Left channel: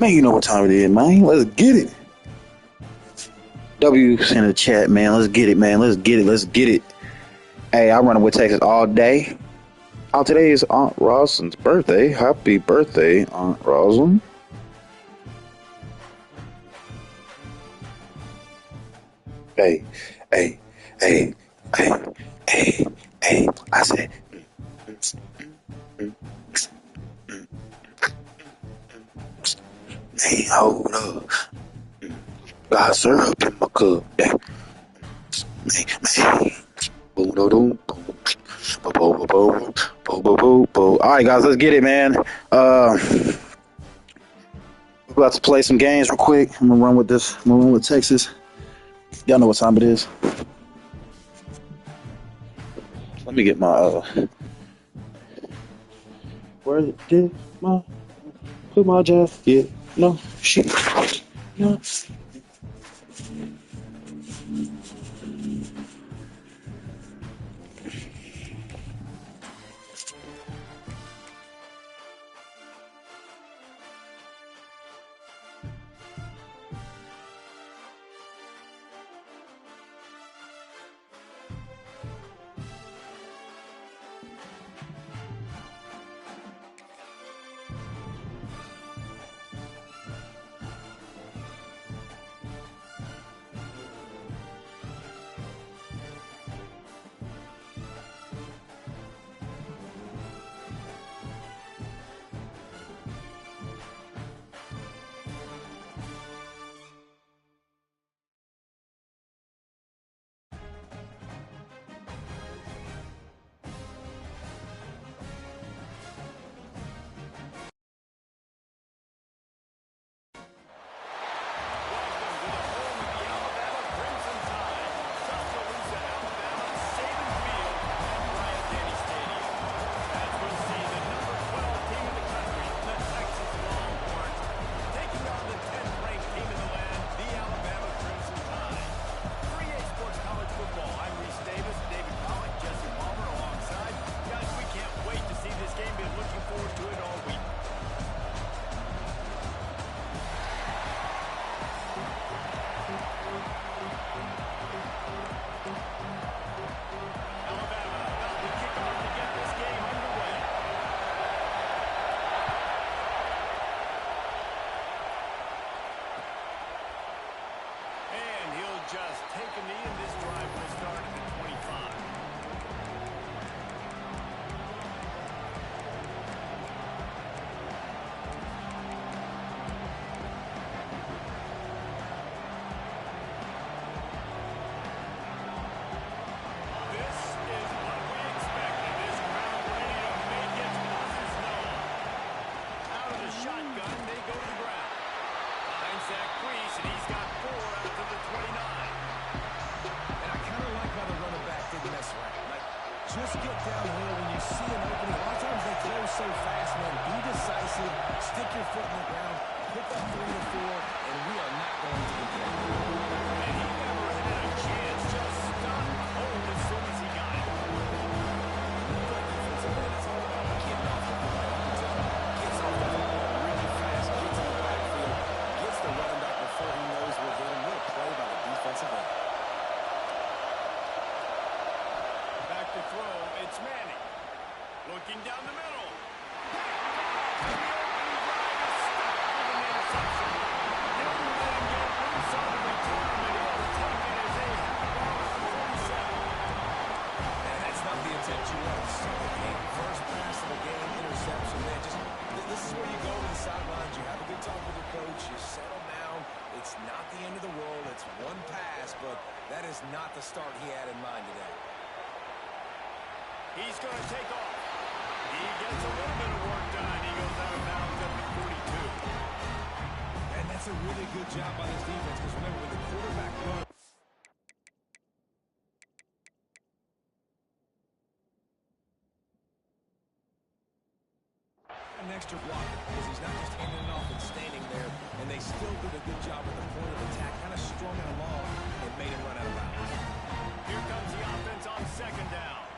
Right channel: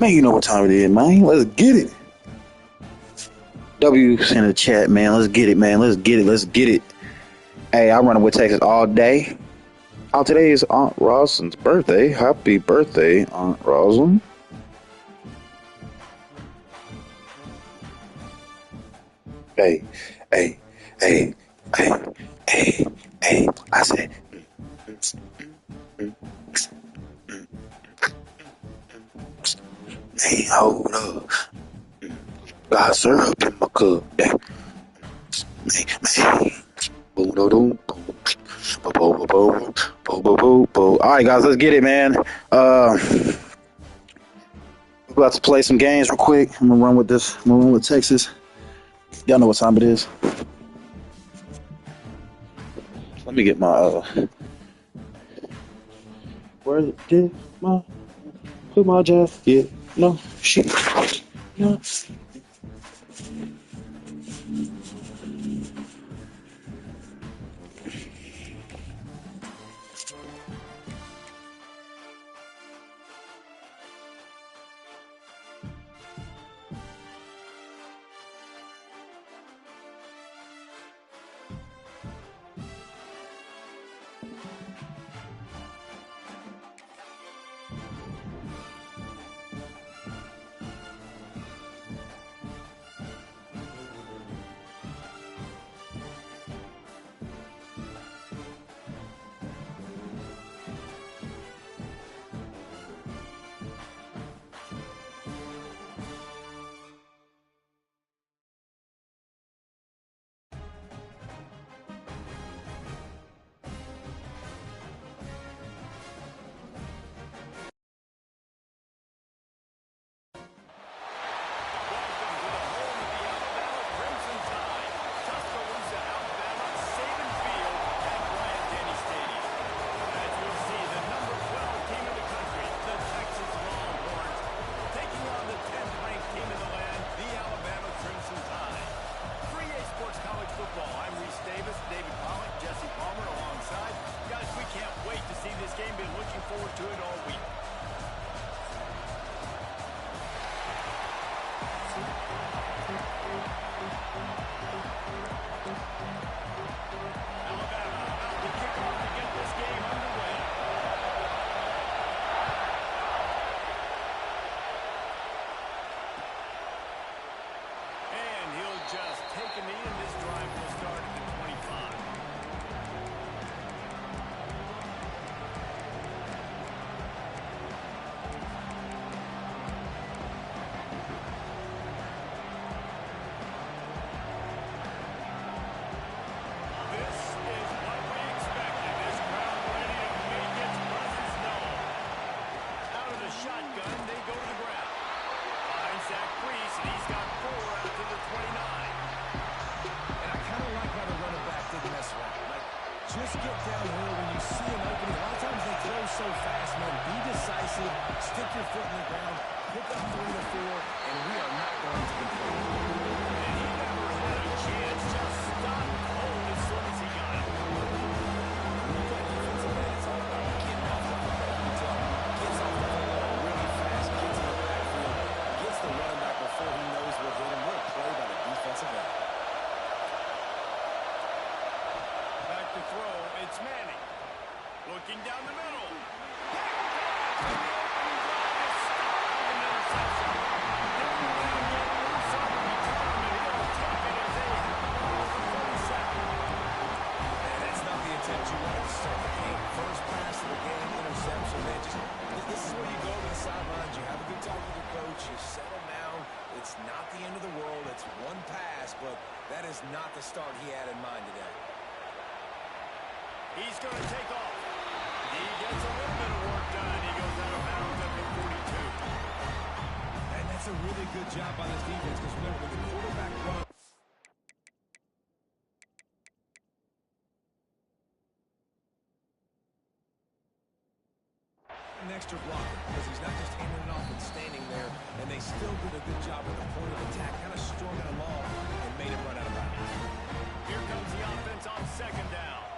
Man, you know what time it is, man. Let's get it. W's in the chat, man. Let's get it, man. Let's get it. Let's get it. Hey, I run with Texas all day. Oh, today is Aunt Rosalind's birthday. Happy birthday, Aunt Rosalind. Hey, hey, hey, hey, hey, hey. I said, hey, hold up. Got syrup in my cup. Hey, hey. Boom, boom, boom, boom. Boom, boom, boom, boom, boom, boom, boom. All right, guys, let's get it, man. We're about to play some games real quick. I'm gonna run with this. I'm gonna run with Texas. Y'all know what time it is. Let me get my where did my put my jacket? No shit. No. Just take a knee, and this drive will start at the 25. This is what we expected. This crowd ready to make its presence known. Out of the shotgun, they go to the ground. Finds Zach Priest, and he's got 4 out to the 29. Didn't mess around. Like, just get downhill when you see an opening. A lot of times they close so fast, man. Be decisive, stick your foot in the ground, pick up 3 to 4, and we are not going to complain. And he never had a chance. Just stopped cold as soon as he got it. When you play defensive man, it's all about getting off the football. You can tell gets off the football really fast, gets in the backfield, gets the running back before he knows what hit him. What a play by the defensive end. Back to throw, it's Manning. Looking down the middle. Picked off, and the opening drive is stopped with an interception. Didn't let him get loose on the return, but he'll take it as they have the ball at the 47. Man, that's not the attempt you wanted to start the game. First pass of the game, interception, man. This is where you go to the sidelines. You have a good talk with your coach. You settle down. It's not the end of the world. It's one pass, but that is not the start he had in mind today. He's going to take off. He gets a little bit of work done. He goes out of bounds at the 42. And that's a really good job by this defense because remember, when the quarterback runs, an extra blocker because he's not just handing it off and standing there, and they still did a good job with the point of attack, kind of strung it along and made him run out of bounds. Here comes the offense on second down.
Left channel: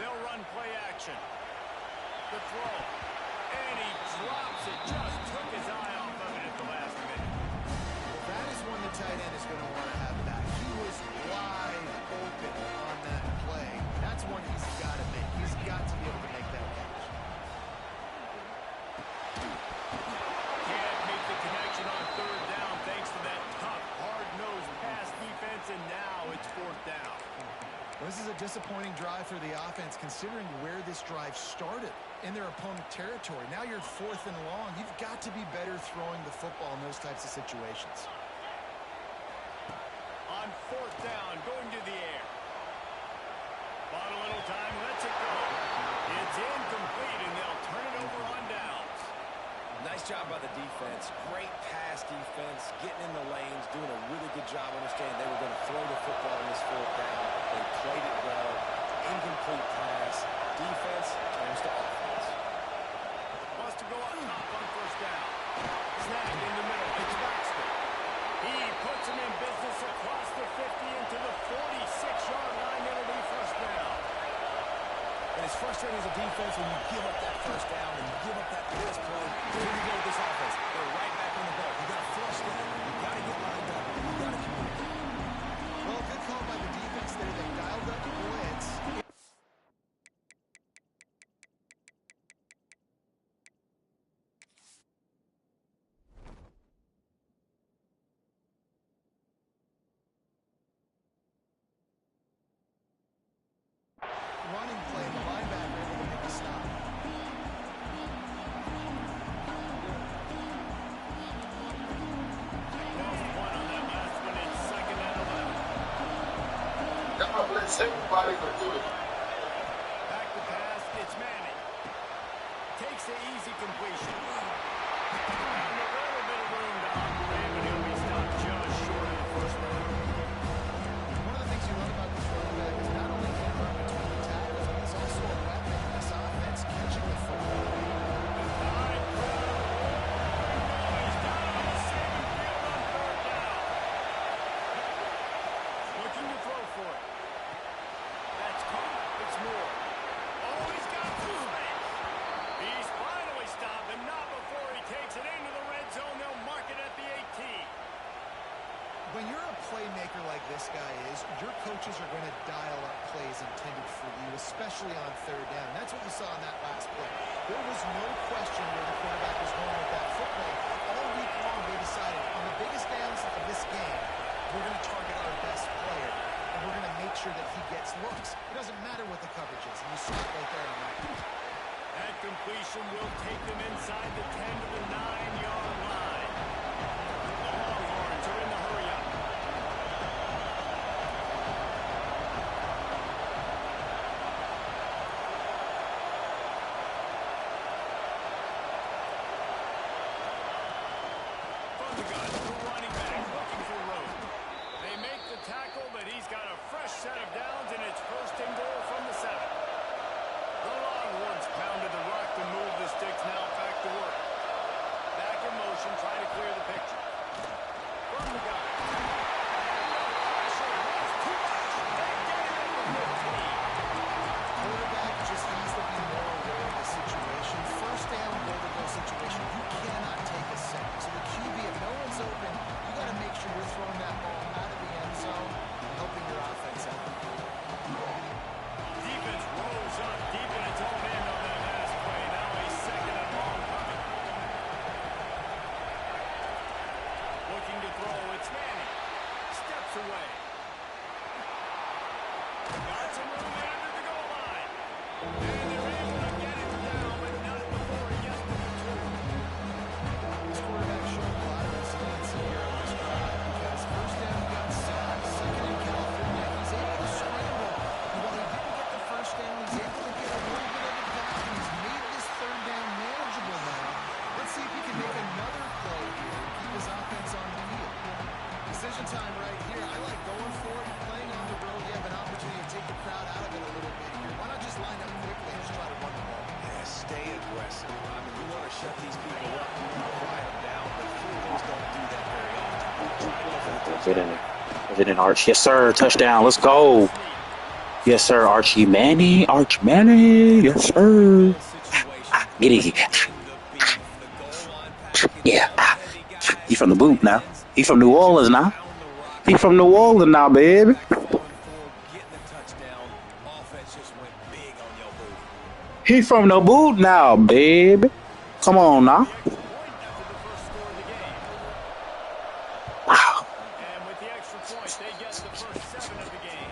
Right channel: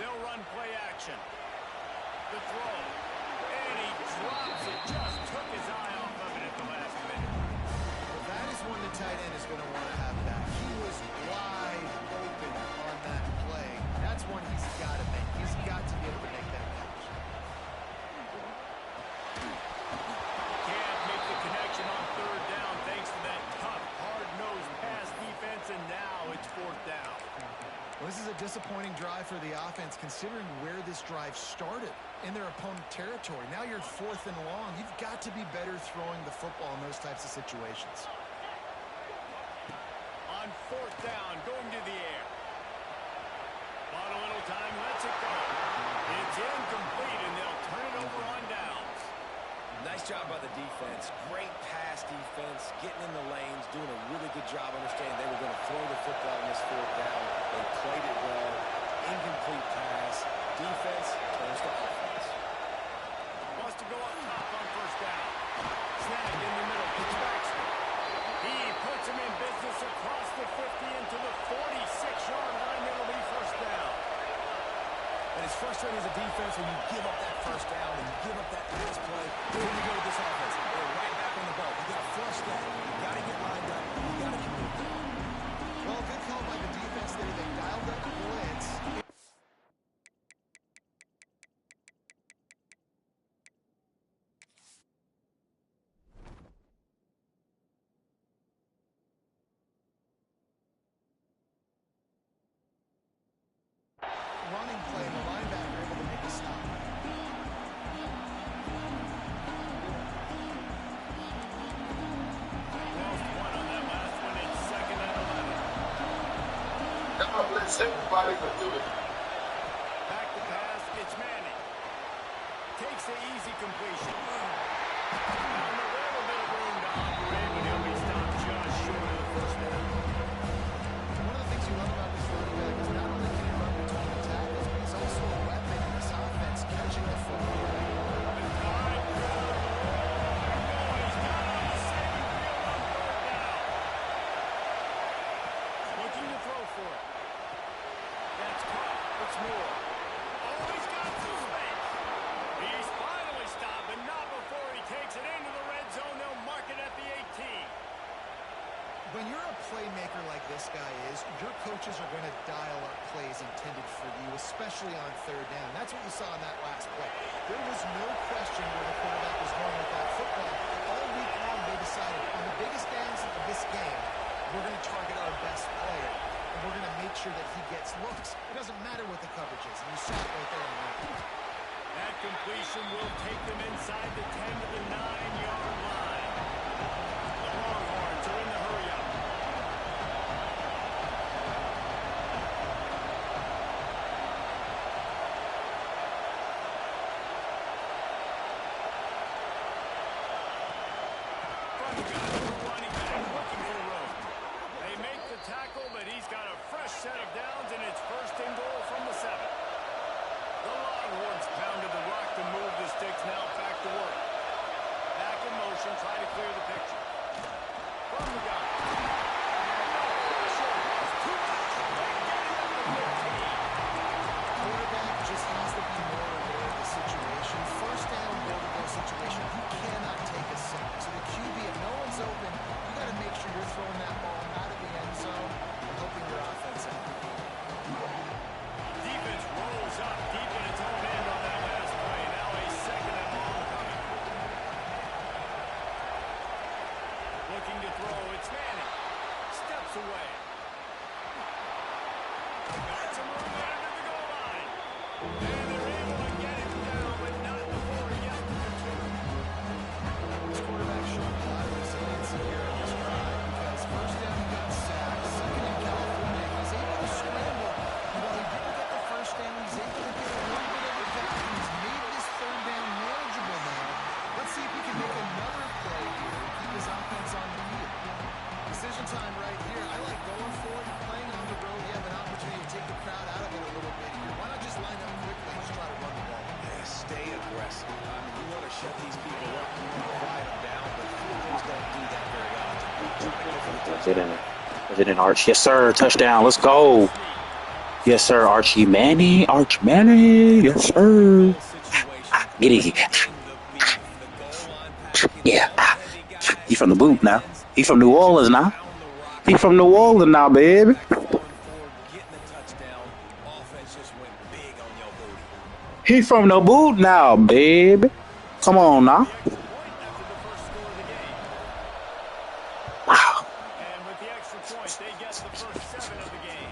They'll run play action. The throw. And he drops it. Just took his eye off of it at the last minute. Well, that is one the tight end is going to want to have back. He was wide open on that play. That's one he's got to make. He's got to be able to make that catch. Can't make the connection on third down thanks to that tough, hard-nosed pass defense, and now it's fourth down. Well, this is a disappointing drive for the offense considering where this drive started in their opponent territory. Now you're fourth and long. You've got to be better throwing the football in those types of situations. On fourth down, going to the air. Bought a little time, lets it go. It's incomplete, and they'll turn it over on downs. Nice job by the defense. Great pass defense, getting in the lanes, doing a really good job understanding they were going to throw the football in this fourth down. They played it well. Incomplete pass. Defense turns to offense. Wants to go up top on first down. Snagged in the middle. It's Baxter. He puts him in business across the 50 into the 46-yard line. It'll be first down. And it's frustrating as a defense when you give up that first down and you give up that pass play. Here you go with this offense. They're right back on the ball. You got to flush that. You got to get lined up. You got to communicate. Well, good call by the defense there. They dialed up blitz. Running play, the linebacker able to make a stop. Lost one on that last one. It's second and 11. Come on, blitz everybody for doing it. Back to pass. It's Manning. Takes the easy completion. Found a little bit of room to operate, but he'll be stopped just short of the first down. One of the things you love about this running back is not only can he run between the tackles, but he's also a weapon in this offense catching the football. The tide crowd roaring noise down on the saving field on third down. Looking to throw for it. That's caught. It's Moore. Oh, he's got some space. He's finally stopped, but not before he takes it into the red zone. They'll mark it at the 18. When you're a playmaker like this guy is, your coaches are going to dial up plays intended for you, especially on third down. That's what you saw in that last play. There was no question where the quarterback was going with that football. All week long, they decided on the biggest downs of this game, we're going to target our best player, and we're going to make sure that he gets looks. It doesn't matter what the coverage is, and you saw it right there on that. That completion will take them inside the 10 to the 9-yard line. The Longhorns are in the hurry-up. From the gun, the running back looking for room. They make the tackle, but he's got a fresh set of downs, and it's first and goal from the 7. The Longhorns pounded the rock to move the sticks. Now back to work. Back in motion, try to clear the picture. From the gun. And the pressure was too much. They get it at the 15. Quarterback just has to be more aware of the situation. First down, goal-to-go situation. You cannot take a sack. So the QB, if no one's open, you got to make sure you're throwing that ball out of the end zone and helping your offense out. Defense rolls up deep in its own end on that last play. Now a second and long coming. Looking to throw. It's Manning. Steps away. Got some room there to the goal line. And they're able to get him down, but not before he gets to the 2. This quarterback showing a lot of resiliency here on this drive because first down he got sacked, second in California, he's able to scramble. And while he didn't get the first down, he's able to get a little bit of it back, and he's made this third down manageable now. Let's see if he can make another play here and keep his offense on the field. Decision time right here. I like going for it. You're playing on the road. You have an opportunity to take the crowd out of it a little bit here. Why not just line up quickly and just try to run the ball? Yeah, stay aggressive. I mean, you want to shut these people up, you want to quiet them down, but teams don't do that very often. Trying to go for the touchdown. Is it an Arch? Yes, sir. Touchdown. Let's go. Yes, sir. Archie Manning. Arch Manning. Yes, sir. Get it. The beef, the goal line package, Yeah. all heavy guys, He from the boot tight now. ends. He from New They just Orleans now. pound the rock. He from New Orleans now, baby. Back falling forward, getting the touchdown. Offense just went big on your booty. He from the boot now, baby. Come on now. The extra point after the first score of the game. Wow. And with the extra point, they get the first 7 of the game.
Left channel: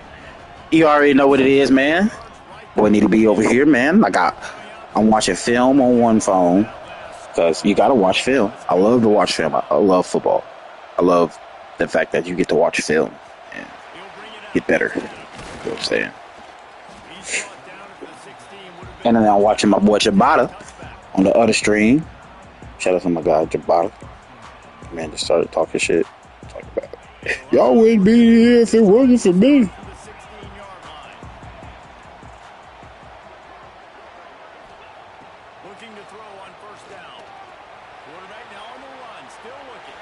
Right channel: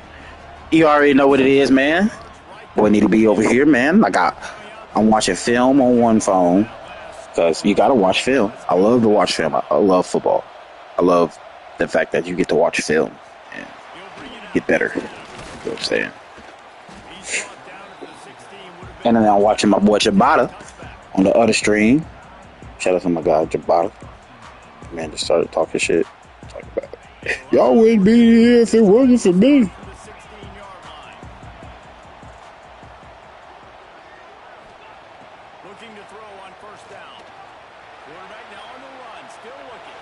You already know what it is, man. Boy, need to be over here, man. I'm watching film on one phone because you gotta watch film. I love to watch film. I love football. I love the fact that you get to watch film and get better. You know what I'm saying? He's brought down at the 16. Would have And been then I'm watching my boy Jabata touchback. on the other stream. Shout out to my guy Jabata. Man, just started talking shit. Talking about it. Y'all wouldn't be here if it wasn't for me. To the 16-yard line. Looking to throw on first down. Quarterback now on the run, still looking.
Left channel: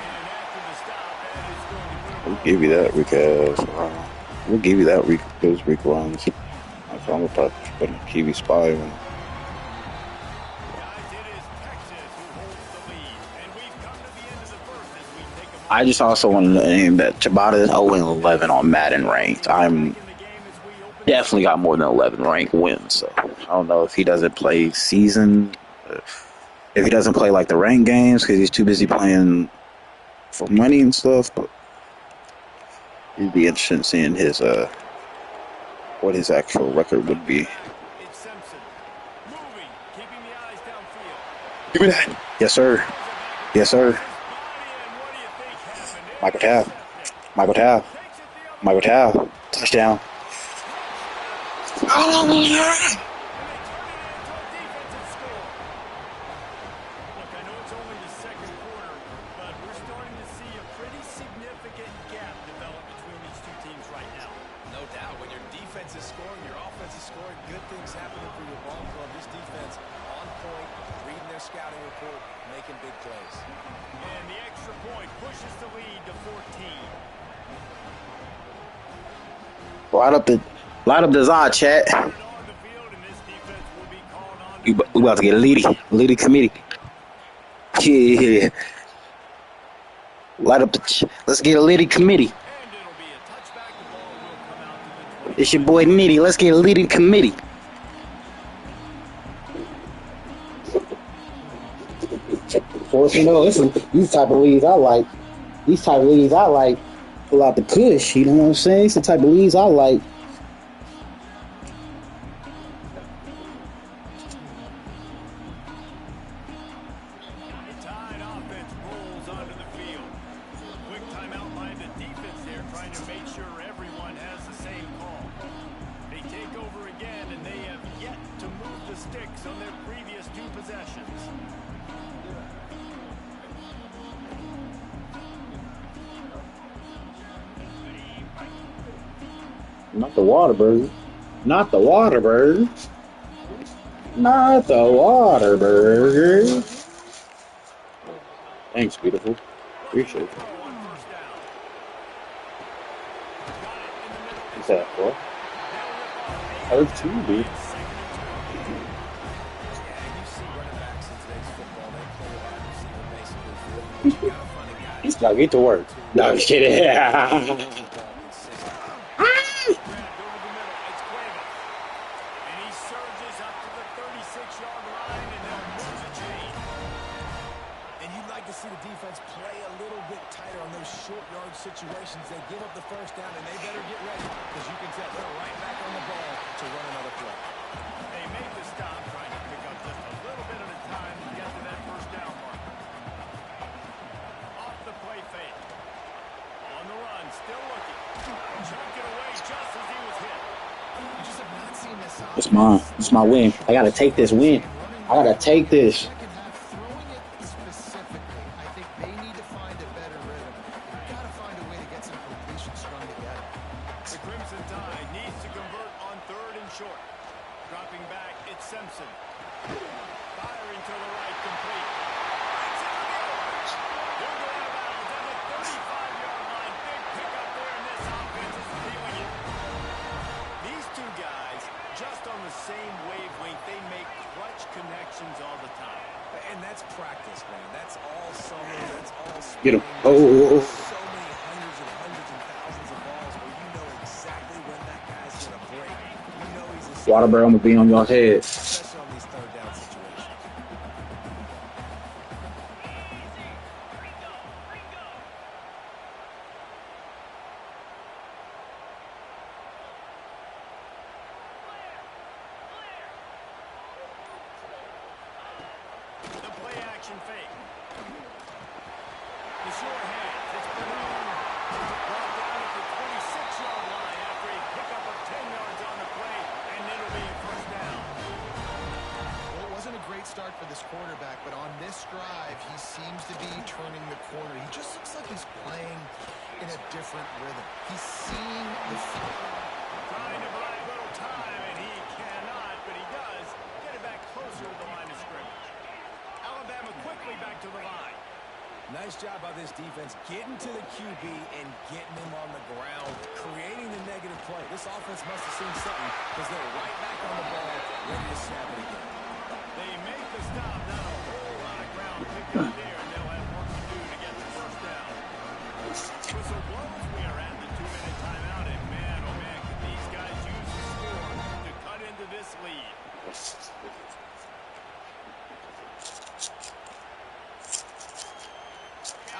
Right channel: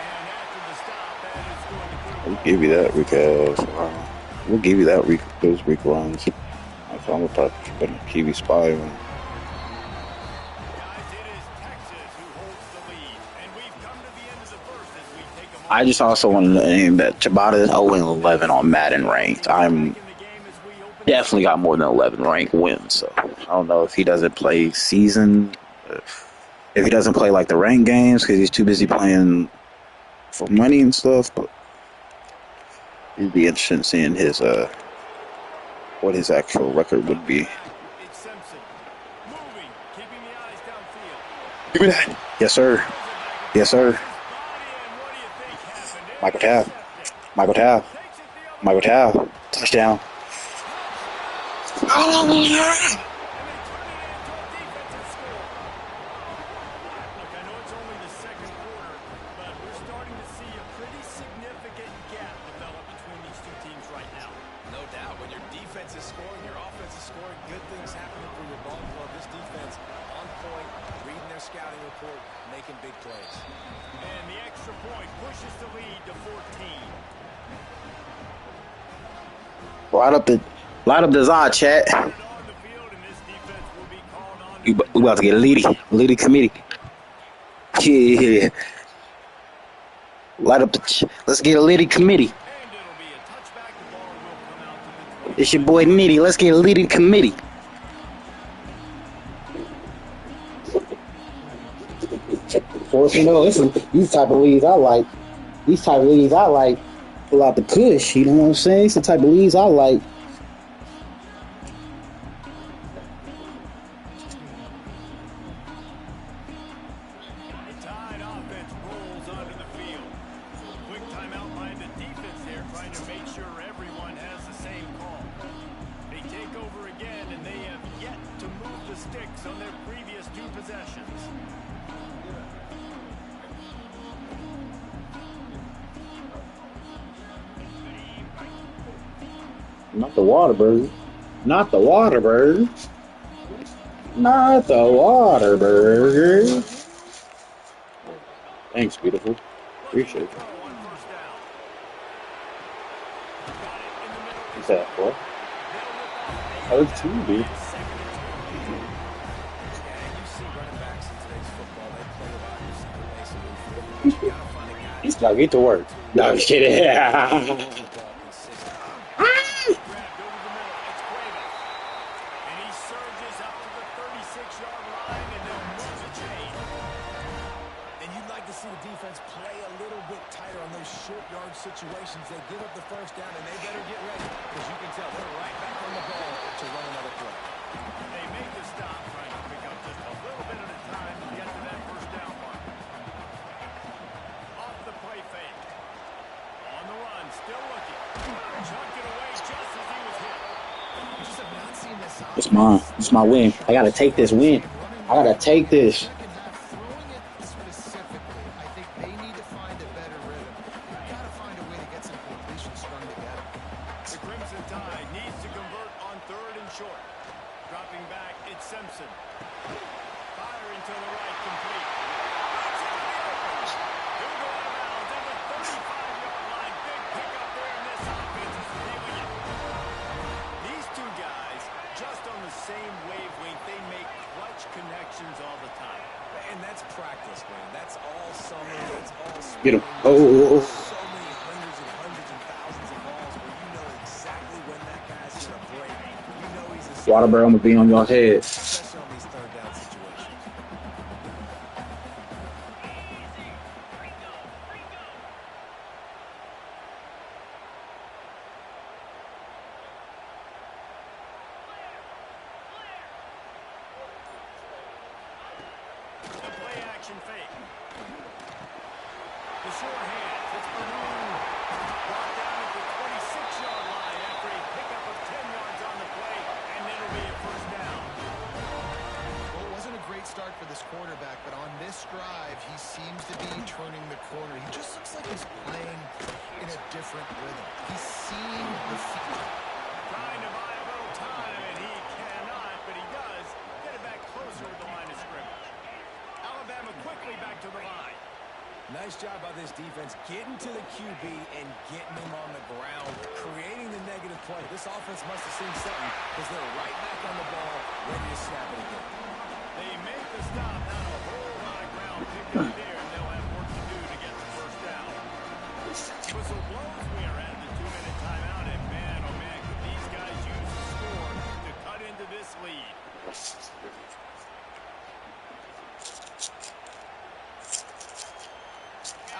And after the stop, that is going to put him We'll give you that, because we'll give you that those week runs. I'm gonna probably put a TV spy on. Guys, it is Texas who holds the lead. And we've come to the end of the first as we take a I just also want to name that Jabata is 0-11 on Madden ranked. I'm in the game as we open definitely got more than 11 ranked wins. So I don't know if he doesn't play season, if he doesn't play like the ranked games because he's too busy playing for money and stuff. But it'd be interesting seeing his what his actual record would be. It's Simpson. Moving, keeping the eyes downfield. Give me that. Yes, sir. Yes, sir. His body, and what do you think happened? Michael Tao. Intercepted. Michael Tao. Takes it the other Michael Tao. Touchdown. and they turn it into a defensive score. Look, I know it's only the second quarter, but we're starting to see a pretty significant gap develop between these two teams right now. No doubt, when your defense is scoring, your offense is scoring, good things happening for your ball club. This defense on point, reading their scouting report, making big plays. And the extra point pushes the lead to 14. Light up the Zod chat. On the field, and this defense will be called on We to about to get a leady committee. Yeah. Light up let's get a leady committee. and it'll be a touchback. The ball will come out to the 20. It's your boy Nitty. Let's get a leading committee. For you know, these type of leads I like. These type of leads I like. Pull out the kush. You know what I'm saying? It's the type of leads I like. The Tide offense rolls onto the field. Quick timeout by the defense there, trying to make sure everyone has the same call. They take over again, and they have yet to move the sticks on their previous 2 possessions. Not the Waterburger. Not the Waterburger. Not the Waterburger. Thanks, beautiful. Appreciate it. Throw on first down. Got it in the middle. What's that for? They'll rip off Earth 2, dude. second and 2. Yeah, and you see running backs in today's football, they play wide receiver basically for you. But you got to find a guy He's got to get to work. No, I'm just kidding. ball consistent. Grabbed over the middle. It's Cuevas. And he surges up to the 36-yard line, and they'll move the chain. And you'd like to see the defense play a little bit tighter on those short yard situations. They give up the first down, and they better get ready because you can tell they're right back on the ball to run another play. They make the stop, trying to pick up just a little bit at a time to get to that first down marker. Off the play fake. On the run, still looking. Chunked it away just as he was hit. We just have not seen this It's mine. It's my win. I got to take this win. I got to take this. Second half, throwing it specifically, I think they need to find a better rhythm. They've got to find a way to get some completions strung together. The Crimson Tide needs to convert on 3rd and short. Dropping back, it's Simpson. Firing to the right, complete. Breaks into the open. He'll go out of bounds at the 35-yard line. Big pickup there, and this offense is feeling it. These two guys, just on the same wavelength, they make practice, man. That's all summer. That's all Get spring. him. Oh. So many hundreds and thousands of balls where you know exactly when that guy's going to break. You know he's a Water barrel will be on your head. especially on these third down situations. The play action fake. The sure hands. It's Bernard. Brought down at the 26-yard line after a pickup of 10 yards on the play, and it'll be a first down. Well, it wasn't a great start for this quarterback, but on this drive, he seems to be turning the corner. He just looks like he's playing in a different rhythm. He's seeing the field. Trying to buy a little time, and he cannot, but he does get it back closer to the line of scrimmage. Alabama quickly back to the line. Nice job by this defense getting to the QB and getting him on the ground, creating the negative play. This offense must have seen something because they're right back on the ball, ready to snap it again. They make the stop, not a whole lot of ground picked up there, and they'll have work to do to get the first down. Whistle blows, we are at the 2-minute timeout, and man, oh man, could these guys use the score to cut into this lead.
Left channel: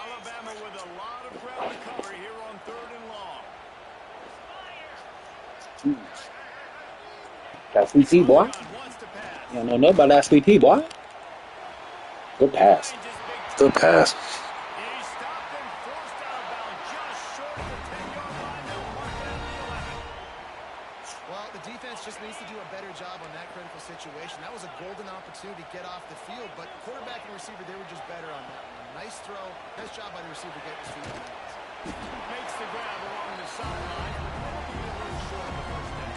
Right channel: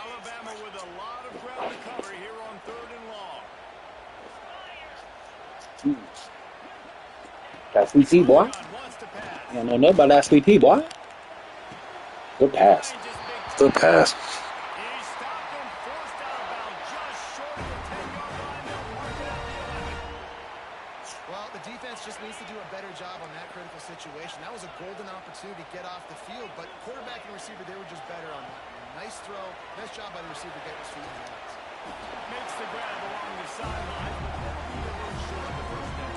Alabama with a lot of ground to cover here on 3rd and long. That sweet tea, boy. Wants to pass. You don't know nothing about that sweet tea, boy. Good pass. Good pass. He stopped and forced out of bounds just short of the 10-yard line. They'll mark it at the 11. Well, the defense just needs to do a better job on that critical situation. That was a golden opportunity to get off the field, but quarterback and receiver, they were just better on that one. Nice throw. Nice job by the receiver getting his feet in the hands. Makes the grab along the sideline, but that'll be a little short of the first down.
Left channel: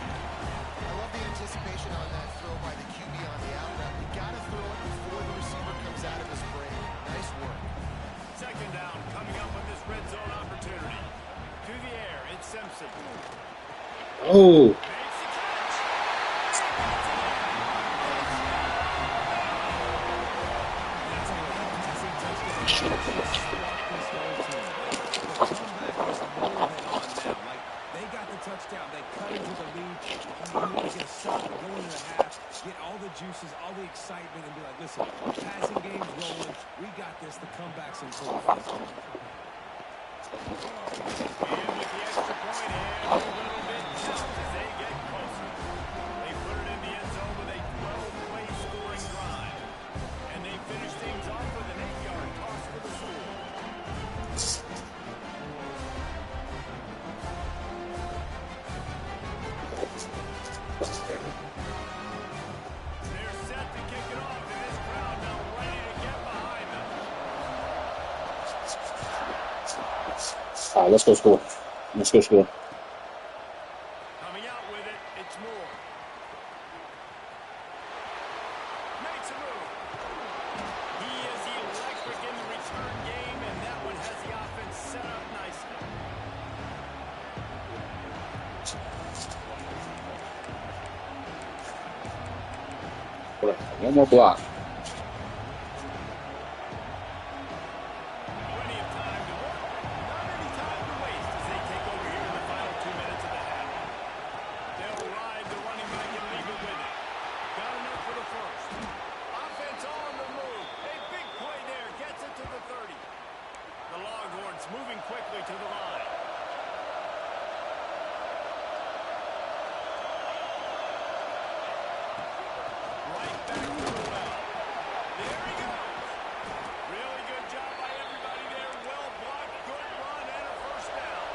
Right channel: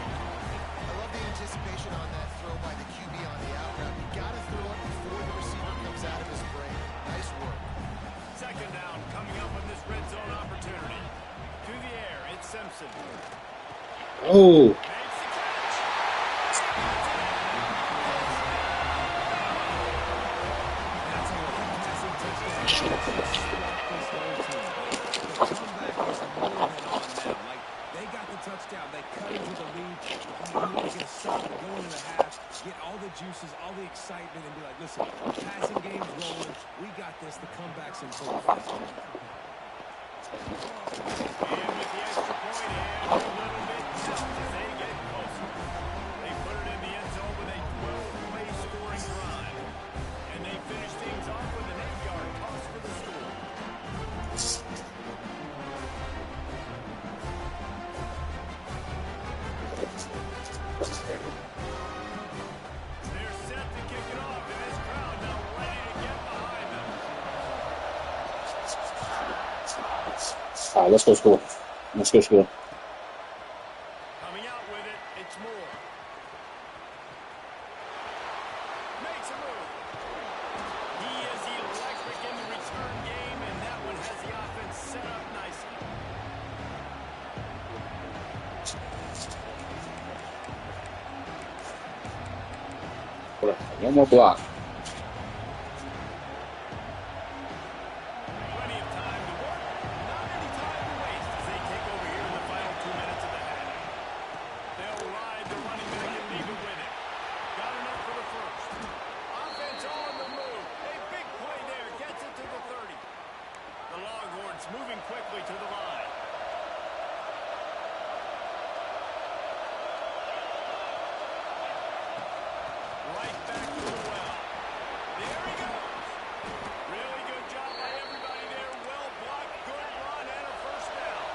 I love the anticipation on that throw by the QB on the out route. You got to throw it before the receiver comes out of his break. Nice work. Second down coming up on this red zone opportunity. To the air, it's Simpson. Oh. Makes the catch. That's a passing touchdown. The comeback is more than on now. Like, they got the touchdown. They cut into the lead. You want to get a stop and go into the half, get all the juices, all the excitement, and be like, listen, passing game's rolling. We got this. The comeback's in full effect. And with the extra point, every little bit counts as they get closer. They put it in the end zone with a 12-play scoring drive. And they finish things off with an 8-yard toss for the score. They're set to kick it off, and this crowd now ready to get behind them. All right, let's go score. Let's go score. Coming out with it, it's Moore. Makes a move. He is electric in the return game, and that one has the offense set up nicely. One more block. Plenty of time to work, not any time to waste as they take over here in the final 2 minutes of the half. They'll ride the running back and leave it with him. Got enough for the first. Offense on the move. A big play there. Gets it to the 30. The Longhorns moving quickly to the line. Right back to the well. There he goes. Really good job by everybody there. Well blocked, good run, and a first down.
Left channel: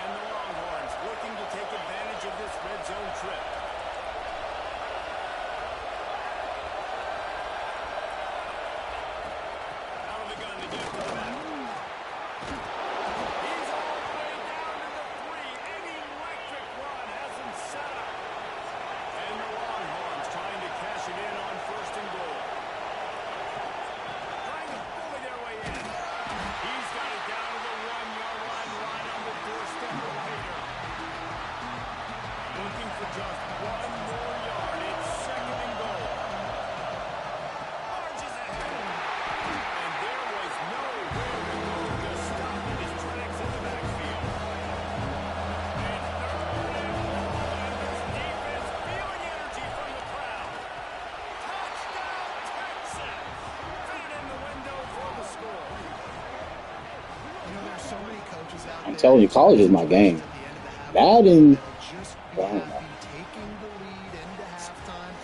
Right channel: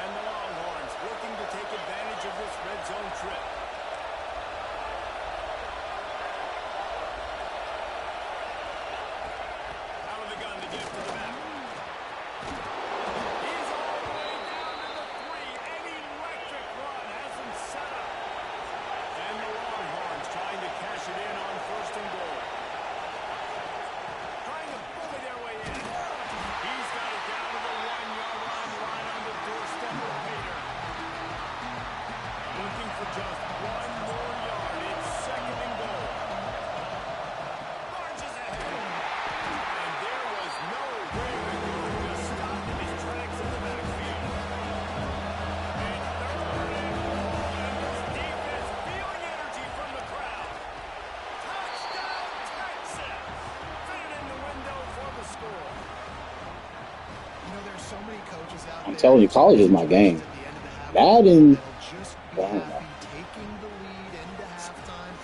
And the Longhorns looking to take advantage of this red zone trip. Out of the gun to get to the back. He's all the way down to the 3. An electric run has him set up. And the Longhorns trying to cash it in on 1st and goal. Trying to bully their way in. He's got it down to the 1-yard line, right on the doorstep of Pater. Looking for just There's so many coaches out I'm there telling you, in college is my situations game. at the end of the half That and that'll just I be don't know. happy taking the lead into halftime.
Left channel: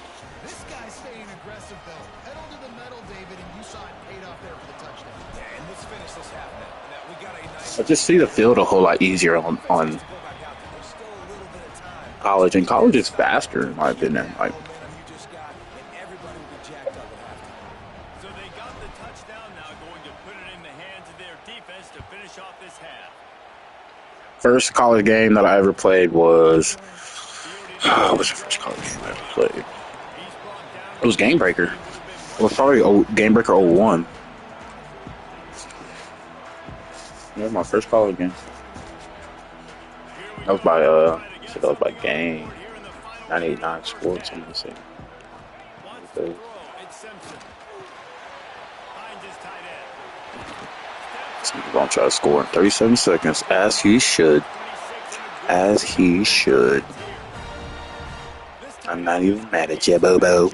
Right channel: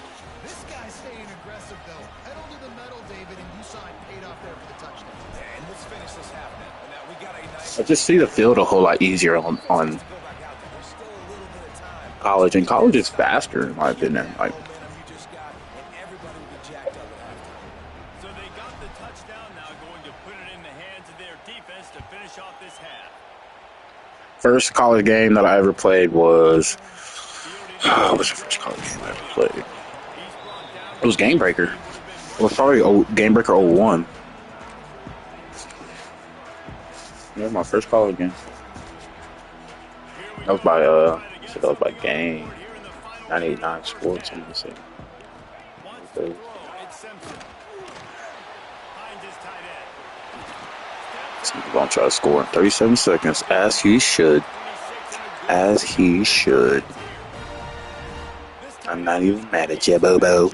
This guy's staying aggressive, though. Pedal to the metal, David, and you saw it paid off there for the touchdown. Yeah, and let's finish this half now. Now we got a nice I just see the field a whole lot easier on to go back out there. There's still a little bit of time. college, and college is faster in my Keep opinion. that Like, momentum you just got, and everybody will be jacked up at halftime. So they got the touchdown, now going to put it in the hands of their defense to finish off this half. first college game that I ever played was Fielding what's the first college game I ever played? He's brought down. It was Game Breaker. It was probably Game Breaker 01. That was my first college game. That was by so that was by Game 98.9 Sports. I'm gonna say. Wants to throw. It's Simpson. Finds his tight end. This nigga gonna try to score in 37 seconds, as he should. As he should. I'm not even mad at you, Bobo.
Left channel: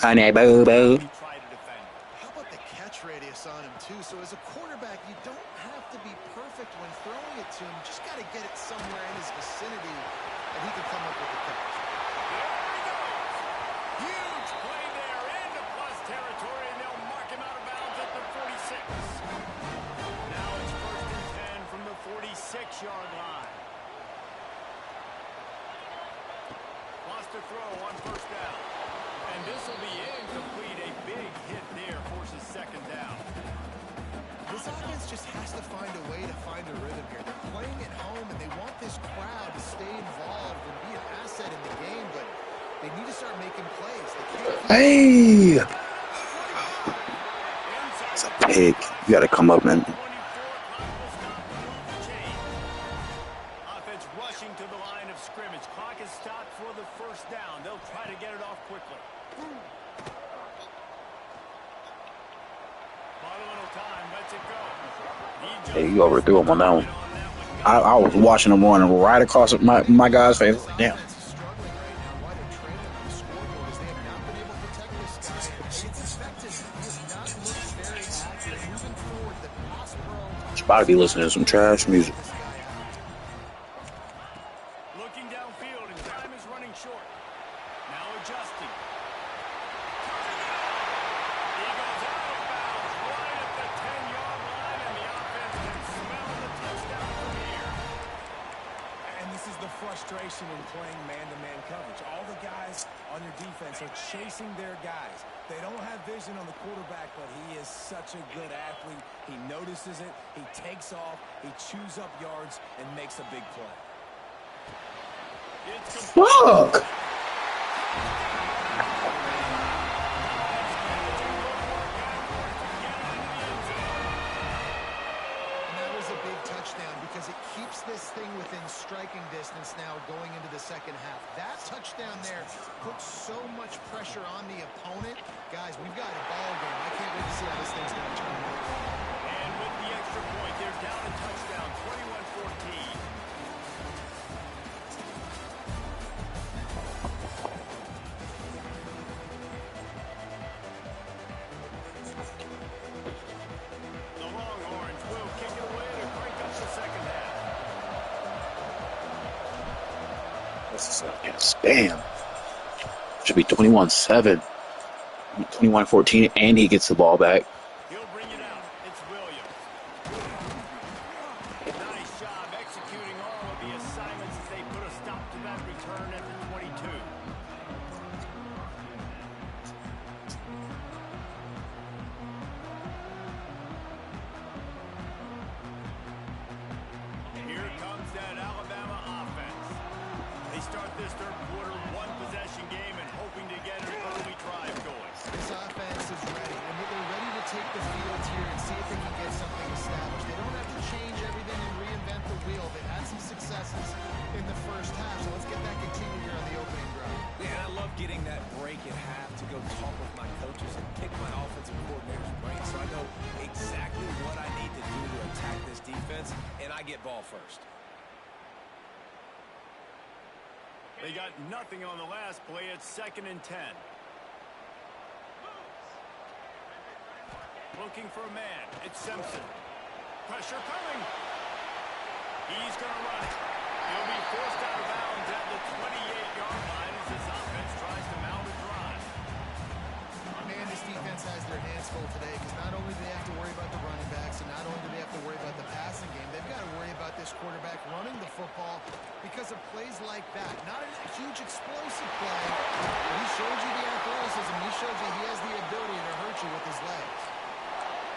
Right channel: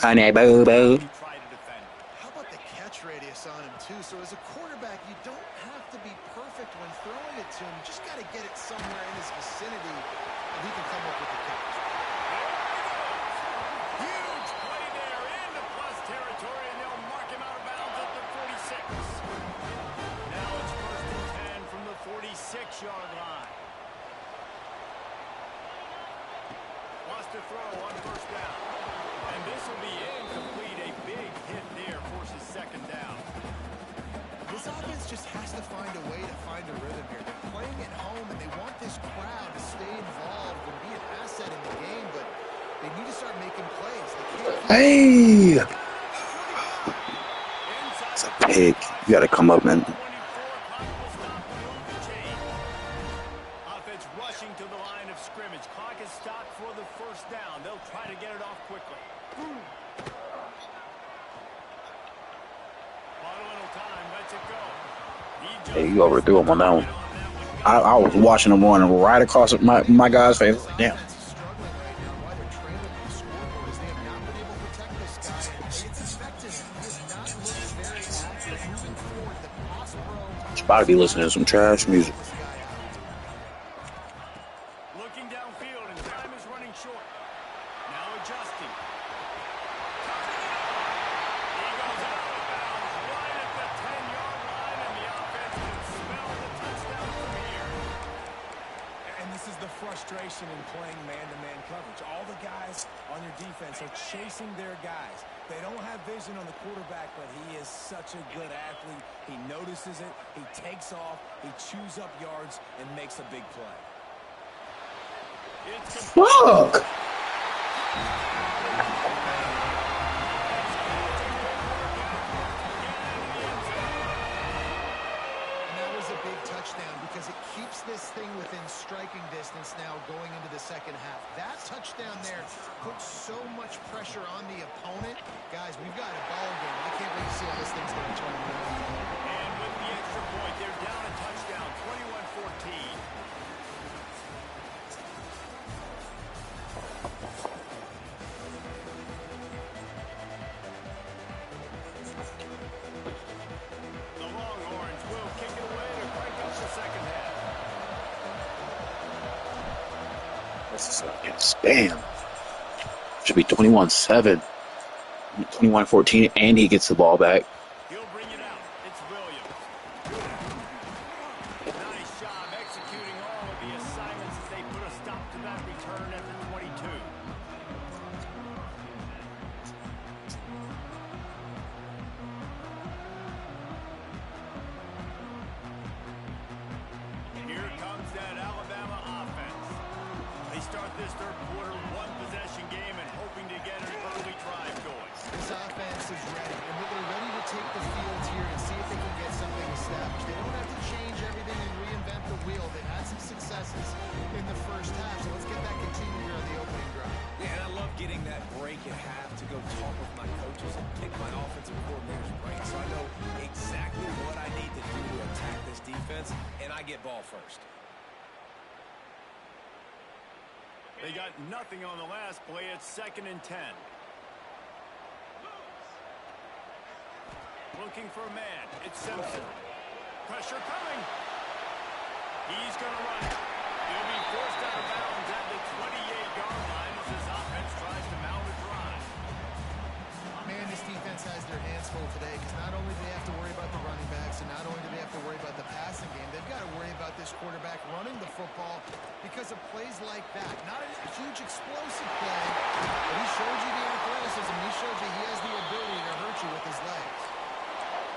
Honey, Bobo. How about the catch radius on him, too? So as a quarterback, you don't have to be perfect when throwing it to him. You just got to get it somewhere in his vicinity, and he can come up with the catch. There he goes. Huge play there into plus territory, and they'll mark him out of bounds at the 46. Now it's 1st and 10 from the 46-yard line. Wants to throw on 1st down. And this will be incomplete. A big hit there forces 2nd down. This offense just has to find a way to find a rhythm here. They're playing at home, and they want this crowd to stay involved and be an asset in the game, but they need to start making plays. They can't keep Hey! It's a pig. You gotta come up, man. 24 clock will stop to move the chain. Offense rushing to the line of scrimmage. Clock is stopped for the 1st down. They'll try to get it off quickly. Bottle little time, lets it go. Hey, you overthrew him on that one. I was watching him running right across my guy's face. Damn. Offense is struggling right now. Why they're trailing on the scoreboard is they have not been able to protect this guy, and it's affecting him. He has not looked very accurate. Moving forward, the pass pro... Should probably be listening to some trash music. This guy out. Looking downfield, and time is running short. Now adjusting. Turning it on. He goes out of bounds right at the 10-yard line, and the offense can smell the touchdown from here. And this is the frustration in playing man-to-man coverage. All the guys on your defense are chasing their guys. They don't have vision on the quarterback, but he is such a good athlete. He notices it, he takes off, he chews up yards, and makes a big play. Fuck! And that was a big touchdown because it keeps this thing within striking distance now going into the 2nd half. That touchdown there puts so much pressure on the opponent. Guys, we've got a ball game. I can't wait to see how this thing's going to turn out. And with the extra point, they're down a touchdown, 21-14. The Longhorns will kick it away to crank up the 2nd half. Yes, damn. Should be 21-7. 21-14, and he gets the ball back. He'll bring it out. It's Williams. Nice job executing all of the assignments as they put a stop to that return at the 22. Here comes that Alabama offense. They start this 3rd quarter, 1-possession game, and hoping to get an early drive going. This offense is ready, and they're ready to take the field here and see if they can get something established. They don't have to change everything and reinvent the wheel. They've had some successes in the 1st half, so let's get that continued here on the opening drive. Yeah, and I love getting that break at half to go talk with my coaches and pick my offensive coordinator's brain so I know exactly what I need to do to attack this defense, and I get ball first. They got nothing on the last play. It's 2nd and 10. Looking for a man. It's Simpson. Pressure coming. He's going to run it. He'll be forced out of bounds at the 28-yard line as his offense tries to mount a drive. Man, this defense has their hands full today because not only do they have to worry about the running backs and not only do they have to worry about the passing game, they've got to worry about this quarterback running the football because of plays like that. Not a huge explosive play, but he showed you the athleticism. He showed you he has the ability to hurt you with his legs.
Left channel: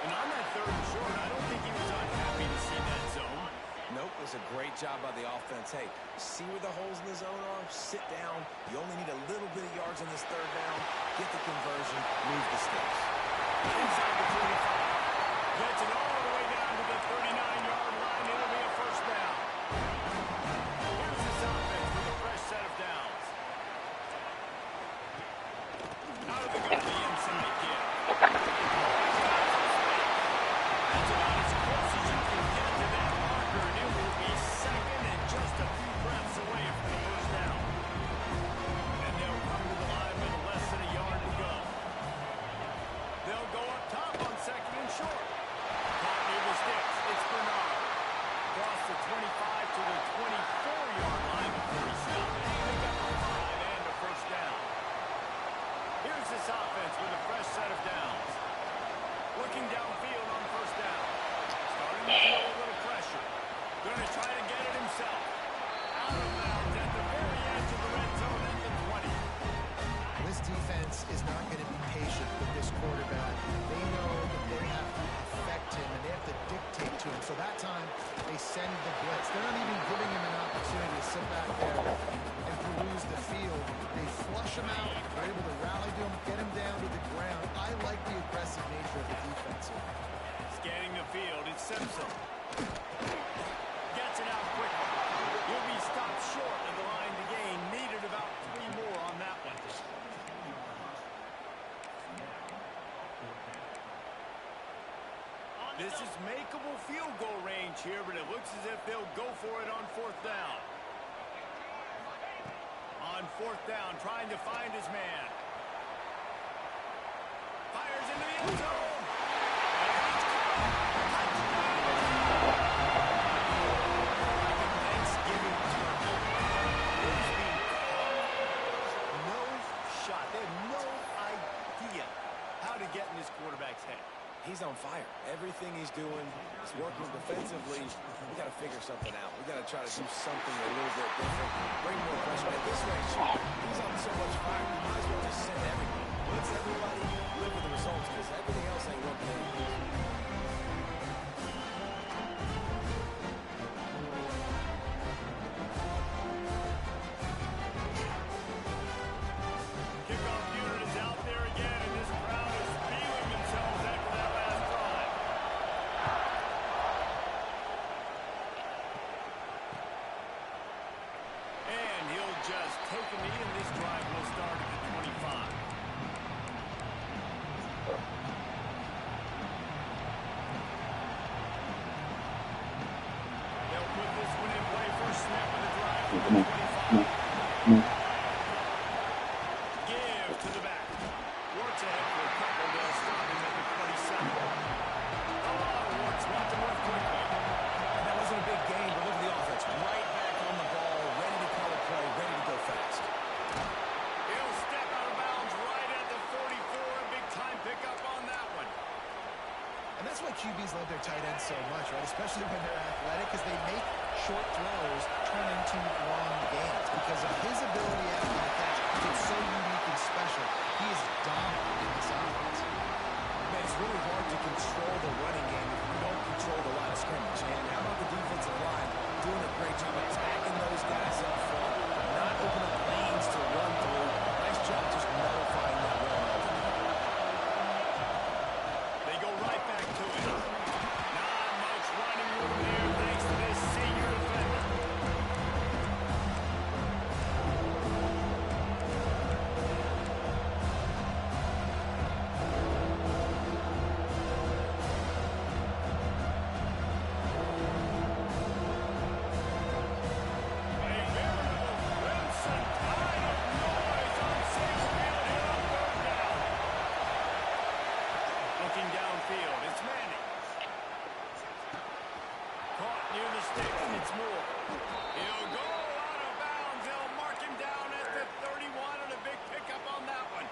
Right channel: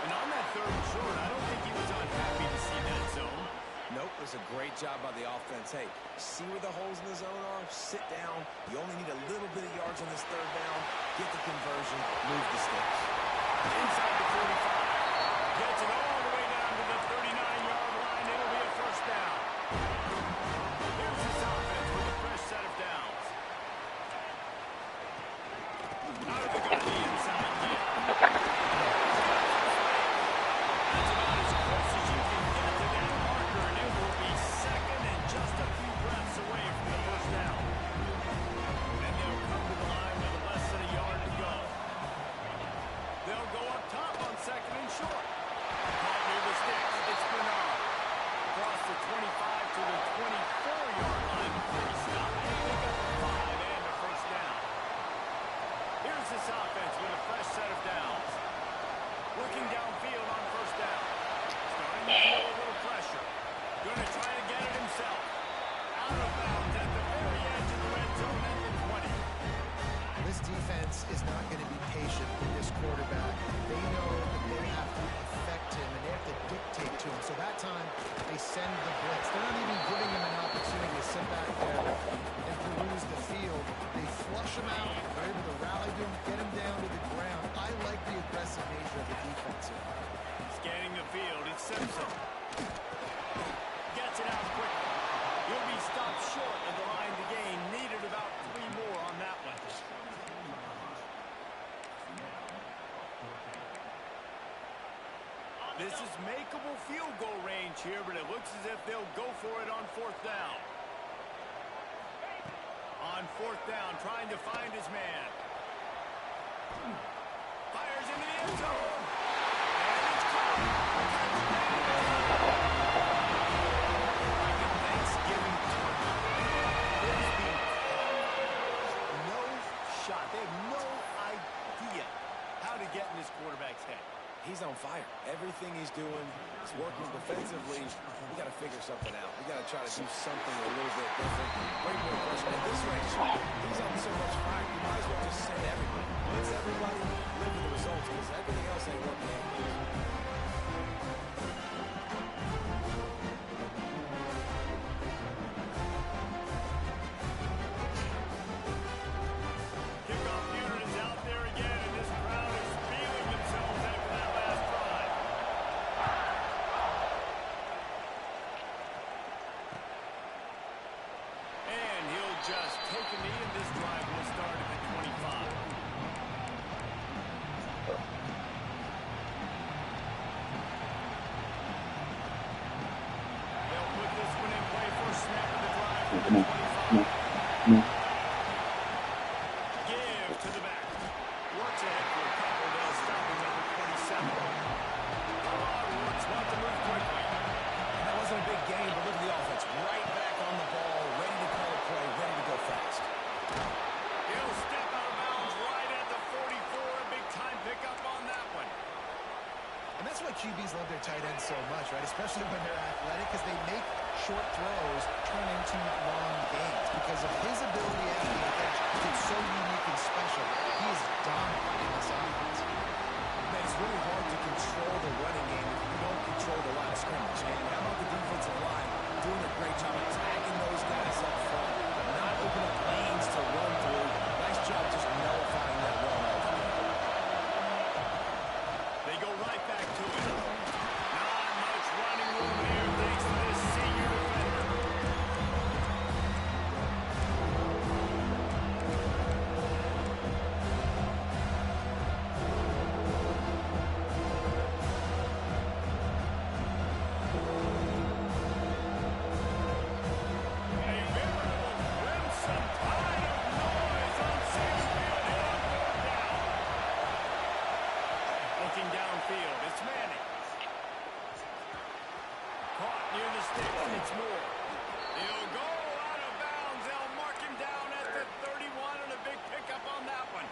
And on that third and short, I don't think he was unhappy to see that zone. Nope, it was a great job by the offense. Hey, see where the holes in the zone are? Sit down. You only need a little bit of yards on this third down. Get the conversion. Move the sticks. Inside the 45. Gets it all the way down to the 39-yard line. It'll be a first down. Here's this offense with a fresh set of downs. Out of the gun, the inside kick. That's about as close as you can get to that marker, and it will be second and just a few breaths away from the first down. And they'll come to the line with less than a yard to go. They'll go up top on second and short. Caught near the sticks. It's Bernard. Across the 25 to the 24-yard line before he stopped. Pick up a 5 and a first down. Here's this offense with a fresh set of downs. Looking downfield on first down. Starting to feel a little pressure. Going to try to get it himself. Out of bounds at the very edge of the red zone at the 20. This defense is not going to be patient with this quarterback. They know that they have to affect him and they have to dictate to him. So that time, they send the blitz. They're not even giving him an opportunity to sit back there and peruse the field. They flush him out. They're able to rally to him, get him down to the ground. I like the aggressive nature of the defense here. Scanning the field, it's Simpson. Gets it out quickly. He'll be stopped short of the line to gain. Needed about 3 more on that one. This is makeable field goal range here, but it looks as if they'll go for it on fourth down. On fourth down, trying to find his man. Fires into the end zone. And it's caught. Touchdown. Like a Thanksgiving turkey. It is being caught. No shot. They have no idea how to get in this quarterback's head. He's on fire. Everything he's doing is working defensively. We got to figure something out. We got to try to do something a little bit different. Bring more pressure. At this rate, he's on so much fire, you might as well just send everybody. Blitz everybody, live with the results, because everything else ain't working anyways. Kickoff unit is out there again, and this crowd is feeling themselves after that last drive. And he'll just take a knee, and this drive will start at the 25. They'll put this one in play. First snap of the drive from the 25. Give to the back. Works ahead for a couple. They'll stop him at the 27. Go on, Works. Want to move quickly. And that wasn't a big game, but look at the offense. Right back on the ball, ready to call a play, ready to go fast. He'll step out of bounds right at the 44. A big-time pickup on that one. And that's why QBs love their tight ends so much, right? Especially when they're athletic, because they make short throws turn into long gains. Because of his ability after the catch, it's so unique and special. He is dominant in this offense. Man, it's really hard to control the running game if you don't control the line of scrimmage. And how about the defensive line doing a great job attacking those guys up front, not opening up lanes to run through. Nice job just nullifying that run altogether. They go right back to it. Not much running room here thanks to this senior defender. near the sticks. It's more. He'll go out of bounds. They'll mark him down at the 31, and a big pickup on that one.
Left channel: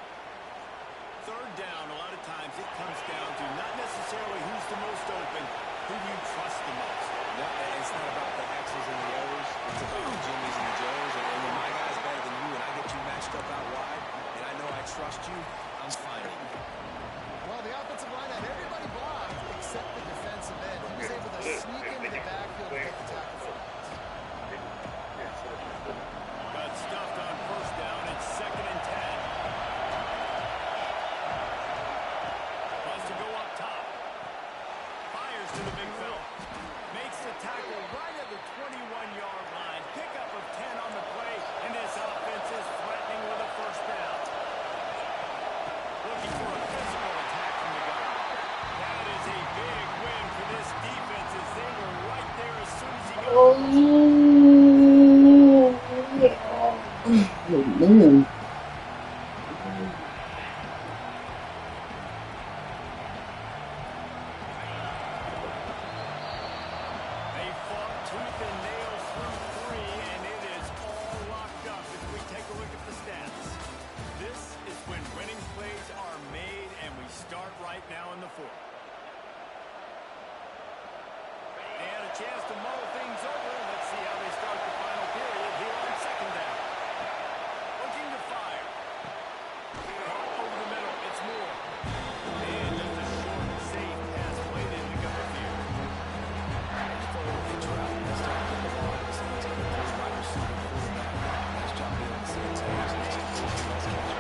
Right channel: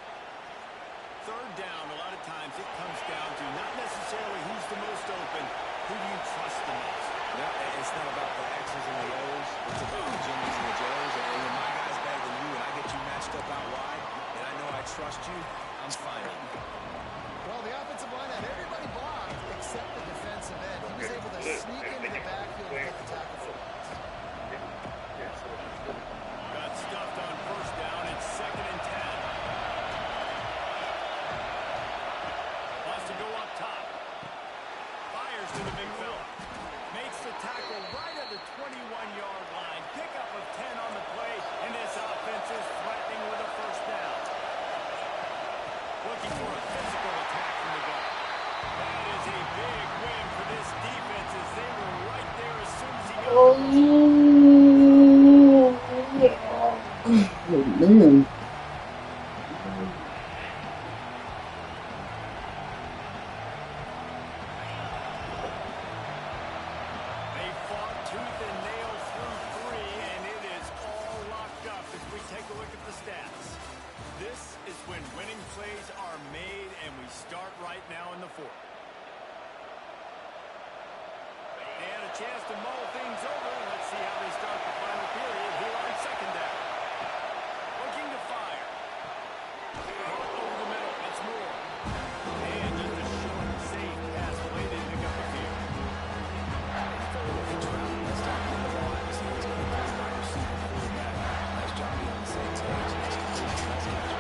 Third down, a lot of times it comes down to not necessarily who's the most open, who do you trust the most? No, it's not about the X's and the O's. It's about the Jimmys and the Joes. And when my guy's better than you and I get you matched up out wide, and I know I trust you, I'm fine. Well, the offensive line had everybody blocked except the defensive end. He was able to sneak into the backfield and get the tackle for loss. Got stuffed on first down. It's 2nd and 10. Wants to go up top. Fires to the big fella. Makes the tackle right at the 21-yard line. Pickup of 10 on the play, and this offense is threatening with a first down. Looking for a physical attack from the gun. That is a big win for this defense as they were right there as soon as he got the ball. Oh, man. They fought tooth and nail through 3, and it is all locked up as we take a look at the stats. This is when winning plays are made, and we start right now in the 4th. They had a chance to mull things over. Let's see how they start the final period here on 2nd down. Looking to fire. Caught over the middle. It's Moore. And just a short, safe pass played in to gut the field. You throw a little hitch route and start getting the ball out of his hands quickly. Wide receiver, quarterback. Nice job being on the same page. Nice catch.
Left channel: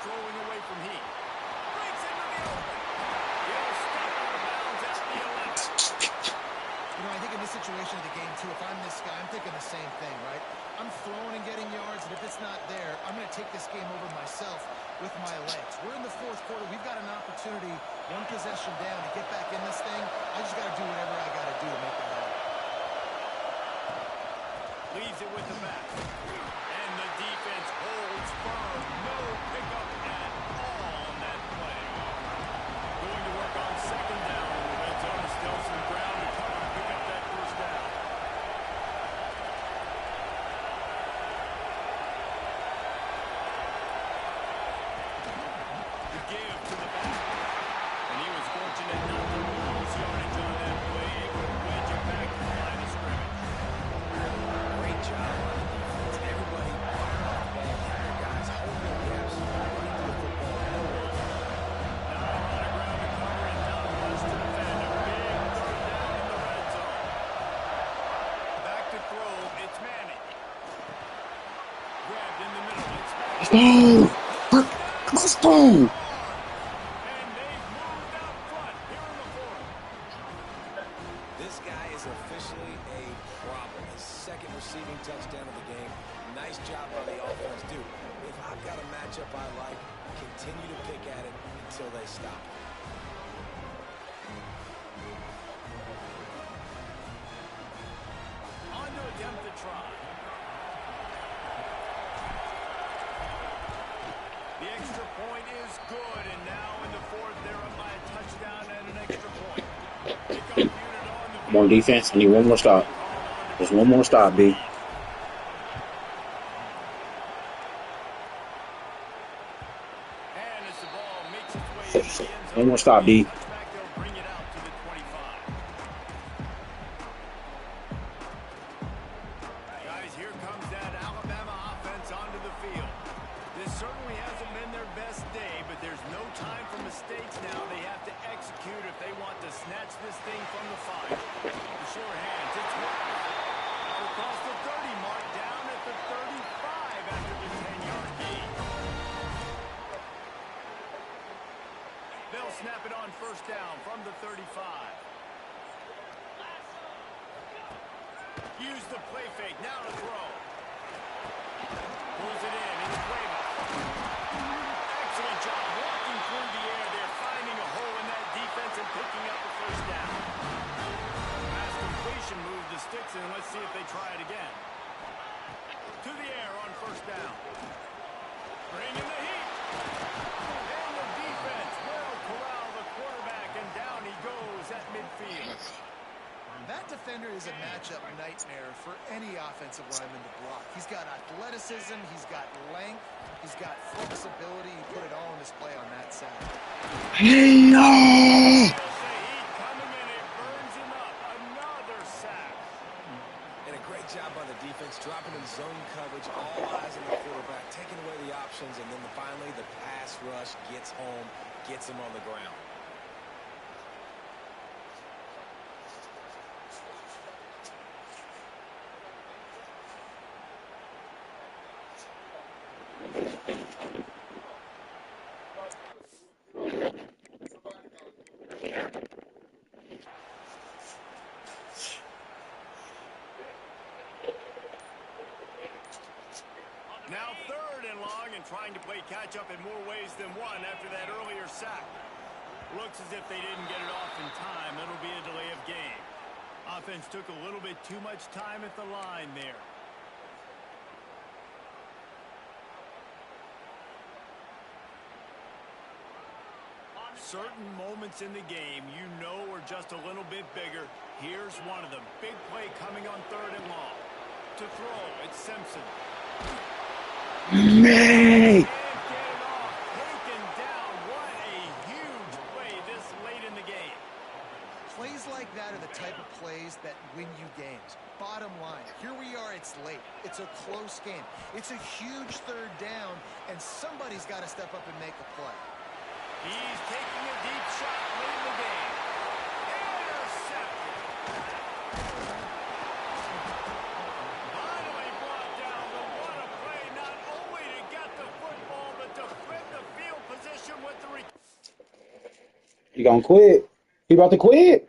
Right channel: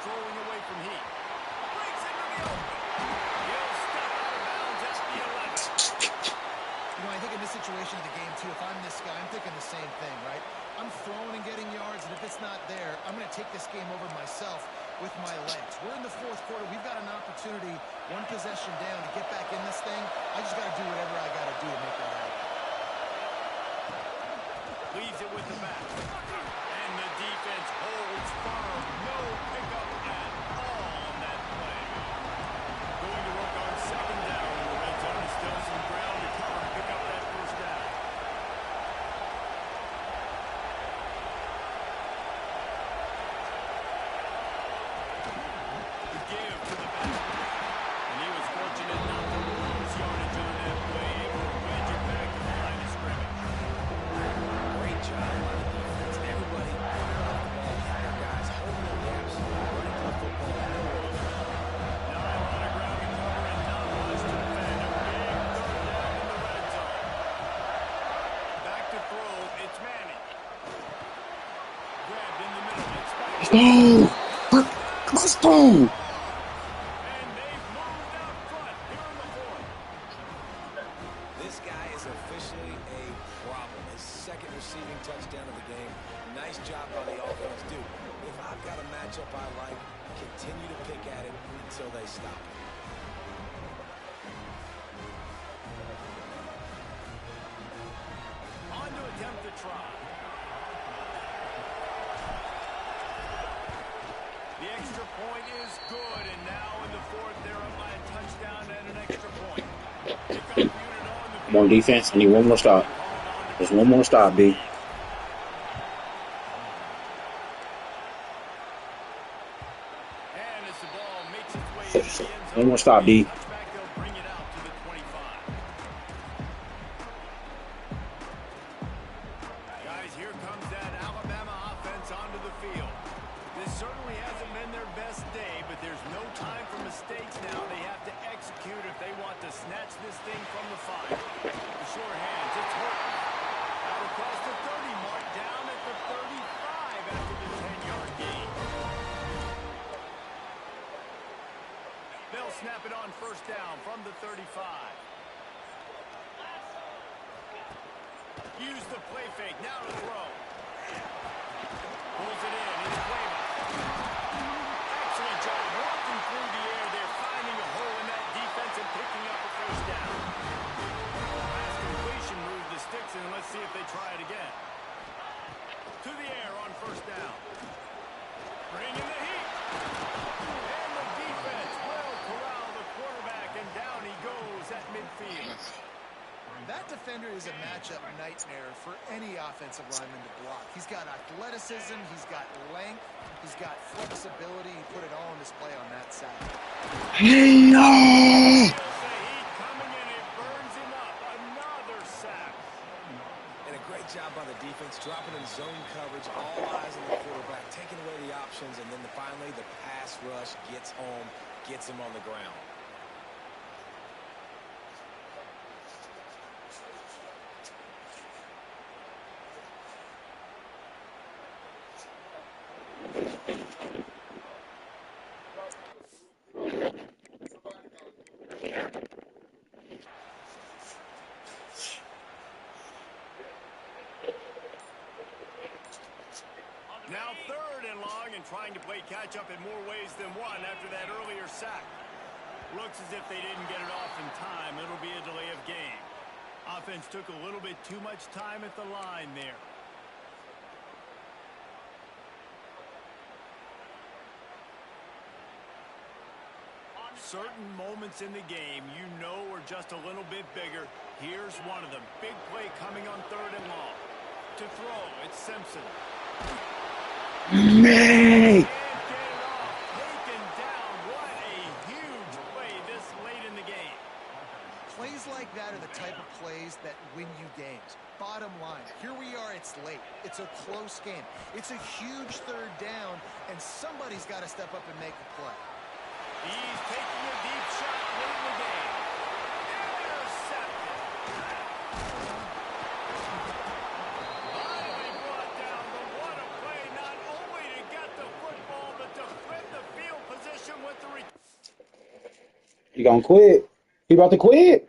Strolling away from Heat. Breaks into the open. He'll step out of bounds at the 11. You know, I think in this situation of the game, too, if I'm this guy, I'm thinking the same thing, right? I'm throwing and getting yards, and if it's not there, I'm going to take this game over myself with my legs. We're in the 4th quarter. We've got an opportunity, one possession down, to get back in this thing. I just got to do whatever I got to do to make that happen. Leaves it with the back. And the defense holds firm. No pickup at all on that play. Going to work on 2nd down in the red zone. Still some ground to cover to pick up that first down. The give to the back. And he was fortunate not to lose yardage on that play. Able to wedge it back to the line of scrimmage. Great job on the defense. Everybody firing off the ball. Had their guys holding their gaps, running to the football. No work. Not a lot of ground to cover and not much to defend. A big 3rd down in the red zone. Back to throw. It's Manning. Grabbed in the middle. It's back. Let's go. And they've moved out front here in the 4th. This guy is officially a problem. His 2nd receiving touchdown of the game. Nice job by the offense, dude. If I've got a matchup I like, continue to pick at it until they stop. On to attempt the try. The extra point is good, and now in the 4th, they're up by a touchdown and an extra point. Kickoff unit on the Come on, defense. I need one more stop. Just one more stop, B. And as the ball makes its way into the end zone, One more stop, D. touchback, they'll bring it out to the 25. Guys, here comes that Alabama offense onto the field. This certainly hasn't been their best day, but there's no time for mistakes now. They have to execute if they want to snatch this thing from the fire. The sure hands, it's Horton. Out across the 30 mark, down at the 35 after the 10-yard gain. They'll snap it on first down from the 35. Use the play fake, now to throw. Pulls it in, he's Cueva. Excellent job walking through the air there, finding a hole in that defense and picking up a first down. Pass completion moved the sticks, and let's see if they try it again. To the air on first down. Bring in the heat. is a matchup nightmare for any offensive lineman to block. He's got athleticism, he's got length, he's got flexibility. He put it all on display on that side. Hey, oh! Coming in, it burns him up. Another sack. And a great job by the defense, dropping in zone coverage, all eyes on the quarterback, taking away the options, and then finally the pass rush gets home, gets him on the ground. Now 3rd and long, and trying to play catch-up in more ways than one after that earlier sack. Looks as if they didn't get it off in time. It'll be a delay of game. Offense took a little bit too much time at the line there. Certain moments in the game you know are just a little bit bigger. Here's one of them. Big play coming on 3rd and long. To throw, it's Simpson. Man! Can't get it off. Taken down. What a huge play this late in the game. Plays like that are the type of plays that win you games. Bottom line, here we are, it's late. It's a close game. It's a huge 3rd down, and somebody's got to step up and make a play. He's taking a deep shot late in the game. Intercepted. Finally brought down, but what a play, not only to get the football, but to flip the field position with the He gonna quit. He about to quit.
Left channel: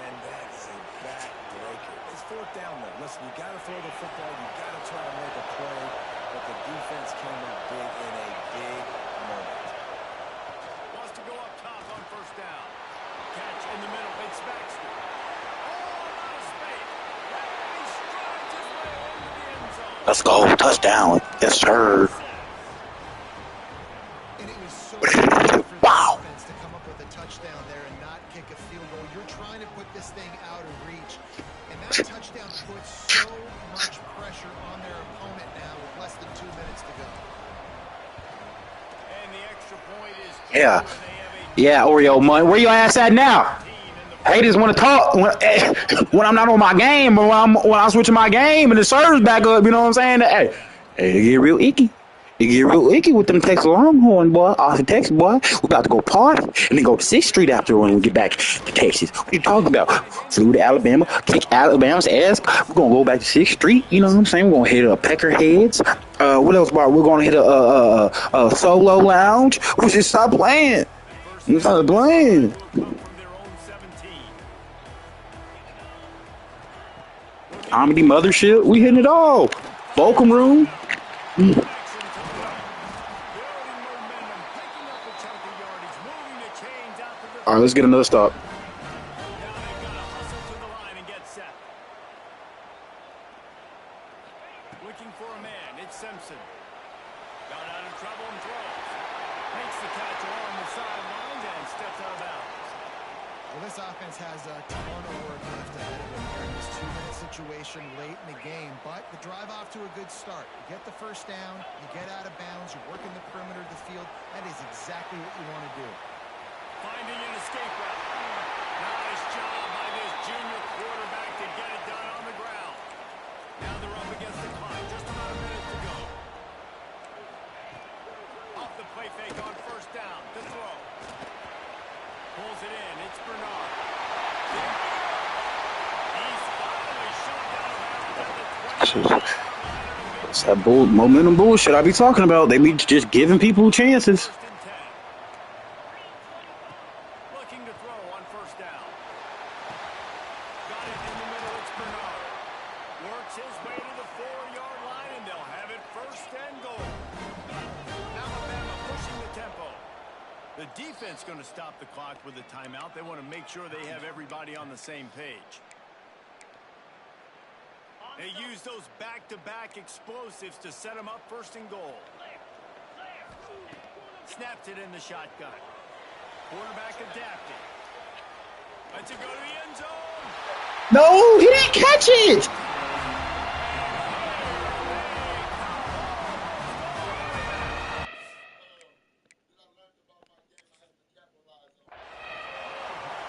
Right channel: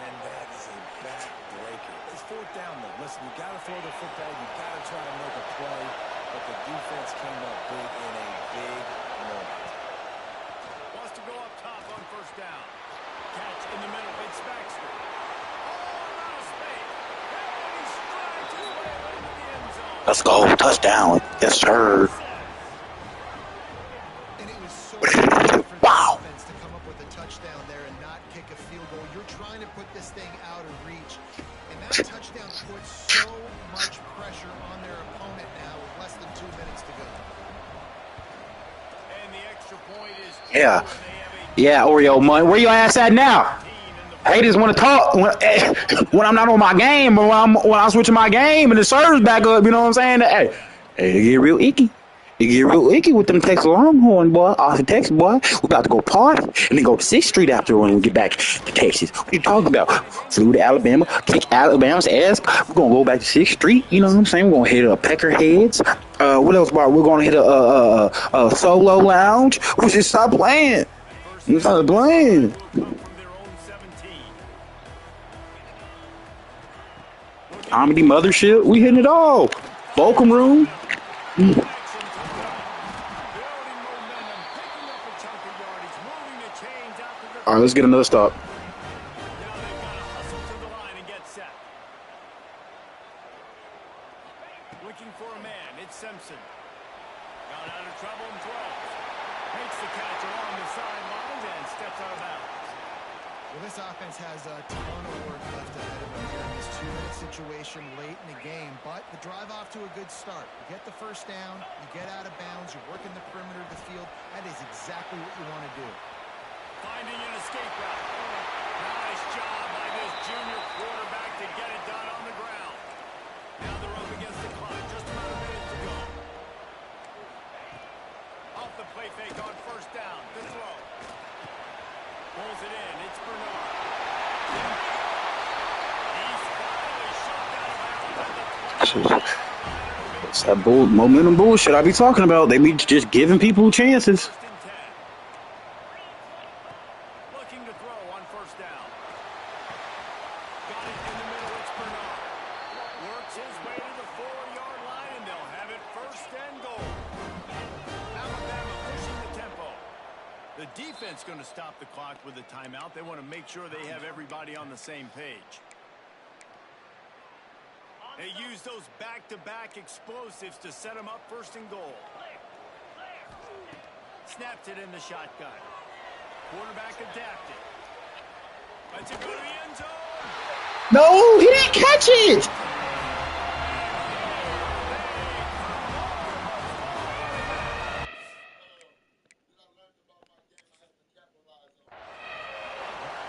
And that is a backbreaker. It's 4th down, though. Listen, you got to throw the football. You got to try to make a play. But the defense came up big in a big moment. wants to go up top on 1st down. Catch in the middle. It's Baxter. Oh, out of space. And he strides his way into the end zone. Let's go. Touchdown. Yes, sir. And it was so easy for the Wow. defense to come up with a touchdown there and not kick a field goal. You're trying to put this thing out of reach. And that touchdown puts so much pressure on their opponent now with less than 2 minutes to go. And the extra point is Yeah. Yeah, Oreo money. Where your ass at now? Haters want to talk when I'm not on my game, or when I'm switching my game and the server's back up. You know what I'm saying? Hey, it get real icky. It get real icky with them Texas Longhorn, boy. Off of Texas, boy. We about to go party and then go to 6th Street after when we get back to Texas. What you talking about? Flew to Alabama, kick Alabama's ass. We're gonna go back to 6th Street. You know what I'm saying? We're gonna hit a Peckerheads. What else, boy? We're gonna hit a Solo Lounge. We should stop playing. Stop playing. Comedy Mothership, we hitting it all. Volcom Room. All right, let's get another stop. Now they've got to hustle to the line and get set. Looking for a man. It's Simpson. Got out of trouble and throws. Makes the catch along the sidelines and steps out of bounds. Well, this offense has a ton of work left ahead of them here in this 2-minute situation late in the game, but the drive off to a good start. You get the 1st down, you get out of bounds, you're working the perimeter of the field. That is exactly what you want to do. Finding an escape route. Nice job by this junior quarterback to get it done on the ground. Now they're up against the clock. Just about a minute to go. Off the play fake on 1st down. To throw. Pulls it in. It's Bernard. There we go. He's finally shoved out of bounds at the 20-yard line. It's that momentum bullshit I be talking about. They be just giving people chances. 1st and 10. Looking to throw on 1st down. Got it in the middle. It's Bernard. Works his way to the 4-yard line, and they'll have it 1st and goal. Alabama pushing the tempo. The defense going to stop the clock with a timeout. They want to make sure they have everybody on the same page. They use those back-to-back explosives to set them up 1st and goal. Snaps it in the shotgun. Quarterback adapted. Lets it go to the end zone. No, he didn't catch it.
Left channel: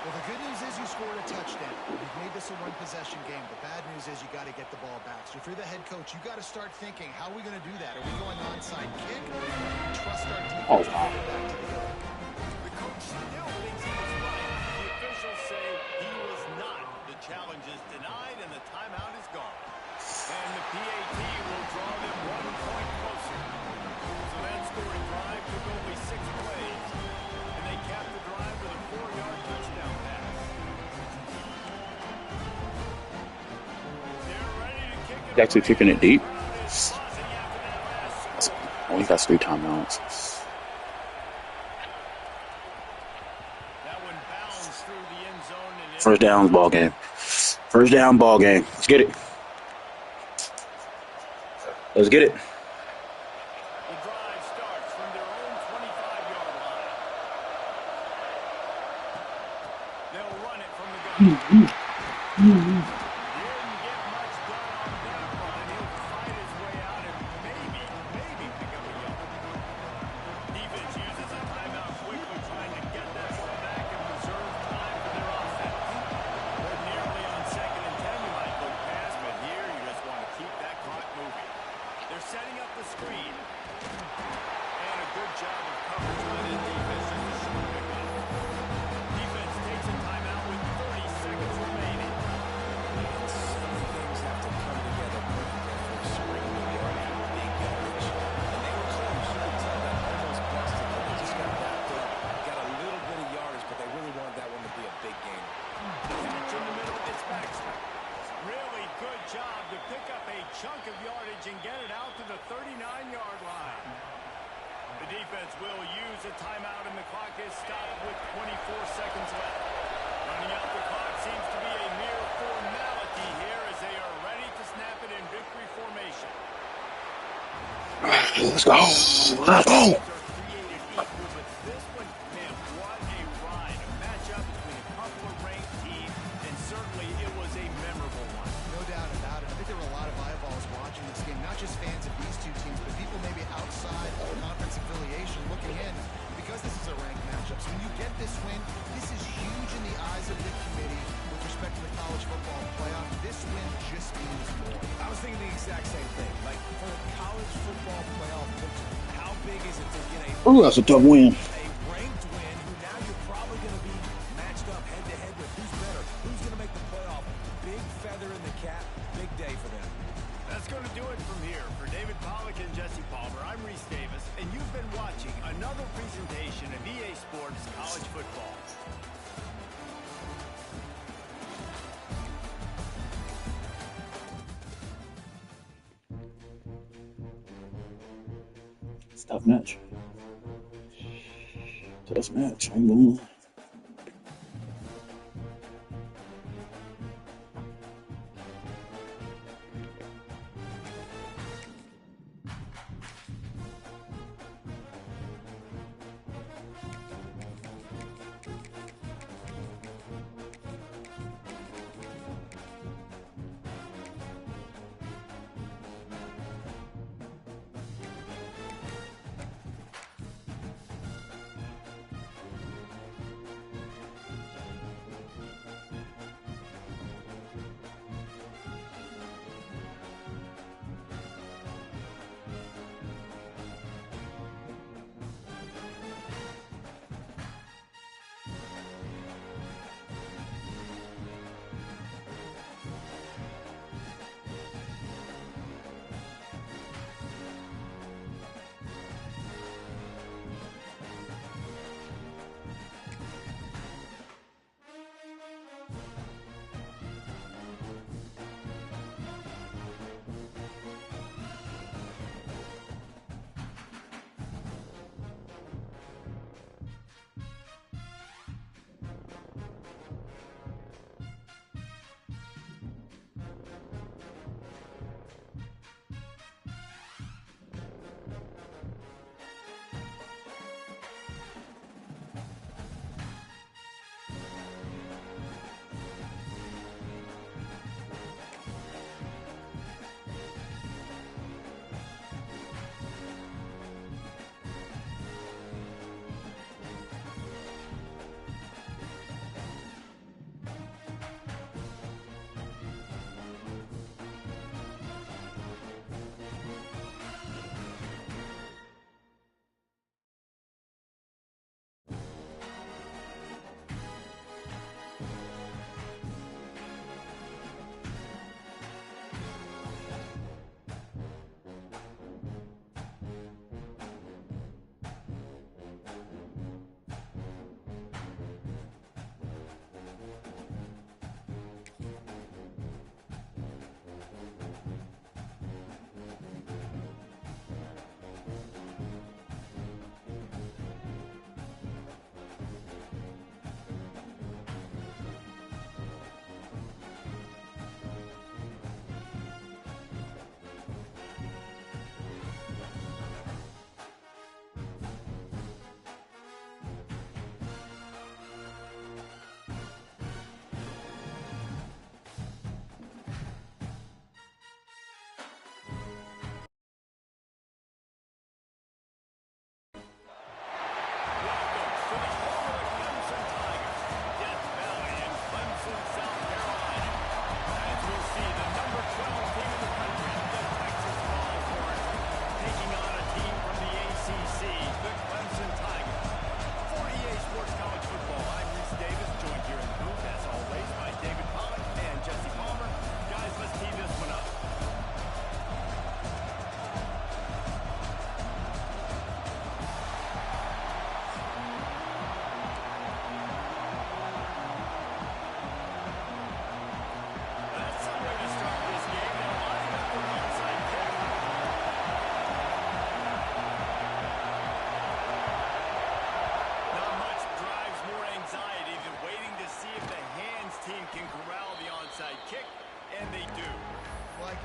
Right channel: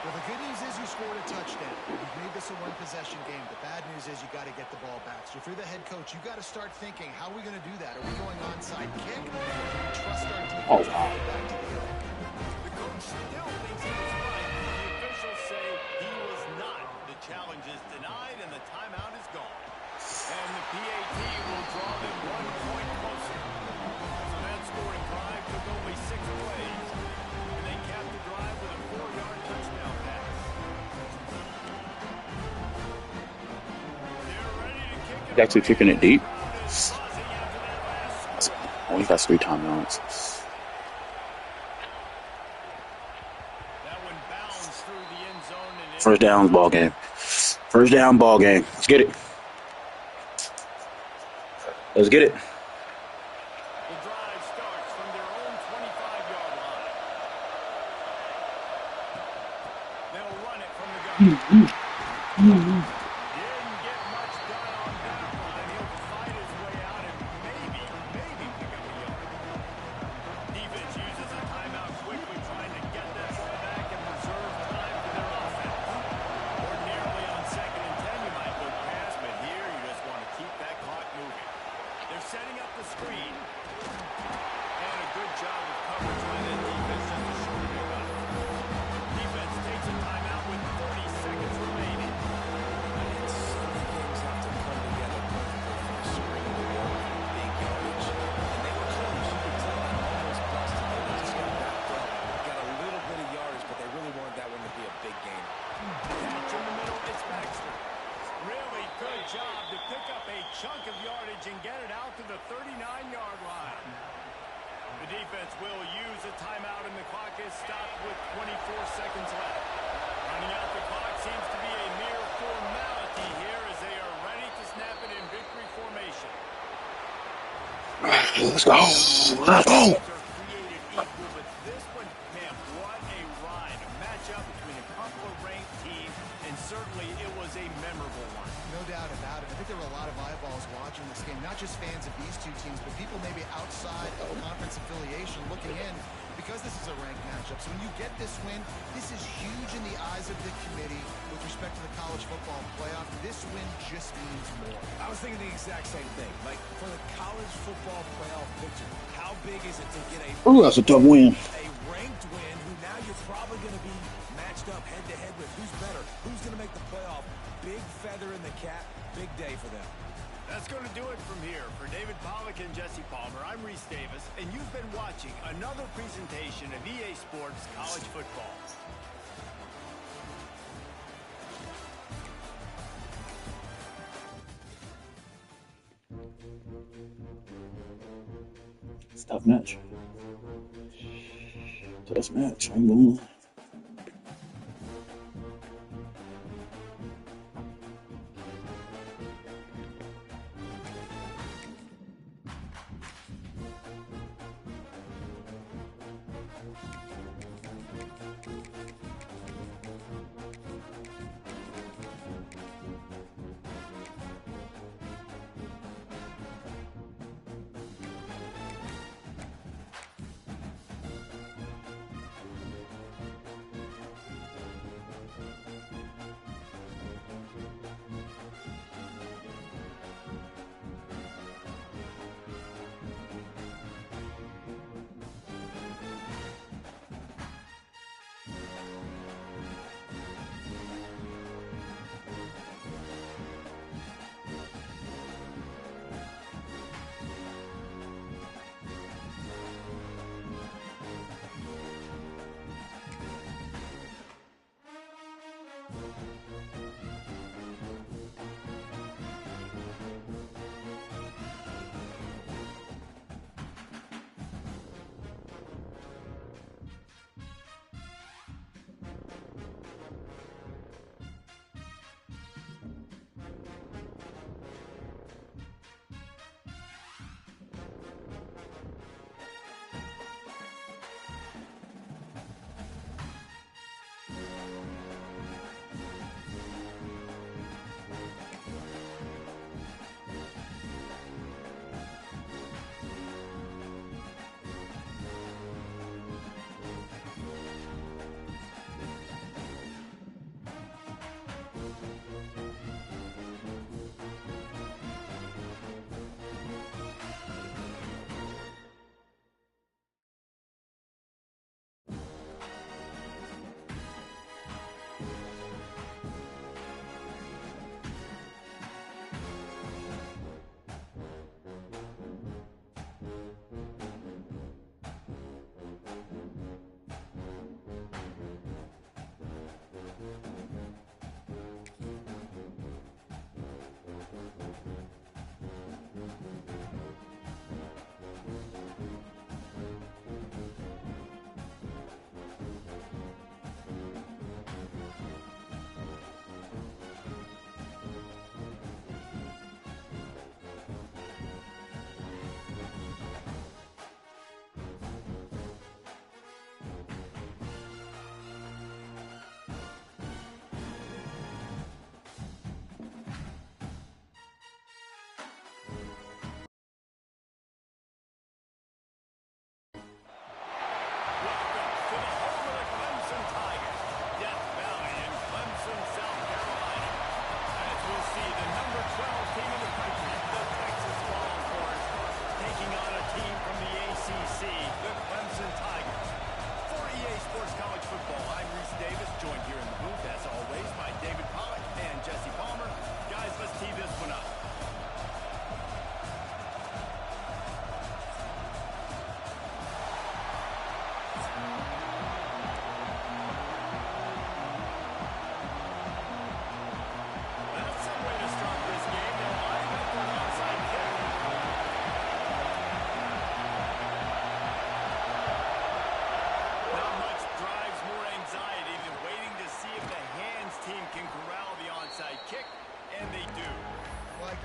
Well, the good news is you scored a touchdown. You've made this a one-possession game. The bad news is you got to get the ball back. So if you're the head coach, you got to start thinking, how are we going to do that? Are we going onside kick? Or do we trust our defense to get it back to the hill? The coach still thinks he was right. The officials say he was not. The challenge is denied, and the timeout is gone. And the PAT will draw them 1 point closer. So that scoring drive took only 6 plays. And they capped the drive with a 4-yard touchdown pass. They're ready to kick it. He's actually kicking it deep. Buzzing after that last score. Oh, he got 3 timeouts. That one bounced through the end zone and First down ball game. First down ball game. Let's get it. Let's get it. the drive starts from their own 25-yard line. They'll run it from the gun. Didn't get much done on that run. He'll fight his way out and maybe pick up a yard. Defense uses a timeout quickly, trying to get that ball back and preserve time for their offense. Ordinarily on 2nd and 10, you might look past, but here you just want to keep that clock moving. They're setting up the screen. And a good job of coverage by that defense, just a short pickup. Defense takes a timeout with 30 seconds remaining. And so many things have to come together perfectly for a screen to work. Big yardage. And they were close. You could tell that almost busted. They just got wrapped up. Got a little bit of yardage, but they really wanted that one to be a big game. Catch in the middle, it's Baxter. Really good job to pick up a chunk of yardage and get it out to the 39-yard line. The defense will use a timeout, and the clock is stopped with 24 seconds left. Running out the clock seems to be a mere formality here as they are ready to snap it in victory formation. Let's go. Let's go. These are created equal, but this one, man, what a ride. A matchup between a couple of ranked teams, and certainly it was a memorable one. No doubt about it. I think there were a lot of eyeballs watching this game, not just fans of these two teams, but people maybe outside of conference affiliation looking in because this is a ranked matchup. So when you get this win, this is huge in the eyes of the committee with respect to the college football playoff. This win just means more. I was thinking the exact same thing. Like, for the college football playoff picture, how big is it to get Ooh, that's a tough win. a ranked win who now you're probably going to be matched up head-to-head with? Who's better? Who's going to make the playoff? Big feather in the cap. Big day for them. That's going to do it from here. For David Pollack and Jesse Palmer, I'm Reese Davis, and you've been watching another presentation of EA Sports College Football. It's a tough match. Tough match. I'm going.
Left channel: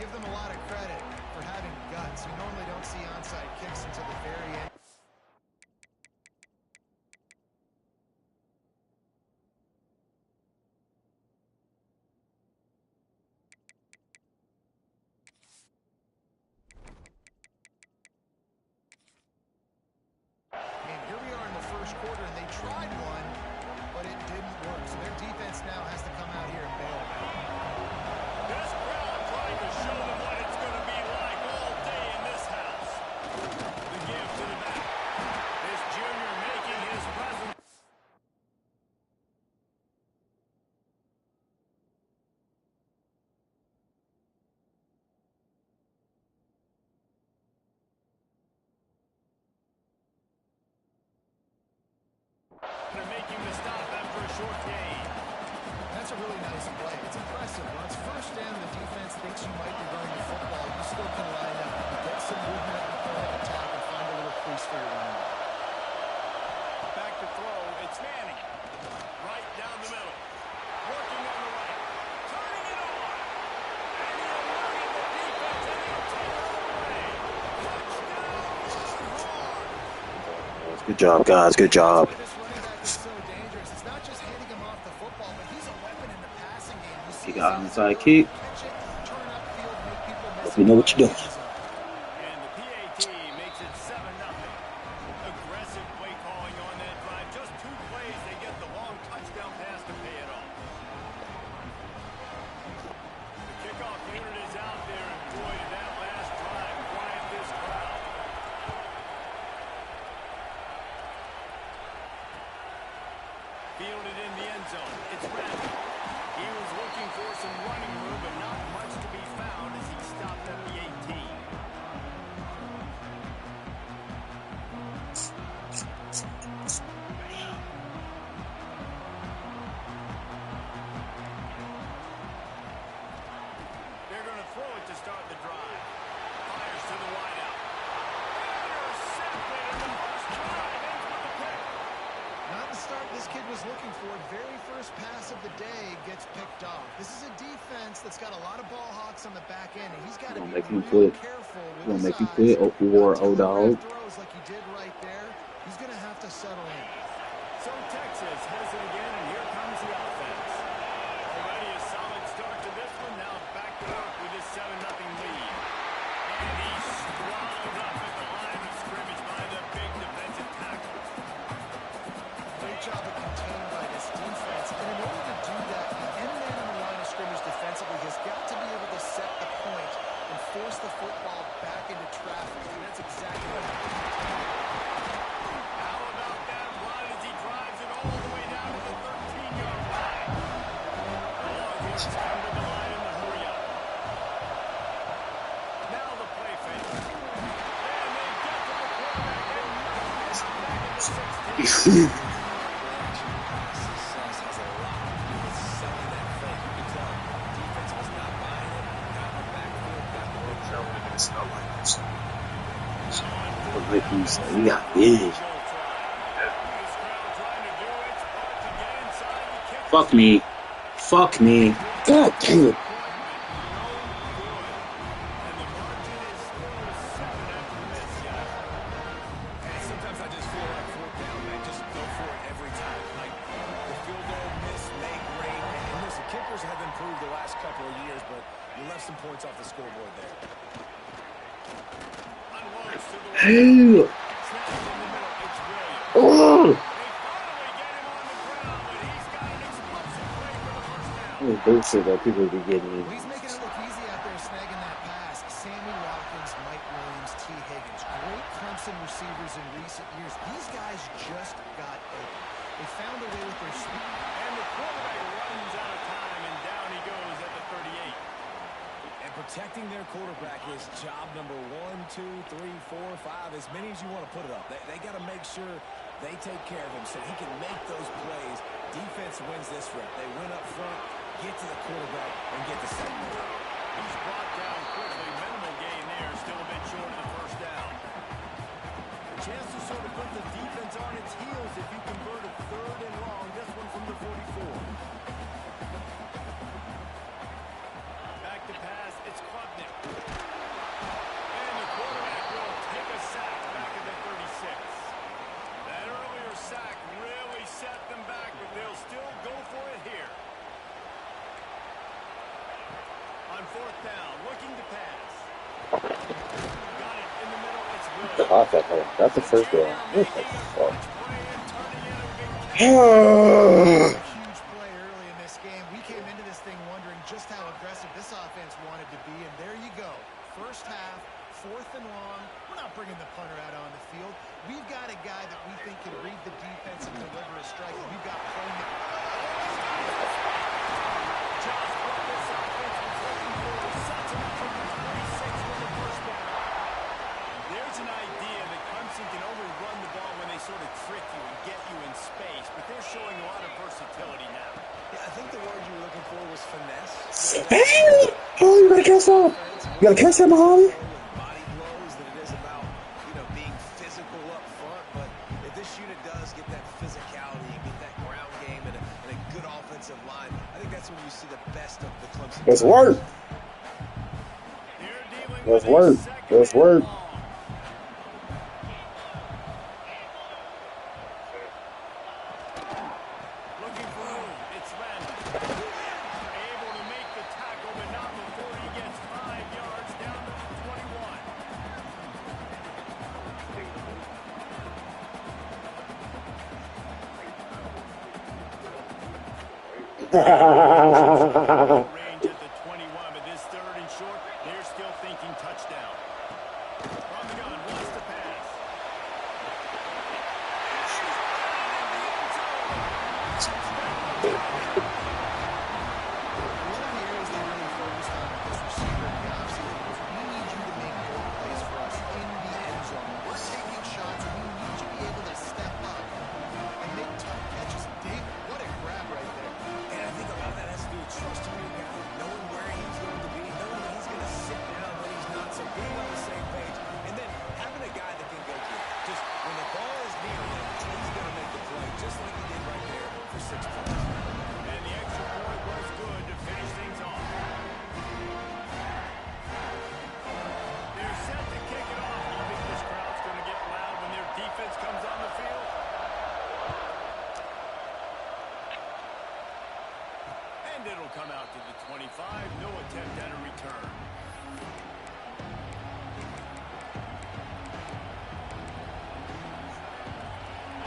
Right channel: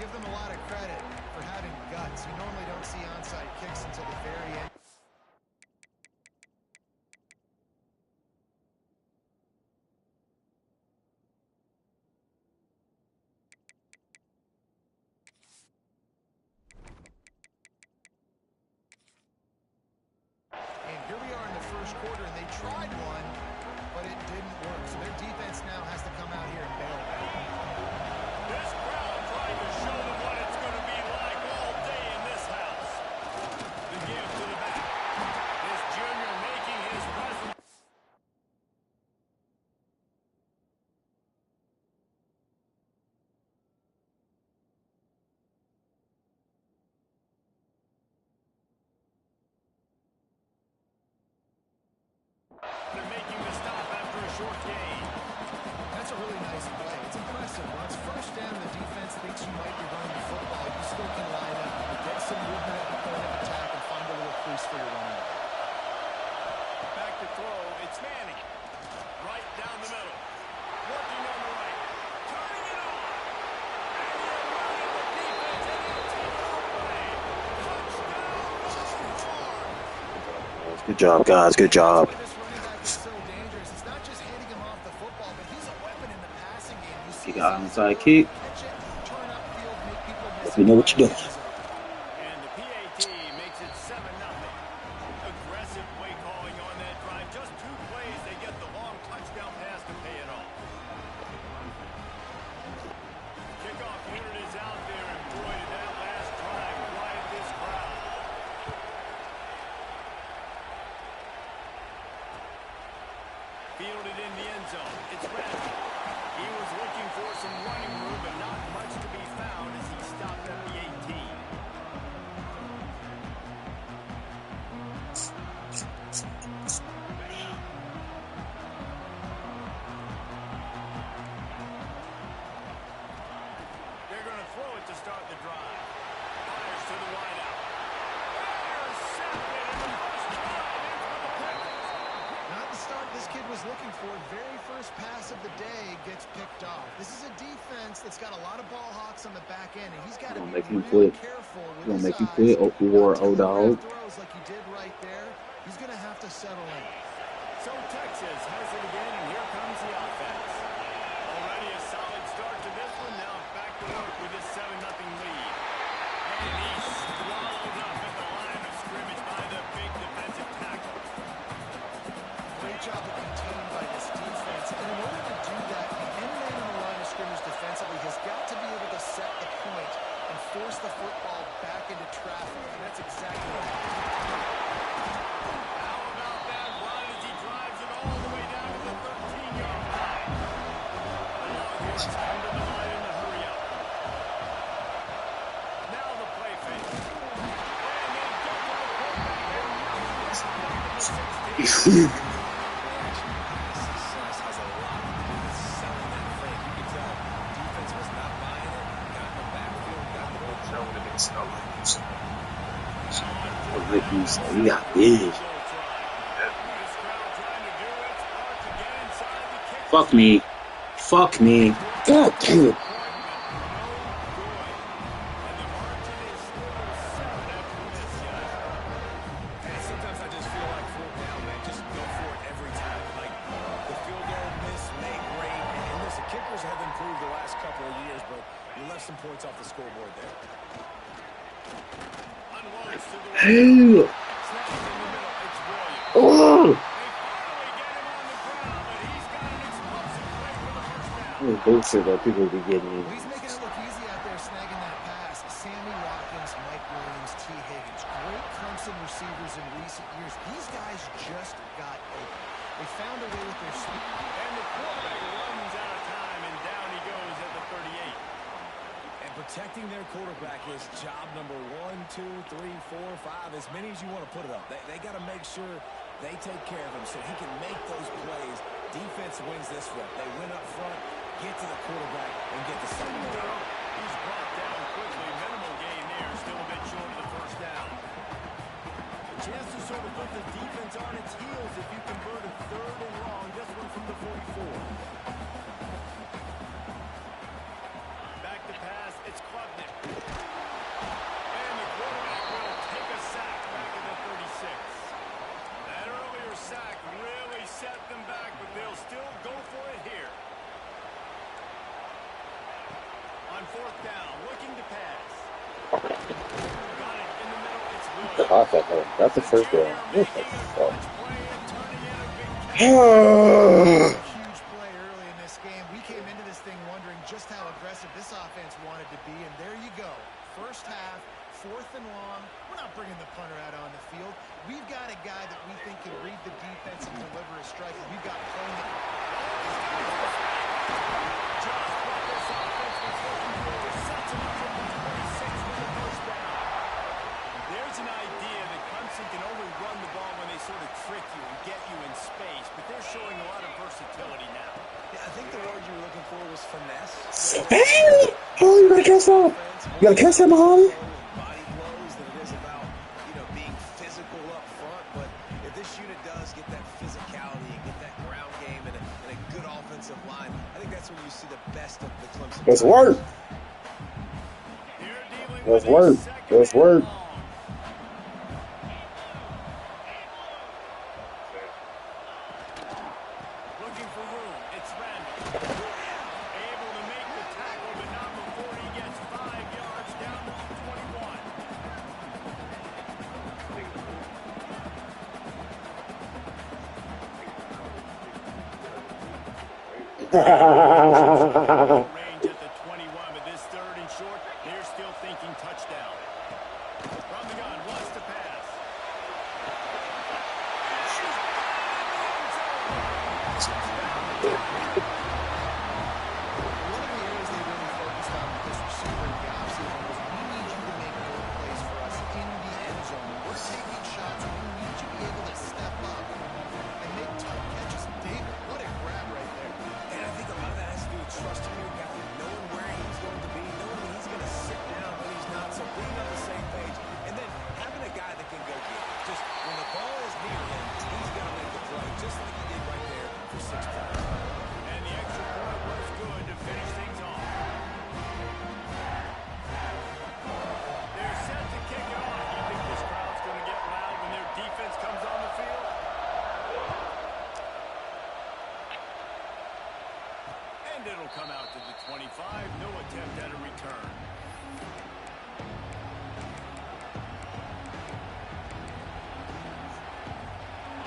give them a lot of credit for having guts. You normally don't see onside kicks until the very end. And here we are in the first quarter, and they tried one, but it didn't work. So their defense now has to come out here and bail them out. This crowd trying to show them what it's going to be like all day in this house. The give to the back. This junior making his presence. And making the stop after a short gain. That's a really nice play. It's impressive. When it's first down, the defense thinks you might be running the football. You still can line up, get some movement at the point of attack, and find a little crease for your running back. Back to throw. It's Manning. Right down the middle. Working on the right. Turning it on. And he eluded the defense, and he'll take it all the way. Touchdown, run hard. Good job, guys. Good job. This running back is so dangerous. It's not just handing him off the football, but he's a weapon in the passing game. You see He got his onside ability kick. to catch it, turn upfield, make people miss Hope you know what you're doing. And the PAT makes it 7-0. Aggressive play calling on that drive. Just 2 plays, they get the long touchdown pass to pay it off. The kickoff unit is out there, and boy, did that last drive quiet this crowd. Fielded in the end zone. It's Randall. He was looking for some running room, but not much to be found as he stopped at the 18. They're going to throw it to start the drive. Fires to the wideout. Intercepted in the first drive. Ends with a pick. Not the start this kid was looking for. Very first pass of the day gets picked off. This is a defense that's got a lot of ball hawks on the back end, and he's got to be real careful with his eyes. Make you quit, O-dog. Throws like he did right there. He's going to have to settle in. So Texas has it again, and here comes the offense. Already a solid start to this one. Now back to work with his 7-0 lead. And he's swallowed up at the line of scrimmage by the big defensive tackle. Great job of contained by this defense. And in order to do that, the end man on the line of scrimmage defensively has got to be able to set the point and force the football back into traffic. And that's exactly what happened. How about that run as he drives it all the way down to the 13-yard line? The Longhorns come to the line in the hurry up. Now the play fake. And they get to the quarterback and knock him down back at the 16. Reaction pass success has a lot to do with selling that fake. You can tell defense was not buying it. Got in the backfield, got the big jump. He got big. Fuck me. Fuck me. God damn it. Sometimes I just feel like 4th down, man. Just go for it every time. Like the field goal miss, make great. And listen, kickers have improved the last couple of years, but you left some points off the scoreboard there. Hey. Oh. Bullshit that people be getting in. Well, he's making it look easy out there, snagging that pass. Sammy Watkins, Mike Williams, T. Higgins. Great Clemson receivers in recent years. These guys just got open. They found a way with their speed. And the quarterback runs out of time, and down he goes at the 38. And protecting their quarterback is job number 1, 2, 3, 4, 5, as many as you want to put it up. They got to make sure they take care of him so he can make those plays. Defense wins this rep. They win up front, get to the quarterback, and get the second down. He's brought down quickly. Minimal gain there. Still a bit short of the first down. A chance to sort of put the defense on its heels if you convert a 3rd and long. This one from the 44. Back to pass. It's Klubnik. caught that one. That's the first down. What the Making a fuck? clutch play and turning in a big catch. A huge play early in this game. We came into this thing wondering just how aggressive this offense wanted to be, and there you go. First half, 4th and long. We're not bringing the punter out on the field. We've got a guy that we think can read the defense and deliver a strike. We've got playmaking. Just what this offense was looking for. Sets him up for the 26 with the first down. There's an idea that Clemson can only run the ball when they sort of trick you and get you in space, but they're showing a lot of versatility now. Yeah, I think the word you were looking for was finesse. Hey! Oh, you gotta catch that. You gotta catch that, Muhammad. Body blows than it is about, being physical up front. But if this unit does get that physicality and get that ground game and a good offensive line, I think that's when you see the best of the Clemson. Let's work. Let's work. Let's work. Looking for room. It's Randall. Able to make the tackle, but not before he gets 5 yards down to the 21. Range at the 21, but this 3rd and short, they're still thinking touchdown. From the gun, wants to pass. She's got it in the end zone. One of the areas they really focused on with this receiver in the offseason was we need you to make goal plays for us in the end zone. When we're taking shots, we need you to be able to step up and make tough catches. David, what a grab right there. And I think a lot of that has to do with trusting your guy, knowing where he's going to be, knowing that he's going to sit down when he's not, so being on the same page, and then having a guy that can go get it. Just when the ball is near him, he's going to make the play, just like he did right there for 6 points. And the extra point was good to finish things off. They're set to kick it off. You think this crowd's going to get loud when their defense comes on the field? And it'll come out to the 25. No attempt at a return.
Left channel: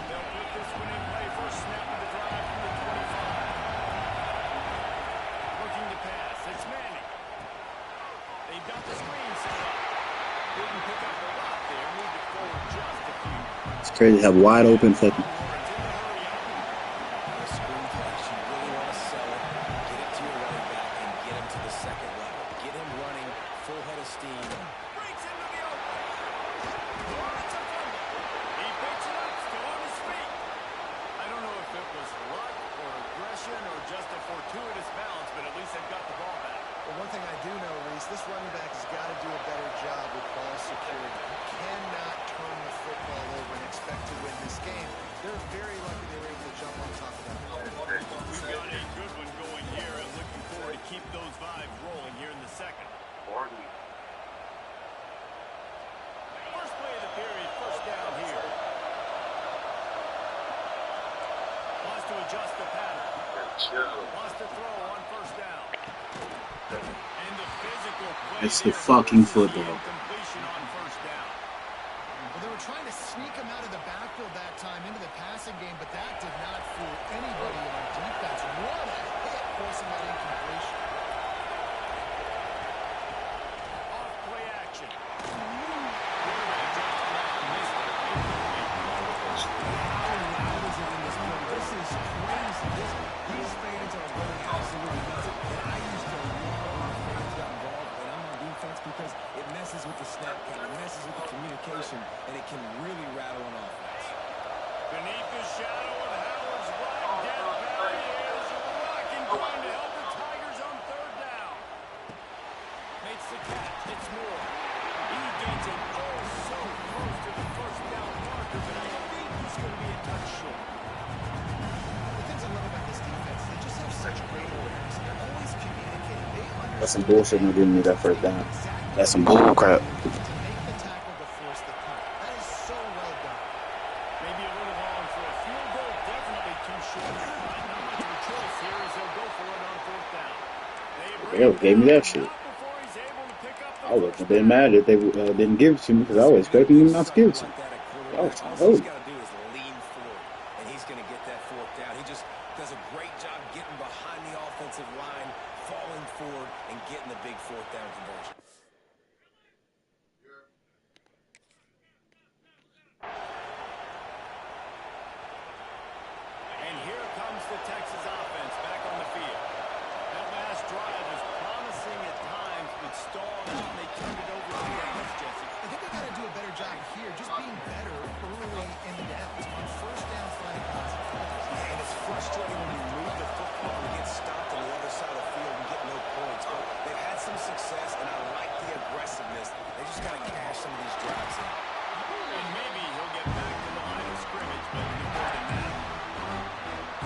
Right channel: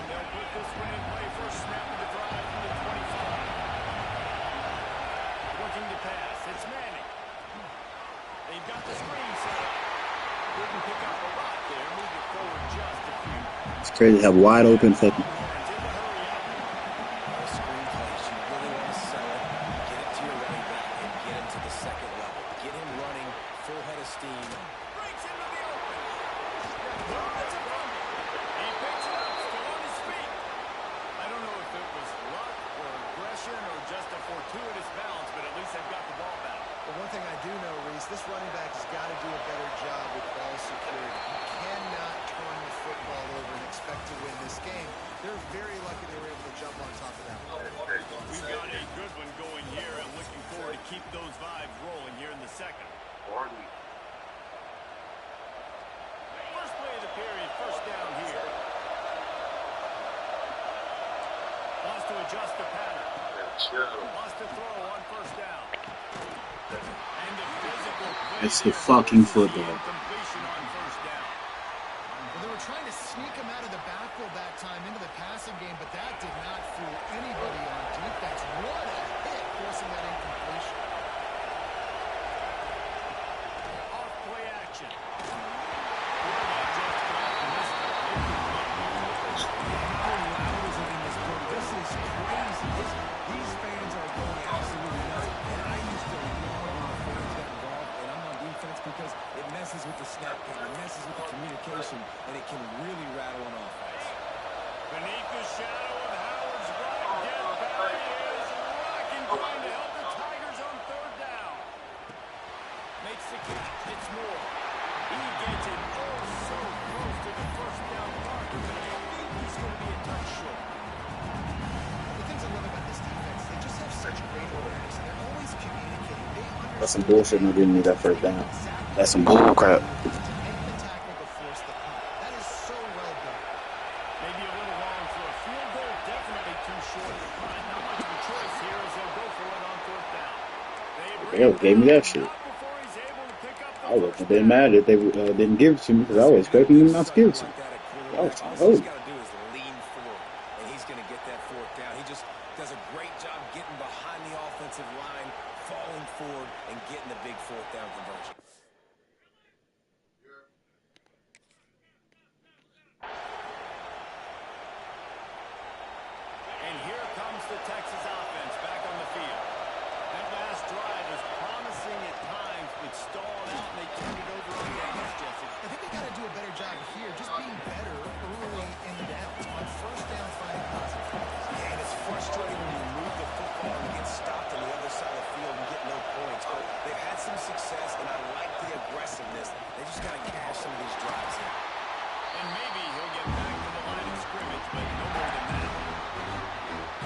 They'll put this one in play. First snap of the drive from the 25. Looking to pass. It's Manning. They've got the screen set up. Didn't pick up a lot there. Moved it forward just a few. It's crazy to have wide open fucking. Longhorns in the hurry up. The screen plays, you really want to sell it, get it to your running back, and get him to the second level. Get him running, full head of steam. Breaks into the open. Oh, that's a fumble. He picks it up, still on his feet. I don't know if it was luck or aggression or just a fortuitous bounce, but at least they've got the ball back. Well, one thing I do know, Reese, this running back has got to do a better job with ball security. You cannot turn the football over and expect to win this game. They're very lucky they were able to jump on top of that. We've got a good one going here and looking forward to keep those vibes rolling here in the second. First play of the period, first down here. Wants to adjust the pattern. Wants to throw on first down. And the physical play. It's the fucking football. Completion on first down. Well, they were trying to sneak him out of the backfield that time into the passing game, but that did not fool anybody on defense. What a hit, forcing that incompletion. Off play action. Quarterback just flat missed it. Incomplete. How loud is it in this building? This is crazy. These fans are going absolutely nuts. And I used to love when the fans got involved, and I'm on defense because it messes with the snap count, it messes with the communication, and it can really rattle an offense. Beneath the shadow of Howard's black death valley is rocking, trying to help the Tigers on third down. Makes the catch. It's Moore. He gets it oh so close to the first down marker, but I think he's going to be a touch short. The things I love about this defense, they just have such great awareness, and they're always communicating. They understand. That's some bullshit not giving me that first down. That's some bull crap. To make the tackle to force the punt. That is so well done. Maybe a little long for a field goal. Definitely too short to punt. Not much of a choice here as they'll go for it on fourth down. They gave me that shit. Not before he's able to pick up I wouldn't have been mad if they didn't give it to me because I was expecting them not to give it to me. I was trying to All he's hold. got to do is lean forward, and he's going to get that fourth down. He just does a great job getting behind the offensive line, falling forward, and getting the big fourth down conversion. And here comes the Texas offense back on the field. That last drive was promising at times, but stalled out, and they turned it over on downs, Jesse. I think they got to do a better job here, just being better early in the downs. On first down, finding positive. And it's frustrating when you move the football and get stopped on the other side of the field and get no points. But they've had some success, and I like the aggressiveness. They just got to cash some of these drives in. And maybe he'll get back to the line of scrimmage, but no more than that.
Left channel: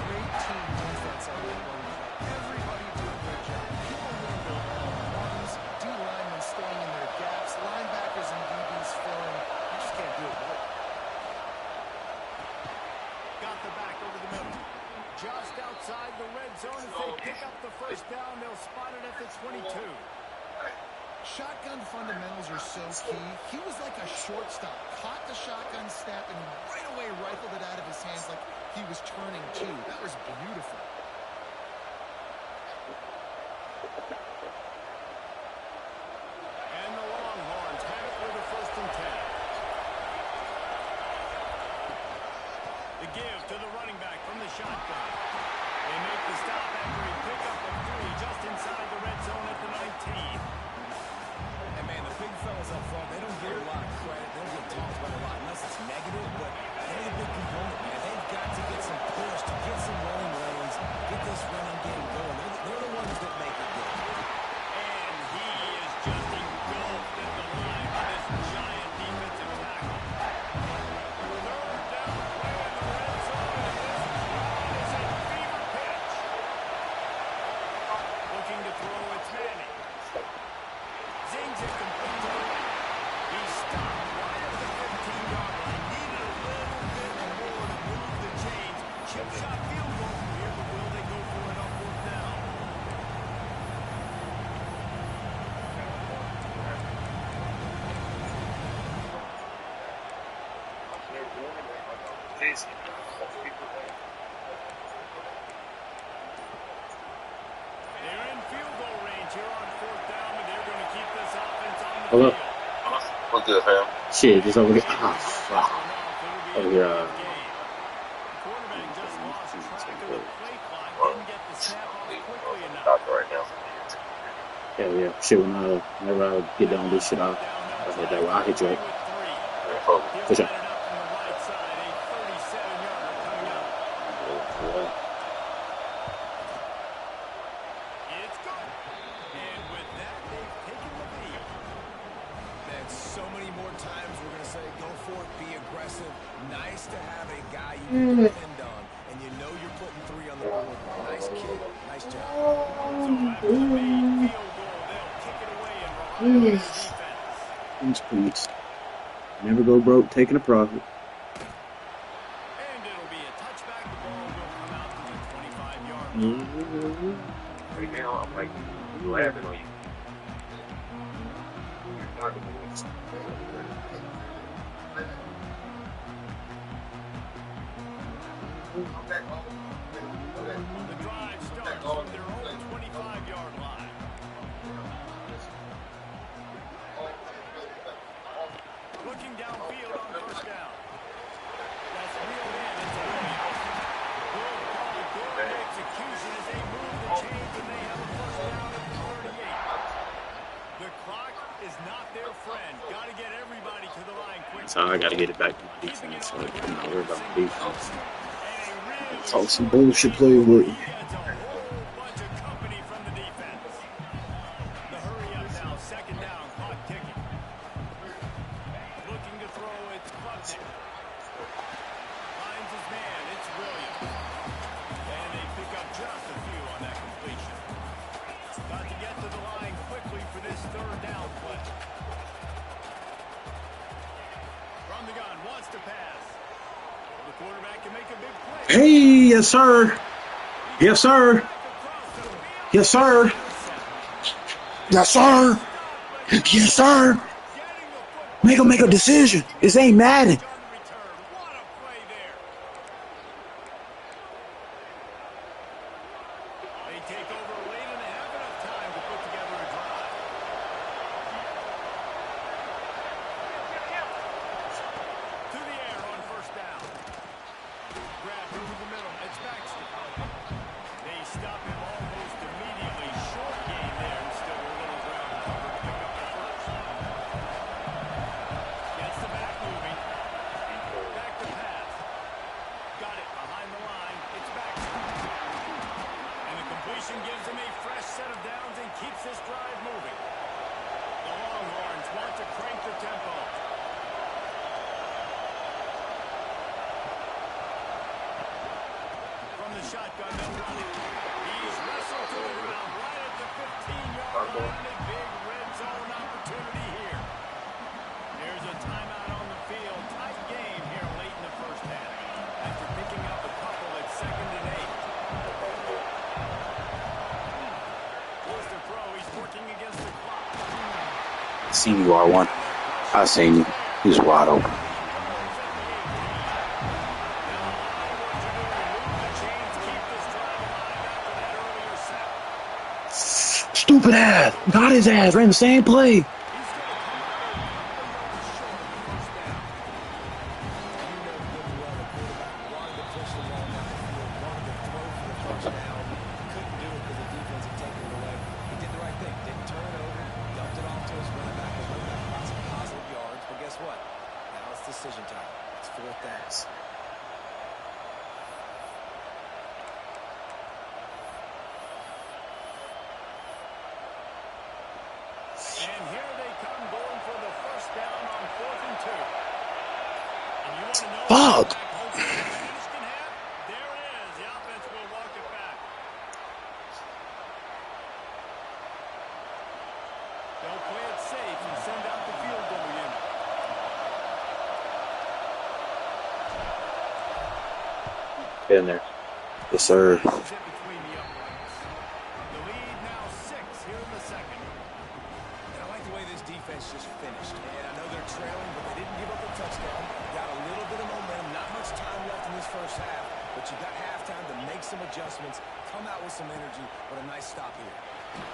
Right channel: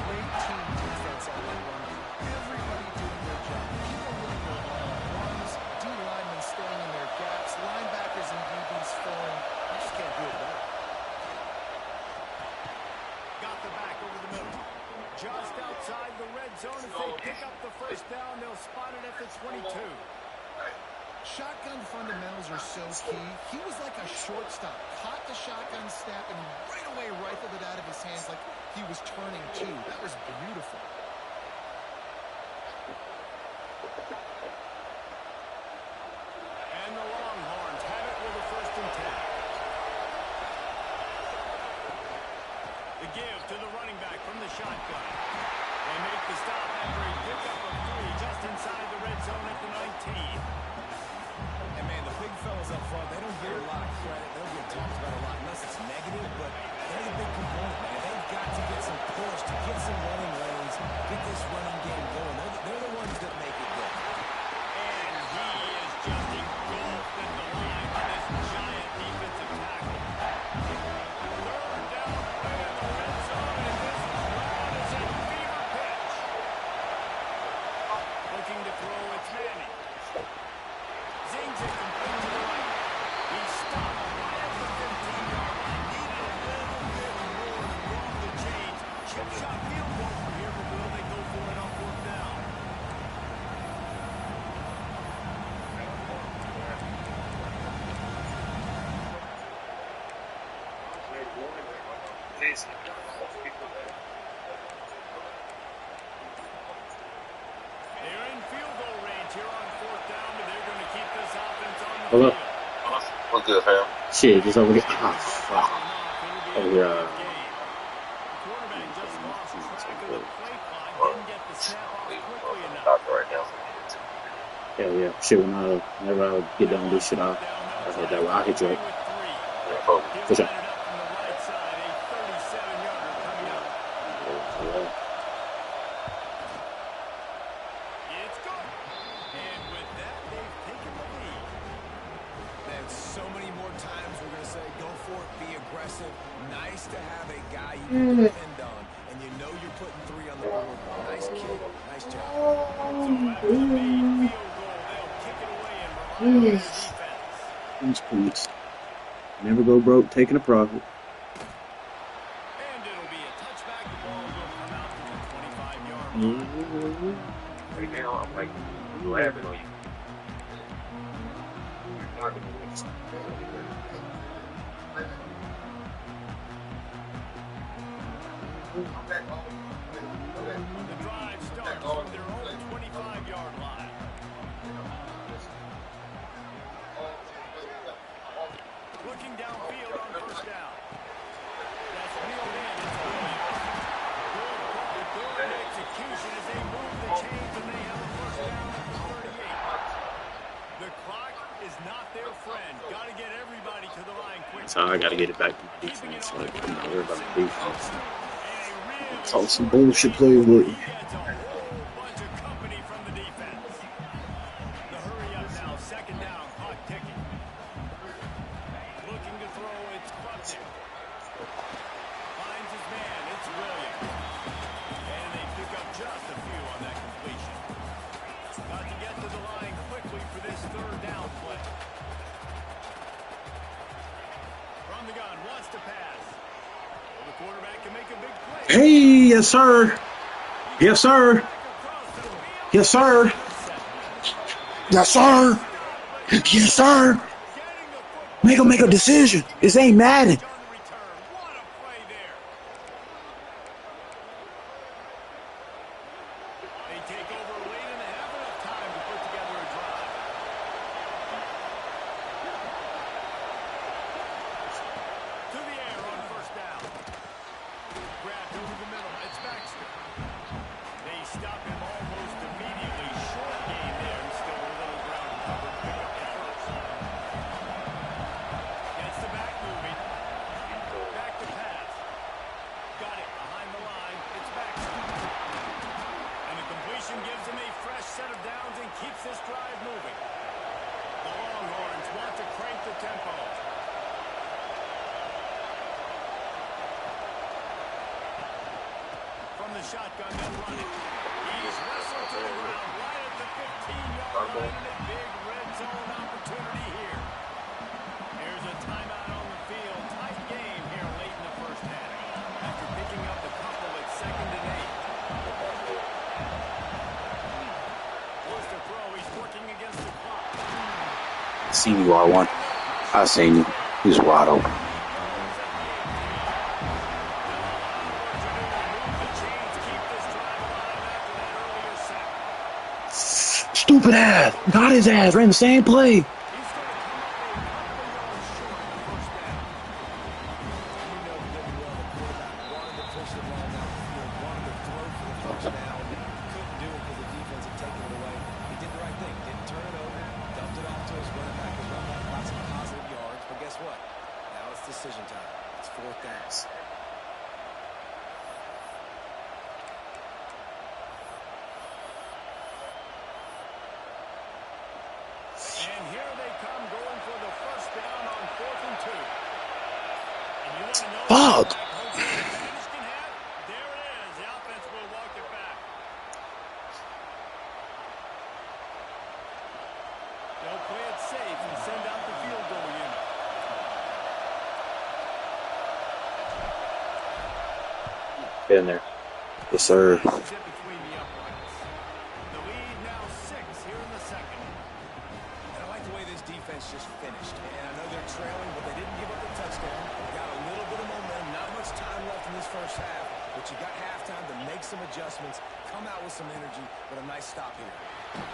Great team defense on that run play. Everybody doing their job. People winning their one-on-ones, D-linemen staying in their gaps, linebackers and DBs filling. You just can't do it better. Got the back over the middle. Just outside the red zone as they pick up the first down. They'll spot it at the 22. Shotgun fundamentals are so key. He was like a shortstop. Caught the shotgun snap and right away rifled it out of his hands like he was turning two. That was beautiful. And the Longhorns have it with a 1st and 10. The give to the running back from the shotgun. They make the stop after a pickup of 3 just inside the red zone at the 19. And, man, the big fellas up front, they don't get a lot of credit. They don't get talked about a lot unless it's negative, but they're the big component, man. They've got to get some push, to get some running lanes, get this running game going. They're the ones that make it go. And he is just engulfed at the line by this giant defensive tackle. 3rd down play in the red zone, and this crowd is at fever pitch. Looking to throw, it's Manning. Zings it complete to the right. He stopped right at the 15-yard line. Needed a little bit more to move the chains. Chip shot field goal from here, but will they go for it on 4th down? They're in field goal range here on 4th down, but they're going to keep this offense on the Hello? field. What's good, fam? Shit, just over here. Ah, fuck. Over here. The quarterback just lost track of the play clock, didn't get the snap off quickly enough. Doctor right now. Hell yeah. Shit, whenever I get done with this shit, I'll hit that way. I'll hit you up. For sure. It's good. And with that, they've taken the lead. Man, so many more times we're going to say, go for it, be aggressive. Nice to have a guy you can depend on, and you know you're putting 3 on the board. Nice kick, nice job. So after the made field goal, they'll kick it away and rely on their defense. These points. Never go broke taking a profit. And it'll be a touchback. The ball will come out to the 25-yard line. Right now, I'm like laughing on you. The drive starts from their own 25-yard line. Looking downfield on 1st down. That's reeled in. It's Williams. Good call, good execution as they move the chains, and they have a 1st down at the 38. The clock is not their friend. Got to get everybody to the line quickly. So I got to get it back to my defense. So I'm not worried about the defense. Talk some bullshit play with me. Gets a whole bunch of company from the defense. The hurry up now. 2nd down. Clock ticking. Looking to throw. It's Klubnik. Finds his man. It's Williams. And they pick up just a few on that completion. Got to get to the line quickly for this 3rd down play. From the gun. Wants to pass. Well, the quarterback can make a big play. Hey, yes, sir. Yes, sir. Yes, sir. Yes, sir. Yes, sir. Getting the football. Make him make a decision. This ain't Madden. On the return. What a play there. They take over late and have enough time to put together a drive. To the air on first down. Grabbed over the middle. It's Baxter. They stop him almost immediately. Short gain there and still a little ground cover to pick up the first. Gets the back moving. Back to pass. Got it behind the line. It's Baxter. And the completion gives him a fresh set of downs and keeps this drive moving. The Longhorns want to crank the tempo. From the shotgun, they'll run it. He's wrestled to the ground right at the 15-yard line and a big red zone opportunity here. Here's a timeout on the field. Tight game here late in the first half. After picking up a couple at 2nd and 8. Wants to throw. He's working against the clock. Seen you, R1. I seen you. He was wide open. Stupid ass. Got his ass. Ran the same play. He's going to come up a couple yards short of the first down. You know good and well the quarterback wanted to push the ball down the field, wanted to throw for the first down. Couldn't do it because the defense had taken it away. He did the right thing. Didn't turn it over. Dumped it off to his running back. His running back got some positive yards. But guess what? Now it's decision time. It's 4th down. And here they come going for the first down on 4th and 2. And you want to know Fuck. what home field advantage can have? There it is. The offense will walk it back. They'll play it safe and send out the field goal unit. Get in there. Yes, sir. Zip between the uprights. The lead now 6 here in the second. And I like the way this defense just finished. And I know they're trailing, but they didn't give up the touchdown. Got a little bit of momentum. Not much time left in this first half. But you got halftime to make some adjustments, come out with some energy, but a nice stop here.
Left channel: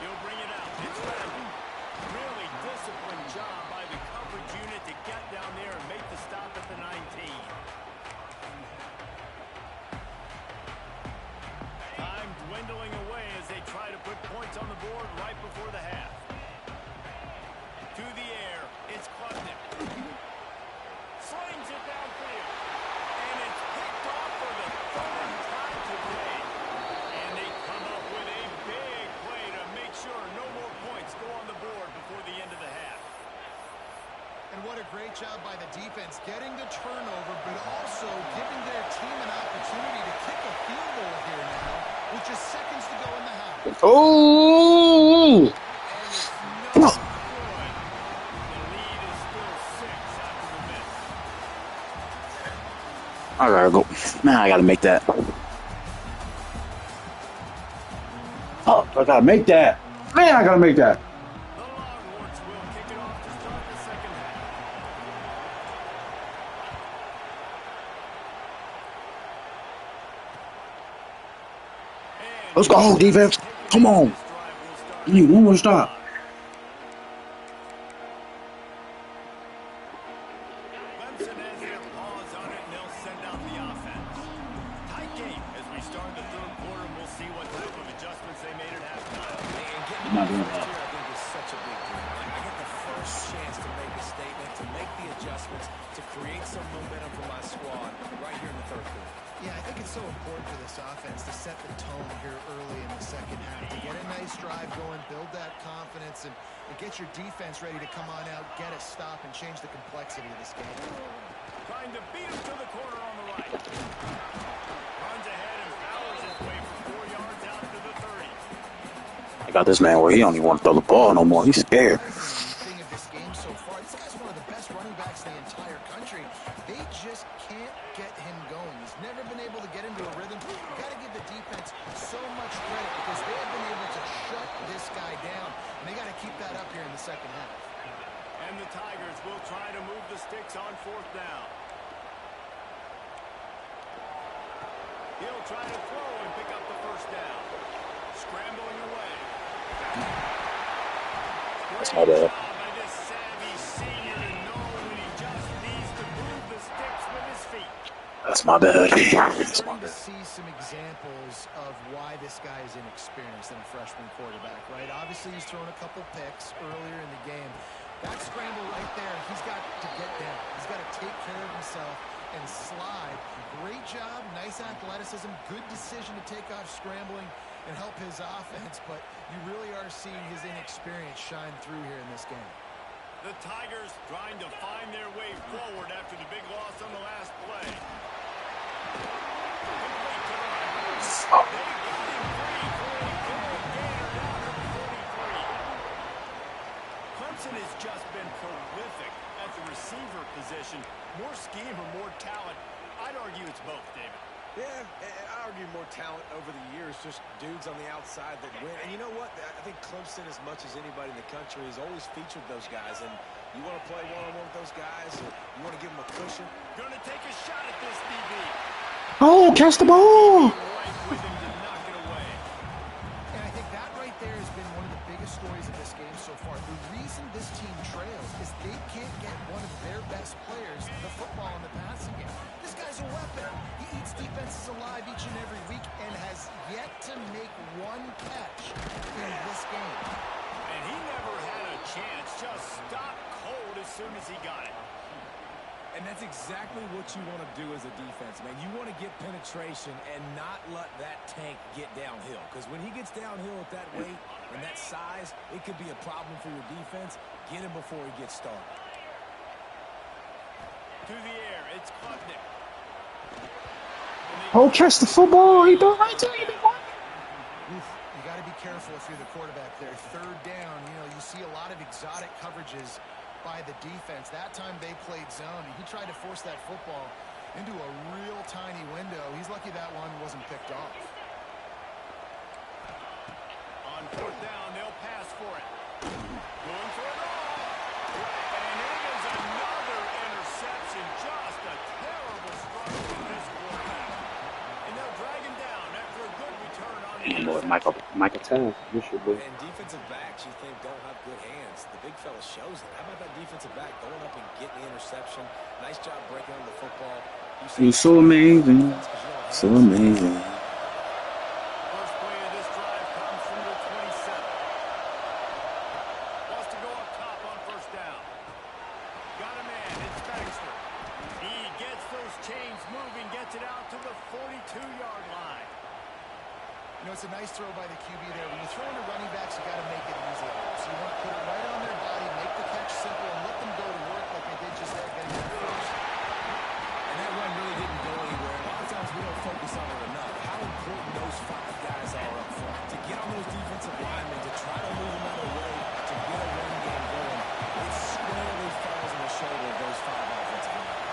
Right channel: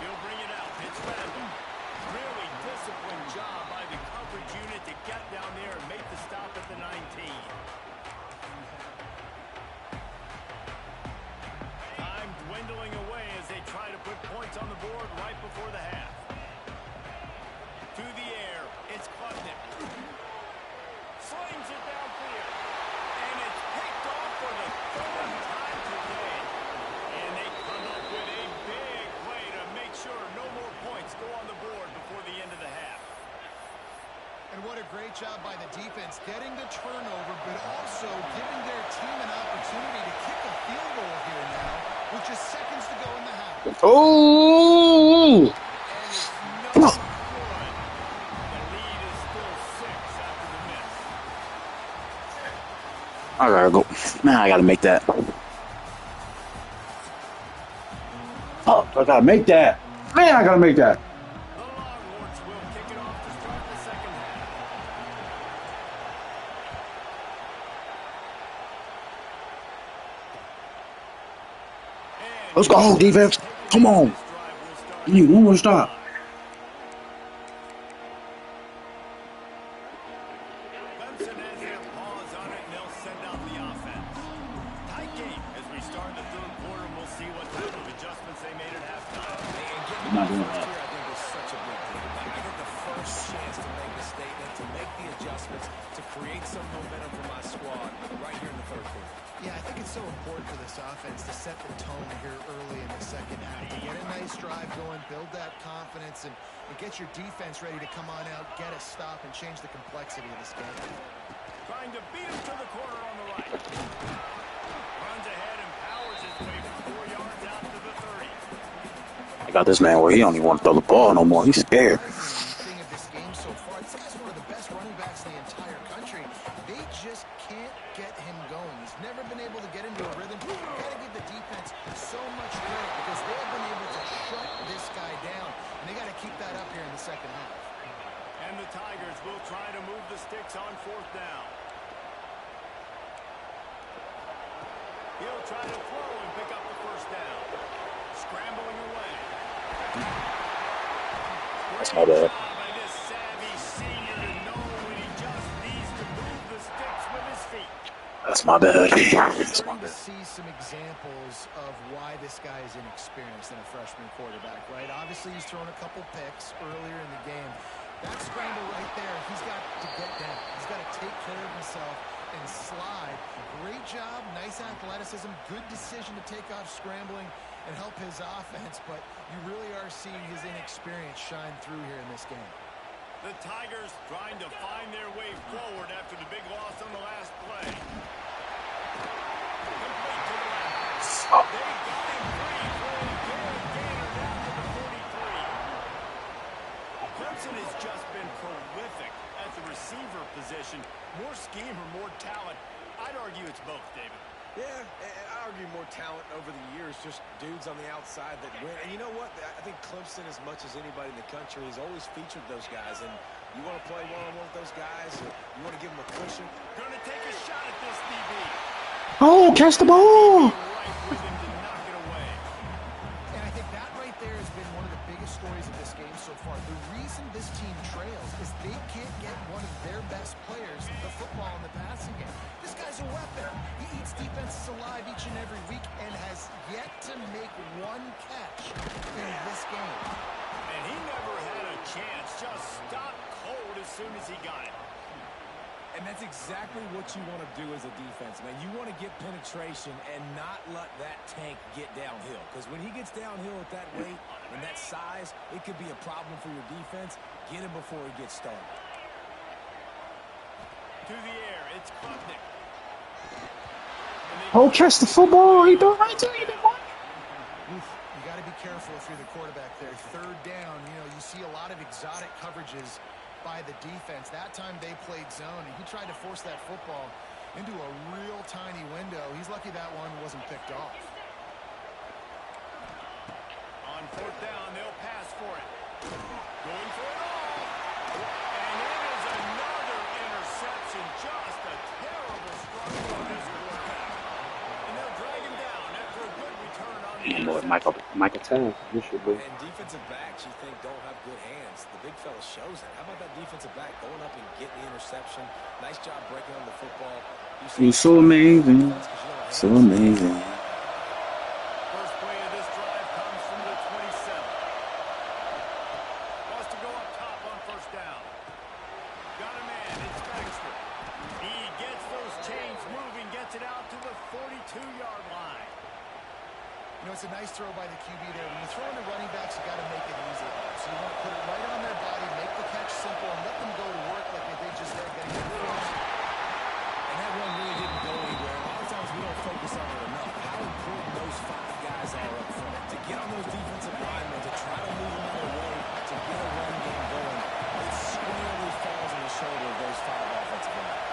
He'll bring it out. It's Randall. Really disciplined job by the coverage unit to get down there and make the stop at the 19. Time dwindling away as they try to put points on the board right before the half. To the air, it's Klubnik. Slings it downfield. And it's picked off for the 3rd time today. And they come up with a big play to make sure no more points go on the board before the end of the half. And what a great job by the defense getting the turnover, but also giving their team an opportunity to kick a field goal here now with just seconds to go in the half. Oh! And it's no good. The lead is still 6 after the miss. I gotta go. Man, I gotta make that. Oh, I gotta make that. Man, I gotta make that. The Longhorns will kick it off to start the second half. And Let's go, defense. Come on. this drive will start. You need one more stop. Clemson has their paws on it, and they'll send out the offense. Tight game as we start the 3rd quarter, and we'll see what type of adjustments they made at halftime. And getting I'm not the doing first that. here, I think, is such a big deal. Like, I get the first chance to make a statement, to make the adjustments, to create some momentum for my squad right here in the 3rd quarter. Yeah, I think it's so important for this offense to set the tone here early in the second half, to get a nice drive going, build that confidence, and get your defense ready to come on out, get a stop, and change the complexity of this game. Trying to beat him to the corner on the right. Runs ahead and powers his way for 4 yards out to the 30. I got this man where he don't even want to throw the ball no more. He's scared. The thing of this game game so far. This guy's one of the best running backs in the entire country. They just can't get him going. He's never been able to get into a rhythm. You've got to give the defense so much credit because they have been able to shut this guy down, and they got to keep that up here in the second half. And the Tigers will try to move the sticks on 4th down. He'll try to throw and pick up the 1st down. Scrambling away. That's my bad. By this savvy senior to know when he just needs to move the sticks with his feet. That's my bad. That's my Starting to bad. see some examples of why this guy is inexperienced in a freshman quarterback, right? Obviously, he's thrown a couple picks earlier in the game. That scramble right there, he's got to get down. He's got to take care of himself and slide. Great job, nice athleticism, good decision to take off scrambling and help his offense, but you really are seeing his inexperience shine through here in this game. The Tigers trying to find their way forward after the big loss on the last play. Complete to the left. They got him free for a big gainer down to the 43. Clemson has just been prolific at the receiver position. More scheme or more talent? I'd argue it's both, David. Yeah, and I argue more talent over the years, just dudes on the outside that win. And you know what? I think Clemson, as much as anybody in the country, has always featured those guys. And you want to play one-on-one with those guys, or you want to give them a cushion. Going to take a shot at this DB. Oh, catch the ball! Right with him to knock it away. And I think that right there has been one of the biggest stories of this game so far. The reason this team trails is they can't get one of their best players the football in the passing game. This guy's a weapon. He eats defenses alive each and every week and has yet to make one catch in this game. And he never had a chance. Just stopped cold as soon as he got it. And that's exactly what you want to do as a defense, man. You want to get penetration and not let that tank get downhill. Because when he gets downhill at that weight and that size, it could be a problem for your defense. Get him before he gets started. To the air, it's Klubnik. Oh, catch the football! He threw right to you. Oof, you got to be careful if you're the quarterback there. 3rd down, you know, you see a lot of exotic coverages by the defense. That time they played zone, and he tried to force that football into a real tiny window. He's lucky that one wasn't picked off. On 4th down, they'll pass for it. Going for it all. And it is another interception. Just a terrible struggle from this quarterback. And they'll drag him down after a good return on the interception. Michael Taft, you should be. And defensive backs, you think, don't have good hands. The big fella shows it. How about that defensive back going up and getting the interception? Nice job breaking on the football. You're so amazing. So amazing. First play of this drive comes from the 27. Wants to go up top on 1st down. Got a man. It's Baxter. He gets those chains moving, gets it out to the 42-yard line. You know, it's a nice throw by the QB there. When you throw into running backs, you got to make it easy. So you want to put it right on their body, make the catch simple, and let them go to work like they did just there, getting it first. And that run really didn't go anywhere. A lot of times we don't focus on it enough. How important those 5 guys are up front. To get on those defensive linemen, to try to move them out of the way, to get a run game going. It squarely falls on the shoulder of those 5 offensive linemen.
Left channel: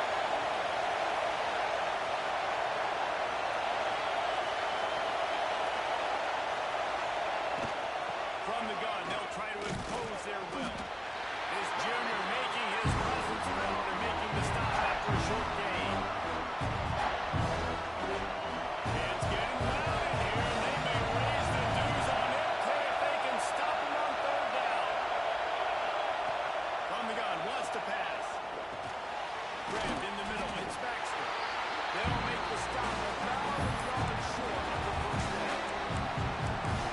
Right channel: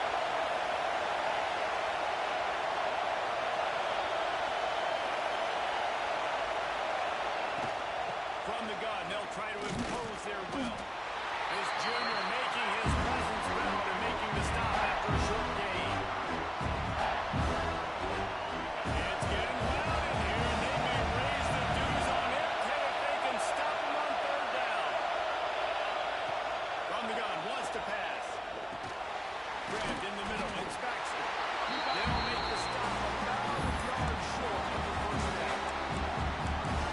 From the gun, they'll try to impose their will. This junior making his presence felt and making the stop after a short gain. It's getting loud in here, and they may raise the dues on it if they can stop him on 3rd down. From the gun, wants to pass. Grabbed in the middle, it's Baxter. They'll make the stop about a yard short of the 1st down.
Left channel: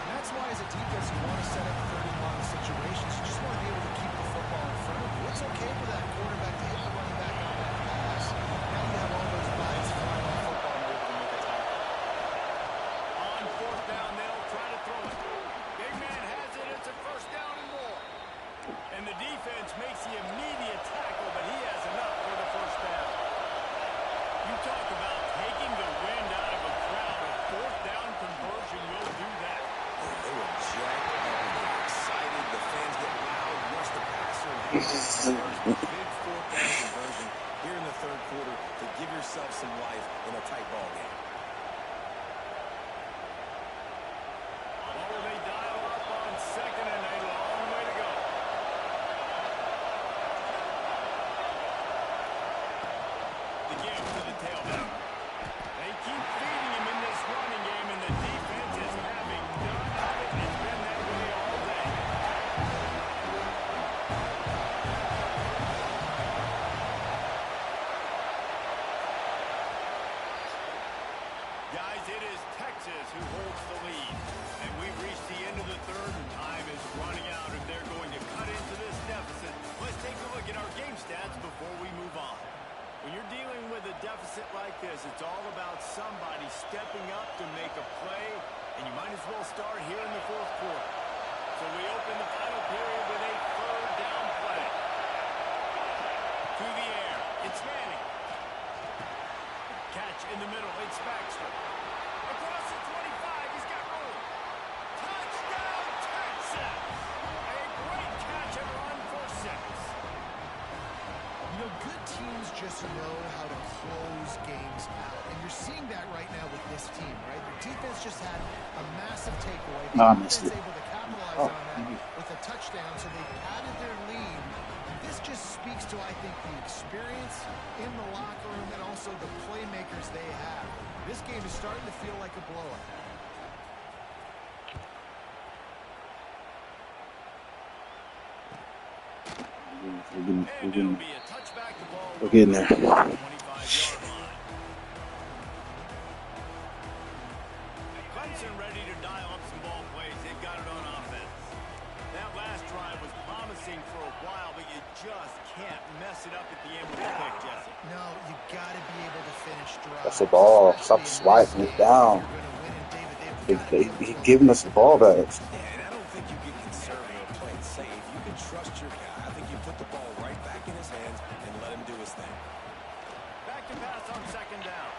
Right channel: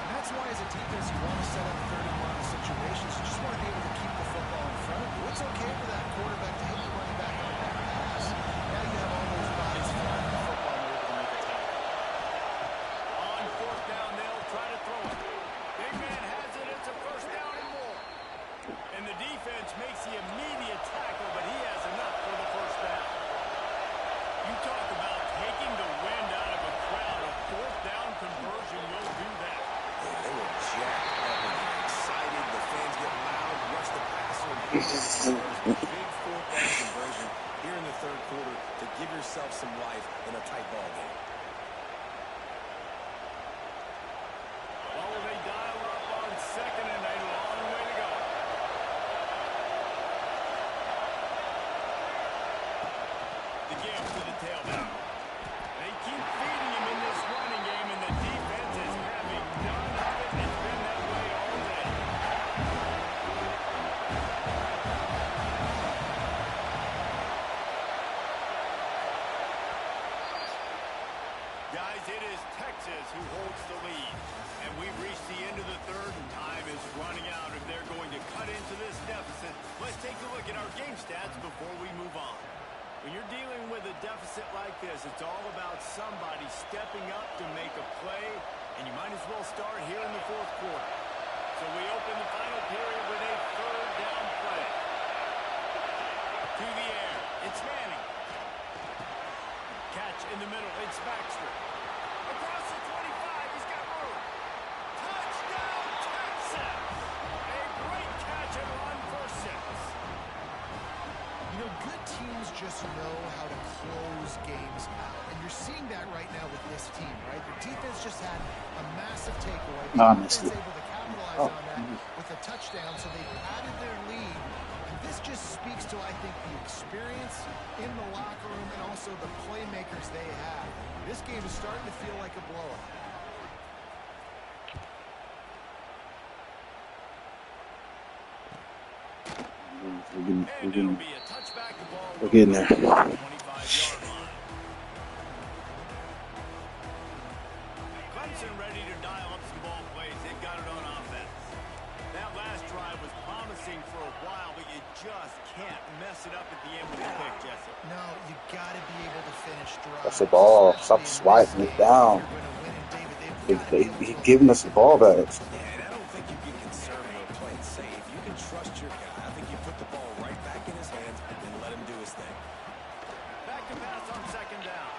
That's why, as a defense, you want to set up 3rd and long situations. You just want to be able to keep the football in front of you. It's okay for that quarterback to hit the running back on that pass. Now you have all those bodies flying the football and you're able to make a tackle. On 4th down, they'll try to throw it. Big man has it. It's a 1st down and more. And the defense makes the immediate tackle, but he has enough for the 1st down. You talk about taking the wind out of a crowd. A 4th down conversion will do that. Yeah, they were jacked up in here, excited. The fans get loud, rush the passer, and hit him with the conversion. Big fourth down conversion here in the third quarter to give yourself some life in a tight ball game. Well, they dial up on second and a long way to go. The give to the tailback. They keep feeding him in this running game, and the defense is having none of it. It's been that way all day. Guys, it is Texas who holds the lead. And we've reached the end of the third, and time is running out if they're going to cut into this deficit. Let's take a look at our game stats before we move on. When you're dealing with a deficit like this, it's all about somebody stepping up to make a play, and you might as well start here in the fourth quarter. So we open the final period with a third down play. To the air, it's Manning. Catch in the middle, it's Baxter. Across the 25, he's got room. Touchdown, Texas! A great catch and run for 6. You know, good teams just know how to close games out. And you're seeing that right now with this team, right? The defense just had a massive takeaway. The offense able to capitalize on that with a touchdown, so they padded their lead. And this just speaks to, I think, the experience in the locker room and also the playmakers they have. This game is starting to feel like a blowout. We're getting there. Clemson ready to dial up some ball plays. They've got it on offense. That last drive was promising for a while, but you just can't mess it up at the end with a pick, Jesse. No, you got to be able to finish drives. That's the ball. Stop swiping it down. He's giving us the ball back. Yeah, and I don't think you get conservative or play it safe. You can trust your guy. I think you put the ball right back in his hands and let him do his thing. Back to pass on second down.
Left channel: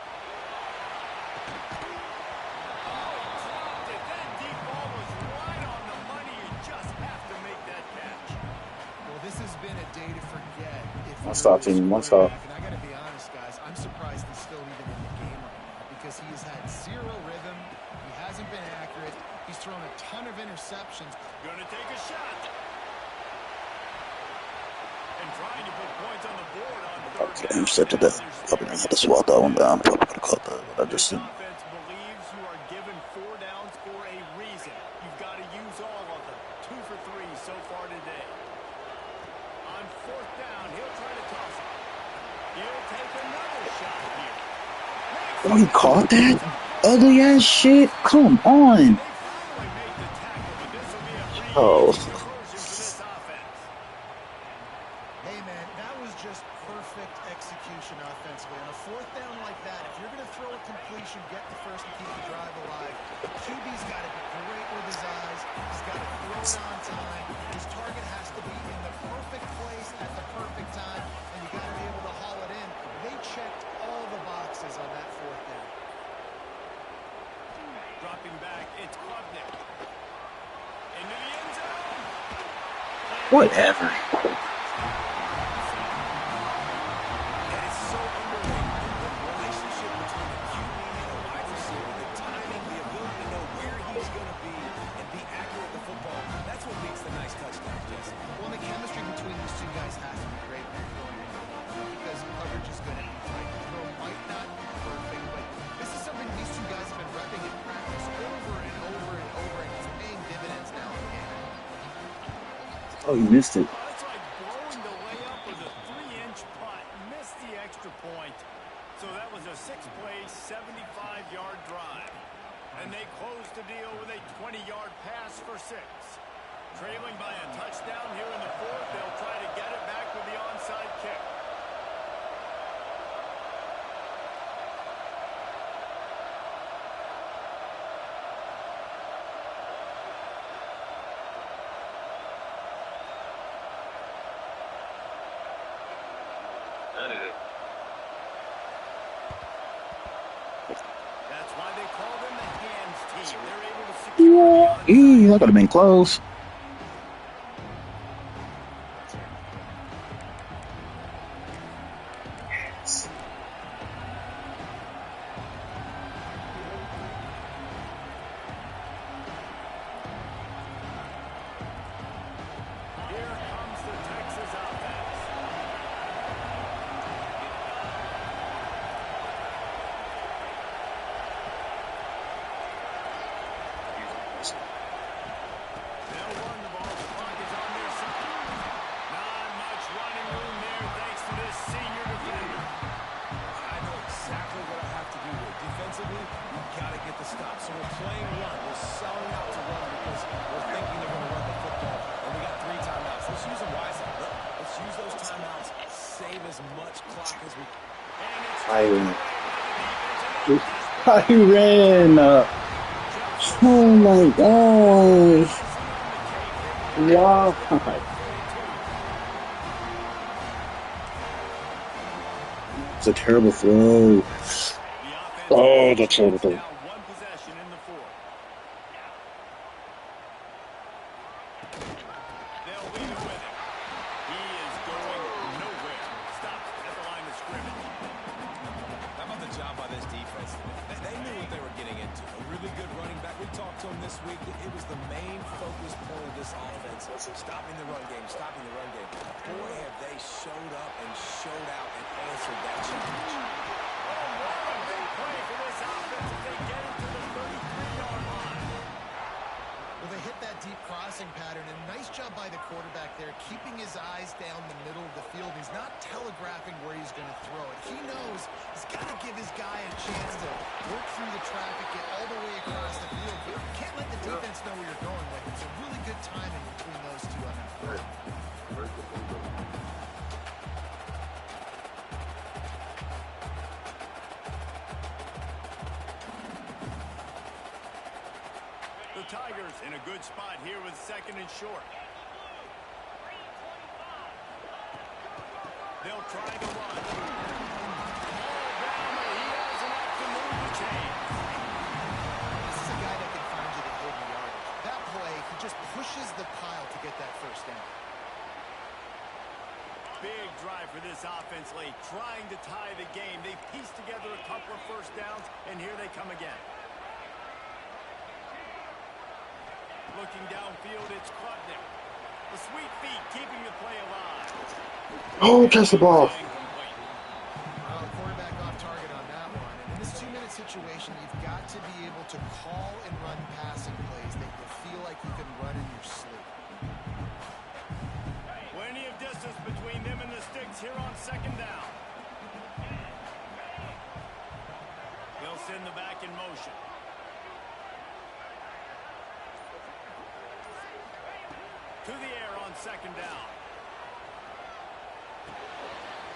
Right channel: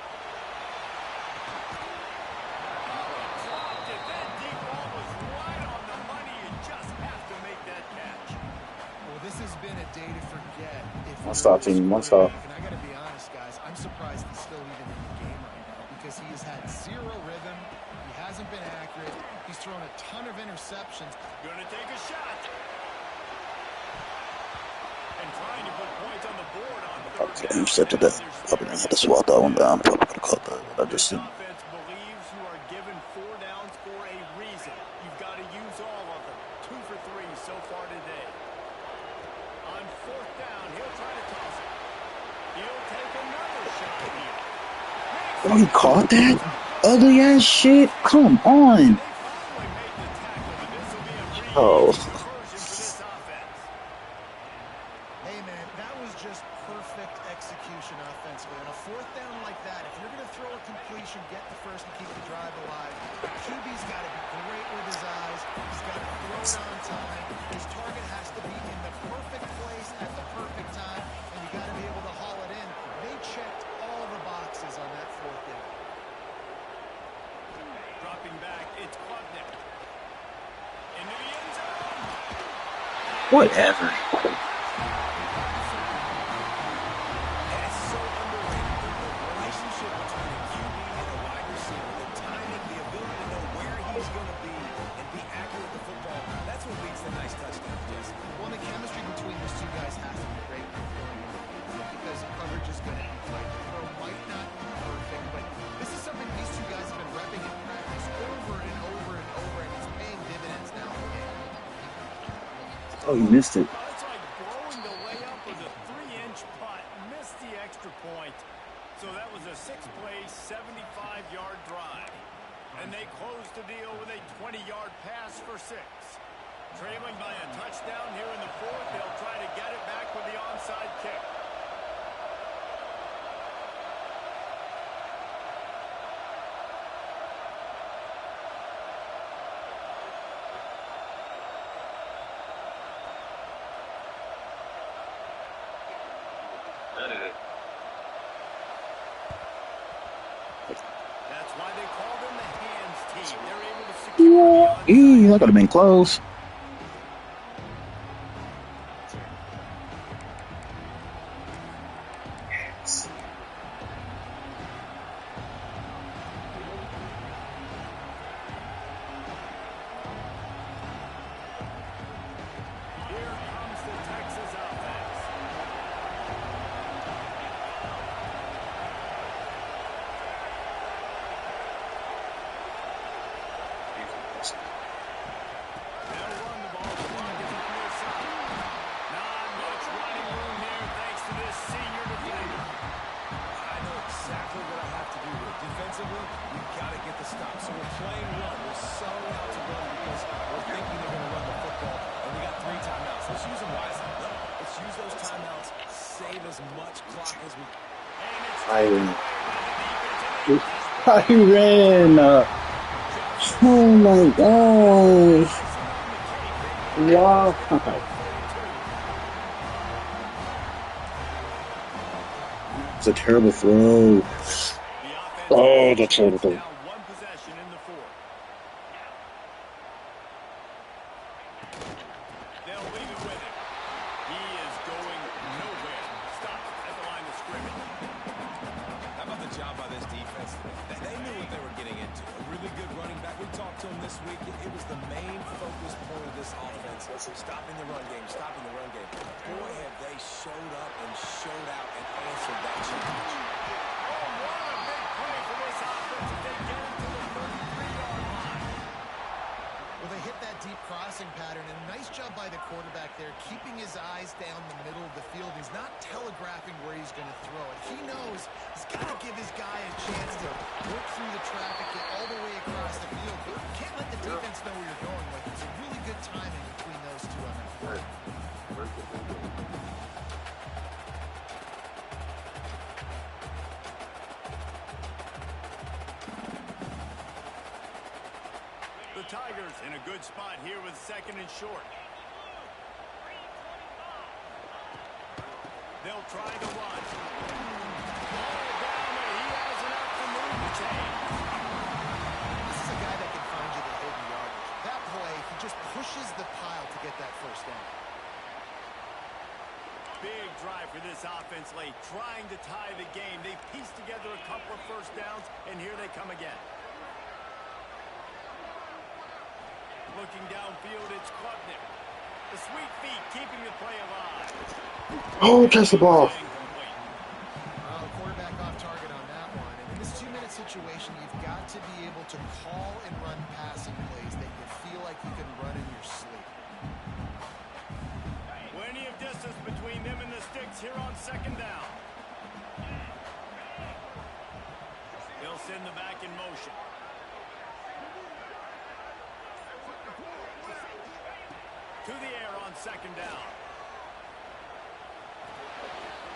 Oh, he dropped it. That deep ball was right on the money. You just have to make that catch. Well, this has been a day to forget. One stop, team. One stop. And I got to be honest, guys, I'm surprised he's still even in the game right now because he has had zero rhythm. He hasn't been accurate. He's thrown a ton of interceptions. Gonna take a shot. And trying to put points on the board on third down. Intercepted that. Probably gonna have to swat that one down. Probably could have caught that. What I just This seen. offense believes you are given 4 downs for a reason. You've got to use all of them. 2 for 3 so far today. On fourth down, he'll try to toss it. He'll take another shot here. Oh, he caught that? Ugly ass shit. Come on. They finally made the tackle, but this will be a pretty Oh. easy conversion for this offense. Hey, man, that was just perfect execution offensively. On a fourth down like that, if you're going to throw a completion, get the first and keep the drive alive, QB's got to be great with his eyes. He's got to throw it on time. His target has to be in the perfect place at the perfect time, and you got to be able to haul it in. They checked all the boxes on that fourth down. Dropping back, it's Klubnik. Into the end zone. Whatever. And it's so underrated. The relationship between a QB and a wide receiver, the timing, the ability to know where he's going to be and be accurate with the football, that's what leads to nice touchdowns, Jesse. Well, the chemistry between these two guys has to be great when you're throwing in because coverage is going to be tight. The throw might not be perfect, but this is something these two guys have been repping in practice over and over and over, and it's paying dividends now in the game. Oh, you missed it. It's like blowing the layup with a 3-inch putt. Missed the extra point. So that was a 6-play, 75-yard drive. And they closed the deal with a 20-yard pass for 6. Trailing by a touchdown here in the fourth, they'll try to get it back with the onside kick. That's why they call them the hands team. team. They're able to secure the onside. That could have been close. Here comes the Texas offense. They'll run the ball. The clock is on their side. Not much running room there thanks to this senior defender. I know exactly what I have to do here. Defensively, we've got to get the stop. So we're playing run. We're selling out to run because we're thinking they're going to run the football. And we got 3 timeouts. Let's use them wisely. Let's use those timeouts. Save as much clock as we can. And it's Tyron. Tyron. Oh my gosh. Wow. It's a terrible throw. Oh, that's terrible. Now one possession in the 4th. They'll leave it with him. He is going nowhere. Stops at the line of scrimmage. How about the job by this defense today? They knew what they were getting into. A really good running back. We talked to him this week. It was the main focus point of this offense. Stopping the run game, stopping the run game. Boy, have they showed up and showed out and answered that challenge. Oh, what a big play for this offense as they get into the 33-yard line. Well, they hit that deep crossing pattern, and nice job by the quarterback there, keeping his eyes down the middle of the field. He's not telegraphing where he's going to throw it. He knows he's got to give his guy a chance to work through the traffic, get all the way across the field. You can't let the defense know where you're going with it. It's a really good timing between those two on that play. The Tigers in a good spot here with 2nd and short. They'll try to run. All down, but he has enough to move the chains. This is a guy that can find you the hidden yardage. That play, he just pushes the pile to get that first down. Big drive for this offense late, trying to tie the game. They pieced together a couple of first downs, and here they come again. Looking downfield, it's Klubnik. The sweet feet keeping the play alive. Oh, catch the ball. Well, the quarterback off target on that one. And in this 2-minute situation, you've got to be able to call and run passing plays that you feel like you can run in your sleep. Plenty of distance between them and the sticks here on 2nd down. They'll send the back in motion. To the air on 2nd down.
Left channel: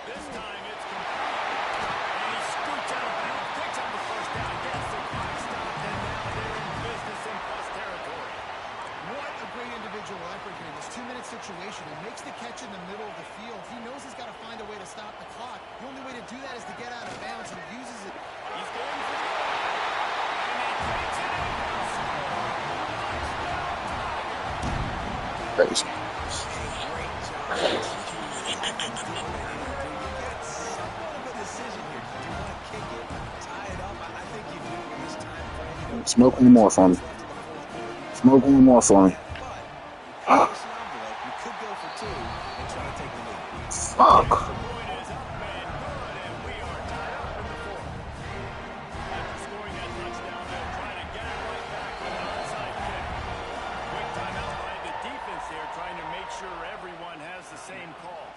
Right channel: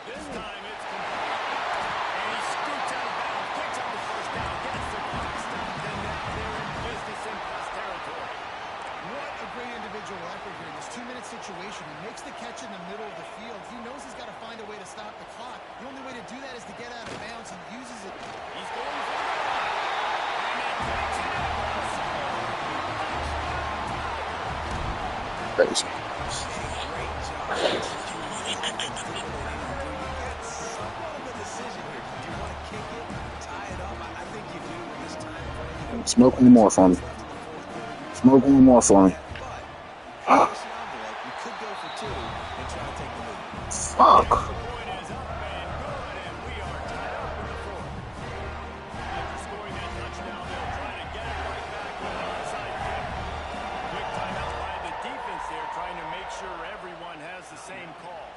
This time it's complete. And he scoots out of bounds, picks up the first down, gets the clock stopped, and now they're in business in plus territory. What a great individual effort here in this 2-minute situation. He makes the catch in the middle of the field. He knows he's got to find a way to stop the clock. The only way to do that is to get out of bounds, and uses it. He's going for the goal line. And he takes it out for a score. Touchdown, Tiger. Crazy. Great job executing the offense, doing what they need to do. You get somewhat of a decision here. Do you want to kick it, tie it up? I think you do in this time frame. Smoke one more for me. Smoke one more for me. But in this envelope, you could go for 2 and try to take the lead. Fuck. The point is up and good, and we are tied up in the 4th. After scoring that touchdown, they'll try to get it right back with an onside kick. Quick timeout by the defense there, trying to make sure everyone has the same call.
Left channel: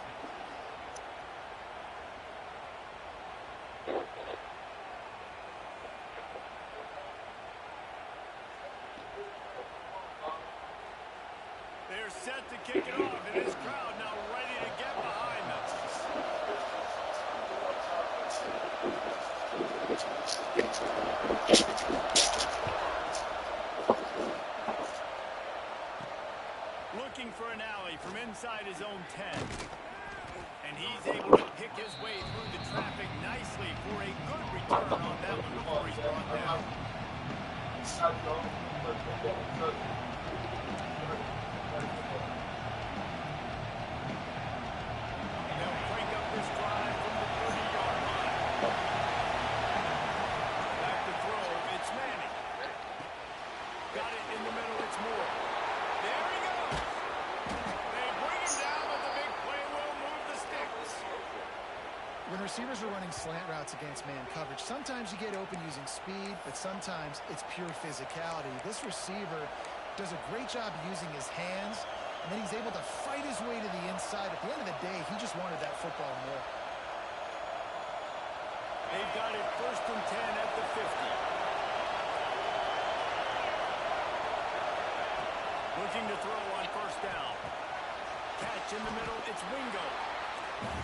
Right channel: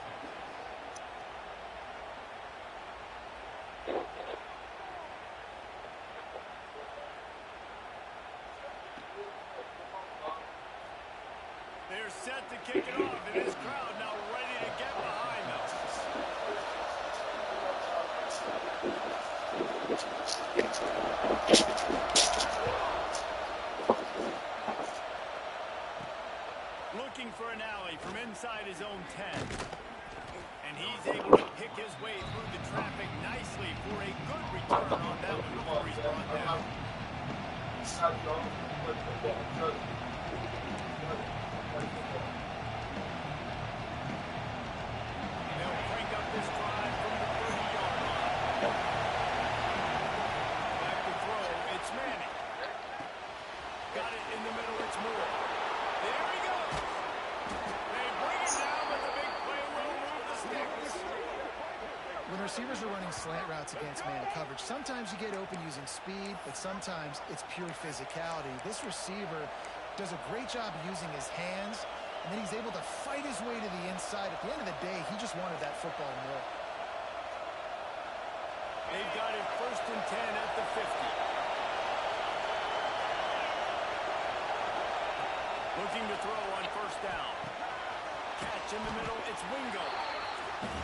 They're set to kick it off, and this crowd now ready to get behind them. Looking for an alley from inside his own 10. And he's able to pick his way through the traffic nicely for a good return on that one before he's brought down. They'll crank up this drive from the 30-yard line. Back to throw, it's Manning. Got it in the middle, it's Moore. There he goes. They bring him down, but the big play will move the sticks. When receivers are running slant routes against man coverage, sometimes you get open using speed, but sometimes it's pure physicality. This receiver does a great job using his hands, and then he's able to fight his way to the inside. At the end of the day, he just wanted that football more. They've got it 1st and 10 at the 50. Looking to throw on 1st down. Catch in the middle, it's Wingo.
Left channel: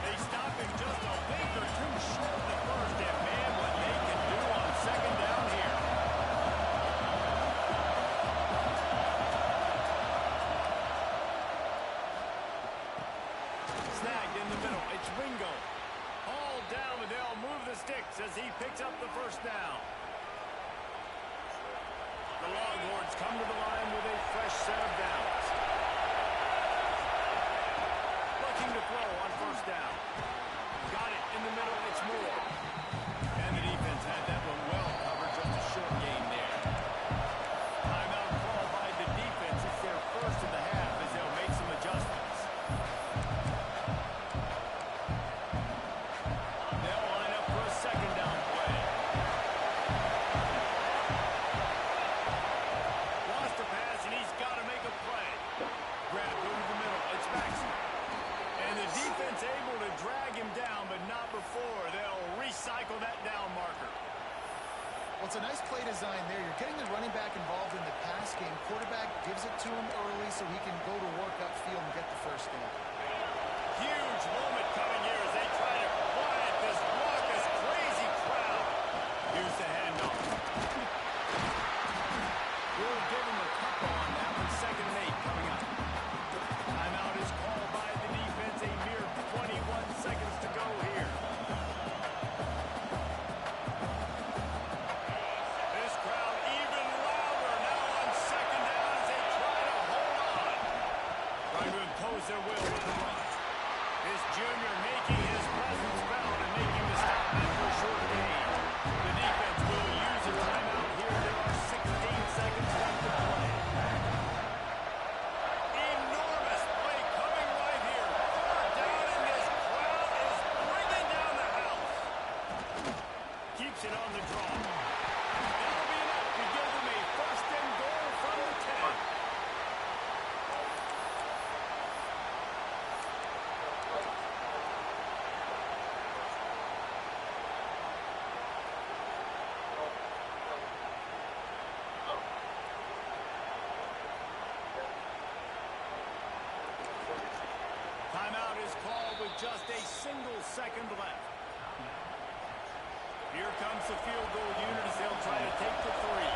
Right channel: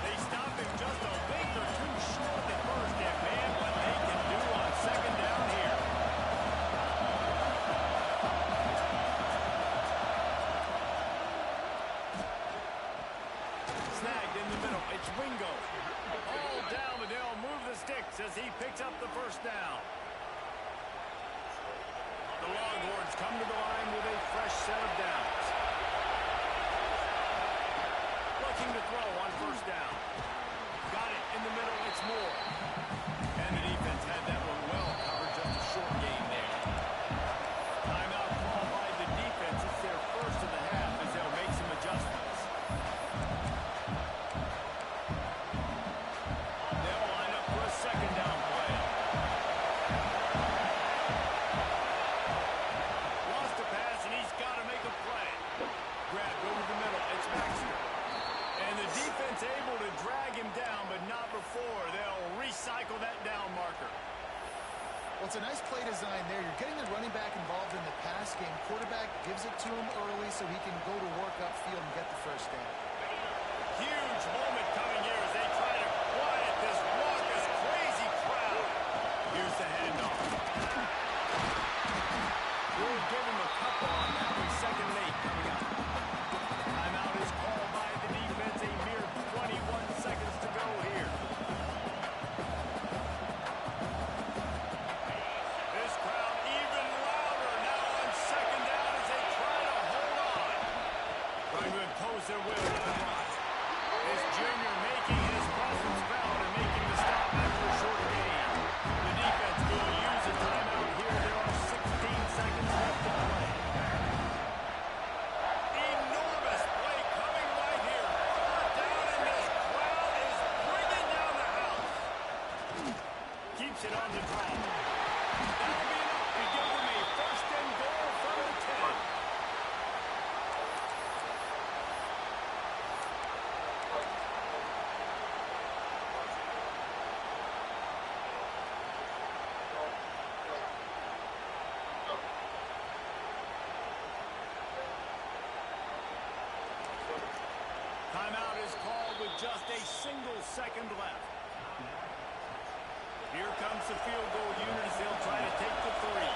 They stop him just a length or two short of the 1st, and man, what they can do on 2nd down here. Snagged in the middle, it's Wingo. All down, but they'll move the sticks as he picks up the 1st down. The Longhorns come to the line with a fresh set of downs. Looking to throw on 1st down. Got it in the middle, it's Moore. And the defense had that one well covered, just a short gain there. Timeout called by the defense. It's their 1st of the half as they'll make some adjustments. They'll line up for a 2nd down play. Lost a pass, and he's got to make a play. Grabbed over the middle, it's Baxter. And the defense able to drag him down, but not before. They'll recycle that down marker. Well, it's a nice play design there. You're getting the running back involved in the pass game. Quarterback gives it to him early so he can go to work upfield and get the 1st down. Huge moment coming here as they try to quiet this raucous, crazy crowd. Here's the handoff. We'll give him a couple on that one. 2nd and 8 coming up. Timeout is called by the defense. A mere 21 seconds to go here. This crowd even louder now on 2nd down as they try to hold on. Trying to impose their will with the run. This junior making his presence felt and making the stop after a short gain. The defense will use a timeout here. There are 16 seconds left to play. Enormous play coming right here. 3rd down, and this crowd is bringing down the house. Keeps it on the draw. That'll be enough to give them a 1st and goal from the 10. Timeout is called with just a single second left. Here comes the field goal unit as they'll try to take the 3.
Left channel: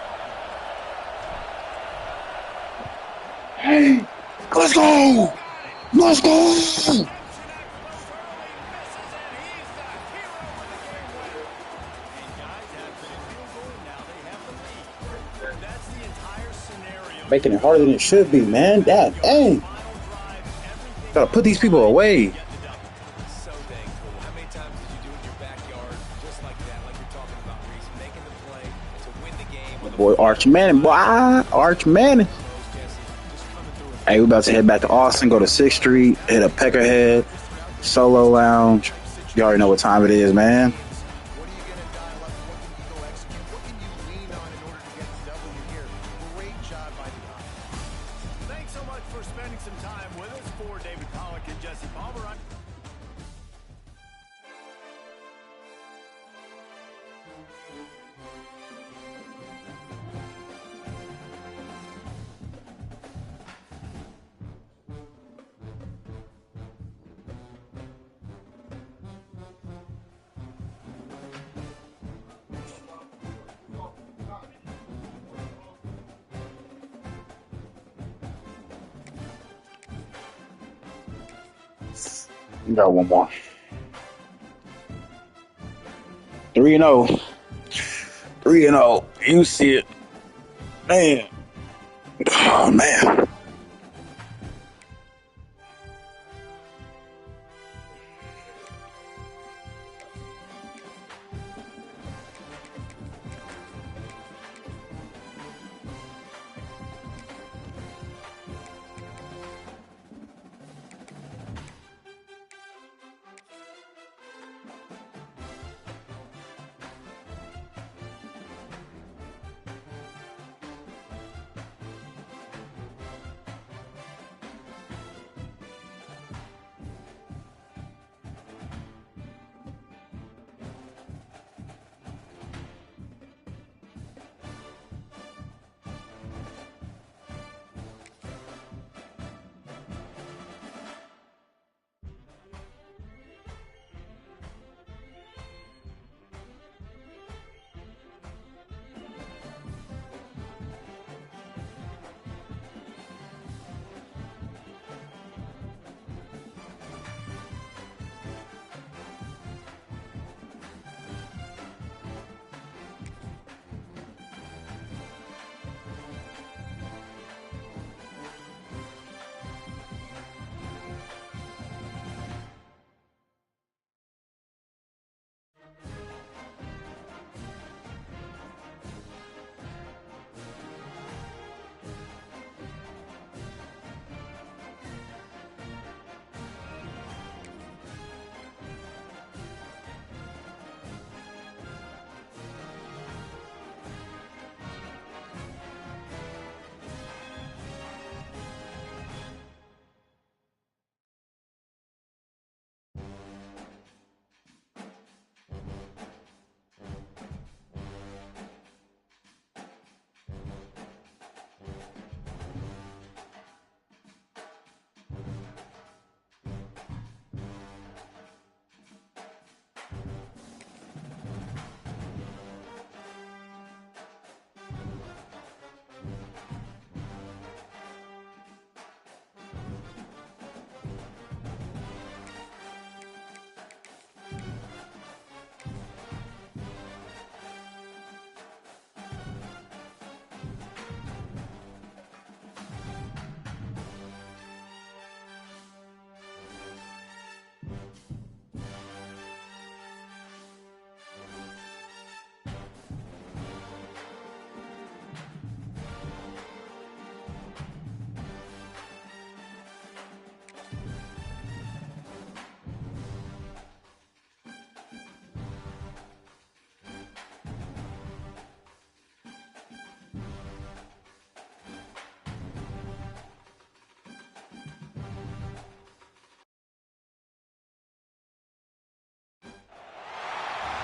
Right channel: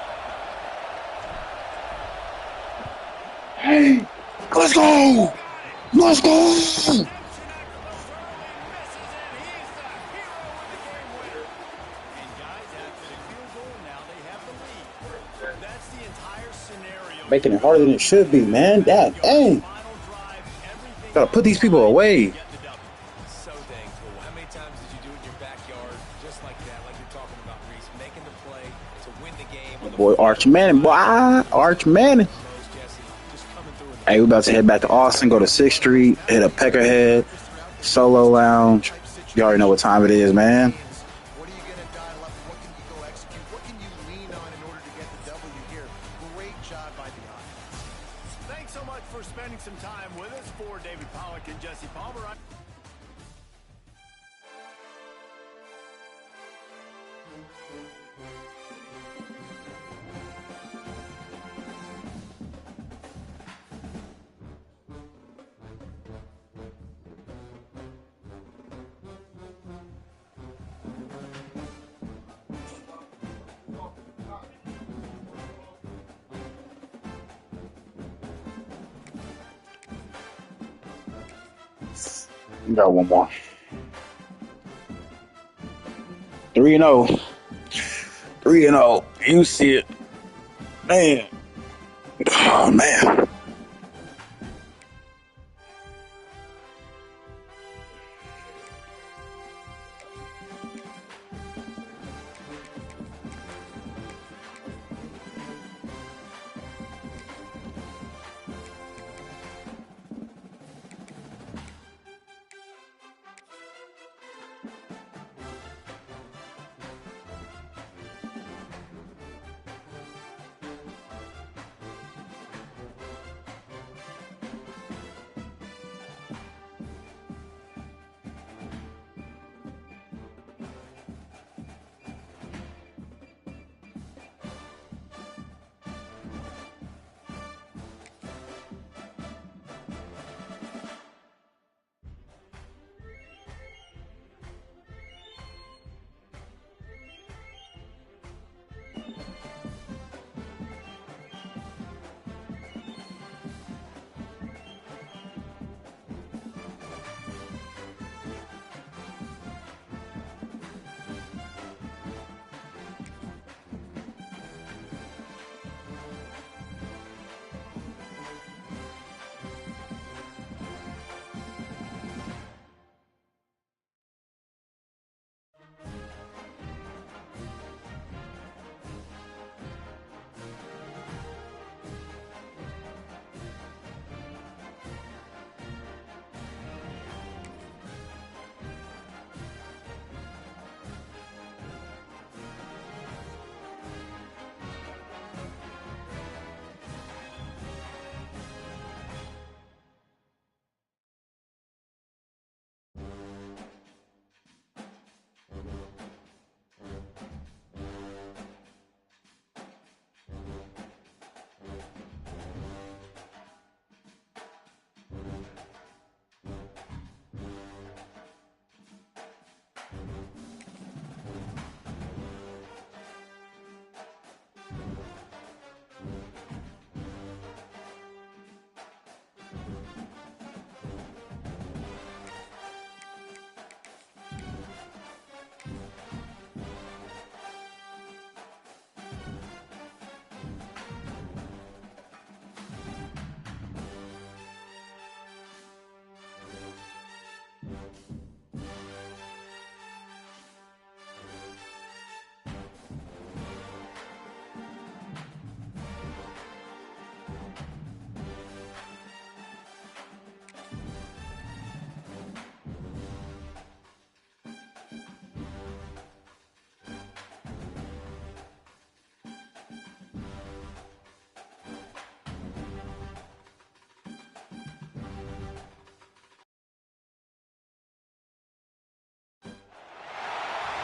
Hey, let's go! Let's go! Redemption after those early misses, and he's the hero with the game winner. And guys, after the field goal, now they have the lead. That's the entire scenario. Making it harder than it should be, man. Dang. Final drive, everything. Gotta put these people away. So dang cool. How many times did you do it in your backyard just like that, like you're talking about, Reese, making the play to win the game? On the Boy, Arch Manning, boy. Arch Manning. Jesse, just coming through and Hey, we about to head back to Austin, go to 6th Street, hit a Peckerhead, Solo Lounge. You already know what time it is, man. What are you going to dial up? What can you go execute? What can you lean on in order to get the W here? Great job by the offense. Thanks so much for spending some time with us. For David Pollack and Jesse Palmer, We got one more. 3-0. 3-0. You see it. Man. Oh, man.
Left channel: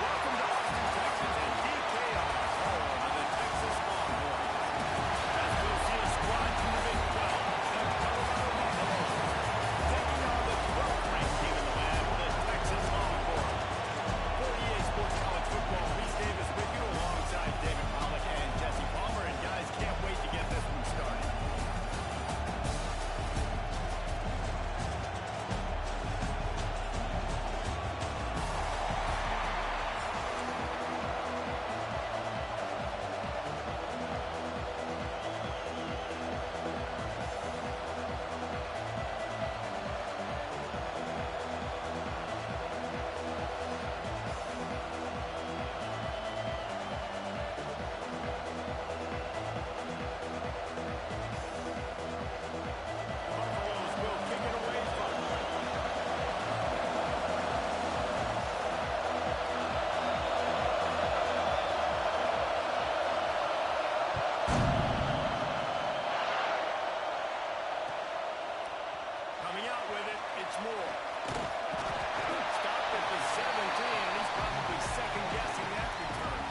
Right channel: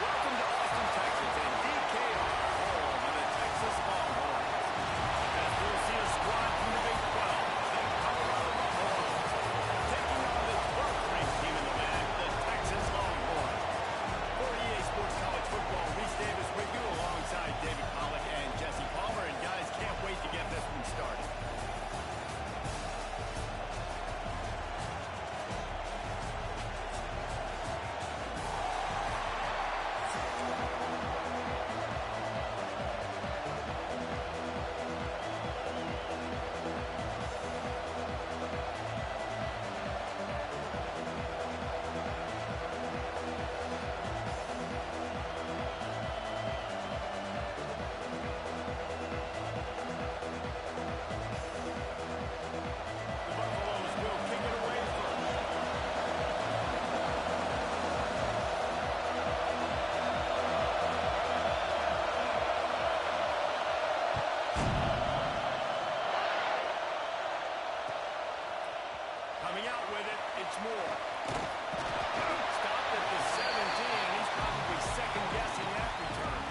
Welcome to Austin, Texas, and DKR, home of the Texas Longhorns. As we'll see a squad from the Big 12, the Colorado Buffaloes, taking on the 12th-ranked team in the land, the Texas Longhorns. For EA Sports College Football, Reese Davis with you alongside David Pollack and Jesse Palmer. And guys, can't wait to get this one started. The Buffaloes will kick it away first. Coming out with it, it's Moore. Stopped at the 17, and he's probably second-guessing that return.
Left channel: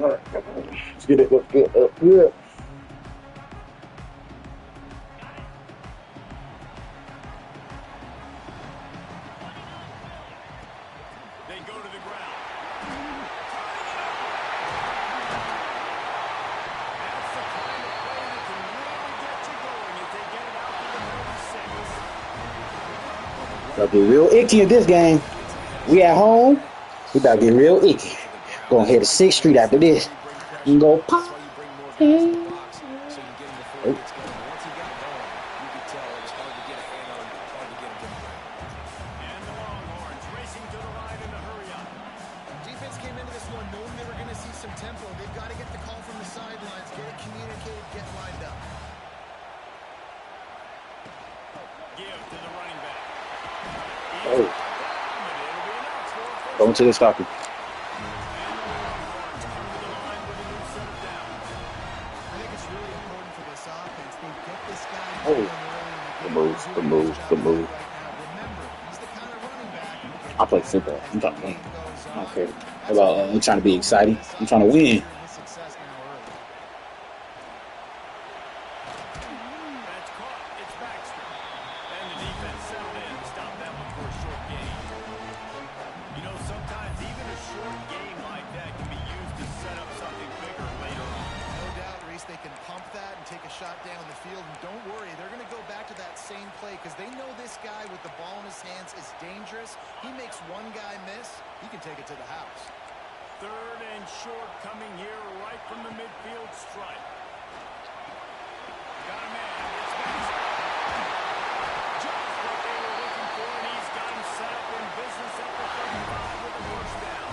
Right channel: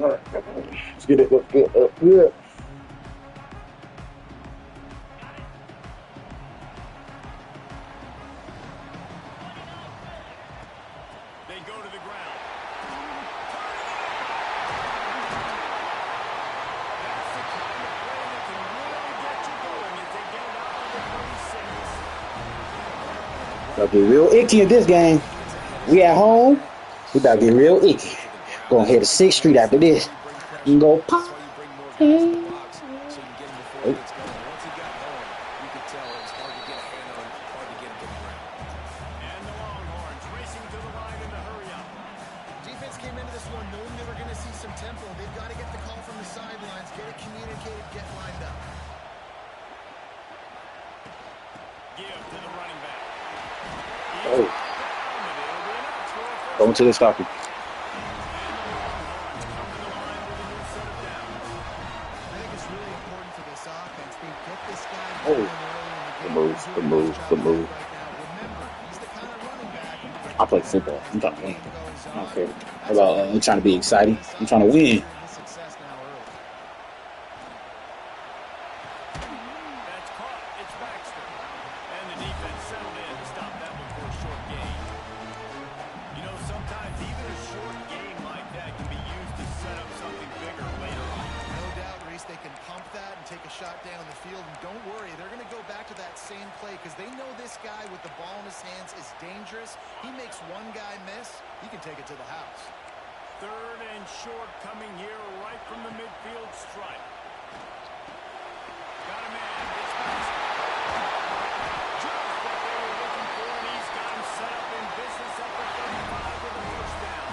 All right. Let's get it. Let's get up here. Gonna get real icky in this game. We at home. We about to get real icky. Gonna head to 6th Street after this. You can go pop. That's why you bring more guys in the box so you can get him before he gets going. Once he got going, you could tell it was hard to get a hand on him, hard to get him to the ground. And the Longhorns racing to the line in the hurry up. Defense came into this one knowing they were going to see some tempo. They've got to get the call from the sidelines, get it communicated, get lined up. Give to the running back. Oh. Down, but it'll be enough for a first Going to the stopper. And the Longhorns come to the line with a new set of downs. I think it's really important for this offense. They get this guy Oh. going early in the game. Good move, They're good doing a move, nice job good of that move. right now. Remember, he's the kind of running back who gets I play better football. as I'm the trying to win. game goes I don't on. care That's about what they trying to be do exciting. this I'm trying to offense. win. They're seeing this success now early. That's caught. It's Baxter. And the defense settled in to stop that one for a short gain. You know, sometimes even a short gain like that can be used to set up something bigger later on. No doubt, Reese, they can pump that and take a shot down the field. And don't worry, they're going to go back to that same play because they know this guy with the ball in his hands is dangerous. He makes one guy miss, he can take it to the house. 3rd and short coming here right from the midfield stripe. Got a man. It's Baxter. Just what they were looking for, and he's got him set up in business at the 35 with a first down.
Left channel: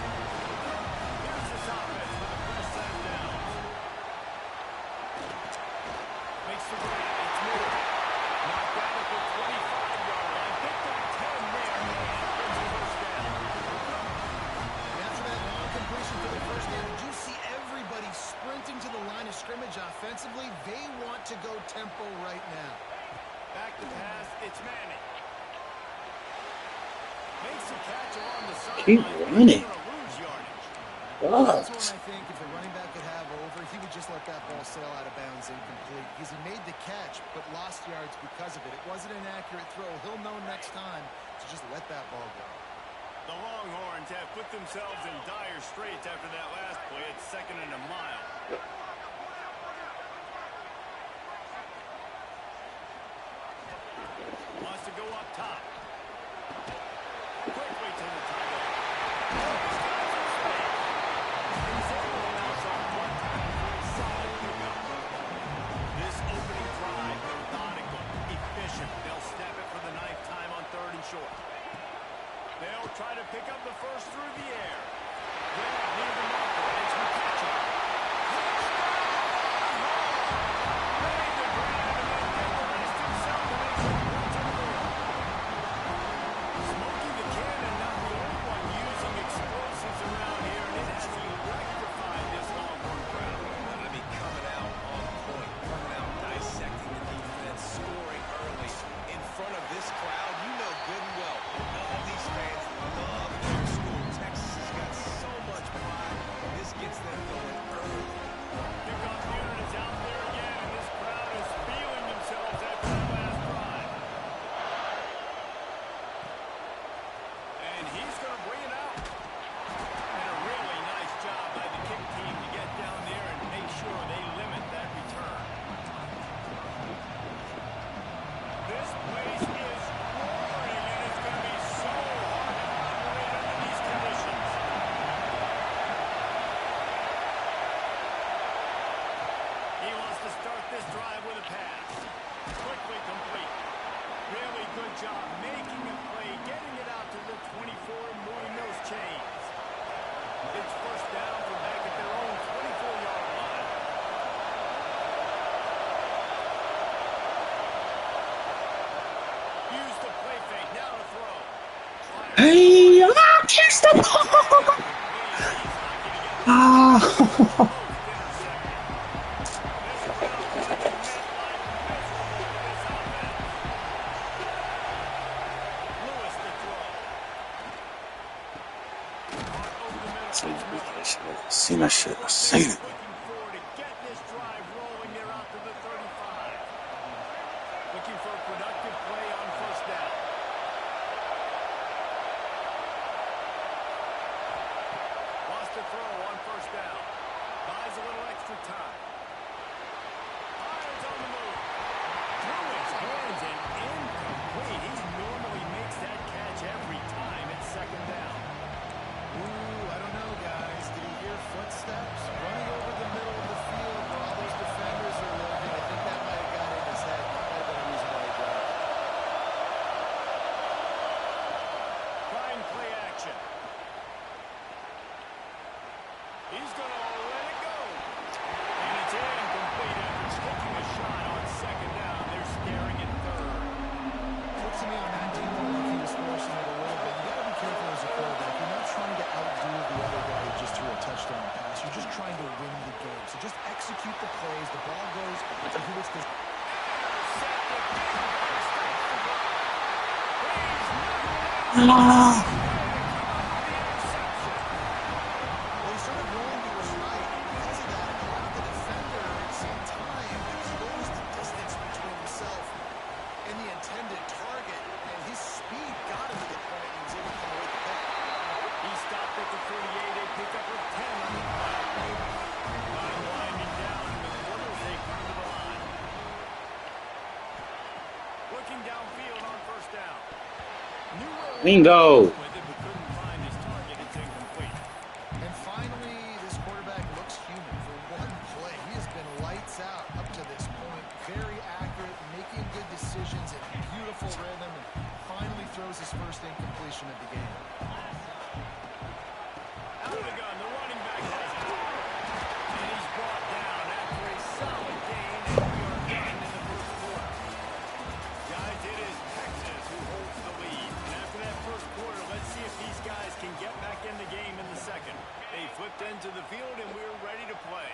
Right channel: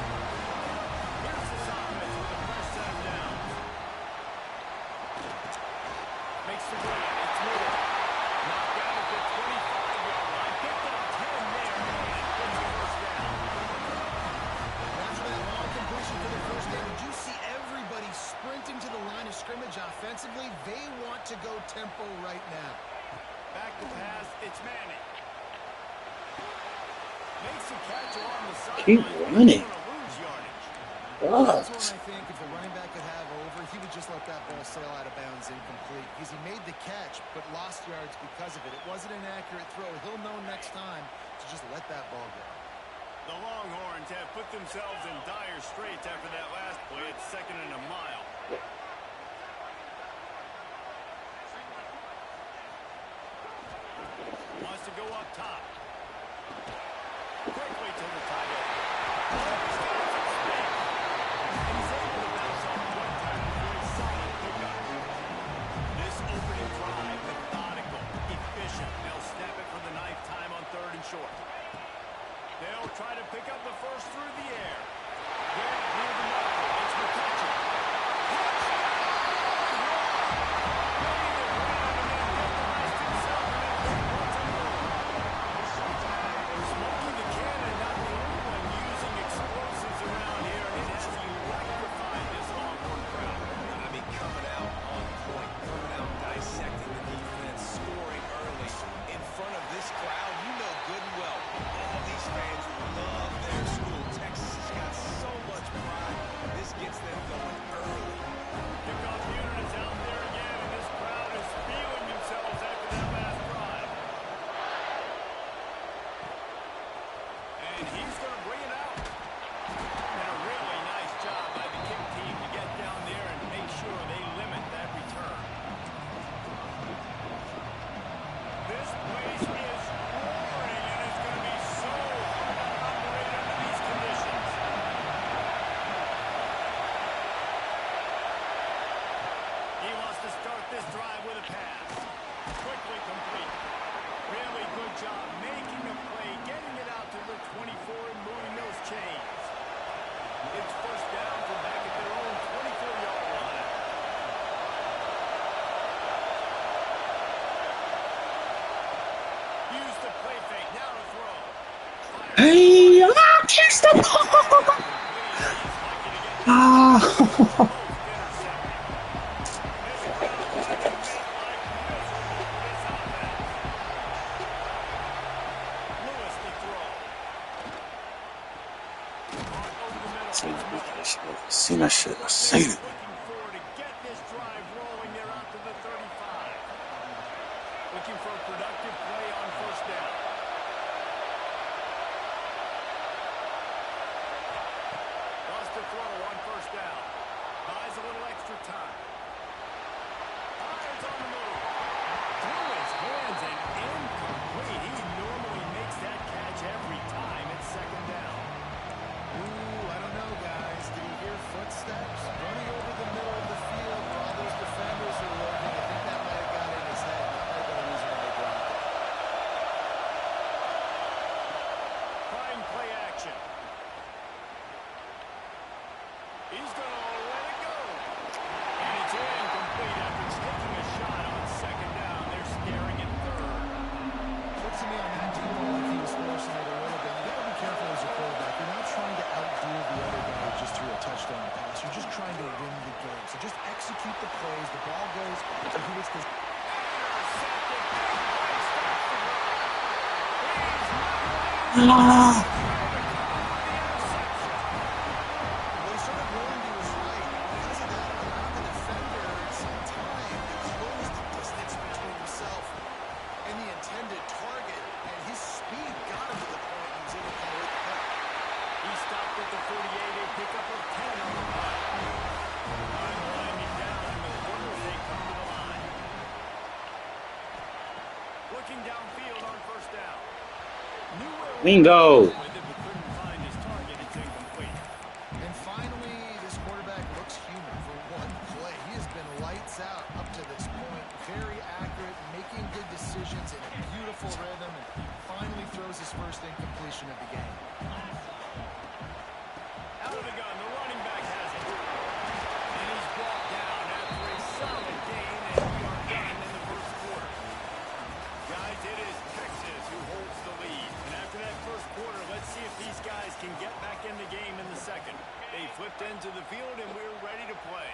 Here's this offense with a fresh set of downs. Makes the grab. It's Moore. Knocked out at the 25-yard line. Picked up 10 there and gets a first down. And after that long completion for the first down, did you see everybody sprinting to the line of scrimmage offensively? They want to go tempo right now. Back to pass. It's Manning. Makes a catch along the sideline. Keep running. He's gonna lose yardage. That's God. one I think if the running back could have over, he would just let that ball sail out of bounds incomplete because he made the catch but lost yards because of it. It wasn't an accurate throw. He'll know next time to just let that ball go. The Longhorns have put themselves in dire straits after that last play. It's 2nd and a mile. Wants to go up top. Quickly to the tight end. Oh, he's got some space. And he's able to bounce off one time for a solid pickup. This opening drive, methodical, efficient. They'll snap it for the 9th time on 3rd and short. They'll try to pick up the first through the air. Grab near the marker. It's McCutcheon. Touchdown! Made the grab and then did the rest himself to make it points on the board. Smokey the Cannon, not the only one using explosives around here, and it has electrified this Longhorn crowd. I mean, coming out on point, coming out dissecting the defense, scoring early in front of this crowd. You know good and well, all these fans love their school. Texas has got so much pride. This gets them going early. Kickoff unit is out there again, and this crowd is feeling themselves after that last drive. And he's going to bring it out. And a really nice job by the kick team to get down there and make sure they limit that return. This place is roaring, and it's going to be so hard to operate under these conditions. He wants to start this drive with a pass. Quickly complete. Really good job making a play, getting it out to the 24 and moving those chains. It's first down from back at their own 24-yard line. Use the play fake. Now to throw. Hey, catch the ball. He's lucky to get Ah. both intercepted. This crowd finding midlife miserable for this offense. Lewis to throw. Caught over the middle. It's Miller. Seen that shit. I seen it. Looking forward to get this drive rolling. They're out to the 35. Looking for a productive play on first down. Wants to throw on first down. By execute the plays. The ball goes to who it's designed. Intercepted. Big play stops the drive. He's not Ah. ready to come up with the interception. Well, he sort of rolling to his right. Because of that, allowed the defender some time to close the distance between himself and the intended target. And his speed got him to the point he was able to come away with the pick. He stopped at the 48, a pickup of 10 on the play. Time winding down in the quarter as they come to the line. Looking downfield on first down. Knew where Bingo. with it, but couldn't find his target. It's incomplete. And finally, this quarterback looks human for one play. He has been lights out up to this point. Very accurate, making good decisions in a beautiful rhythm, and finally throws his first incompletion of the game. Out of the gun, the running back has it. And he's brought down after a solid gain, and we are done in the first quarter. Guys, it is Texas who holds the lead. And after that first quarter, let's see if these guys can get back in the game in the second. They flipped into the field, and we're ready to play.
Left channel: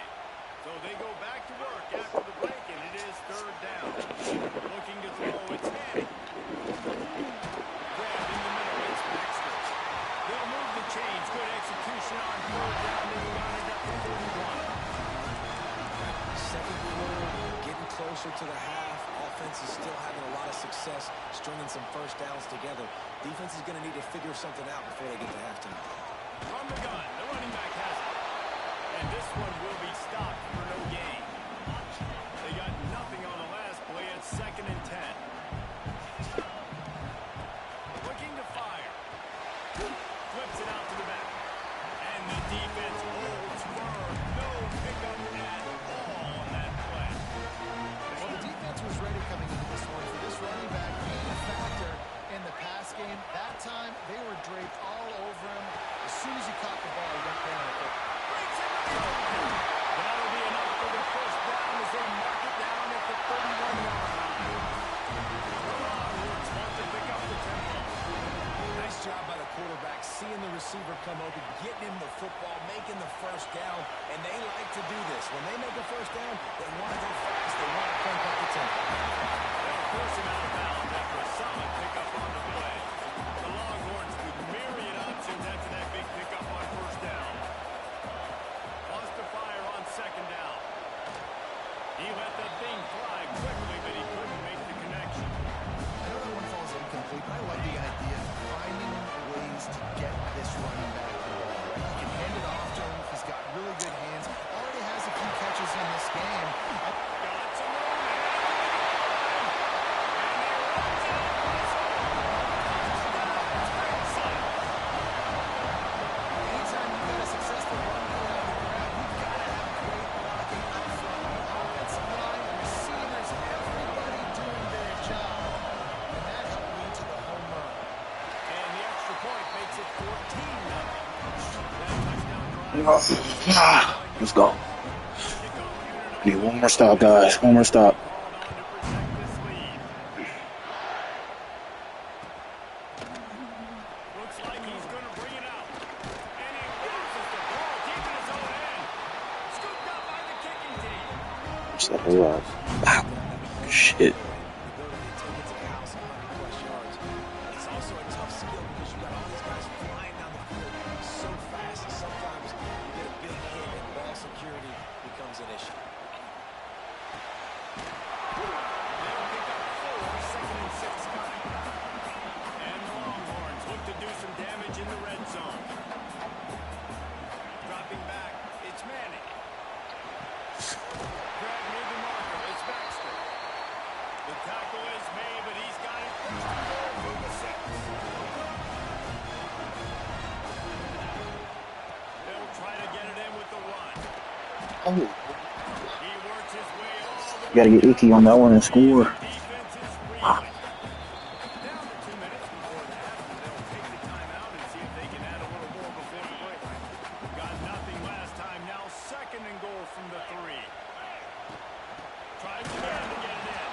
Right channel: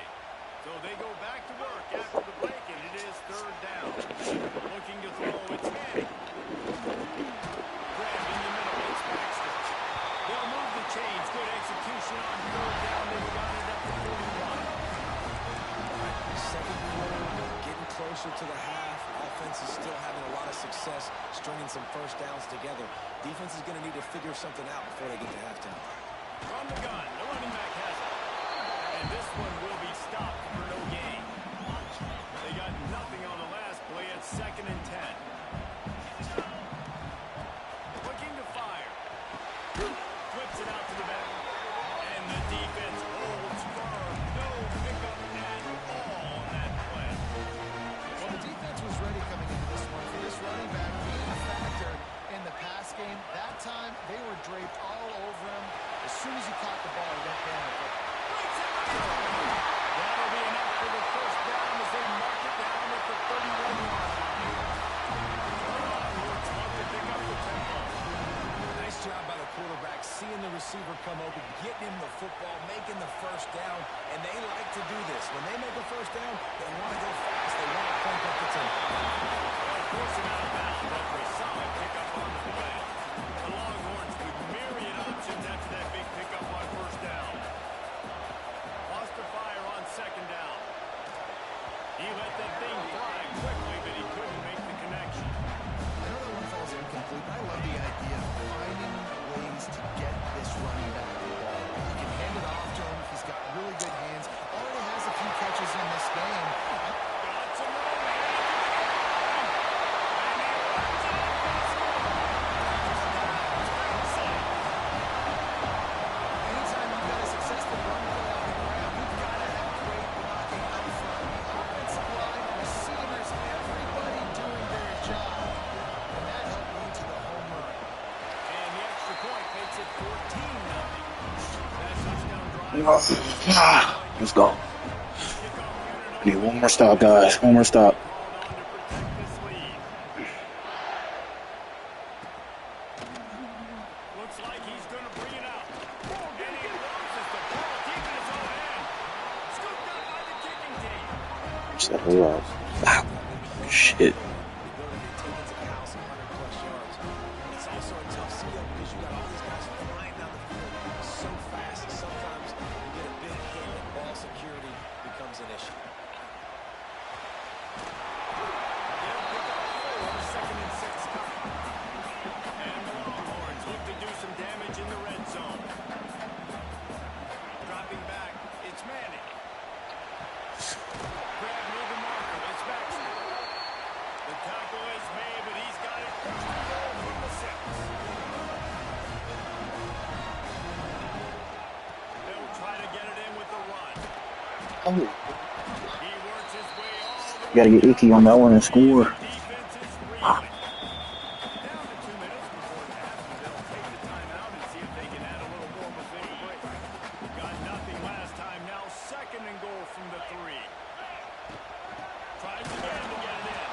So they go back to work after the break, and it is third down. Looking to throw, it's Manning. Grabbed in the middle, it's Baxter. They'll move the chains. Good execution on third down. They've got it up to 41. Second quarter, getting closer to the half. Offense is still having a lot of success stringing some first downs together. Defense is going to need to figure something out before they get to halftime. From the gun, the running back has it. And this one will be stopped for no gain. They got nothing on the last play at 2nd and 10. Looking to fire. Flips it out to the back. And the defense holds firm. No pickup at all on that play. Well, the defense was ready coming into this one for this running back being a factor in the pass game. That time, they were draped all over him. As soon as he caught the ball, he went down. But Breaks him to the open. That'll be enough for the first down as they mark it down at the 31-yard line. The Longhorns want to pick up the tempo. Nice job by the quarterback, seeing the receiver come open, getting him the football, making the first down, and they like to do this. When they make a first down, they want to go fast. They want to crank up the tempo. They'll force him out of bounds after a solid pickup on the play. The Longhorns with myriad options after that big pickup on first down. Lost to fire on second down. He let that thing fly quickly, but he couldn't make the connection. I know that one falls incomplete, but I love the idea of finding ways to get this running back the ball, right? You can hand it off to him. He's got really good hands. Already has a few catches in this game. Got some room, headed to the goal line. And he runs it in for the score. Touchdown, Texas. Anytime you've got a successful run play on the ground, you've got to have great blocking up front. The offensive line, the receivers, everybody doing their job. And that helped lead to the home run. And the extra point makes it 14-0. That touchdown drive. Let's go. I need one more stop, guys. One more stop. Called on to protect this lead. Looks like he's going to bring it out. And he loses the ball deep in his own end. Scooped up by the kicking team. What's that whole lot? Wow. Shit. The ability to take it to the house 100-plus yards. But it's also a tough skill because you got all these guys flying down the field so fast. Sometimes you get a big hit and ball security becomes an issue. They'll pick up 4, 2nd and 6 coming. And the Longhorns look to do some damage in the red zone. Dropping back, it's Manning. Grab near the marker, it's Baxter. The tackle is made, but he's got it first and goal from the 6. They'll try to get it in with the run. Oh. He works his way all the way. Gotta get icky on that one and score. Defense is reeling. Down to 2 minutes before the half, and they'll take the timeout and see if they can add a little more before the break. Got nothing last time. Now 2nd and goal from the 3. Tries again to get it in.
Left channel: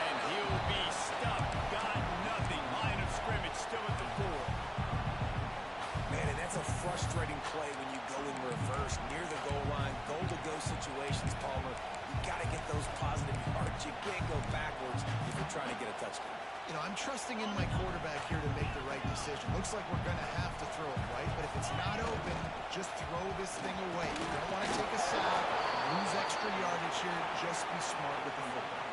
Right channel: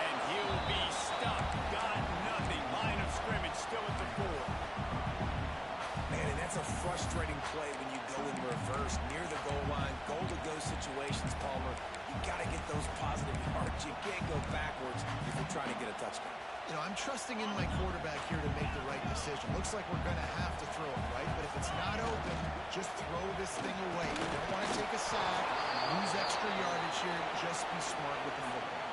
And he'll be stuck. Got nothing. Line of scrimmage still at the 4. Man, and that's a frustrating play when you go in reverse near the goal line. Goal-to-go situations, Palmer. You got to get those positive yards. You can't go backwards if you're trying to get a touchdown. You know, I'm trusting in my quarterback here to make the right decision. Looks like we're going to have to throw it, right? But if it's not open, just throw this thing away. You don't want to take a sack, lose extra yardage here. Just be smart with the football.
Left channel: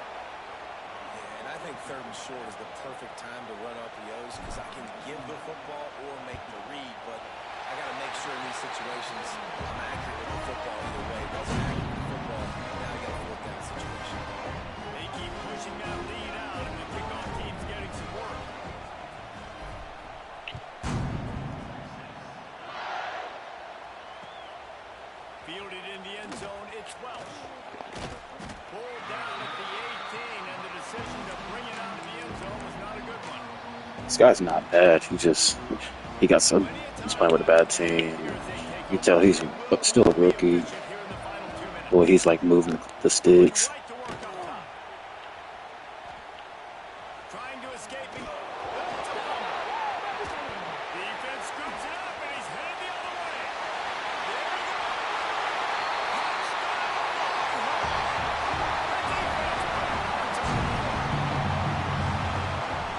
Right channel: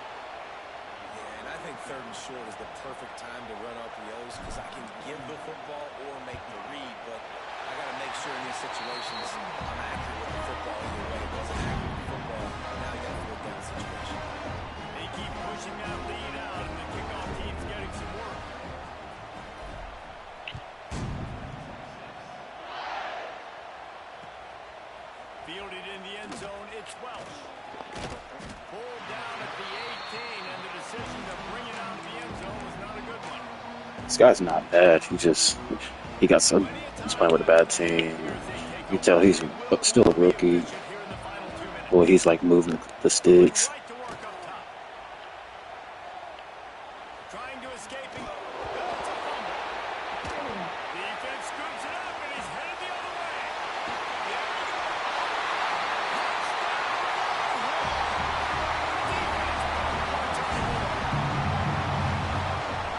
Yeah, and I think 3rd and short is the perfect time to run RPOs because I can give the football or make the read, but I got to make sure in these situations I'm accurate with the football either way. Wasn't accurate with the football, now you got a 4th down situation. They keep pushing that lead out, and the kickoff team's getting some work. Fielded in the end zone, it's Welsh. Pulled down at the 18, and the decision to bring it out of the end zone was not a good one. This guy's not bad. He got some. He's playing with a bad team. You tell he's still a rookie. Boy, he's like moving the sticks. Right to work up top. Trying to escape. That's a fumble. Defense scoops it up, and he's headed the other way. There he goes. Touchdown, Longhorn. The defense putting points on the board.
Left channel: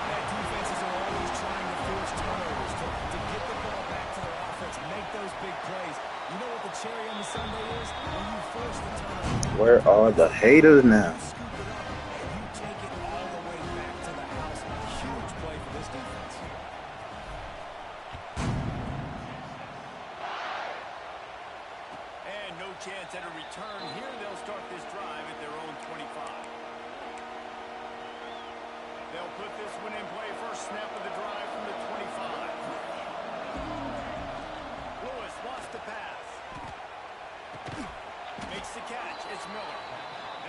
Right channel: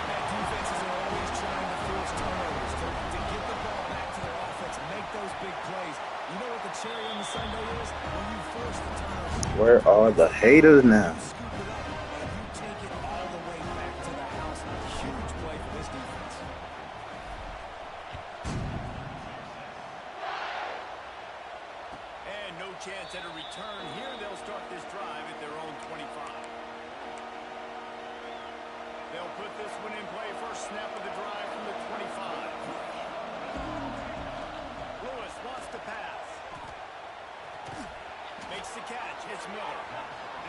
That defenses are always trying to force turnovers to get the ball back to their offense, make those big plays. You know what the cherry on the sundae is? When you force the turnover. Where are the haters now? You scoop it up, and you take it all the way back to the house. Huge play for this defense. And no chance at a return here. They'll start this drive at their own 25. They'll put this one in play. First snap of the drive from the 25. Lewis wants to pass. Makes the catch. It's Miller.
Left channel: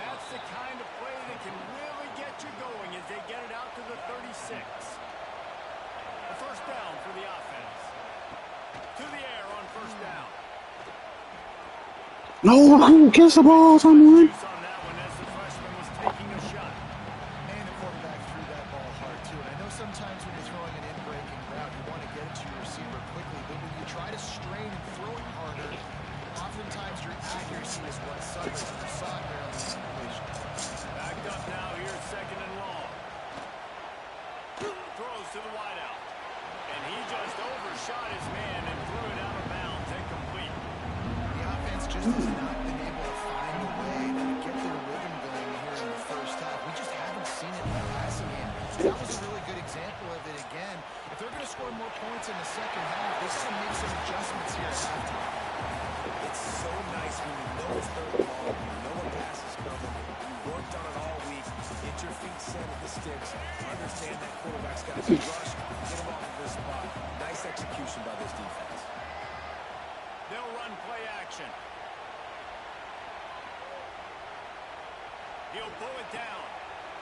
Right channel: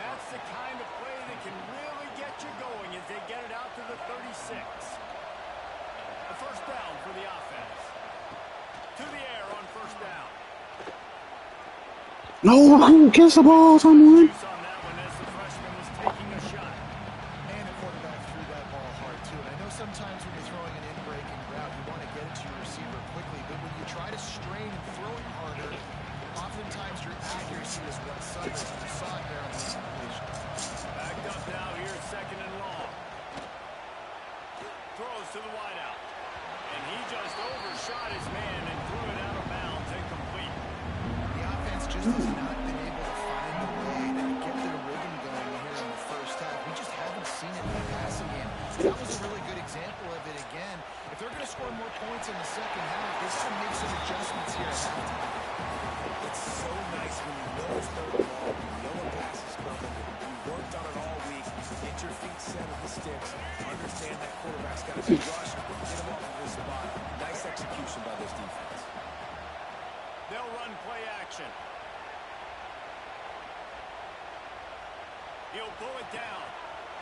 That's the kind of play that can really get you going as they get it out to the 36. A first down for the offense. To the air on first down. No, kiss the ball, someone. Juice on that one as the freshman was taking a shot. And the quarterback threw that ball hard, too. And I know sometimes when you're throwing an in-breaking route, you want to get it to your receiver quickly. But when you try to strain and throw it harder, oftentimes your accuracy is what suffers. You saw it there on the completion. Backed up now here, 2nd and long. Throws to the wideout. And he just overshot his man and threw it out of bounds, incomplete. The offense just has not been able to find a way to get their rhythm going here in the first half. We just haven't seen it in the passing game. That was a really good example of it again. If they're going to score more points in the second half, they've got to make some adjustments here at halftime. It's so nice when you know it's 3rd and long, you know a pass is coming, you worked on it all week, get your feet set at the sticks, understand that quarterback's got to be rushed, get him off of his spot. Nice execution by this defense. They'll run play action. He'll pull it down.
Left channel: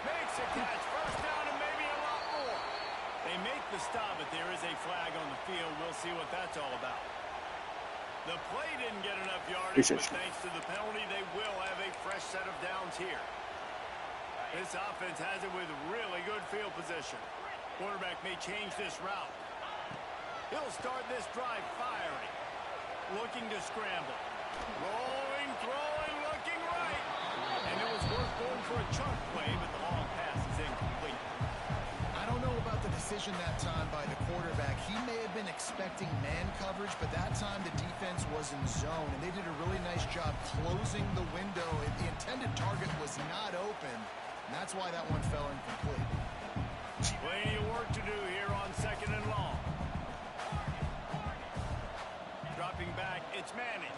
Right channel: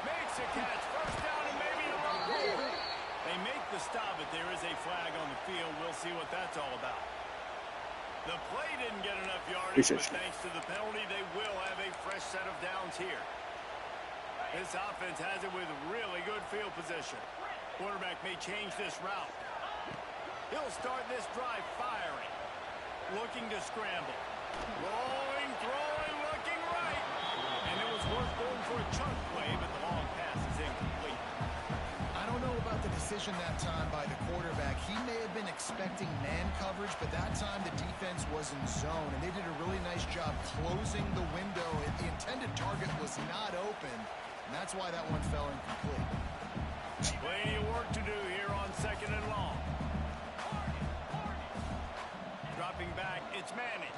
Makes a catch. First down and maybe a lot more. They make the stop, but there is a flag on the field. We'll see what that's all about. The play didn't get enough yardage, but thanks to the penalty, they will have a fresh set of downs here. This offense has it with really good field position. Quarterback may change this route. He'll start this drive firing. Looking to scramble. Rolling, throwing, looking right. And it was worth going for a chunk play, but the long pass is incomplete. I don't know about the decision that time by the quarterback. He may have been expecting man coverage, but that time the defense was in zone, and they did a really nice job closing the window. The intended target was not open, and that's why that one fell incomplete. Plenty of work to do here on 2nd and long. Dropping back, it's Manning.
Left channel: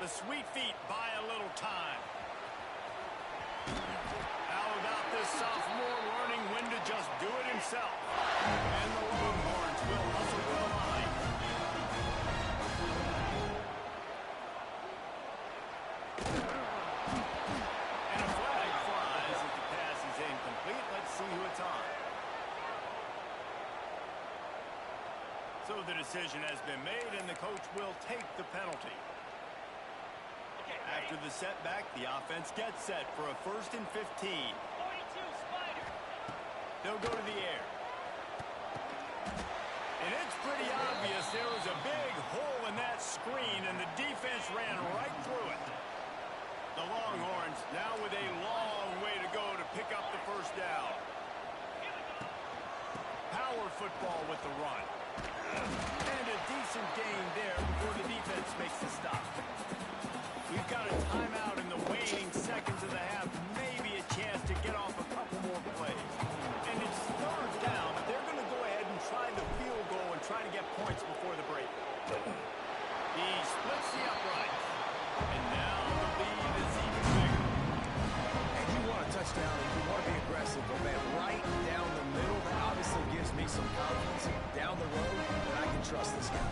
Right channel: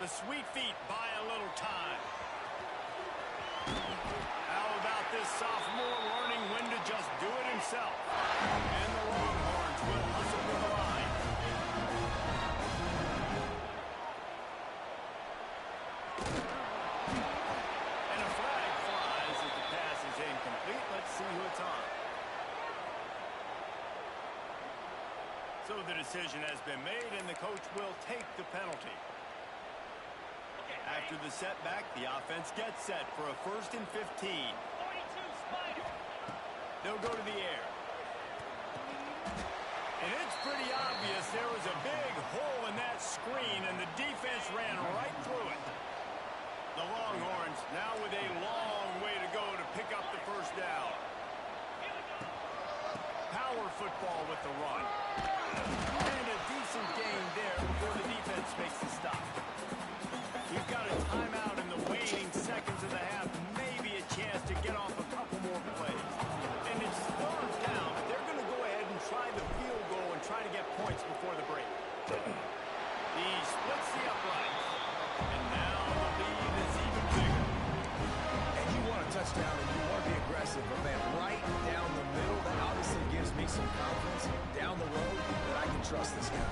The sweet feet buy a little time. How about this sophomore learning when to just do it himself? And the Longhorns will hustle to the line. And a flag flies as the pass is incomplete. Let's see who it's on. So the decision has been made, and the coach will take the penalty. After the setback, the offense gets set for a 1st and 15. They'll go to the air. And it's pretty obvious there was a big hole in that screen, and the defense ran right through it. The Longhorns now with a long way to go to pick up the first down. Power football with the run. And a decent gain there before the defense makes the stop. We've got a timeout in the waning seconds of the half. Maybe a chance to get off a couple more plays. And it's third down, but they're going to go ahead and try the field goal and try to get points before the break. He splits the upright. And now the lead is even bigger. And you want a touchdown and you want to be aggressive, but man, right down the middle, that obviously gives me some confidence down the road that I can trust this guy.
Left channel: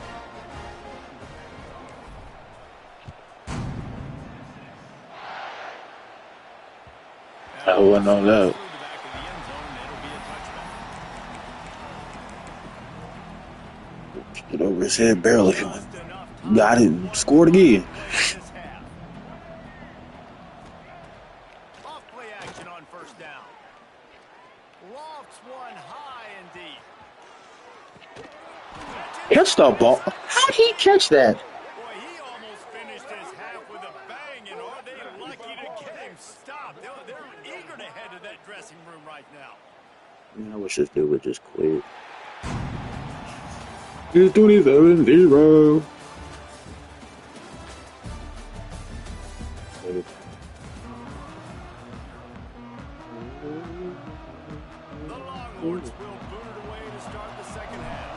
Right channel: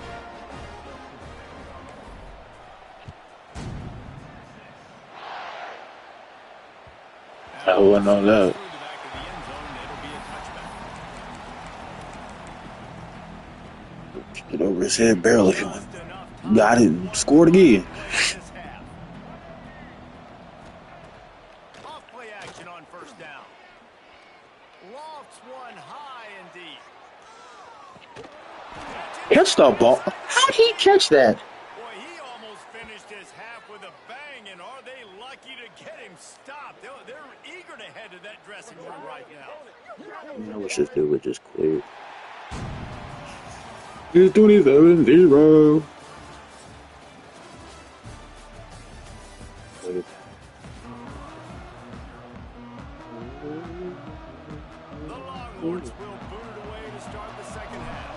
I wouldn't know that. Get over his head barely. Got it and scored again. Off play action on first down. Lofts one high and deep. Catch the ball. How'd he catch that? Boy, he almost finished his half with a bang, and are they lucky to get him stopped? They're eager to head to that dressing room right now. Man, I wish this dude would just quit. It's 27-0. The Longhorns will boot it away to start the second half.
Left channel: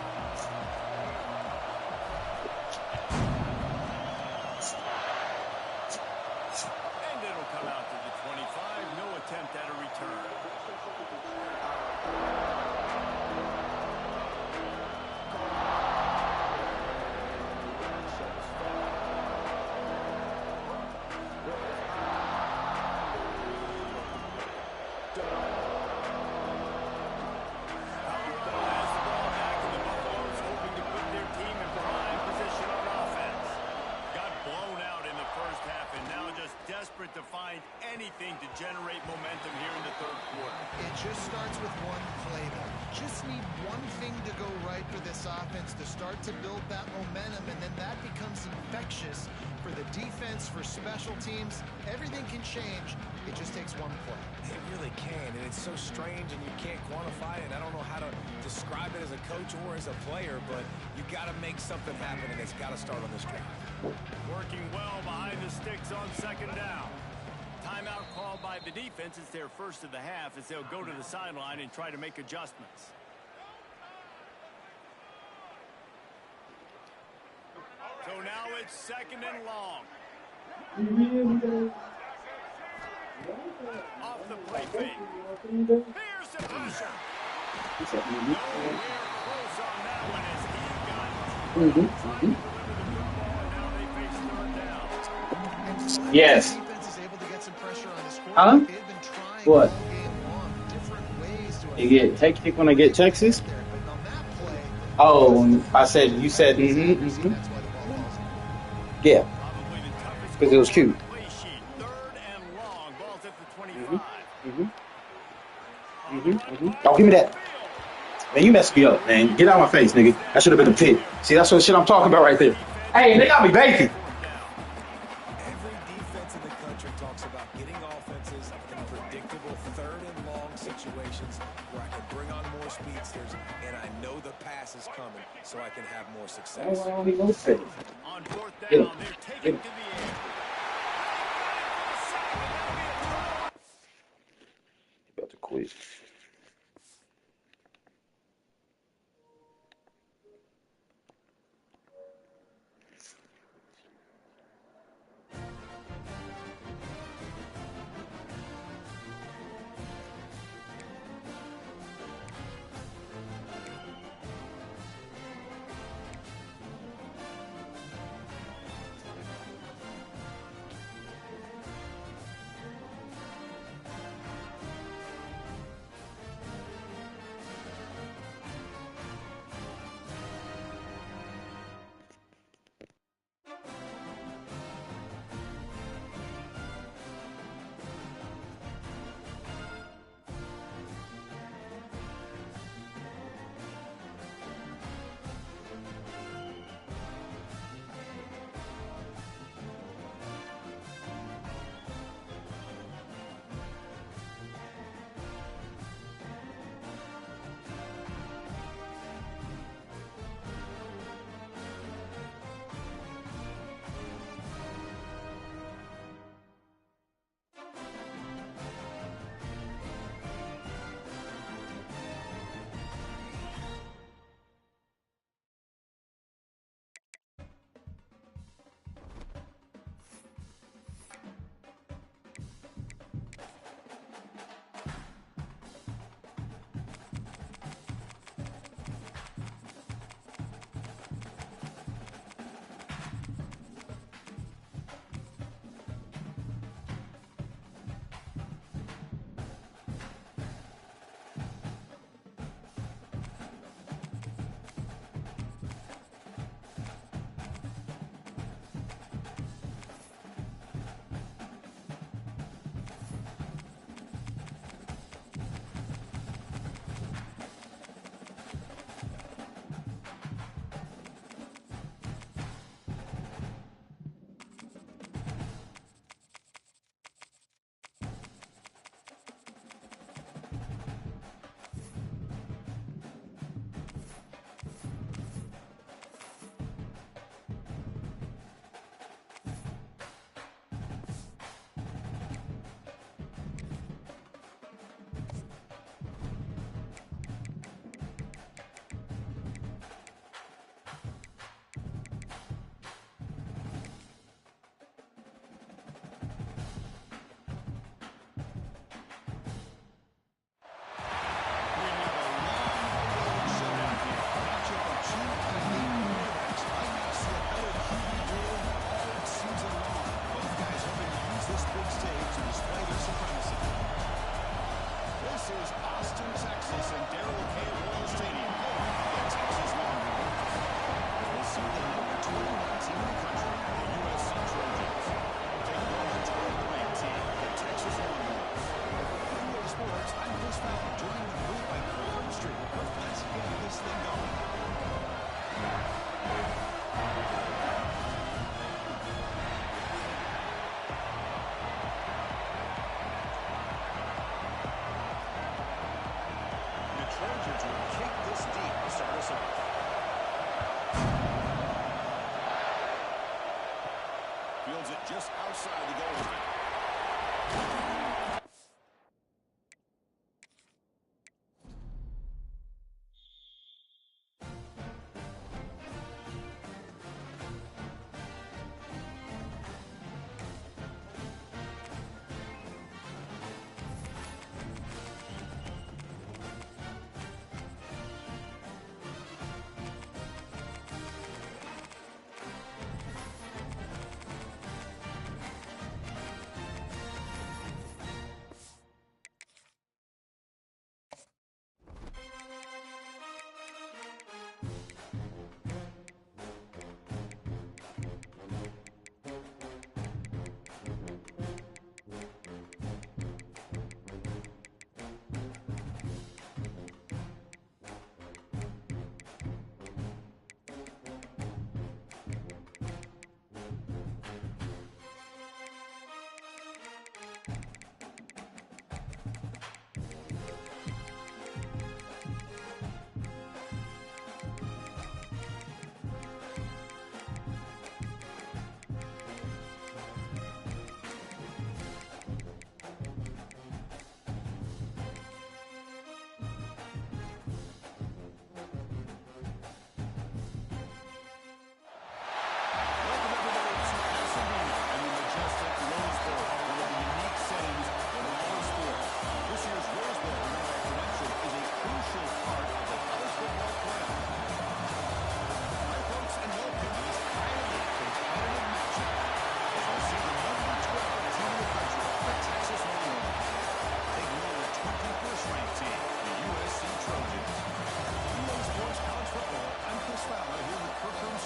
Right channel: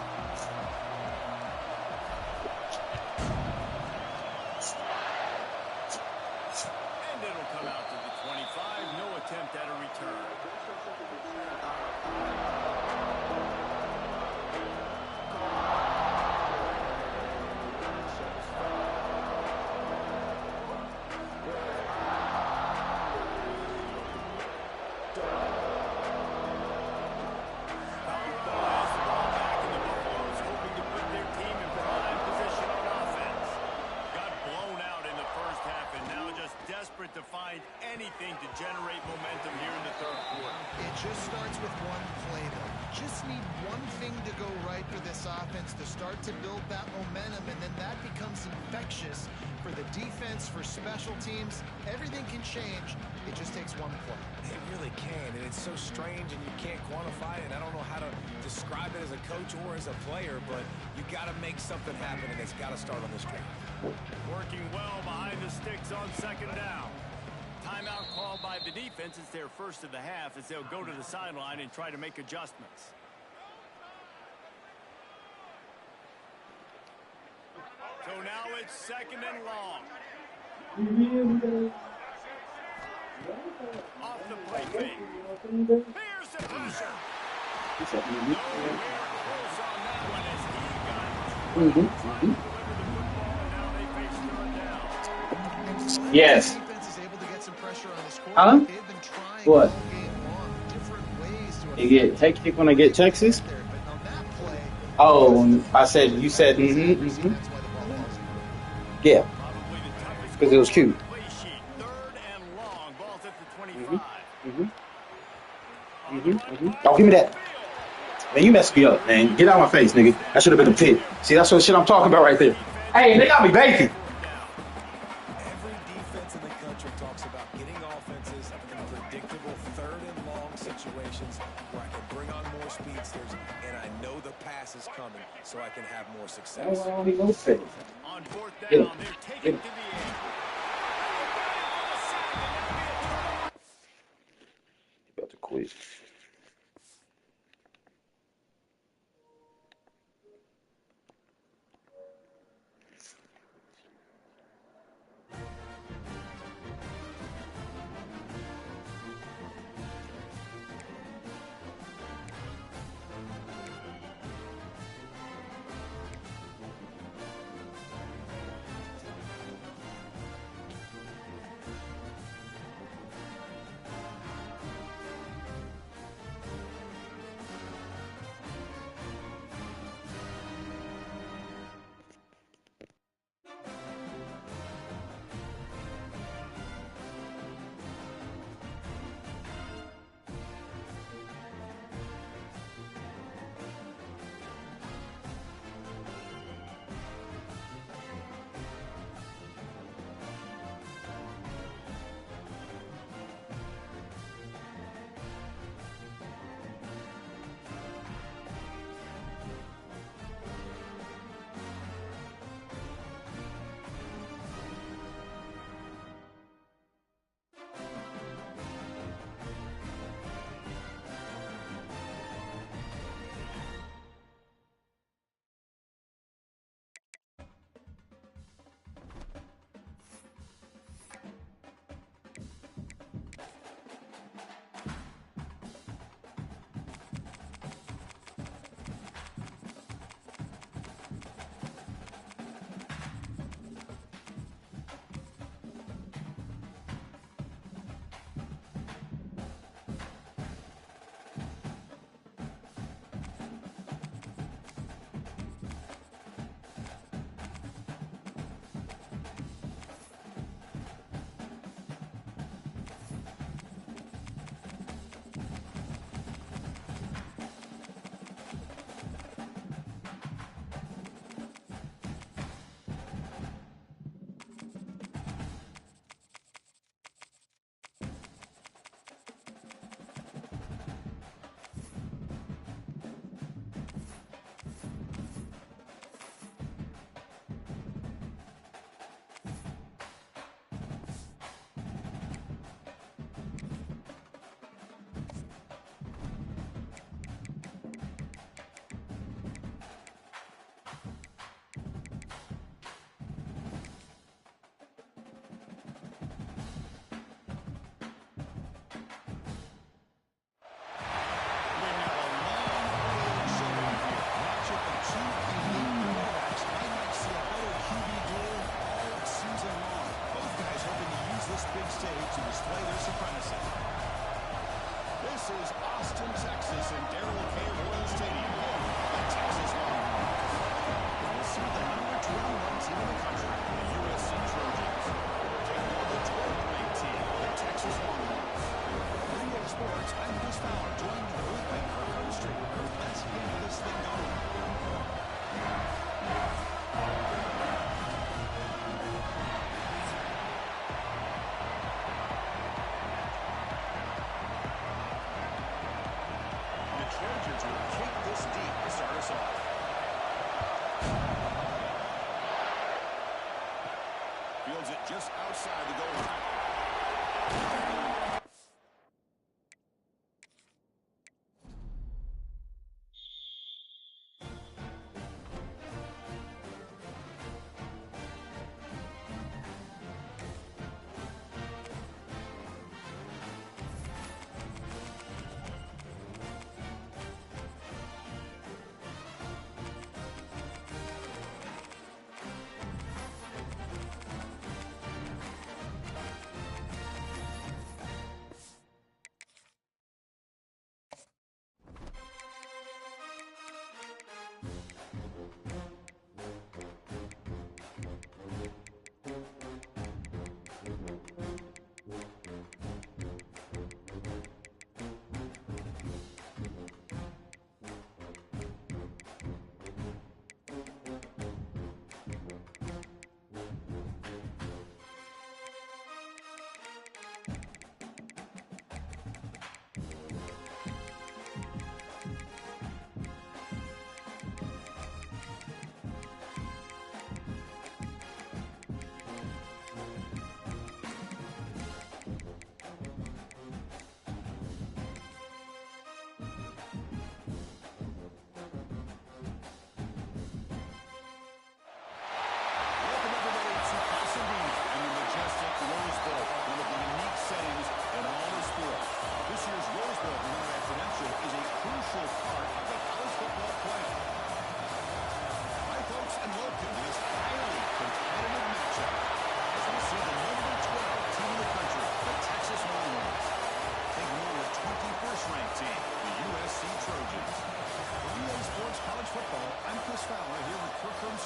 And it'll come out to the 25. No attempt at a return. To find anything to generate momentum here in the third quarter. It just starts with one play, though. Just need one thing to go right for this offense to start to build that momentum, and then that becomes infectious for the defense, for special teams. Everything can change. It just takes one play. It really can, and it's so strange, and you can't quantify it. I don't know how to describe it as a coach or as a player, but you got to make something happen, and it's got to start on this drive. Working well behind the sticks on second down. Timeout called by the defense. It's their first of the half as they'll go to the sideline and try to make adjustments. So now it's second and long. Off the play fake. Here's the pressure. Nowhere close on that one as he got trying to deliver the football, and now they face third down. Yes. Huh? What? You get hectic when I get Texas? Oh, I said, you said, Yeah. Because it was cute. Oh, give me that. Man, you messed me up, man. Get out of my face, nigga. That should have been a pick. See, that's what shit I'm talking about right there. Hey, they got me bacon. Every defense in the country talks about getting offenses in predictable third and long situations where I can bring on more speedsters, and I know the pass is coming, so I can have more success. On fourth down, they're taking to the air. About to quit. stage to display their supremacy. This is Austin, Texas, and Darrell K. Royal Stadium, home of the Texas Longhorns. We'll see the number 21 team in the country, the USC Trojans, taking on the 12th-ranked team, the Texas Longhorns. For EA Sports, I'm Chris Fowler, joined in the booth by Kirk Herbstreit. Kirk, let's get this thing going. Trojans will kick this deep to start us off. Fields it just outside the goal line.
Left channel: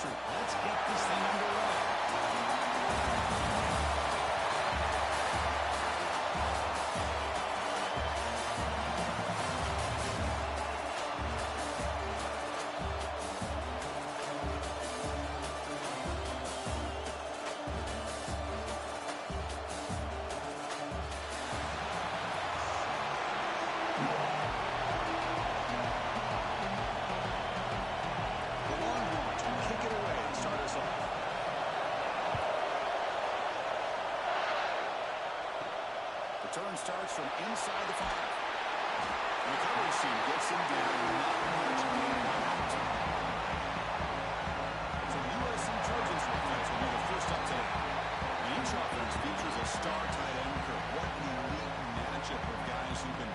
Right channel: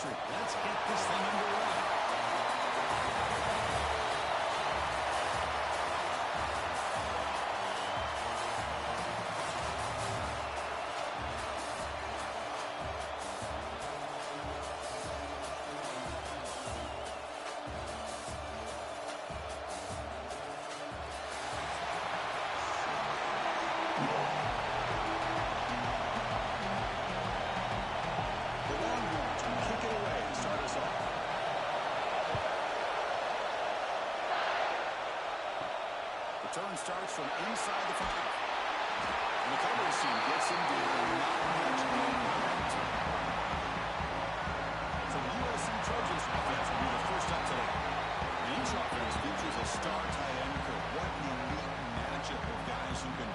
Let's get this thing underway. Return starts from inside the 5. And the coverage team gets him down. Not much gain momentum. So the USC Trojans offense will be the first up today. And each offense features a star tight end. What an elite matchup of guys who can...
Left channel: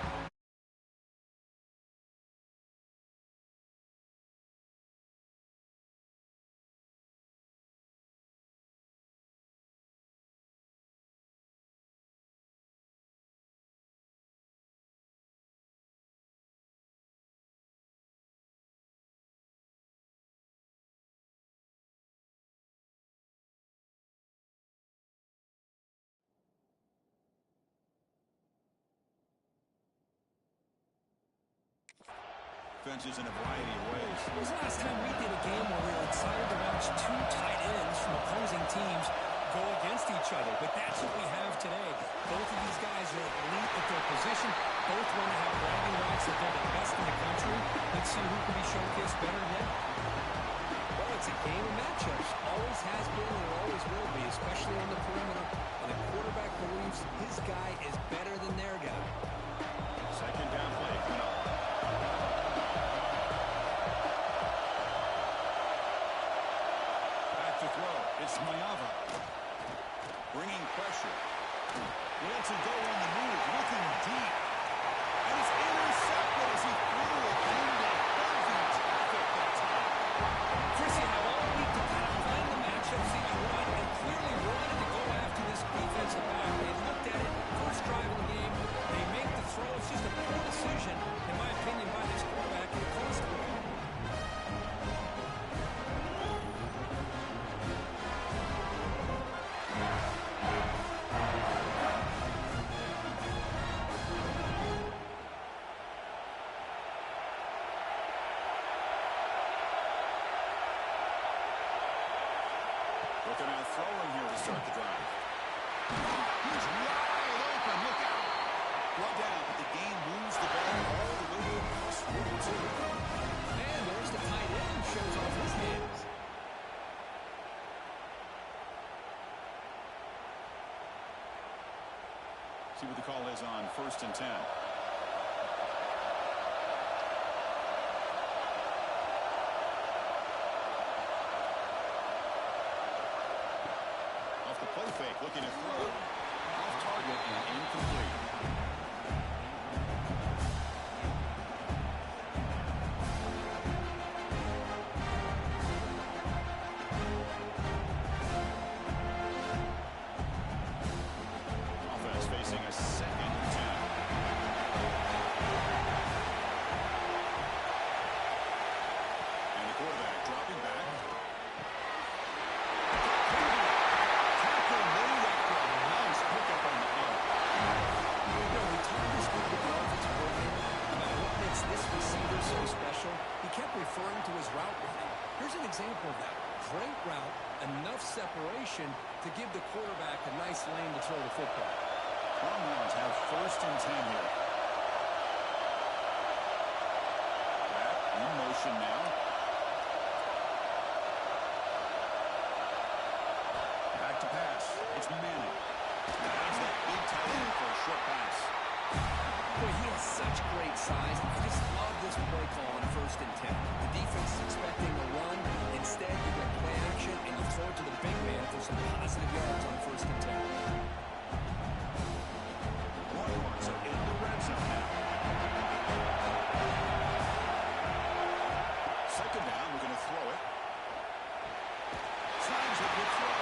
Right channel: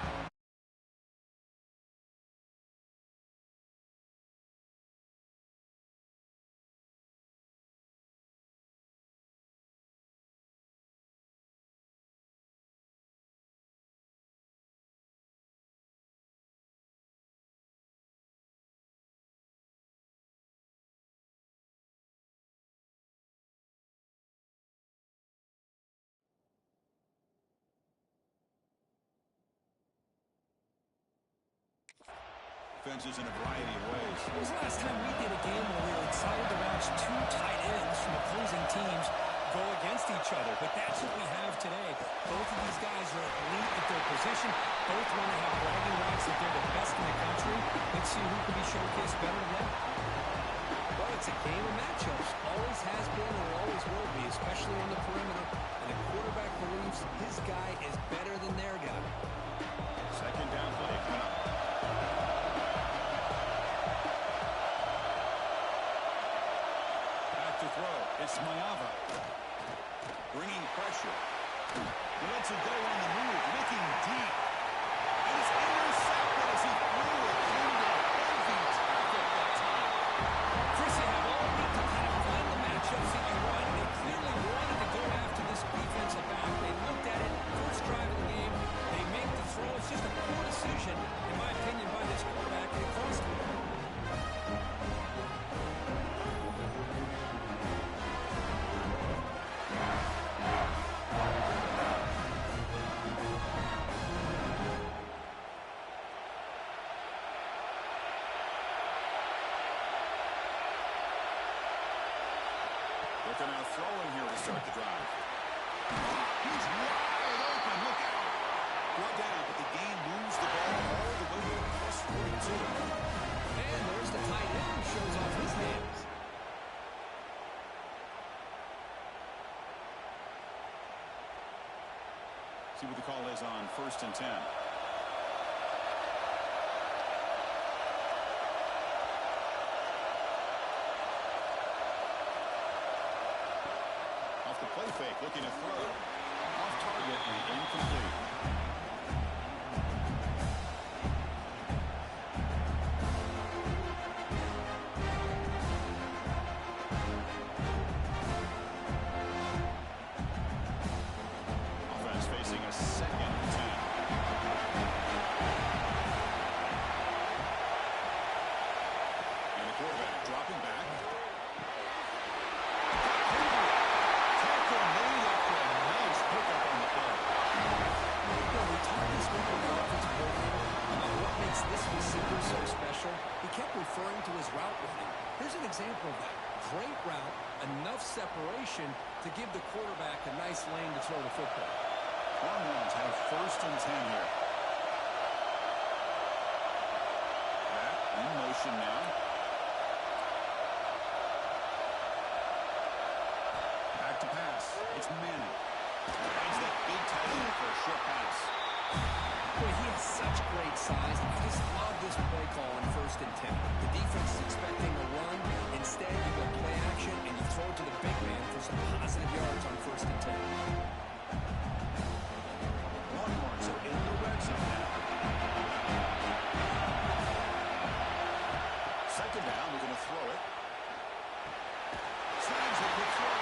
Offenses in a variety of ways. When was the last time we did a game where we were excited to watch two tight ends from opposing teams go against each other? But that's what we have today. Both of these guys are elite at their position. Both want to have bragging rights that they're the best in the country. Let's see who can be showcased better than. Well, it's a game of matchups. Always has been and always will be, especially on the perimeter. And the quarterback believes his guy is better than their guy. Second down play coming up. To throw. It's Mayava. Bringing pressure. He lets it go on the move. Looking deep. And it's intercepted as he threw it into heavy traffic that time. Chris, you have all week to kind of find the matchups that you want. They clearly wanted to go after this defensive back. They looked at it, first drive of the game. They make the throw. It's just a poor decision, in my opinion, by this quarterback, and it cost him. Looking out throwing here to start the drive. He's wide open. Look out. Brought down, but the game moves the ball all the way to plus 42. And there's the tight end who shows off his hands. See what the call is on 1st and 10. Off the play fake, looking to throw. Off target and incomplete. Offense facing a 2nd and 10. And the quarterback dropping back. We talked this week with the offensive coordinator about what makes this receiver so special. He kept referring to his route running. Here's an example of that. Great route, enough separation to give the quarterback a nice lane to throw the football. Longhorns have 1st and 10 here. Back in motion now. Back to pass. It's Manning. Finds that big tight end for a short pass. Boy, he has such great size. I just love this play call on 1st and 10. The defense is expecting a run. Instead, you go play action, and you throw it to the big man for some positive yards on 1st and 10. Longhorns are in the red zone now. 2nd down, we're going to throw it. Signs a good throw.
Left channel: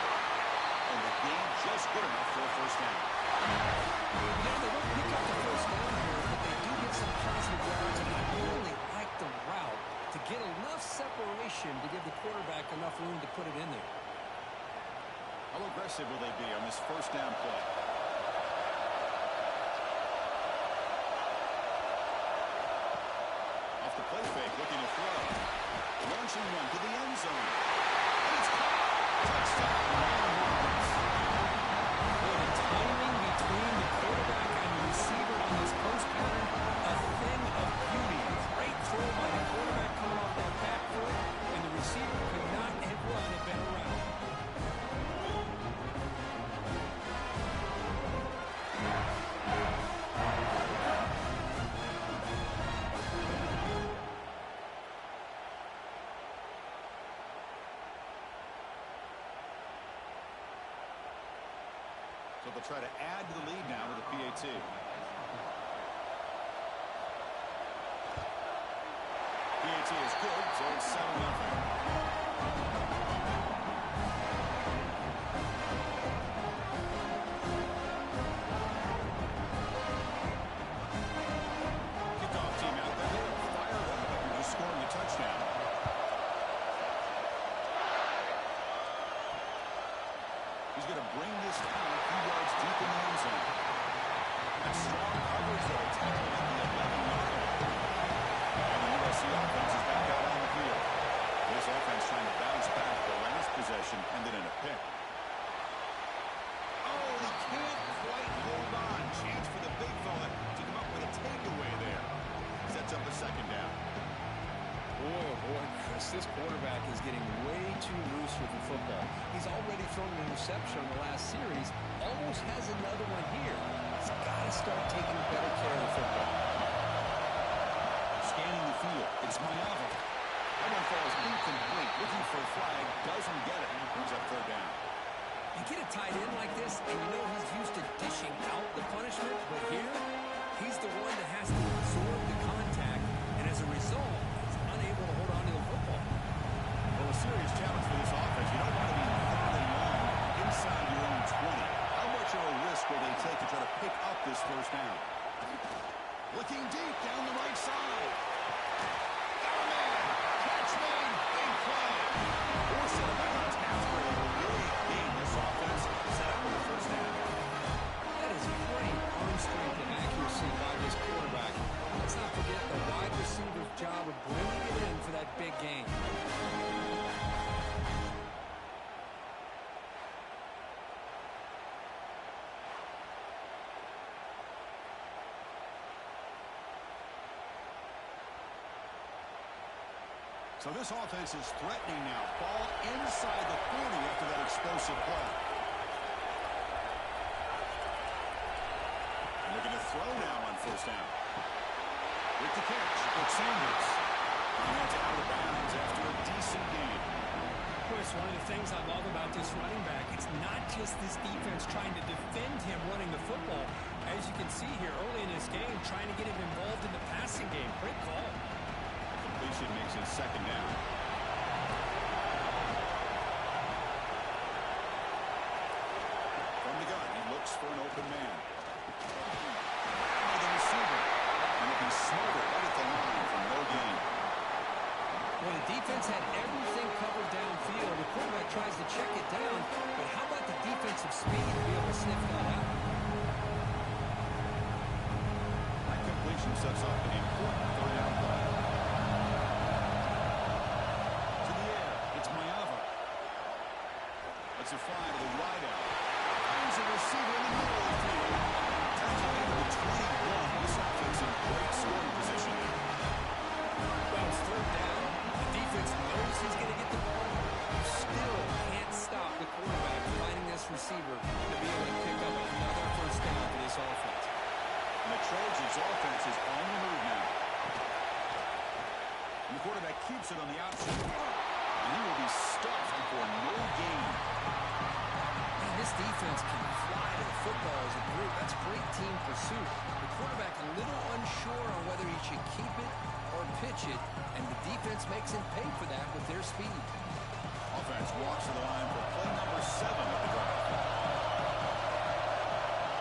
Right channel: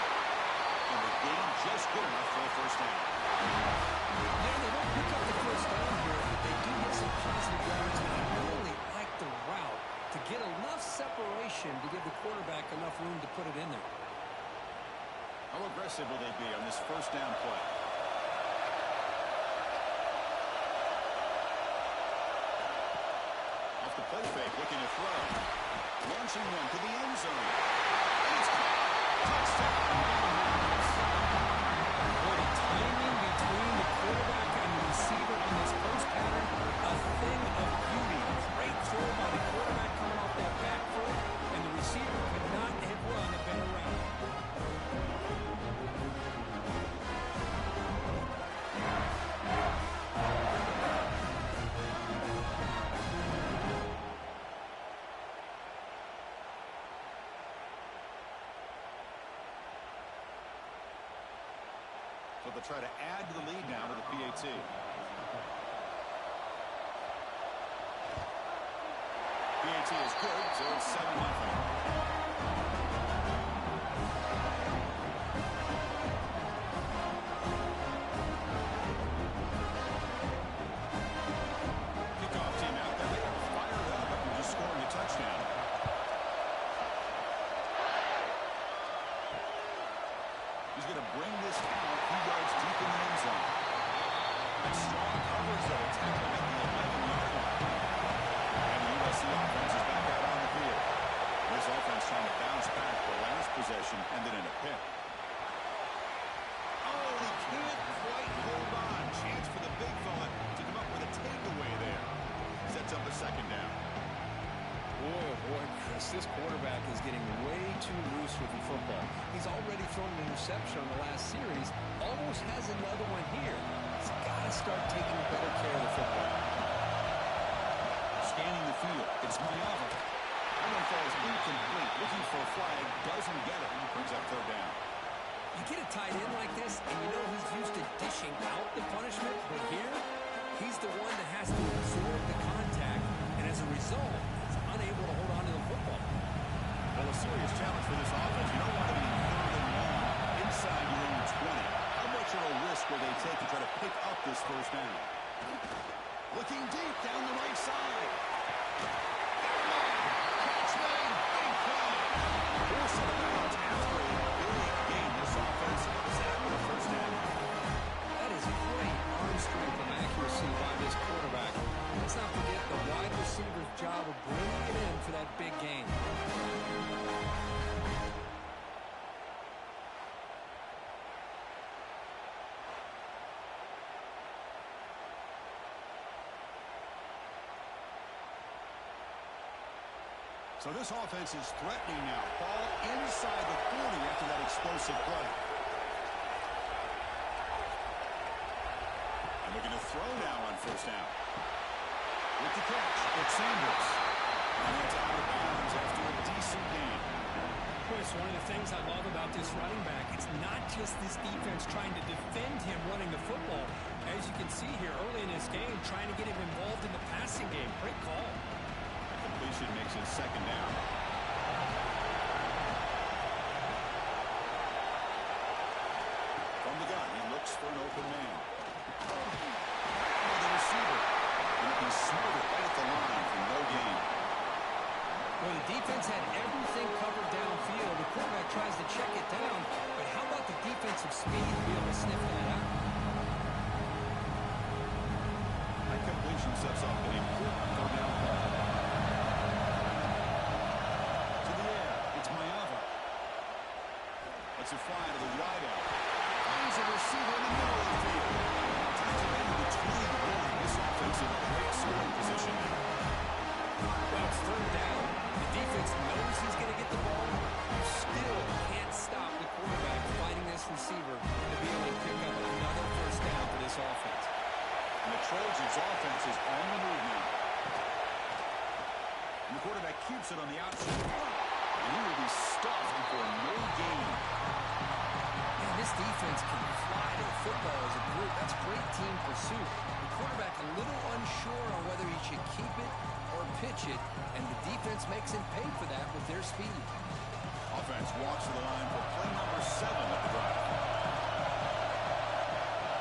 And the game just good enough for a 1st down. Yeah, they don't pick up the 1st down here, but they do get some positive yards, and I really like the route to get enough separation to give the quarterback enough room to put it in there. How aggressive will they be on this 1st down play? Off the play fake, looking to throw. Launching one to the end zone. And it's caught. Touchdown, Longhorns. Boy, the timing between the quarterback and the receiver on this post pattern, a thing of beauty. Great throw by the quarterback coming off that back foot, and the receiver could not have run a better route. So they'll try to add to the lead now with the PAT. PAT is good, so it's 7-0. Kickoff team out there. They are fired up after just scoring a touchdown. He's going to bring this down a few yards deep in the end zone. That's strong coverage, though. It's happening at the 11-yard line. And the USC offense is back out on the field. This offense trying to bounce back the last possession, ended in a pick. Oh, he can't quite hold on. Chance for the big fella to come up with a takeaway there. Sets up a 2nd down. Boy, oh boy, Chris, this quarterback is getting way too loose with the football. He's already thrown an interception on the last series, almost has another one here. He's got to start taking better care of the football. Scanning the field, it's Mayava. That one falls incomplete, looking for a flag, doesn't get it, brings up 3rd down. You get a tight end like this, and you know he's used to dishing out the punishment, but here, he's the one that has to absorb the contact, and as a result, he's unable to hold on to the football. Well, a serious challenge for this offense. You don't want to be 3rd and long inside your own 20. How much of a risk will they take to try to pick up this first down? Looking deep down the right side. Got a man. Catch made. Big play. Force out of bounds after a big gain. This offense set up with a first down. That is great arm strength and accuracy by this quarterback. Let's not forget the wide receiver's job of bringing it in for that big gain. So this offense is threatening now. Ball inside the 40 after that explosive play. And looking to throw now on first down. With the catch, it's Sanders. And it's out of bounds after a decent gain. Chris, one of the things I love about this running back, it's not just this defense trying to defend him running the football. As you can see here early in this game, trying to get him involved in the passing game. Great call. Completion makes it second down. From the gun, he looks for an open man. Grabbed by the receiver. And if he's smothered right at the line for no gain. When the defense had everything covered downfield, the quarterback tries to check it down, but how about the defensive speed to be able to sniff that out? That completion sets off an important third down play. Lets it fly to the wide out. Finds a receiver in the middle of the field. Tackle made to the 21. This offense in great scoring position now. Well, it's third down. The defense knows he's going to get the ball. You still can't stop the quarterback finding this receiver to be able to pick up another first down for this offense. And the Trojans' offense is on the move now. And the quarterback keeps it on the outside. And he will be stuffed for no gain. And this defense can fly to the football as a group. That's great team pursuit. The quarterback a little unsure on whether he should keep it or pitch it, and the defense makes him pay for that with their speed. Offense walks to the line for play number 7 of the drive.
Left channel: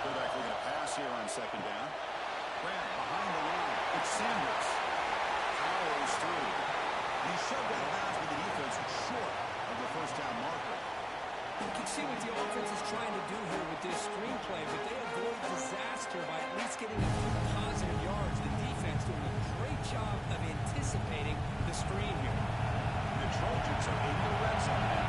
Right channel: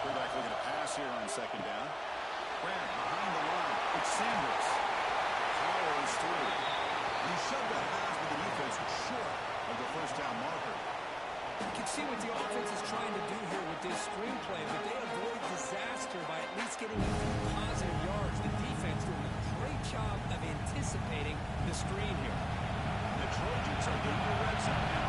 Quarterback looking to pass here on second down. Grant behind the line. It's Sanders. Powers through. And he shoved out of bounds with the defense short of the first down marker. You can see what the offense is trying to do here with this screenplay, but they avoid disaster by at least getting a few positive yards. The defense doing a great job of anticipating the screen here. The Trojans are in the red zone now.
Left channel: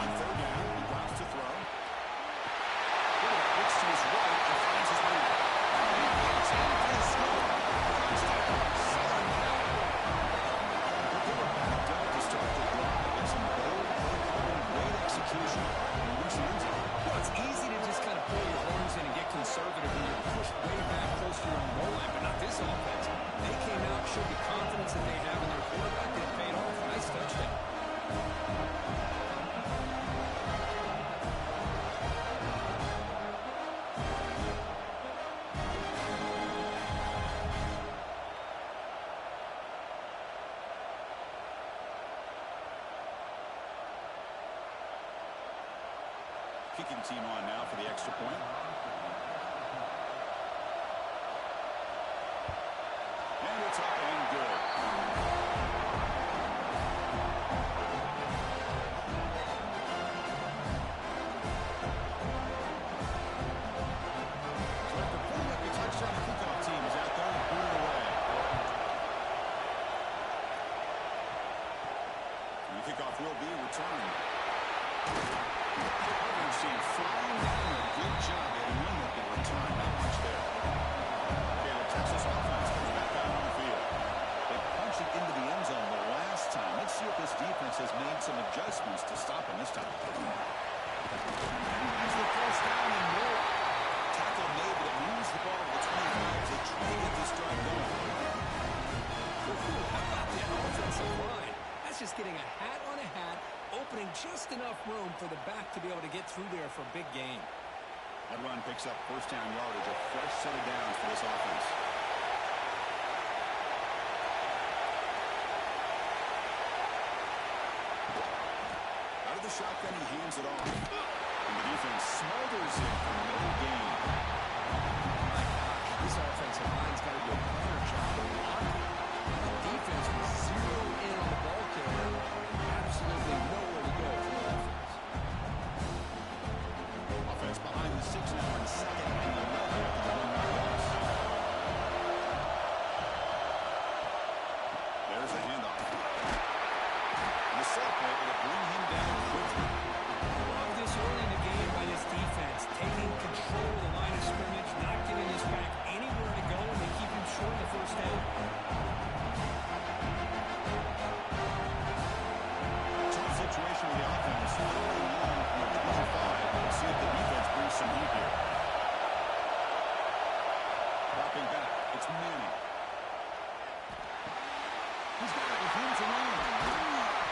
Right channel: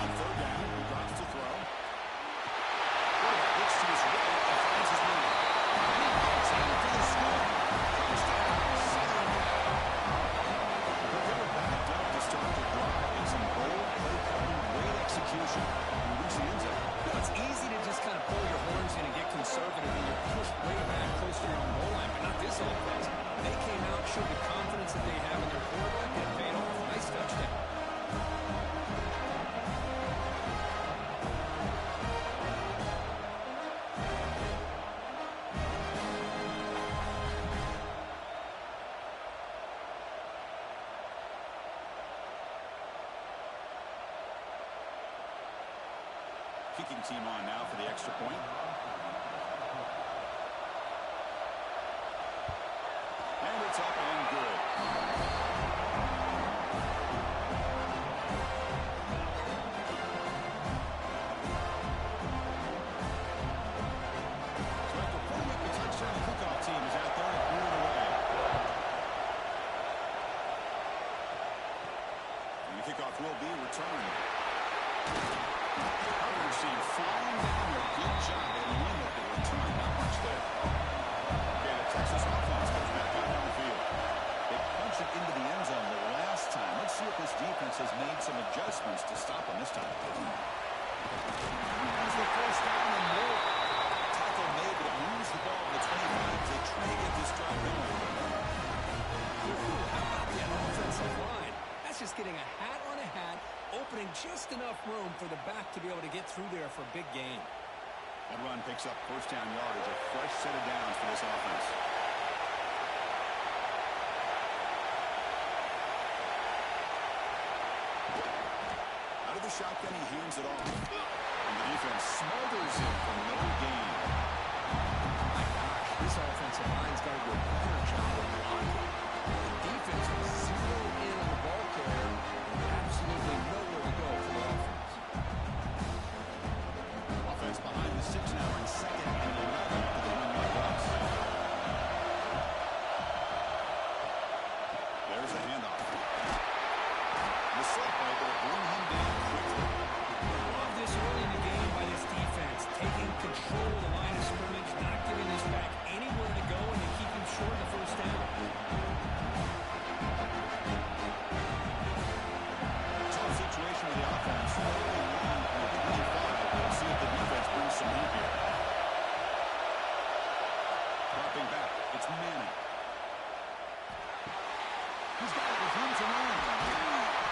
On third down, he drops to throw. Quarterback looks to his right and finds his man. And he gets in for the score. Touchdown, Southern Cal. But they were backed up to start the drive with some bold play calling, great execution, and reach the end zone. You know, it's easy to just kind of pull your horns in and get conservative when you're pushed way back close to your own goal line, but not this offense. They came out, showed the confidence that they have in their quarterback, and it paid off. Nice touchdown. Kicking team on now for the extra point. And it's up and good. So after putting up a touchdown, the kickoff team is out there to boot it away. And the kickoff will be returned. Coverage team flying down a good job. They limit the return. Not much there. Okay, the Texas offense comes back out on the field. They punched it into the end zone the last time. Let's see if this defense has made some adjustments to stop them this time. That's the first down and more. Tackle made, but it moves the ball to the 25 as they try to get this drive going. Ooh, how about that offensive line? That's just getting a hat on a hat, opening just enough room for the back to be able to get through there for a big gain. That run picks up first down yardage, a fresh set of downs for this offense. Out of the shotgun, he hands it off. And the defense smothers him for no gain. My gosh, this offensive line's got to do a better job of blocking. The defense was zeroed in on the ball carrier and absolutely nowhere to go for the offense. Offense behind the 6 now in 2nd and 11 after the 1-yard loss. There's the handoff. The Sulk able to bring him down quickly. Love this early in the game by this defense, taking control of the line of scrimmage, not giving this back anywhere to go, and they keep him short of the first down. Tough situation with the offense. Early long from the 25. We'll see if the defense brings some heat here. Dropping back. It's Manning. He's got it with room to run.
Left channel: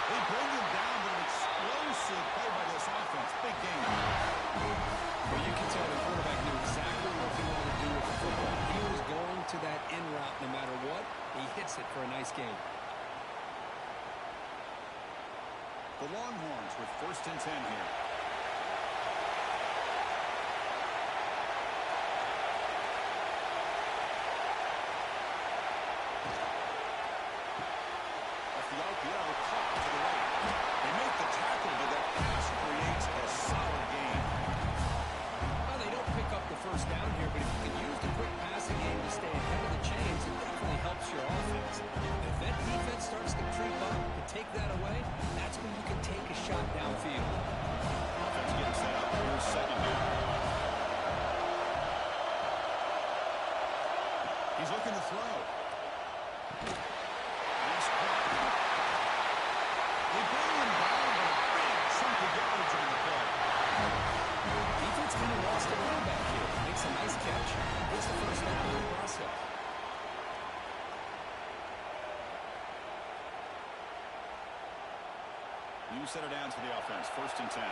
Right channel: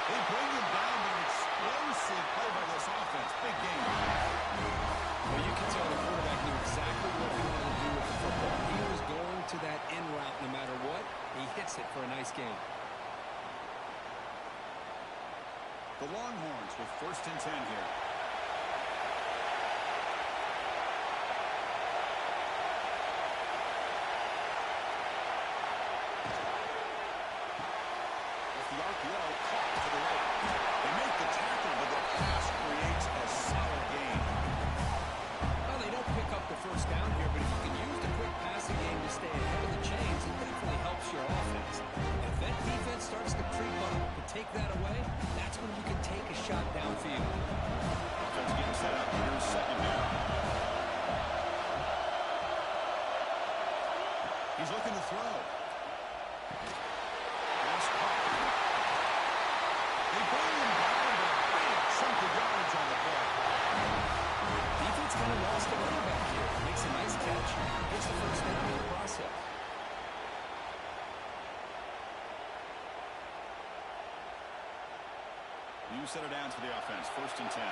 They bring him down, but an explosive play by this offense. Big game. Well, you can tell the quarterback knew exactly what he wanted to do with the football. He was going to that in route no matter what. He hits it for a nice gain. The Longhorns with 1st and 10 here. The RPO caught to the right. They make the tackle, but that pass creates a solid gain. Well, they don't pick up the first down here, but if you can use the quick passing game to stay ahead of the chains, it definitely helps your offense. And if that defense starts to creep up to take that away, that's when you can take a shot downfield. Offense getting set up. Here's 2nd down. He's looking to throw. Nice caught. They bring him down, but a big chunk of yardage on the play. Defense kind of lost the running back here. Makes a nice catch. Gets the first down in the process. New set of downs for the offense. 1st and 10.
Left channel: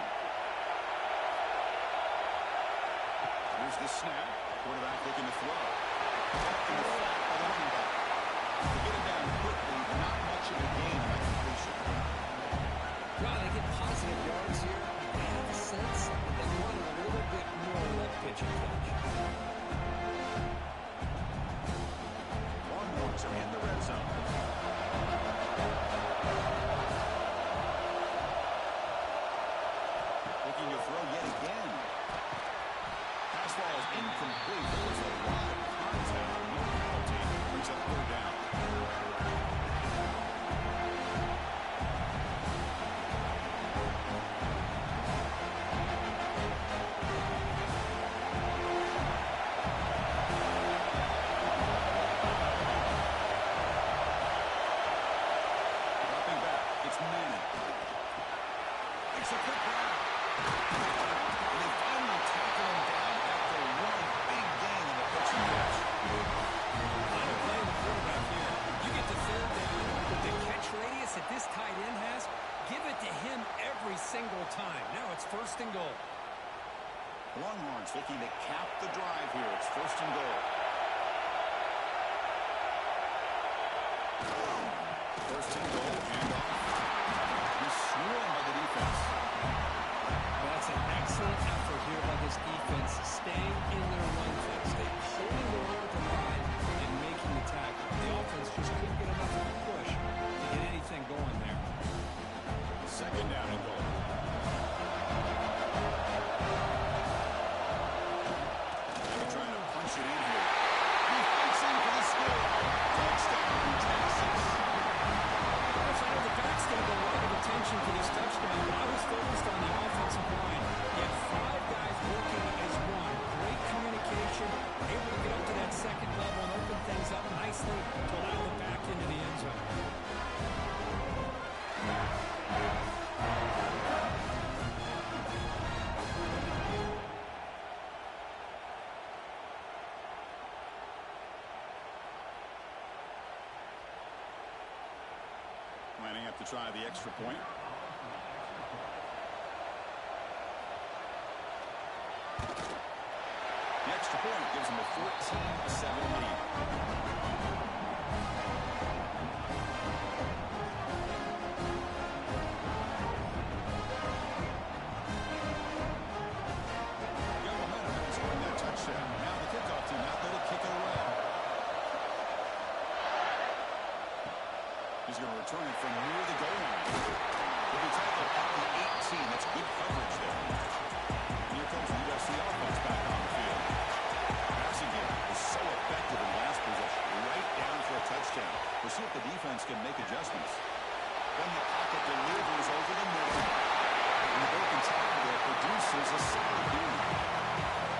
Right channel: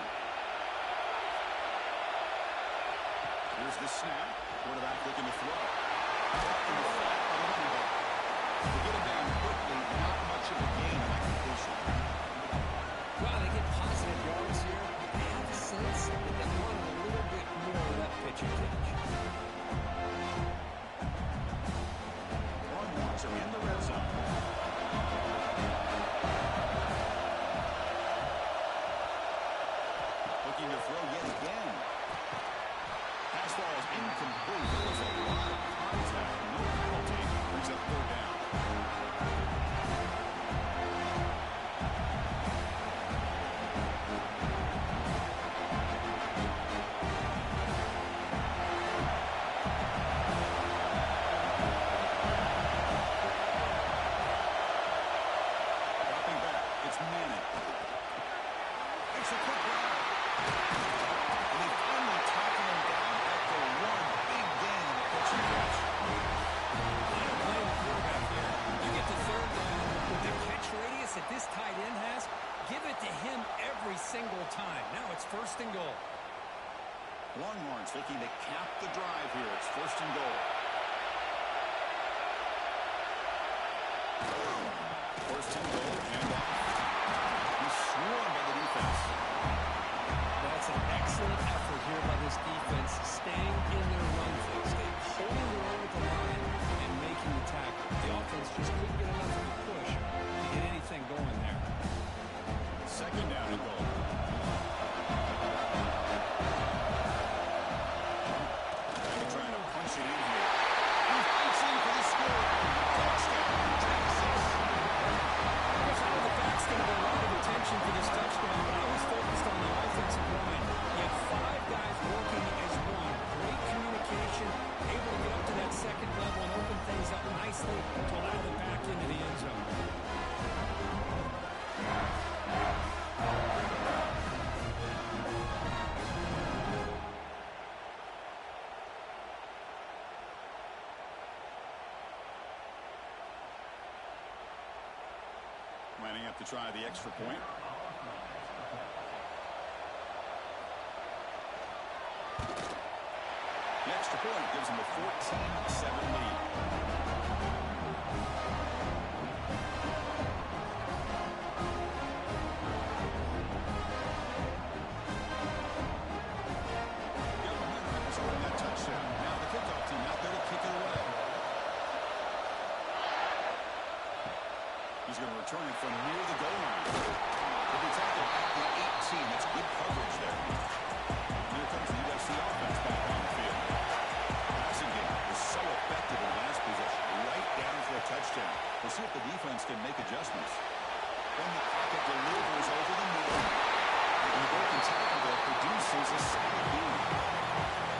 Here's the snap. Quarterback looking to throw. Caught in the flat by the running back. They get him down quickly. Not much of a gain on that completion. Well, they get positive yards here. I have a sense that they wanted a little bit more of that pitch and catch. Longhorns are in the red zone. Looking to throw yet again. Pass ball is incomplete. There was a lot of contact. No penalty. Brings up 3rd down. Manning. Makes a quick grab. And they finally tackle him down at the 1. Big gain on the pitch and catch. I don't blame the quarterback here. You get the 3rd down with the catch radius that this tight end has. Give it to him every single time. Now it's 1st and goal. Longhorns looking to cap the drive here. It's 1st and goal. 1st and goal. Handoff. Swarmed by the defense. That's an excellent effort here by this defense, staying in their run fix. They holding their own at the line and making the tackle. The offense just couldn't get enough of a push to get anything going there. 2nd down and goal. They're trying to punch it in here. He fights in for the score. Touchdown, Texas. I know the back's getting a lot of attention for this touchdown, but I was focused on the offensive line. You had 5 guys working as one. Great communication, able to get up to that 2nd level and open things up nicely to allow the back into the end zone. Lining up to try the extra point. The extra point gives them a 14-7 lead. return it from near the goal line. He'll be tackled at the 18. That's good coverage there. And here comes the UFC offense back on the field. Passing game was so effective in last possession. Right down for a touchdown. We'll see if the defense can make adjustments. Then the pocket delivers over the middle. And the broken tackle there produces a solid gain.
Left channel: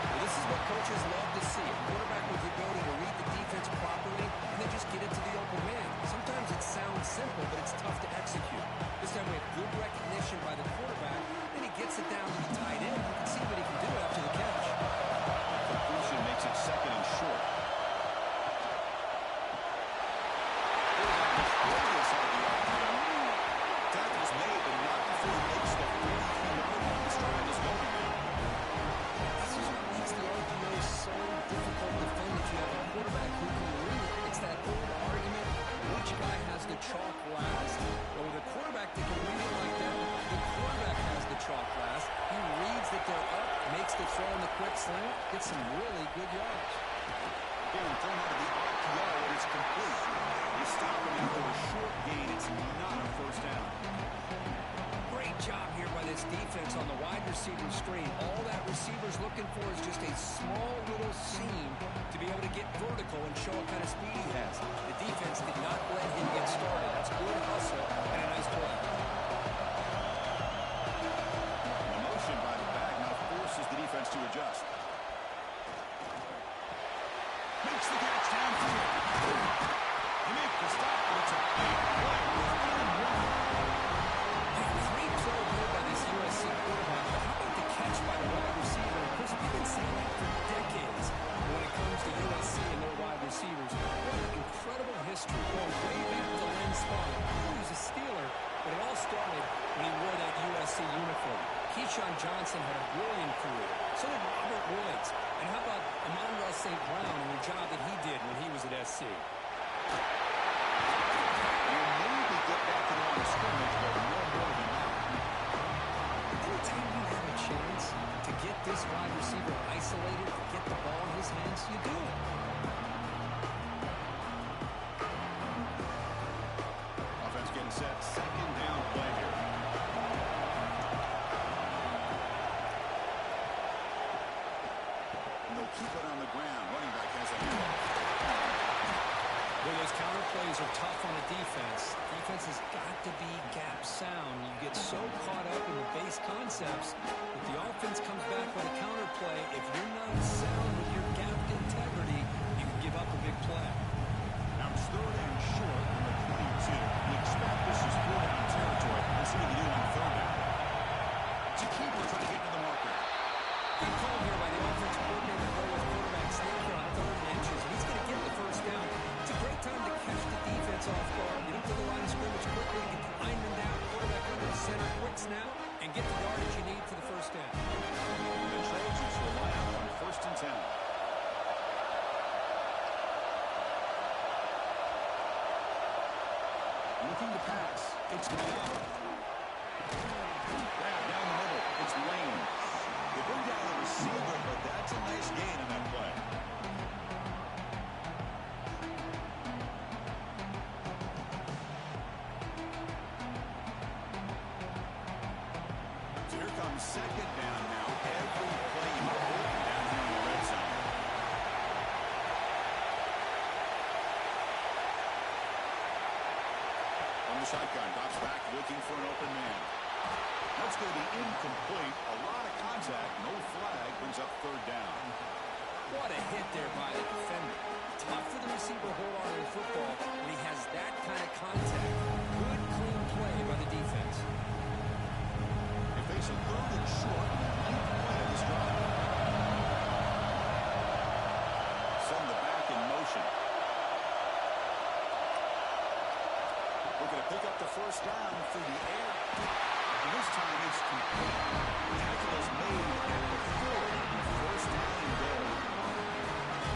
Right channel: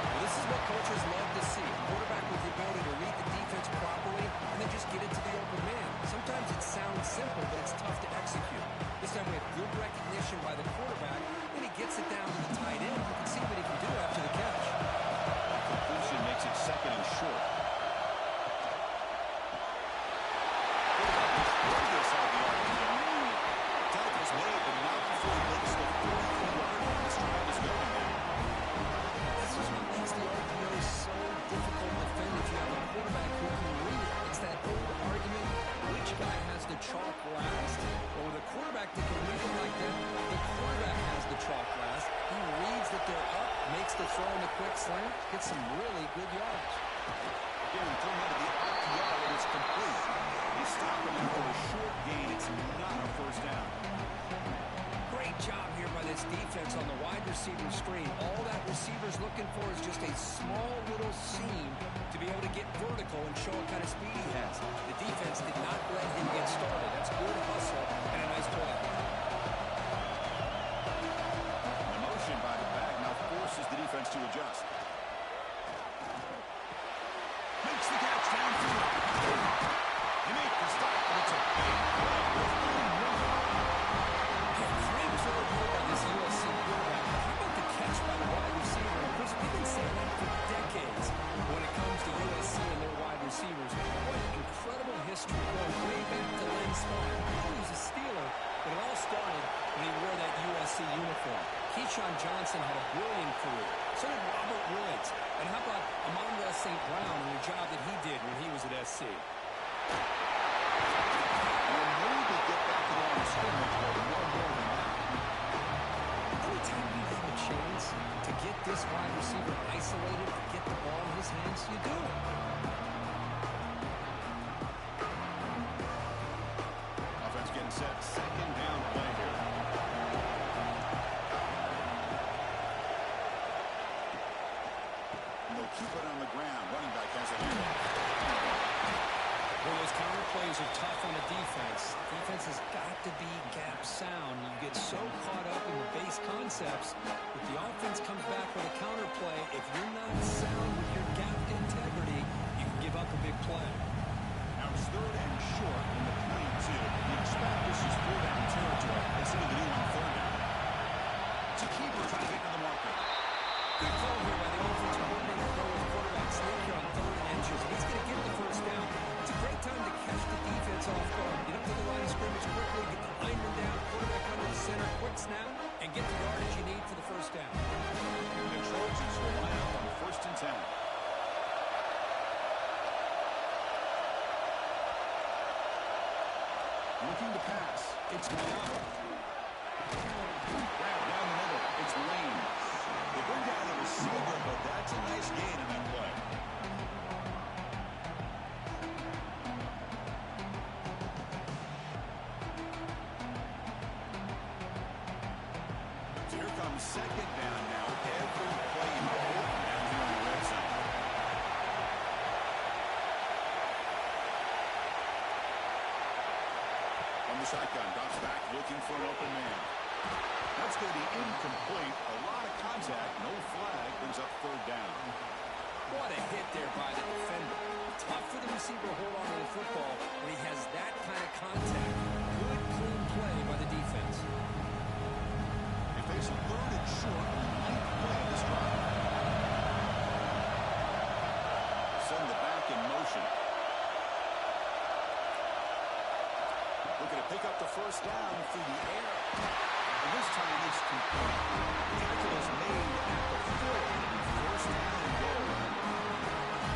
Well, this is what coaches love to see. A quarterback with the ability to read the defense properly and then just get it to the open man. Sometimes it sounds simple, but it's tough to execute. This time we have good recognition by the quarterback, and he gets it down to the tight end. You can see what he can do after the catch. Completion makes it second and short. Quarterback will throw this out of the RPO. Tackle's made, but not before he makes the 43-yard line. This drive is going now. This is what makes the RPO so difficult to defend if you have a quarterback who can read it. It's that old argument, which guy has the chalk last? Well, with a quarterback that can read it like that, the quarterback has the chalk last. He reads that they're up, makes the throw in the quick slant, gets some really good yards. Again, thrown out of the RPO, and it's complete. They stop him after a short gain. It's not a first down. Great job here by this defense on the wide receiver screen. All that receiver's looking for is just a small little seam to be able to get vertical and show what kind of speed he has. The defense did not let him get started. That's good hustle and a nice play. The motion by the back now forces the defense to adjust. Makes the catch downfield. They make the stop, but it's a big play with only one. Great throw here by this USC quarterback, but how about the catch by the wide receiver? And Chris, we've been saying that for decades when it comes to USC and their wide receivers. What incredible history, going way back to Len Spawn. He was a Steeler, but it all started when he wore that USC uniform. Keyshawn Johnson had a brilliant career. So did Robert Woods. And how about Amon-Ra St. Brown and the job that he did when he was at SC? You'll maybe get back to the line of scrimmage, but no more than that. Anytime you have a chance to get this wide receiver isolated, to get the ball in his hands, you do it. Offense getting set. Second down play here. And they'll keep it on the ground. Running back has a handoff. Well, those counter plays are tough on a defense. Defense has got to be gap sound. You get so caught up in the base concepts that the offense comes back with a counter play. If you're not sound with your gap integrity, you can give up a big play. Now it's third and short from the 22. We expect this is four-down territory. Let's see what they do on third down. It's a keeper trying to get to the marker. Good call here by the offensive coordinator to go with quarterback sneak here on 3rd and inches. And he's going to get the first down. It's a great time to catch the defense off guard. Get up to the line of scrimmage quickly, get the lineman down, quarterback under the center, quick snap, and get the yardage you need for the first down. The Trojans will line up on 1st and 10. Looking to pass. It's Mayock. Grab down the middle. It's Lane. They bring down the receiver, but that's a nice gain on that play. So here comes second down now. Every play important down here in the red zone. From the shotgun, drops back looking for an open man. That's going to be incomplete. A lot of contact, no flag, brings up 3rd down. What a hit there by the defender. Tough for the receiver to hold on to the football when he has that kind of contact. Good, clean play by the defense. They face a 3rd and short on the 9th play of this drive. Send the back in motion. Looking to pick up the first down through the air. And this time it's complete. Tackle is made at the 4. It'll be 1st down and goal.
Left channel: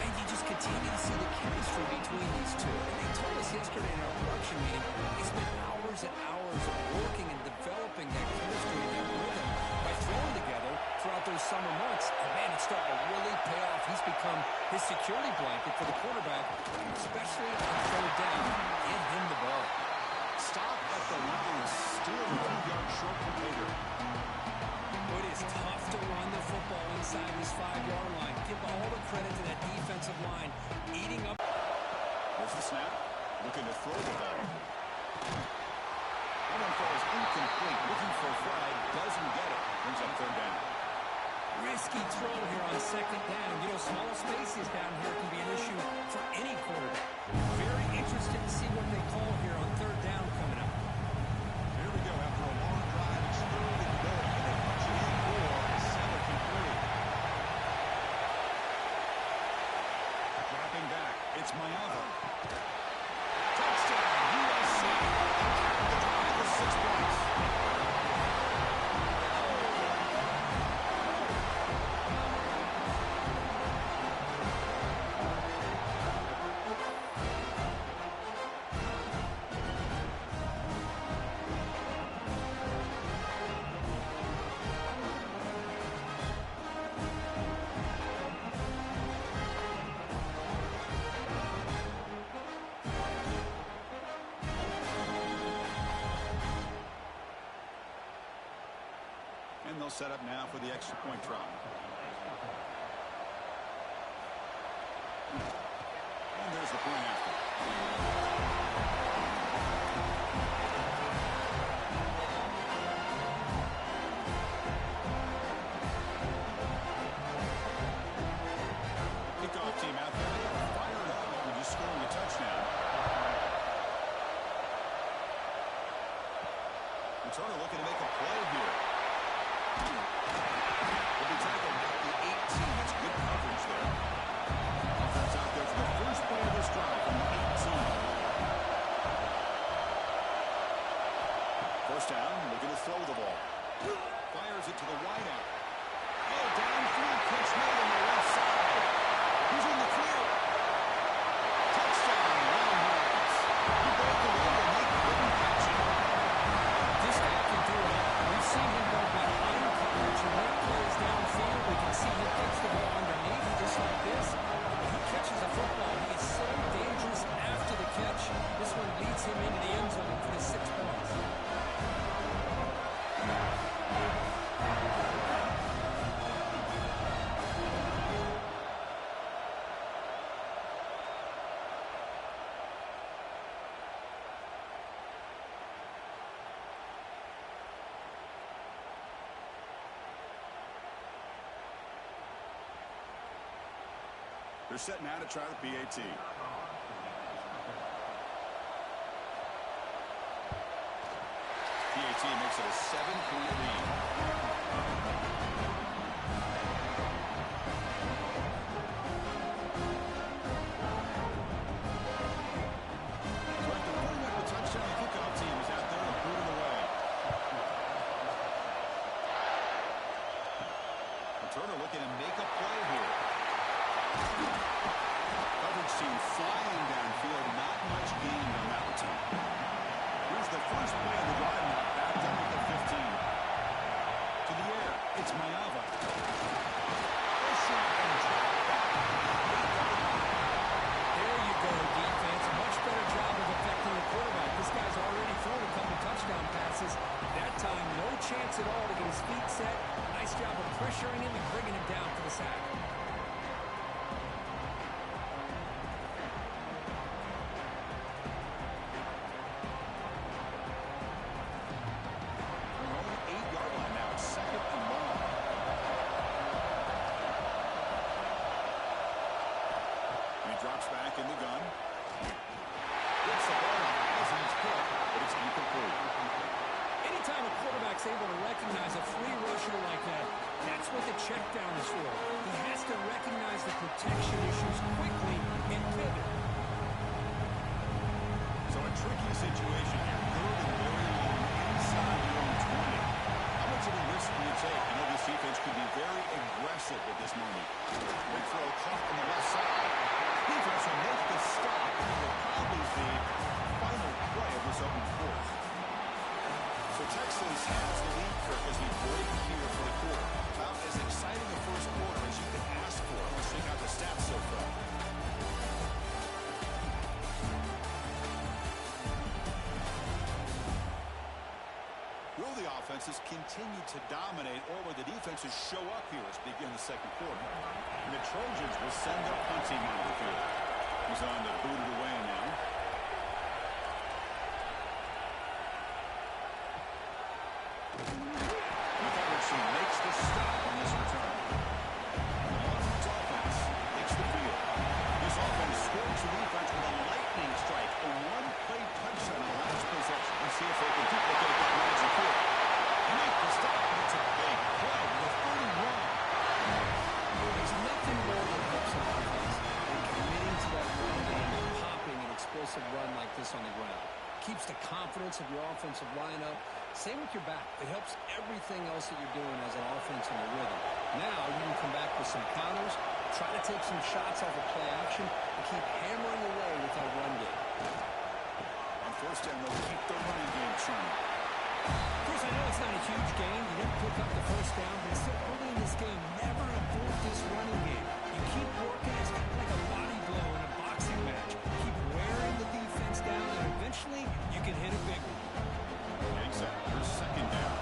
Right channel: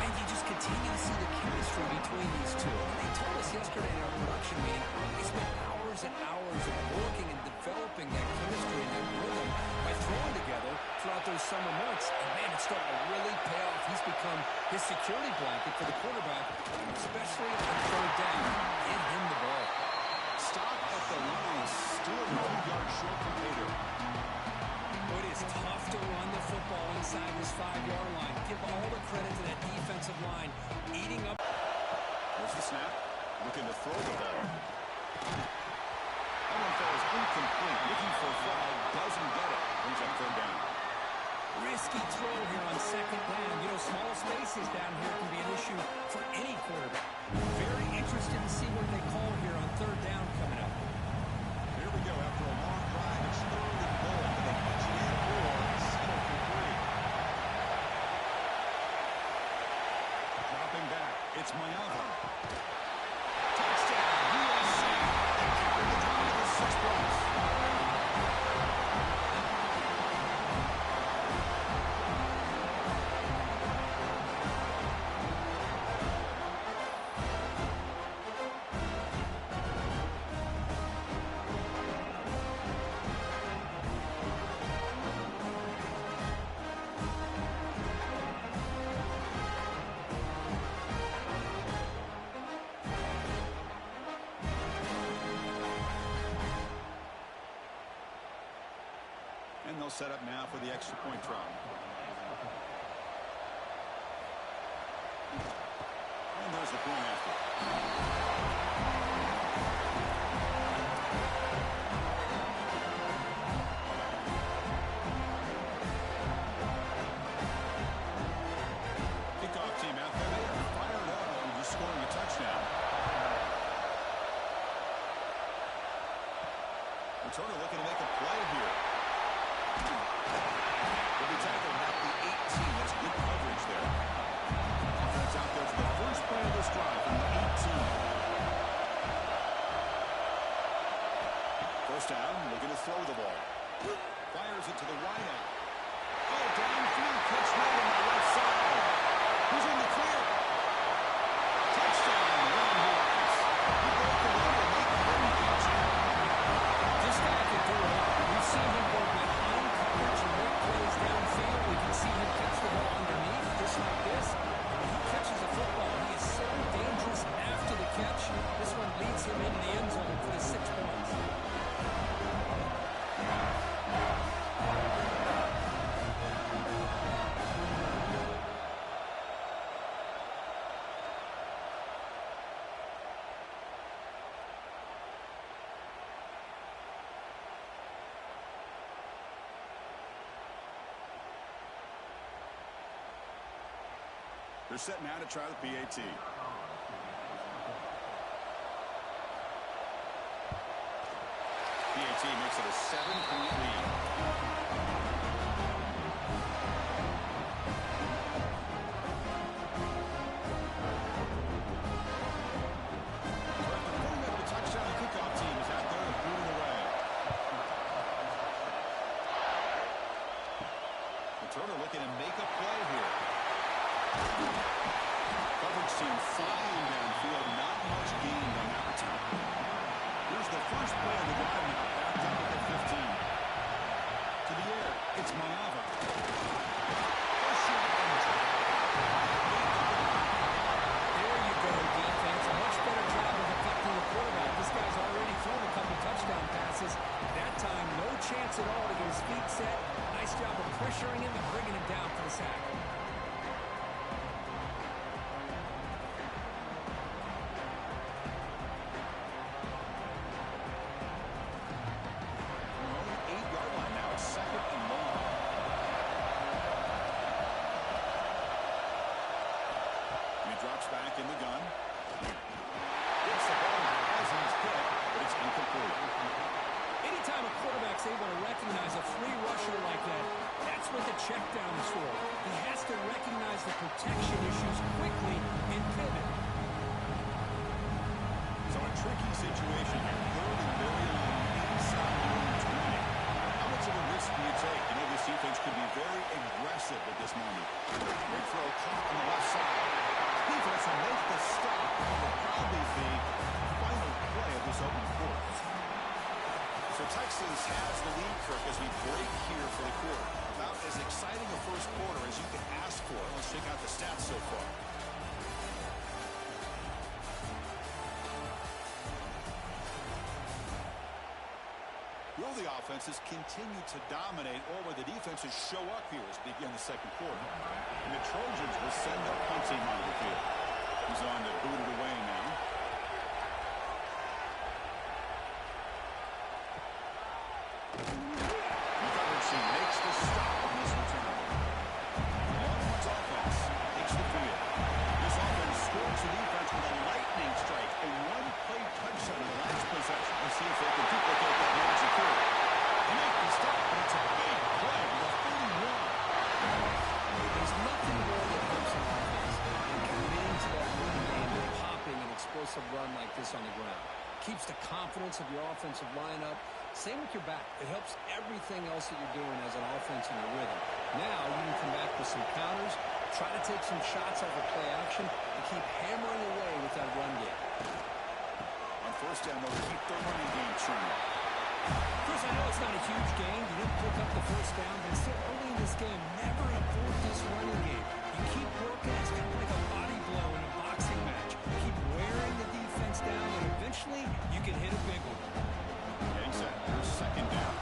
And you just continue to see the chemistry between these two. And they told us yesterday in our production meeting, they spent hours and hours of working and developing that chemistry and that rhythm by throwing together throughout those summer months. And man, it's starting to really pay off. He's become his security blanket for the quarterback, especially on 3rd down. Get him the ball. Stop at the line, still a few yards short from Pater. It is tough to run the football inside this 5-yard line. Give all the credit to that defensive line, eating up. There's the snap. Looking to throw the ball. That one falls incomplete. Looking for a flag. Doesn't get it. Brings up third down. Risky throw here on second down. You know, small spaces down here can be an issue for any quarterback. Very interested to see what they call here on third down coming up. Here we go. After a long drive, it's third and goal. Can they punch it in or settle for 3? Dropping back. It's Mayava. Touchdown, USC. They carried the drive with 6 points. And they'll set up now for the extra point try. And there's the point after. Kickoff team out there. They are fired up after just scoring a touchdown. Returner looking to make a play here. Will be tackled at the 18. That's good coverage there. Offense out there for the first play of this drive from the 18. First down, looking to throw the ball. Fires it to the wide out. Oh, downfield catch made on the left side. Who's in the clear? Touchdown, Longhorns. He broke away and they couldn't catch him. This guy can do it all. We've seen him go behind coverage and make plays downfield. We can see him catch the ball underneath, just like this. And when he catches a football, he is so dangerous after the catch. This one leads him into the end zone for the 6 points. They're set now to try the PAT. PAT makes it a 7-point lead. So after putting up a touchdown, the kickoff team is out there to boot it away. Turner looking to make a play here. Coverage team flying downfield. Not much gained on that return. Here's the first play of the drive now. Backed up at the 15. To the air. It's Mayava. Push and drop. There you go, defense. A much better job of affecting the quarterback. This guy's already thrown a couple touchdown passes. That time, no chance at all to get his feet set. Nice job of pressuring him and bringing him down for the sack. Drops back in the gun. Gets the ball as he's hit, but it's incomplete. Anytime a quarterback's able to recognize a free rusher like that, that's what the check down is for. He has to recognize the protection issues quickly and pivot. So a tricky situation here. Third and very long inside your own 20. How much of a risk do you take? You know this defense could be very aggressive at this moment. Big throw caught on the left side. Defense will make the stop, and it will probably be the final play of this opening quarter. So Texas has the lead, Kirk, as we break here for the quarter. About as exciting a first quarter as you can ask for. Let's check out the stats so far. offenses continue to dominate or where the defenses show up here as we begin the second quarter. And the Trojans will send their punt team onto the field. He's on to boot it away now. The coverage team makes the stop on this return. The Longhorns offense takes the field. This offense scorches the defense with a lightning strike. A one-play touchdown on the last possession. Let's see if they can duplicate that magic here. They make the stop, but it's a big play with a 31. There's nothing more that helps an offense than committing to that run game and popping an explosive run like this on the ground. Keeps the confidence of your offensive lineup. Same with your back. It helps everything else that you're doing as an offense in your rhythm. Now you can come back with some counters, try to take some shots off of play action, and keep hammering away with that run game. On first down, they'll keep the running game churning. Chris, I know it's not a huge gain. You didn't pick up the first down, but it's still early in this game. Never abort this running game. You keep working. It's kind of like a body blow in a boxing match. Keep wearing the defense down, and eventually you can hit a big one. Getting set. Here's second down.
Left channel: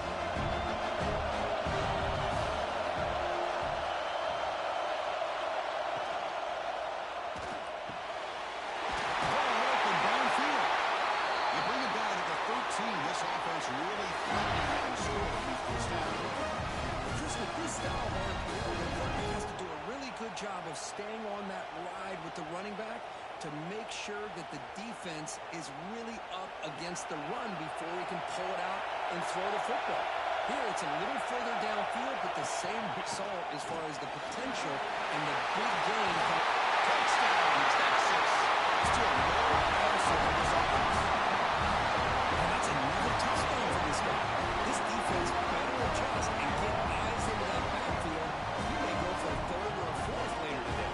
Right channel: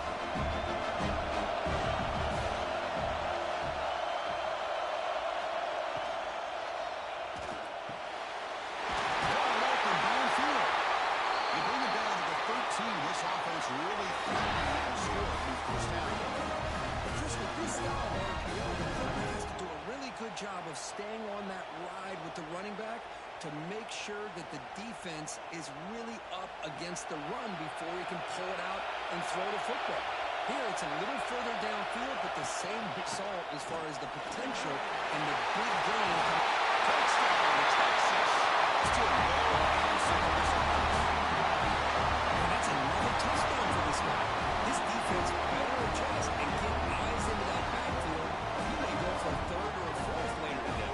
This offense really threatening that score in the first down. Chris, with this style of RPO, the quarterback has to do a really good job of staying on that ride with the running back to make sure that the defense is really up against the run before he can pull it out and throw the football. Here, it's a little further downfield, but the same result as far as the potential and the big gain. Touchdown, Texas. Still no answer for this offense. Another touchdown for this guy. This defense better adjust and get eyes into that backfield. He may go for a third or a fourth later today.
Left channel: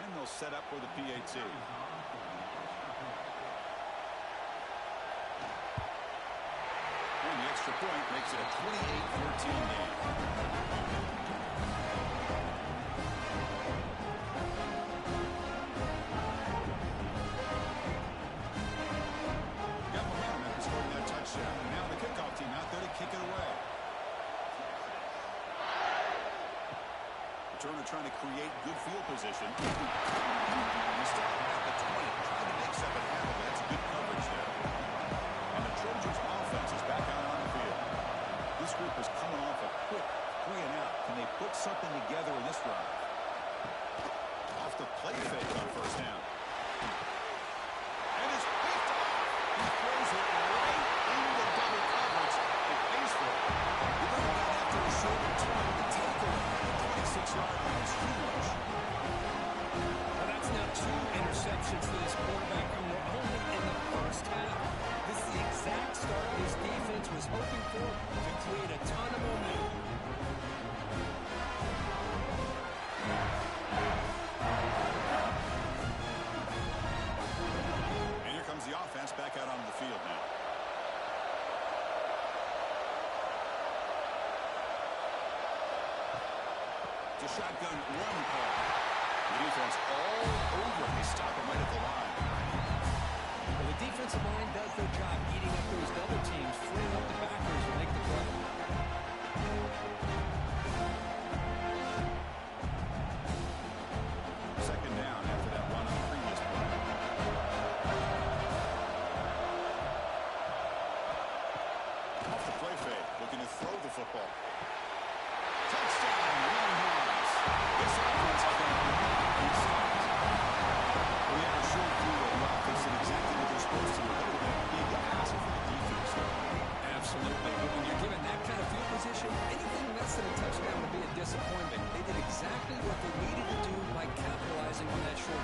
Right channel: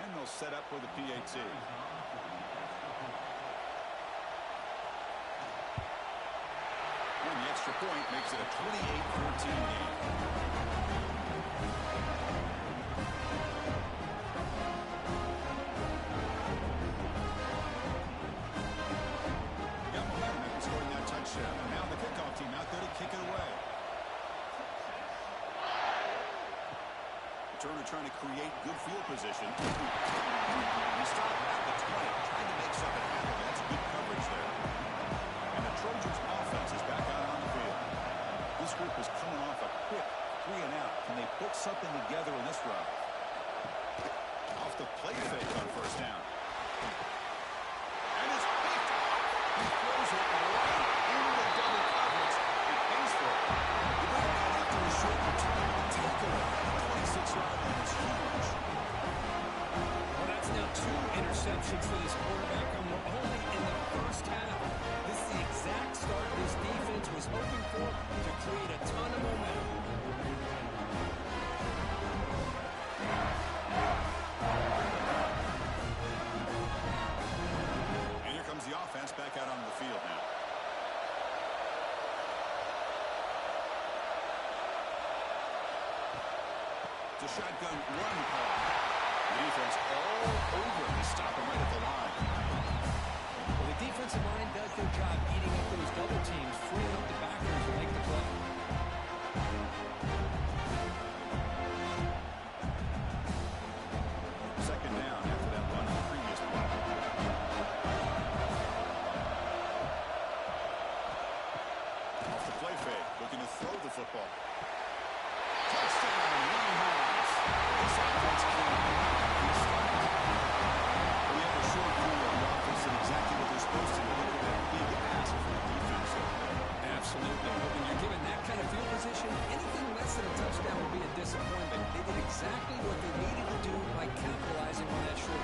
And they'll set up for the PAT. And the extra point makes it a 28-14 game. Got momentum after scoring that touchdown. And now the kickoff team out there to kick it away. Turner trying to create good field position. He stopped at the 20, trying to make something happen. That's good coverage there. And the Trojans offense is back out on the field. This group is coming off a quick 3 and out. Can they put something together in this drive? Off the play fake on first down. And it's picked off. He throws it right into double coverage and pays for it. You bring it down after a short return. The takeaway at the 26-yard line is huge. Well, that's now 2 interceptions for this quarterback, and we're only in the first half. This is the exact start this defense was hoping for to create a ton of momentum. And here comes the offense back out onto the field now. It's a shotgun run call. The defense all over. They stop him right at the line. Well, the defensive line does their job eating up those double teams, freeing up the backers to make the play. Second down after that run on the previous play. Off the play fake, looking to throw the football. Touchdown, Longhorns. This offense cannot be stopped. We had a short view of the offense did exactly what they're supposed to do. Look at that big ask for the defense there. Absolutely. But when you're given that kind of field position, anything less than a touchdown would be a disappointment. They did exactly what they needed to do by capitalizing on that short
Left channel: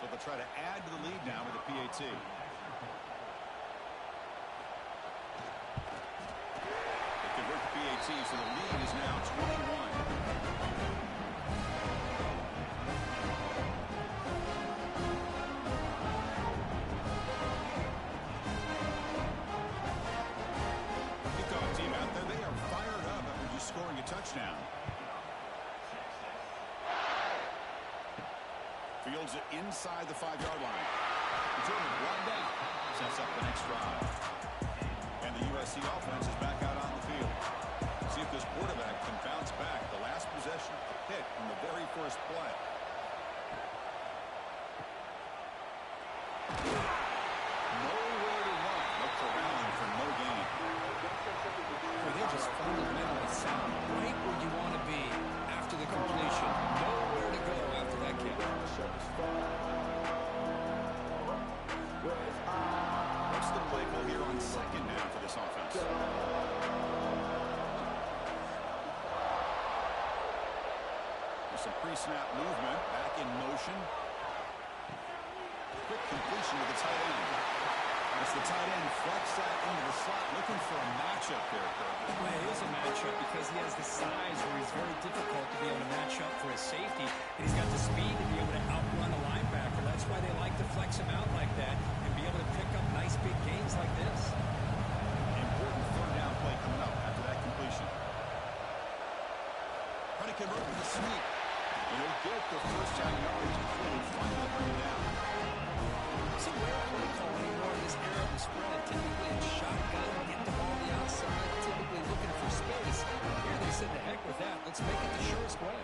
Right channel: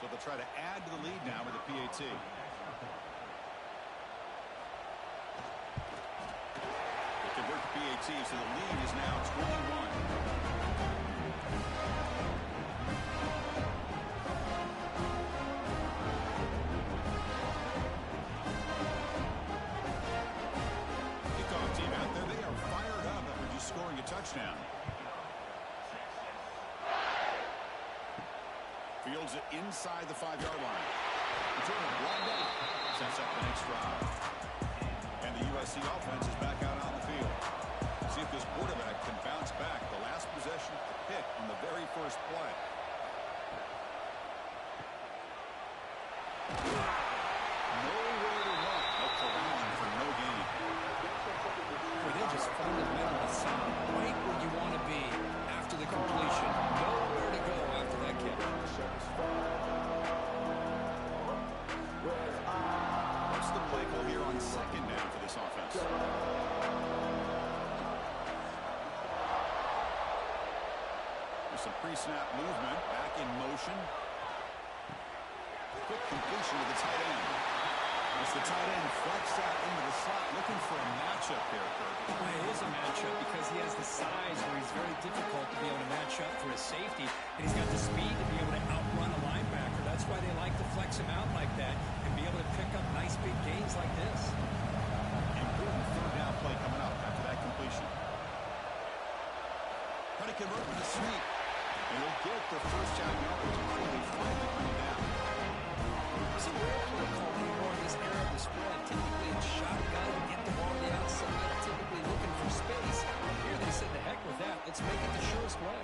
So they'll try to add to the lead now with a PAT. They convert the PAT, so the lead is now 21. Kickoff team out there. They are fired up after just scoring a touchdown. Fields it inside the 5-yard line. Jordan brought down. Sets up the next drive. And the USC offense is back out on the field. See if this quarterback can bounce back. The last possession, a pick on the very first play. Nowhere to run. No corralling for no gain. Well, they're just fundamentally sound. Right where you want to be after the completion. Nowhere to go after that catch. What's the play call here on second down for this offense? There's some pre-snap movement. Back in motion. Quick completion to the tight end. As the tight end flex that into the slot, looking for a matchup there, Kirk. Well, it is a matchup because he has the size where he's very difficult to be able to match up for his safety, and he's got the speed to be able to outrun a linebacker. That's why they like to flex him out like that and be able to pick up nice big gains like this. Important third down play coming up after that completion. Trying to convert with a sweep. And he'll get the first down yardage before they finally bring it down. It's a rare play call anymore in this era of the spread. Typically it's shotgun, get the ball on the outside, typically looking for space. Here they said, the heck with that. Let's make it the surest way.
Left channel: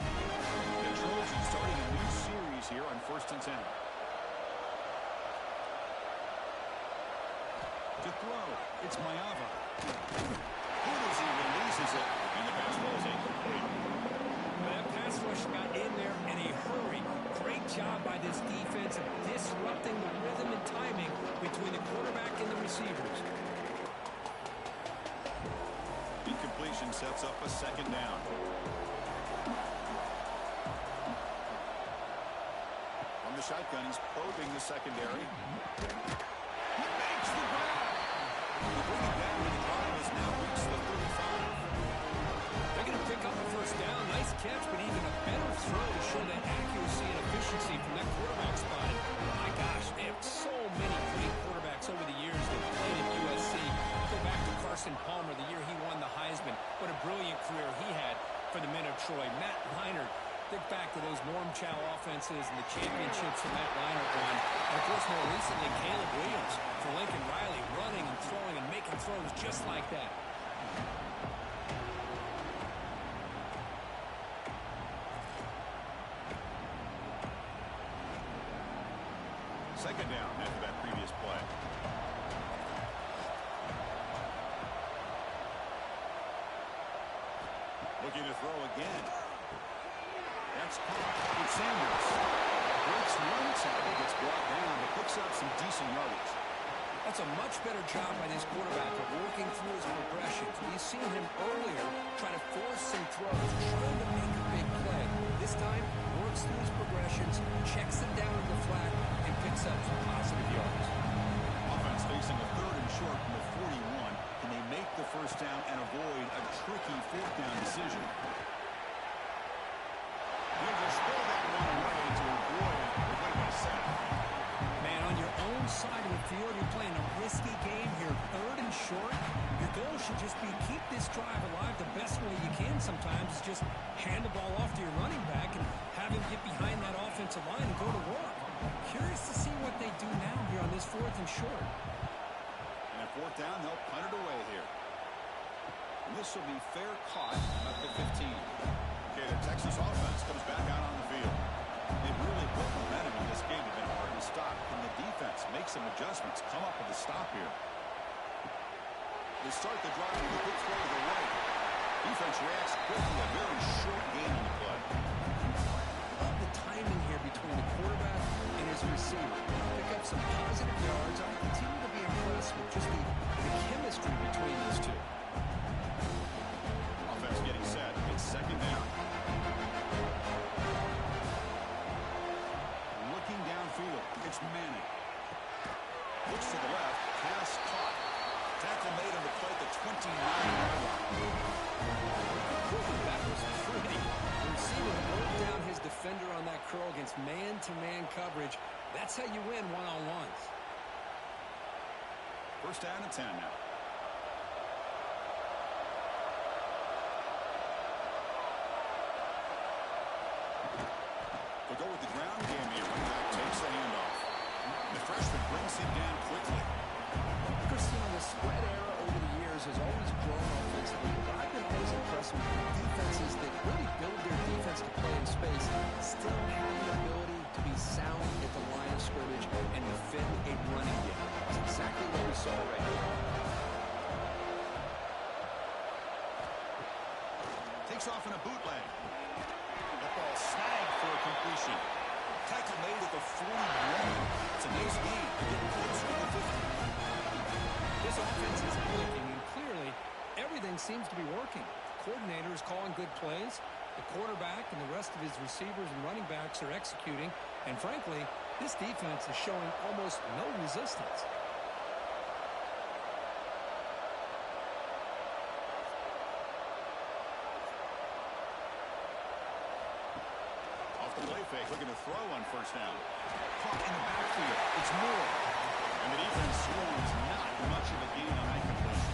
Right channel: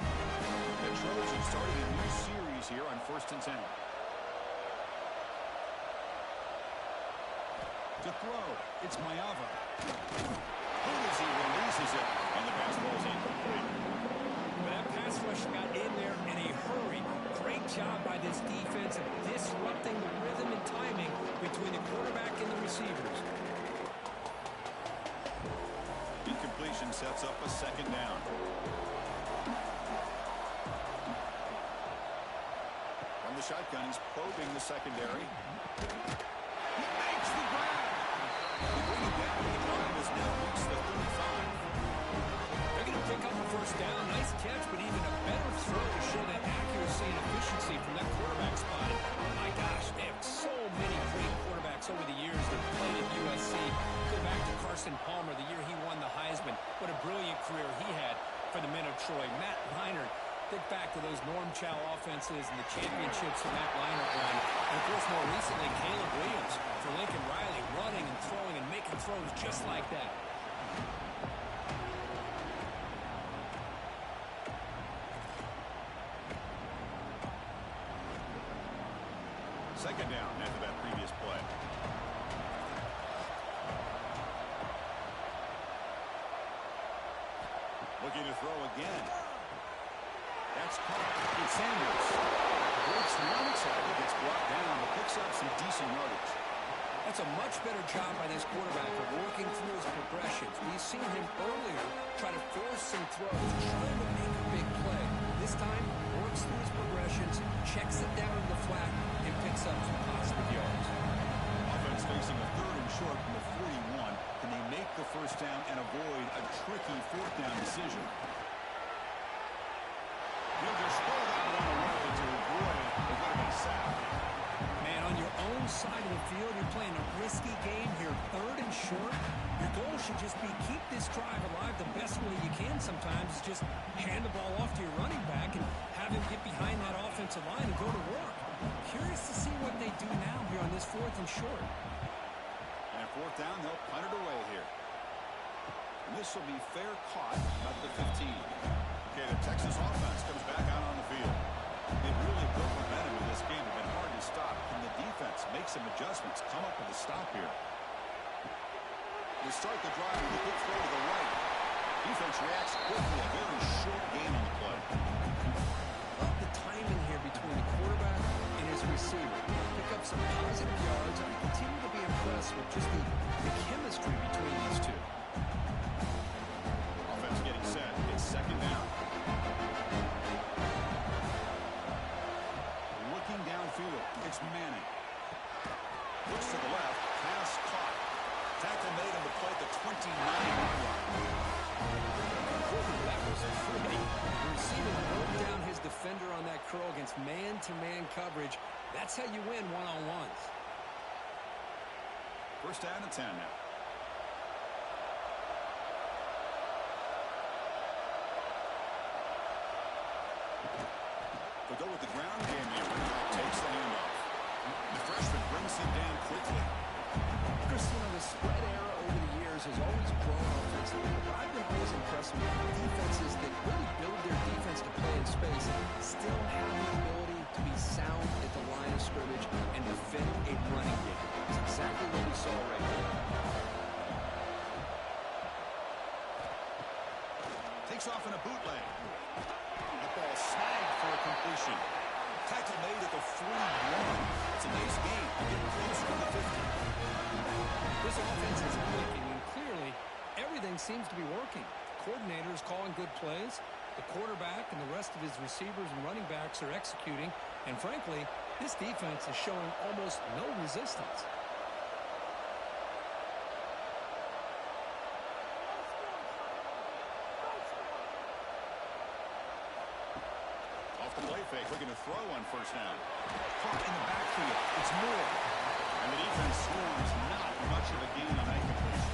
The Trojans starting a new series here on 1st and 10. To throw, it's Mayava. As he releases it, and the pass ball is incomplete. But that pass rush got in there in a hurry. Great job by this defense of disrupting the rhythm and timing between the quarterback and the receivers. Incompletion sets up a second down. From the shotgun, he's probing the secondary. He makes the grab. They bring him down, and the drive has now reached the 35. They're going to pick up a first down. Nice catch, but even a better throw to show that accuracy and efficiency from that quarterback spot. And my gosh, they have so many great quarterbacks over the years that played at USC. Go back to Carson Palmer, the year he won the Heisman. What a brilliant career he had for the men of Troy. Matt Leinart. Think back to those Norm Chow offenses and the championships that Matt Leinart won. And, of course, more recently, Caleb Williams for Lincoln Riley, running and throwing and making throws just like that. Second down after that previous play. Looking to throw again. That's caught. It's Sanders. Breaks one tackle, gets brought down, but picks up some decent yardage. That's a much better job by this quarterback of working through his progressions. We've seen him earlier try to force some throws, trying to make a big play. This time, works through his progressions, checks it down in the flat, and picks up some positive yards. Offense facing a 3rd and short from the 41. Can they make the first down and avoid a tricky 4th down decision? He'll just throw that one away to avoid it. It would have been a sack. Man, on your own side of the field, you're playing a risky game here, 3rd and short. Your goal should just be keep this drive alive the best way you can sometimes is just hand the ball off to your running back and have him get behind that offensive line and go to work. Curious to see what they do now here on this 4th and short. And at 4th down, they'll punt it away here. And this will be fair caught about the 15. Okay, the Texas offense comes back out on the field. They've really built momentum in this game. They've been hard to stop. Can the defense make some adjustments, come up with a stop here? They start the drive with a quick throw to the right. Defense reacts quickly. A very short gain on the play. Love the timing here between the quarterback and his receiver. Pick up some positive yards. I continue to be impressed with just the chemistry between these two. Offense getting set. It's second down. Looking down field. It's Manning. Looks to the left. Pass caught. Tackle made on the play at the 29-yard line. That was pretty. The receiver broke down his defender on that curl against man-to-man coverage. That's how you win one-on-ones. First down and 10 now. We'll go with the ground game here. Running back takes the handoff. The freshman brings him down quickly. Christine, the spread era over the years has always grown offensively, but I've been always impressed with defenses that really build their defense to play in space, still have the ability to be sound at the line of scrimmage and defend a running game. That's exactly what we saw right here. Takes off in a bootleg. That ball snagged for a completion. Tackle made at the 41. It's a nice gain. They're getting closer to the 50. This offense is clicking, and clearly everything seems to be working. The coordinator is calling good plays. The quarterback and the rest of his receivers and running backs are executing. And frankly, this defense is showing almost no resistance. Off the play fake, looking to throw on first down. Caught in the backfield. It's Moore. And the defense swarms, not much of a gain on that completion.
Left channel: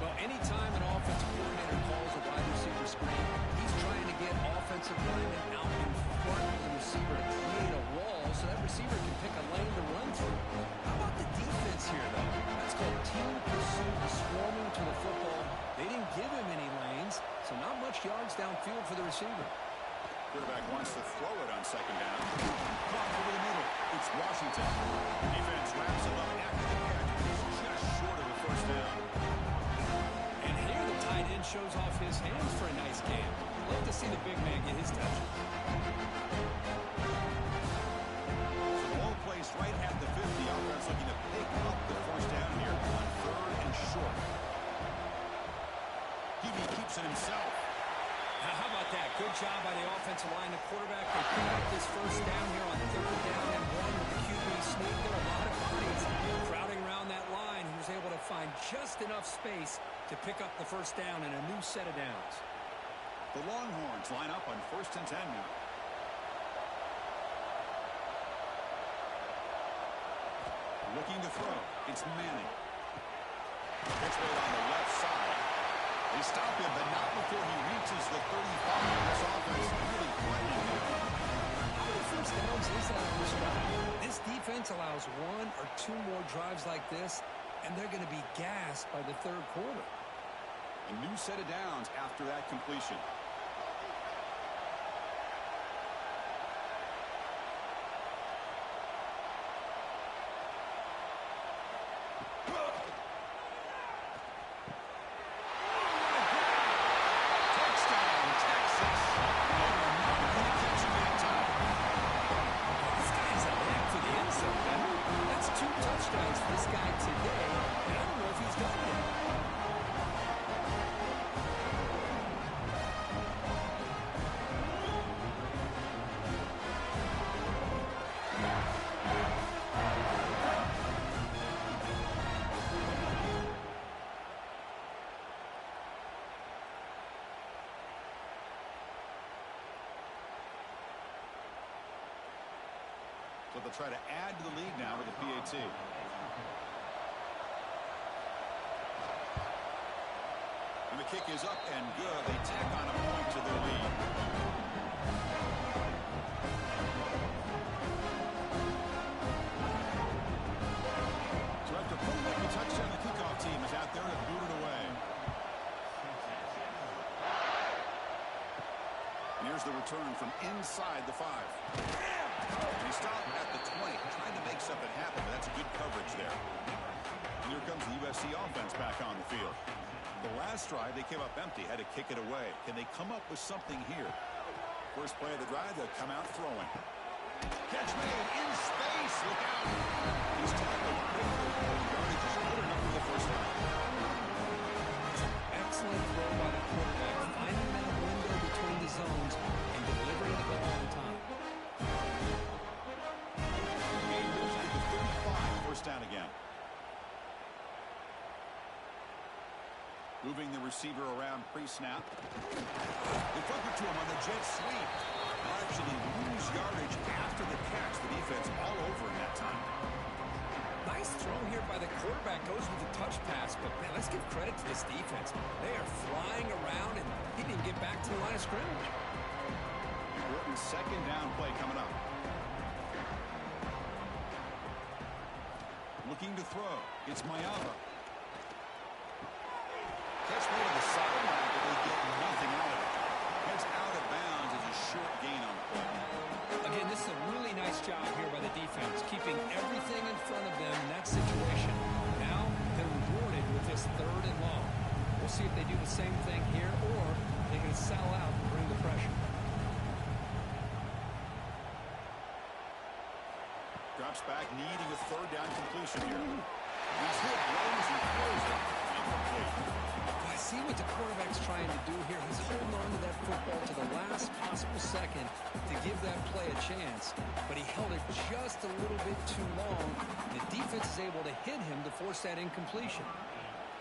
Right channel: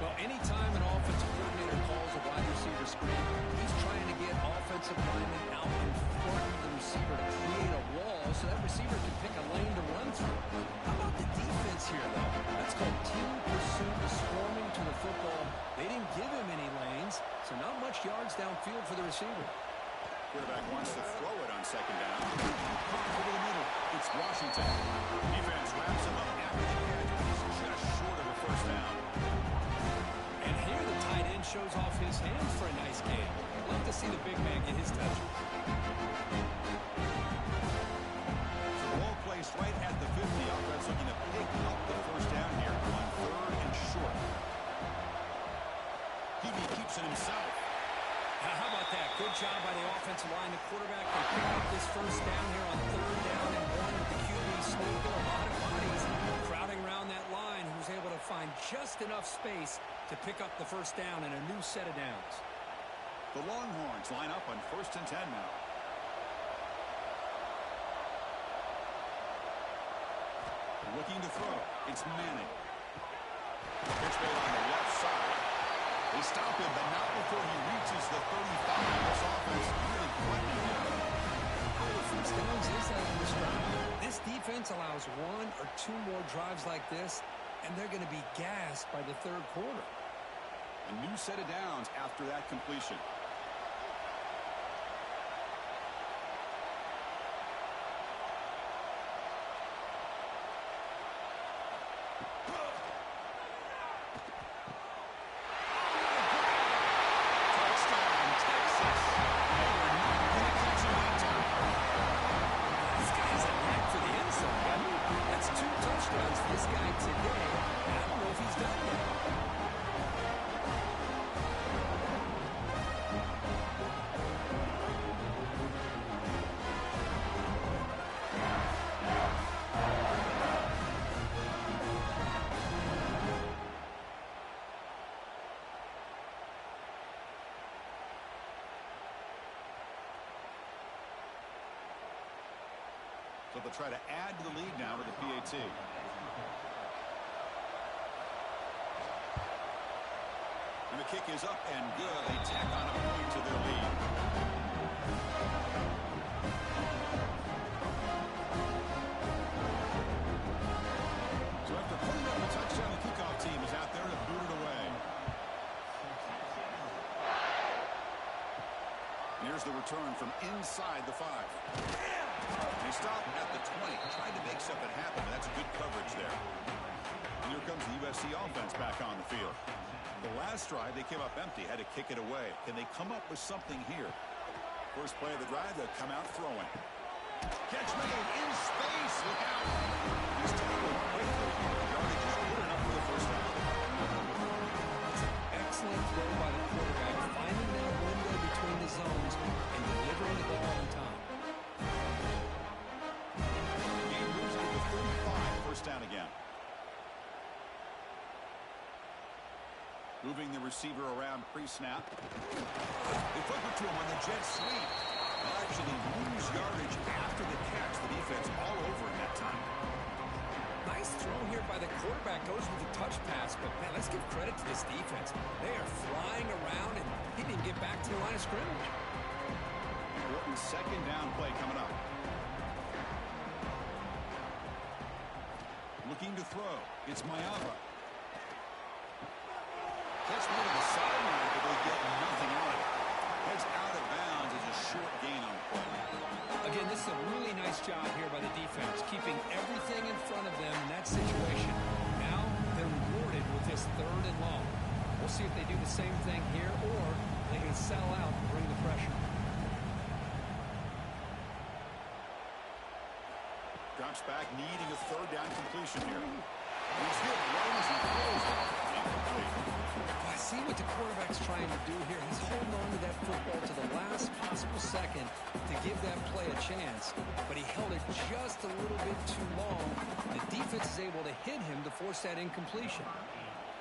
Well, anytime an offensive coordinator calls a wide receiver screen, he's trying to get offensive linemen out in front of the receiver to create a wall so that receiver can pick a lane to run through. How about the defense here, though? That's called team pursuit, swarming to the football. They didn't give him any lanes, so not much yards downfield for the receiver. Quarterback wants to throw it on second down. Caught over the middle. It's Washington. Defense wraps him up after the catch, but he's just short of a first down. And here the tight end shows off his hands for a nice game. Love to see the big man get his touches. So the ball placed right at the 50. Offense looking to pick up the first down here on third and short. Hebe keeps it himself. Now, how about that? Good job by the offensive line. The quarterback, they pick up this first down here on third down and 1 with the QB sneak. There are a lot of bodies crowding around that line. He was able to find just enough space to pick up the first down and a new set of downs. The Longhorns line up on first and 10 now. Looking to throw. It's Manning. Pitch made on the left side. They stop him, but not before he reaches the 35. This offense really threatening him. How many first downs is that on this drive? This defense allows 1 or 2 more drives like this, and they're going to be gassed by the third quarter. A new set of downs after that completion. This guy today, and I don't know if he's done yet. So they'll try to add to the lead now with the PAT. And the kick is up and good. They tack on a point to their lead. So after putting up a touchdown, the kickoff team is out there to boot it away. And here's the return from inside the 5. They stop at the 20, trying to make something happen, but that's good coverage there. And here comes the USC offense back on the field. The last drive, they came up empty, had to kick it away. Can they come up with something here? First play of the drive, they'll come out throwing. Catch made in space. Look out. He's tackled quickly. The yardage is good enough for the first down. Excellent throw by the quarterback, finding that window between the zones and delivering the ball on time. first down again. Moving the receiver around pre-snap. They flip it to him on the jet sweep. They'll actually lose yardage after the catch. The defense all over him that time. Nice throw here by the quarterback. Goes with the touch pass, but man, let's give credit to this defense. They are flying around, and he didn't get back to the line of scrimmage. Important second down play coming up. Looking to throw. It's Mayava. Catch made on the sideline, but they get nothing out of it. Heads out of bounds as a short gain on the play. Again, this is a really nice job here by the defense, keeping everything in front of them in that situation. Now they're rewarded with this 3rd and long. We'll see if they do the same thing here, or they can sell out and bring the pressure. Drops back, needing a 3rd down completion here. He's hit, runs, and throws it. Incomplete. I see what the quarterback's trying to do here. He's holding on to that football to the last possible second to give that play a chance, but he held it just a little bit too long. The defense is able to hit him to force that incompletion.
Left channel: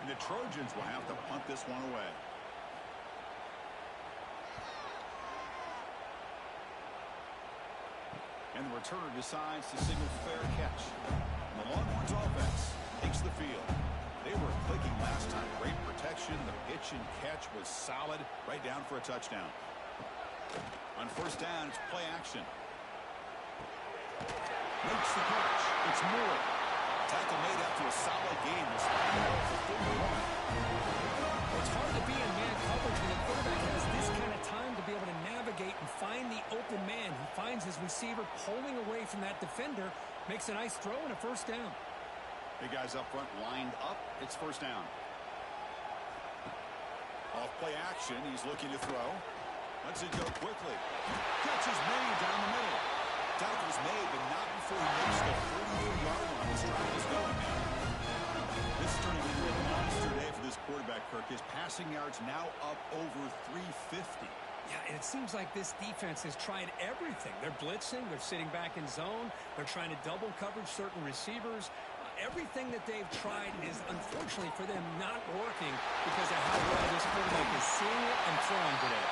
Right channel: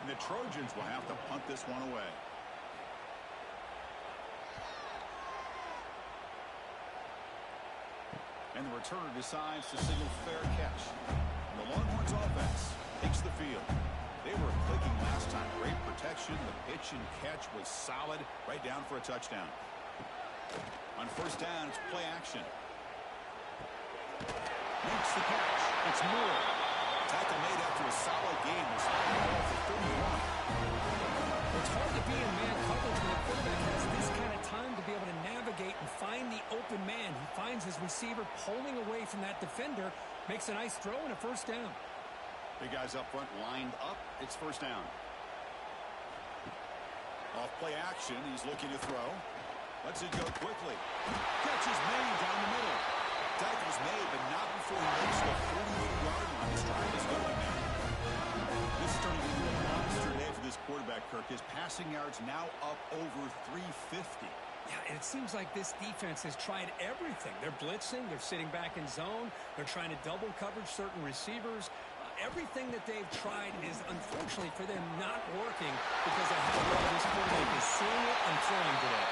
And the Trojans will have to punt this one away. And the returner decides to signal fair catch. And the Longhorns offense takes the field. They were clicking last time. Great protection. The pitch and catch was solid. Right down for a touchdown. On first down, it's play action. Makes the catch. It's Moore. Tackle made after a solid game. Will spike the ball for 31. It's hard to be in man coverage when the quarterback has this kind of time to be able to navigate and find the open man. He finds his receiver pulling away from that defender, makes a nice throw and a first down. Big guys up front lined up. It's first down. Off play action. He's looking to throw. Lets it go quickly. Catch is made down the middle. Tackle's made, but not before he makes the 43-yard line. This drive is going now. This is turning into a monster day for this quarterback, Kirk. His passing yards now up over 350. Yeah, and it seems like this defense has tried everything. They're blitzing. They're sitting back in zone. They're trying to double coverage certain receivers. Everything that they've tried is, unfortunately for them, not working because of how well this quarterback is seeing it and throwing today.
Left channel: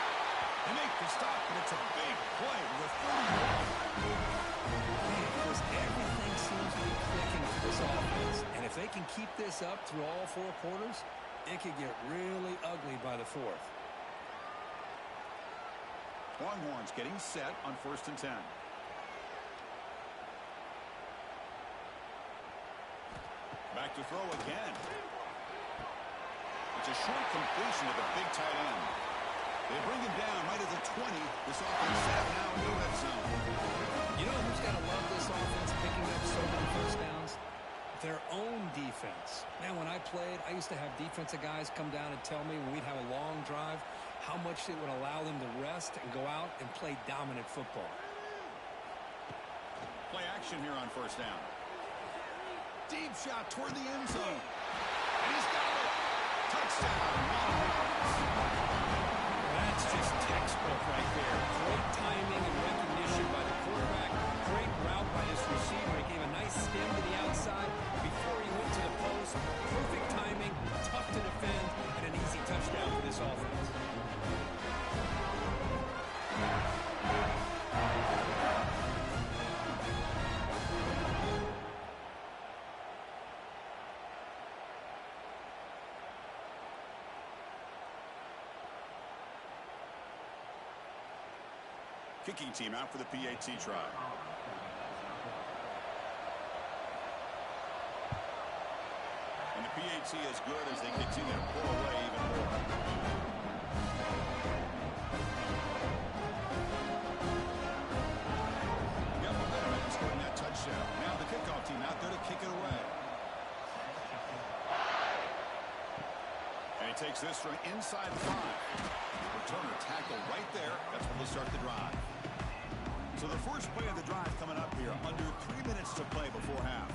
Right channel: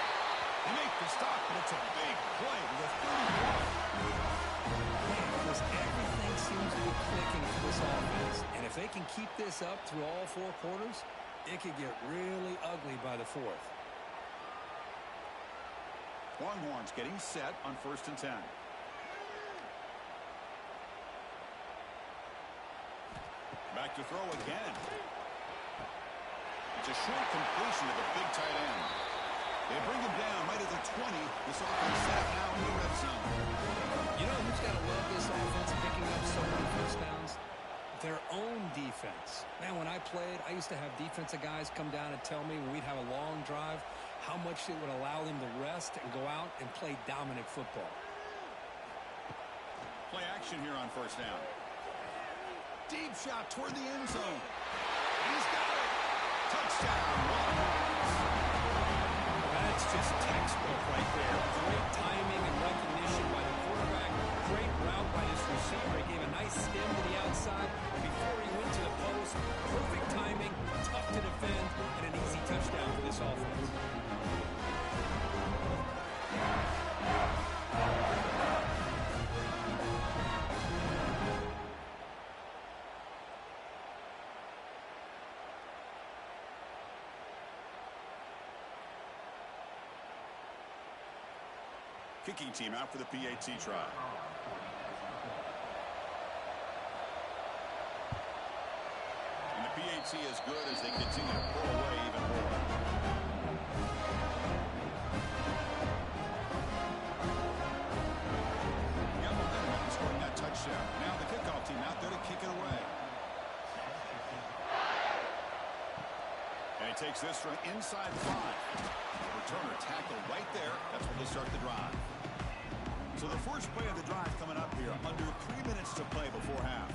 They make the stop, but it's a big play with 31. Man, Chris, everything seems to be clicking for this offense. And if they can keep this up through all 4 quarters, it could get really ugly by the 4th. Longhorns getting set on 1st and 10. Back to throw again. It's a short completion to the big tight end. They bring him down right at the 20. This offense set now in the red zone. You know who's got to love this offense picking up so many first downs? Their own defense. Man, when I played, I used to have defensive guys come down and tell me when we'd have a long drive how much it would allow them to rest and go out and play dominant football. Play action here on first down. Deep shot toward the end zone. And he's got it. Touchdown, Longhorns. That's just textbook right there. Great timing and recognition by the quarterback. Great route by this receiver. He gave a nice stem to the outside before he went to the post. Perfect timing, tough to defend, and an easy touchdown for this offense. Kicking team out for the PAT try. And the PAT is good as they continue to pull away even more. Got momentum after scoring that touchdown. Now the kickoff team out there to kick it away. And he takes this from inside the 5. Returner tackle right there. That's when they'll start the drive. So the first play of the drive coming up here. Under 3 minutes to play before half.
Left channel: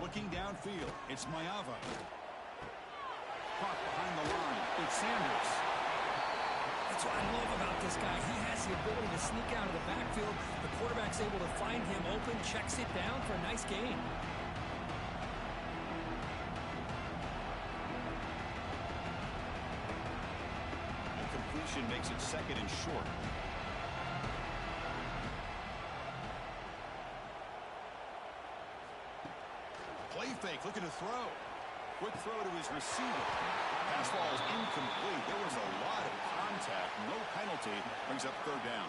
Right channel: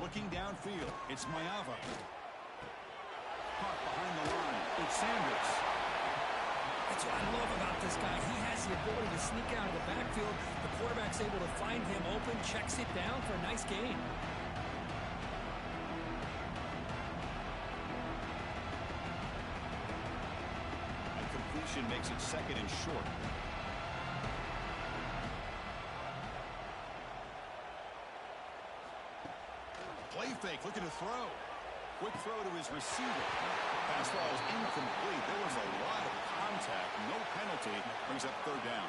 Looking downfield. It's Mayava. Caught behind the line. It's Sanders. That's what I love about this guy. He has the ability to sneak out of the backfield. The quarterback's able to find him open, checks it down for a nice gain. And completion makes it 2nd and short. Play fake, looking to throw. Quick throw to his receiver. Pass ball is incomplete. There was a lot of contact. No penalty. Brings up 3rd down.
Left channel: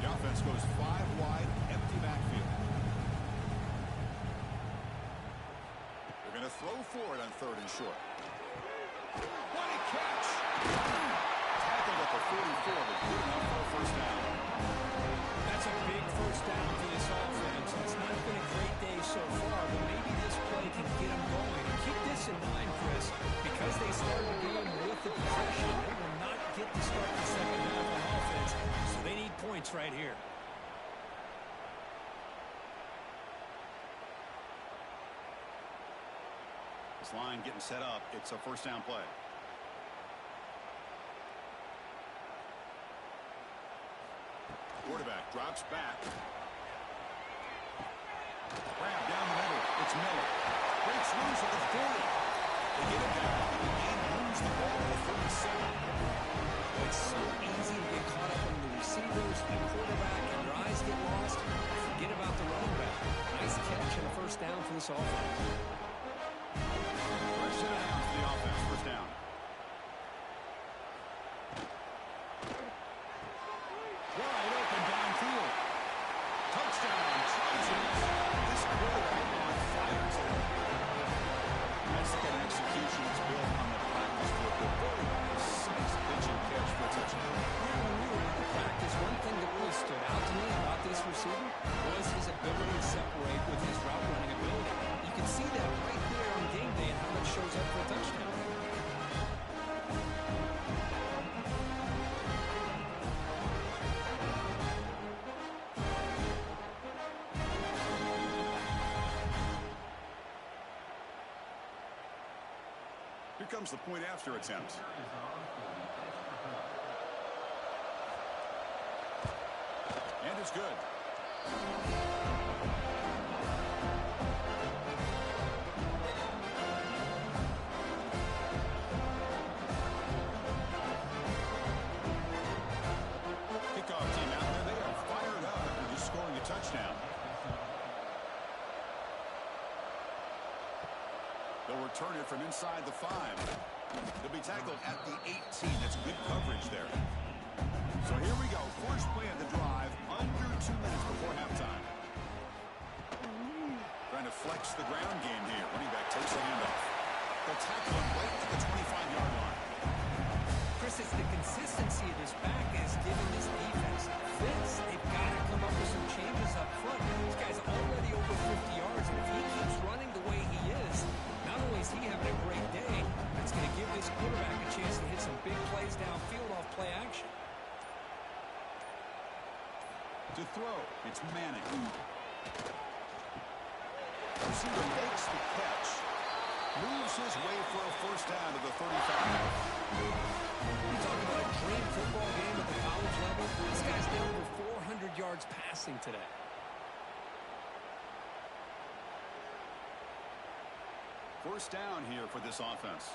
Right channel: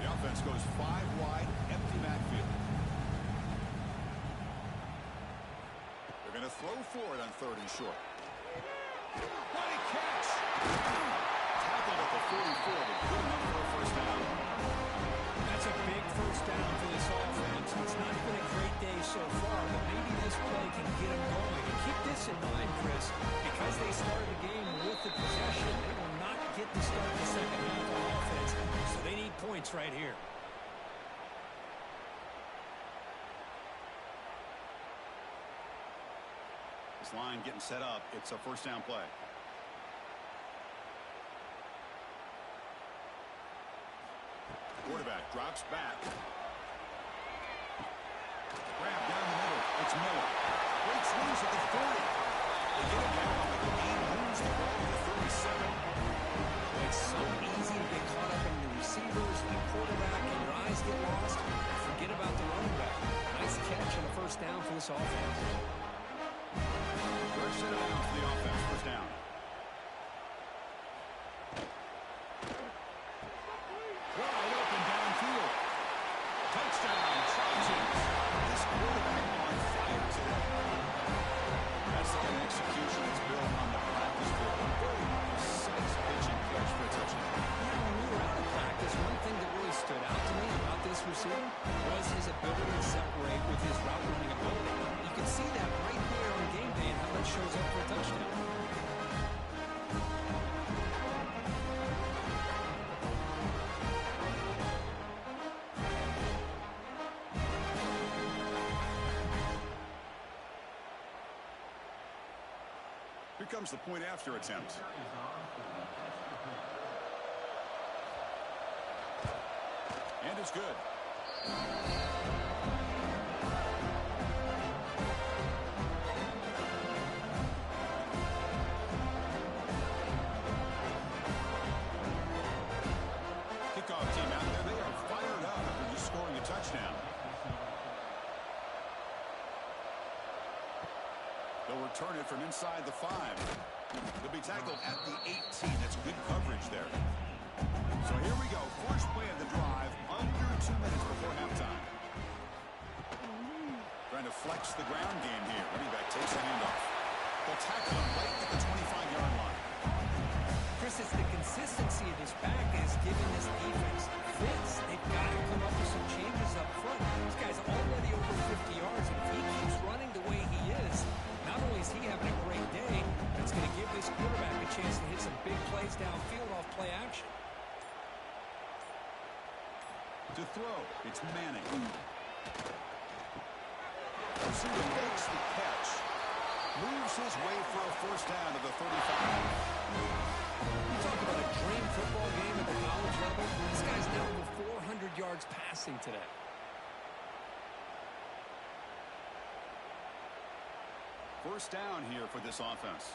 The offense goes 5 wide, empty backfield. They're going to throw for it on 3rd and short. What a catch! Tackled at the 44, but good enough for a 1st down. That's a big 1st down for this offense. It's not been a great day so far, but maybe this play can get them going. And keep this in mind, Chris, because they started the game with the possession, they will not get to start the 2nd half on offense, so they need points right here. This line getting set up. It's a 1st down play. Quarterback drops back. Grab down the middle. It's Miller. Breaks loose at the 40. They get him down, but the game moves the ball to the 37. Well, it's so easy to get caught up in the receivers, the quarterback, and your eyes get lost. Forget about the running back. Nice catch and a 1st down for this offense. Fresh set of downs for the offense. 1st down. Wide open downfield. Touchdown, Trojans. This quarterback on fire today. That's the kind of execution that's built on the practice field. A very precise pitch and catch for a touchdown. Yeah, when we were out of practice, one thing that really stood out to me about this receiver was his ability to separate with his route running ability. You can see that right there on game day and how that shows up for a touchdown. Here comes the point after attempt. And it's good. Kickoff team out there. They are fired up after just scoring a touchdown. They'll return it from inside the 5. They'll be tackled at the 18. That's good coverage there. So here we go. First play of the drive, under 2 minutes before halftime. Trying to flex the ground game here. Running back takes the handoff. They'll tackle him right at the 25-yard line. Chris, it's the consistency of this back that has given this defense fits. They've got to come up with some changes up front. This guy's already over 50 yards, and if he keeps running the way he is, not only is he having a great day, but it's going to give this quarterback a chance to hit some big plays downfield off play action. To throw, it's Manning. Receiver makes the catch. Moves his way for a 1st down to the 35. You talk about a dream football game at the college level. This guy's now over 400 yards passing today. First down here for this offense.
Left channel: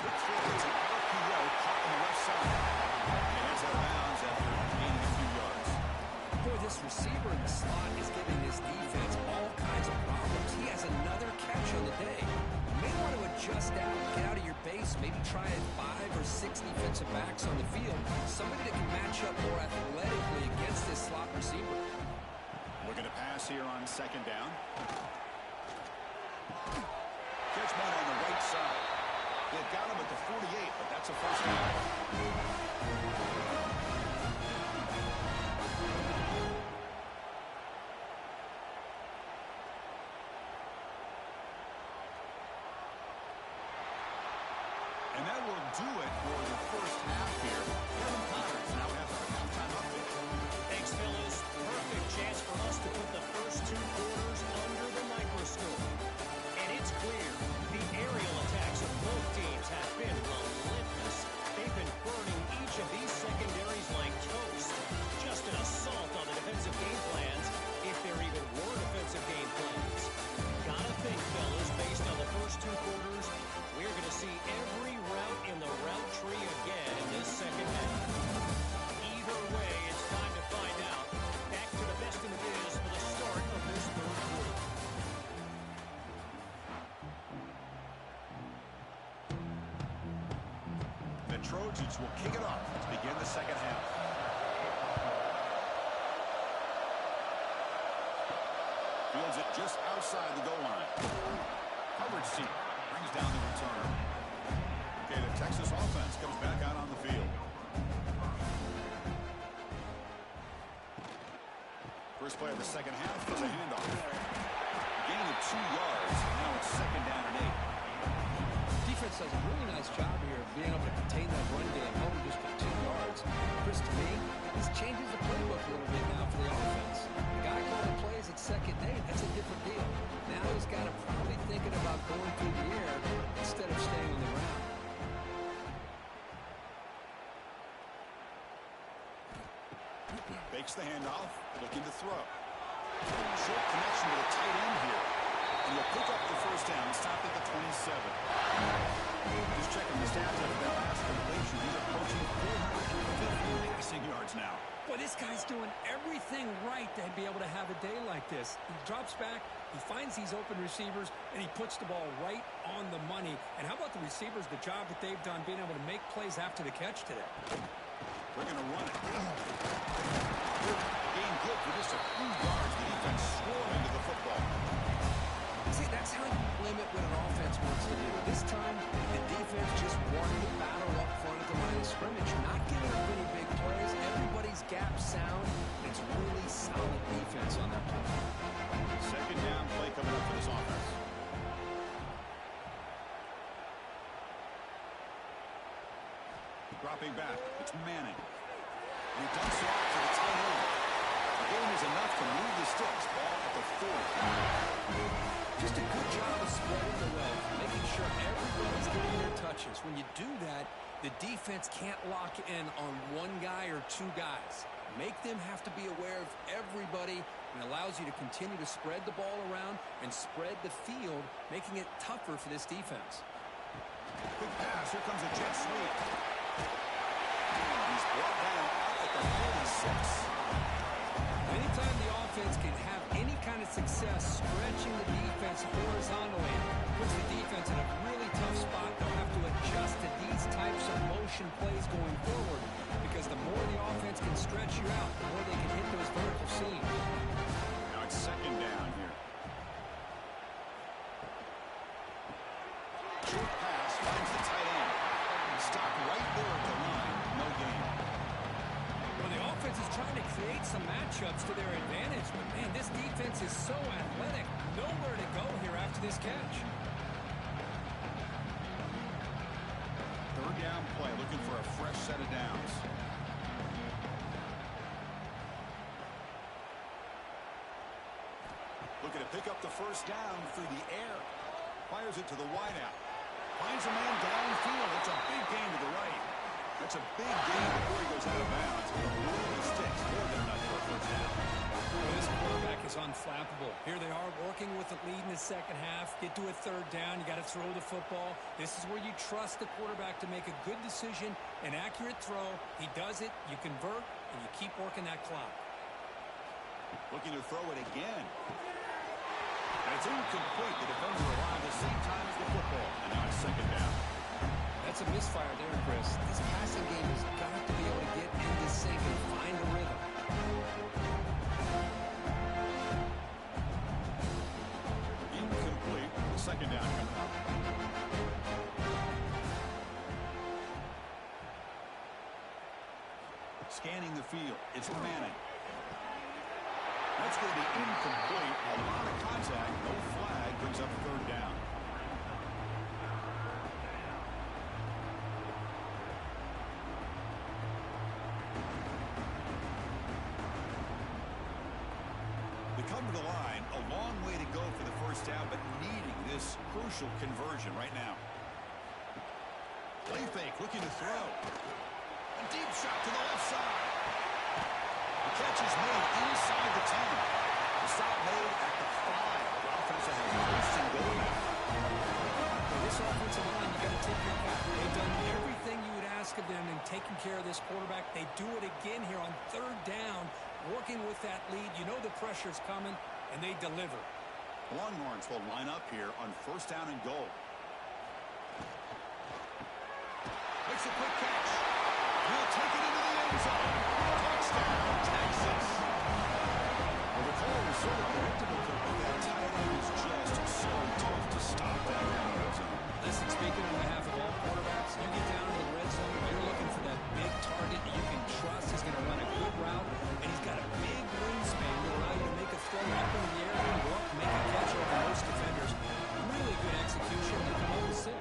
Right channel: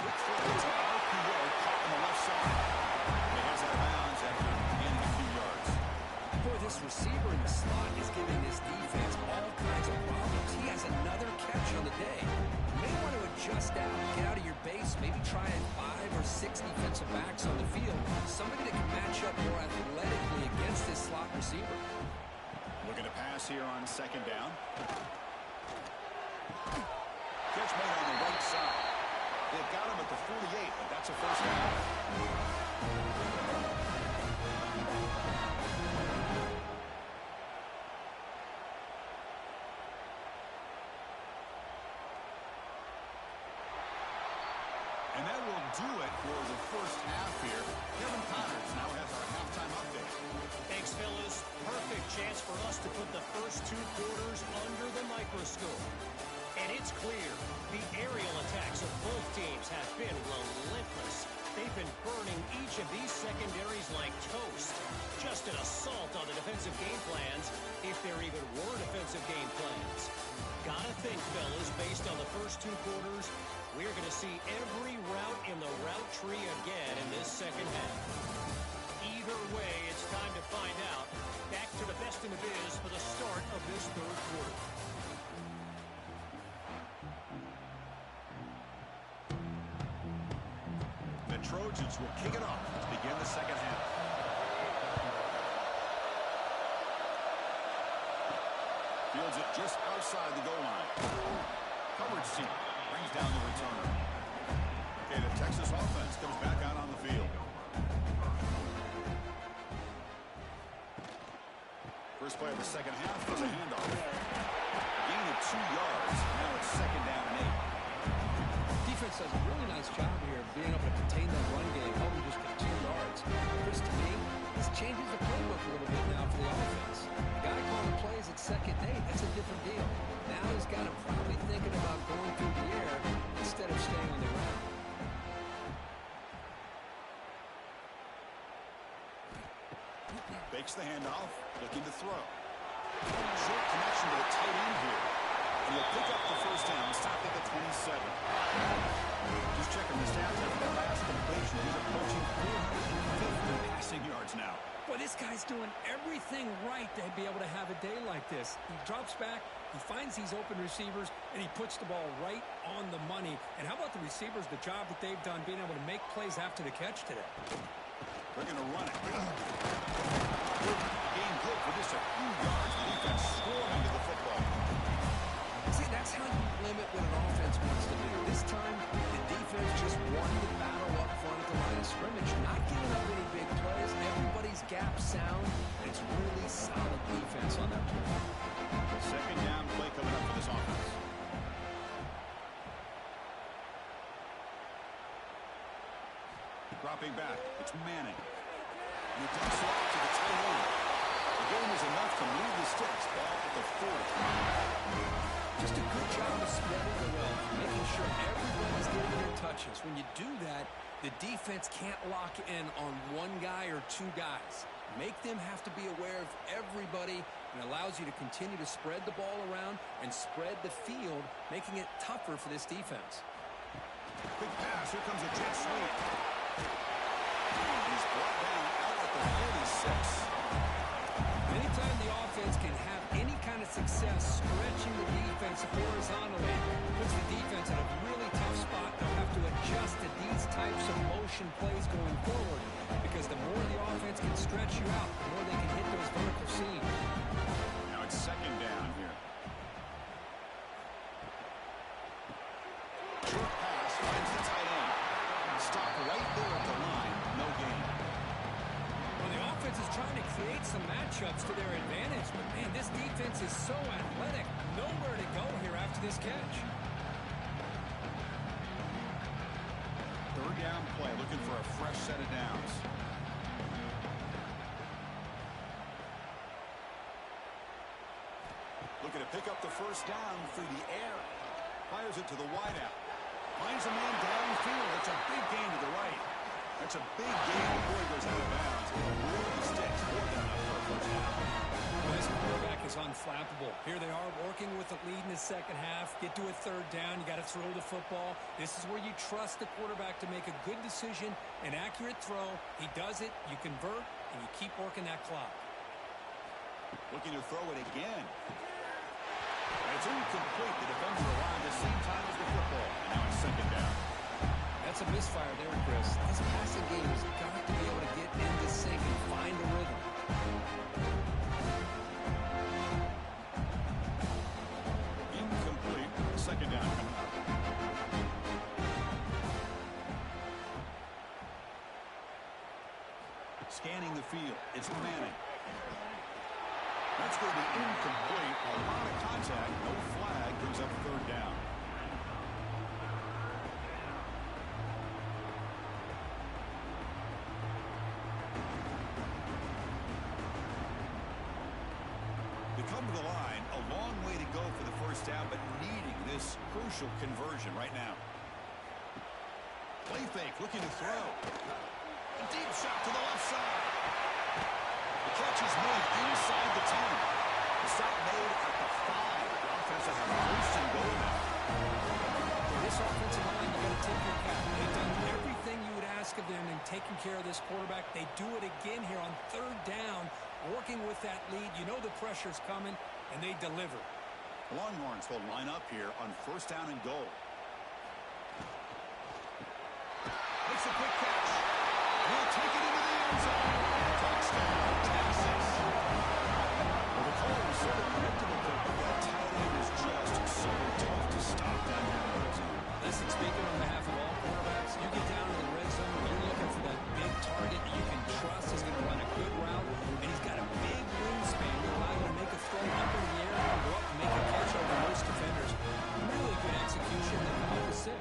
Quick throw. It's an RPO caught on the left side. And he heads out of bounds after gaining a few yards. Boy, this receiver in the slot is giving this defense all kinds of problems. He has another catch on the day. You may want to adjust out, get out of your base, maybe try 5 or 6 defensive backs on the field. Somebody that can match up more athletically against this slot receiver. Looking to pass here on 2nd down. Catch made on the right side. They've got him at the 48, but that's a 1st down. And that will do it for the first half here. Kevin Connors now has our halftime update. Both teams have been relentless. They've been burning each of these secondaries like toast. Just an assault on the defensive game plans, if there even were defensive game plans. Gotta think, fellas, based on the first 2 quarters, we're going to see every route in the route tree again in this second half. Either way, it's time to find out. Back to the best in the biz for the start of this third quarter. The Trojans will kick it off to begin the second half. Fields it just outside the goal line. Coverage team brings down the returner. Okay, the Texas offense comes back out on the field. First play of the second half is a handoff. A gain of 2 yards. Now it's second down and 8. Defense does a really nice job here of being able to contain that run game, held him just to 2 yards. Chris, to me, this changes the playbook a little bit now for the offense. The guy calling plays at second and 8, that's a different deal. Now he's got him probably thinking about going through the air instead of staying on the ground. Fakes the handoff, looking to throw. Short connection to the tight end here. And he'll pick up the first down, stopped at the 27. Just checking the stats after that last completion. He's approaching 450 passing yards now. Boy, this guy's doing everything right to be able to have a day like this. He drops back, he finds these open receivers, and he puts the ball right on the money. And how about the receivers, the job that they've done being able to make plays after the catch today? They're going to run it. Gain good for just a few yards. The defense swarming to the football. See, that's how you limit what an offense wants to do. This time, the defense just won the battle up front at the line of scrimmage, not giving up any big plays. Everybody's gap sound. It's really solid defense on that play. Second down play coming up for this offense. Dropping back, it's Manning. And he dumps it off to the tight end. The game is enough to move the sticks. Ball at the 40. Just a good job of spreading the wealth, making sure everybody's getting their touches. When you do that, the defense can't lock in on one guy or 2 guys. Make them have to be aware of everybody, and allows you to continue to spread the ball around and spread the field, making it tougher for this defense. Quick pass. Here comes a jet sweep. He's brought down out at the 46. Anytime the offense can have any kind of success stretching the defense horizontally, puts the defense in a really tough spot. They'll have to adjust to these types of motion plays going forward, because the more the offense can stretch you out, the more they can hit those vertical seams. Now it's second down here. Short pass finds the tight end. Stopped right there at the line. No gain. Well, the offense is trying to create some matchups to their advantage, but man, this defense is so athletic. Nowhere to go here after this catch. Third down play, looking for a fresh set of downs. Looking to pick up the first down through the air. Fires it to the wideout. Finds a man downfield. It's a big gain to the right. That's a big gain before he goes out of bounds. It'll move the sticks more than enough for a first down. Well, this quarterback is unflappable. Here they are working with the lead in the second half. Get to a third down. You got to throw the football. This is where you trust the quarterback to make a good decision, an accurate throw. He does it. You convert, and you keep working that clock. Looking to throw it again. And it's incomplete. The defender arrived at the same time as the football. And now it's second down. That's a misfire there, Chris. This passing game has got to be able to get into sync and find a rhythm. Incomplete. Second down coming up. Scanning the field. It's Manning. That's going to be incomplete. A lot of contact. No flag. Brings up third down. They come to the line, a long way to go for the first down, but needing this crucial conversion right now. Play fake, looking to throw. A deep shot to the left side. The catch is made inside the 10. The stop made at the 5. The offense will have first and goal now. Okay, this offensive line, you got to tip your cap. They've done everything you would ask of them in taking care of this quarterback. They do it again here on 3rd down, working with that lead. You know the pressure's coming, and they deliver. The Longhorns will line up here on 1st down and goal. Makes a quick catch. He'll take it into the end zone. Touchdown, Texas. Well, the call was sort of predictable, Kirk, but that tight end is just so tough to stop down here in the red zone. Listen, speaking on behalf of all quarterbacks, you get down to the red zone, you're looking for that big target that you can trust. He's going to run a good route, and he's got a big wingspan to allow you to make a throw up in the air and go up and make a catch over most defenders. Really good execution. They come up with 6.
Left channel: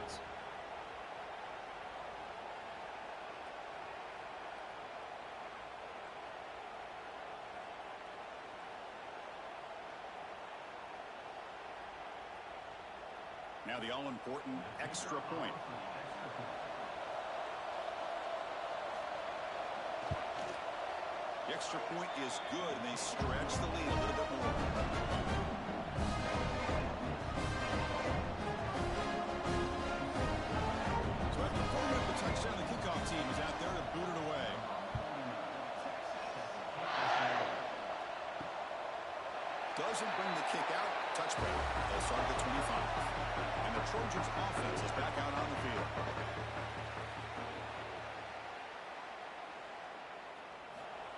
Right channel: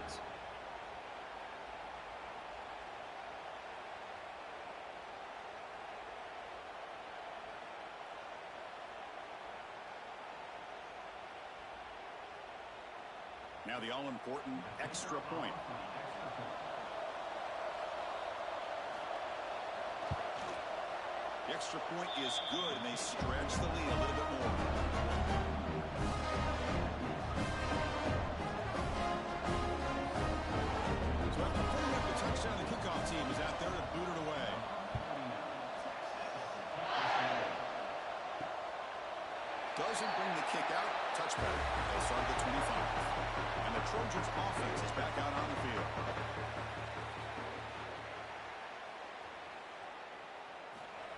Now the all-important extra point. The extra point is good, and they stretch the lead a little bit more. So after putting up the touchdown, the kickoff team is out there to boot it away. Doesn't bring the kick out. Touchback. They'll start at the 25. And the Trojans' offense is back out on the field.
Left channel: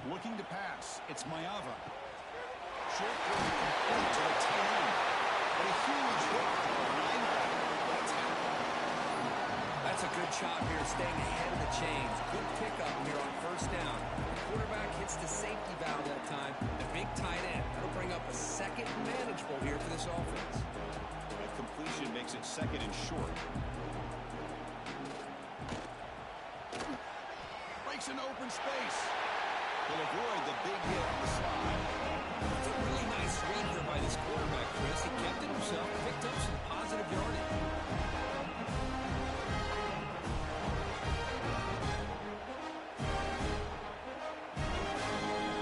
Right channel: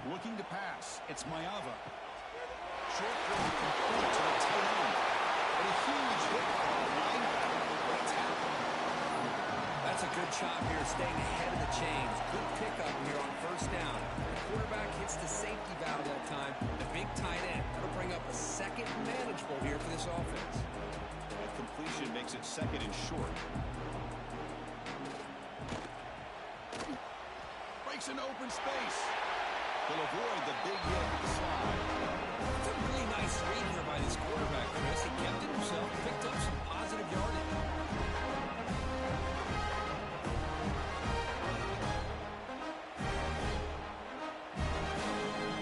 Looking to pass. It's Mayava. Short throw complete to the tight end. But a huge hit by the linebacker. Great tackle. That's a good job here, staying ahead of the chains. Good pickup here on 1st down. The quarterback hits the safety valve that time. The big tight end. That'll bring up a 2nd manageable here for this offense. That completion makes it 2nd and short. Breaks into open space. He'll avoid the big hit with the slide. It's a really nice read here by this quarterback, Chris. He kept it himself, picked up some positive yardage.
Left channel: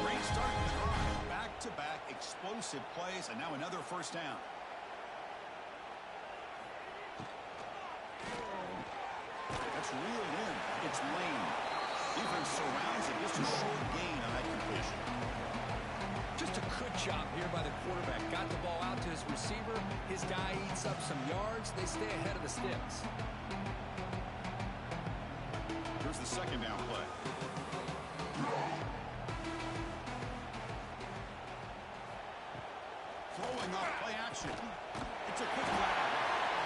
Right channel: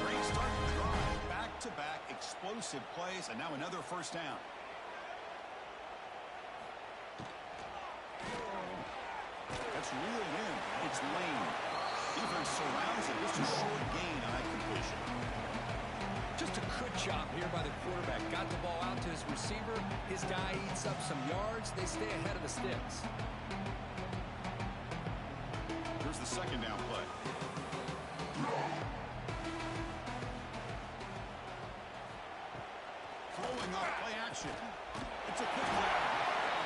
Great start to the drive. Back-to-back explosive plays, and now another 1st down. That's reeled in. It's Lane. Defense surrounds it. Just a short gain on that completion. Just a good job here by the quarterback. Got the ball out to his receiver. His guy eats up some yards. They stay ahead of the sticks. Here's the 2nd down play. Throwing off play action. It's a quick grab.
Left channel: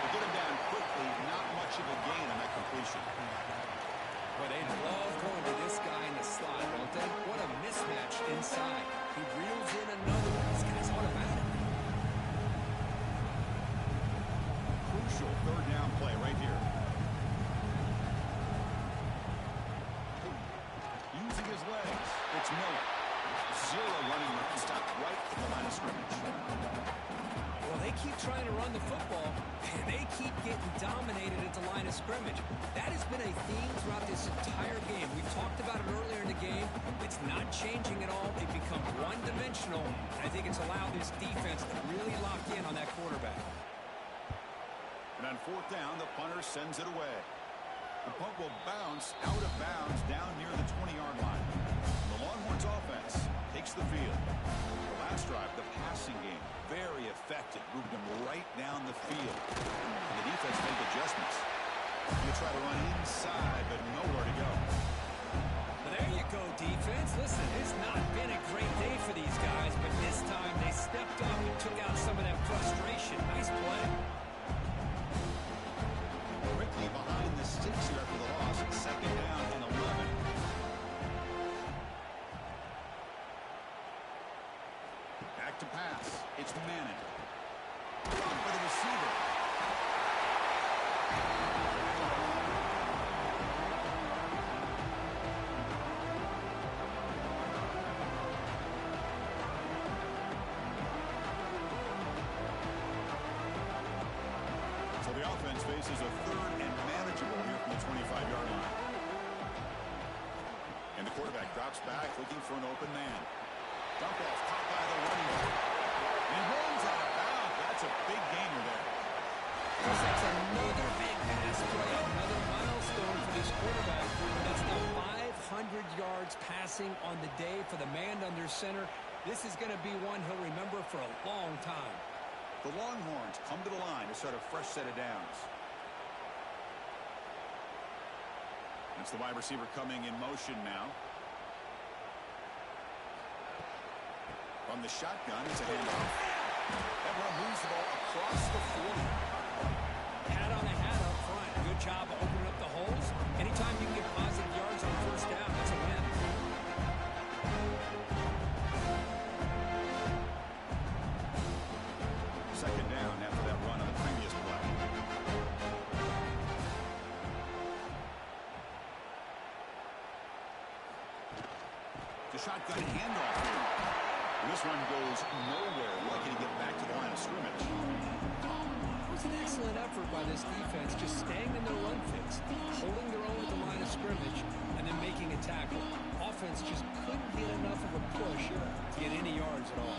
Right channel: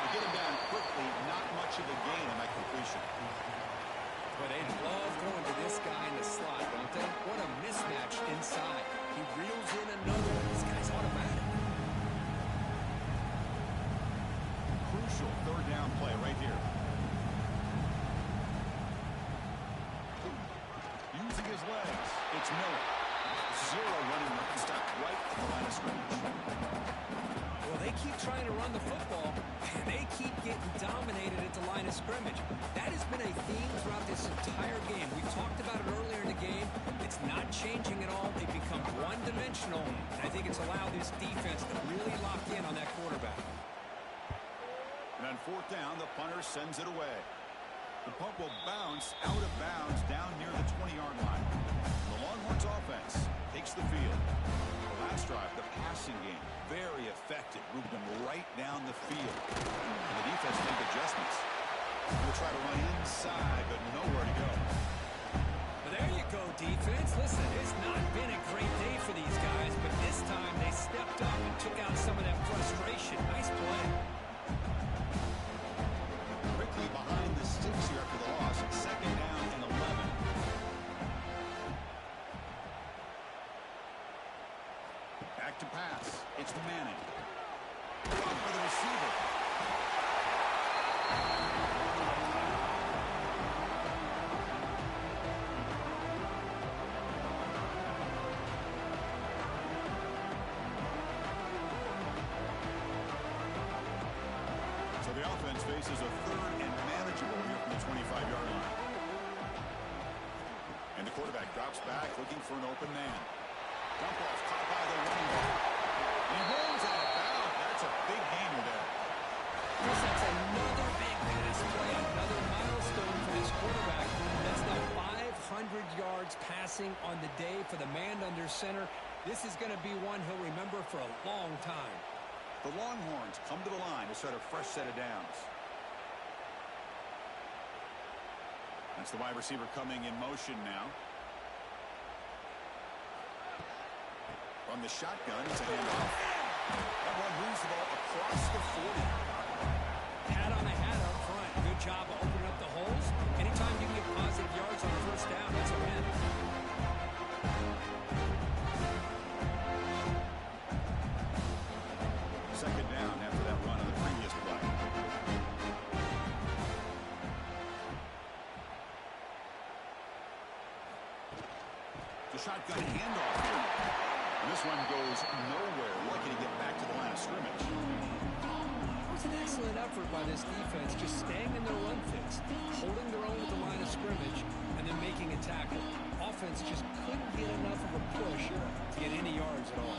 To get him down quickly, not much of a gain on that completion. But they love going to this guy in the slot, don't they? What a mismatch inside. He reels in another one. This guy's automatic. Crucial 3rd down play right here. Using his legs, it's Miller. 0 running room. Stopped right at the line of scrimmage. Well, they keep trying to run the football, and they keep getting dominated at the line of scrimmage. That has been a theme throughout this entire game. We talked about it earlier in the game. It's not changing at all. They've become one-dimensional, and I think it's allowed this defense to really lock in on that quarterback. And on 4th down, the punter sends it away. The punt will bounce out of bounds down near the 20-yard line. And the Longhorns offense takes the field. The last drive, the passing game, very effective, moving them right down the field. And the defense made adjustments. Going to try to run inside, but nowhere to go. But there you go, defense. Listen, it's not been a great day for these guys, but this time they stepped up and took out some of that frustration. Nice play. Quickly behind the sticks here after the loss. 2nd down and 11. Back to pass. It's Manning. Blocked by the receiver. So the offense faces a 3rd and manageable manageable here from the 25-yard line. And the quarterback drops back, looking for an open man. Dump off, caught by the running back. And he rolls out of bounds. That's a big gainer there. Chris, that's another big pass play, another milestone for this quarterback. That's now 500 yards passing on the day for the man under center. This is going to be one he'll remember for a long time. The Longhorns come to the line to start a fresh set of downs. That's the wide receiver coming in motion now. From the shotgun, it's a handoff. That one moves the ball across the 40. Hat on a hat up front. Good job of opening up the holes. Anytime you can get positive yards on first down, that's a win. Second down after that run on the previous play. The shotgun handoff here. And this one goes nowhere. Lucky to get back to the line of scrimmage. It was an excellent effort by this defense, just staying in their run fits, holding their own at the line of scrimmage, and then making a tackle. Offense just couldn't get enough of a push to get any yards at all.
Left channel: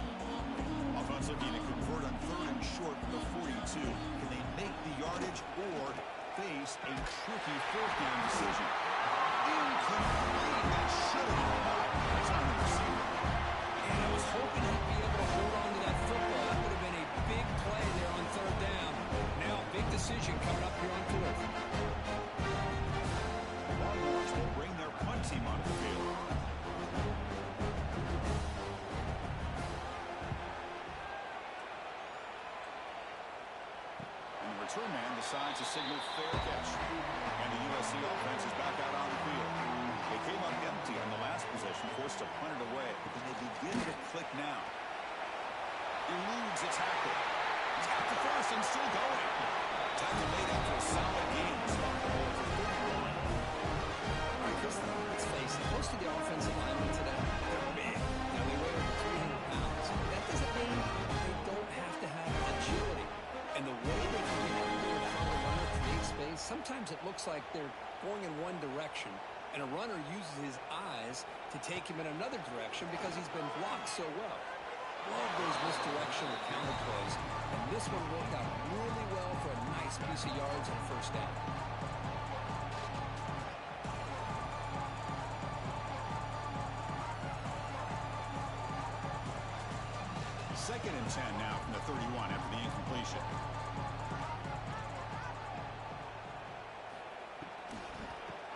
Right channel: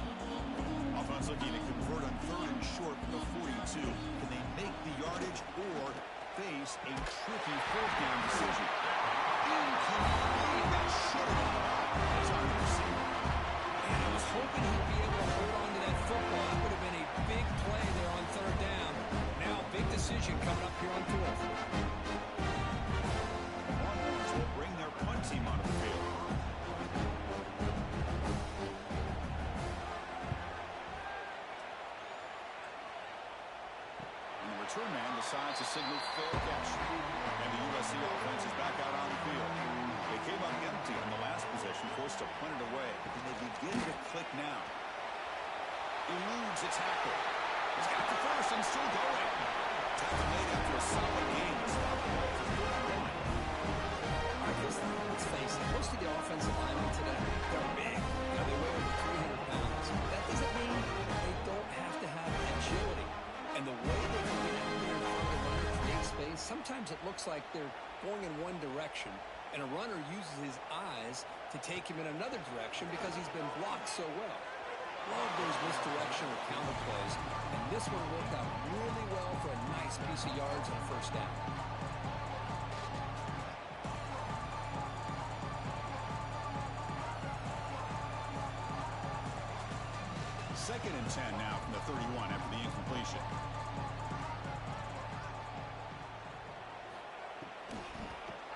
Offense looking to convert on 3rd and short from the 42. Can they make the yardage or face a tricky 4th down decision? Incomplete. That should have been caught. That's on the receiver. And I was hoping he'd be able to hold on to that football. That would have been a big play there on 3rd down. Now, big decision coming up here on 4th. Longhorns will bring their punt team onto the field. And the return man decides to signal fair catch. And the USC offense is back out on the field. They came up empty on the last possession, forced to punt it away. And they begin to click now. Eludes a tackle. He's got the first and still going. Tackle made after a solid game to stop the ball for 31. All right, Chris, let's face it. Most of the offensive linemen today, they're big. You know, they weigh over 300 pounds. That doesn't mean they don't have to have agility. And the way they can get out there in front of the runner, create space, sometimes it looks like they're going in one direction, and a runner uses his eyes to take him in another direction because he's been blocked so well. Love those misdirection or counter plays, and this one worked out really well for a nice piece of yards on 1st down. Second and 10 now from the 31 after the incompletion.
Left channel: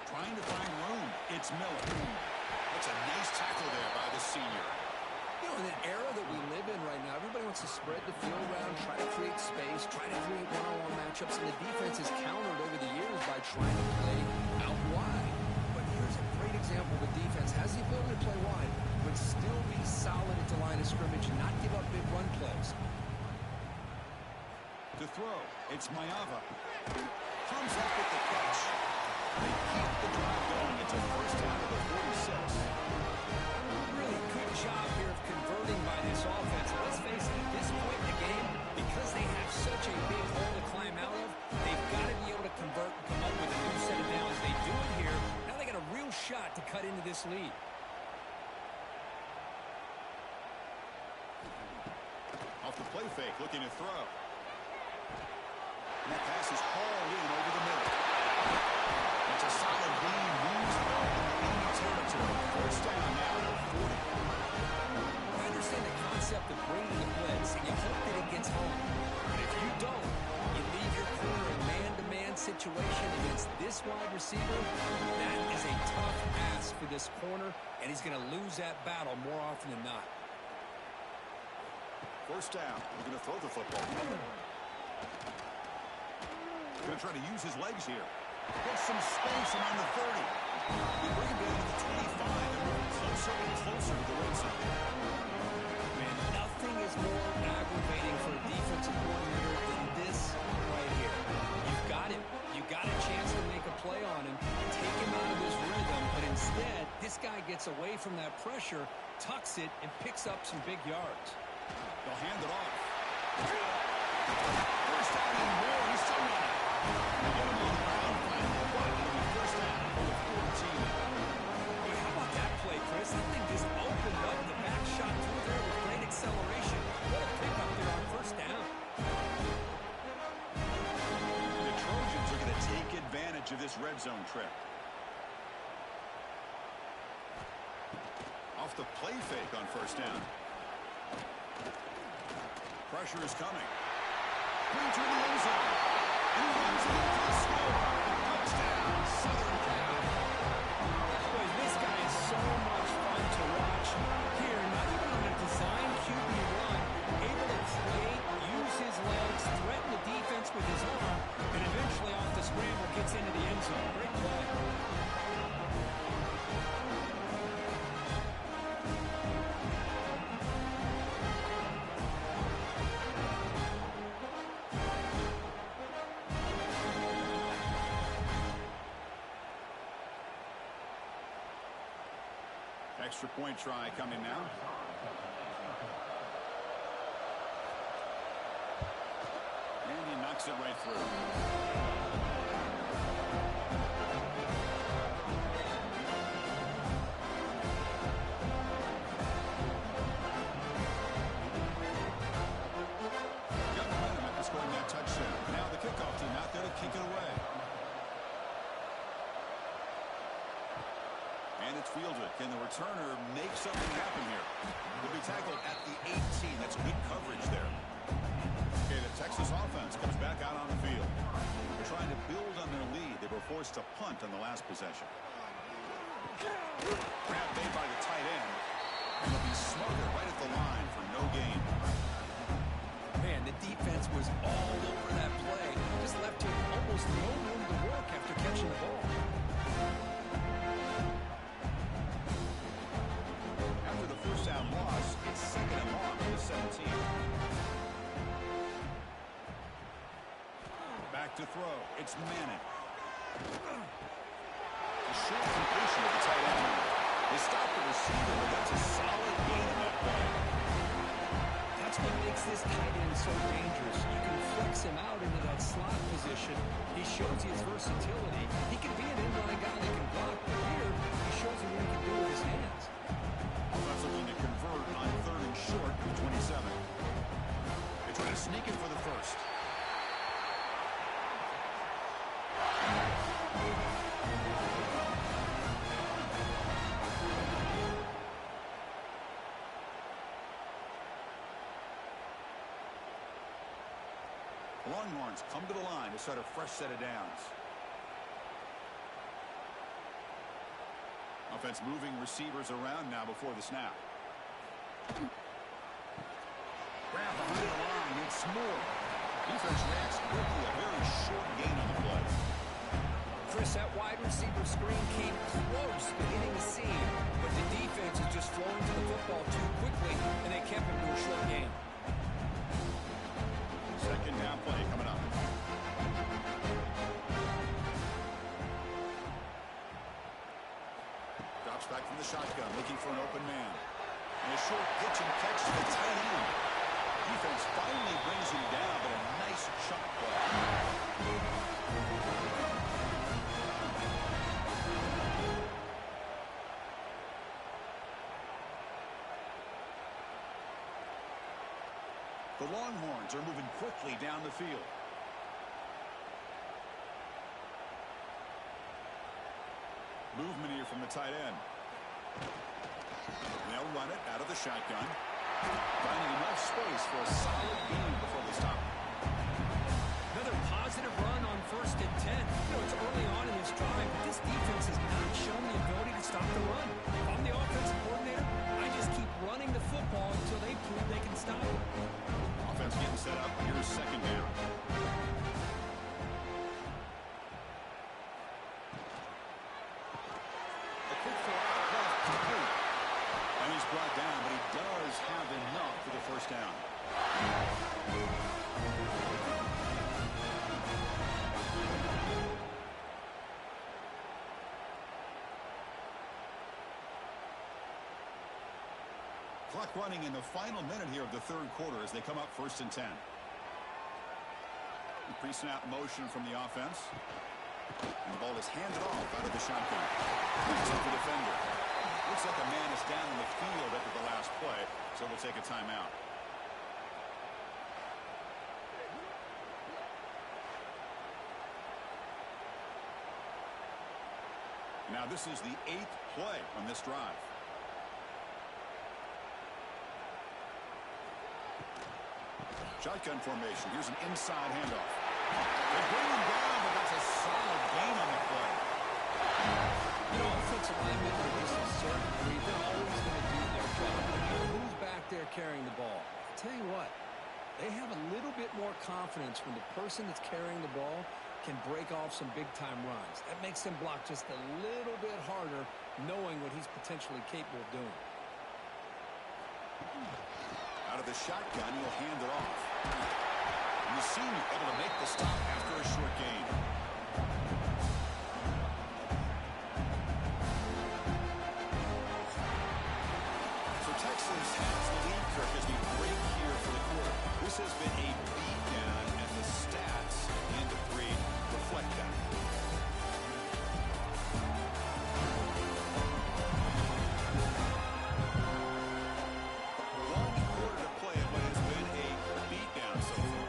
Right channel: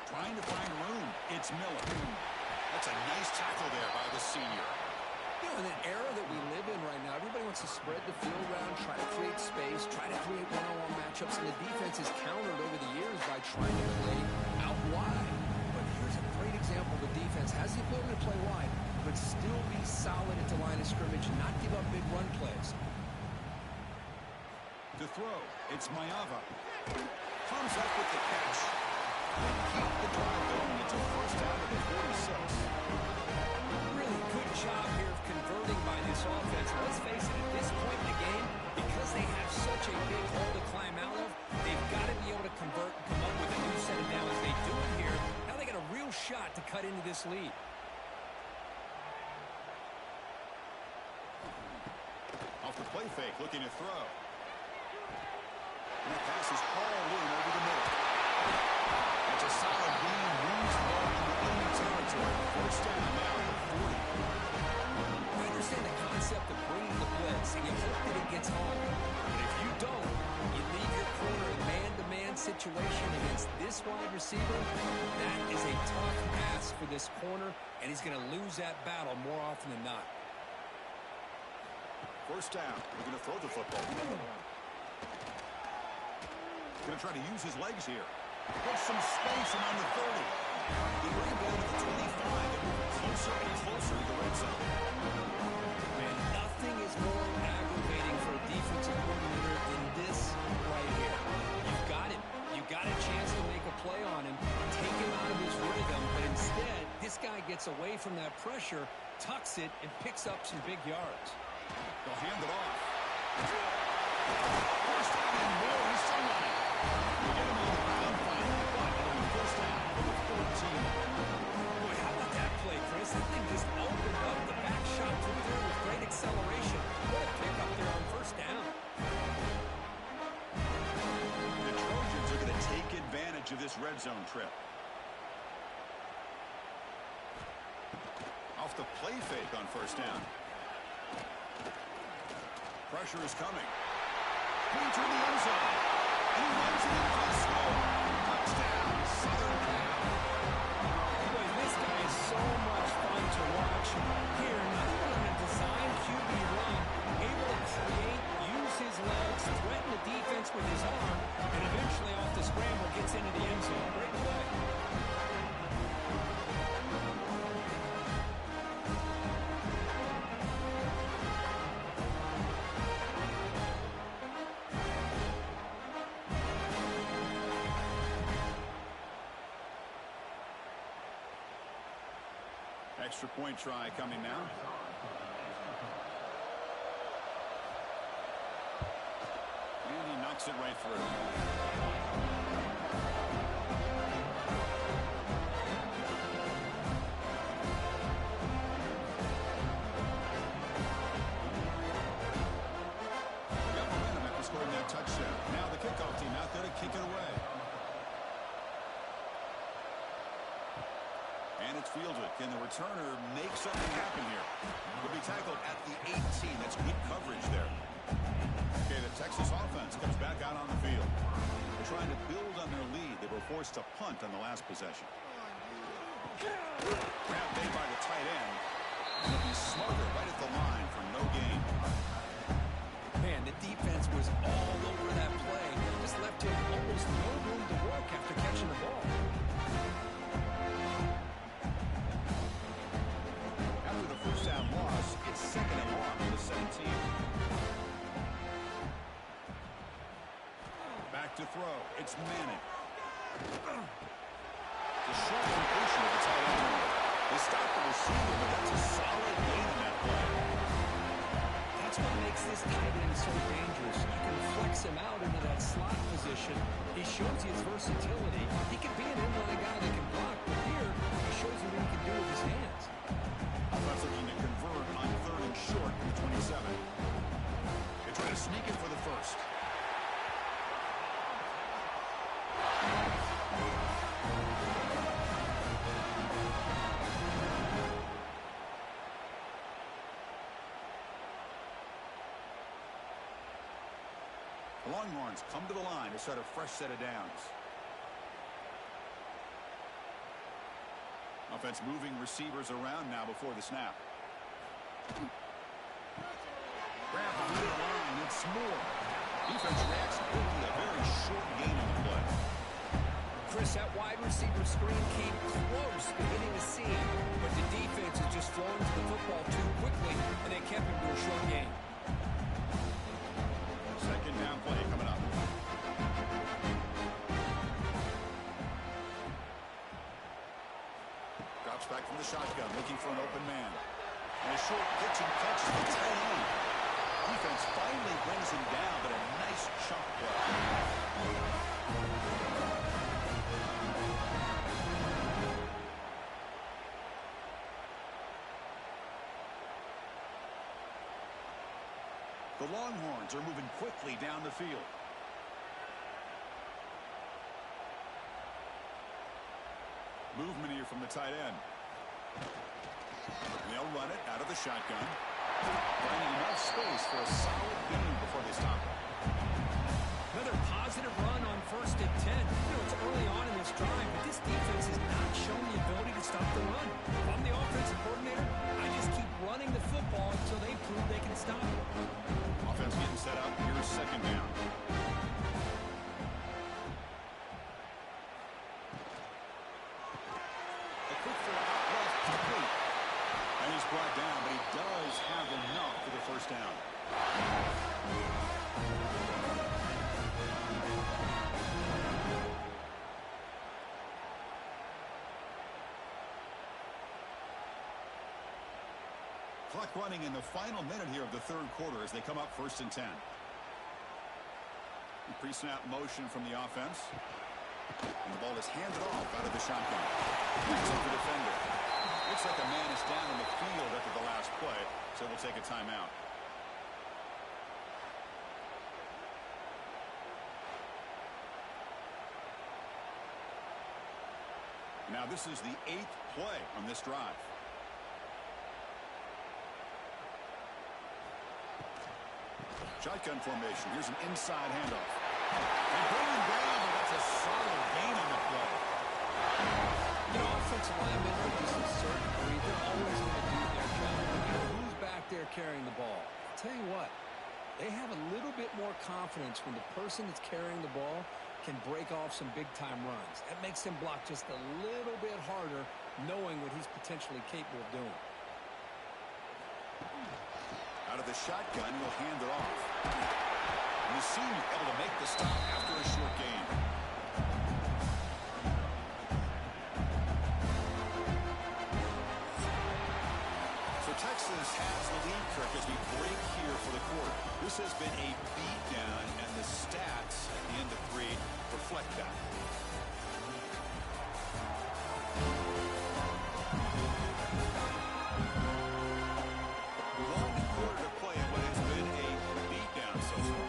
Trying to find room. It's Miller. That's a nice tackle there by the senior. You know, in an era that we live in right now, everybody wants to spread the field around, try to create space, try to create one-on-one matchups, and the defense is countered over the years by trying to play out wide. But here's a great example. The defense has the ability to play wide, but still be solid at the line of scrimmage and not give up big run plays. To throw, it's Mayava. Comes up with the catch. They keep the drive going. It's a first down to the 46. Really good job here of converting by this offense. Let's face it, at this point in the game, because they have such a big hole to climb out of, they've got to be able to convert and come up with a new set of downs. They do it here. Now they got a real shot to cut into this lead. Off the play fake, looking to throw. And that pass is hauled in over the middle. It's a solid gain, moves the ball into enemy territory. First down now at the 40. I understand the concept of bringing the blitz, and you hope that it gets home. But if you don't, you leave your corner in man-to-man situation against this wide receiver. That is a tough ask for this corner, and he's going to lose that battle more often than not. First down, looking to throw the football. Going to try to use his legs here. Gets some space around the 30. We bring him down to the 25. They're moving closer and closer to the red zone. Man, nothing is more aggravating for a defensive coordinator than this right here. You've got him. You got a chance to make a play on him, take him out of his rhythm, but instead, this guy gets away from that pressure, tucks it, and picks up some big yards. They'll hand it off. First down and more. He's still running. They get him on the ground finally, but it'll be first down for the 14. Boy, how about that play, Chris? That thing just opened up. The back shot through there with great acceleration. What a pickup there on first down. The Trojans are going to take advantage of this red zone trip. Off the play fake on first down. Pressure is coming. Clean through the end zone. And he runs it in for the score. Touchdown, Southern Cal. Boy, this guy is so much fun to watch. Here, not even on a designed QB run, able to create, use his legs, threaten the defense with his arm, and eventually off the scramble gets into the end zone. Great play. Extra point try coming now. And he knocks it right through. Got momentum after scoring that touchdown. Now the kickoff team out there to kick it away. And it's fielded. Can the returner make something happen here? He'll be tackled at the 18. That's good coverage there. Okay, the Texas offense comes back out on the field. They're trying to build on their lead. They were forced to punt on the last possession. Grab made by the tight end. And they'll be smothered right at the line for no gain. Man, the defense was all over that play. Just left him almost no room to work after catching the ball. After the first down loss, it's second and long for the 17. Back to throw. It's Manning. The short completion of the tight end. They stopped the receiver, but that's a solid gain in that play. That's what makes this tight end so dangerous. You can flex him out into that slot position. He shows you his versatility. He can be an inline guy that can block, but here he shows you what he can do with his hands. Offense looking to convert on third and short from the 27. They try to sneak it for the first. The Longhorns come to the line to start a fresh set of downs. Offense moving receivers around now before the snap. Grab behind the line. It's Moore. Defense reacts quickly. A very short gain on the play. Chris, that wide receiver screen came close to hitting the seam, but the defense is just flowing to the football too quickly, and they kept him to a short gain. Second down play coming up. Drops back from the shotgun, looking for an open man. And a short pitch and catch to the tight end. Defense finally brings him down, but a nice chunk play. The Longhorns are moving quickly down the field. Movement here from the tight end. They'll run it out of the shotgun. Finding enough space for a solid gain before they stop it. Another positive run on 1st and 10. You know, it's early on in this drive, but this defense has not shown the ability to stop the run. If I'm the offensive coordinator, I just keep running the football until they prove they can stop it. Offense getting set up. Here's second down. A quick throw out left, complete. And he's brought down, but he does have enough for the first down. Clock running in the final minute here of the third quarter as they come up 1st and 10. Pre-snap motion from the offense. And the ball is handed off out of the shotgun. Picks up the defender. Looks like a man is down in the field after the last play, so we'll take a timeout. Now this is the 8th play on this drive. Shotgun formation. Here's an inside handoff. They bring him down, but that's a solid gain on the play. You know, offensive linemen are just a certain breed. They're always going to do their job, no matter who's back there carrying the ball. I'll tell you what, they have a little bit more confidence when the person that's carrying the ball can break off some big-time runs. That makes them block just a little bit harder, knowing what he's potentially capable of doing. Out of the shotgun, he'll hand it off. And the senior able to make the stop after a short gain. So Texas has the lead, Kirk, as we break here for the quarter. This has been a beatdown, and the stats at the end of 3 reflect that. Play in what has been a beatdown so far.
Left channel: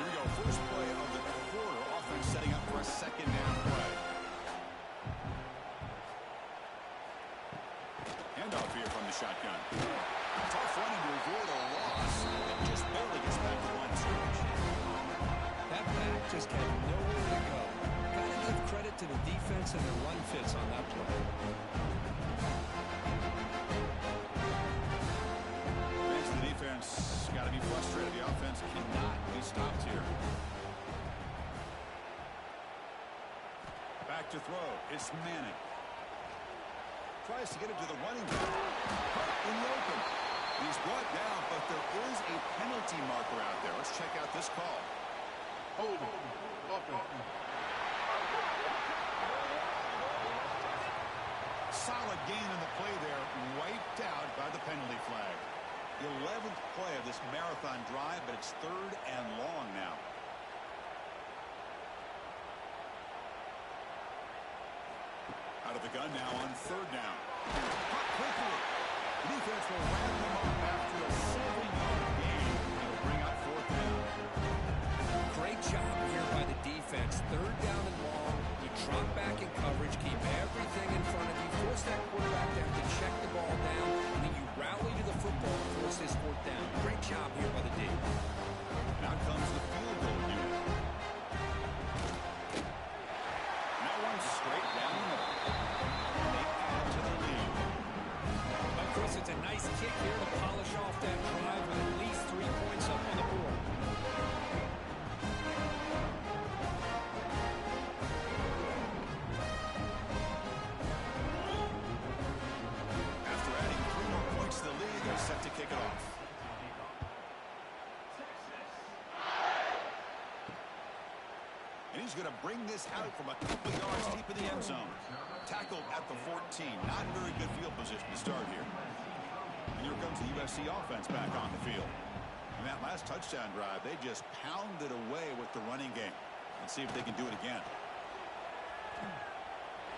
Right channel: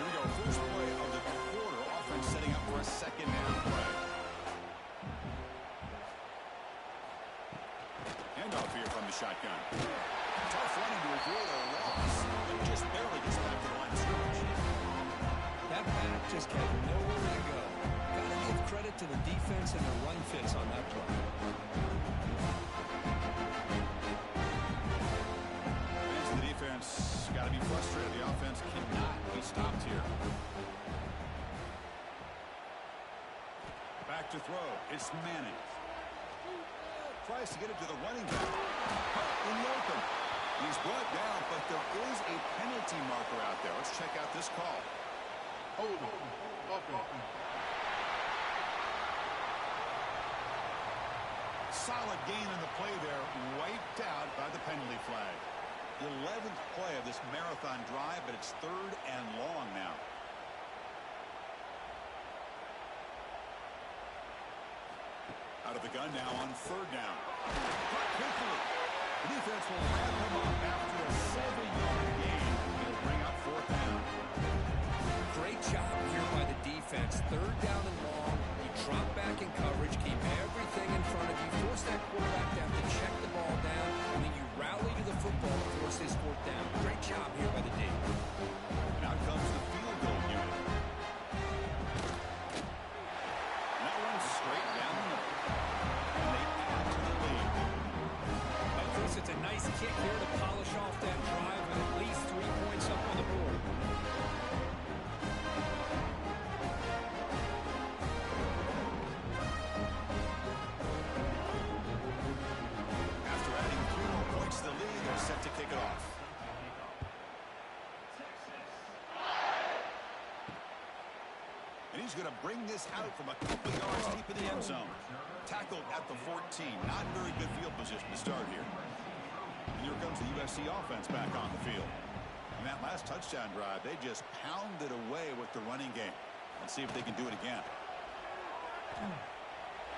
Here we go. First play of the quarter. Offense setting up for a second down play. Handoff here from the shotgun. Tough running to avoid a loss, but just barely gets back to the line of scrimmage. That back just had nowhere to go. Got to give credit to the defense and their run fits on that play. Defense got to be frustrated. The offense cannot be stopped here. Back to throw. It's Manning. Tries to get it to the running back. In the open. He's brought down, but there is a penalty marker out there. Let's check out this call. Hold on. Okay. Solid gain in the play there. Wiped out by the penalty flag. 11th play of this marathon drive, but it's 3rd and long now. Out of the gun now on 3rd down. Caught quickly. The defense will wrap him up after a 7-yard gain. It'll bring up 4th down. Great job here by the defense. 3rd down and long. You drop back in coverage, keep everything in front of you, force that quarterback to have to check the ball down, and then you rally to the football and force this 4th down. Great job here by the D. And out comes the field goal unit. And that one's straight down the middle. And they add to their lead. Well, Chris, it's a nice kick here to polish off that drive with at least 3 points up on the board. The lead, they're set to kick it off. And he's going to bring this out from a couple yards deep in the end zone. Tackled at the 14. Not very good field position to start here. And here comes the USC offense back on the field. And that last touchdown drive, they just pounded away with the running game. Let's see if they can do it again.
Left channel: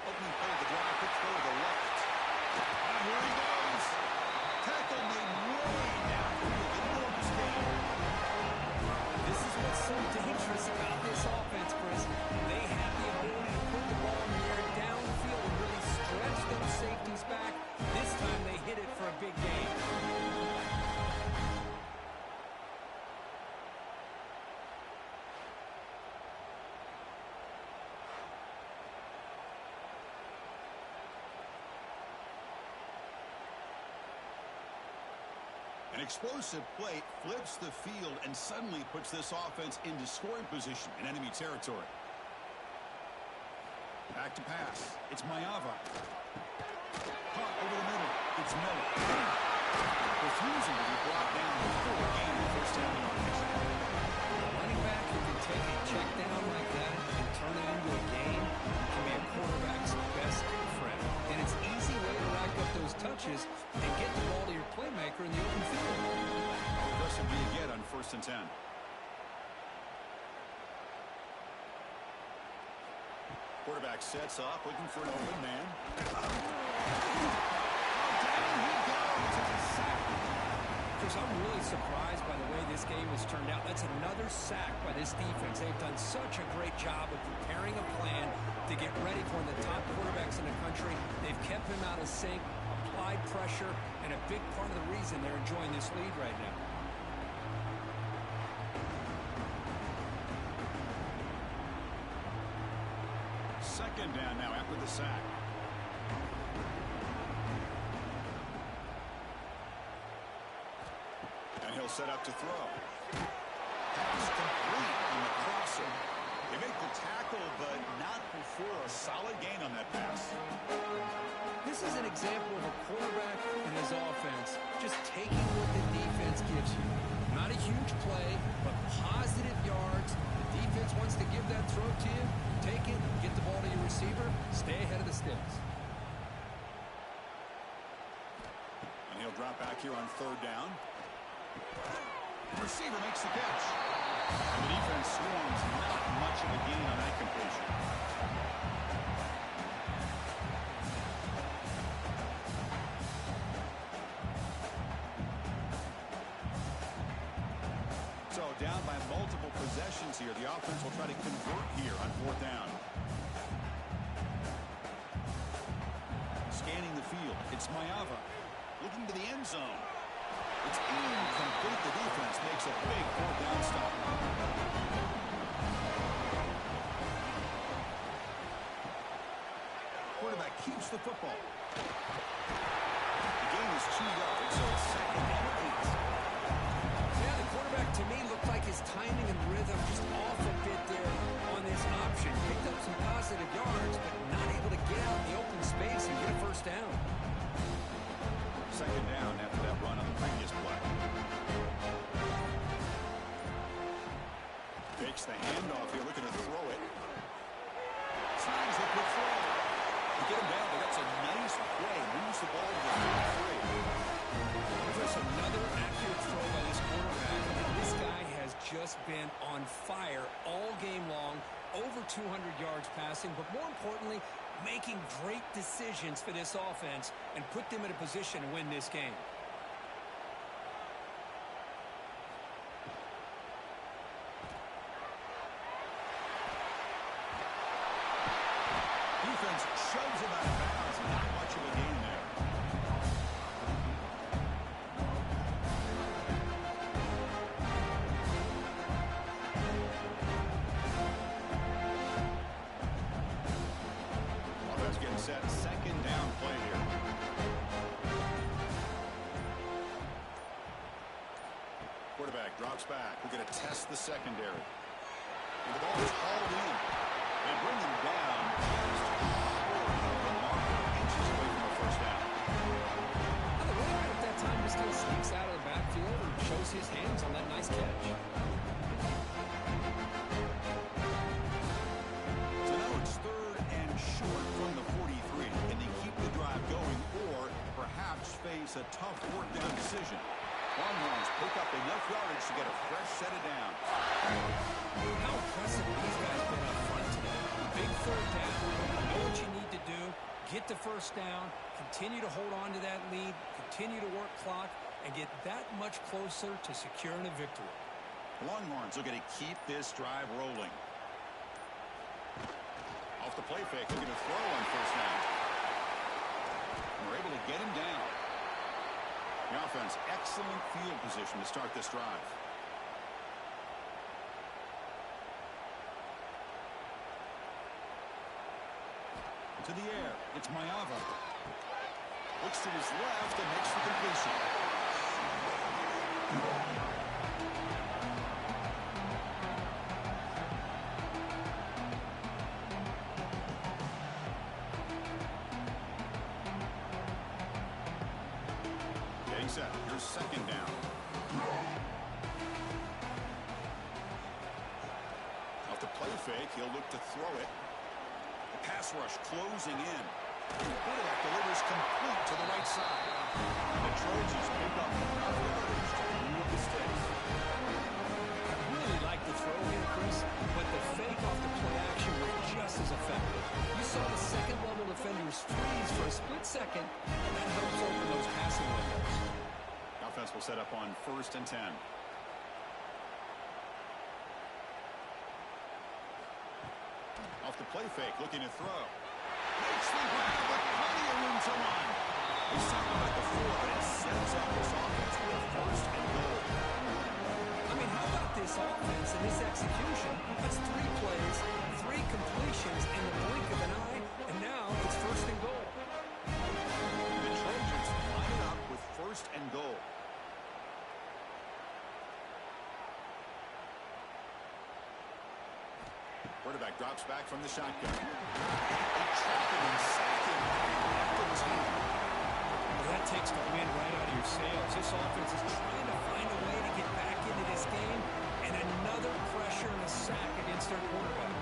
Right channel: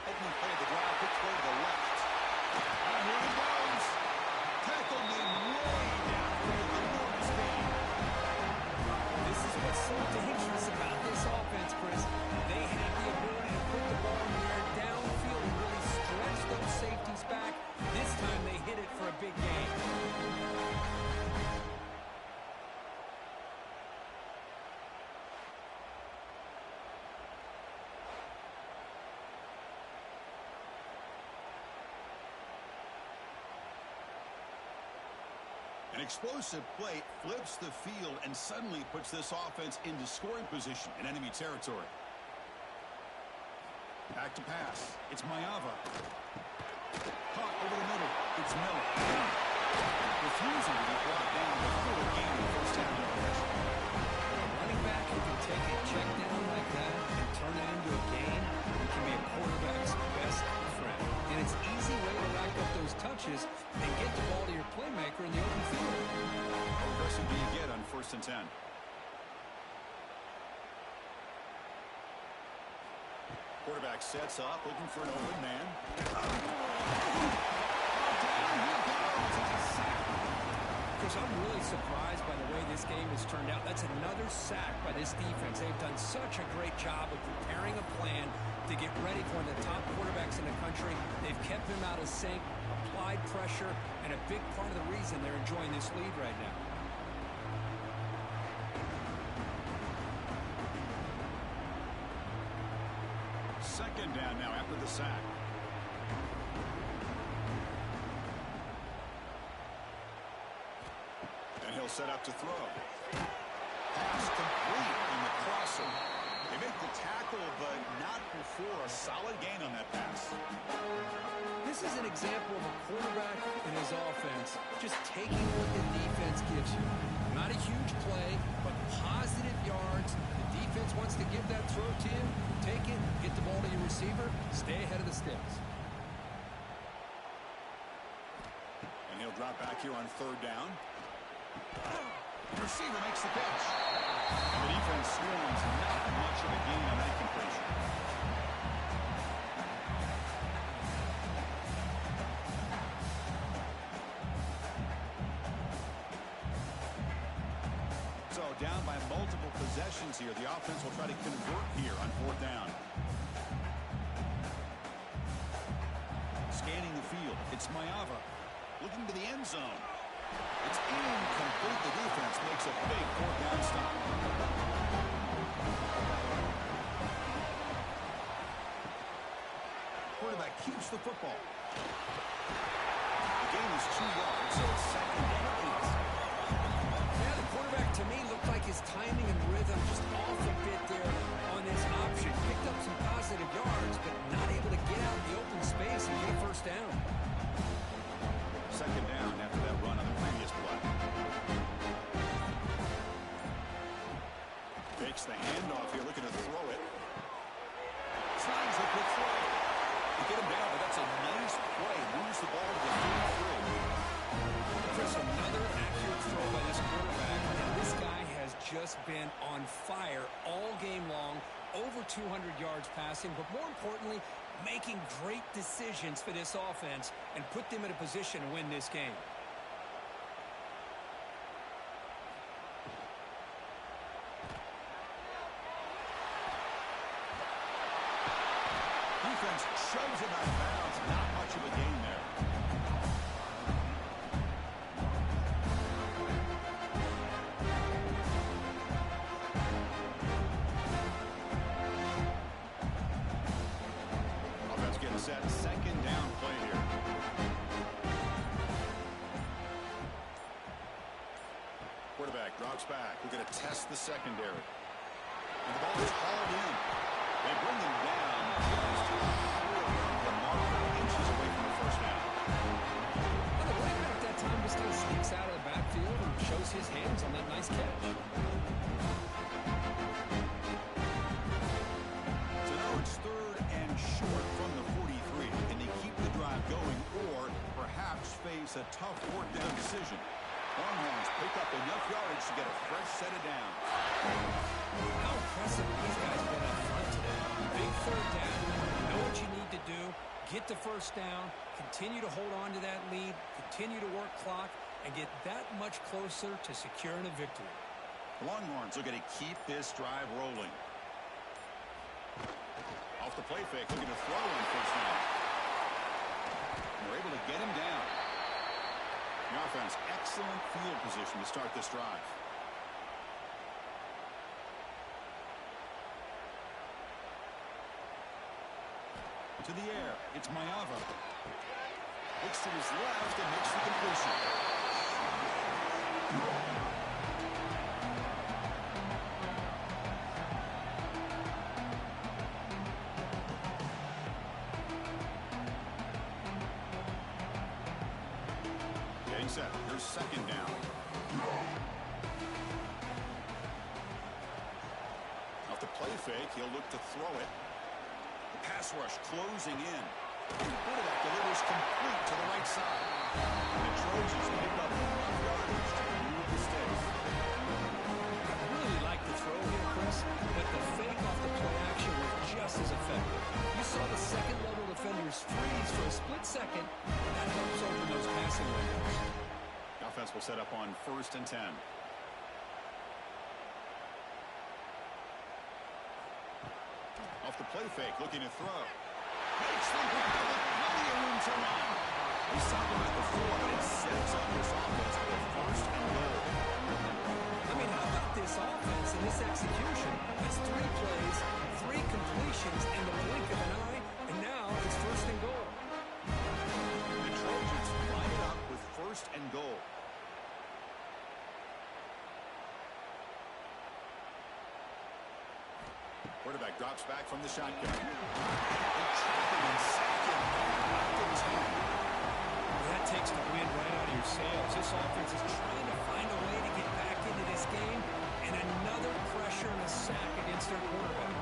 Opening play of the drive, quick throw to the left. And here he goes. Tackle made way downfield. Enormous gain. This is what's so dangerous about this offense, Chris. They have the ability to put the ball in the air downfield and really stretch those safeties back. This time they hit it for a big gain. An explosive play flips the field and suddenly puts this offense into scoring position in enemy territory. Back to pass. It's Mayava. Caught over the middle. It's Miller. Refusing to be brought down before a gain of 1st down yardage. A running back who can take a check down like that and turn it into a gain can be a quarterback's best friend. And it's an easy way to rack up those touches and get the ball to your playmaker in the open field. How aggressive do you get on 1st and 10? Quarterback sets up, looking for an open man. Down he goes. It's a sack. Chris, I'm really surprised by the way this game has turned out. That's another sack by this defense. They've done such a great job of preparing a plan to get ready for one of the top quarterbacks in the country. They've kept him out of sync, applied pressure, and a big part of the reason they're enjoying this lead right now. Second down now after the sack. And he'll set up to throw. Pass complete on the crosser. They make the tackle, but not before a solid gain on that pass. This is an example of a quarterback and his offense just taking what the defense gives you. Not a huge play, but positive yards. The defense wants to give that throw to you. Take it, get the ball to your receiver, stay ahead of the sticks. And he'll drop back here on third down. The receiver makes the catch. And the defense swarms. Not much of a gain on that completion. So down by multiple possessions here. The offense will try to convert here on fourth down. Scanning the field. It's Mayava looking to the end zone. It's incomplete. The defense makes a big fourth down stop. Quarterback keeps the football. The gain is 2 yards, so it's second and 8. Yeah, the quarterback to me looked like his timing and rhythm just off a bit there on this option. Picked up some positive yards, but not able to get out in the open space and get a first down. Second down after that run on the previous play. Fakes the handoff here, looking to throw it. Signs the quick throw. You get him down, but that's a nice play. Moves the ball to the 33. Chris, another accurate throw by this quarterback. And this guy has just been on fire all game long. Over 200 yards passing, but more importantly, making great decisions for this offense and put them in a position to win this game. Defense shoves him out of bounds. Not much of a gain there. Offense getting set. Second down play here. Quarterback drops back. We're going to test the secondary. And the ball is hauled in. They bring him down just short of the marker, inches away from a first down. Well, the running back that time just kind of sneaks out of the backfield and shows his hands on that nice catch. So now it's third and short from the 43. Can they keep the drive going or perhaps face a tough fourth down decision? Longhorns pick up enough yardage to get a fresh set of downs. How impressive these guys have been up front today. Big third down. Know what you need to do. Get the first down. Continue to hold on to that lead. Continue to work clock and get that much closer to securing a victory. The Longhorns looking to keep this drive rolling. Off the play fake, looking to throw on first down. And we're able to get him down. The offense, excellent field position to start this drive. To the air, it's Mayava. Looks to his left and makes the completion. Getting set. Here's second down. Off the play fake, he'll look to throw it. The pass rush closing in. And the quarterback delivers complete to the right side. The Trojans pick up enough yardage to move the sticks. I really like the throw here, Chris, but the fake off the play action was just as effective. second. That helps open those passing windows. Offense will set up on 1st and 10. Off the play fake, looking to throw. Makes the grab with plenty of room to run. They stopped him at the 4, but it sets up this offense with a 1st and goal. I mean, how about this offense and this execution? That's 3 plays, 3 completions in the blink of an eye, and now it's 1st and goal. The Trojans line it up with 1st and goal. Quarterback drops back from the shotgun. They trap him and sack him left of his hand. Well, that takes the wind right out of your sails. This offense is trying to find a way to get back into this game, and another pressure and a sack against their quarterback.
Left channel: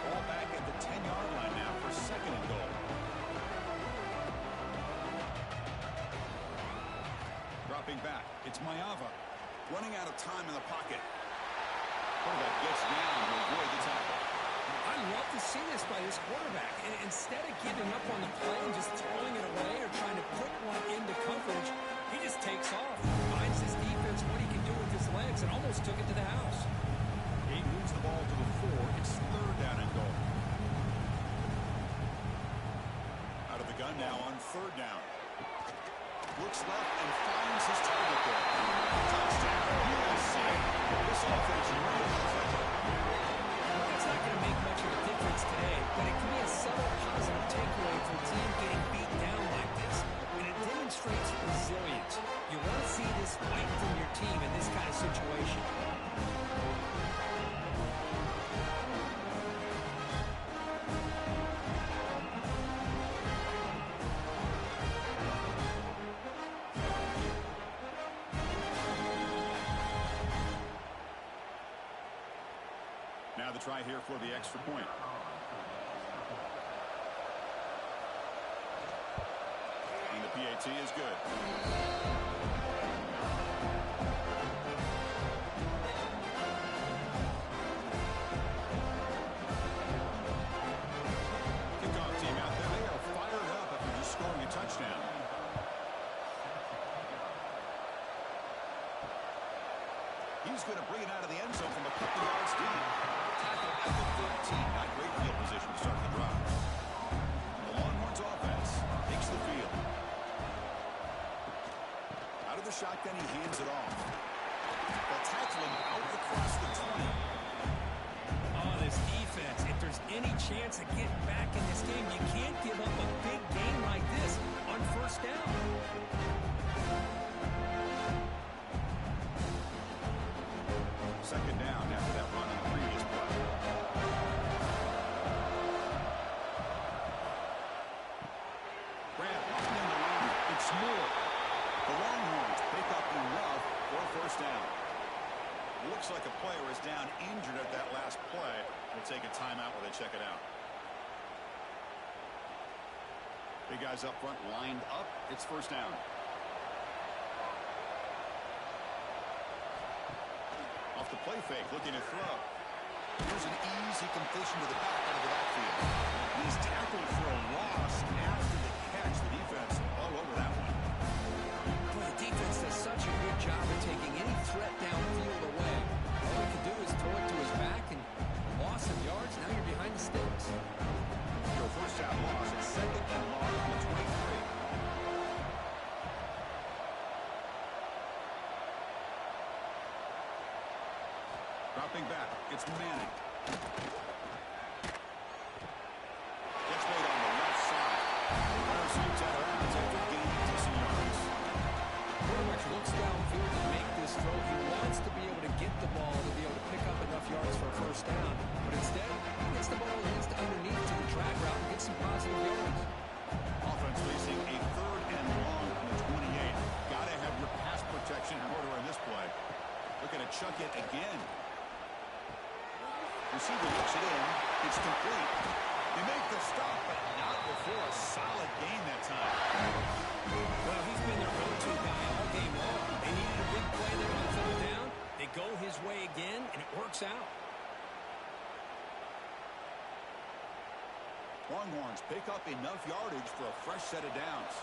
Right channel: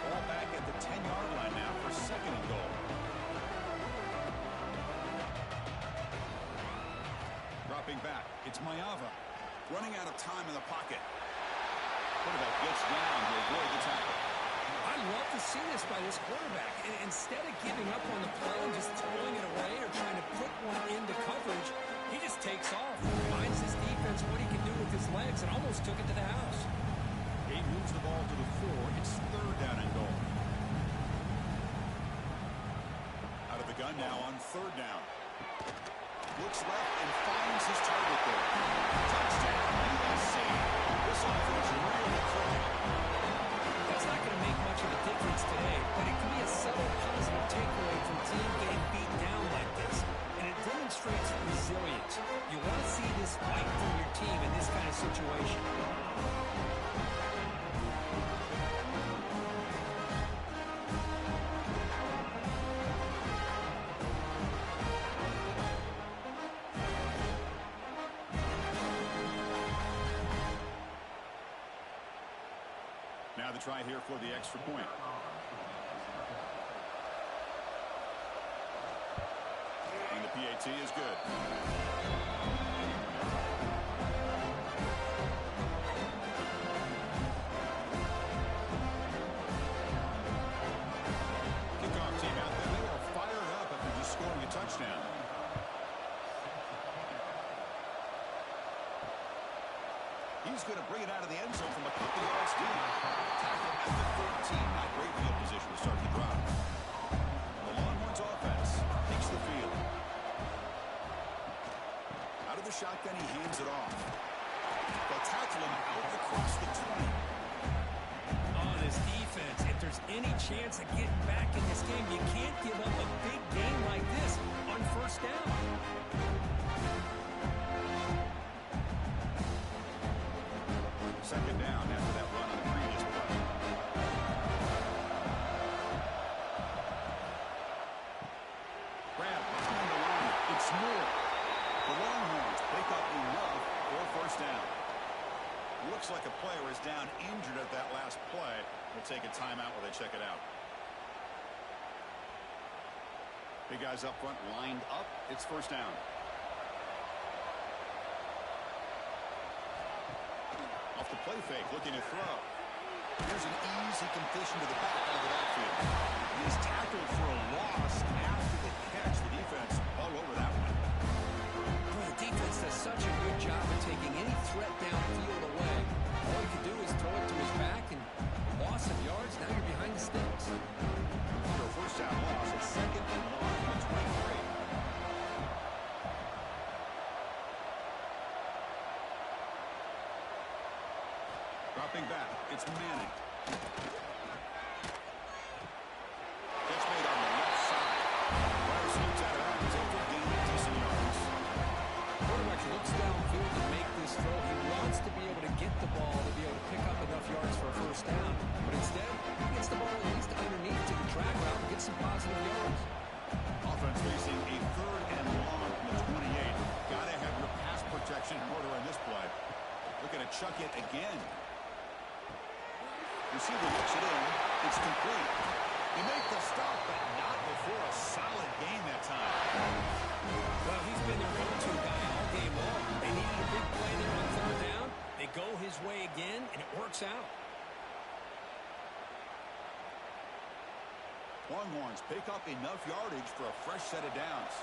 Ball back at the 10-yard line now for 2nd and goal. Dropping back, it's Mayava. Running out of time in the pocket. Quarterback gets down to avoid the tackle. I love to see this by this quarterback. And instead of giving up on the play and just throwing it away or trying to put one into coverage, he just takes off. Reminds his defense what he can do with his legs and almost took it to the house. He moves the ball to the 4. It's 3rd down and goal. Out of the gun now on 3rd down. Looks left and finds his target there. Touchdown, USC. This offense really clicking. That's not going to make much of a difference today, but it can be a subtle positive takeaway from a team getting beat down like this. And it demonstrates resilience. You want to see this fight from your team in this kind of situation. Now the try here for the extra point. And the PAT is good. Kickoff team out there. They are fired up after just scoring a touchdown. He's going to bring it out of the end zone from a couple yards deep. Tackle at the 13. Not great field position to start the drive. The Longhorns offense takes the field. Out of the shotgun, he hands it off. They'll tackle him out across the 20. Oh, this defense, if there's any chance of getting back in this game, you can't give up a big game like this on 1st down. Second down after that run on the previous play. Grab behind the line. It's Moore. The Longhorns pick up enough for a 1st down. Looks like a player is down injured at that last play. We'll take a timeout while they check it out. Big guys up front lined up. It's 1st down. Off the play fake, looking to throw. Here's an easy completion to the back out of the backfield. He's tackled for a loss after the catch. The defense all over that one. Boy, the defense does such a good job of taking any threat downfield away. All he could do is throw it to his back, and loss of yards, now you're behind the sticks. Your 1st down loss at 2nd and long from the 23. Dropping back, it's Manning. Gets made on the left side. Runner sweeps out of bounds after gaining decent yards. Quarterback looks downfield to make this throw. He wants to be able to get the ball to be able to pick up enough yards for a 1st down. But instead, he gets the ball at least underneath to the drag route and gets some positive yards. Offense facing a 3rd and long from the 28. Got to have your pass protection in order on this play. Looking to chuck it again. Receiver looks it in. It's complete. They make the stop, but not before a solid gain that time. Well, he's been their go-to guy all game long. They needed a big play there on third down. They go his way again, and it works out. Longhorns pick up enough yardage for a fresh set of downs.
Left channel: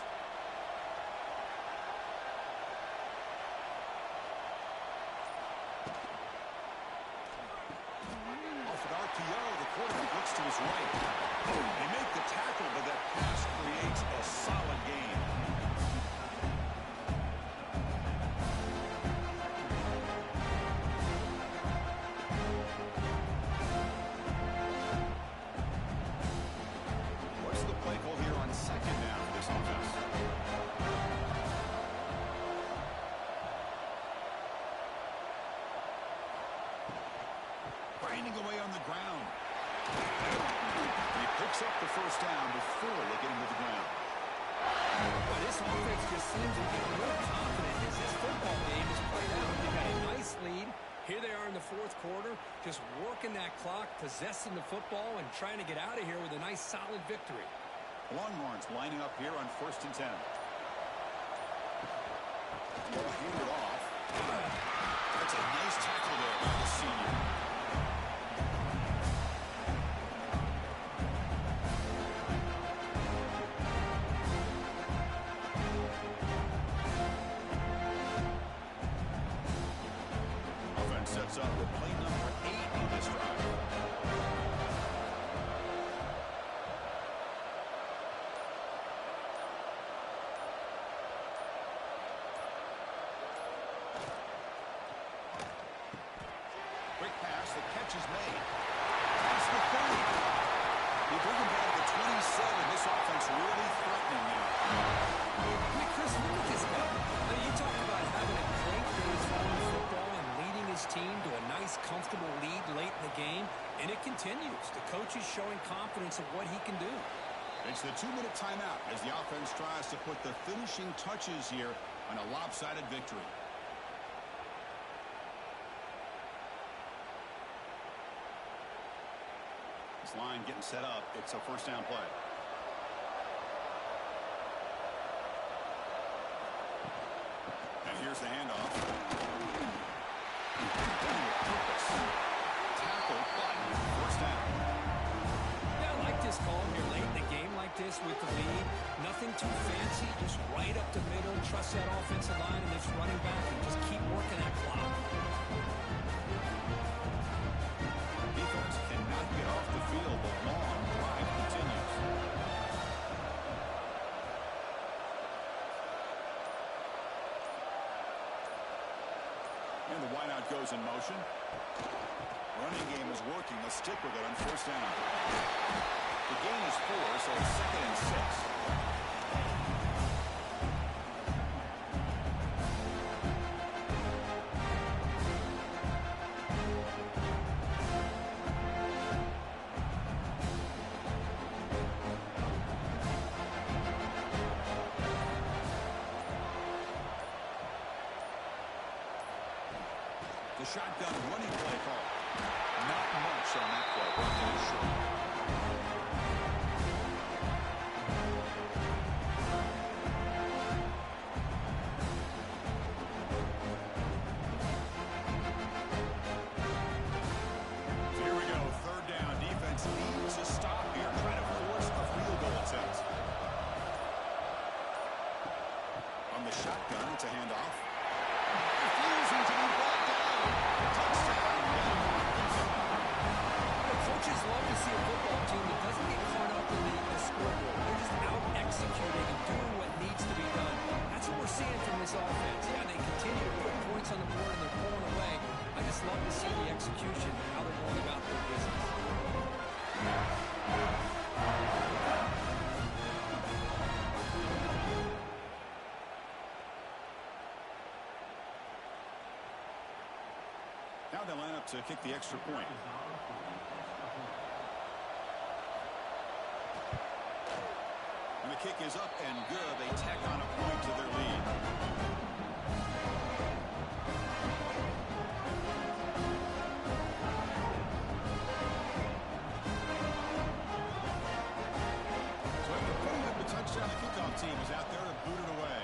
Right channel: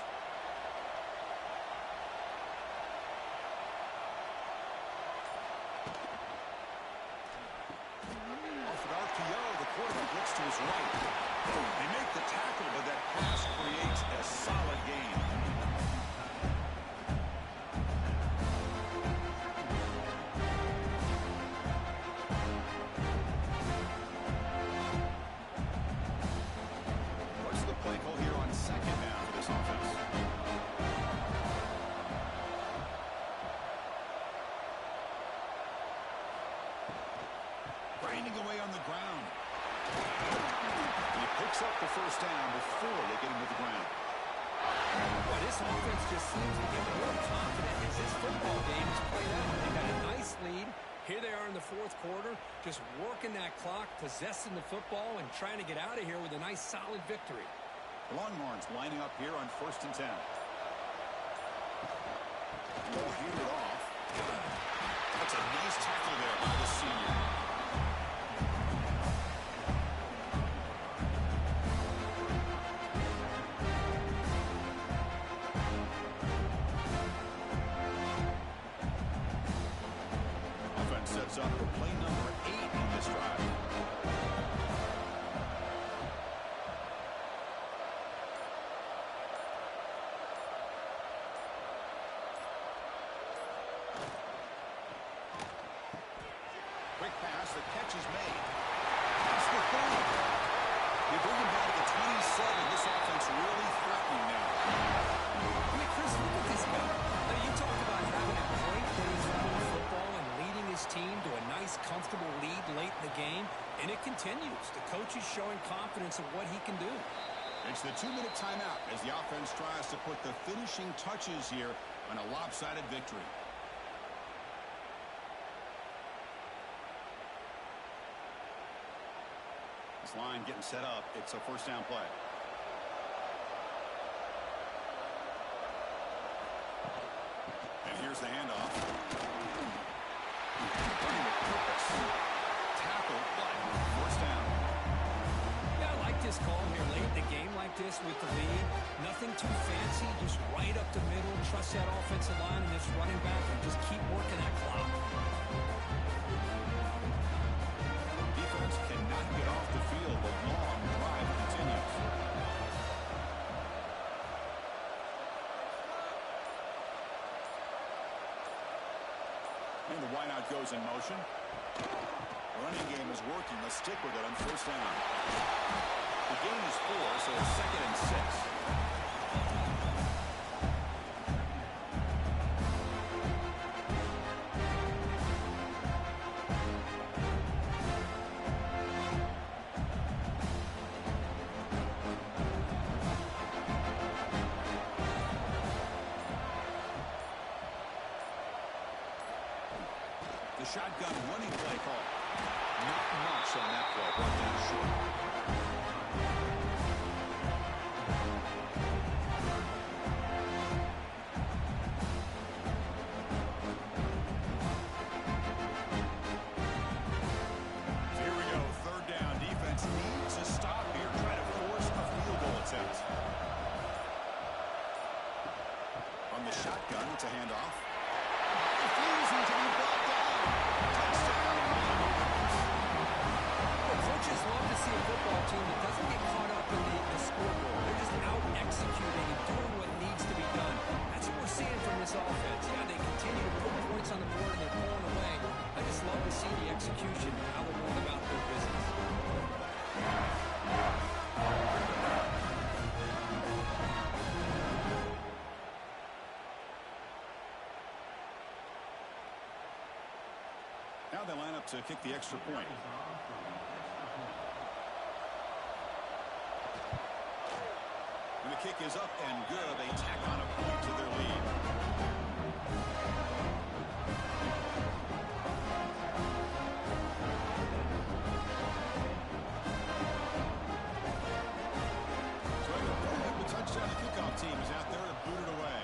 Off an RPO, the quarterback looks to his right. They make the tackle, but that pass creates a solid gain. What's the play call here on second down for this offense? Grinding away on the ground. He picks up the first down before they get him to the ground. Well, this offense just seems to get more confident as this football game is played out. They've got a nice lead. Here they are in the fourth quarter, just working that clock, possessing the football, and trying to get out of here with a nice, solid victory. Longhorns lining up here on 1st and 10. Ball handed off. That's a nice tackle there by the senior. Sets up for play number 8 on this drive. Quick pass, the catch is made. That's the 30. They bring him down to the 27. This offense really threatening now. I mean, Chris, look at this guy. I mean, you talk about having a great day throwing football and leading his team to a nice, comfortable lead late in the game, and it continues. The coach is showing confidence of what he can do. It's the 2-minute timeout as the offense tries to put the finishing touches here on a lopsided victory. This line getting set up. It's a first down play. And here's the handoff. Running with purpose. Tackle, but first down. Yeah, I like this call here late in the game like this with the lead. Nothing too fancy, just right up the middle. Trust that offensive line and this running back and just keep working that clock. Defense cannot get off the field. The long drive continues. And the wideout goes in motion. Running game is working. They'll stick with it on first down. The gain is 4, so it's 2nd and 6. The shotgun running play call. Not much on that play. Brought down short. So here we go. 3rd down. Defense needs a stop here. Try to force a field goal attempt. From the shotgun, it's a handoff. Refusing to be brought down. Touchdown, Longhorns. Well, coaches love to see a football team that doesn't get caught up in the scoreboard. They're just out executing and doing what needs to be done. That's what we're seeing from this offense. Yeah, they continue to put points on the board and they're pulling away. I just love to see the execution and how they're going about their business. Now they line up to kick the extra point. And the kick is up and good. They tack on a point to their lead. team is out there to boot it away.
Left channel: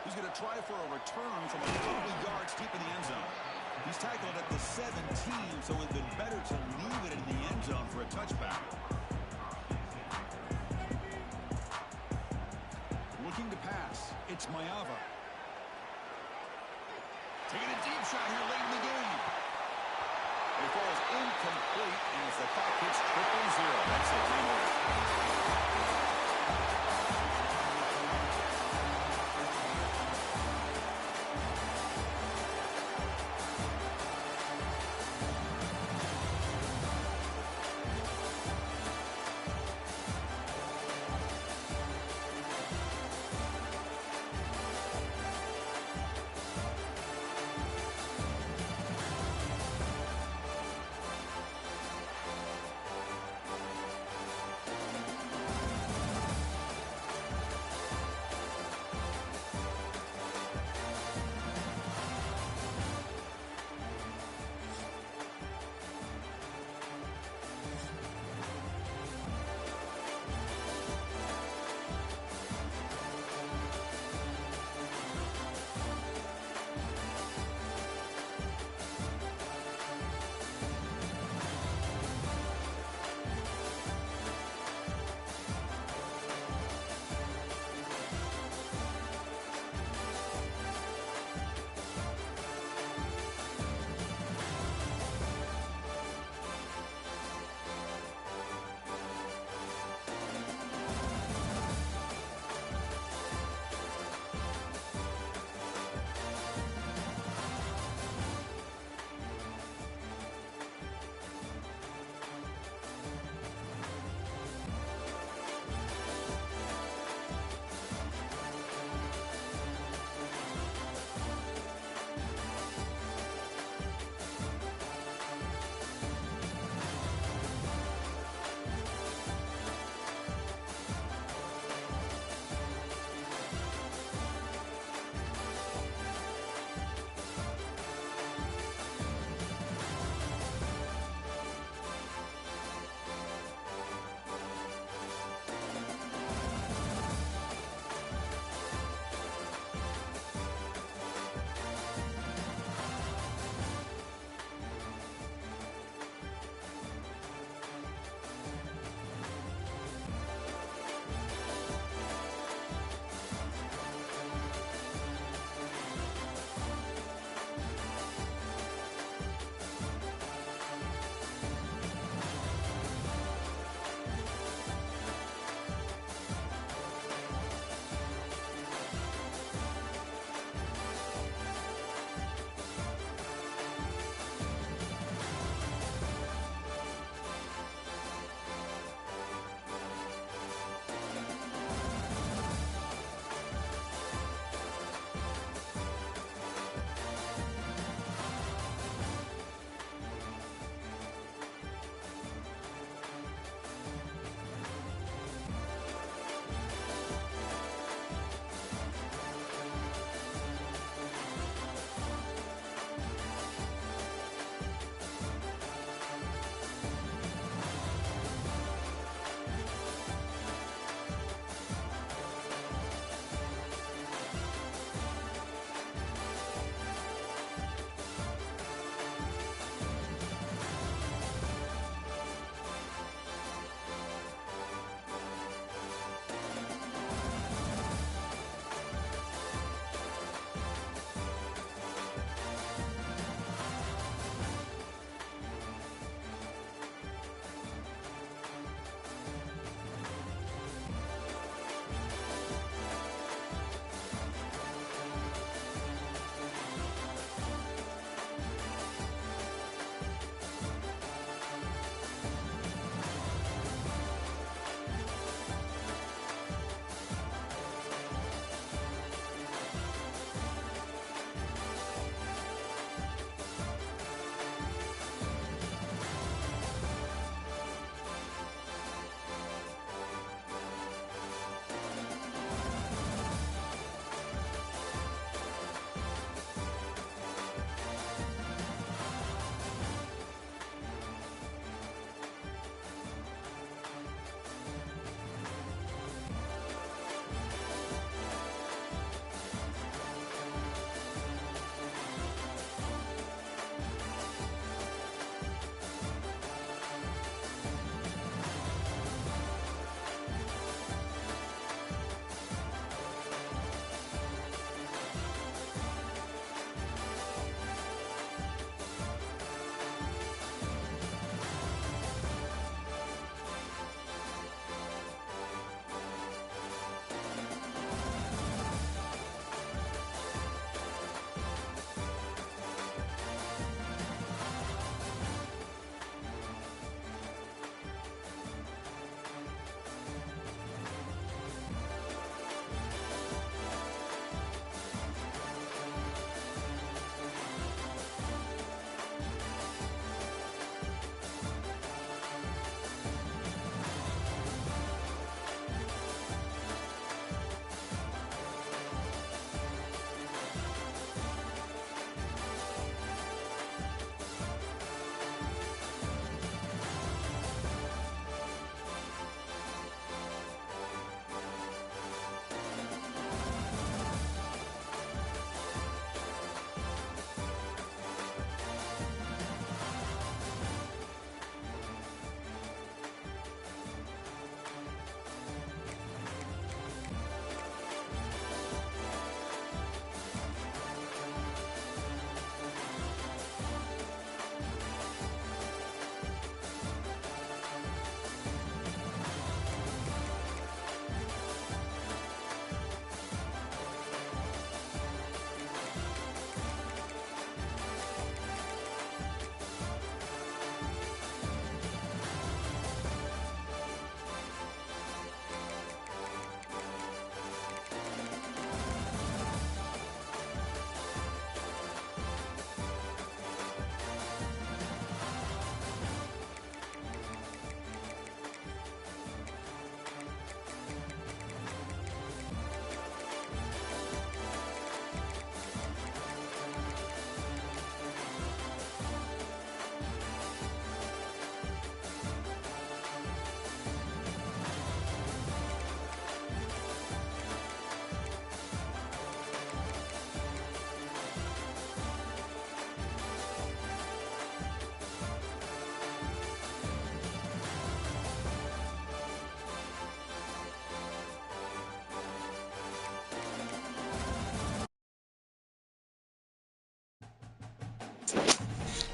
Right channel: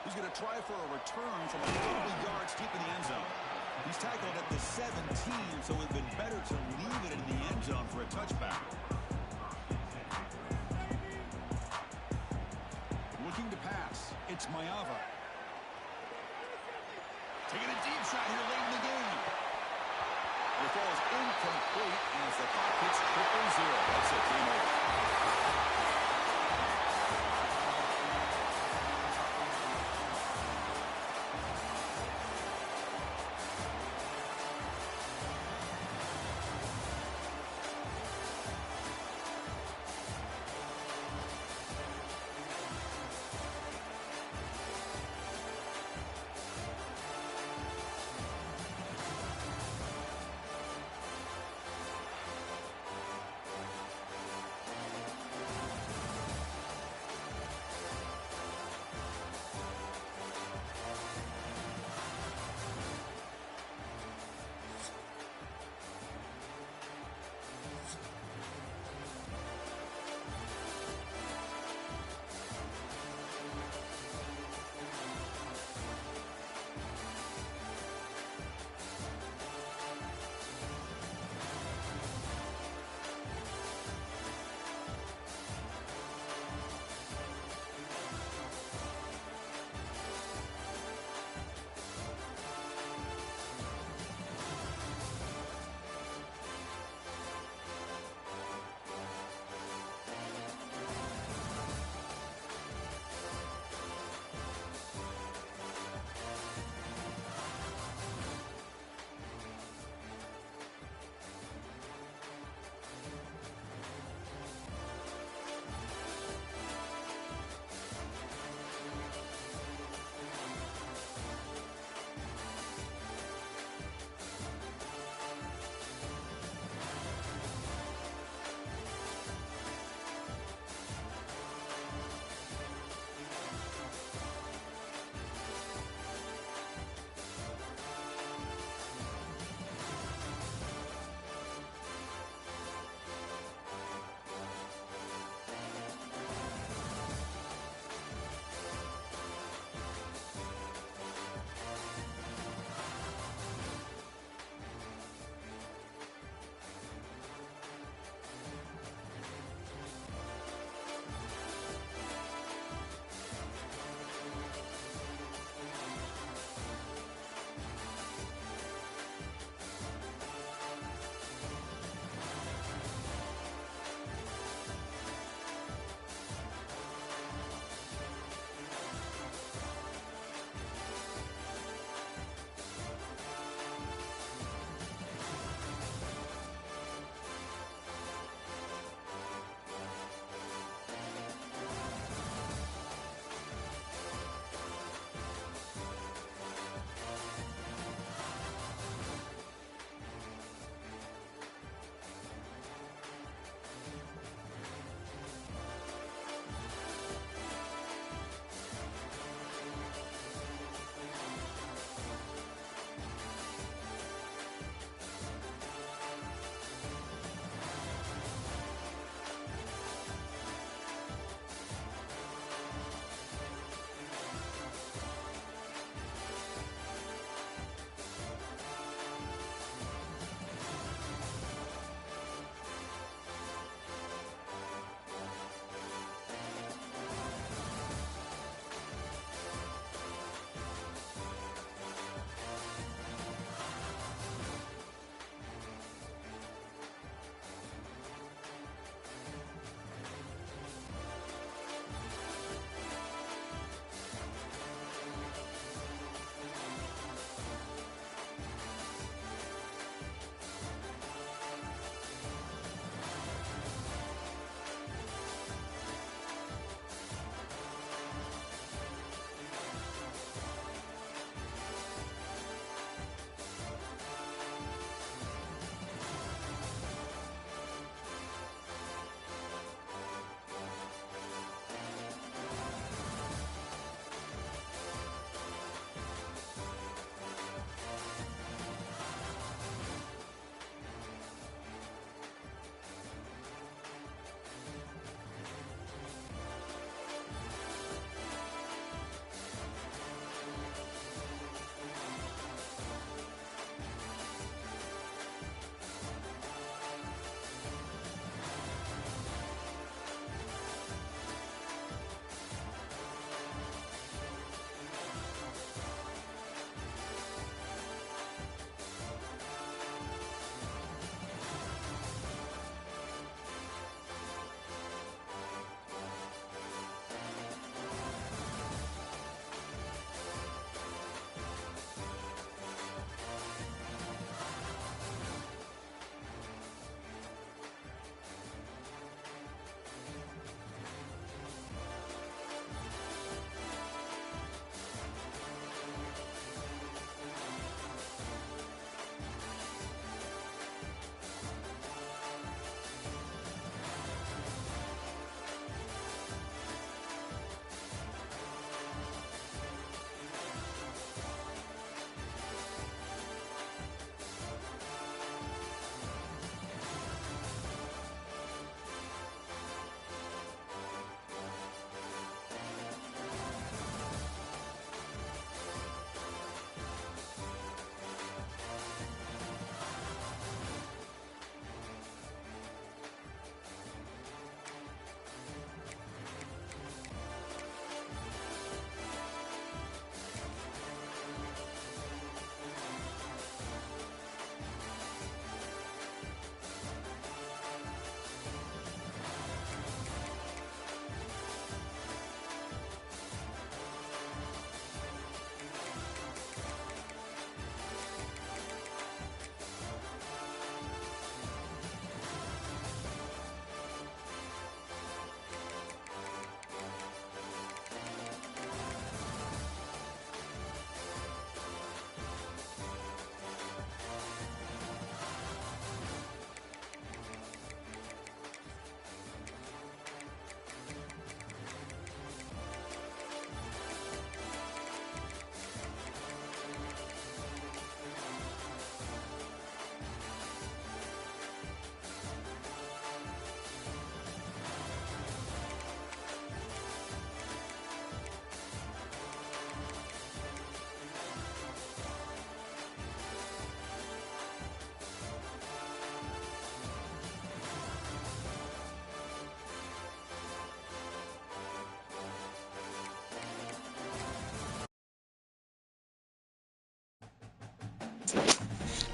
He's going to try for a return from a couple of yards deep in the end zone. He's tackled at the 17, so it would have been better to leave it in the end zone for a touchback. Looking to pass. It's Mayava. Taking a deep shot here late in the game. It falls incomplete as the clock hits 0-0. That's it. Game over.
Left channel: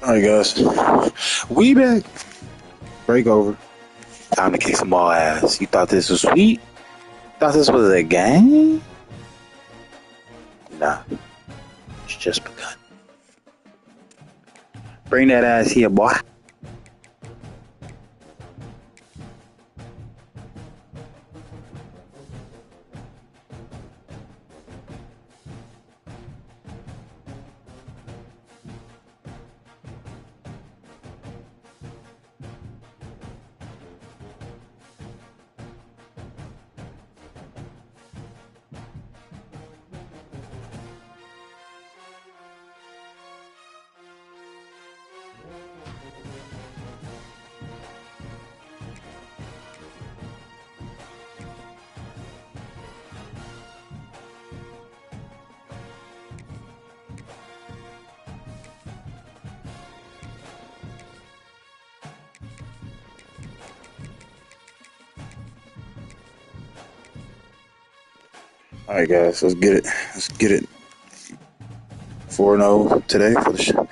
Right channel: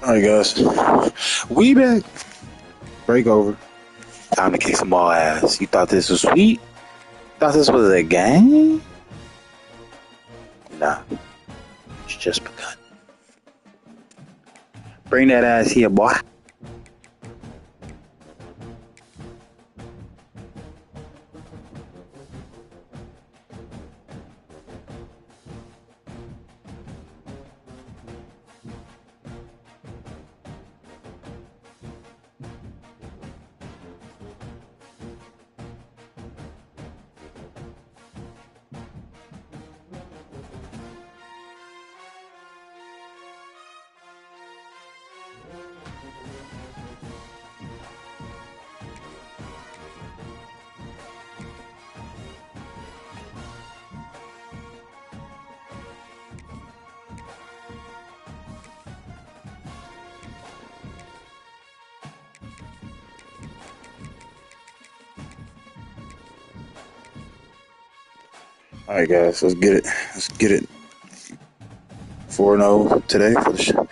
All right, guys. We back. Break over. Time to kick some more ass. You thought this was sweet? Thought this was a game? Nah. It's just begun. Bring that ass here, boy. All right, guys. Let's get it. Let's get it. 4-0 today for the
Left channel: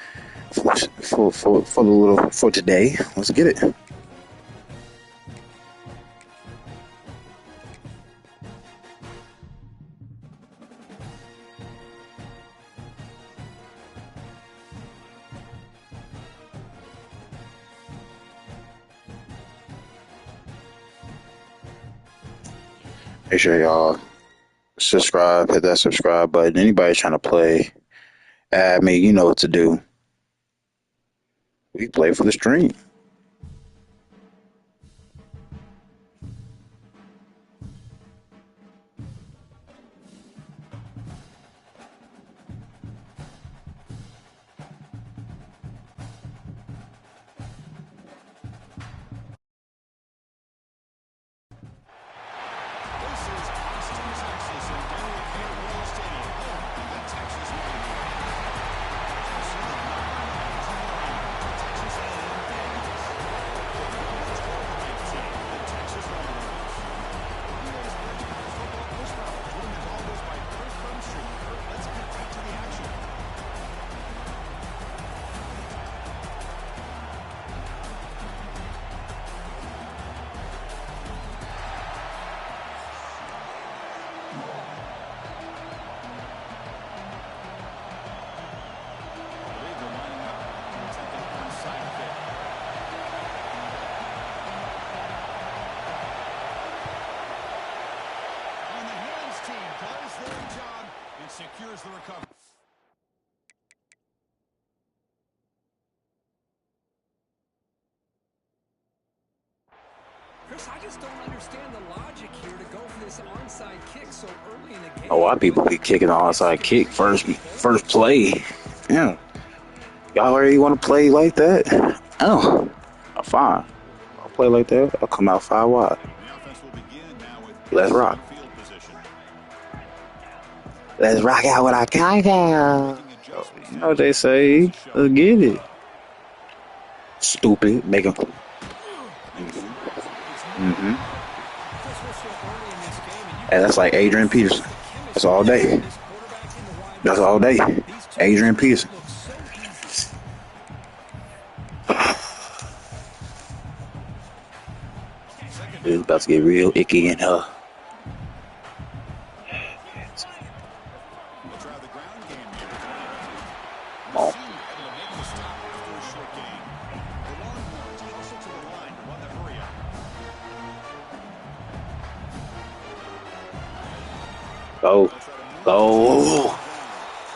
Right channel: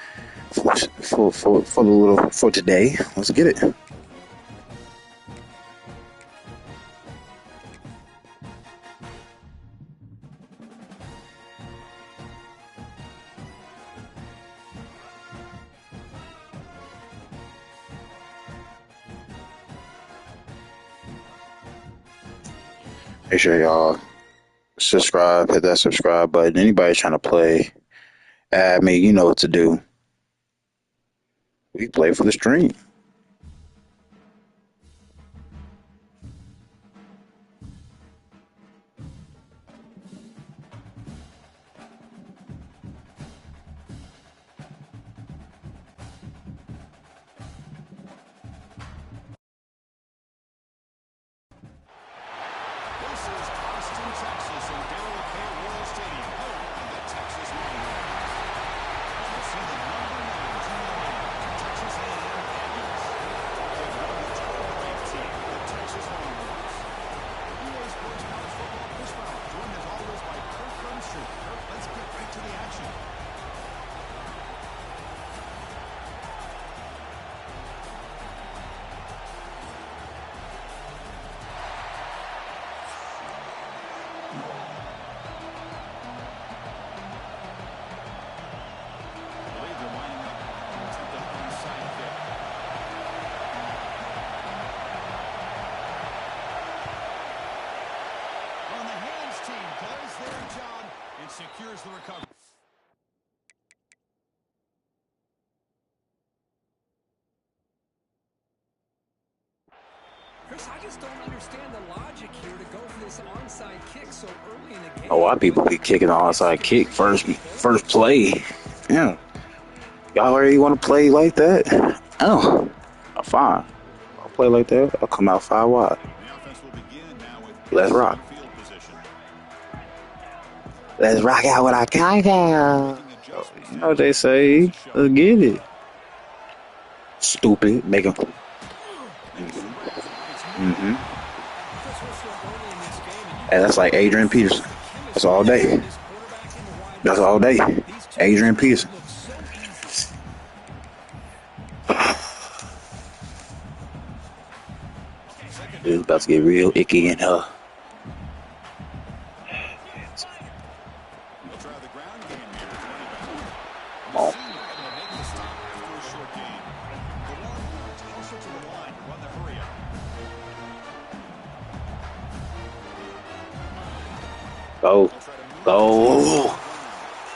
for the little for today. Let's get it. Make sure y'all subscribe, hit that subscribe button. Anybody trying to play, add me. You know what to do. We play for the stream. This is Austin, Texas, and Darrell K. Royal Stadium, home of the Texas Longhorns. We'll see the number 9 team in Texas A&M Aggies. Take number 12 ranked team, the Texas Longhorns. EA Sports College Football Push Route, joined as always by Kirk Crumstree. Kirk, let's get right to the action. Secures the recovery. Chris, I just don't understand the logic here to go for this onside kick so early in the game. A lot of people be kicking the onside kick first play. Yeah. Y'all already want to play like that? Oh, fine. I'll play like that. I'll come out 5 wide. The offense will begin now with Let's rock. field position. Let's rock out with our countdown. You know what they say. Let's get it. Stupid. Make them. Mm-hmm. Hey, that's like Adrian Peterson. That's all day. That's all day. Adrian Peterson. It's about to get real icky in her. Come on. Go. Go.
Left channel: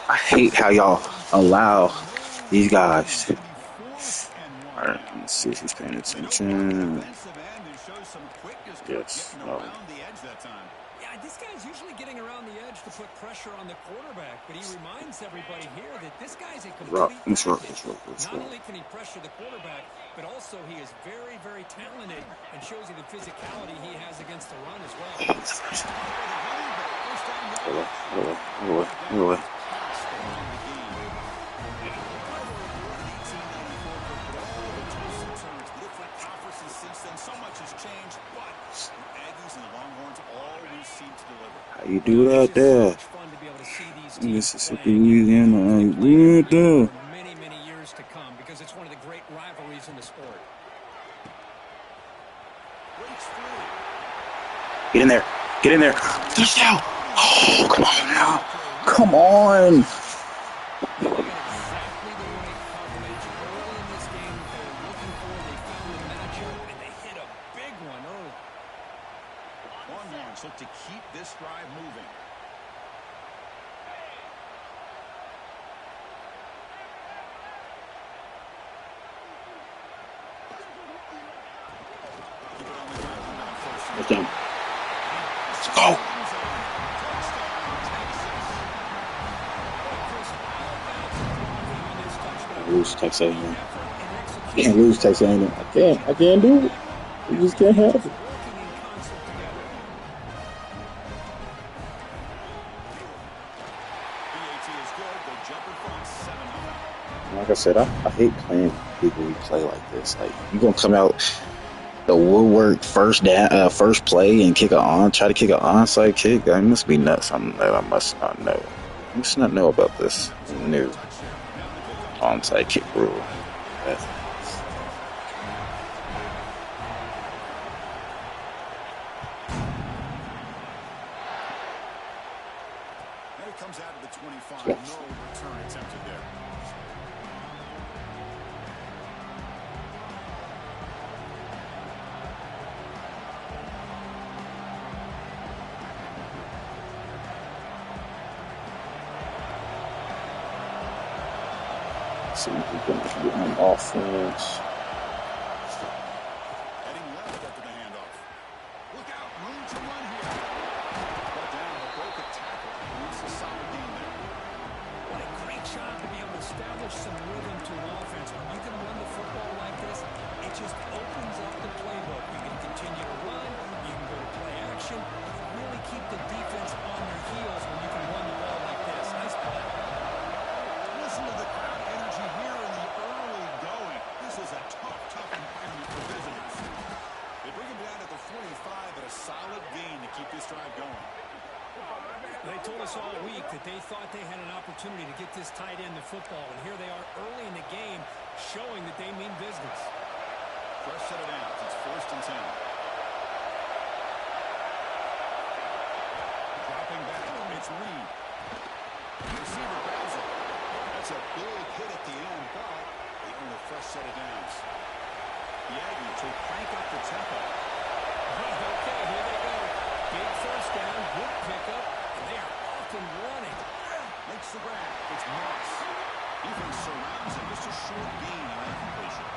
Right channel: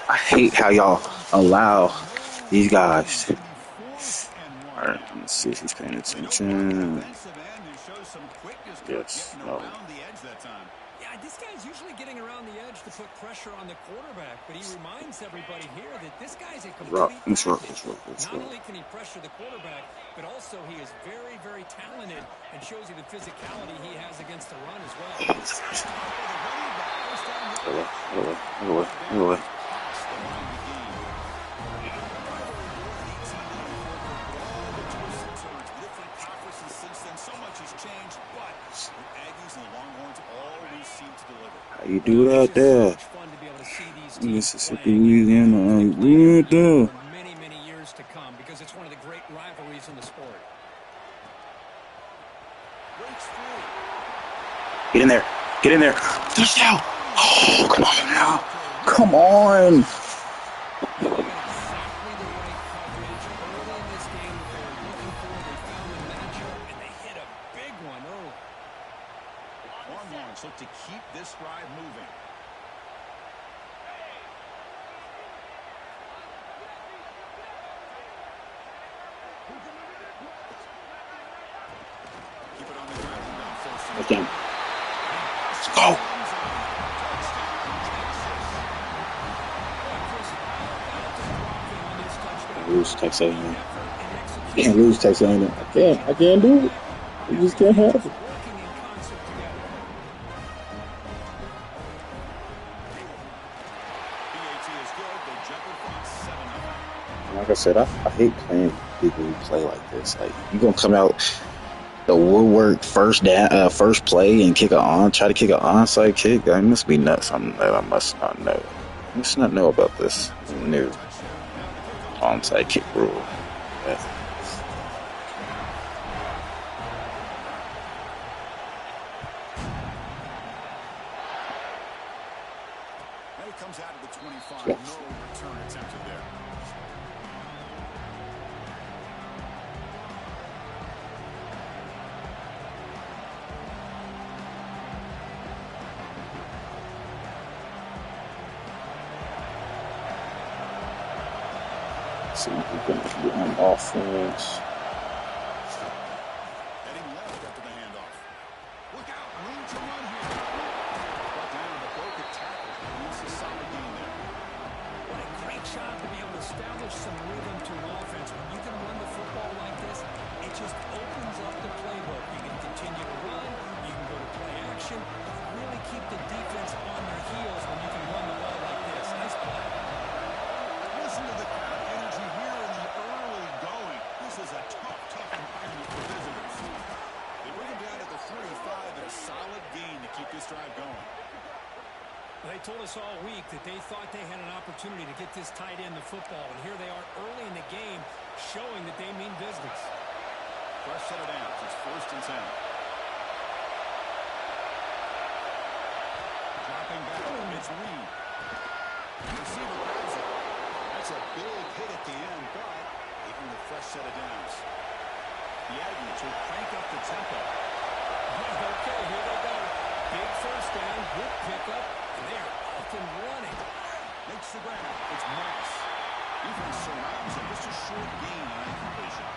I hate how y'all allow these guys. All right, let's see if he's paying attention. Yes. No. Yeah, this guy's usually getting around the edge to put pressure on the quarterback, but he reminds everybody here that this guy's a complete package. Not only can he pressure the quarterback, but also he is very, very talented and shows you the physicality he has against the run as well. So much has changed, but the Aggies and the Longhorns always seem to deliver. How you do that there? Fun to be able to see these Mississippi, Louisiana, for many, many years to come because because it's one of the great rivalries in the sport. Breaks free. Get in there. Get in there. Touchdown. Oh, come on now. Come on. They got exactly the right coverage early in this game that they were looking for. They found the matchup, and they hit a big one early. Longhorns look to keep this drive moving. Keep it on the ground. Now first and Touchdown. Let's go. Touchdown, Texas. Chris, how about the blocking on this touchdown? Lose Texas A&M. Effort and execution. Can't lose Texas A&M. I can't do it. We just can't have it. Working in concert together. BAT is good. They jump in front 7-0. Like I said, I hate playing with people who play like this. Like, you gonna come out the woodwork first play and try to kick an onside kick? That must be nuts. I must not know. I must not know about this new onside kick rule. And it comes out of the 25. No return attempted there. See if we can get on offense. Heading left after the handoff. Look out, room to run here. Brought down, but broke a tackle. Leaves a solid gain there. What a great job to be able to establish some rhythm to an offense. When you can run the football like this, it just opens up the playbook. You can continue to run. You can go to play action. Really keep the defense on their heels when you can run the ball like this. Nice play. Listen to the crowd energy here in the early going. This is a tough environment for visitors. They bring him down at the 45 at a solid gain to keep this drive going. They told us all week that they thought they had an opportunity to get this tight end the football, and here they are early in the game showing that they mean business. Fresh set of downs. It's 1st and 10. Dropping back. It's Reed. The receiver grabs it. That's a big hit at the end, but they earn a fresh set of downs. The Aggies will crank up the tempo. Okay, here they go. Big first down, good pickup, and they are off and running. Makes the grab. It's Moss. Defense surrounds him. Just a short gain on that completion.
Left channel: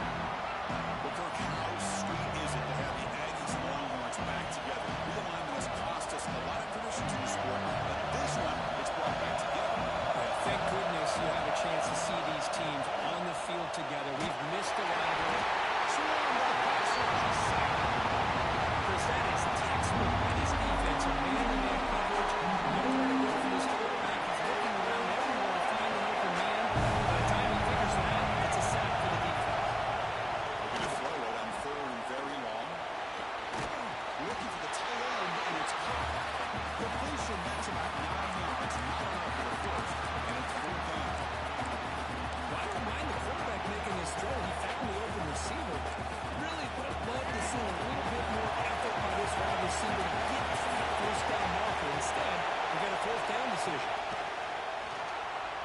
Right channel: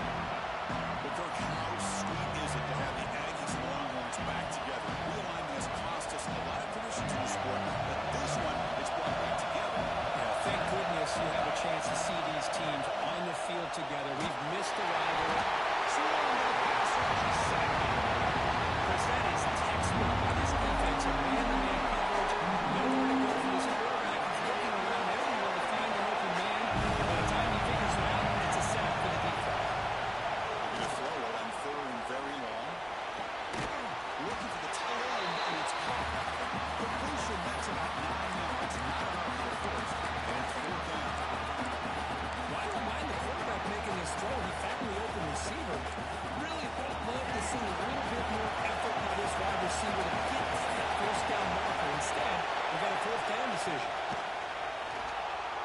But Kirk, how sweet is it to have the Aggies and the Longhorns back together? Realignment has cost us a lot of traditions in the sport, but this one, it's brought back together. Yeah, thank goodness you have a chance to see these teams on the field together. We've missed the rivalry. Swarmed by the pass rush. Chris, that is textbook by this defense. A man-to-man coverage. Nowhere to go for this quarterback. He's looking around everywhere to find an open man. By the time he figures it out, it's a sack for the defense. Looking to throw it on 3rd and very long. Looking for the tight end, and it's caught. Completion, that's about 9 yards. Not enough for the first, and it's 4th down. Well, I don't mind the quarterback making this throw. He found the open receiver. Really would have loved to see a little bit more effort by this wide receiver to get that first down marker. Instead, we got a 4th down decision.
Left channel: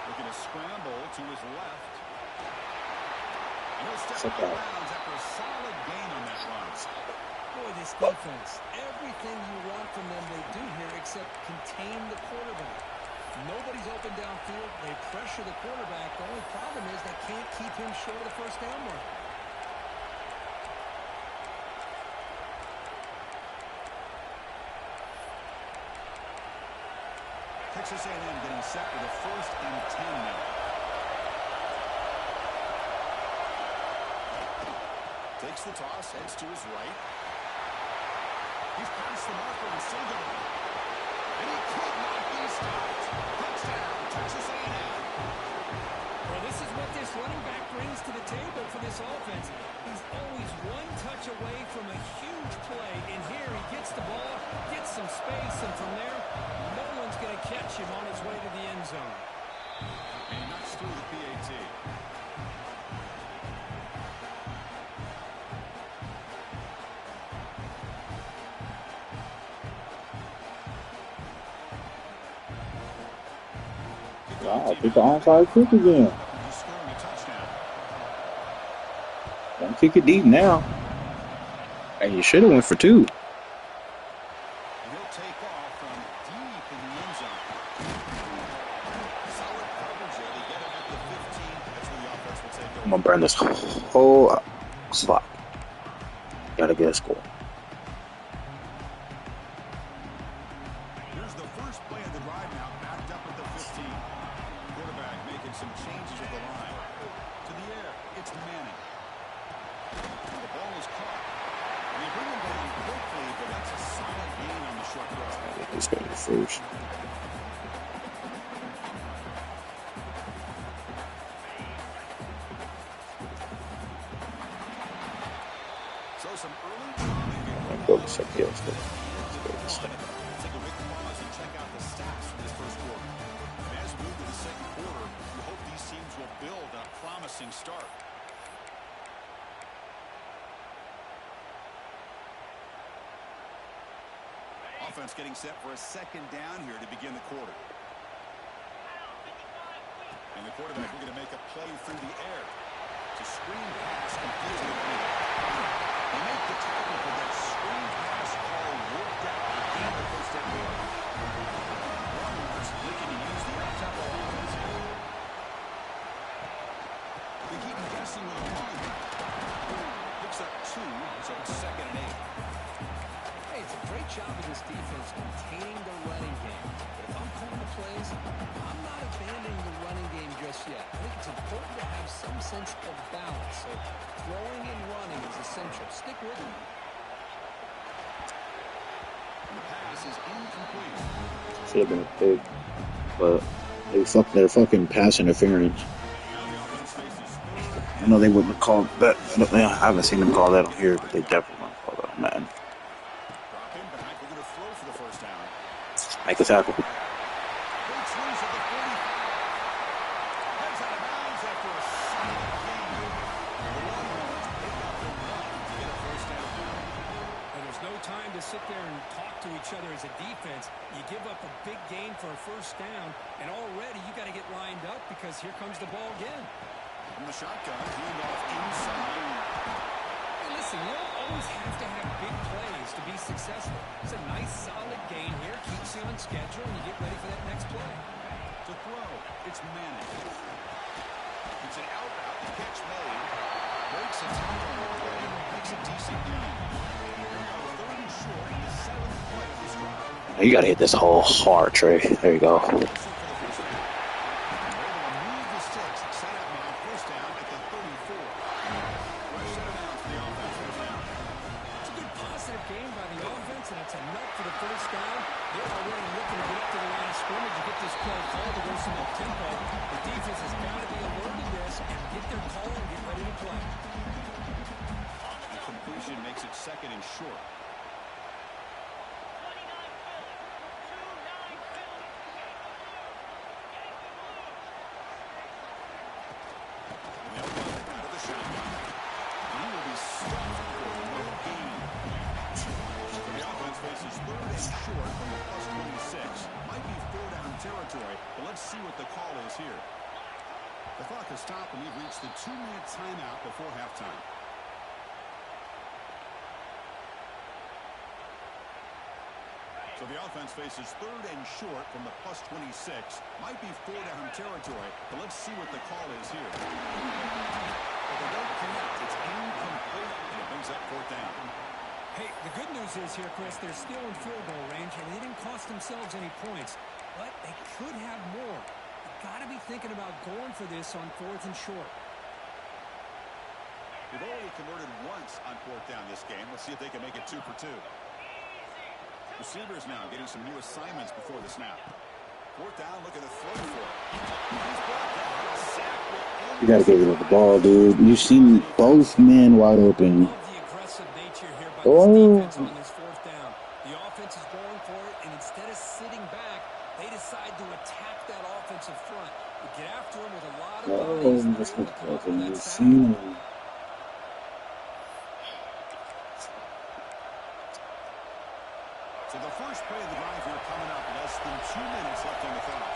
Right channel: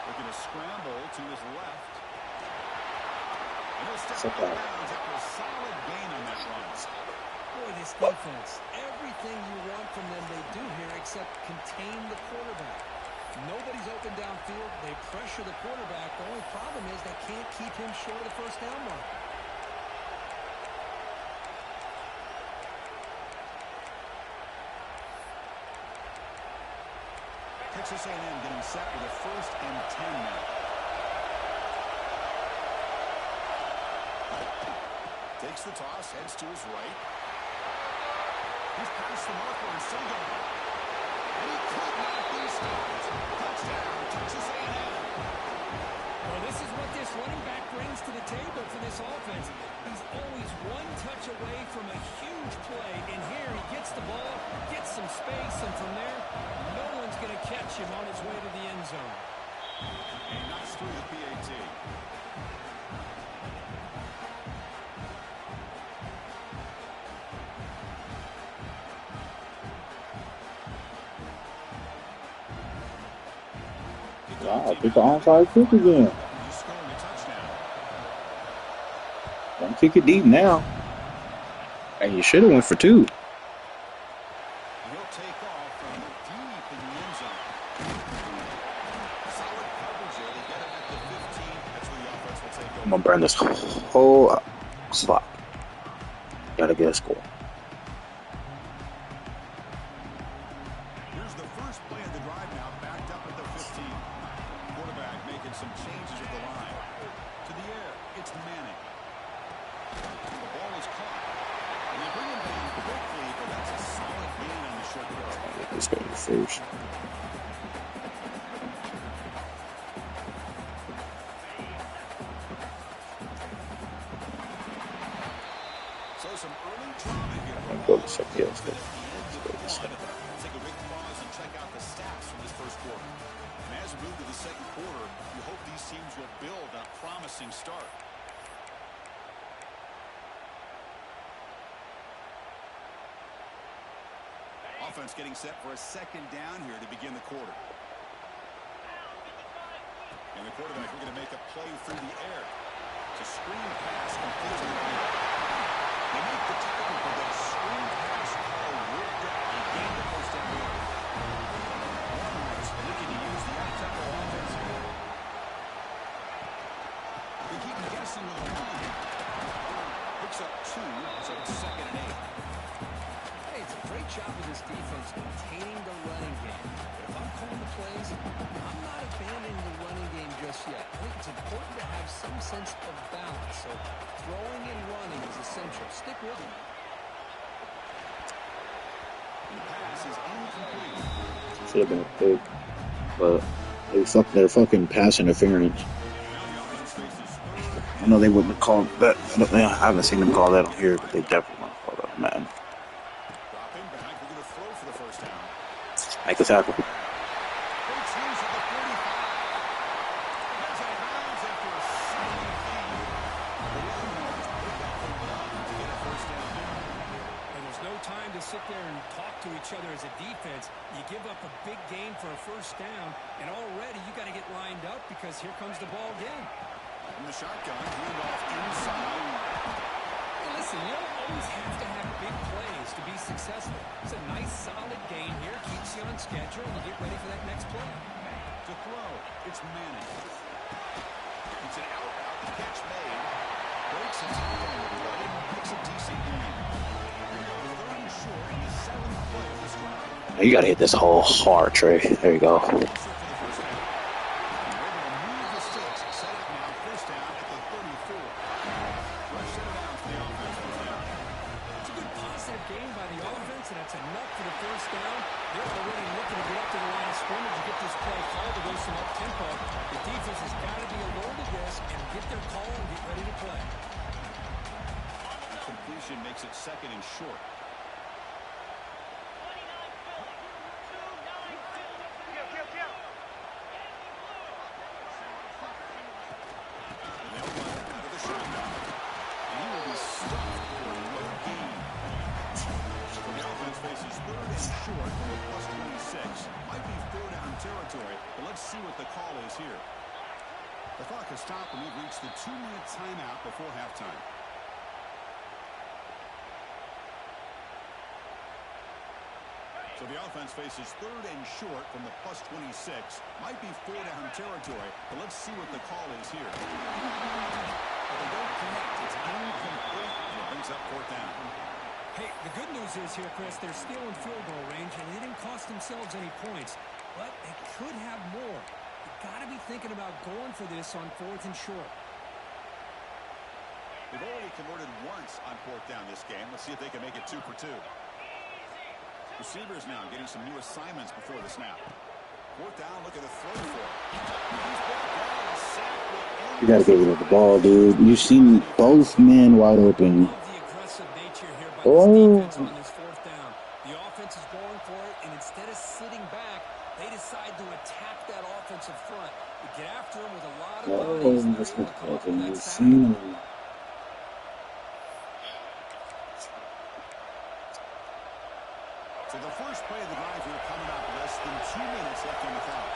Looking to scramble to his left. And he'll step out of bounds after a solid gain on that run. Boy, this defense, everything you want from them they do here except contain the quarterback. Nobody's open downfield. They pressure the quarterback. The only problem is they can't keep him short of the first down mark. Texas A&M getting set with a 1st and 10 now. Takes the toss, heads to his right. He's past the marker and still going. And he could not be stopped. Touchdown, Texas A&M. Well, this is what this running back brings to the table for this offense. He's always one touch away from a huge play. And here he gets the ball, gets some space, and from there, no one's going to catch him on his way to the end zone. And he knocks through the PAT. Wow, get the onside kick again. Just scoring a touchdown. Don't kick it deep now. And you should have went for 2. He'll take off from deep in the end zone. Solid coverage there. They get it at the 15. That's where the offense will take over. I'm gonna burn this whole slot. Gotta get a score. Here's the first play of the drive now, backed up at the 15. Quarterback making some changes at the line. To the air, it's Manning. The ball is caught. And they bring him down quickly, but that's a solid gain on the short throw. Let's go to first. So some early drama here. I'm going to second. Yeah, let's go. Take a big pause and check out the stats from this first quarter. And as we move to the second quarter, we hope these teams will build on a promising start. Offense getting set for a second down here to begin the quarter. And the quarterback looking to make a play through the air. It's a screen pass complete to the running back. They make the tackle, but that screen pass call worked out. They gained the first down yard. Baltimore's looking to use the up-tempo offense here. They keep him guessing with a run. Picks up 2, so it's 2nd and 8. Hey, it's a great job of this defense containing the running game. But if I'm calling the plays, I'm not abandoning the running game just yet. I think it's important to have some sense of balance. So throwing and running is essential. Stick with me. The pass is incomplete. Should have been a pick, but they're fucking pass interference. Now the offense faces third. I know they wouldn't have called that. I haven't seen them call that on here, but they definitely want to call that on Madden. Drop him back. We're going to throw for the first down. Make the tackle. Breaks loose at the 45. Heads out of bounds after a solid gain. The Longhorns pick up enough to get a first down now. And there's no time to sit there and talk to each other as a defense. You give up a big gain for a first down, and already you got to get lined up because here comes the ball again. From the shotgun, handoff inside. Hey, listen, you don't always have to have big plays to be successful. It's a nice, solid gain here. Keeps you on schedule, and you get ready for that next play. To throw, it's Manning. It's an out route. The catch made. Breaks a tackle on the play. Makes a decent gain. Here we go, 3rd and short on the 7th play of this drive. You gotta hit this hole hard, Trey. There you go. Also for the first down. They're able to move the sticks. Set up now. First down at the 34. Fresh set of downs for the offense. First down. It's a good positive game by the offense, and that's enough for the first down. They're already looking to get up to the line of scrimmage to get this play called to go some up-tempo. The defense has got to be alert to this and get their call and get ready to play. The completion makes it 2nd and short. And they'll run it out of the shotgun. And he will be stuffed for no gain. So the offense faces 3rd and short from the +26. Might be 4-down territory, but let's see what the call is here. The clock has stopped, and we've reached the 2-minute timeout before halftime. So the offense faces 3rd and short from the +26. Might be 4-down territory, but let's see what the call is here. But they don't connect. It's incomplete, and it brings up 4th down. Hey, the good news is here, Chris, they're still in field goal range, and they didn't cost themselves any points. But they could have more. You got to be thinking about going for this on 4th and short. They've already converted once on 4th down this game. Let's see if they can make it 2 for 2. Receivers now getting some new assignments before the snap. 4th down, looking to throw for it. He's brought down. A sack will end. You gotta get rid of the ball, dude. You see both men wide open. Love the aggressive nature here by this defense on this 4th down. The offense is going for it, and instead of sitting back, they decide to attack that offensive front. You get after them with a lot of bodies, and they're able to come up with that sack. So the first play of the drive here coming up. Less than 2 minutes left on the clock.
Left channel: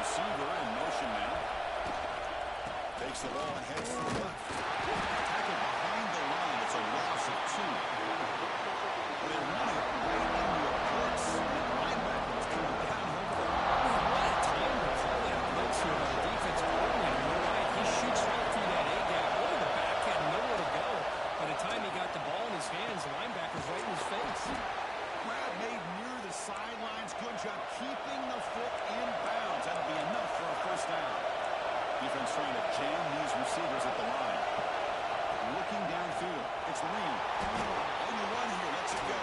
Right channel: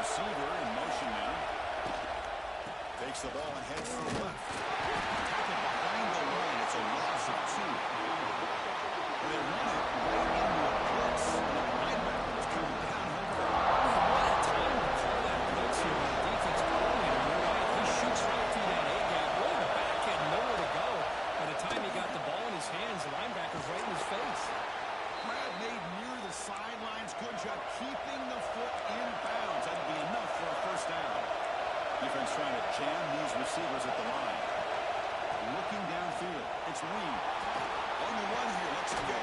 Receiver in motion now. Takes the ball and heads to the left. Tackle behind the line. It's a loss of 2. Well, they run it right into a blitz. And the linebacker was coming down over the line. What a time to call that blitz here by the defensive coordinator. You're right. He shoots right through that A-gap. Really the back had nowhere to go. By the time he got the ball in his hands, the linebacker's right in his face. Grab made near the sidelines. Good job keeping the foot in bounds. That'll be enough for a first down. Defense trying to jam these receivers at the line. Looking downfield. It's Lee. On the run here. Lets it go.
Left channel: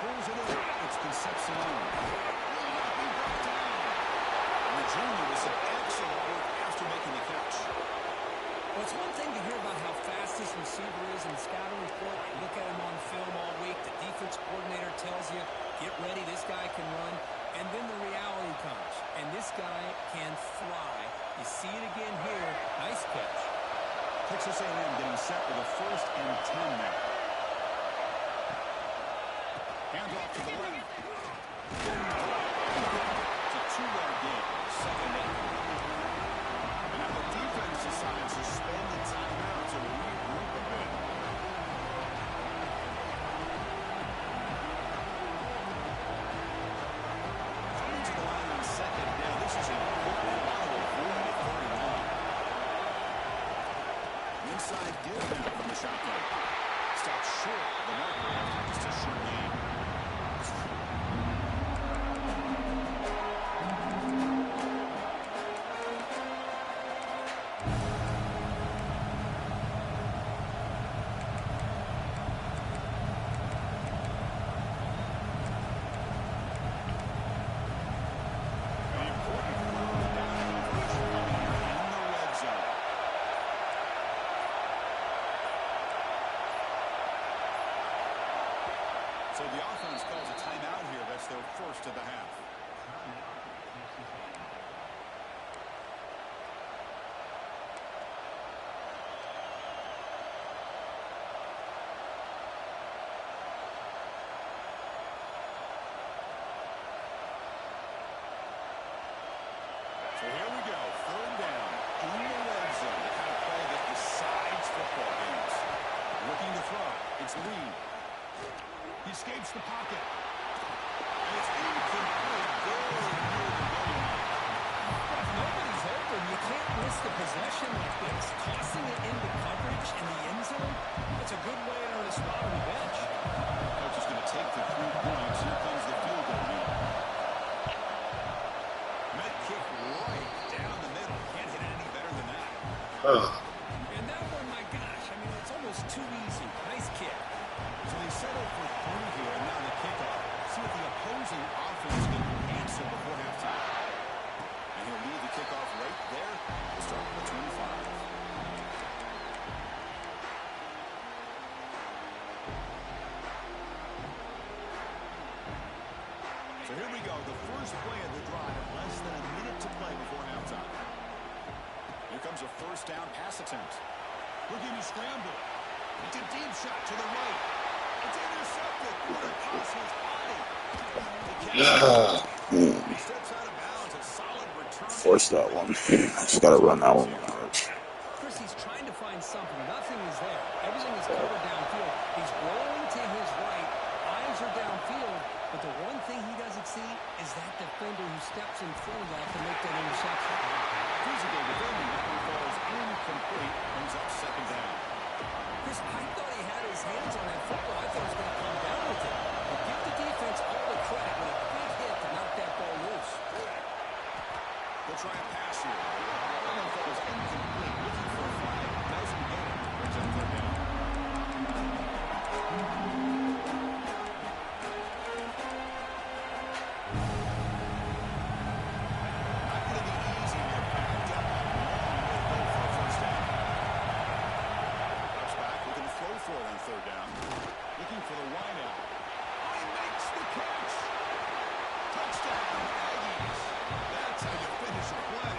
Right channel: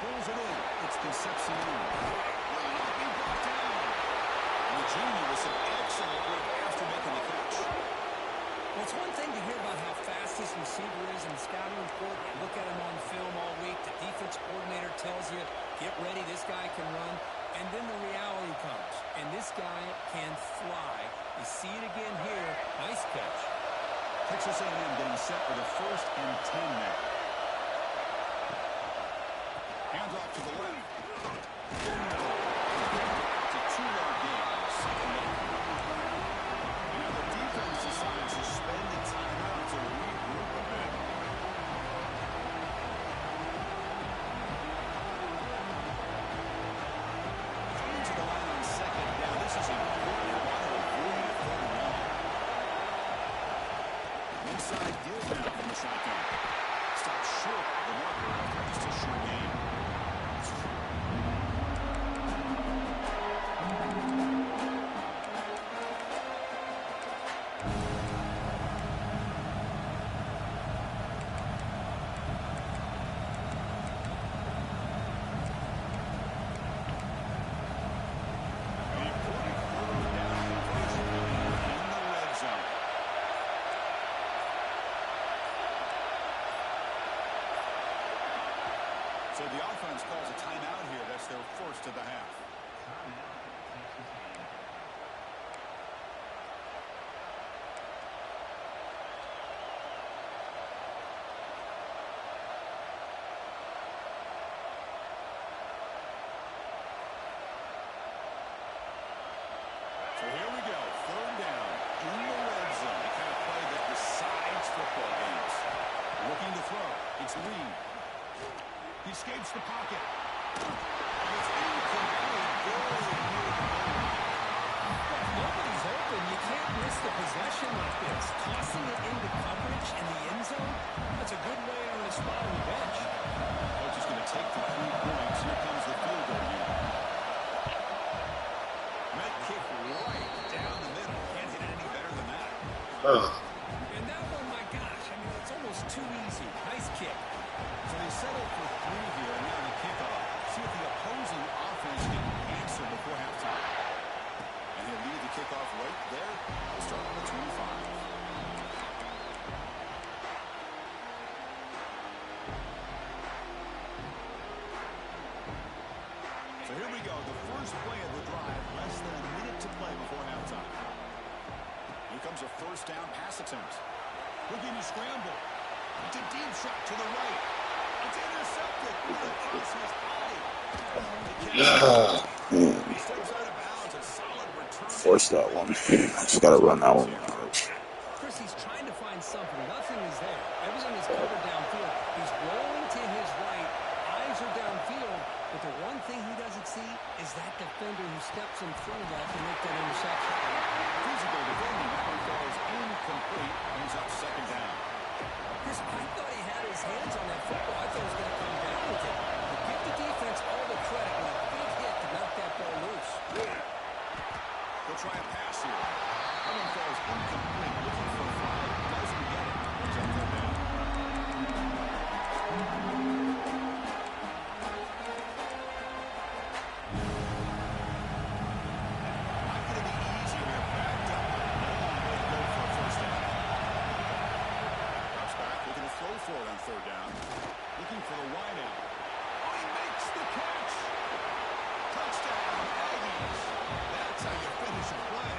Pulls it in. It's Concepcion. Will not be brought down. And the junior with some excellent work after making the catch. Well, it's one thing to hear about how fast this receiver is in the scouting report. You look at him on film all week. The defense coordinator tells you, get ready, this guy can run. And then the reality comes. And this guy can fly. You see it again here. Nice catch. Texas A&M getting set for the 1st and 10 now. Hands off to the left. It's a 2-yard gain. 2nd down. And now the defense decides to spend the timeout to regroup a bit. Coming to the line on 2nd down. This is important. They want to avoid a 3rd and long. Inside give now from the shotgun. Stops short the marker after just a short game. So the offense calls a timeout here. That's their 1st of the half. So here we go. 3rd down in the red zone. The kind of play that decides football games. Looking to throw. It's Lee. He escapes the pocket. And it's incomplete. Very near the goal line. If nobody's open, you can't miss the possession like this. Tossing it into coverage in the end zone, that's a good way to earn a spot on the bench. Coach is going to take the 3 points. Here comes the field goal unit. Met kick right down the middle. Can't hit it any better than that. And that one, my gosh, I mean, it's almost too easy. Nice kick. So they settle for 3 here, and now the kickoff. See if the opposing offense can answer before halftime. And he'll lead the kickoff right there. We'll start with the 25. So here we go. The first play of the drive. Less than a minute to play before halftime. Here comes a 1st down pass attempt. Looking to scramble. It's a deep shot to the right. It's intercepted. Across his body. He steps out of bounds. A solid return. Force that one. Just gotta run that one. Chris, he's trying to find something. Nothing is there. Everything is covered downfield. He's rolling to his right. Eyes are downfield. But the one thing he doesn't see is that defender who steps in front of that to make that interception. Physical defending. That one falls incomplete. Brings up 2nd down. Chris, I thought he had his hands on that football. I thought he was going to come down with it. But give the defense all the credit with a big hit to knock that ball loose. They'll try a pass here. That one falls incomplete. Looking for a flag. Doesn't get it. Brings up 3rd down. Not going to be easy here. Backed up a long way to go for a 1st down. Drops back. Looking to throw for it on 3rd down. Looking for the wide out. Oh, he makes the catch. Touchdown, Aggies. That's how you finish a play.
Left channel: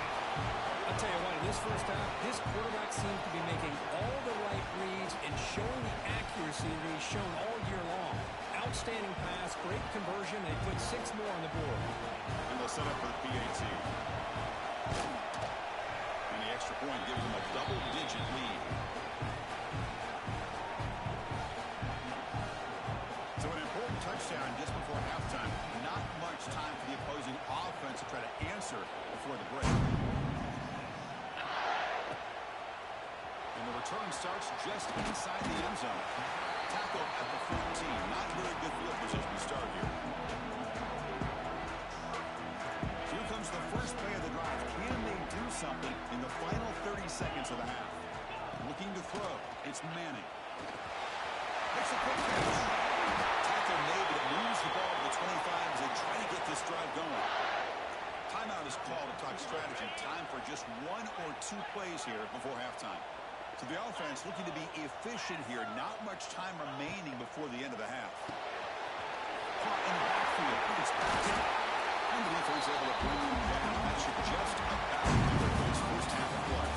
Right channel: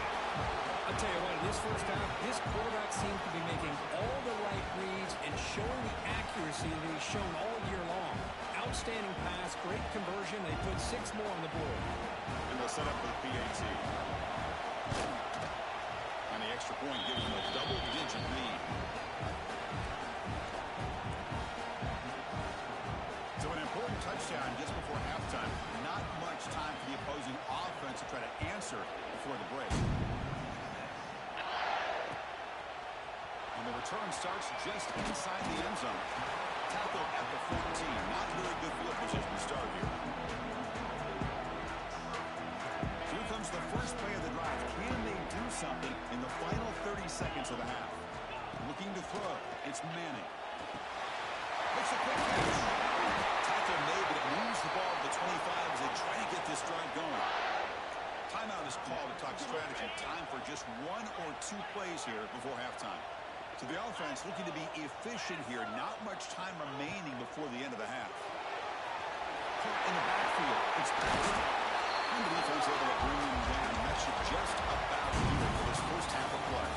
I'll tell you what, in this first half, this quarterback seems to be making all the right reads and showing the accuracy that he's shown all year long. Outstanding pass, great conversion. They put 6 more on the board. And they'll set up with PAT. extra point gives them a double-digit lead. So an important touchdown just before halftime. Not much time for the opposing offense to try to answer before the break. And the return starts just inside the end zone. Tackled at the 14. Not very good field position to start here. Here comes the first play of the drive. Can they do something in the final 30 seconds of the half? Looking to throw. It's Manning. Makes a quick catch. Tackle made, but it moves the ball to the 25 as they try to get this drive going. Timeout is called to talk strategy. Time for just 1 or 2 plays here before halftime. So the offense looking to be efficient here. Not much time remaining before the end of the half. Caught in the backfield. It's Paxton. And the defense able to bring him down. That should just about do it for this first half of play.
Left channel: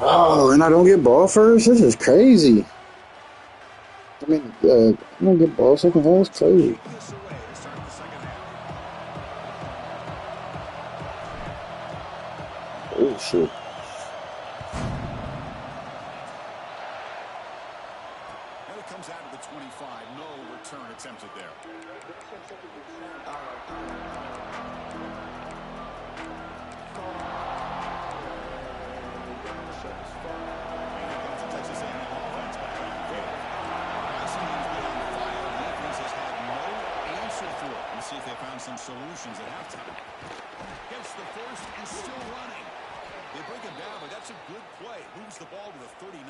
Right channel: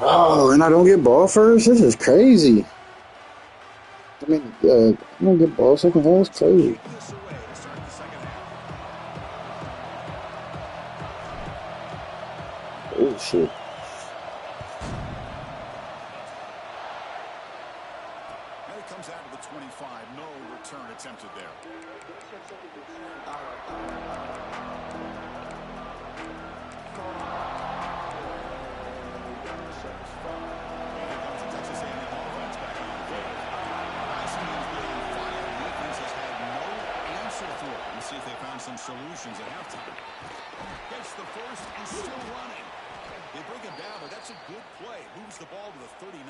Oh, and I don't get ball first? This is crazy. I mean, I don't get ball second half. It's crazy. Take this away to start the second half. Oh, shit. And it comes out of the 25. No return attempted there. And here comes the Texas A&M offense back on the field. Passing game's been on fire. Defense has had no answer for it. Let's see if they found some solutions at halftime. Gets the first and still running. They bring him down, but that's a good play. Moves the ball to the 39.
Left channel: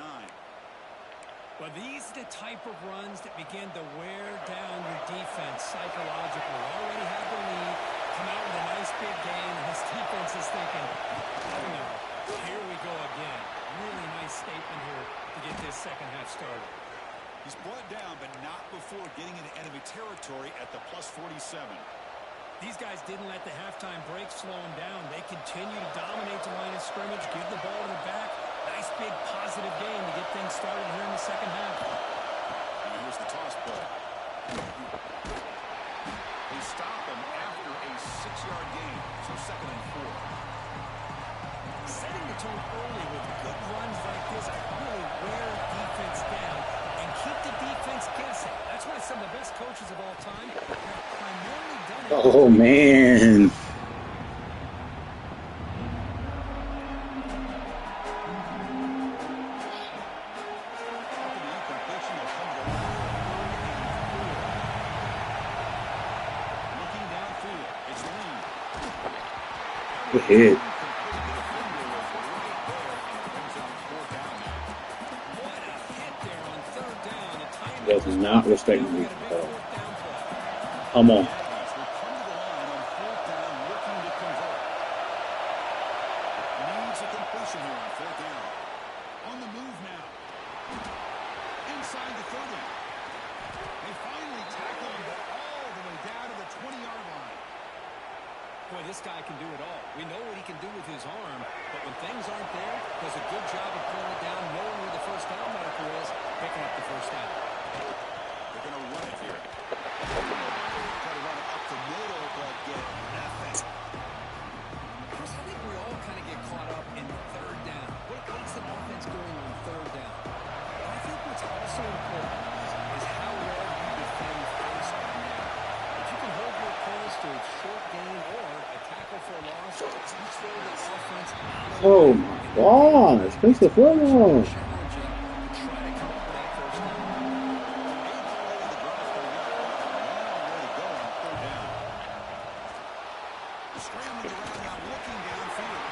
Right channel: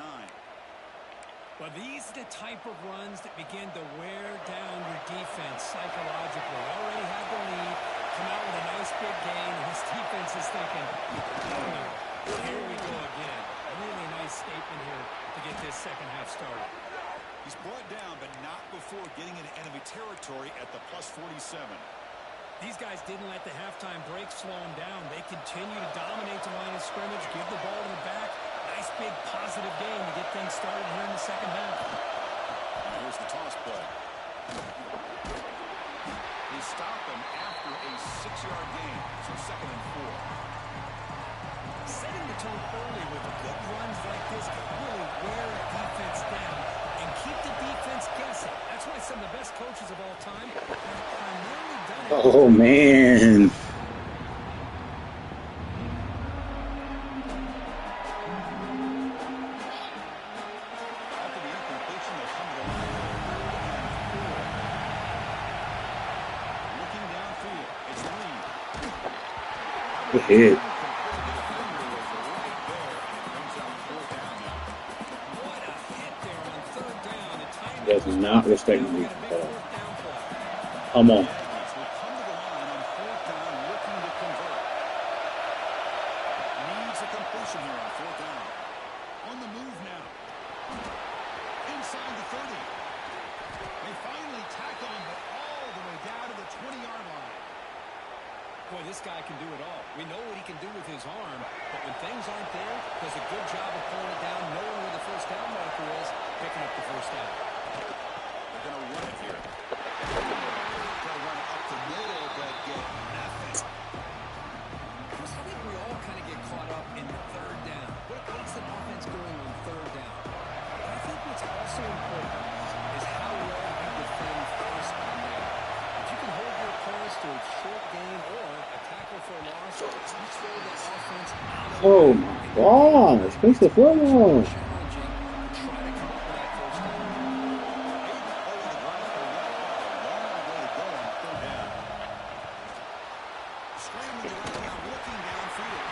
Well, these are the type of runs that begin to wear down your defense psychologically. Already have the lead, come out with a nice big gain, and this defense is thinking, oh no, here we go again. Really nice statement here to get this second half started. He's brought down, but not before getting into enemy territory at the plus 47. These guys didn't let the halftime break slow them down. They continue to dominate the line of scrimmage, give the ball to the back. Nice big positive game to get things started here in the second half. And here's the toss play. They stop him after a 6-yard gain, so 2nd and 4. Setting the tone early with good runs like this can really wear a defense down and keep the defense guessing. That's why some of the best coaches of all time have primarily done it. Oh, man. After the incompletion, they'll come to the line for 3rd and 4. Looking downfield, it's Reed. Good hit. Incomplete. The defender was right there, and it brings out 4th down now. What a hit there on 3rd down. The timing Does was not perfect. respect Now we me got a big at all. 4th down play. Come on. The Aggies will come to the line on 4th down, looking to convert. Needs a completion here on 4th down. On the move now. Inside the 30. They finally tackle him, but all the way down to the 20-yard line. Boy, this guy can do it all. We know what he can do with his arm, but when things aren't there, does a good job of pulling it down, knowing where the first down marker is, picking up the first down. They're going to run it here. Try to run it up the middle, but get nothing. Chris, I think we all kind of get caught up in 3rd down. What's an offense doing on 3rd down? But I think what's also important is how well you defend first and down. If you can hold your opponents to a short gain or a tackle for a loss, you slow the offense out of Oh, my gosh. Makes the football. challenging to try to come up with that first down. 8th play of the drive coming up. A long way to go on 3rd down. Scrambling around now, looking downfield.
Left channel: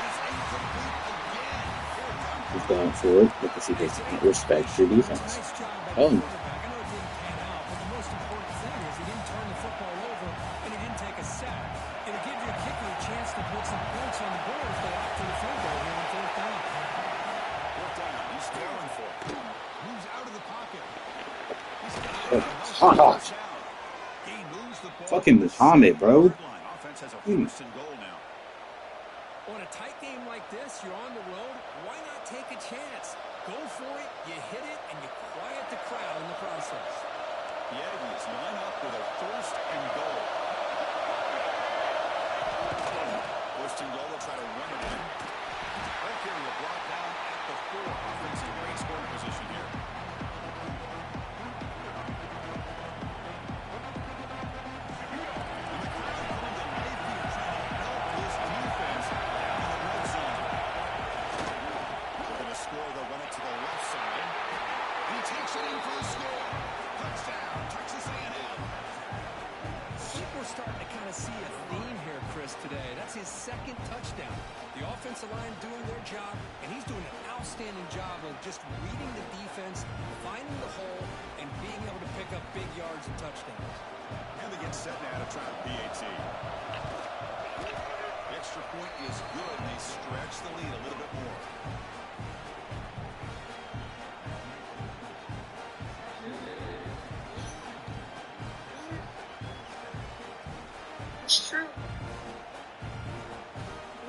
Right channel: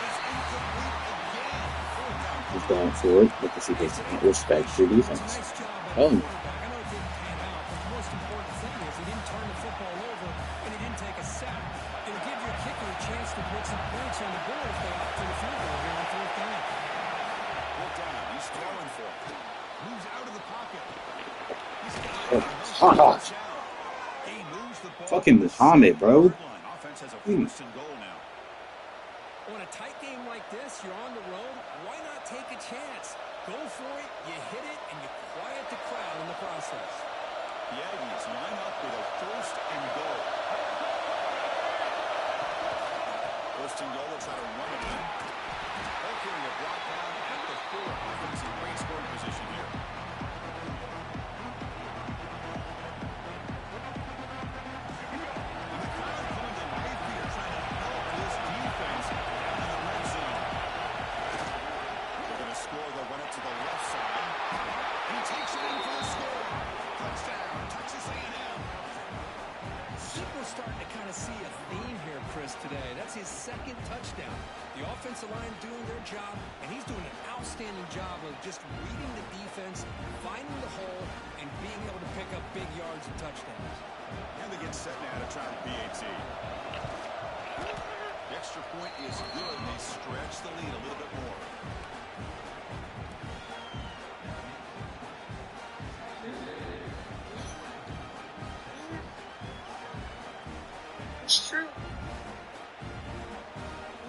And it's incomplete again. 4th down. He's going for it because he does not respect your defense. Nice job by Oh. the quarterback. I know it didn't pan out, but the most important thing is he didn't turn the football over and he didn't take a sack. It'll give your kicker a chance to put some points on the board if they opt for the field goal here on 4th down. 4th down. He's throwing for it. Moves out of the pocket. He's got Oh, it. ah. He moves the ball. Fucking to the Muhammad, 7-yard bro. line. Offense has a Hmm. 1st and goal now. On a tight game like this, you're on the road. Why not take a chance? Go for it, you hit it, and you quiet the crowd in the process. The Aggies line up with a 1st and goal. 1st and goal, they'll try to run it in. Ball carrier brought down at the 4. Offense in great scoring position here. And the crowd coming to life here, trying to help this defense down in the red zone. They're going to score. They'll run it to the left side. And he takes it in for the score. Touchdown, Texas A&M. I think we're starting to kind of see a theme here, Chris, today. That's his 2nd touchdown. The offensive line doing their job, and he's doing an outstanding job of just reading the defense, finding the hole, and being able to pick up big yards and touchdowns. And they get set now to try the PAT. The extra point is good, and they stretch the lead a little bit more. It's true. You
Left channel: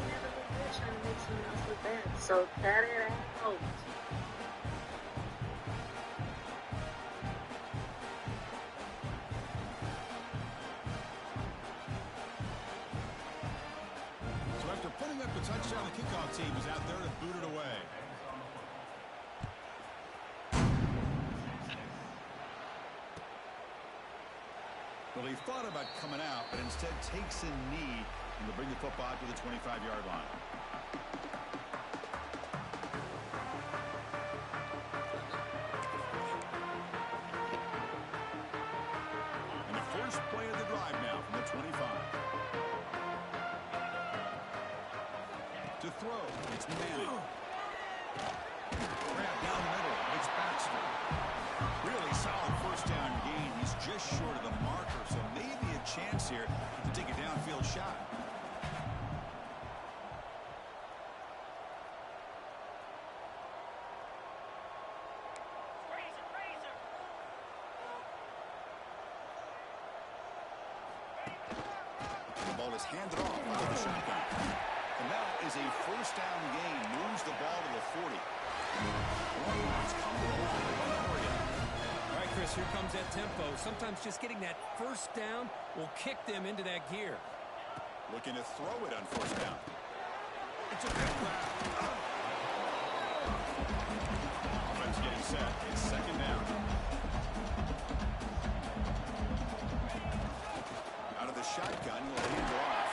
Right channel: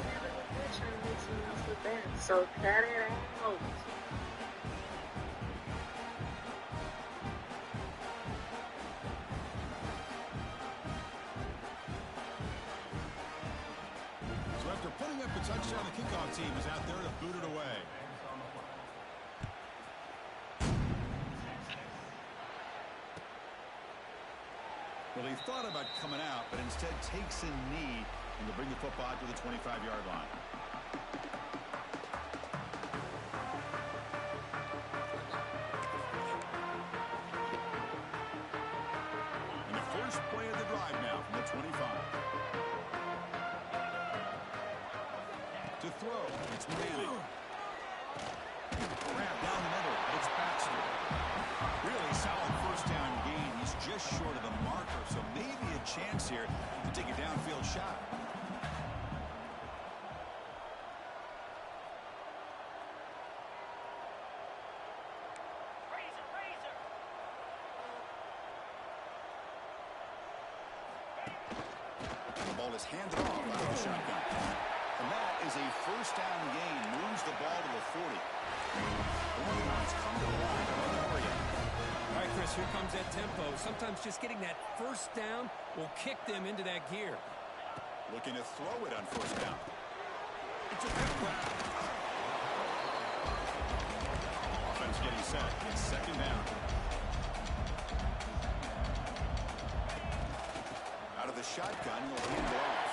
never look good trying to make someone else look bad. So cut it out. So after putting up a touchdown, the kickoff team is out there to boot it away. Well, he thought about coming out, but instead takes a knee and will bring the football to the 25-yard line. And the first play of the drive now from the 25. To throw, it's Manning. Grab down the middle, it's Baxter. Really solid 1st down gain. He's just short of the marker, so maybe a chance here to take a downfield shot. The ball is handed off out of the shotgun. And that is a 1st down gain. Moves the ball to the 40. Longhorns come to the line to run the hurry up. All right, Chris, here comes that tempo. Sometimes just getting that 1st down will kick them into that gear. Looking to throw it on 1st down. It's a big grab. Offense getting set. It's 2nd down. Out of the shotgun, he'll hand it off.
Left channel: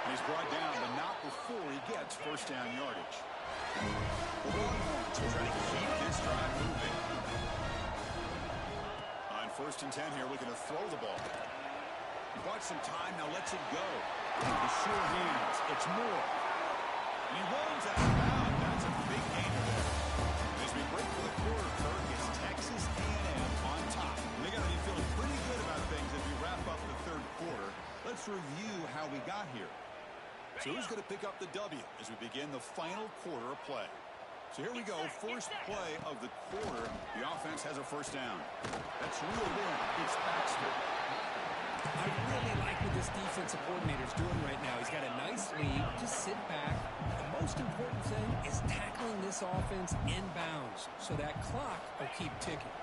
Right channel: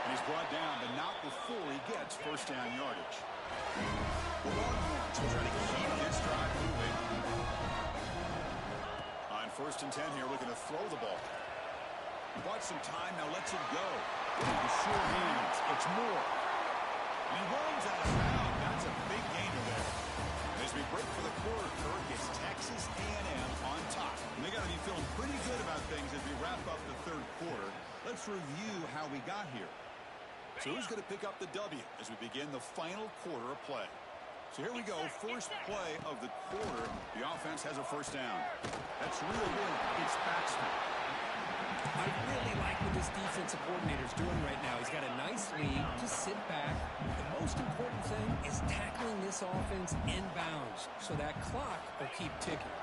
And he's brought down, but not before he gets 1st down yardage. The Longhorns will try to keep this drive moving. On 1st and 10 here, looking to throw the ball. He bought some time, now lets it go. The sure hands, it's Moore. And he runs out of bounds. That's a big gainer there. And as we break for the quarter, Kirk, it's Texas A&M on top. And they got to be feeling pretty good about things as we wrap up the 3rd quarter. Let's review how we got here. So who's going to pick up the W as we begin the final quarter of play? So here we go, first play of the quarter. The offense has a 1st down. That's reeled in. It's Baxter. I really like what this defensive coordinator's doing right now. He's got a nice lead. Just sit back. The most important thing is tackling this offense inbounds so that clock will keep ticking.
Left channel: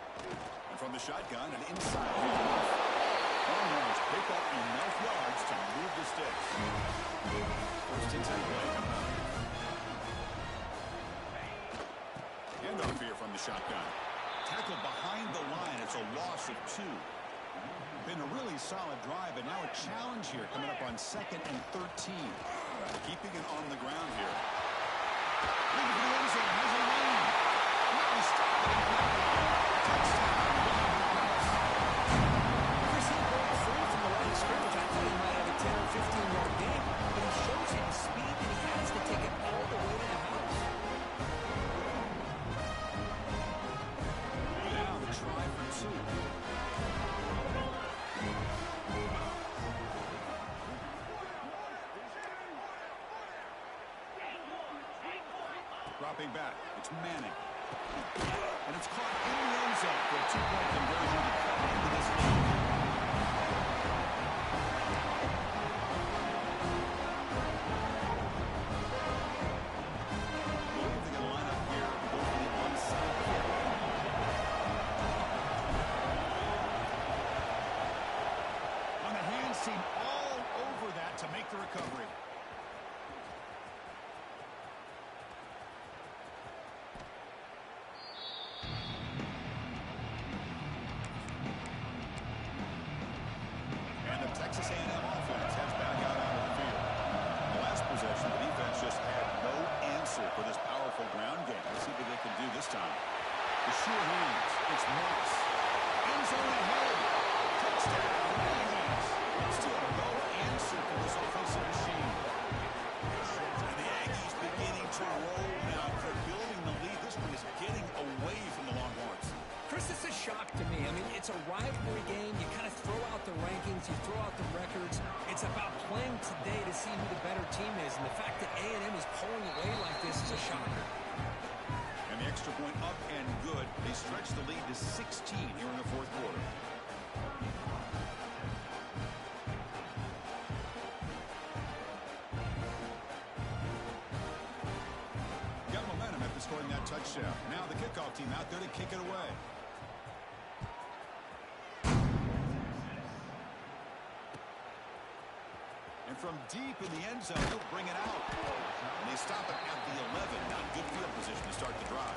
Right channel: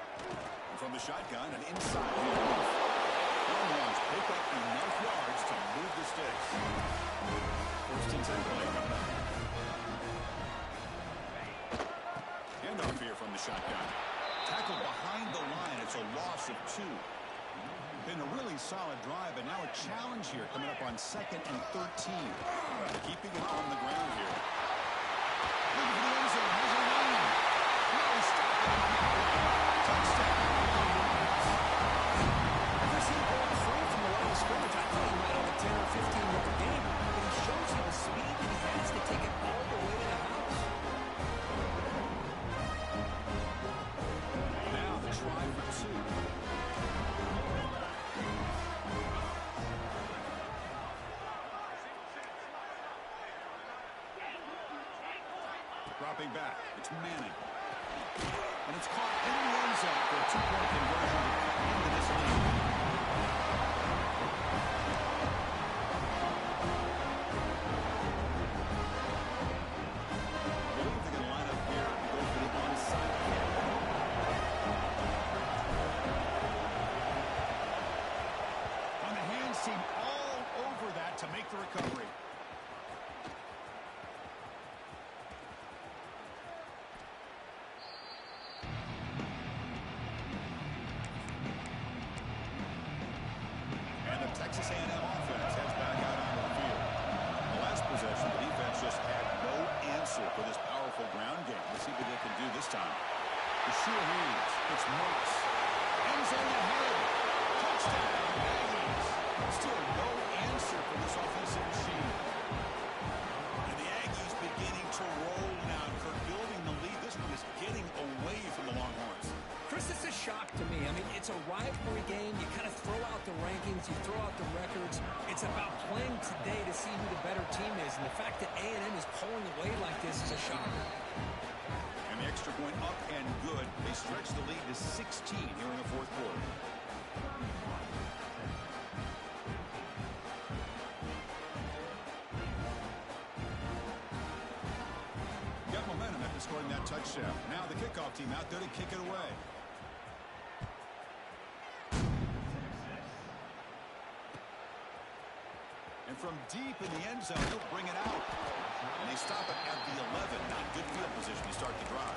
And from the shotgun, an inside handoff. Longhorns pick up enough yards to move the sticks. 1st and 10 play coming up. Handoff here from the shotgun. Tackled behind the line. It's a loss of 2. Been a really solid drive, but now a challenge here coming up on 2nd and 13. Keeping it on the ground here. Looking for the end zone. Has a lane. Now he's stopping him on that line. Touchdown. Ever seen broke free from the line of scrimmage? I thought he might have a 10 or 15-yard gain, but he shows you the speed that he has to take it all the way to the house. Now the try for 2. Dropping back, it's Manning. And it's caught in the end zone for a 2-point conversion to cut into this lead. I believe they're going to line up here and go for the onside kick. recovery. And the Texas A&M offense heads back out onto the field. The last possession, the defense just had no answer for this powerful ground game. Let's see what they can do this time. The sure hands. It's Moss. End zone ahead. Touchdown, Aggies. Still no answer for this offensive machine. And the Aggies beginning to roll now. For building the lead, this one is getting away from the Longhorns. Chris, it's a shock to me. I mean, it's a rivalry game. You kind of throw out the rankings. You throw out the records. It's about playing today to see who the better team is. And the fact that A&M is pulling away like this is a shocker. And the extra point up and good. They stretch the lead to 16 here in the fourth quarter. Got momentum after scoring that touchdown. Now the kickoff team out there to kick it away. And from deep in the end zone, he'll bring it out. And they stop it at the 11. Not good field position to start the drive.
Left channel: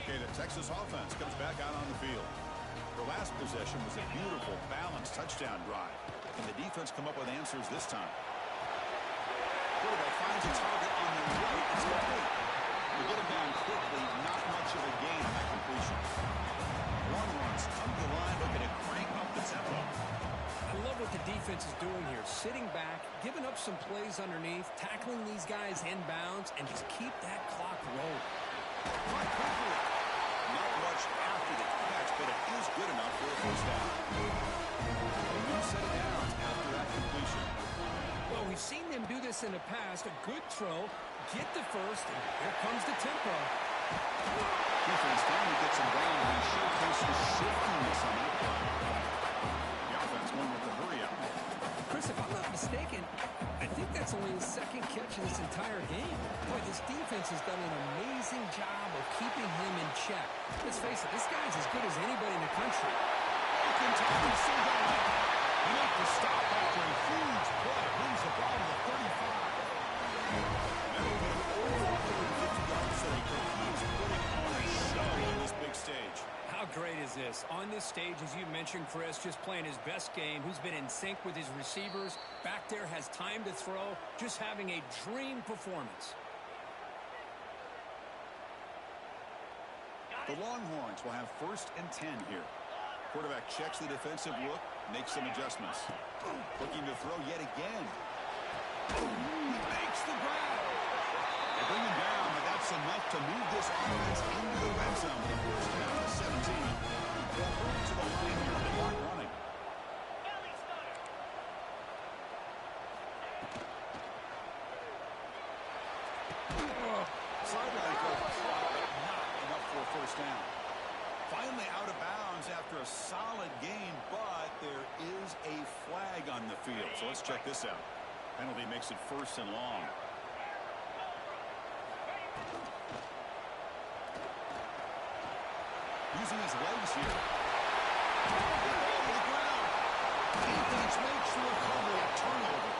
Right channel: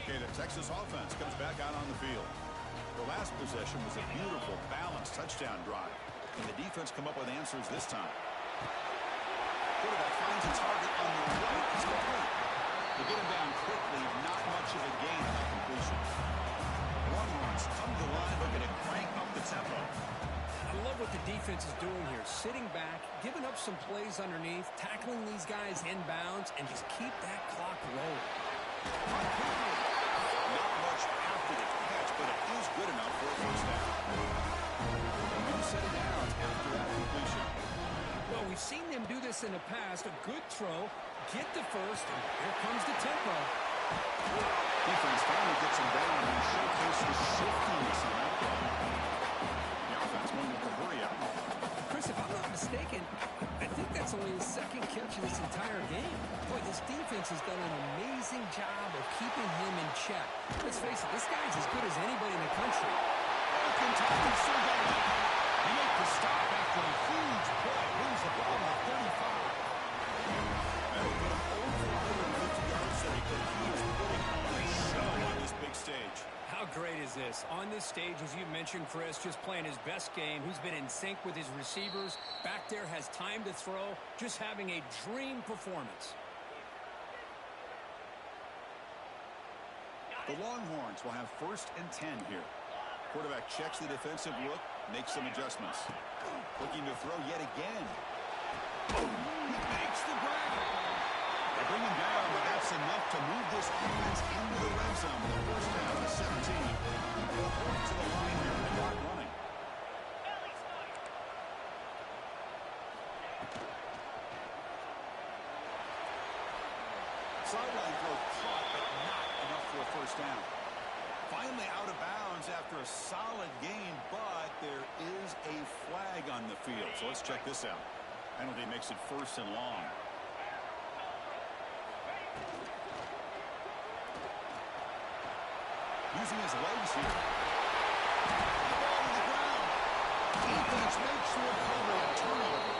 Okay, the Texas offense comes back out on the field. Their last possession was a beautiful, balanced touchdown drive. Can the defense come up with answers this time? Quarterback finds a target on the right. It's complete. They get him down quickly. Not much of a gain on that completion. Longhorns come to the line looking to crank up the tempo. I love what the defense is doing here. Sitting back, giving up some plays underneath, tackling these guys inbounds, and just keep that clock rolling. Caught quickly. Not much after the catch, but it is good enough for a first down. A new set of downs after that completion. Well, we've seen them do this in the past. A good throw, get the first, and here comes the tempo. Defense finally gets him down, and he showcases shiftiness on that play. The offense going with the hurry up. Chris, if I'm not mistaken, I think that's only his second catch of this entire game. Boy, this defense has done an amazing job of keeping him in check. Let's face it, this guy's as good as anybody in the country. Broken tackle, still got it. They make the stop after a huge play. Moves the ball to the 35. That'll put him over 150 yards today. He is putting on a show on this big stage. How great is this? On this stage, as you mentioned, Chris, just playing his best game. He's been in sync with his receivers. Back there, has time to throw. Just having a dream performance. The Longhorns will have 1st and 10 here. Quarterback checks the defensive look, makes some adjustments. Looking to throw yet again. He makes the grab. They bring him down, but that's enough to move this offense into the red zone with a first down to 17. They'll hold to the line here with the clock running. Sideline throw caught, but not enough for a first down. Finally out of bounds after a solid gain, but there is a flag on the field. So let's check this out. Penalty makes it 1st and long. Using his legs here. The ball to the ground. Defense makes the recovery, a turnover.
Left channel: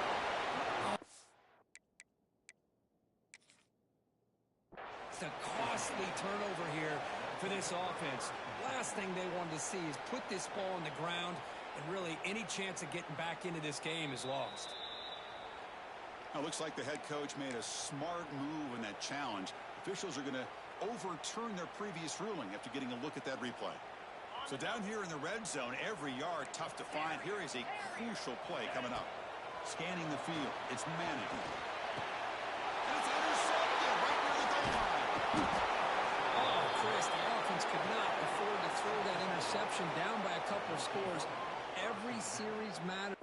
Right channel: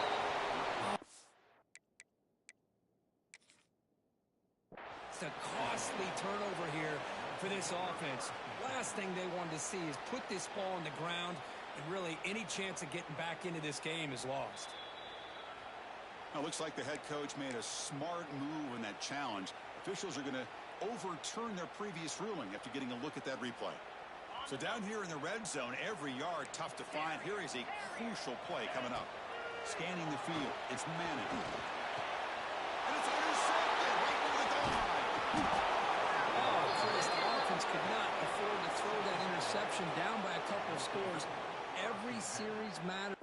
It's a costly turnover here for this offense. Last thing they wanted to see is put this ball on the ground, and really any chance of getting back into this game is lost. Now, looks like the head coach made a smart move in that challenge. Officials are going to overturn their previous ruling after getting a look at that replay. So down here in the red zone, every yard tough to find. Here is a crucial play coming up. Scanning the field. It's Manning. And it's intercepted right near the goal line. Oh, Chris, the offense could not afford to throw that interception down by a couple of scores. Every series matters.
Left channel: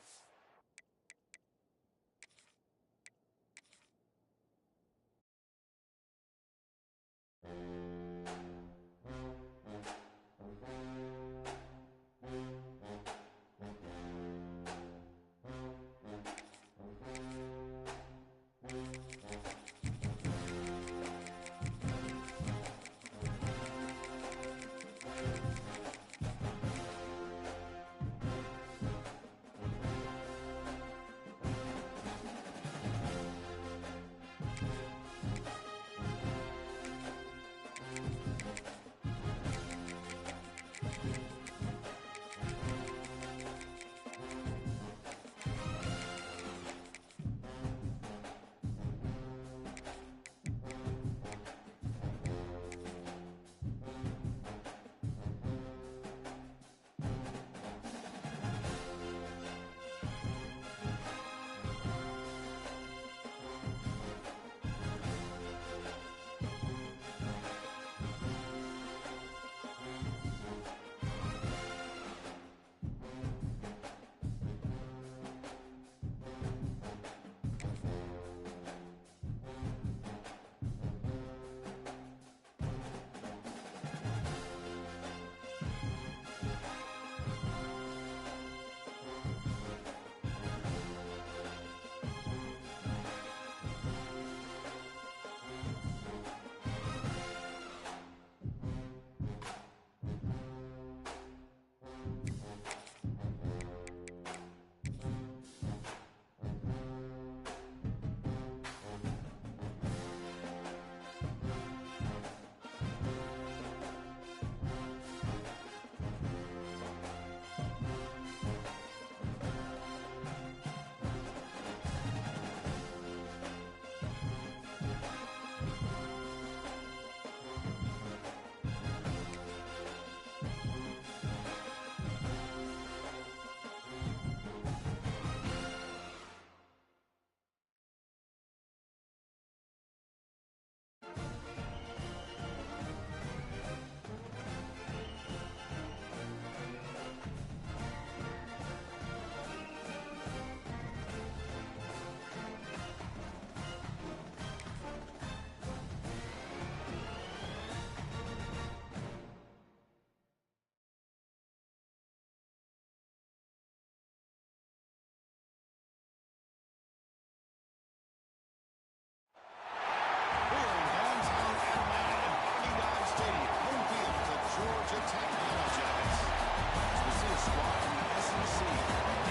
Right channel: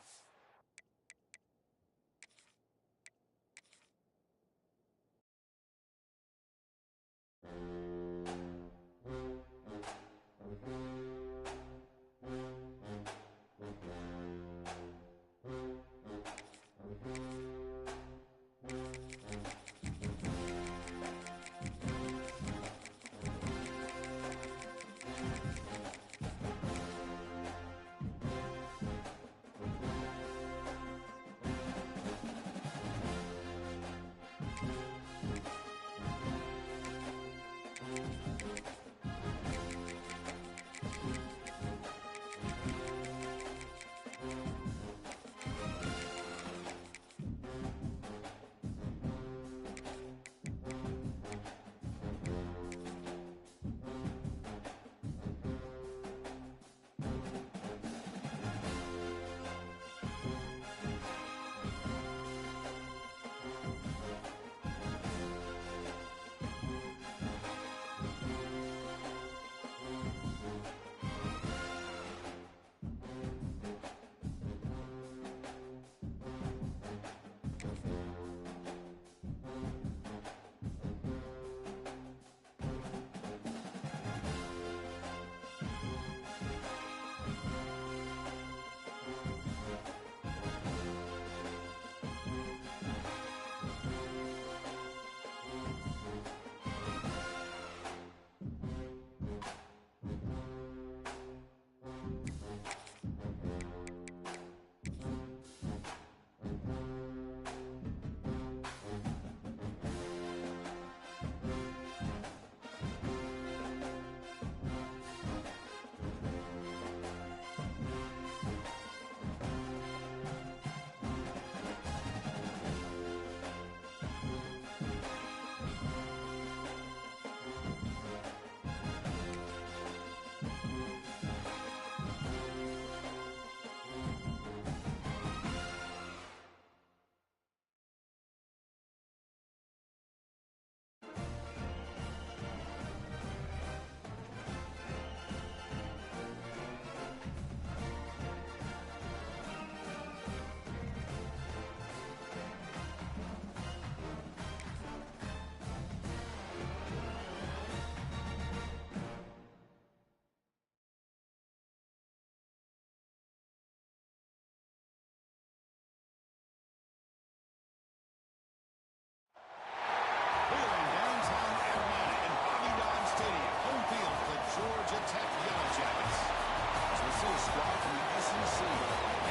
Georgia Tech Yellow Jackets. So we see a squad from the SEC,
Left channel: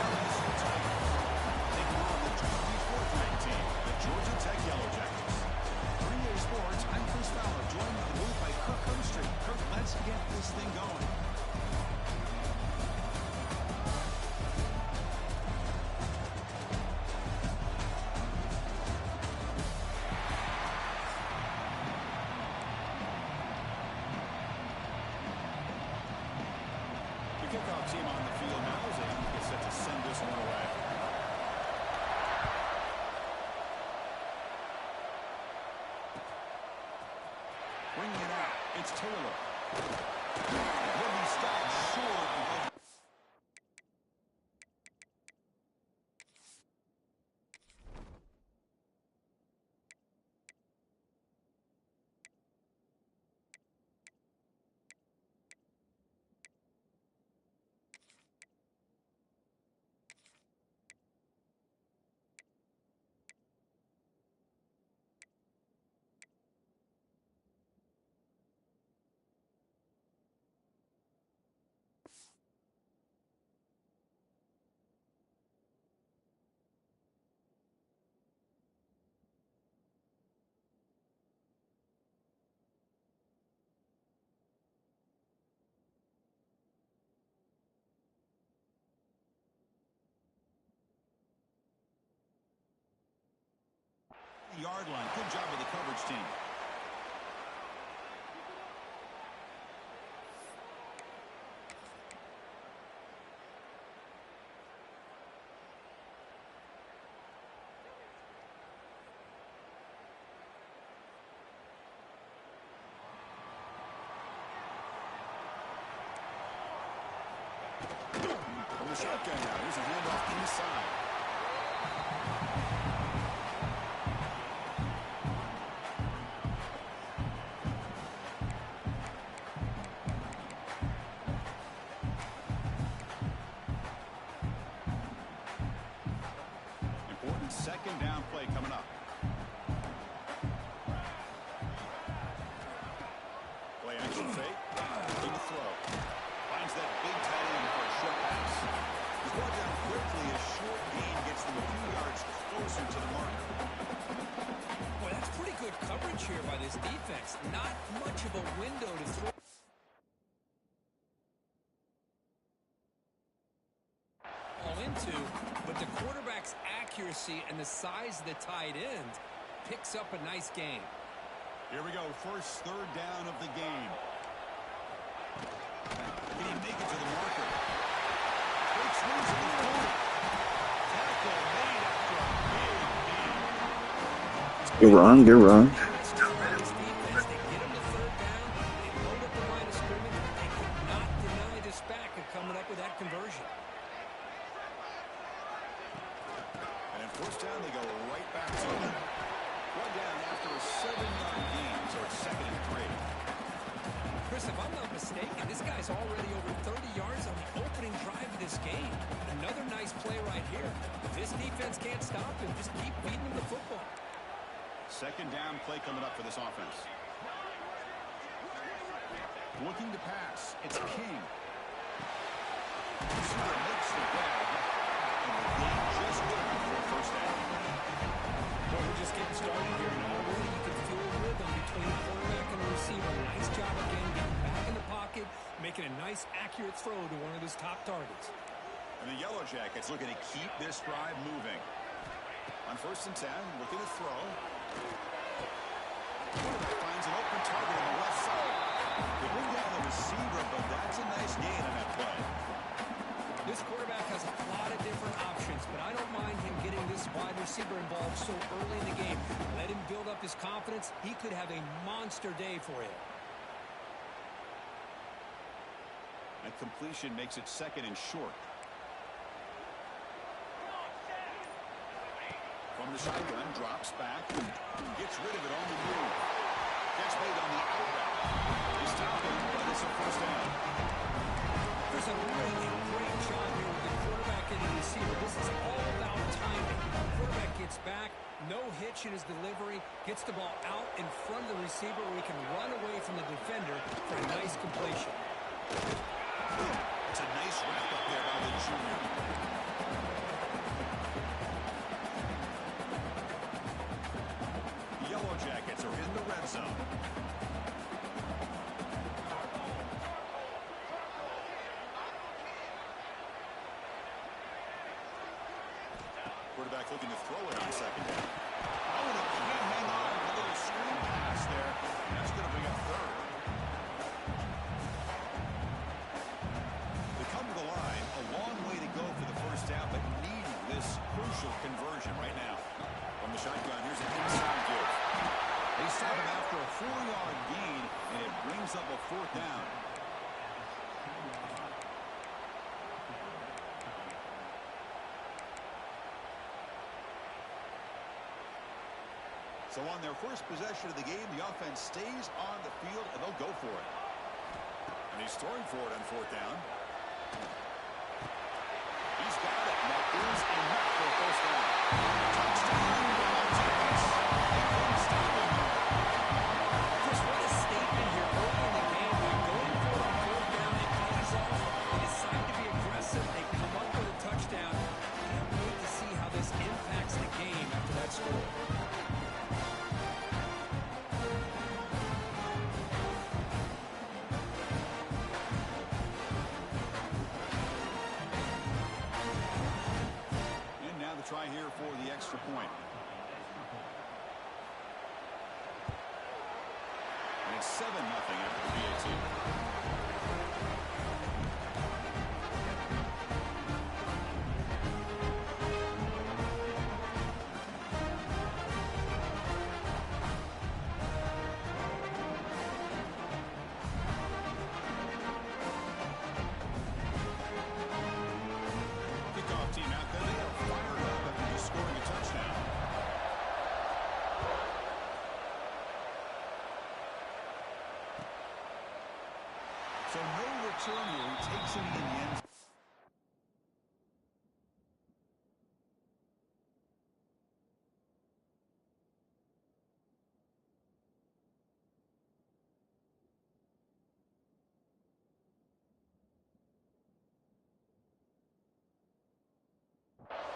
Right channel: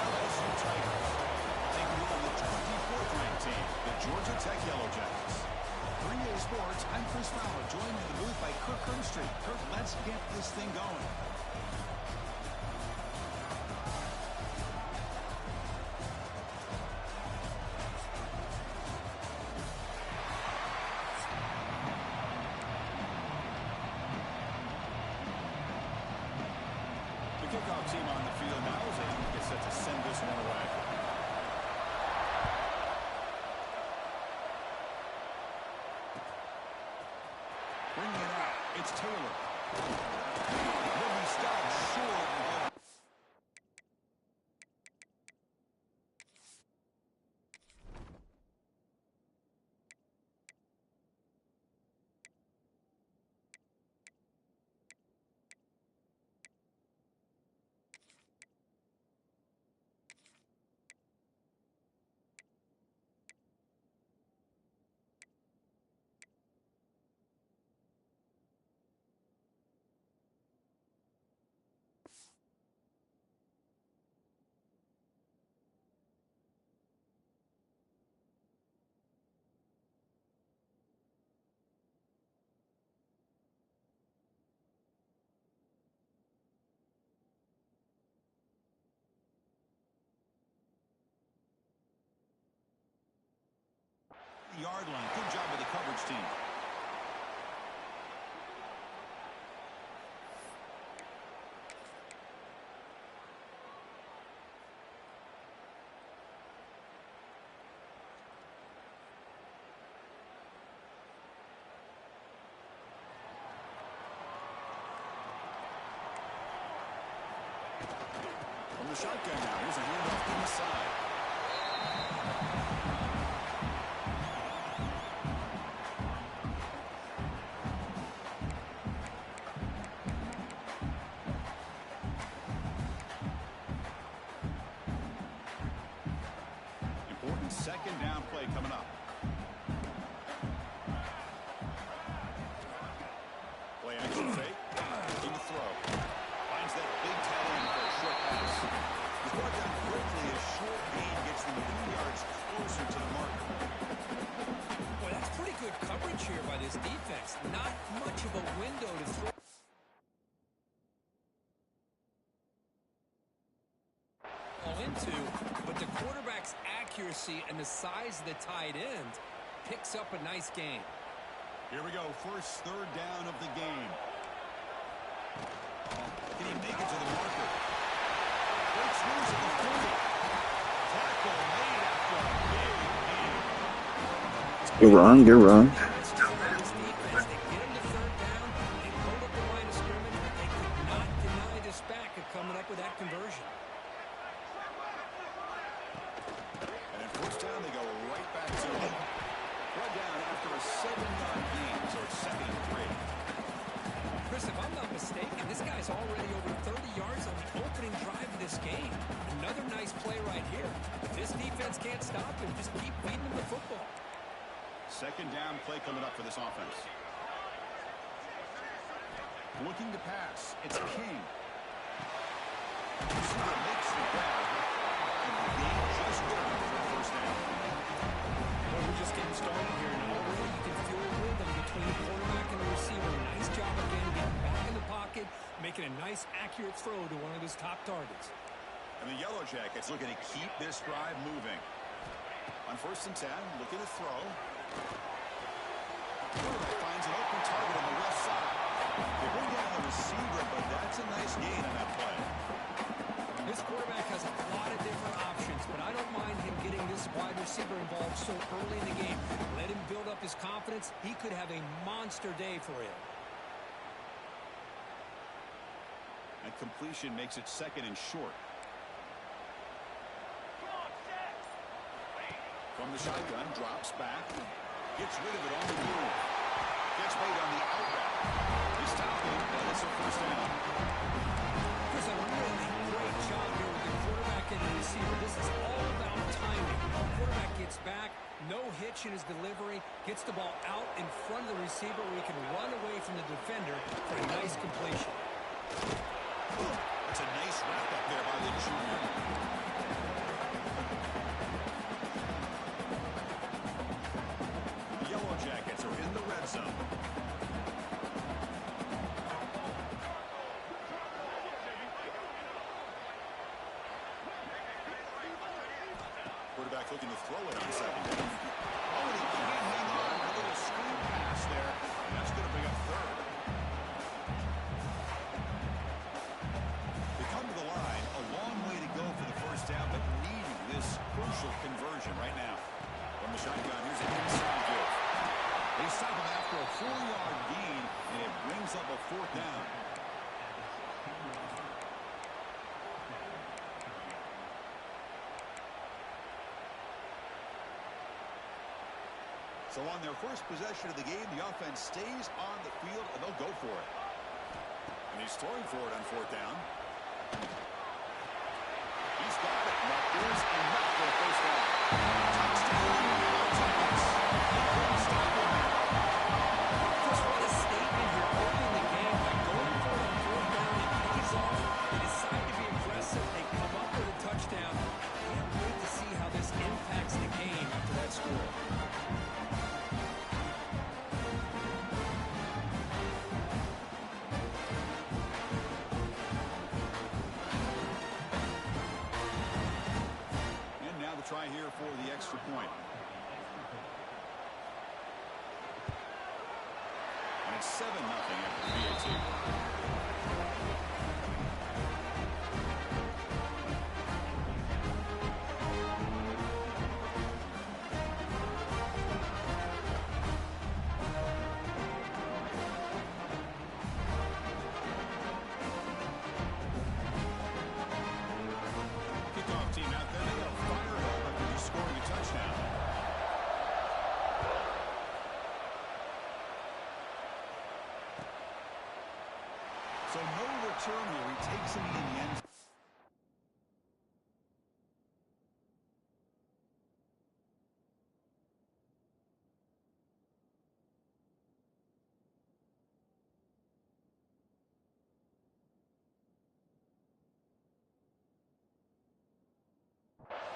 LSU Tigers, taking on the 24th ranked team, the Georgia Tech Yellow Jackets. 3A Sports, I'm Chris Fowler, joined in the booth by Kirk Herbstreit. Kirk, let's get this thing going. Kickoff team on the field now as they get set to send this one away. Bringing it out, it's Taylor. Will be stopped short of... Yard line. Good job with the coverage team. From the shotgun now. Here's a handoff inside. Second down play coming up. Play action fake. Looking to throw. Finds that big tight end for a short pass. He's brought down quickly. A short gain gets them a few yards closer to the marker. Boy, that's pretty good coverage here by this defense. Not much of a window to throw. Into, but the quarterback's accuracy and the size of the tight end picks up a nice gain. Here we go. First third down of the game. Can he make it to the marker? Breaks loose at the 40. Tackle made after a big gain. Good run, good run. This defense, they get him to third down, they load up the line of scrimmage. They could not deny this back of coming up with that conversion. First down, they go right back to it. One down after a 7-yard gain, so it's 2nd and 3. Chris, if I'm not mistaken, this guy's already over 30 yards on the opening drive of this game. Another nice play right here. If this defense can't stop him, just keep feeding him the football. Second down play coming up for this offense. Looking to pass. It's King. Receiver makes the grab. And the gain just good enough for a first down. Well, we're just getting started here, and already you can feel a rhythm between the quarterback and the receiver. Nice job again, getting back in the pocket, making a nice, accurate throw to one of his top targets. And the Yellow Jackets looking to keep this drive moving. On 1st and 10, looking to throw. Quarterback finds an open target on the left side. They bring down the receiver, but that's a nice gain on that play. This quarterback has a lot of different options, but I don't mind him getting this wide receiver involved so early in the game. Let him build up his confidence. He could have a monster day for you. And completion makes it 2nd and short. From the shotgun, drops back, gets rid of it on the move. Gets made on the out route. They stop him, but it's a first down. There's a really great job here with the quarterback and the receiver. This is all about timing. The quarterback gets back, No hitch in his delivery. Gets the ball out in front of the receiver where he can run away from the defender for a nice completion. It's a nice wrap-up there by the junior. The Yellow Jackets are in the red zone. Quarterback looking to throw it on second down. Oh, and he can't hang on. A little screen pass there, and that's going to bring up third. They come to the line, a long way to go for the first down, but needing this crucial conversion right now. From the shotgun, here's an inside give. They stop him after a 4-yard gain, and it brings up a fourth down. So on their first possession of the game, the offense stays on the field, and they'll go for it. And he's throwing for it on fourth down. He's got it. That is enough for a first down. Touchdown, Yellow Jackets. They couldn't stop him there. Chris, what a statement here early in the game. By going for it on fourth down, it pays off. They decide to be aggressive. They come up with a touchdown. Can't wait to see how this impacts the game after that score. Now the try here for the extra point. And it's 7-0 after the VAT. Kickoff team out there. They are fired up after just scoring a touchdown. So no return here. He takes it in the end.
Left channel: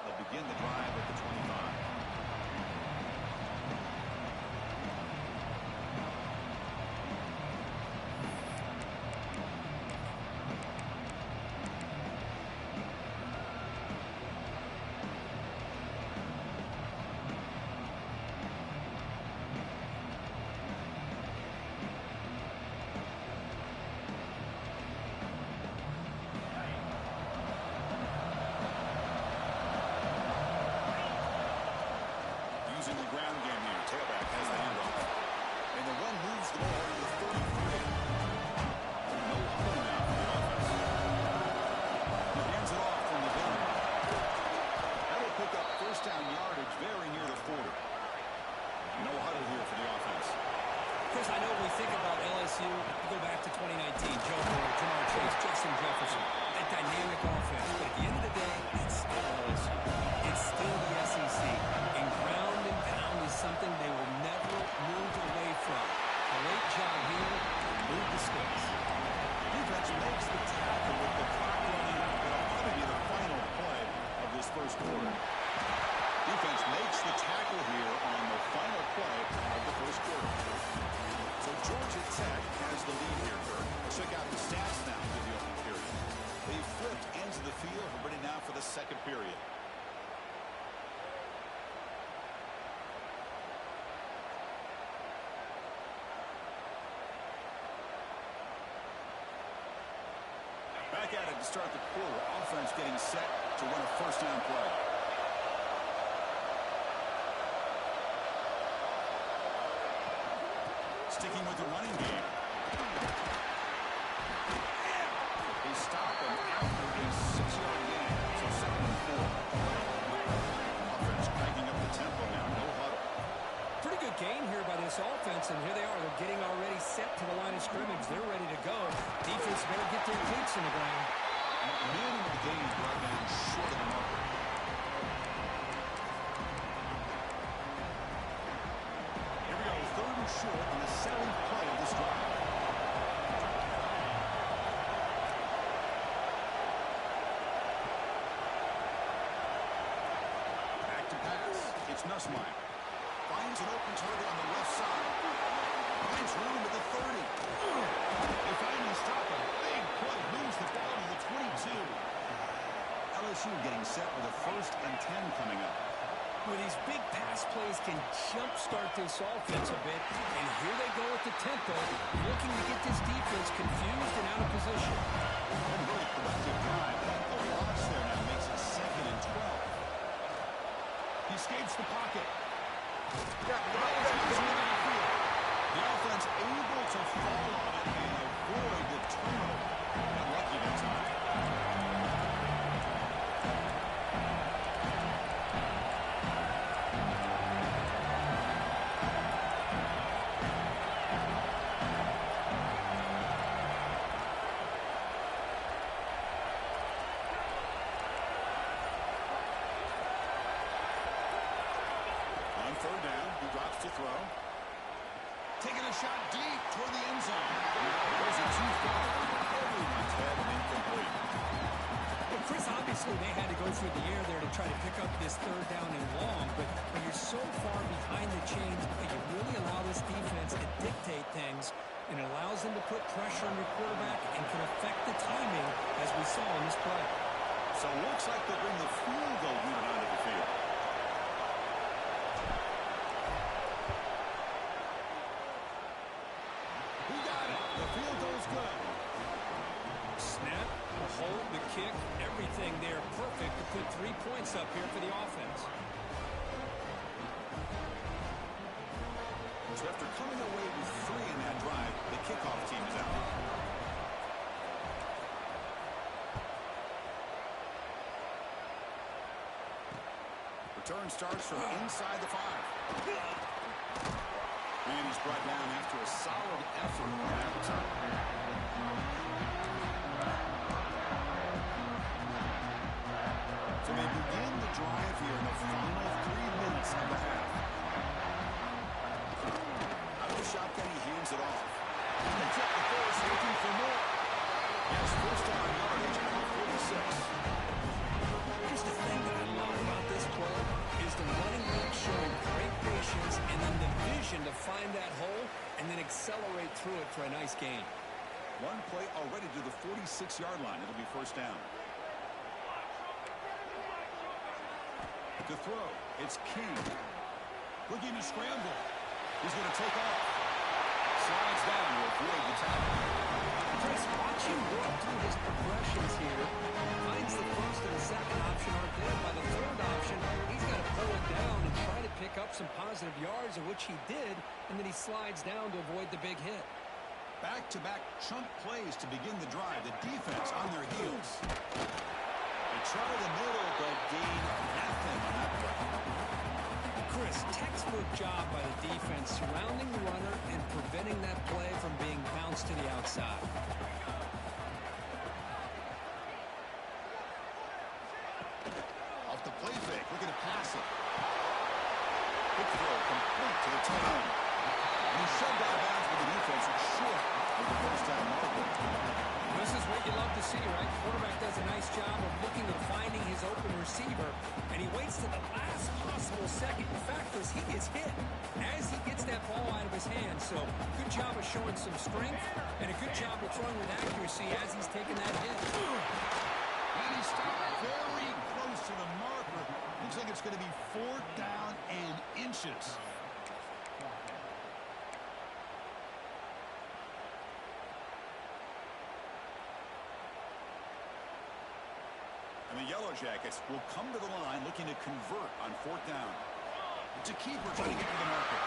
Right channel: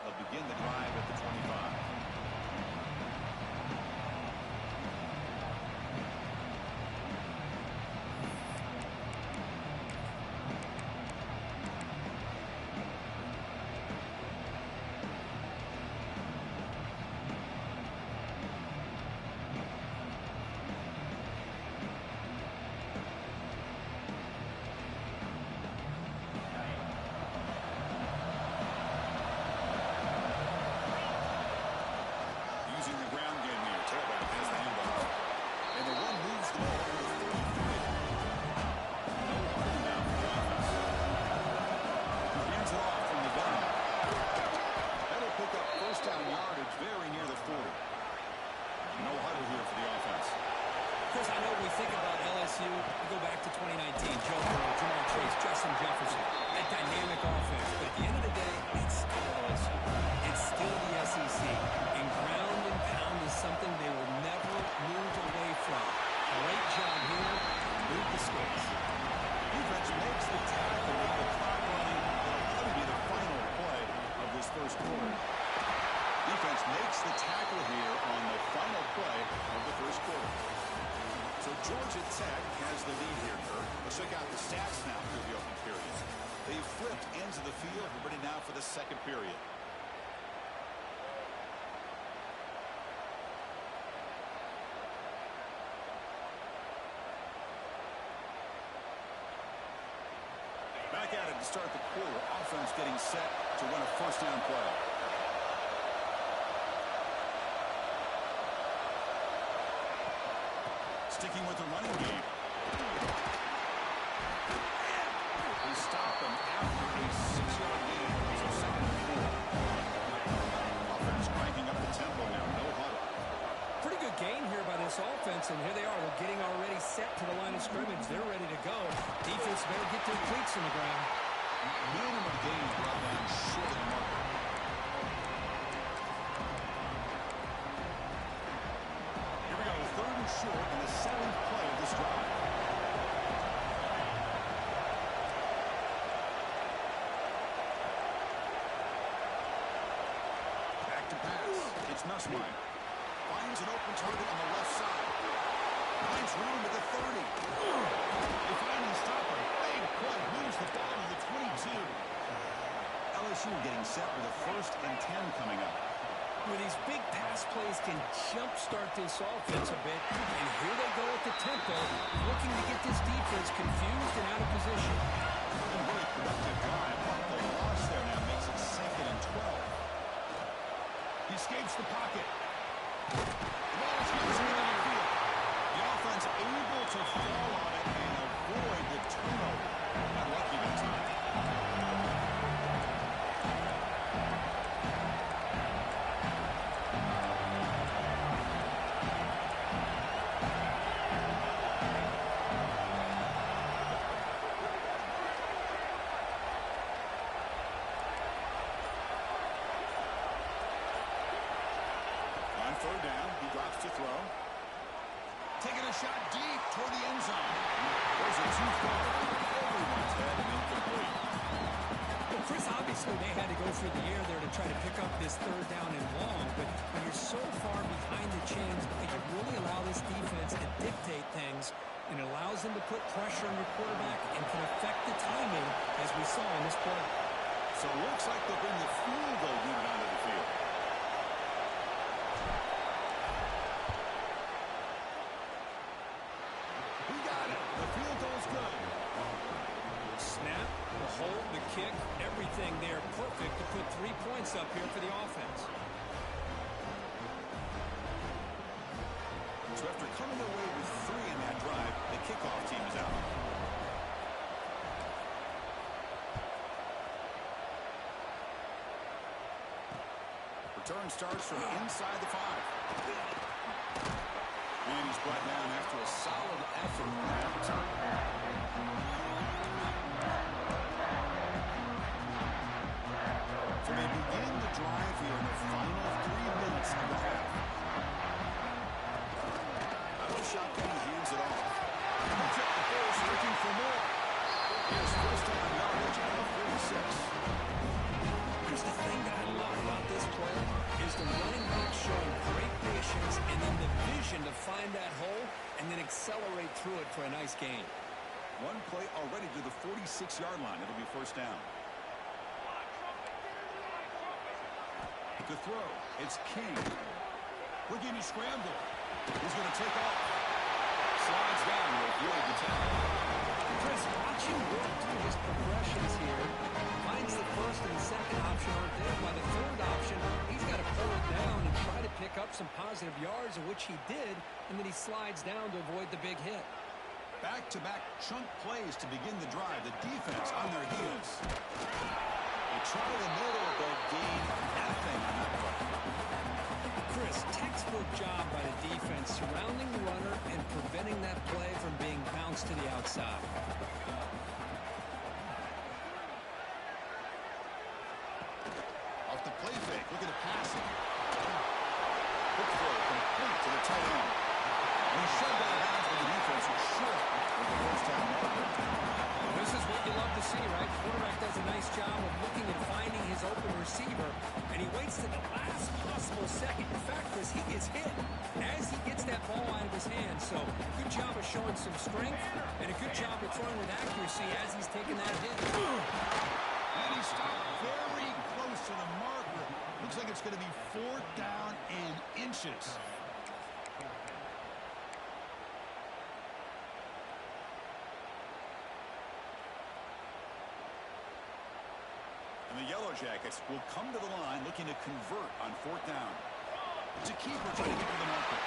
They'll begin the drive at the 25. Using the ground game here. Tailback has the handoff. And the run moves the ball to the 33. No huddle now for the offense. He hands it off from the gun. That'll pick up first down yardage very near the 40. No huddle here for the offense. Chris, I know when we think about LSU, we go back to 2019, Joe Burrow, Jamar Chase, Justin Jefferson, that dynamic offense. But at the end of the day, it's still LSU. It's still the SEC. And ground and pound is something they will never move away from. Great job here to move the sticks. Defense makes the tackle with the clock running. It'll probably be the final play of this first quarter. Defense makes the tackle here on the final play of the first quarter. So Georgia Tech has the lead here, Kirk. Let's check out the stats now through the opening period. They've flipped ends of the field. We're ready now for the second period. Back at it to start the quarter. Offense getting set to run a first down play. Sticking with the running game. They stop them after a 6-yard gain. So 2nd and 4. Offense cranking up the tempo now. No huddle. Pretty good gain here by this offense, and here they are. They're getting already set to the line of scrimmage. They're ready to go. Defense better get their cleats in the ground. Minimal gain brought down short of the marker. short in the 7th play of this drive. Back to pass. It's Nussmeier. Finds an open target on the left side. Finds room at the 30. They finally stop a big play. Moves the ball to the 22. LSU getting set with a 1st and 10 coming up. Well, these big pass plays can jumpstart this offense a bit. And here they go at the tempo, looking to get this defense confused and out of position. A really productive drive, but the loss there now makes it 2nd and 12. He escapes the pocket. The ball is loose in the backfield. The offense able to fall on it and avoid the turnover. Got lucky that time. On 3rd down, he drops to throw. Taking a shot deep toward the end zone. Those are too far over everyone's head and incomplete. Well, Chris, obviously they had to go through the air there to try to pick up this 3rd down and long, but when you're so far behind the chains, you really allow this defense to dictate things, and it allows them to put pressure on your quarterback and can affect the timing, as we saw in this play. So it looks like they'll bring the field goal unit onto the field. Who got it? The field goal's good. Snap, the hold, the kick, everything there perfect to put 3 points up here for the offense. So after coming away with 3 in that drive, the kickoff team is out. Return starts from inside the 5. And he's brought down after a solid effort that time. So they begin the drive here in the final 3 minutes of the half. Out of the shotgun, he hands it off. They check the force, looking for more. Yes, 1st down yardage at the 46. Here's the thing that I love about this play is the running back showing great patience and then the vision to find that hole and then accelerate through it for a nice gain. One play already to the 46-yard line. It'll be 1st down. To throw, it's King. Looking to scramble. He's going to take off. Slides down to avoid the tackle. Chris, watch him work through his progressions here. Finds the 1st and the 2nd option aren't there. By the 3rd option, he's got to pull it down and try to pick up some positive yards, of which he did, and then he slides down to avoid the big hit. Back-to-back chunk plays to begin the drive. The defense on their heels. They try the middle, but gain nothing on that play. Chris, textbook job by the defense surrounding the runner and preventing that play from being bounced to the outside. Off the play fake, looking to pass it. Quick throw, complete to the tight end. And he's shoved out of bounds with the defense short of the 1st down marker. This is what you love to see, right? Quarterback does a nice job of looking and finding his open receiver, and he waits to the last possible second. In fact, Chris, he gets hit as he gets that ball out of his hand. So good job of showing some strength and a good job of throwing with accuracy as he's taking that hit. And he stopped very close to the marker. Looks like it's going to be 4th down and inches. And the Yellow Jackets will come to the line looking to convert on 4th down. It's a keeper trying to get to the marker.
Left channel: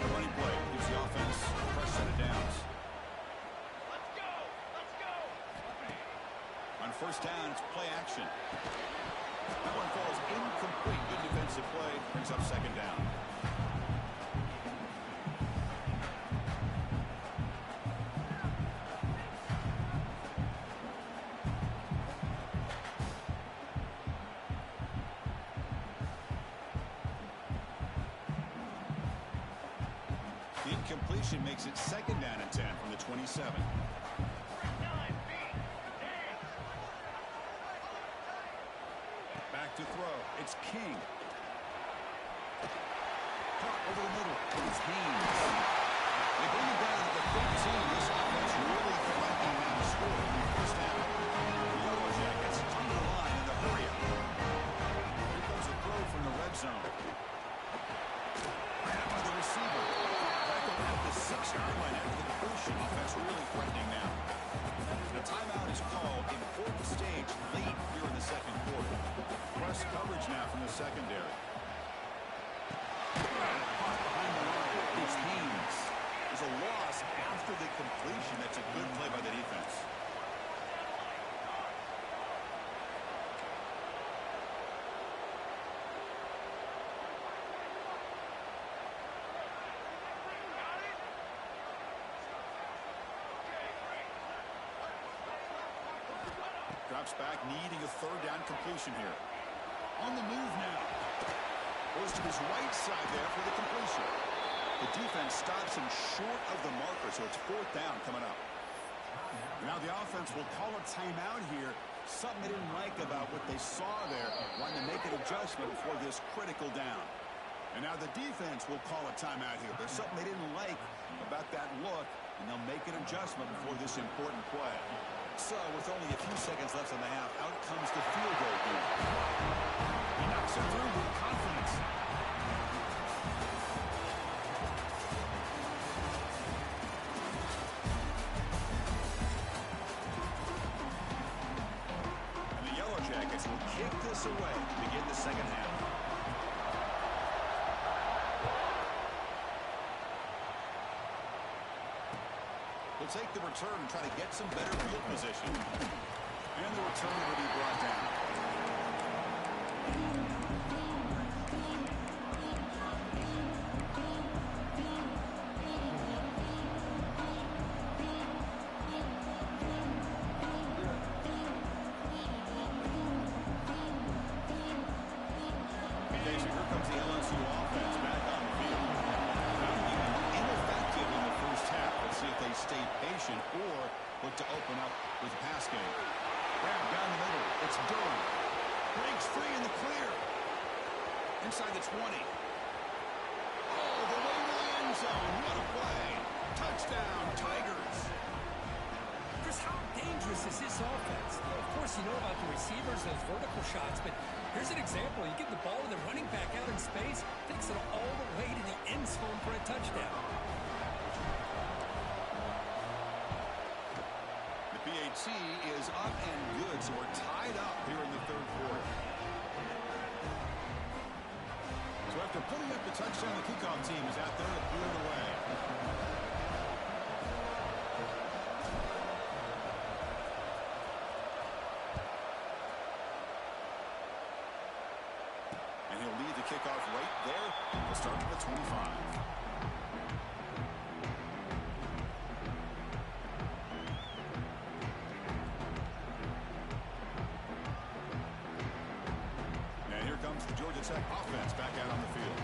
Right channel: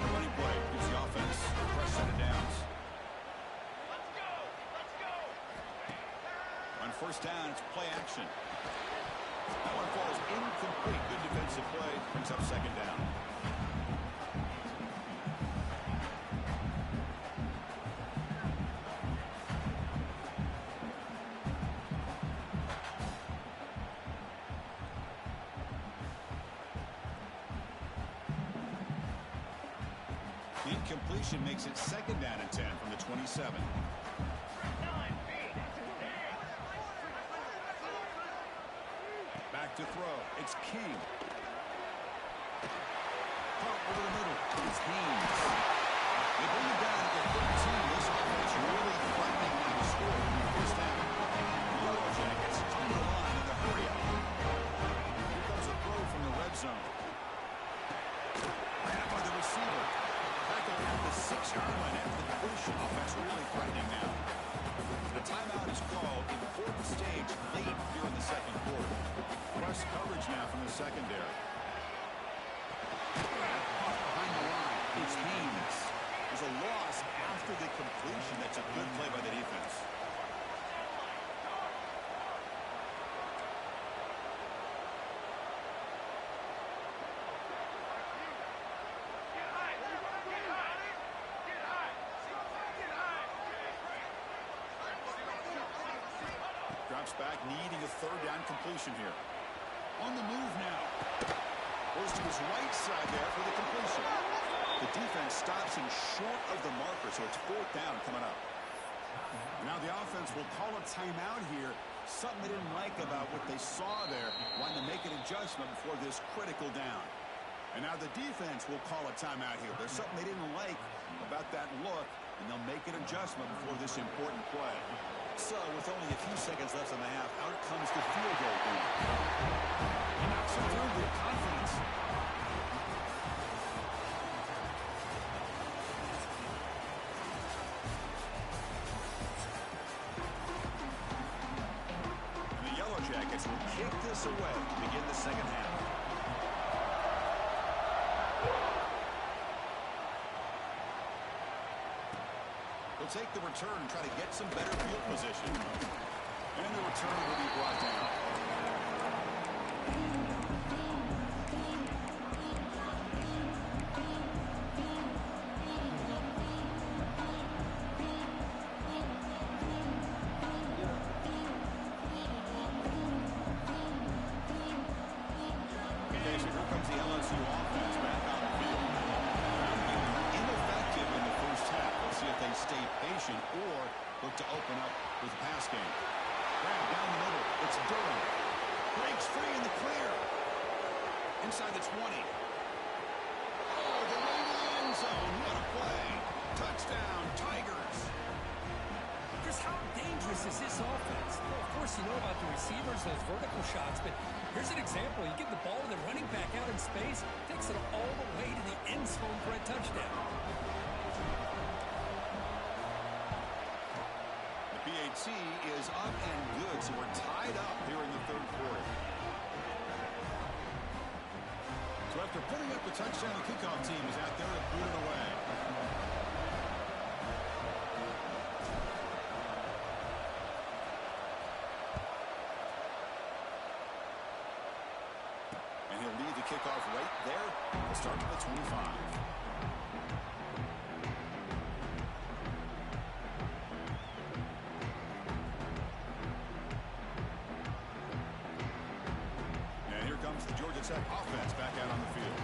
The running play gives the offense a fresh set of downs. Let's go! Let's go! On 1st down, it's play action. That one falls incomplete. Good defensive play. Brings up 2nd down. The incompletion makes it 2nd down and 10 from the 27. Back to throw. It's King. Caught over the middle. It's Haynes. They bring it down to the 13. This offense really threatening now to score in the first half. The Yellow Jackets come to the line in the hurry-up. Here comes a throw from the red zone. Ran by the receiver. Tackled at the 6-yard line after the completion. Offense really threatening now. The timeout is called. Important stage late here in the second quarter. Press coverage now from the secondary. Caught behind the line. It's Haynes. There's a loss after the completion. That's a good play by the defense. Drops back, needing a 3rd down completion here. On the move now. Goes to his right side there for the completion. The defense stops him short of the marker, so it's 4th down coming up. Now the offense will call a timeout here. Something they didn't like about what they saw there. Wanting to make an adjustment before this critical down. And now the defense will call a timeout here. There's something they didn't like about that look, and they'll make an adjustment before this important play. So, with only a few seconds left in the half, out comes the field goal unit. He knocks it through with confidence. And the Yellow Jackets will kick this away to begin the second half. They'll take the return and try to get some better field position. And the return will be brought down. Okay, so here comes the LSU offense back on the field. Found the ineffective in the first half. Let's see if they stay patient or look to open up with the pass game. Grab down the middle. It's Durham. Breaks free in the clear. Inside the 20. Oh, the way to the end zone. What a play. Touchdown, Tigers. Chris, how dangerous is this offense? Well, of course, you know about the receivers, those vertical shots, but here's an example. You give the ball to the running back out in space, takes it all the way to the end zone for a touchdown. The PAT is up and good, so we're tied up here in the third quarter. So after putting up the touchdown, the kickoff team is out there to boot it away. And he'll lead the kickoff right there. We'll start at the 25. And here comes the Georgia Tech offense back out on the field.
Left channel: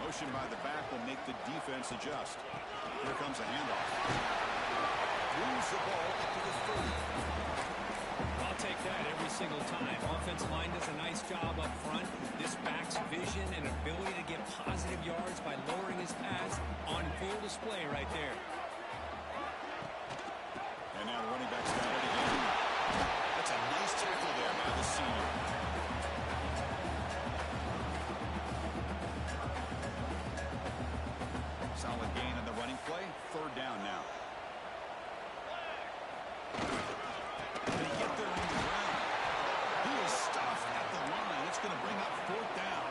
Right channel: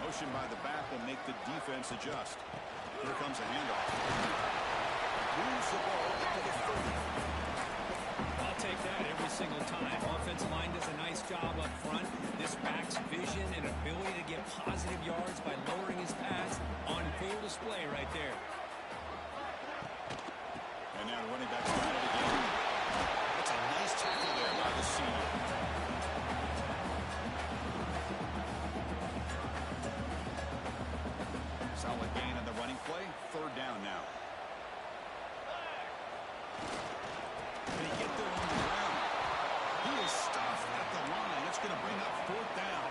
Motion by the back will make the defense adjust. Here comes a handoff. Moves the ball up to the 30. I'll take that every single time. Offensive line does a nice job up front. This back's vision and ability to get positive yards by lowering his pads on full display right there. And now the running back's got it again. That's a nice tackle there by the senior. Solid gain on the running play. 3rd down now. Can he get there on the ground? He is stuffed at the line. It's going to bring up 4th down.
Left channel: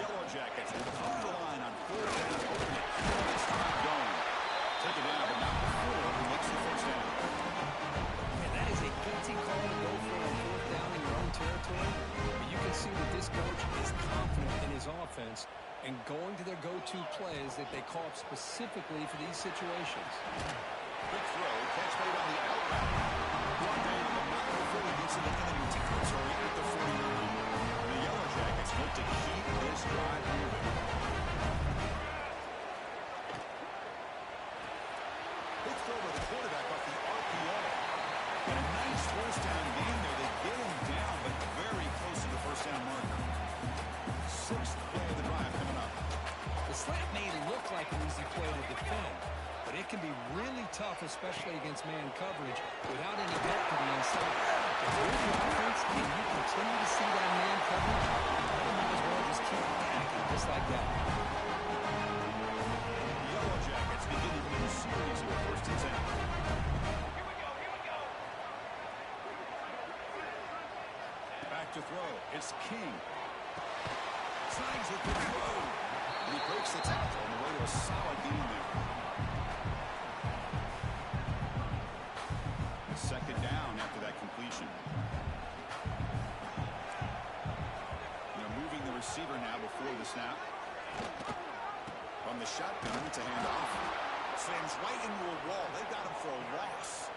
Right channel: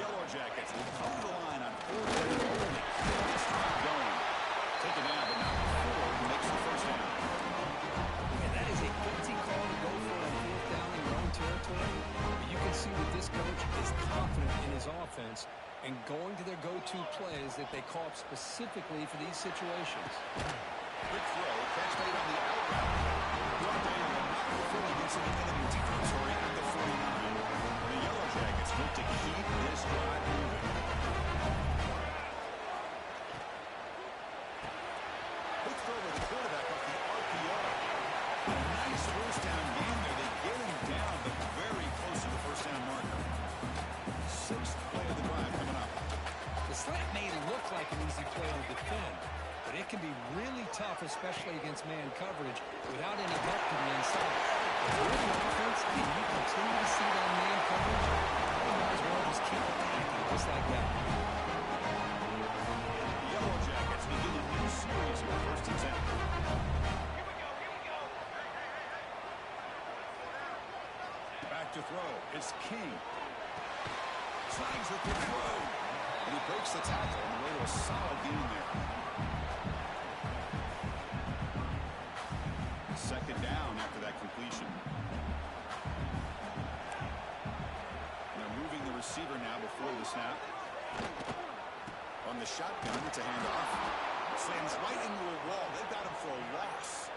Yellow Jackets will come to the line on 4th down. It's not going. Take it down, but not before he makes the first down. Man, that is a gutsy call to go for on 4th down in your own territory. But you can see that this coach is confident in his offense and going to their go-to plays that they call up specifically for these situations. Quick throw, catch made on the out route. Brought down, but not before he gets into enemy territory at the 49. The Yellow Jackets look to keep this drive moving. Quick throw by the quarterback off the RPO. And a nice first down gain there. They get him down, but very close to the first down marker. Sixth play of the drive coming up. The slant made it look like an easy play to defend, but it can be really tough, especially against man coverage, without any help to the inside. If you're the offense and you continue to see that man coverage, you might as well just keep attacking just like that. The Yellow Jackets begin a new series here, first and 10. Back to throw. It's King. Snags with the throw. And he breaks the tackle on the way to a solid gain there. Second down after that completion. They're moving the receiver now before the snap. On the shotgun, it's a handoff. Slams right into a wall. They've got him for a loss.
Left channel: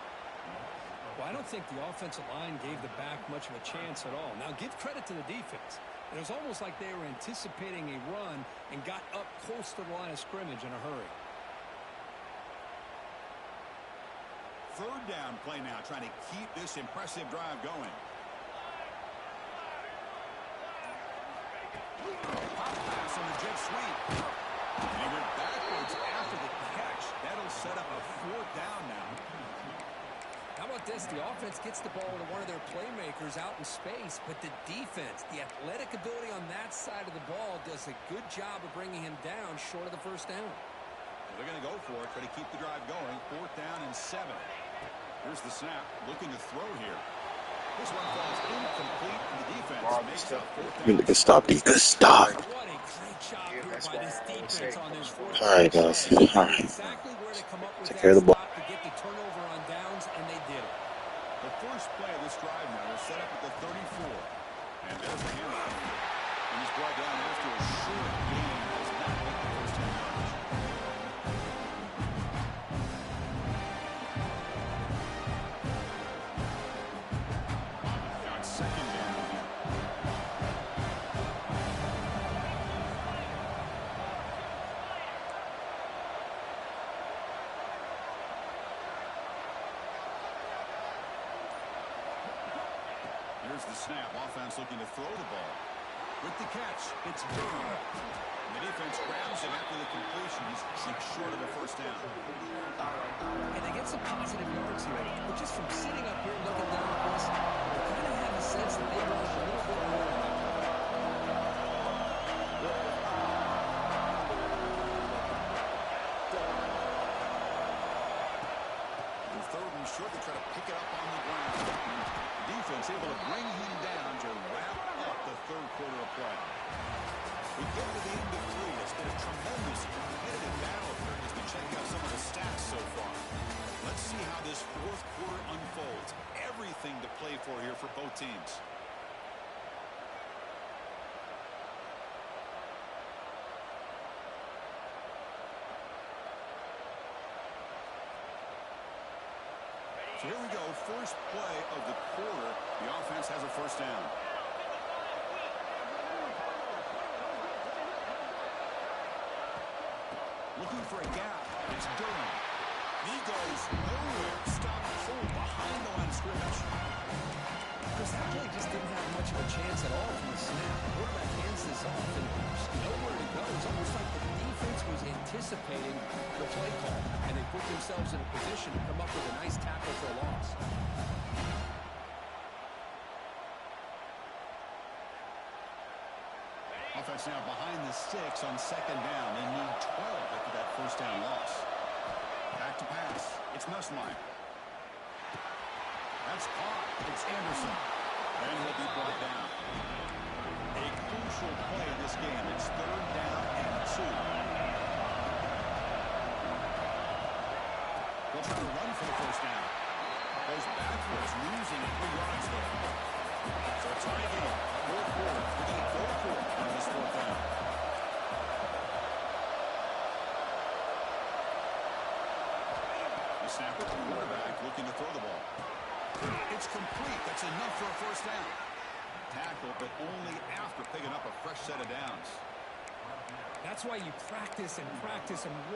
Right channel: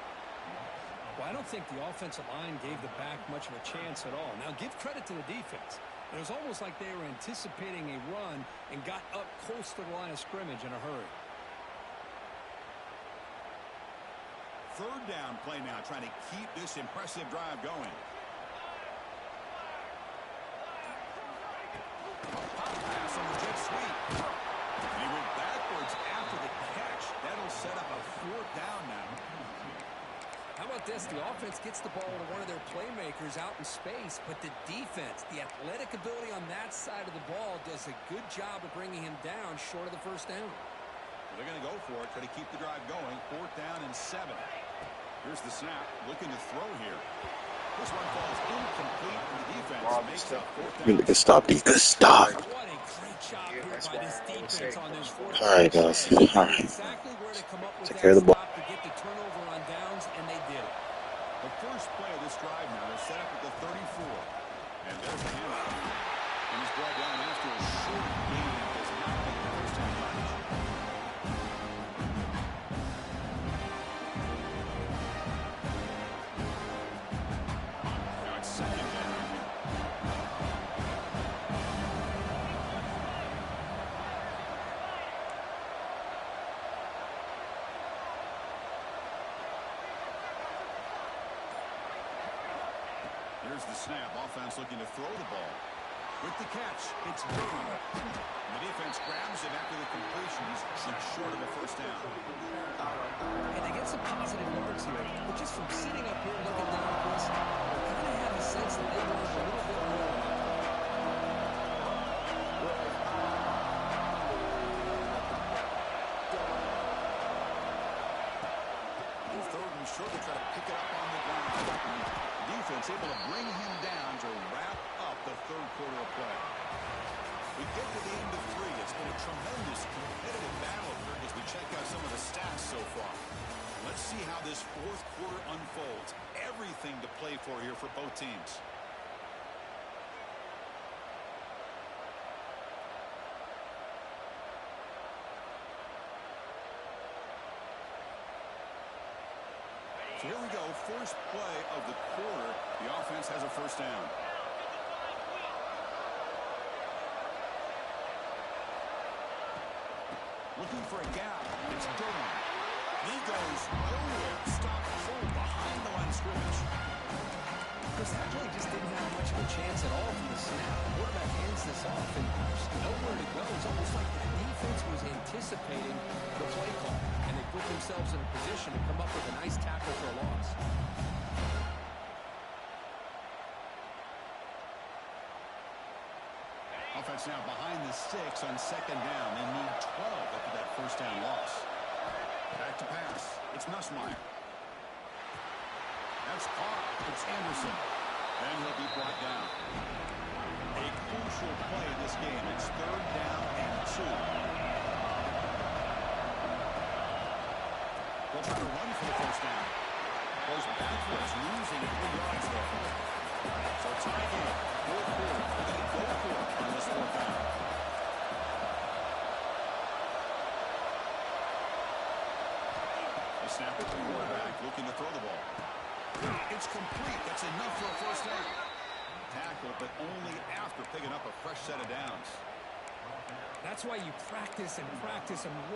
Well, I don't think the offensive line gave the back much of a chance at all. Now, give credit to the defense. It was almost like they were anticipating a run and got up close to the line of scrimmage in a hurry. Third down play now, trying to keep this impressive drive going. Pop pass on the jet sweep. And he went backwards after the catch. That'll set up a fourth down now. How about this? The offense gets the ball to one of their playmakers out in space, but the defense, the athletic ability on that side of the ball does a good job of bringing him down short of the first down. Well, they're going to go for it, try to keep the drive going. Fourth down and 7. Here's the snap, looking to throw here. This one falls incomplete, and the defense makes up fourth down. Good stop, defense. Stop. What a great job here by this defense on this fourth All right, guys. All right. Exactly where to come up with Take that care of the ball. stop to get the turnover on downs, and they did it. The first play of this drive now, they're set up at the 34. And there's the handoff. And he's brought down after a short gain. Does not make the first 10 yards. Now it's second down here. Here's the snap. Offense looking to throw the ball. With the catch, it's Durham. And the defense grabs him after the completion. He's just short of a first down. And they get some positive yards here, but just from sitting up here looking down at this, you kind of have a sense that they want a little bit more. Third and short, they try to pick it up on the ground. The defense able to bring him down to wrap up the third quarter of play. We get to the end of 3. It's been a tremendous competitive battle here as we check out some of the stats so far. Let's see how this fourth quarter unfolds. Everything to play for here for both teams. So here we go, first play of the quarter. The offense has a first down. Looking for a gap. It's Durham. He goes nowhere. Stopped full behind the line of scrimmage. Because that play just didn't have much of a chance at all from the snap. The quarterback hands this off and there's nowhere to go. It's almost like the defense was anticipating the play call, and they put themselves in a position to come up with a nice tackle for a loss. Offense now behind the 6 on second down. They need 12 after that first down loss. Back to pass. It's Nussmeier. That's caught. It's Anderson. And he'll be brought down. A crucial play in this game. It's third down and 2. They'll try to run for the first down. Goes backwards, losing 3 yards there. So a tie game. Fourth quarter. We're going to go for it on this fourth down. The snapper, the quarterback, looking to throw the ball. It's complete. That's enough for a first down. tackle, but only after picking up a fresh set of downs. That's why you practice and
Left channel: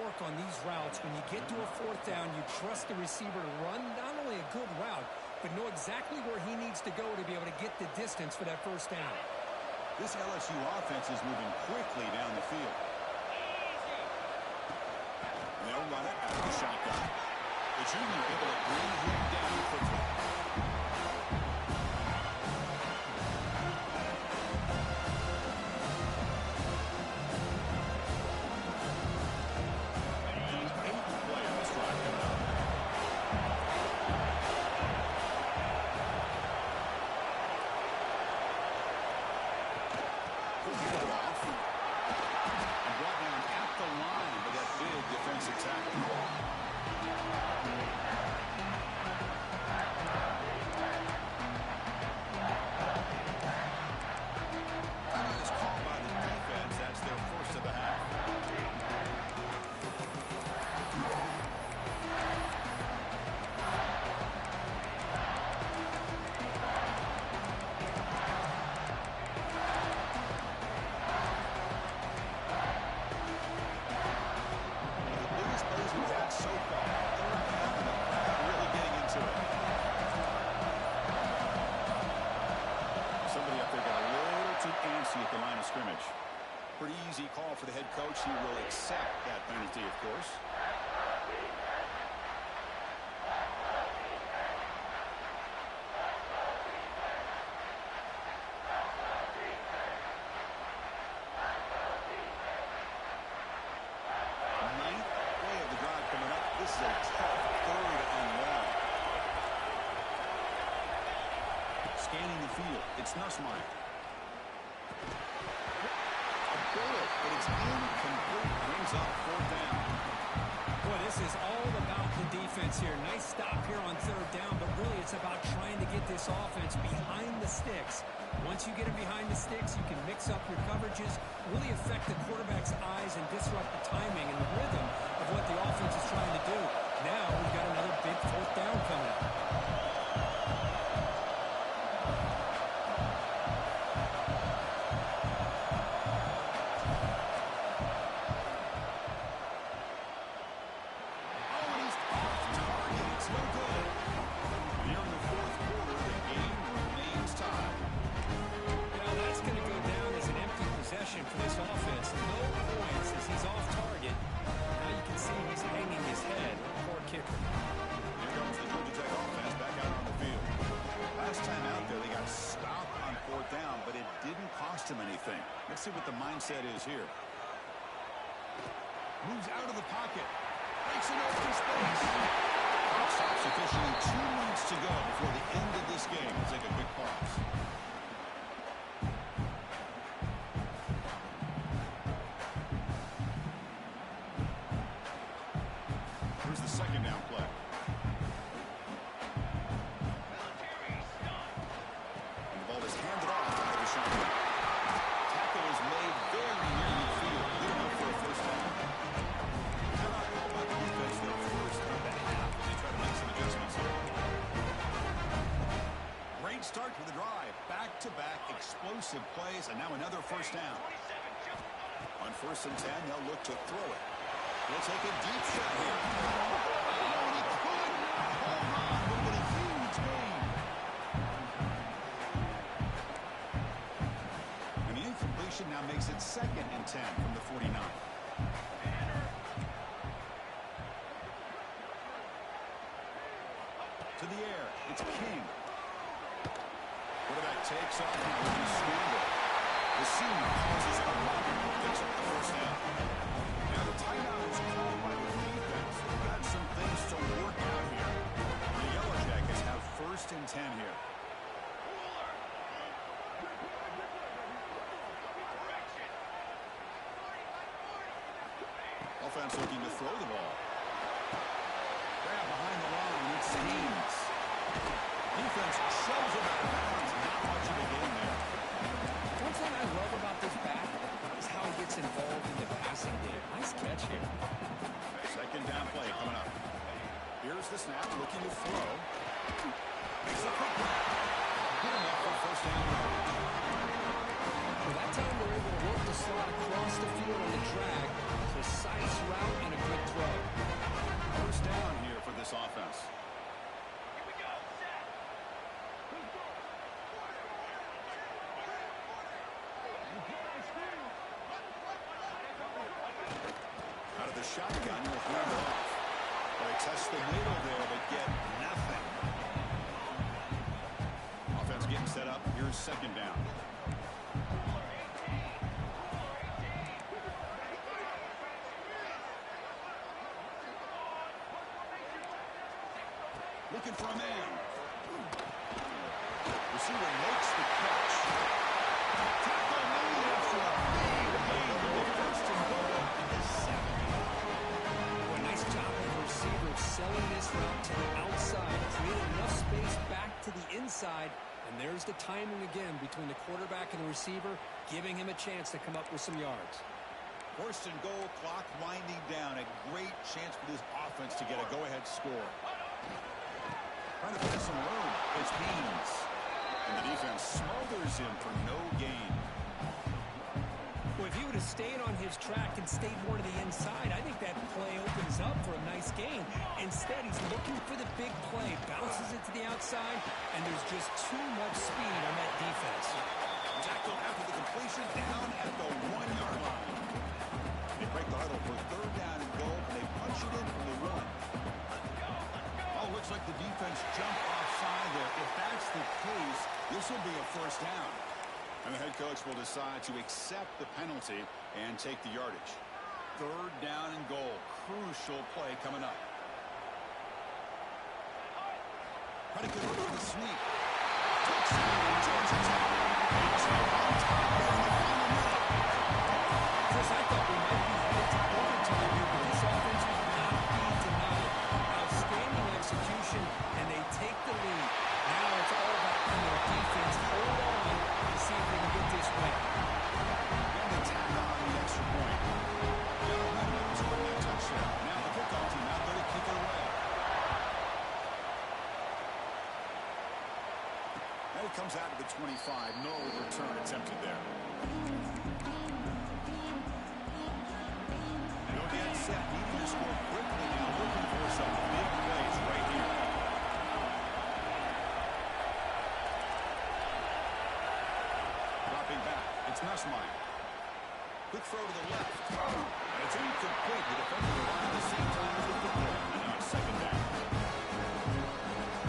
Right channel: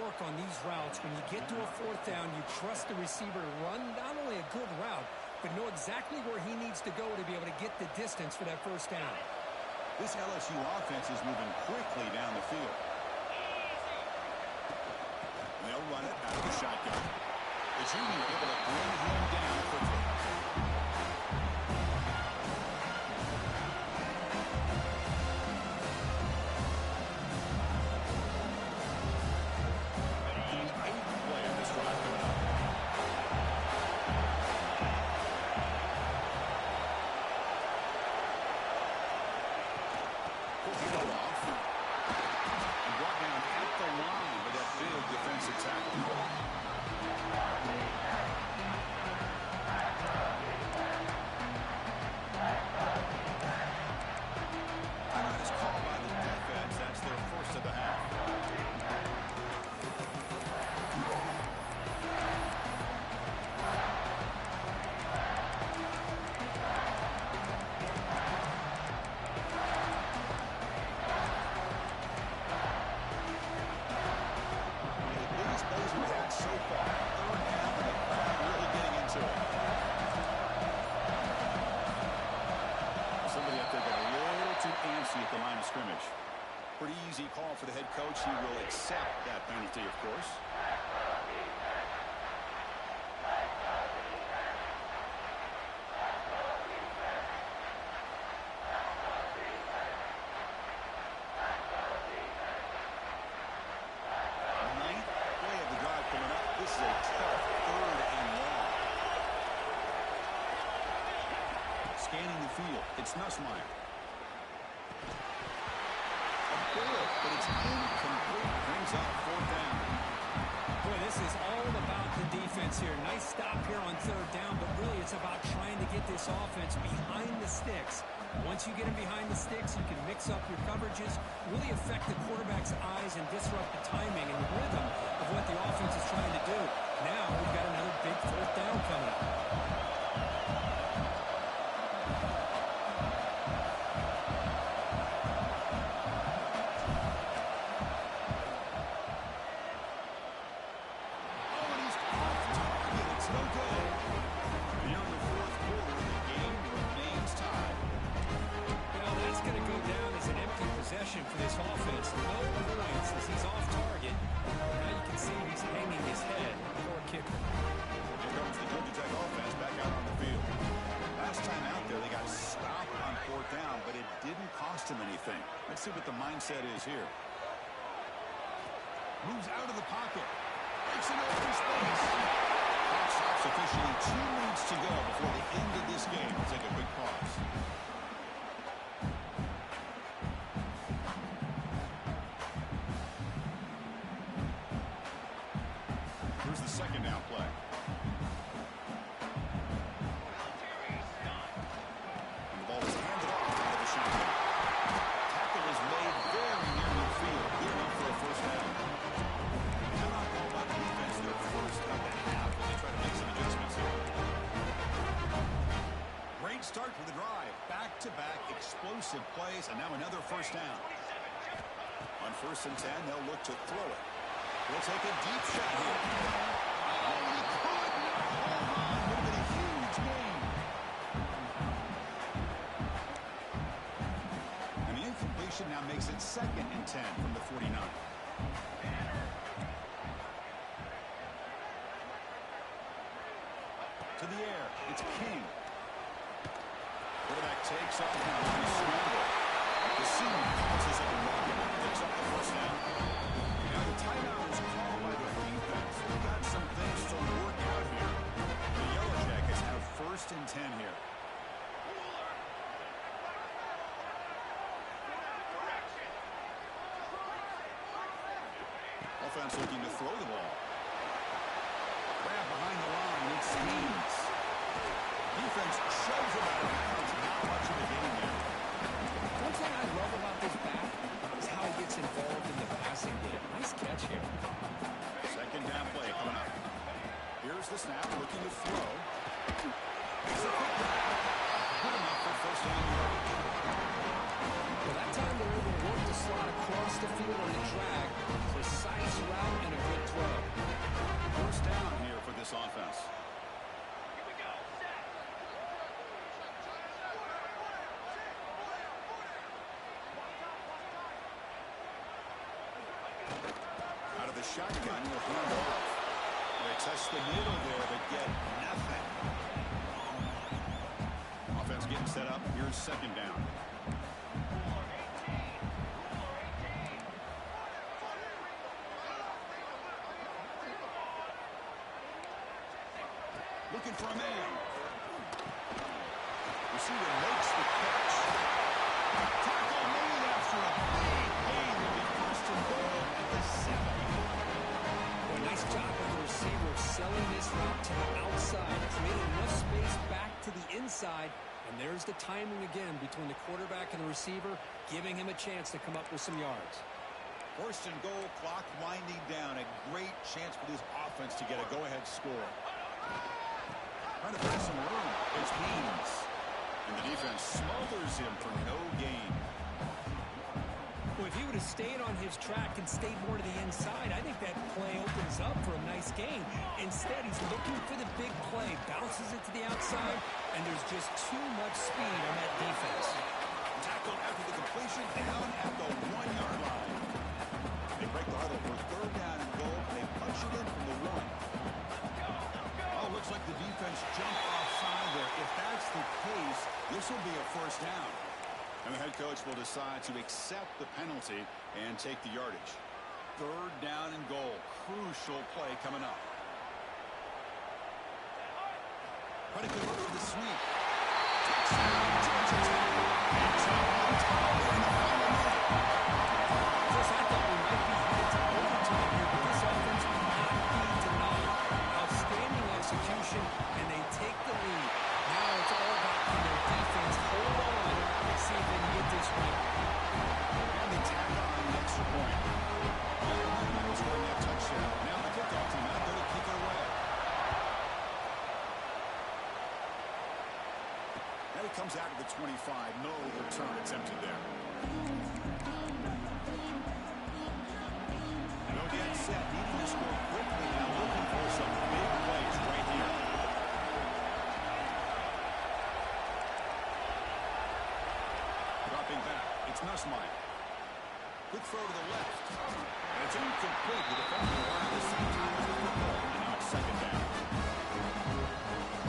work on these routes. When you get to a fourth down, you trust the receiver to run not only a good route, but know exactly where he needs to go to be able to get the distance for that first down. This LSU offense is moving quickly down the field. They'll run it out of the shotgun. The junior able to bring him down quickly. Defensive tackle. Timeout is called by the defense. That's their first of the half. So far, third down, and the crowd really getting into it. Somebody up there got a little too antsy at the line of scrimmage. Pretty easy call for the head coach. He will accept that penalty, of course. This is a tough third and long. Scanning the field. It's Nussmeier. A bullet, but it's incomplete. Brings up fourth down. Boy, this is all about the defense here. Nice stop here on third down, but really it's about trying to get this offense behind the sticks. Once you get them behind the sticks, you can mix up your coverages, really affect the quarterback's eyes and disrupt the timing and the rhythm of what the offense is trying to do. Now we've got another big fourth down coming up. Oh, and he's off target. It's no good. Here in the fourth quarter, the game remains tied. That's going to go down as an empty possession for this offense. No points as he's off target. Now you can see he's hanging his head. Poor kicker. Here comes the Georgia Tech offense back out on the field. Last time out there, they got stopped on fourth down, but it didn't cost him anything. Let's see what the mindset is here. Moves out of the pocket. Breaks an open space. Clock stops officially 2 minutes to go before the end of this game. We'll take a quick pause. Here's the second down play. And the ball is handed off out of the shotgun. Tackle is made very near midfield. Good enough for a first down. Timeout called by the defense, their first of the half, as they try to make some adjustments here. Great start to the drive. Back-to-back explosive plays, and now another first down. On 1st and 10, they'll look to throw it. We'll take a deep shot here. Oh, and he could not hold on. Would have been a huge gain. And the incompletion now makes it 2nd and 10 from the 49. To the air. It's King. Quarterback takes off and looking to scramble. The senior causes a run and picks up the first down. Now the timeout is called by the defense. They've got some things to work out here. The Yellow Jackets have 1st and 10 here. Offense looking to throw the ball. Grab behind the line. It's Haynes. Defense shoves him out of bounds. Not much of a gain there. One thing I love about this back is how he gets involved in the passing game. Nice catch here. Second down play coming up. Here's the snap, looking to throw. Makes a quick grab. Good enough for first down yardage. slot across the field on the drag. Precise route and a good throw. First down here for this offense. Here we go. Set. Out of the shotgun, will hand off. Well, they test the middle there, but get nothing. Offense getting set up. Here's second down. Looking for a man. Receiver makes the catch. Tackle made after a big gain. They'll get first and goal at the 7. Well, nice job of the receiver selling this route to the outside, creating enough space back to the inside, and there's the timing again between the quarterback and the receiver, giving him a chance to come up with some yards. First and goal, clock winding down. A great chance for this offense to get a go-ahead score. Trying to find some room. It's Beans. And the defense smothers him for no gain. Well, if he would have stayed on his track and stayed more to the inside, I think that play opens up for a nice gain. Instead, he's looking for the big play, bounces it to the outside, and there's just too much speed on that defense. Tackled after the completion, down at the 1-yard line. They break the huddle for third down and goal, and they punch it in from the 1. Oh, looks like the defense jumped offside there. If that's the case, this will be a first down. And the head coach will decide to accept the penalty and take the yardage. Third down and goal. Crucial play coming up. Predicate over the sweep. Touchdown, Georgia Tech. They jump on top here in the final minute. Chris, I thought we might be headed to overtime here, but this offense will not be denied. Outstanding execution, and they take the lead. Now it's all about can their defense hold on to see if they can get this win. And they tack on the extra point. Got momentum after scoring that touchdown. Now the kickoff team out there to kick it away. And it comes out to the 25. No return attempted there. No get set. Needing to score quickly now. Looking for some big plays right here. Dropping back. It's Nussmeier. Quick throw to the left. And it's incomplete. The defender arrived at the same time as the football. And now it's second down.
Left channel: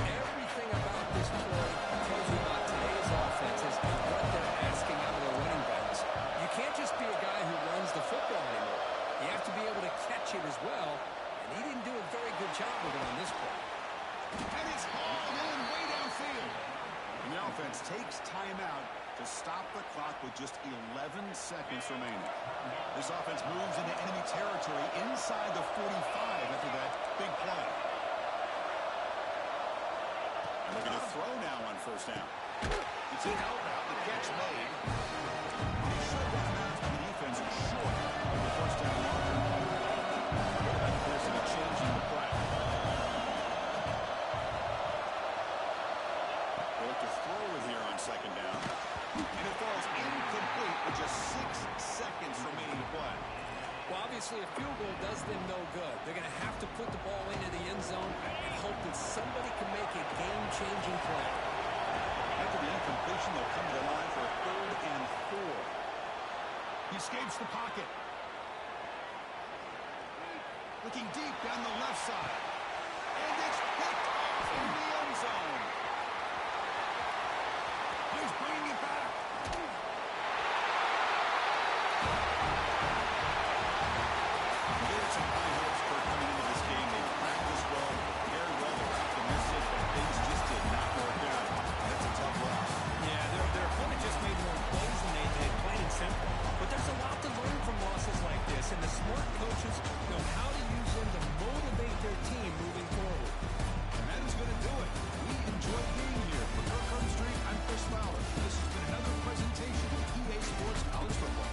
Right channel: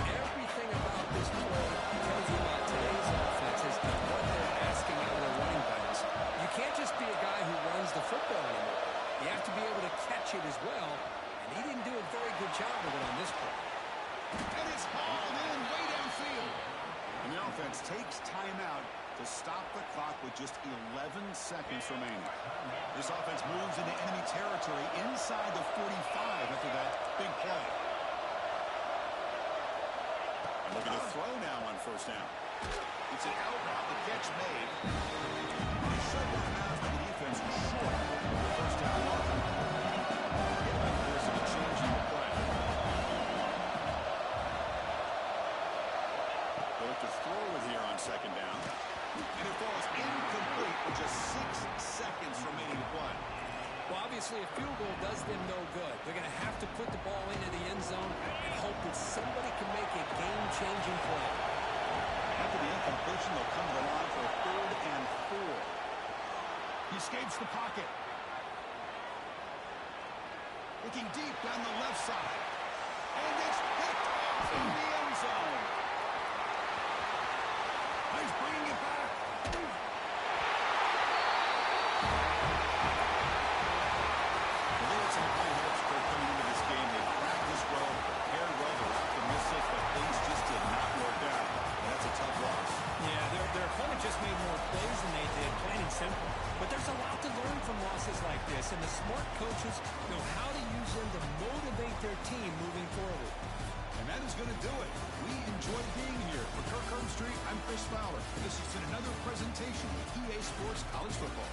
Everything about this play tells you about today's offenses and what they're asking out of their running backs. You can't just be a guy who runs the football anymore. You have to be able to catch it as well, and he didn't do a very good job of it on this play. And it's hauled in way downfield. And the offense takes timeout to stop the clock with just 11 seconds remaining. This offense moves into enemy territory inside the 45 after that big play. And look at the throw now on first down. It's an out route, the catch made. And he shoved out of bounds by the defense short of the first down marker. Quarterback appears to be changing the play. They look to throw it here on second down. And it falls incomplete with just 6 seconds remaining to play. Well, obviously, a field goal does them no good. They're going to have to put the ball into the end zone and hope that somebody can make a game-changing play. After the incompletion, they'll come to the line for a 3rd and 4. He escapes the pocket. Looking deep down the left side. And it's picked off in the end zone. He's bringing it back. Well, they had some high hopes for coming into this game. They practiced well, prepared well, they were optimistic, but things just did not work out. And that's a tough loss. Yeah, their opponent just made more plays than they did, plain and simple. But there's a lot to learn from losses like this, and the smart coaches know how to use them to motivate their team moving forward. And that is going to do it. We enjoyed being here. For Kirk Street, I'm Chris Fowler. This has been another presentation of EA Sports College Football.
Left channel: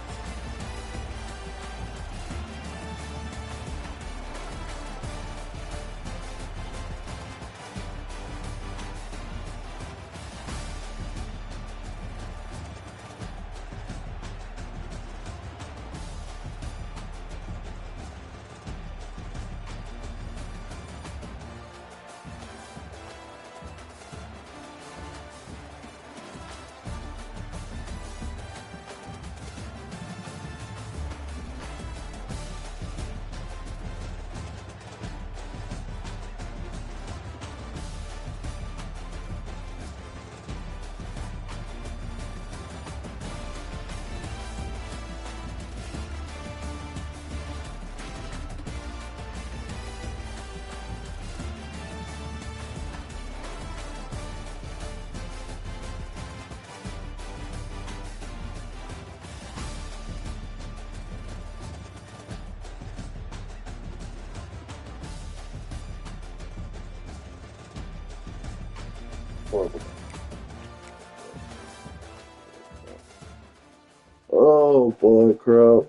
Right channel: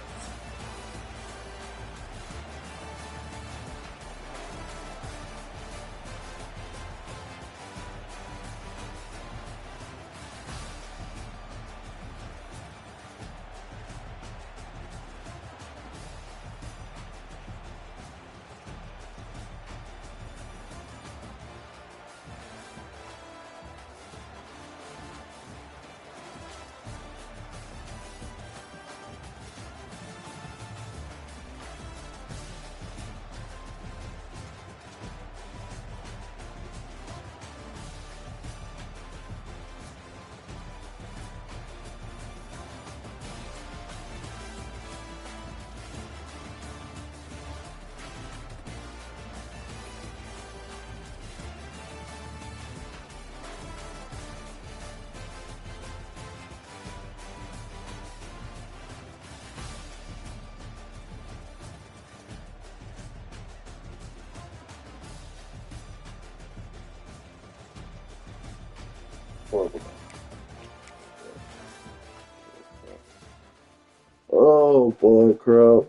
Oh boy, crap.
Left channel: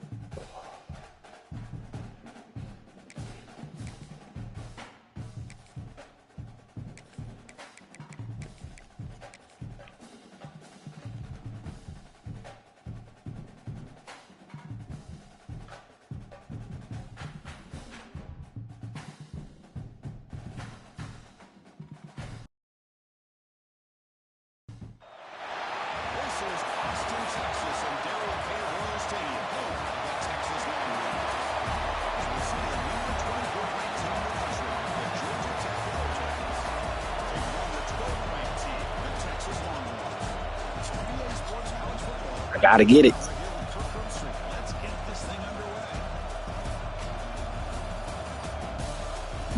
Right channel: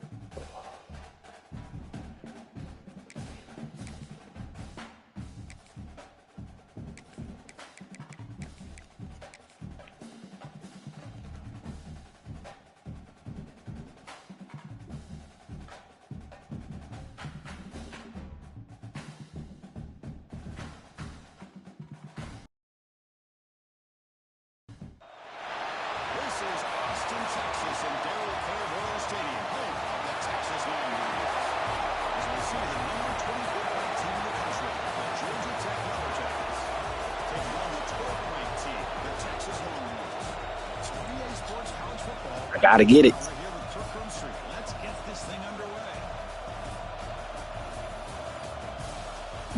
This is Austin, Texas, and Darrell K. Royal Stadium, home of the Texas Longhorns. As we see the number 24th ranked team in the country, the Georgia Tech Yellow Jackets, taking on the 12th ranked team, the Texas Longhorns. It's PA Sports College Football. I gotta get it. Right here with Kirk Street. Let's get this thing underway.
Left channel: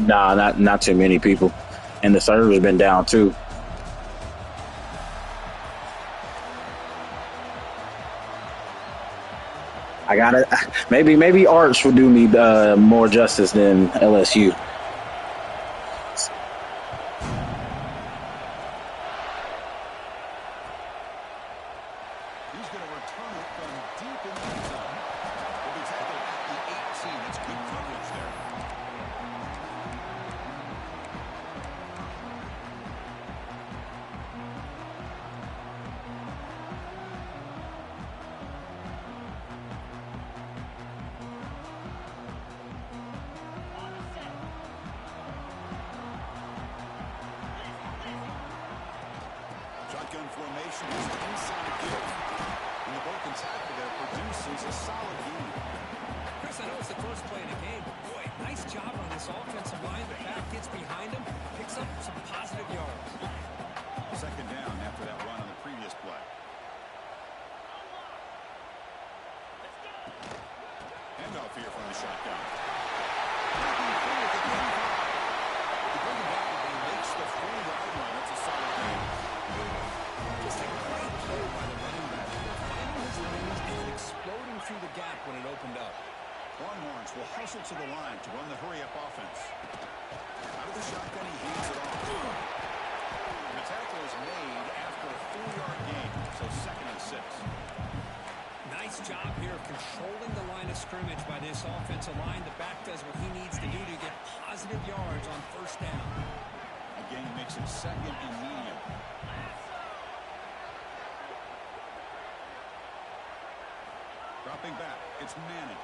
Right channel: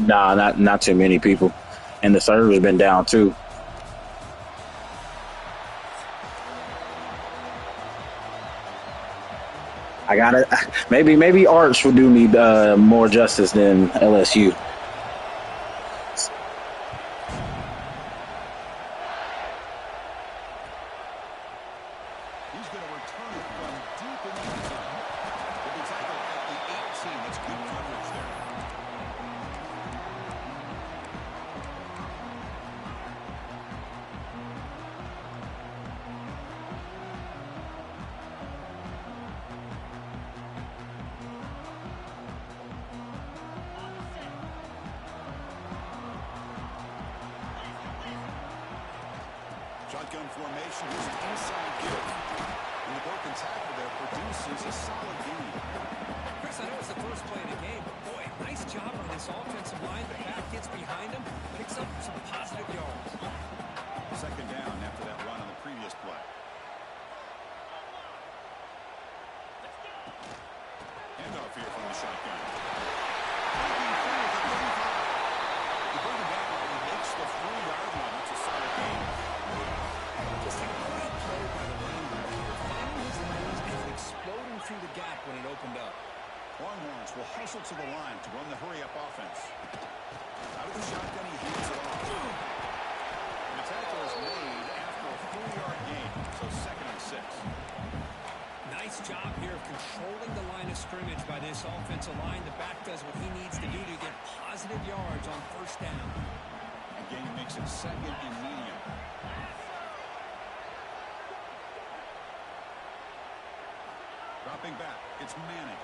Nah, not too many people. And the server's been down too. I gotta maybe Arch will do me more justice than LSU. He's going to return it from deep in the end zone. Will be tackled at the 18. That's good coverage there. Shotgun formation is an inside give. And the broken tackle there produces a solid gain. Chris, I know it's the first play of the game, but boy, nice job on this offensive line. The back gets behind him, picks up some positive yards. Second down after that run on the previous play. Handoff here from the shotgun. Breaking free at the 35. You bring him down, but he makes the 40-yard line. That's a solid gain. Just a great play by the running back here, finding his lanes and exploding through the gap when it opened up. Longhorns will hustle to the line to run the hurry-up offense. Out of the shotgun, he hands it off. And the tackle is made after a 4-yard gain, so 2nd and 6. Nice job here of controlling the line of scrimmage by this offensive line. The back does what he needs to do to get positive yards on first down. Again, makes it 2nd and medium. Dropping back, it's Manning.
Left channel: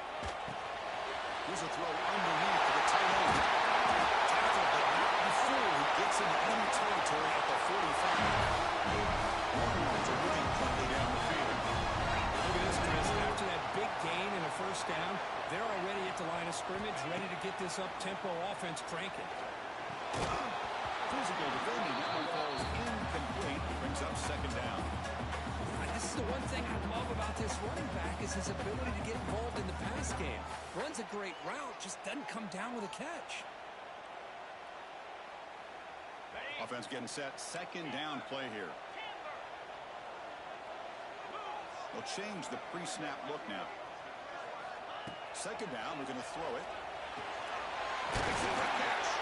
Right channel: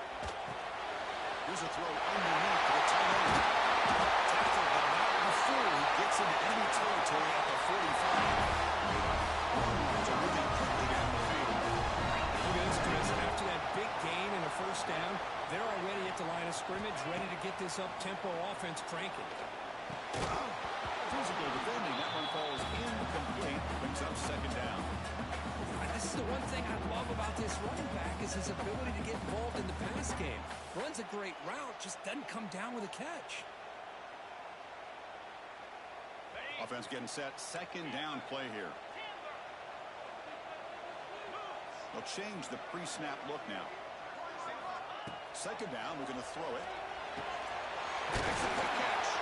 Here's a throw underneath to the tight end. Tackled, but not before he gets into enemy territory at the 45. Longhorns are moving quickly down the field. Look at this, Chris. After that big gain and a first down, they're already at the line of scrimmage, ready to get this up-tempo offense cranking. Physical defending. That one falls incomplete. Brings up 2nd down. This is the one thing I love about this running back is his ability to get involved in the pass game. Runs a great route, just doesn't come down with a catch. Offense getting set. 2nd down play here. They'll change the pre-snap look now. 2nd down, they're going to throw it. Makes a quick catch.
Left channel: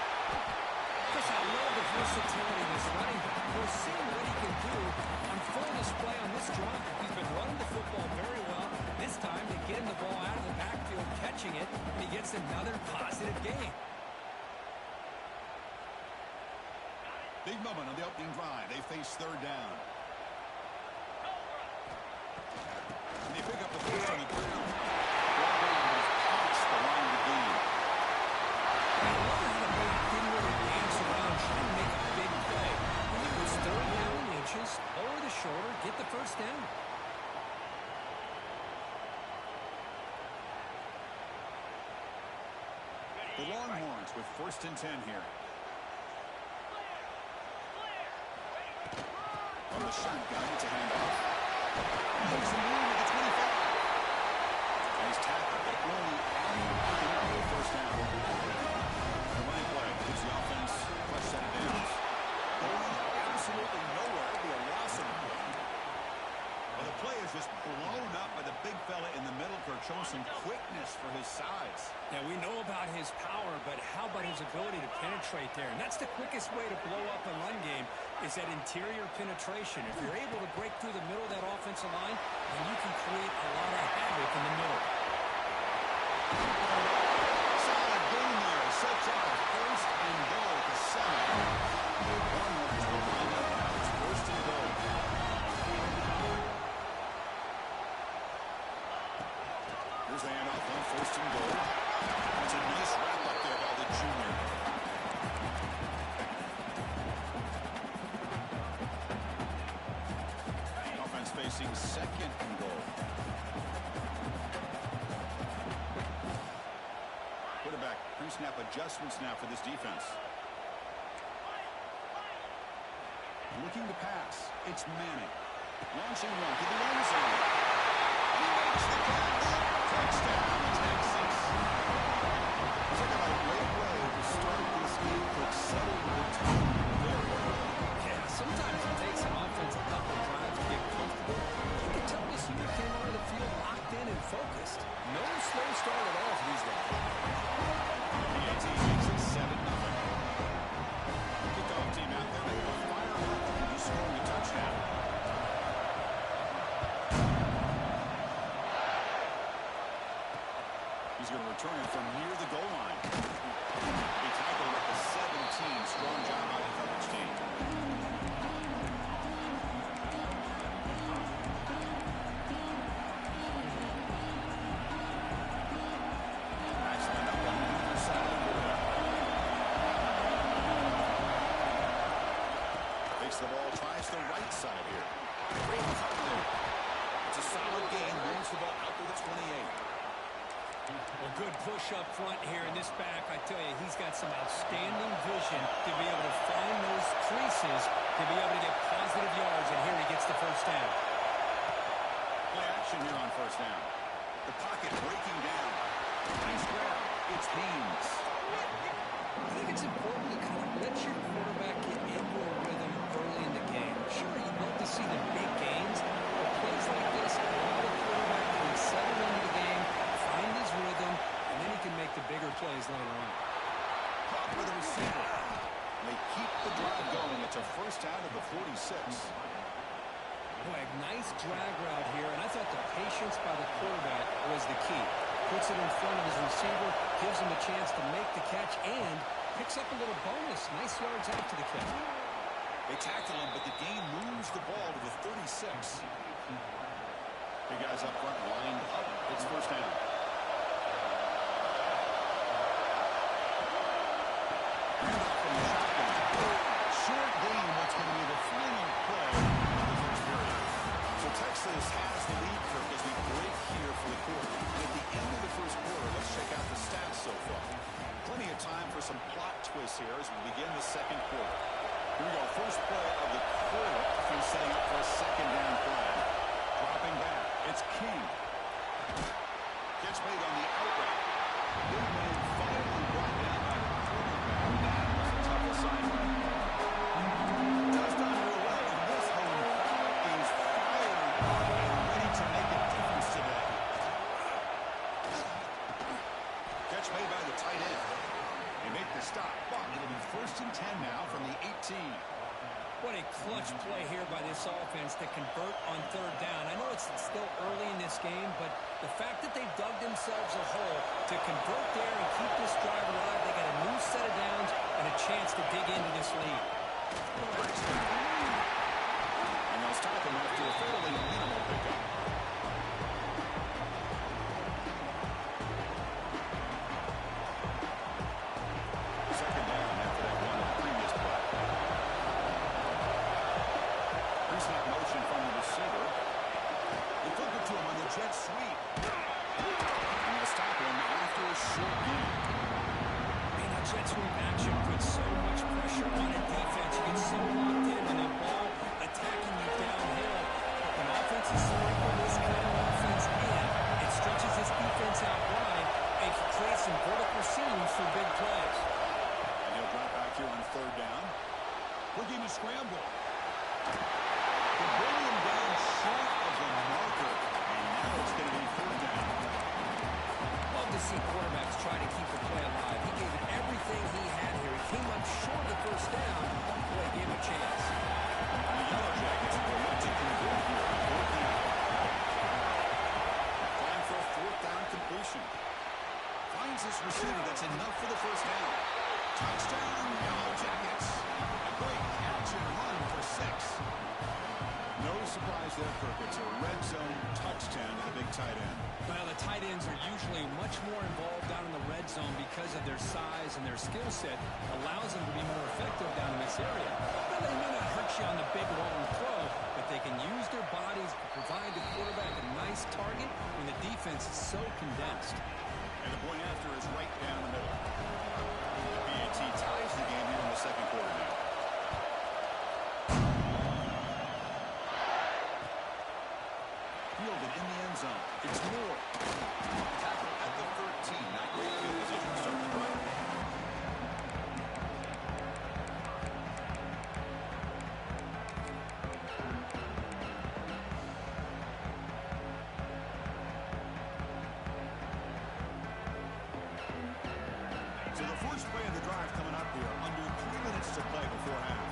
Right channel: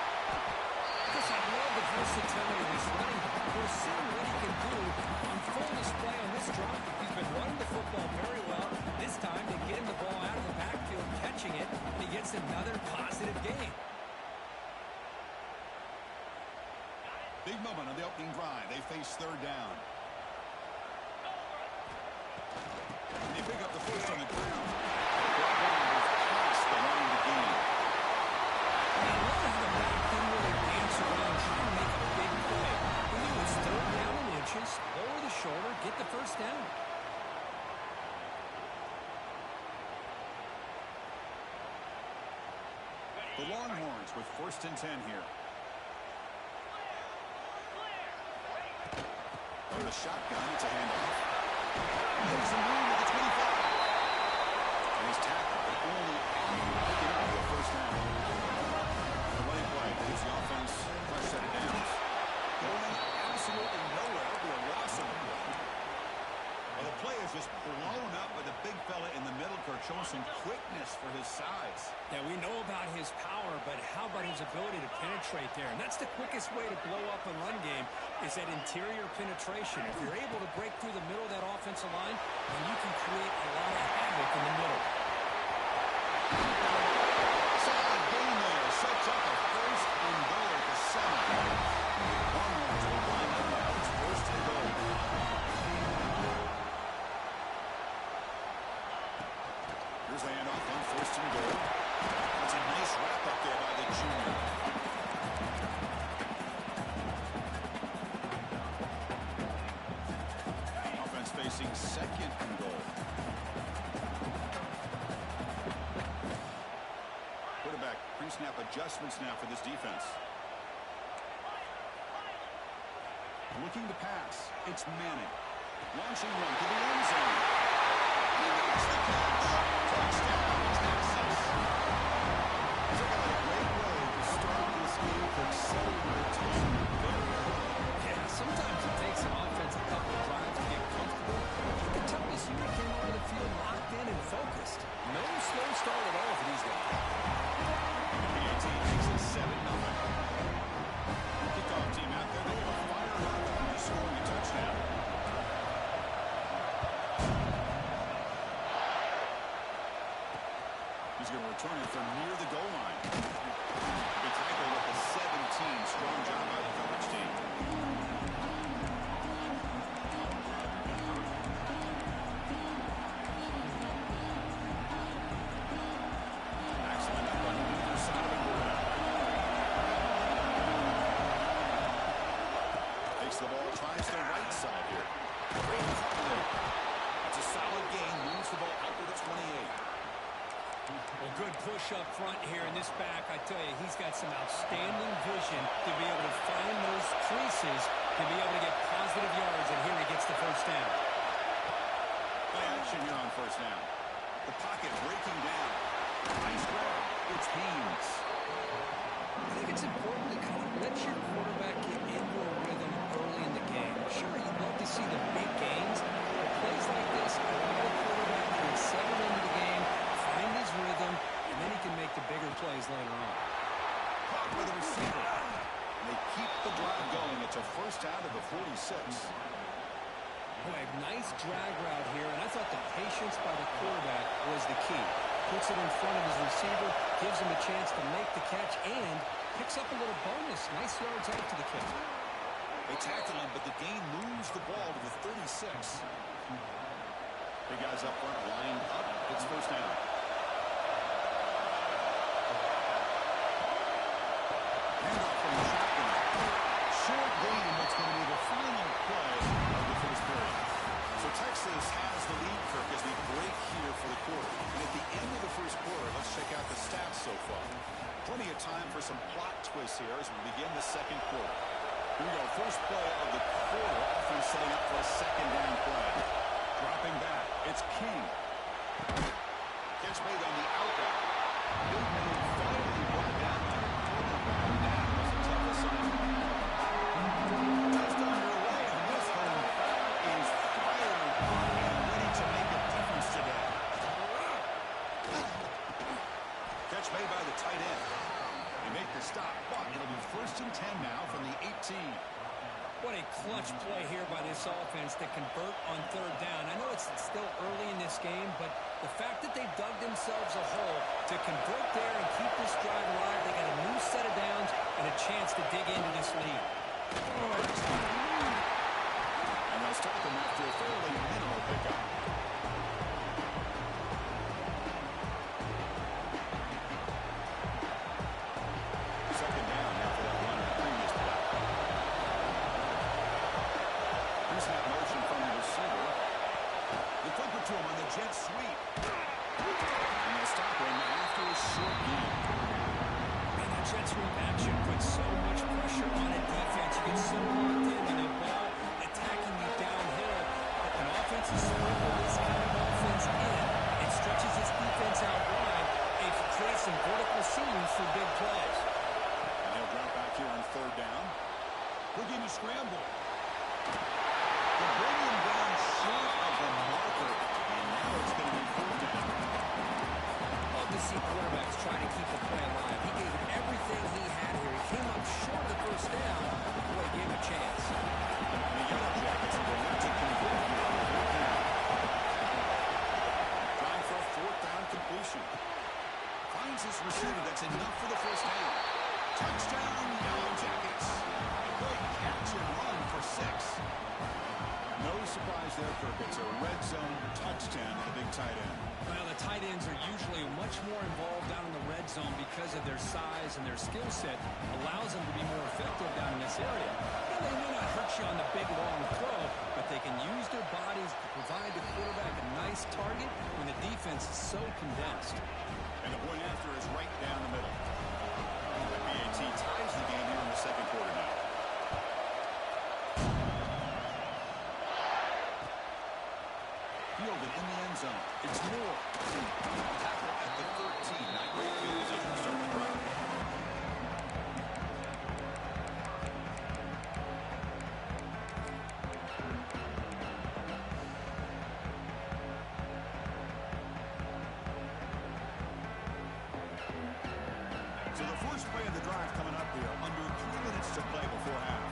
Chris, I love the versatility of this running back. We're seeing what he can do on full display on this drive. He's been running the football very well. This time they get him the ball out of the backfield, catching it, and he gets another positive gain. Big moment on the opening drive. They face 3rd down. And they pick up the first on the ground. Brought down was past the line to gain. And I love how the back didn't really dance around trying to make a big play. When he was 3rd down in inches, lower the shoulder, get the first down. The Longhorns with 1st and 10 here. From the shotgun, it's a handoff. Makes some room at the 25. And he's tackled, but only after picking up the first down. The running play gives the offense a fresh set of downs. Going absolutely nowhere. It'll be a loss of the play. A Well, the play is just blown up by the big fella in the middle, Kirk, showing some quickness for his size. Yeah, we know about his power, but how about his ability to penetrate there? And that's the quickest way to blow up a run game is that interior penetration. If you're able to break through the middle of that offensive line, then you can create a lot of havoc in the middle. Solid game there. Sets up a first and goal at the 7. Hornets will line up now. It's first and goal. Here's the handoff on first and goal. That's a nice wrap up there by the junior. Offense facing second and goal. Quarterback pre-snap adjustments now for this defense. Looking to pass. It's Manning. Launching run to the end zone. He makes the catch. Touchdown, Texas. Talk about a great way to start this game, to settle the tone very early. Yeah, sometimes it takes an offense a couple of drives to get comfortable. You can tell this unit came onto the field locked in and focused. No slow start at all for these guys. PAT makes it 7-0. Kickoff team out there, they go fired up after just scoring a touchdown. He's going to return it from near the goal line. He tackled at the 17. Strong job by the coverage team. Max lined up on either side of the quarterback. Takes the ball, tries the right side here. Great cover there. It's a solid gain. Moves the ball out to the 28. Well, good push up front here in this back. I tell you, he's got some outstanding vision to be able to find those creases, to be able to get positive yards, and here he gets the first down. Play action here on first down. The pocket breaking down. Nice grab. It's Haynes. I think it's important to kind of let your quarterback get into a rhythm early in the game. Sure, you'd love to see the big gains, but plays like this allow the quarterback to settle into the game, find his rhythm, and then he can make the bigger plays later on. Caught with a receiver. And they keep the drive going. It's a first out of the 46. Boy, a nice drag route here, and I thought the patience by the quarterback was the key. Puts it in front of his receiver, gives him a chance to make the catch, and picks up a little bonus. Nice yards after the catch. They tackle him, but the gain moves the ball to the 36. Big guys up front lined up. It's first down. Handoff from the shotgun. Short gain, what's going to be the final play of the first period. So Texas has the lead, Kirk, as we break here for the quarter. And at the end of the first quarter, let's check out the stats so far. Plenty of time for some plot twists here as we begin the second quarter. Here we go, first play of the quarter. Offense setting up for a second down play. Dropping back, it's King. Catch made on the out route. Big man finally brought down by the quarterback. That was a tough assignment. Just underway, and this home crowd is fired up and ready to make a difference today. Catch made by the tight end. They make the stop, but it'll be first and 10 now from the 18. What a clutch play here by this offense to convert on third down. I know it's still early in this game, but the fact that they've dug themselves a hole to convert there and keep this drive alive, they got a new set of downs and a chance to dig into this lead. And they'll stop him after a fairly minimal pickup. Second down after that run of the previous play. Pre-snap motion from the receiver. They flip it to him on the jet sweep. And they'll stop him after a short gain. Man, that jet sweep action puts so much pressure on a defense. You get so locked in and a ball attacking you downhill. When offenses sprinkle this kind of offense in, it stretches this defense out wide and can create some vertical seams for big plays. And he'll drop back here on third down. Looking to scramble. to bring him down short of the marker, and now it's going to be 4th down. Love to see quarterbacks try to keep a play alive. He gave it everything he had here. He came up short of the 1st down. Boy, gave him a chance. And the Yellow Jackets will look to convert here on 4th down. Trying for a 4th down completion. Finds his receiver. That's enough for the 1st down. Touchdown, Yellow Jackets. A great catch and run for 6. No surprise there, Kirk. It's a red zone touchdown to the big tight end. Well, the tight ends are usually much more involved down in the red zone because of their size and their skill set allows them to be more effective down in this area. Now, they may not hurt you on the big, long throw, but they can use their bodies to provide the quarterback a nice target when the defense is so condensed. And the point after is right down the middle. The PAT ties the game here in the 2nd quarter now. Fielded in the end zone. It's Moore. Tackle at the 13. Not great field position to start the drive. So the first play of the drive coming up here. Under 3 minutes to play before half.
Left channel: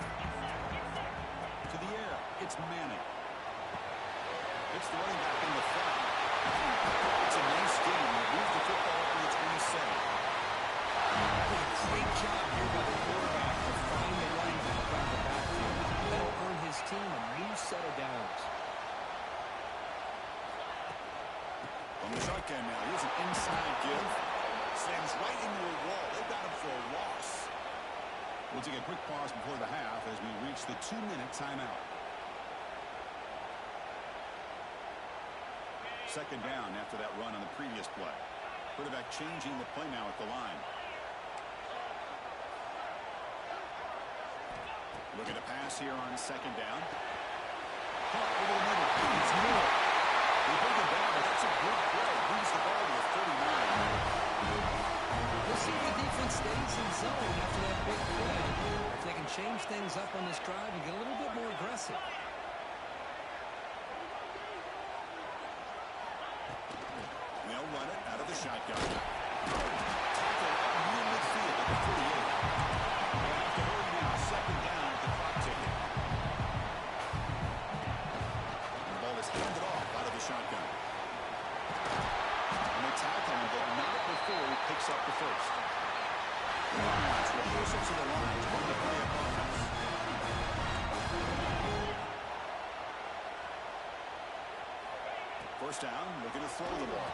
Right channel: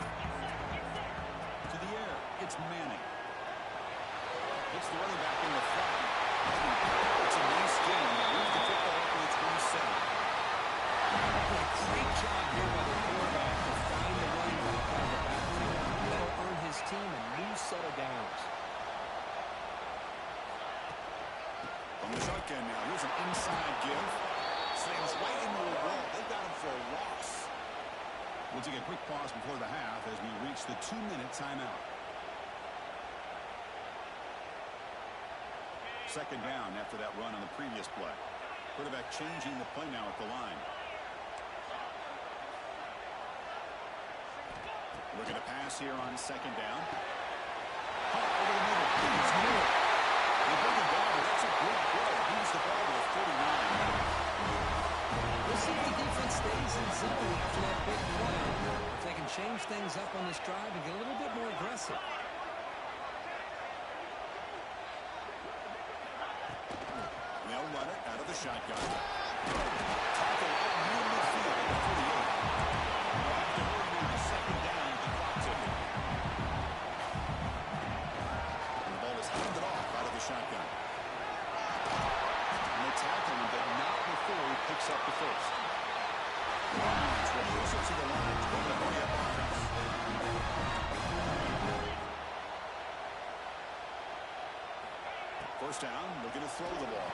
To the air. It's Manning. It's the running back in the front. It's a nice game. They move the football up to the 27. Great job here by the quarterback to find the running back out of the backfield. That'll earn his team a new set of downs. From the shotgun now. Here's an inside give. Slams right into a wall. They've got him for a loss. We'll take a quick pause before the half as we reach the 2-minute timeout. 2nd down after that run on the previous play. Quarterback changing the play now at the line. Looking to pass here on 2nd down. Caught over the middle. It's Moore. They bring him down, but that's a good play. Moves the ball to the 39. We'll see if the defense stays in zone after that big play, or if they can change things up on this drive and get a little bit more aggressive. They'll run it out of the shotgun. Tackle up near midfield at the 48. They'll have to hurry now. 2nd down with the clock ticking. And the ball is handed off out of the shotgun. And they tackle him, but not before he picks up the 1st. Longhorns will push it to the line to run the hurry-up offense. First down, looking to throw the ball.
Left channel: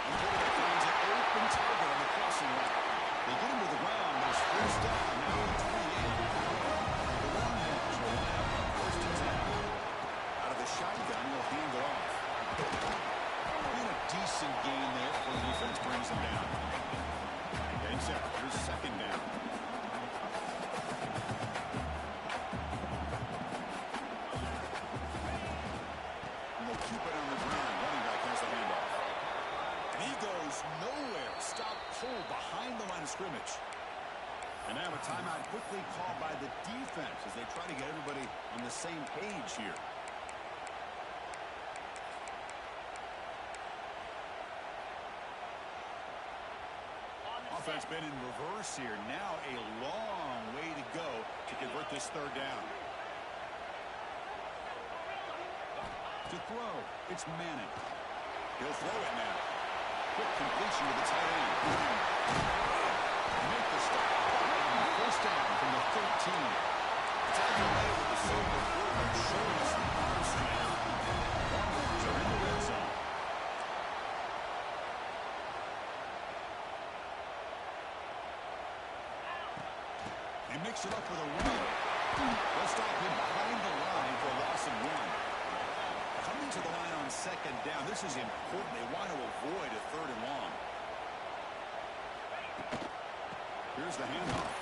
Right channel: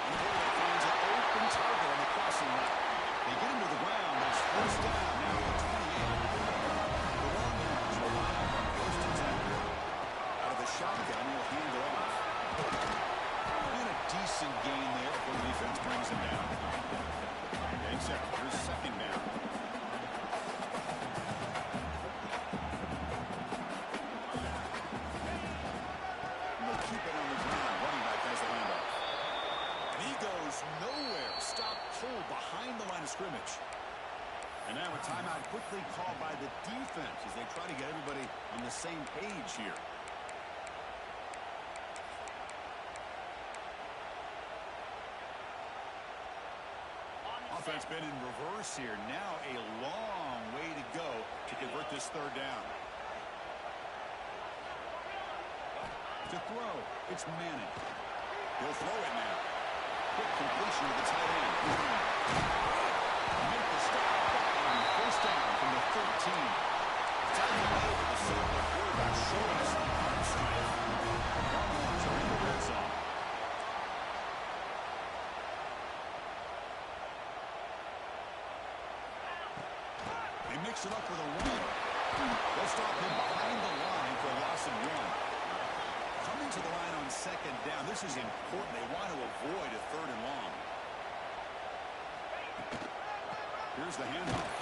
And the quarterback finds an open target on the crossing route. They get him to the ground, but it's 1st down now at the 28. The Longhorns will line up on 1st and 10. Out of the shotgun, he'll hand it off. And a decent gain there before the defense brings him down. Getting set. Here's 2nd down. Keep it on the ground. Running back has the handoff. And he goes nowhere. Stop pulled behind the line of scrimmage. And now a timeout quickly called by the defense as they try to get everybody on the same page here. Offense been in reverse here. Now a long way to go to convert this 3rd down. To throw, it's Manning. He'll throw it now. Quick completion to the tight end. Make the stop. And 1st down from the 13. Tackle made with the circle quarterback showing us the arm strength. Longhorns are in the red zone. They mix it up with a run. They'll stop him behind the line for a loss of 1. Coming to the line on 2nd down. This is important. They want to avoid a 3rd and long. Here's the handoff.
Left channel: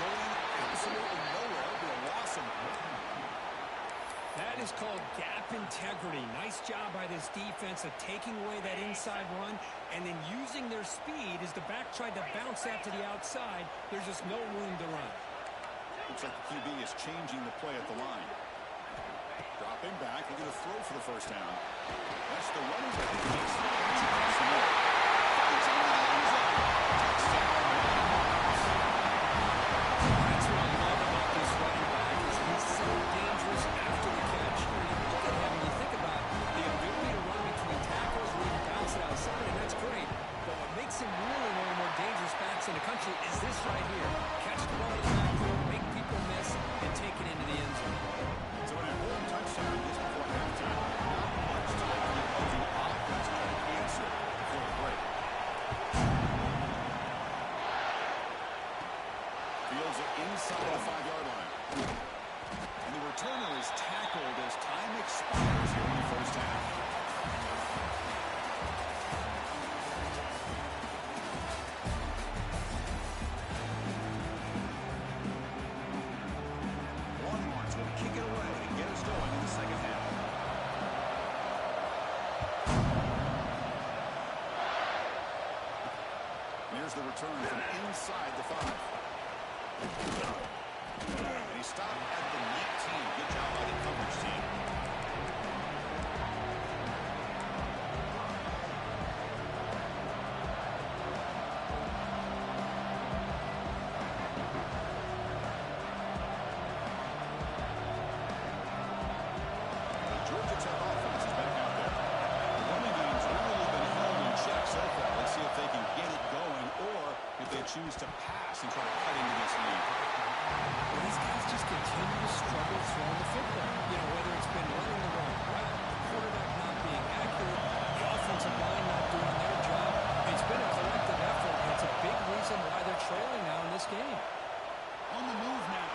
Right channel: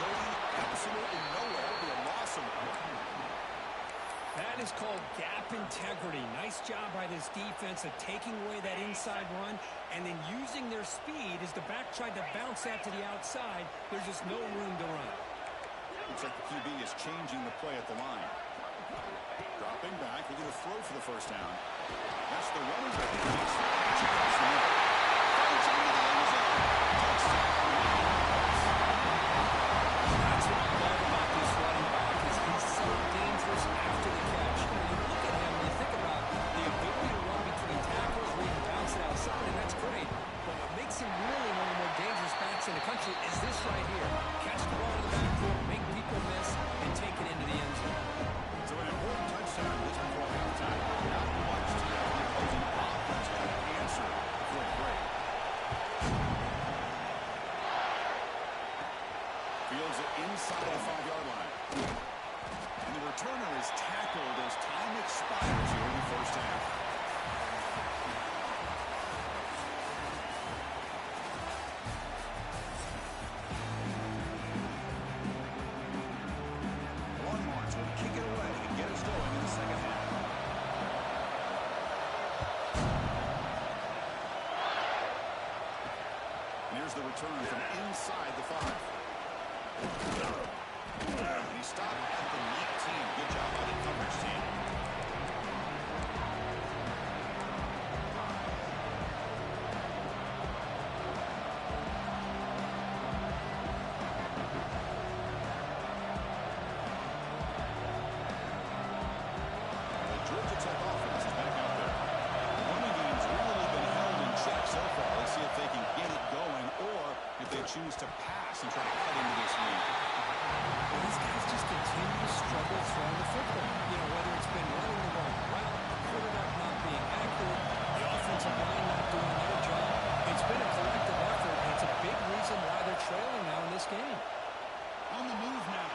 Going absolutely nowhere with a loss of 1. That is called gap integrity. Nice job by this defense of taking away that inside run and then using their speed as the back tried to bounce that to the outside. There's just no room to run. Looks like the QB is changing the play at the line. Dropping back, looking to throw for the first down. That's the running back. He makes the catch across the middle. Fights into the end zone. Touchdown. That's what I love about this running back is he's so dangerous after the catch. You know, you look at him and you think about the ability to run between tackles where he can bounce it outside, and that's great. But what makes him really one of the more dangerous backs in the country is this right here. Catch the ball to the backfield, make people miss, and take it into the end zone. So an important touchdown just before halftime. Not much time for the opposing offense to try to answer before the break. Fields it inside the 5-yard line. And the returner is tackled as time expires here in the first half. Longhorns will kick it away and get us going in the second half. And here's the return from inside the 5. And he stopped at the 19. Good job by the coverage team. The Georgia Tech offense is back out there. The running game's really been held in check so far. Let's see if they can get it going or if they choose to pass and try to cut into this lead. Well, these guys just continue to struggle throwing the football. You know, whether it's been running the wrong route, the quarterback not being accurate, the offensive line not doing their job. It's been a collective effort, and it's a big reason why they're trailing now in this game. On the move now.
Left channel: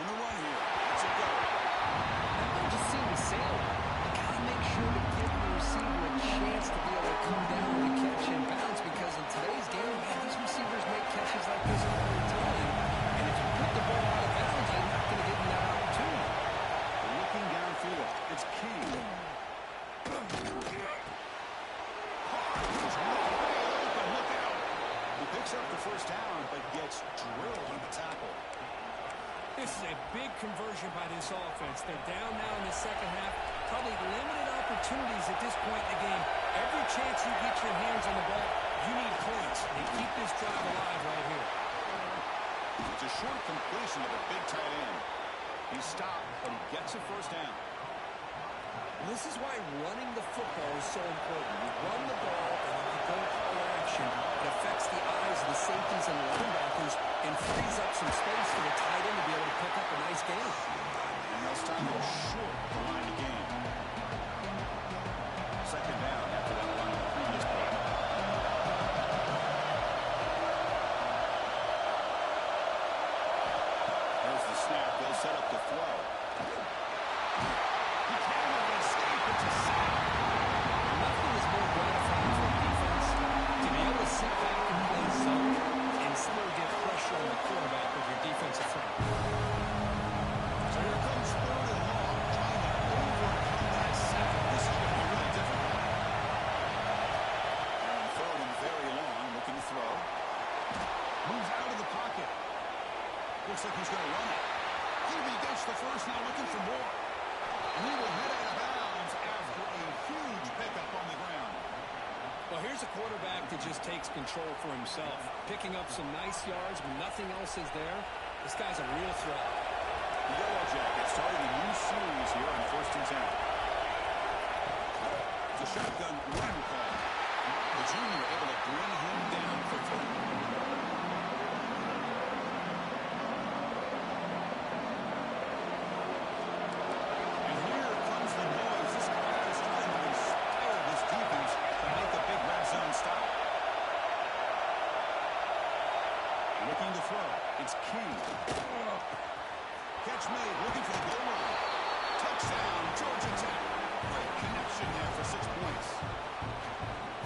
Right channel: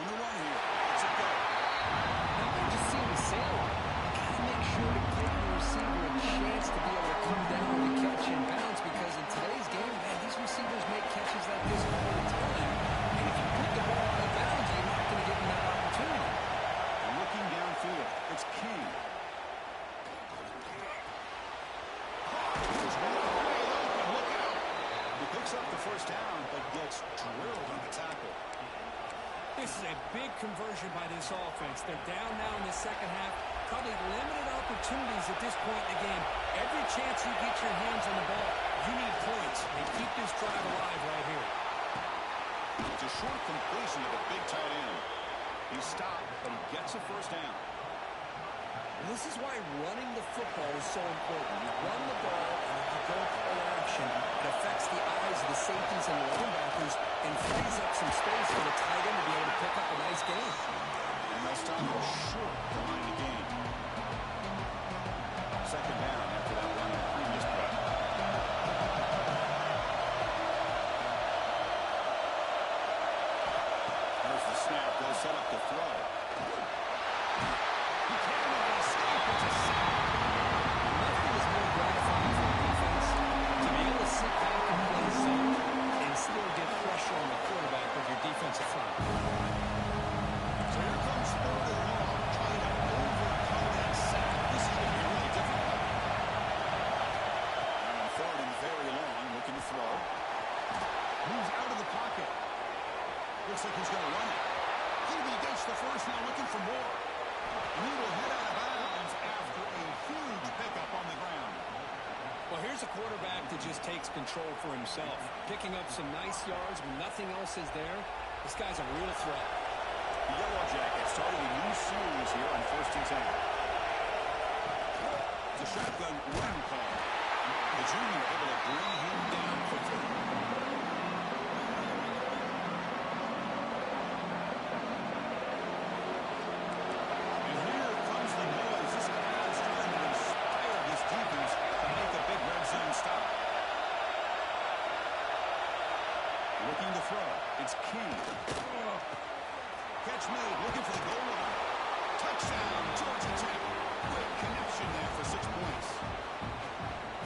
On the run here. Let's it go. That might just seem to sail. You got to make sure to give the receiver a chance to be able to come down and catch and bounce because in today's game, man, these receivers make catches like this all the time. And if you put the ball out of bounds, you're not going to give them that opportunity. Looking downfield. It's King. There's one wide open. Look out. He picks up the first down, but gets drilled on the tackle. This is a big conversion by this offense. They're down now in the second half. Probably limited opportunities at this point in the game. Every chance you get your hands on the ball, you need points. They keep this drive alive right here. It's a short completion of a big tight end. He stopped, but he gets a first down. Well, this is why running the football is so important. You run the ball, and if you go play action, it affects the eyes of the safeties and the linebackers and frees up some space for the tight end to be able to pick up a nice game. And they'll stop him short of the line of game. Second down after that run on the previous play. There's the snap. They'll set up the throw. He cannot escape. It's a sack. Nothing is more gratifying for a defense to be able to sit back and play zone and still get pressure on the quarterback with your defensive front. So here comes third and long, trying to overcome that sack. This is going to be really difficult. And on third and very long, looking to throw. Moves out of the pocket. Looks like he's going to run it. He gets the first, now looking for more. And he will head out of bounds after a huge pickup on the ground. Well, here's a quarterback that just takes control for himself. Picking up some nice yards when nothing else is there. This guy's a real threat. The Yellow Jackets starting a new series here on 1st and 10. It's a shotgun run call. The junior able to bring him down quickly. And here comes the noise. This crowd is trying to inspire this defense to make a big red zone stop. Looking to throw. It's King. Catch made, looking for the goal line. Touchdown, Georgia Tech. Great connection there for 6 points.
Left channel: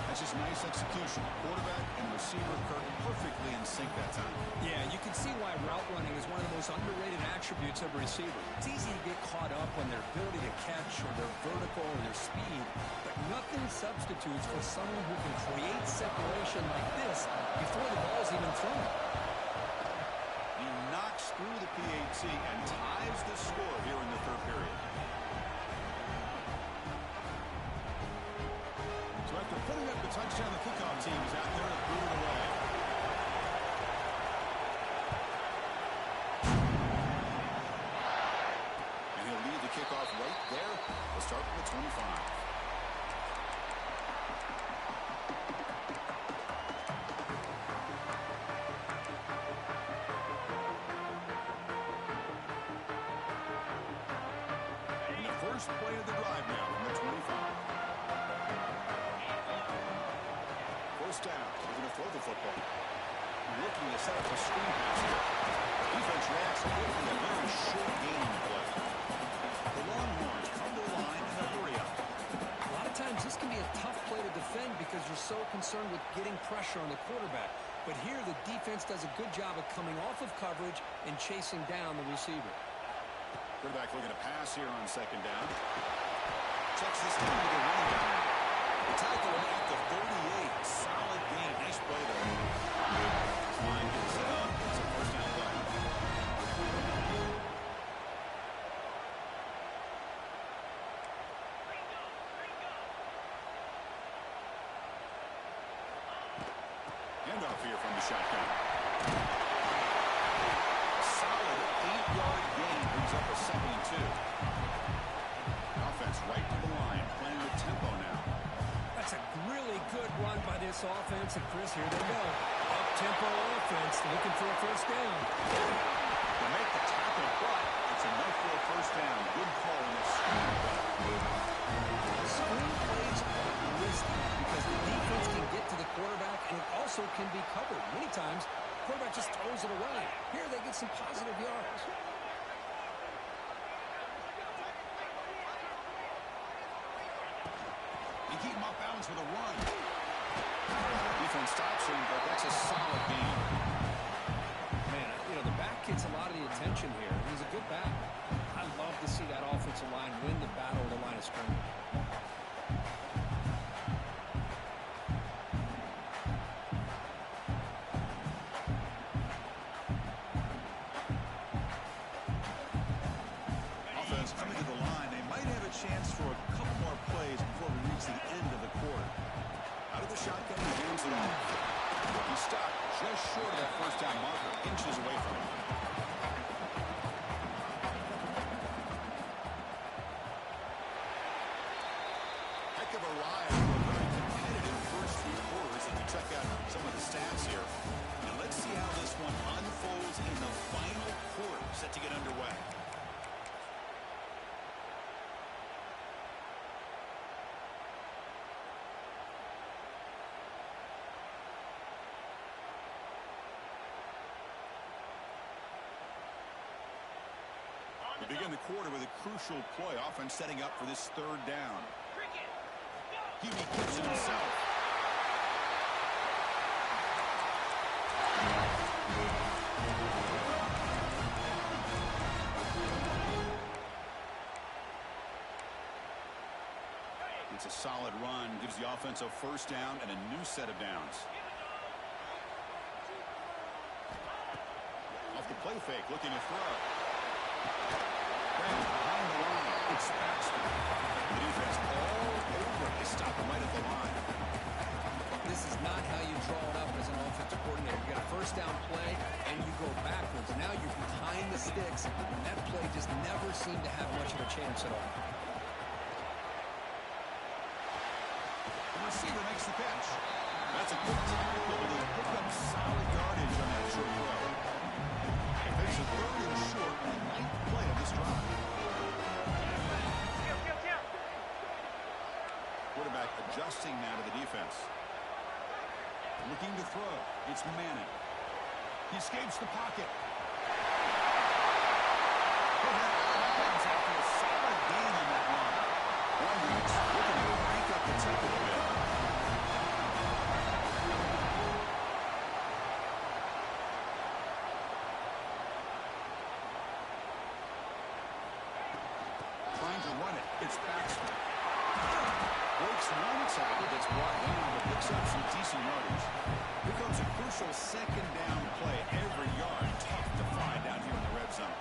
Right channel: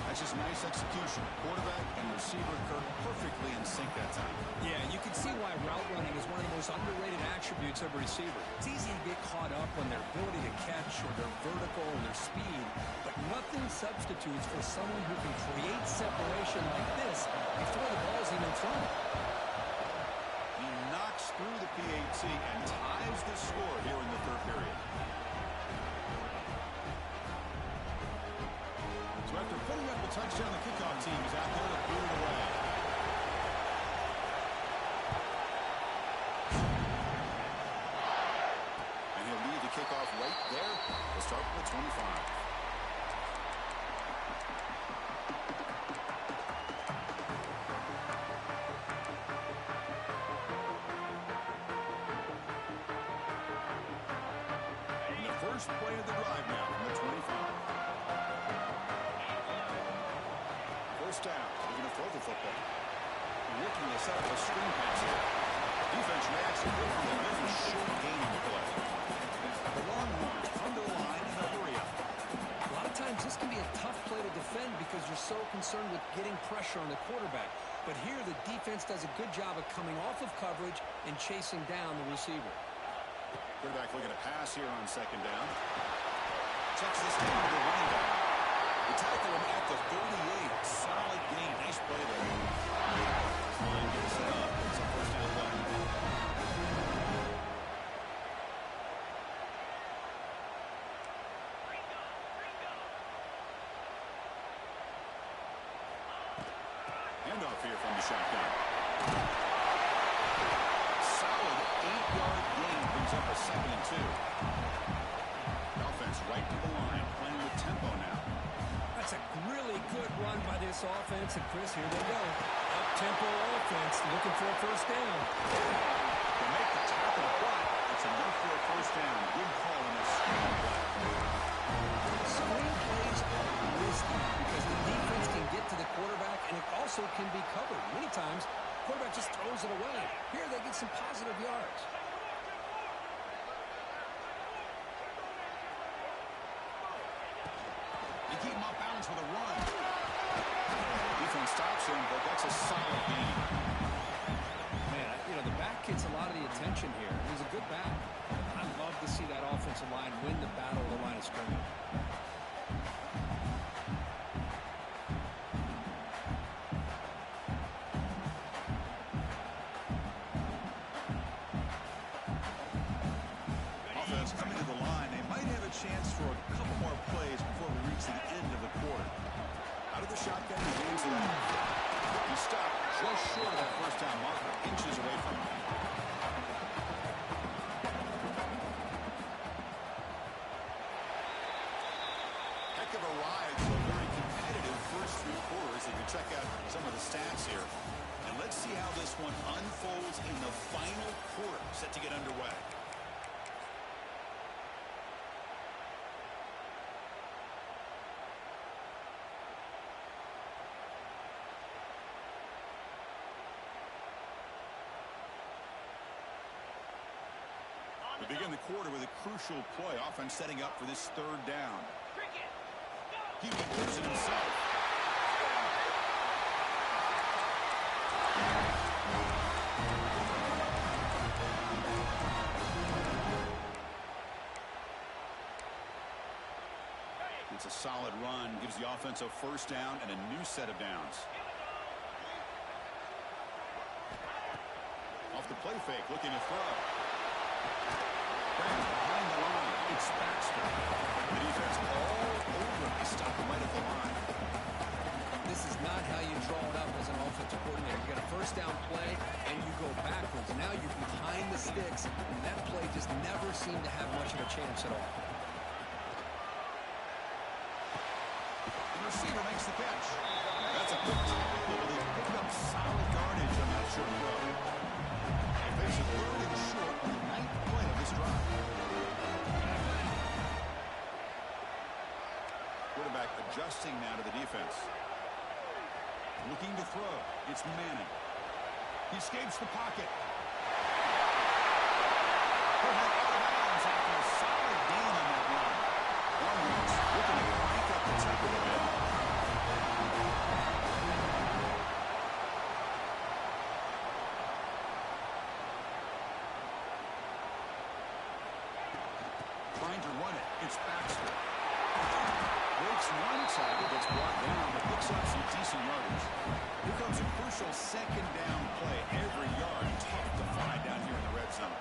That's just nice execution. Quarterback and receiver Kirk perfectly in sync that time. Yeah, you can see why route running is one of the most underrated attributes of a receiver. It's easy to get caught up on their ability to catch or their vertical or their speed, but nothing substitutes for someone who can create separation like this before the ball's even thrown. He knocks through the PAT and ties close this score here in the third period. So after putting up the touchdown, the kickoff team is out there to boot it away. And he'll lead the kickoff right there. We'll start from the 25. First play of the drive now from the 25. First down. They're going to throw the football. Looking to set up a screen pass here. Defense reacts quickly. A very short gain on the play. The Longhorns come to the line in a hurry up. A lot of times this can be a tough play to defend because you're so concerned with getting pressure on the quarterback. But here the defense does a good job of coming off of coverage and chasing down the receiver. Quarterback looking to pass here on second down. Checks this down to the running back. They tackle him at the 38. Solid gain. Nice play there. This line gets set up. It's a first down play. Handoff here from the shotgun. Solid 8-yard gain brings up a 2nd and 2. Offense right to the line, playing with tempo now. That's a really good run by this offense. And Chris, here they go. Up-tempo offense looking for a first down. To make the tackle, but it's enough for a first down. Good call in this screen play. Screen plays are risky because the defense can get to the quarterback and it also can be covered. Many times, the quarterback just throws it away. Here they get some positive yards. You keep him off balance with a run. Defense stops him, but that's a solid gain. Man, the back gets a lot of the attention here. He's a good back. I love to see that offensive line win the battle of the line of scrimmage. Offense coming to the line. They might have a chance for a couple more plays before we reach the end of the quarter. Out of the shotgun, he hands it off. He stopped just short of that first down marker, inches away from him. Heck of a ride for a very competitive first 3 quarters as we check out some of the stats here. And let's see how this one unfolds in the final quarter set to get underway. We begin the quarter with a crucial play. Offense setting up for this 3rd down. He keeps it himself. It's a solid run. Gives the offense a first down and a new set of downs. Off the play fake, looking to throw. Behind the line, it's Baxter. The defense all over. They stop him right at the line. This is not how you draw it up as an offensive coordinator. You got a first down play, and you go backwards. Now you're behind the sticks, and that play just never seemed to have much of a chance at all. The receiver makes the catch. That's a good tackle, but they picked up solid yardage on that short throw. They face a 3rd and short on the 9th play of this drive. Quarterback adjusting now to the defense. Looking to throw. It's Manning. He escapes the pocket. Put him out of bounds after a solid gain on that run. Longhorns looking to crank up the tempo a bit. Trying to run it. It's Baxter. Breaks one tackle, gets brought down, but picks up some decent yardage. Here comes a crucial 2nd down play. Every yard tough to find down here in the red zone.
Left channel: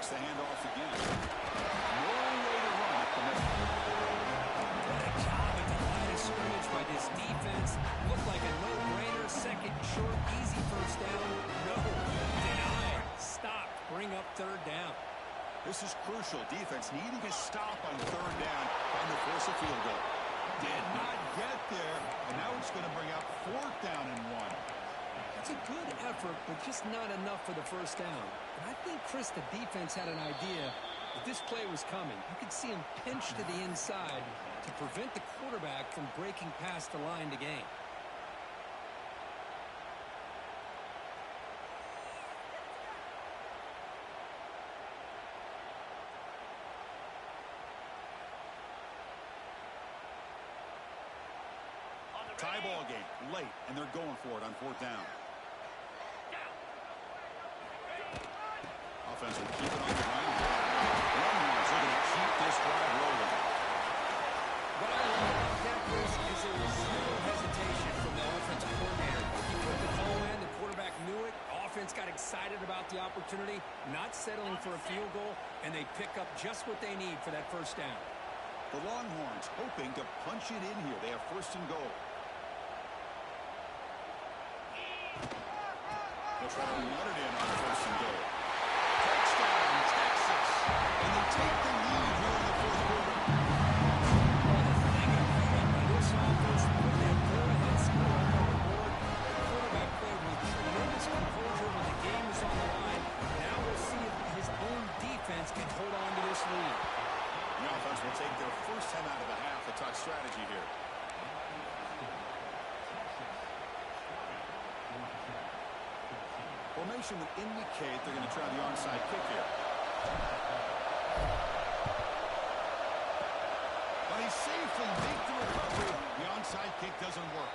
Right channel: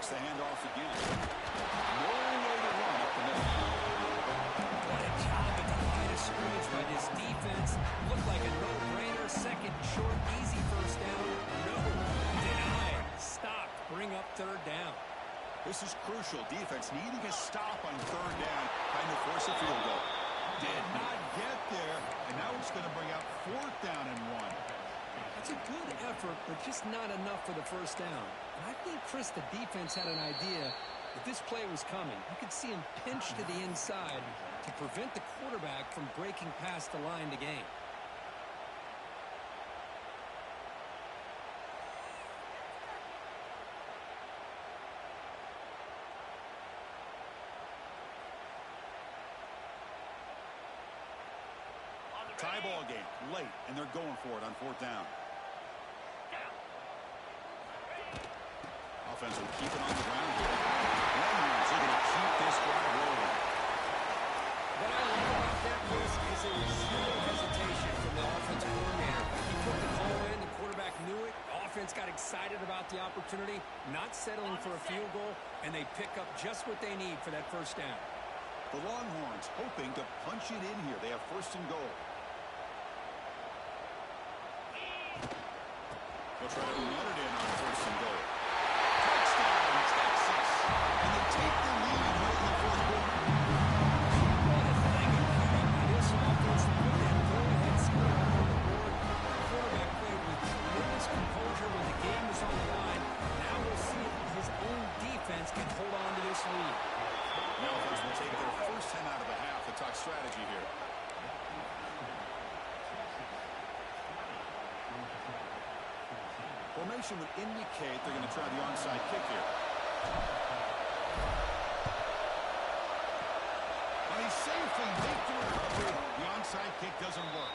Takes the handoff again. No way to run up the middle. What a job at the line of scrimmage by this defense. Looked like a no-brainer. Second and short, easy first down. No, denied. Stopped. Bring up third down. This is crucial. Defense needing a stop on third down, trying to force a field goal. Did not get there, and now it's going to bring up fourth down and 1. That's a good effort, but just not enough for the first down. And I think, Chris, the defense had an idea that this play was coming. You could see him pinch to the inside to prevent the quarterback from breaking past the line to gain. Tie ball game, late, and they're going for it on fourth down. Offense will keep it on the ground here. Longhorns looking to keep this drive rolling. What I love about that, Chris, is there was zero hesitation from the offensive coordinator. He put the call in, the quarterback knew it, offense got excited about the opportunity, not settling for a field goal, and they pick up just what they need for that first down. The Longhorns hoping to punch it in here. They have first and goal. They'll try to run it in on first and goal. Touchdown, Texas. And they take the lead here in the fourth quarter. What a thing of beauty by this offense to put that go-ahead score up on the board. The quarterback played with tremendous composure when the game was on the line. Now we'll see if his own defense can hold on to this lead. The offense will take their first time out of the half to talk strategy here. Formation would indicate they're going to try the onside kick here. But he safely makes the recovery. The onside kick doesn't work.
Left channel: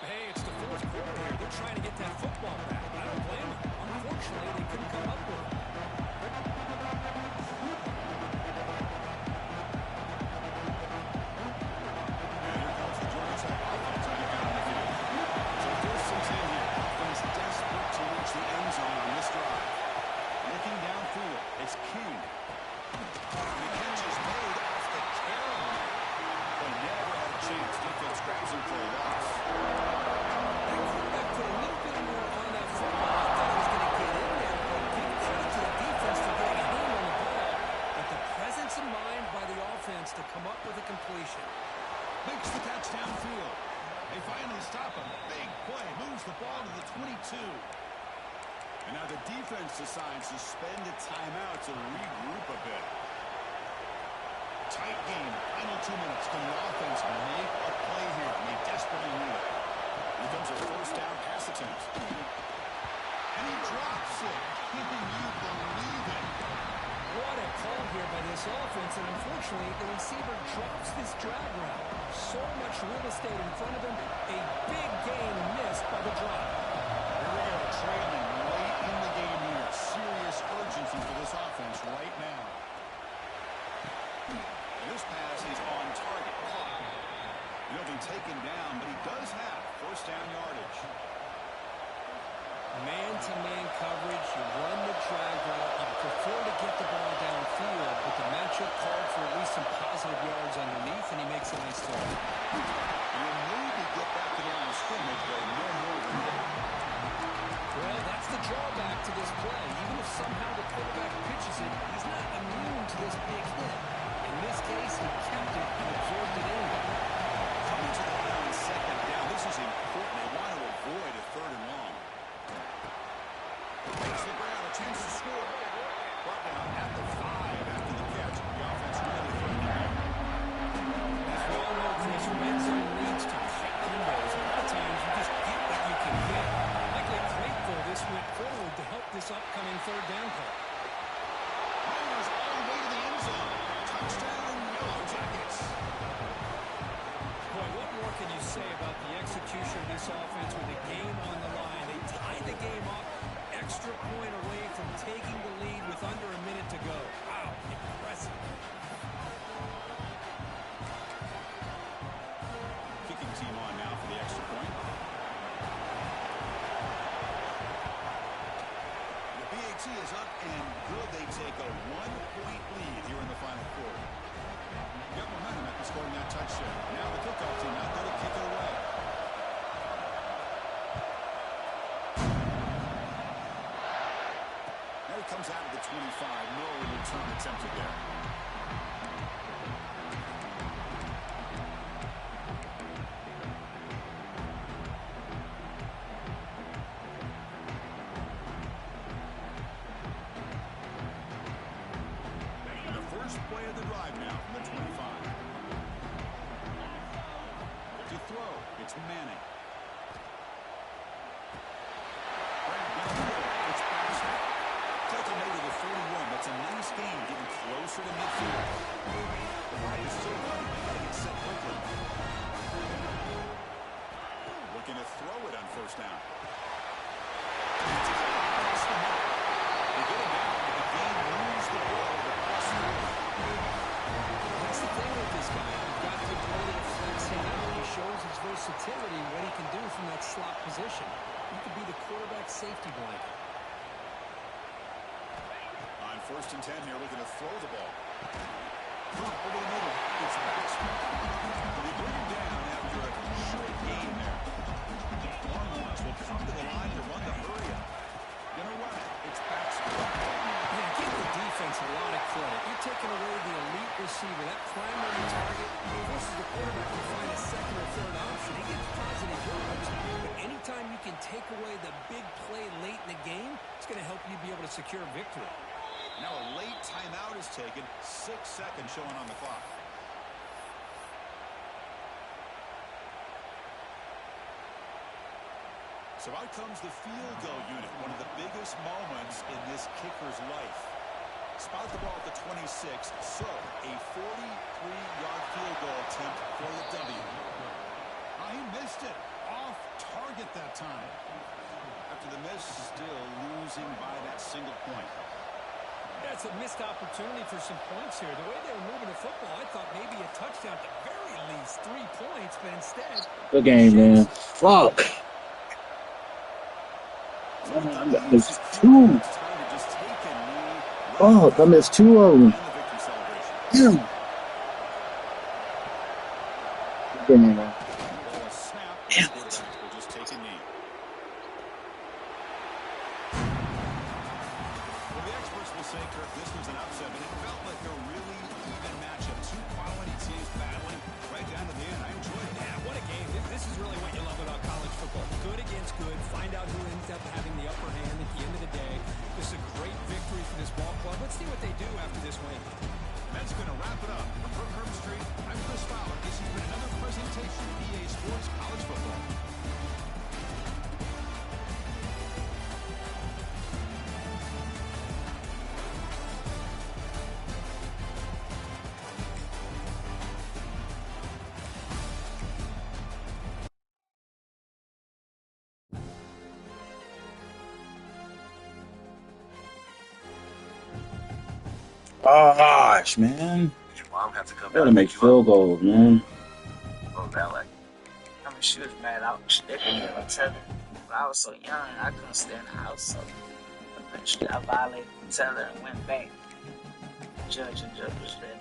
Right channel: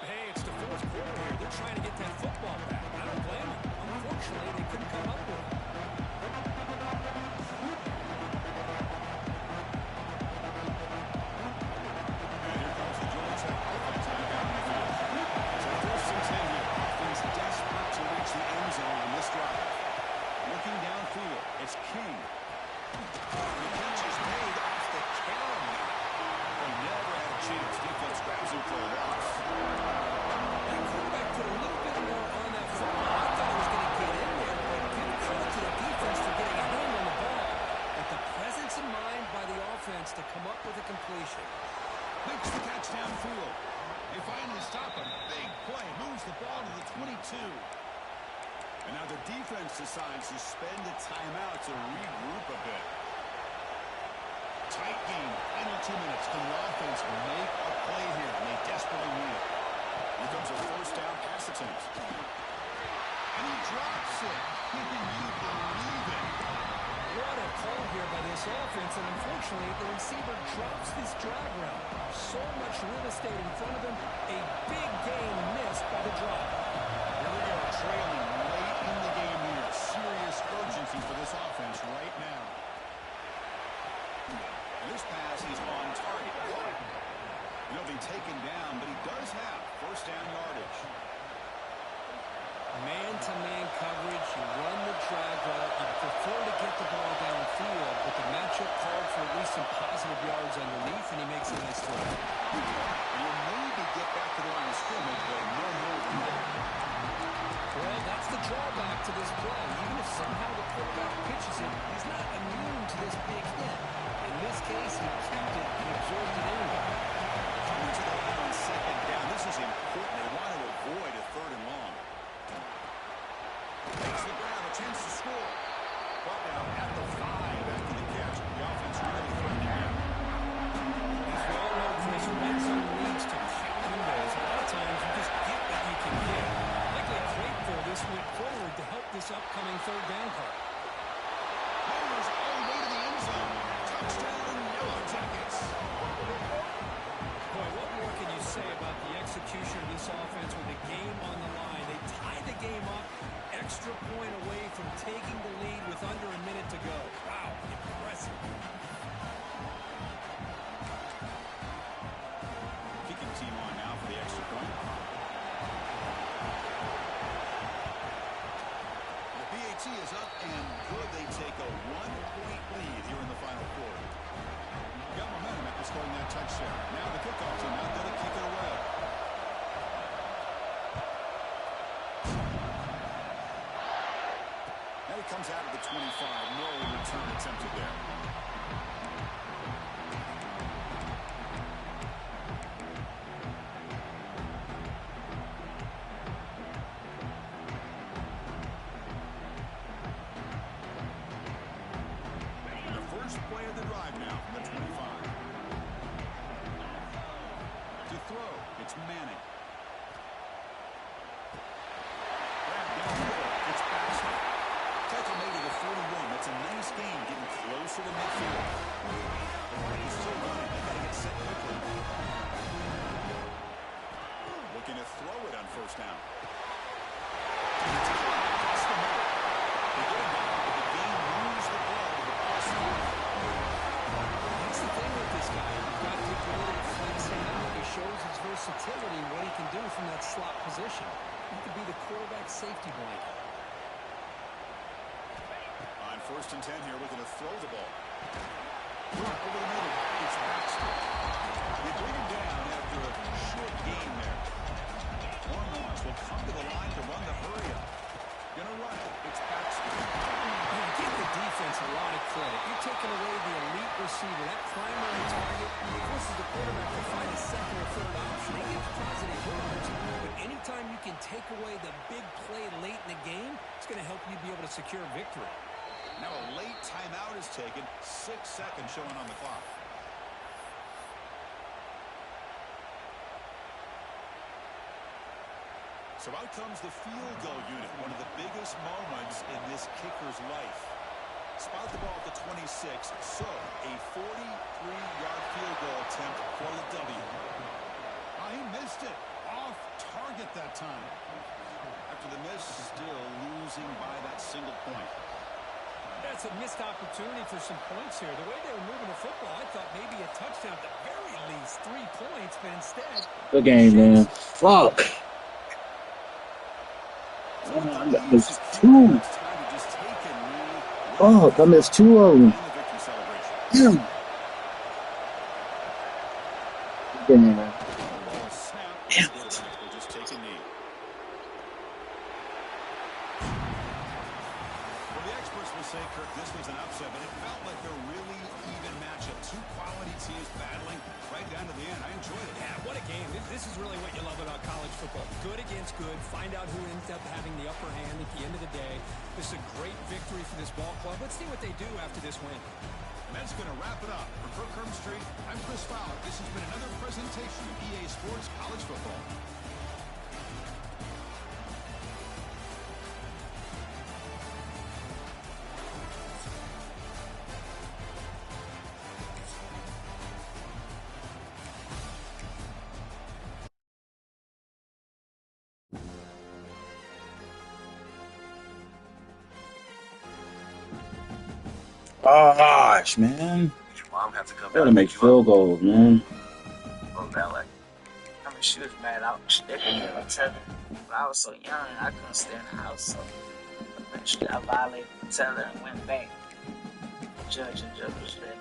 Hey, it's the fourth quarter here. They're trying to get that football back. I don't blame them. Unfortunately, they couldn't come up with it. And here comes the Georgia Tech offense back out on the field. So first and 10 here. Offense desperate to reach the end zone on this drive. Looking downfield, it's King. The catch is made off the carom. But never had a chance. Defense grabs him for a loss. That quarterback put a little bit more on that football. I thought it was going to get in there, but give credit to the defense for getting a hand on the ball. But the presence of mind by the offense to come up with a completion. Makes the catch downfield. They finally stop him. Big play. Moves the ball to the 22. And now the defense decides to spend a timeout to regroup a bit. Tight game. Final 2 minutes. Can the offense make a play here? And they desperately need it. Here comes a first down pass attempt. And he drops it. Can you believe it? What a call here by this offense, and unfortunately, the receiver drops this drag route. So much real estate in front of him, a big gain missed by the drop. Here we go, trailing late in the game here. Serious urgency for this offense right now. And this pass is on target, caught. He'll be taken down, but he does have first down yardage. Man-to-man coverage, you run the drag route, you prefer to get the ball downfield, but the matchup called for at least some positive yards underneath, and he makes a nice throw. He'll maybe get back to the line of scrimmage, but no more than that. Well, that's the drawback to this play. Even if somehow the quarterback pitches it, he's not immune to this big hit. In this case, he kept it and absorbed it anyway. Coming to the line on second down, this is important. They want to avoid a third and long. Makes the ground, a chance to score. Brought down at the 5 after the catch. The offense really threatening him. As we all know, Chris, red zone leads to tight windows. A lot of times you just get what you can get. Likely grateful this went forward to help this upcoming third down call. Niners all the way to the end zone. Touchdown, Yellow Jackets. Boy, what more can you say about the execution of this offense with the game on the line? They tied the game up, extra point away from taking the lead with under a minute to go. Wow, impressive. Kicking team on now for the extra point. The PAT is up and good. They take a 1-point lead here in the final quarter. Got momentum after scoring that touchdown. Now the kickoff team out there to kick it away. Now he comes out of the 25. No return attempted there. Play of the drive now from the 25. To throw, it's Manning. Grab down the middle, it's Baxter. Tackle made to the 41. That's a nice gain, getting closer to midfield. The clock is still running. They got to get set quickly. Looking to throw it on first down. Across the middle. They get him down, but the gain moves the ball to the plus 40. That's the thing with this guy. You've got the ability to flex him out. He shows his versatility, what he can do from that slot position. He could be the quarterback safety blanket. On 1st and 10 here, looking to throw the ball. Over the middle, it's Baxter. They bring him down after a short gain there. Long loss will come to the line to run the hurry up. Gonna run it. It's Baxter. Man, give the defense a lot of credit. You're taking away the elite receiver. That primary target forces the quarterback to find a second or third option. He gets positive yards. But anytime you can take away the big play late in the game, it's going to help you be able to secure victory. Now a late timeout is taken. 6 seconds showing on the clock. So out comes the field goal unit, one of the biggest moments in this kicker's life. Spot the ball at the 26, so a 43-yard field goal attempt for the W. He missed it. Off target that time. After the miss, still losing by that single point. That's a missed opportunity for some points here. The way they were moving the football, I thought maybe a touchdown at the very least, 3 points, but instead... Good game, man. Fuck. I missed 2. Fuck, I missed 2 of them. Damn. Good game, man. Damn it. Will just take a knee. Well, the experts will say, Kirk, this was an upset, but it felt like a really even matchup. 2 quality teams battling right down to the end. I enjoyed it. Yeah, what a game. This is really what you love about college football. Good against good. Find out who ends up having the upper hand at the end of the day. This is a great victory for this ball club. Let's see what they do after this win. And that's going to wrap it up. For Kirk Herbstreit, I'm Chris Fowler. This has been another presentation of EA Sports College Football. Gosh, man. Mom had to come Gotta down make field goals, man. Oh, that like, I mean, she was mad. They could get a tether. But I was so young, I couldn't stay in the house. So eventually, I violated the tether and went back. Judge was ready.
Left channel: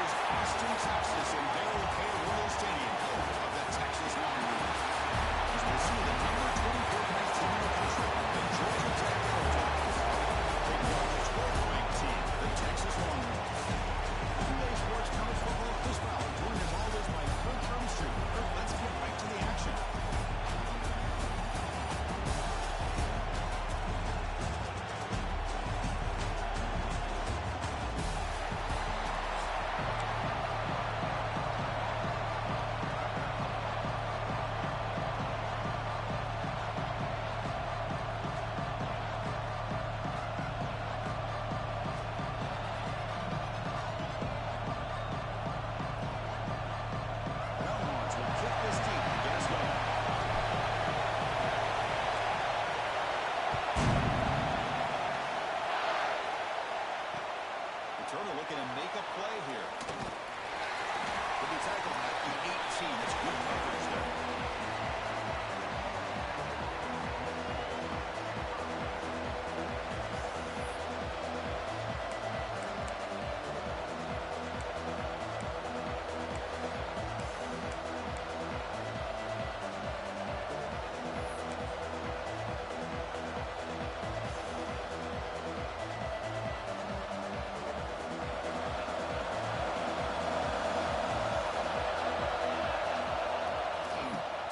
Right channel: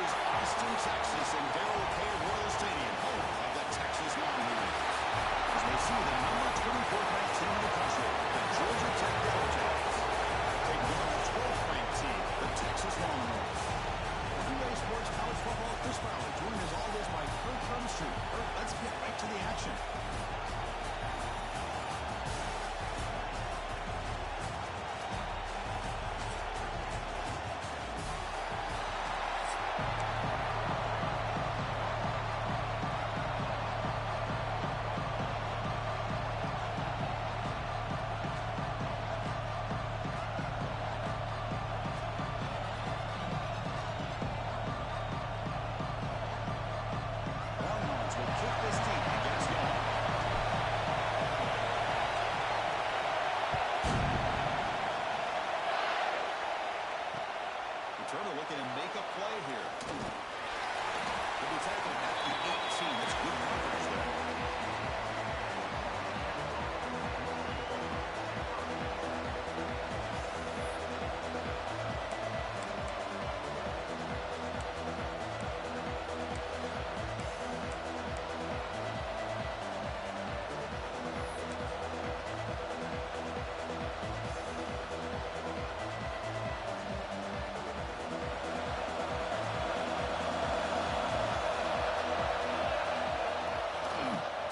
is Austin, Texas, and Darrell K. Royal Stadium, home of the Texas Longhorns. As we see the number 24th ranked team in the country, the Georgia Tech Yellow Jackets, taking on the 12th ranked team, the Texas Longhorns. PA Sports College Football, Chris Fowler, joined as always by Kirk Crumstreet. Kirk, let's get right to the action. Turner looking to make a play here. Could be tackled at the 18. That's good coverage there.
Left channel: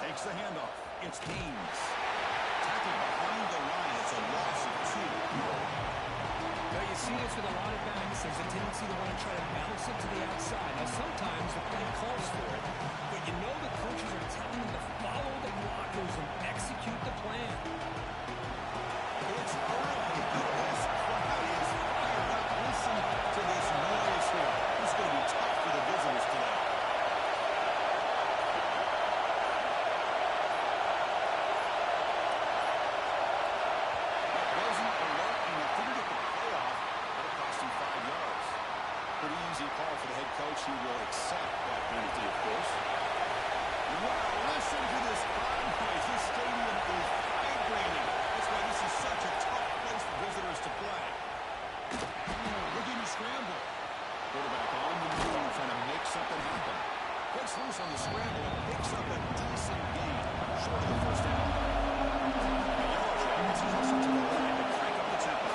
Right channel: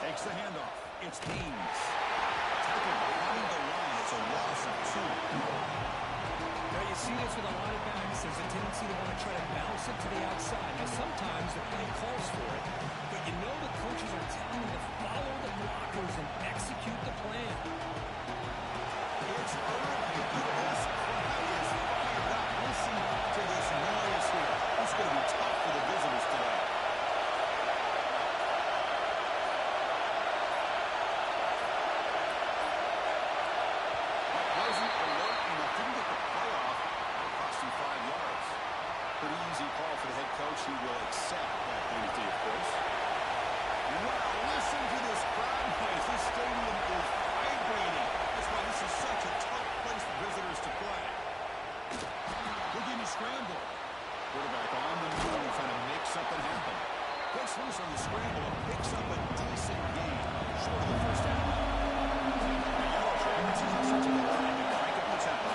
Takes the handoff. It's Deans. Tackled behind the line. It's a loss of 2. Now you see this with a lot of backs. There's a tendency to want to try to bounce it to the outside. Now sometimes the play calls for it, but you know the coaches are telling them to follow the blockers and execute the plan. It's early. This crowd is fired up. Listen to this noise here. It's going to be tough for the visitors today. Wasn't alert enough. Didn't get the play off. That'll cost him 5 yards. Pretty easy call for the head coach. He will accept that penalty, of course. Wow, listen to this crowd noise. This stadium is vibrating. That's why this is such a tough place for visitors to play. Looking to scramble. Quarterback on the move, trying to make something happen. Gets loose on the scramble and picks up a decent gain. Short of the first down. The Yellow Jackets hustle to the line to crank up the tempo.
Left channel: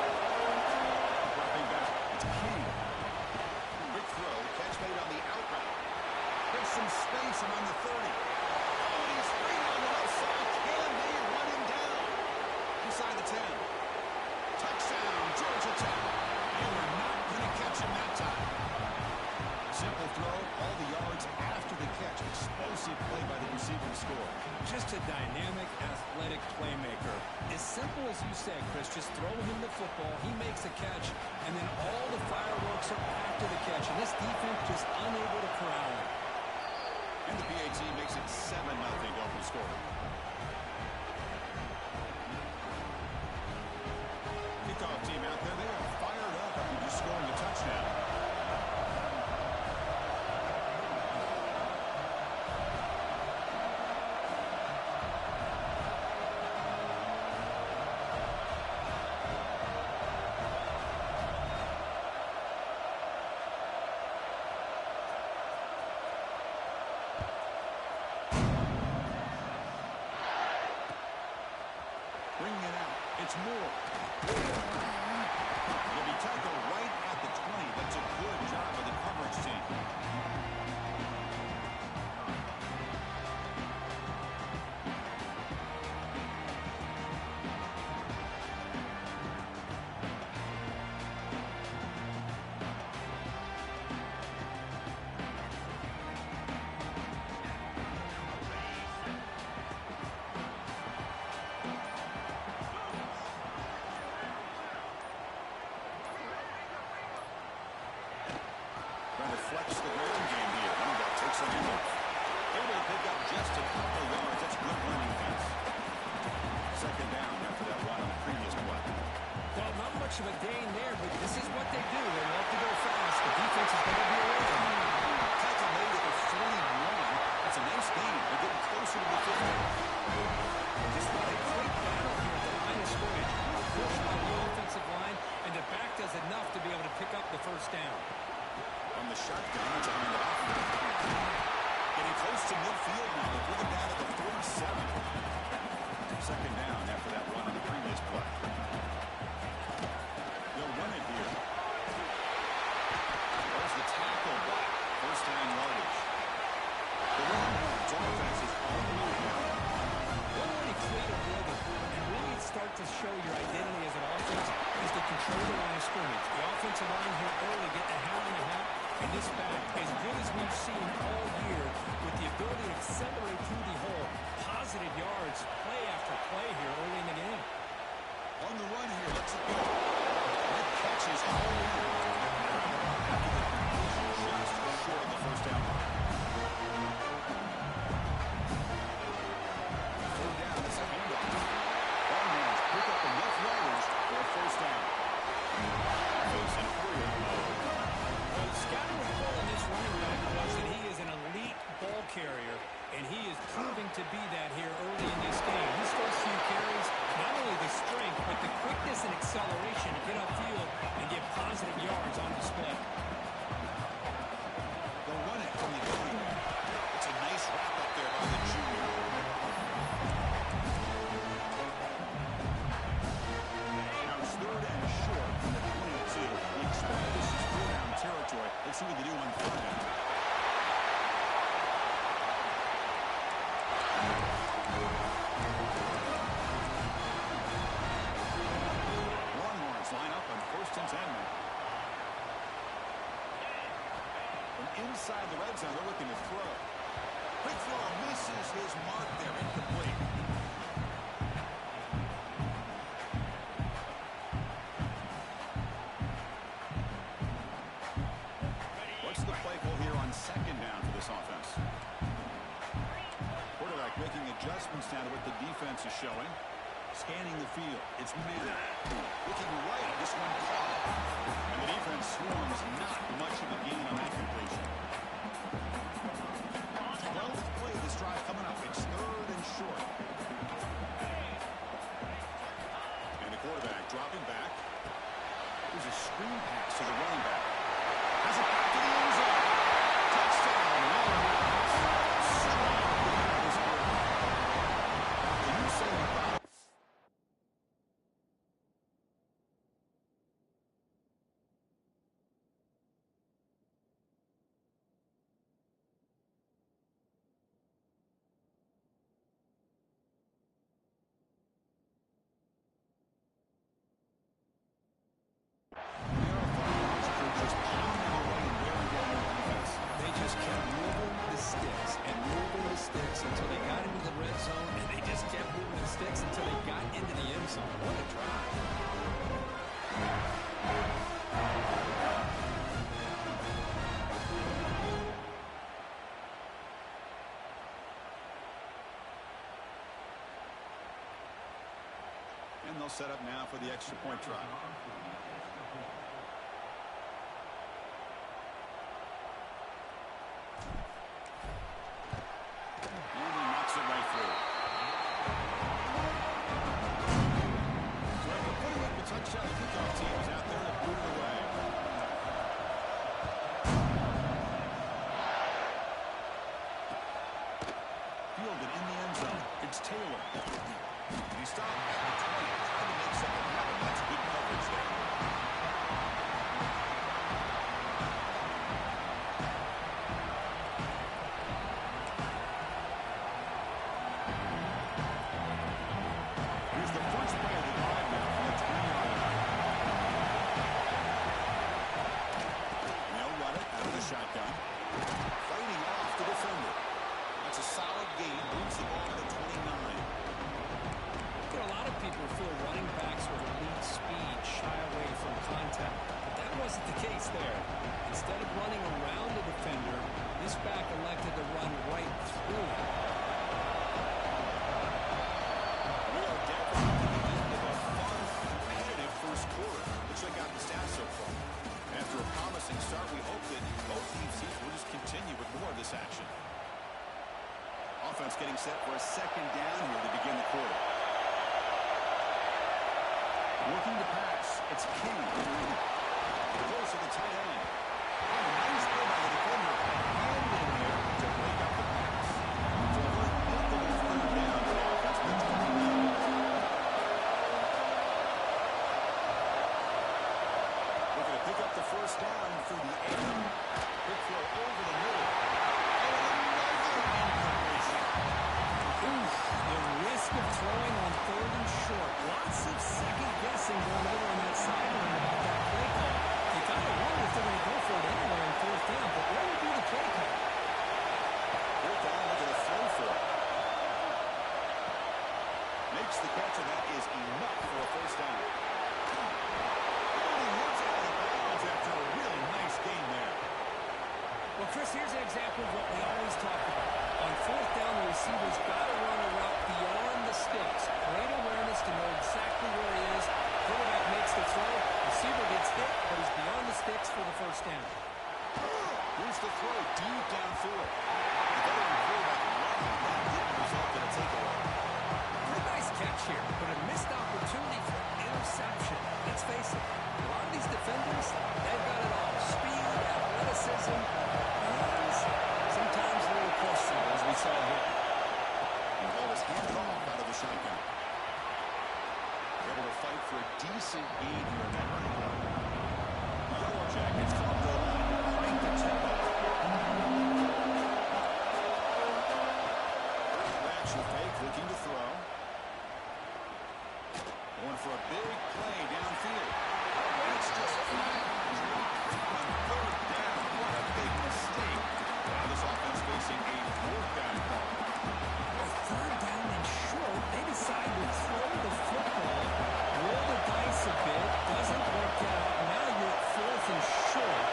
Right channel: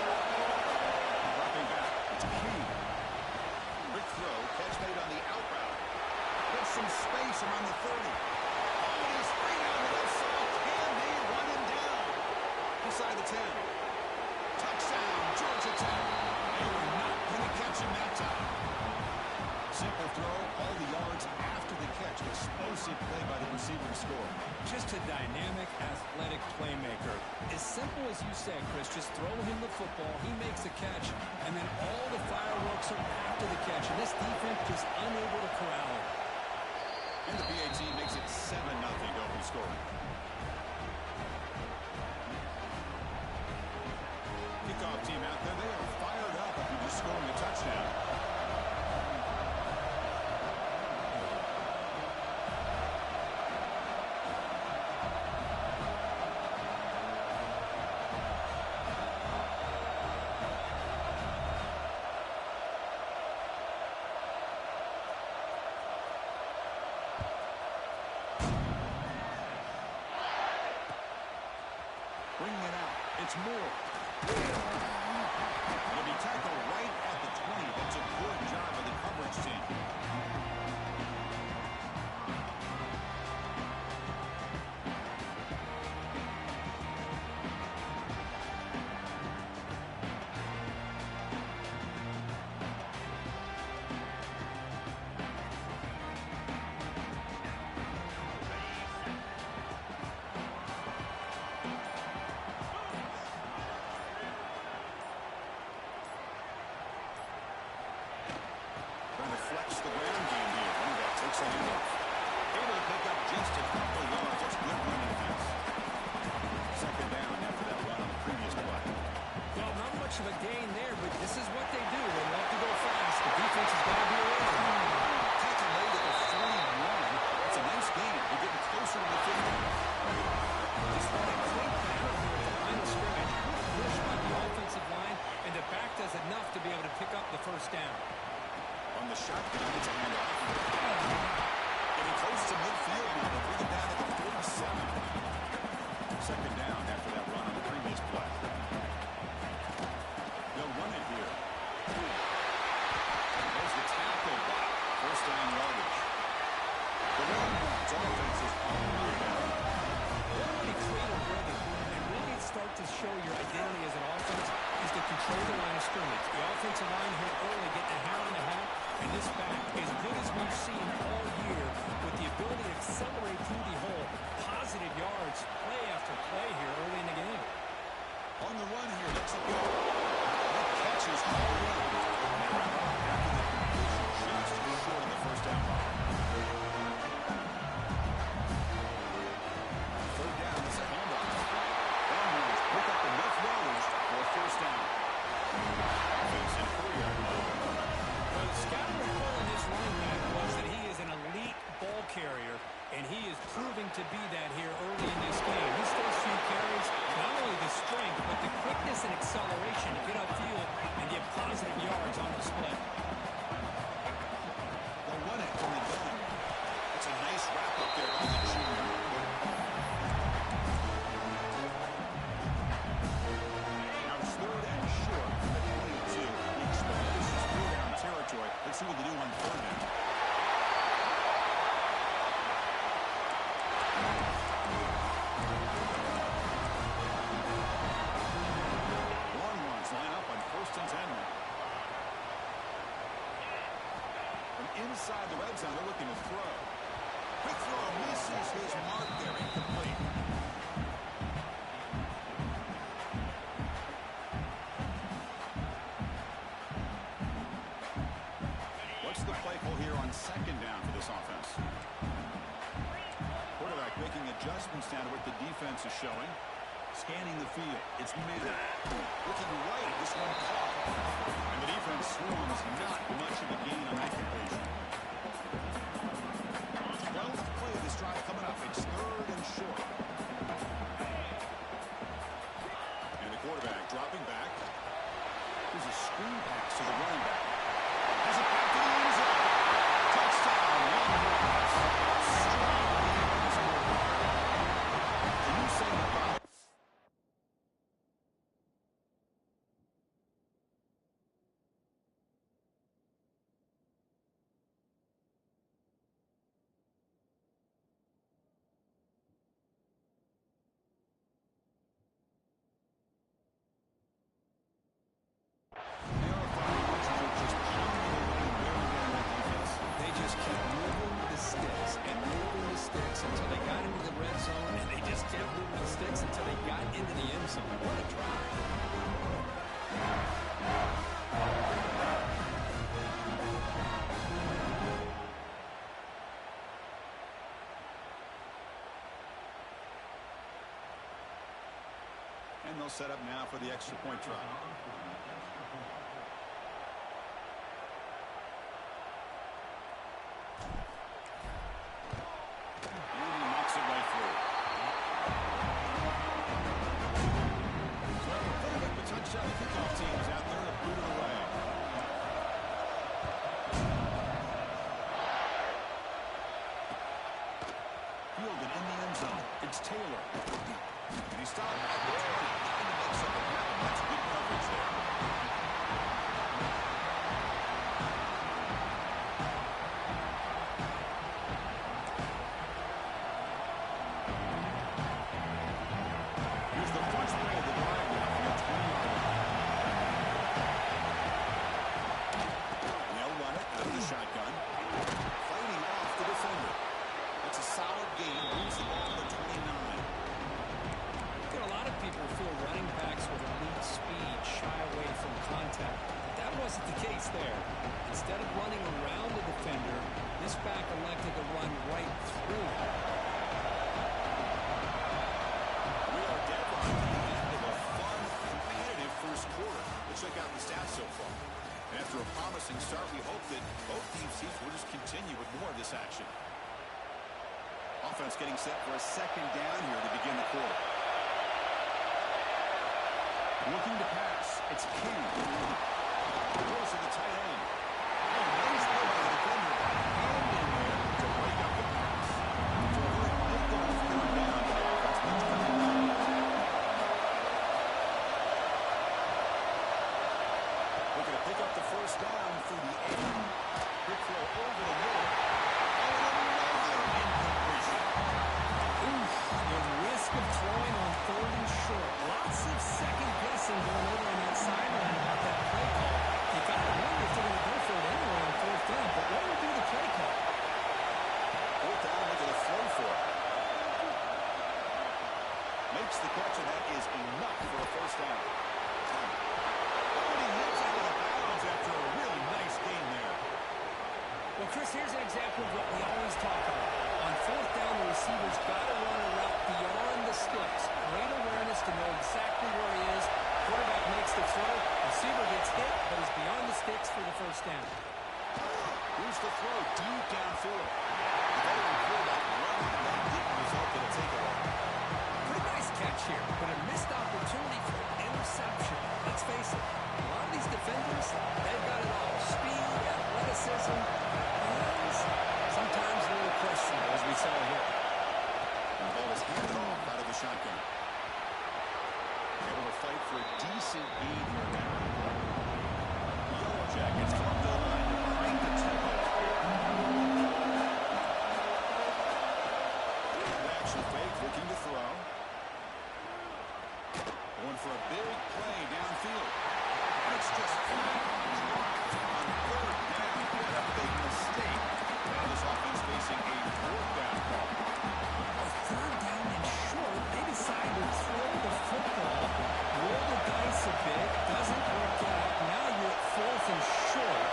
Dropping back, it's King. Quick throw, catch made on the out route. Gets some space around the 30. Oh, and he's free down the left side. Can they run him down? Inside the 10. Touchdown, Georgia Tech. They were not going to catch him that time. Simple throw, all the yards after the catch. Explosive play by the receiver to score. Just a dynamic, athletic playmaker. As simple as you said, Chris, just throw him the football, he makes a catch, and then all the fireworks are after the catch. And this defense just unable to corral him. And the PAT makes it 7-0 to open scoring. Kickoff team out there, they are fired up after just scoring a touchdown. Bringing it out. It's Moore. It'll be tackled right at the 20. That's a good job of the coverage team. Trying to flex the ground game here. Running back takes the handoff. Able to pick up just a couple of yards. That's good run defense. Second down after that run on the previous play. Well, not much of a gain there, but this is what they do. They love to go fast. The defense is going to be aware. Tackle made at the 41. That's a nice gain. They're getting closer to the 50. Just what a great battle here at the line of scrimmage. Good push by the offensive line, and the back does enough to be able to pick up the first down. From the shotgun, it's a handoff. Getting close to midfield now. They'll bring it down at the 47. Second down after that run on the previous play. They'll run it here. There's the tackle, but first down yardage. The Longhorns offense is on the move now. One way to create a rhythm and really start to show your identity as an offense is to control the line of scrimmage. The offensive line here early getting a hat on the hat, and this back, as good as we've seen all year, with the ability to accelerate through the hole, positive yards, play after play here early in the game. On the run here, lets it go. That catch is hauled in. And they wrap it up after the completion just short of the first down line. Third down, it's a handoff. Longhorns pick up enough yardage for a first down. Offense in hurry-up mode. Well, the scouting report on this running back was that he is an elite ball carrier, and he is proving to be that here early in this game. His first few carries, not only the strength, but the quickness and acceleration to get upfield and get positive yards on display. They'll run it from the gun. It's a nice wrap-up there by the junior. Now it's third and short from the 22. We expect this is four-down territory. Let's see what they do on third down. Longhorns line up on first and 10 now. From inside the red zone, they're looking to throw. Quick throw misses his mark there, incomplete. What's the play call here on second down for this offense? Quarterback making adjustments now to what the defense is showing. Scanning the field. It's Manning. Looking right. This one caught. And the defense swarms not much of a gain on that completion. 12th play of this drive coming up. It's third and short. And the quarterback dropping back. There's a screen pass to the running back. Has it back to the end zone. Touchdown, Longhorns. Strong game by this quarterback. Can you say about just pounding away and wearing down their defense? They just kept moving the sticks and moving the sticks until they got into the red zone, and they just kept moving the sticks until they got into the end zone. What a drive. And they'll set up now for the extra point try. And he knocks it right through. So after putting up a touchdown, the kickoff team is out there to boot it away. Fielded in the end zone. It's Taylor. And he stopped at the 20, trying to make something happen. That's good coverage there. Here's the first play of the drive now from the 20-yard line. And they'll run it out of the shotgun. Fighting off the defender. That's a solid gain. Moves the ball to the 29. You know, a lot of people feel running backs with elite speed shy away from contact. But that wasn't the case there. Instead of running around the defender, this back elected to run right through him. We are deadlocked at the end of a fun, competitive first quarter. Let's check out the stats so far. And after a promising start, we hope that both teams will just continue with more of this action. Offense getting set for a second down here to begin the quarter. Looking to pass. It's King. Throws to the tight end. Oh, nice play by the defender. Got a hand in there to break up the pass. So a very makeable third down for the offense, but it's coming up. Looking to pick up the first down through the air. Quick throw over the middle. Oh, another incompletion. Oof, the risk of throwing on 3rd and short. Lots of second guessing going over on that sideline about that play call. You got to wonder if they're going to go for it anyway on 4th down, but what would be the play call? 4th down, looking to throw for it. Makes the catch, and that is enough for a first down. Oh, and he hits out of bounds after a really nice gain there. Well, Chris, here's an example of what we always talk about. On 4th down, the receiver's got to run a route beyond the sticks. Great awareness to know exactly where he is. Quarterback makes the throw. Receiver gets hit, but is beyond the sticks for the first down. Here's the throw deep downfield. The veteran quarterback loved that. Didn't result in a takeaway. Pretty nice catch here, but a missed opportunity for interception. Let's face it, a lot of these defenders, they've got it all. Speed, athleticism, and sometimes a little questionable, as we saw here. And the ball is handed off out of the shotgun. Able to fight for a decent gain here in that running play. The Yellow Jackets come up to the line to crank the tempo up here. Action fake, looking to throw. Going for a big play downfield. That's just flat dropped on 3rd down. What a big mistake. Now this offense facing a 4th down call. Well, 3rd down and short, they decide to throw the football, roll the dice a bit, doesn't work out. Now you're at 4th and short.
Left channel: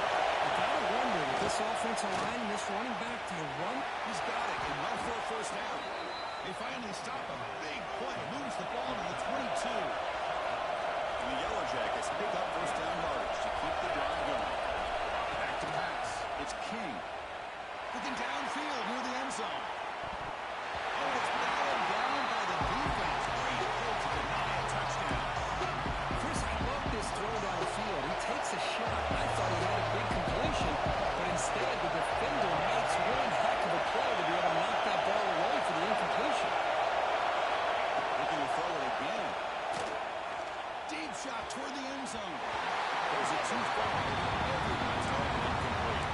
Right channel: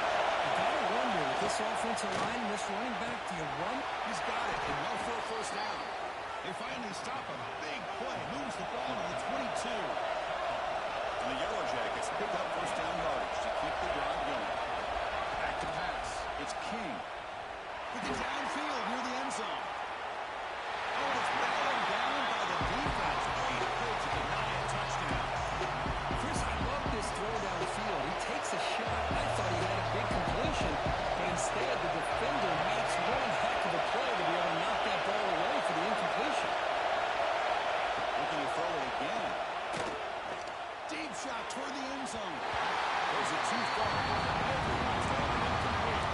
You got to wonder, with this offensive line and this running back, do you run? He's got it, and well for a first down. They finally stop a big play, moves the ball to the 22. And the Yellow Jackets pick up first down yardage to keep the drive going. Back to pass. It's King. Looking downfield near the end zone. Oh, and it's battled down by the defense. Great play to deny a touchdown. Chris, I love this throw downfield. He takes a shot. I thought he had a big completion, but instead the defender makes one heck of a play to be able to knock that ball away for the incompletion. Looking to throw it again. Deep shot toward the end zone. Throws it too far. Everyone's head and incomplete.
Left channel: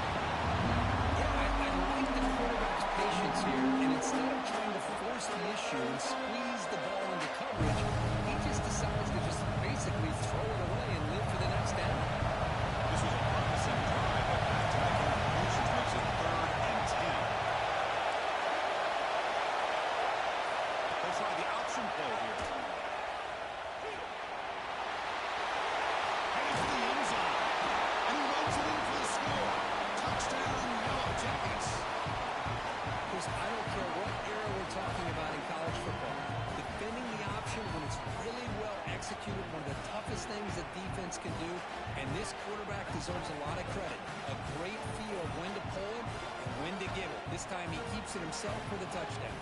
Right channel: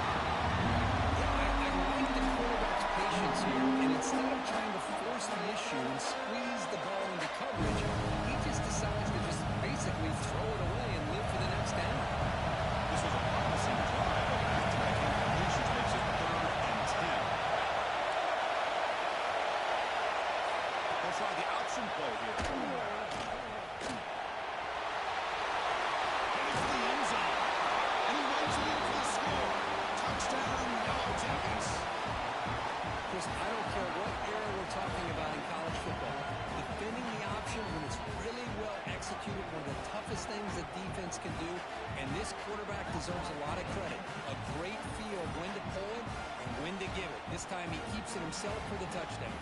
Yeah, I like the quarterback's patience here, and instead of trying to force the issue and squeeze the ball into coverage, he just decides to just basically throw it away and live for the next down. This was a promising drive, but back-to-back incompletions makes it 3rd and 10. They'll try the option play here. Heading for the end zone. And he runs it in for the score. Touchdown, Yellow Jackets. Chris, I don't care what era we're talking about in college football. Defending the option when it's really well executed, one of the toughest things a defense can do, and this quarterback deserves a lot of credit. A great feel of when to pull it and when to give it. This time he keeps it himself for the touchdown.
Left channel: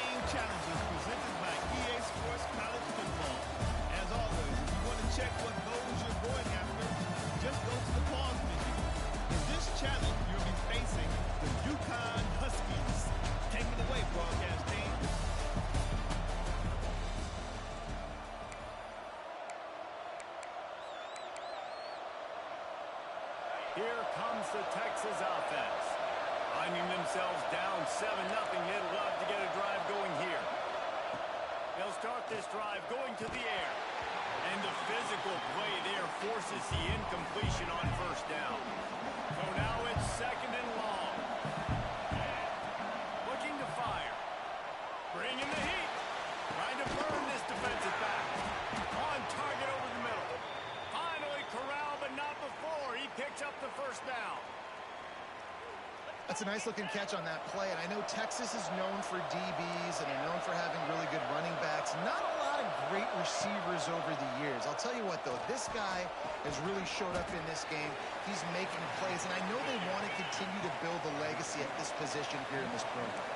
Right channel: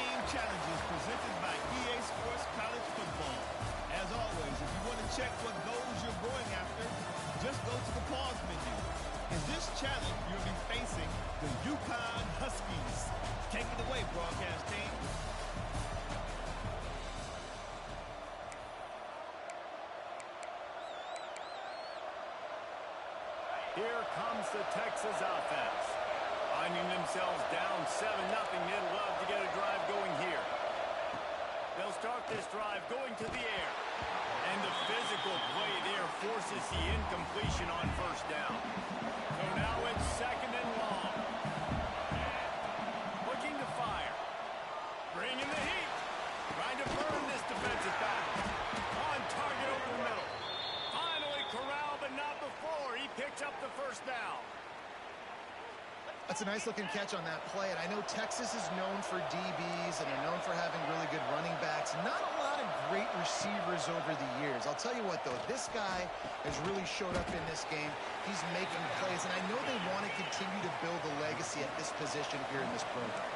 Team Challenges presented by EA Sports College Football. As always, if you want to check what goals you're going after, just go to the pause menu. In this challenge, you'll be facing the Yukon Huskies. Take it away, broadcast team. Here comes the Texas offense. Finding themselves down 7-0, they'd love to get a drive going here. They'll start this drive going to the air. And the physical play there forces the incompletion on first down. So now it's 2nd and long. Looking to fire. Bringing the heat. Trying to burn this defensive back. On target over the middle. Finally corralled, but not before. He picks up the first down. That's a nice-looking catch on that play, and I know Texas is known for DBs, and they're known for having really good running backs. Not a lot of great receivers over the years. I'll tell you what, though, this guy has really showed up in this game. He's making plays, and I know they want to continue to build a legacy at this position here in this program.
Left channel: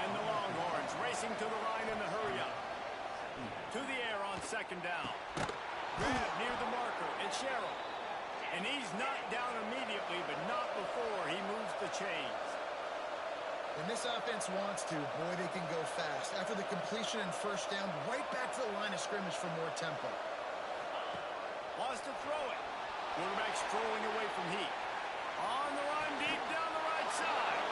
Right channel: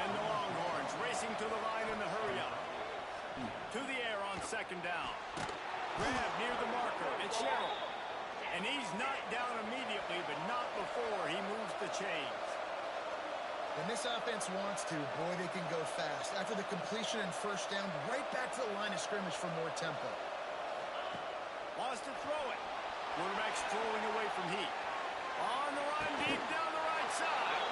And the Longhorns racing to the line in the hurry-up. To the air on 2nd down. Grab near the marker. It's Sherrill. And he's knocked down immediately, but not before he moves the chains. When this offense wants to, boy, they can go fast. After the completion and first down, right back to the line of scrimmage for more tempo. Wants to throw it. Quarterback strolling away from heat. On the run, deep down the right side.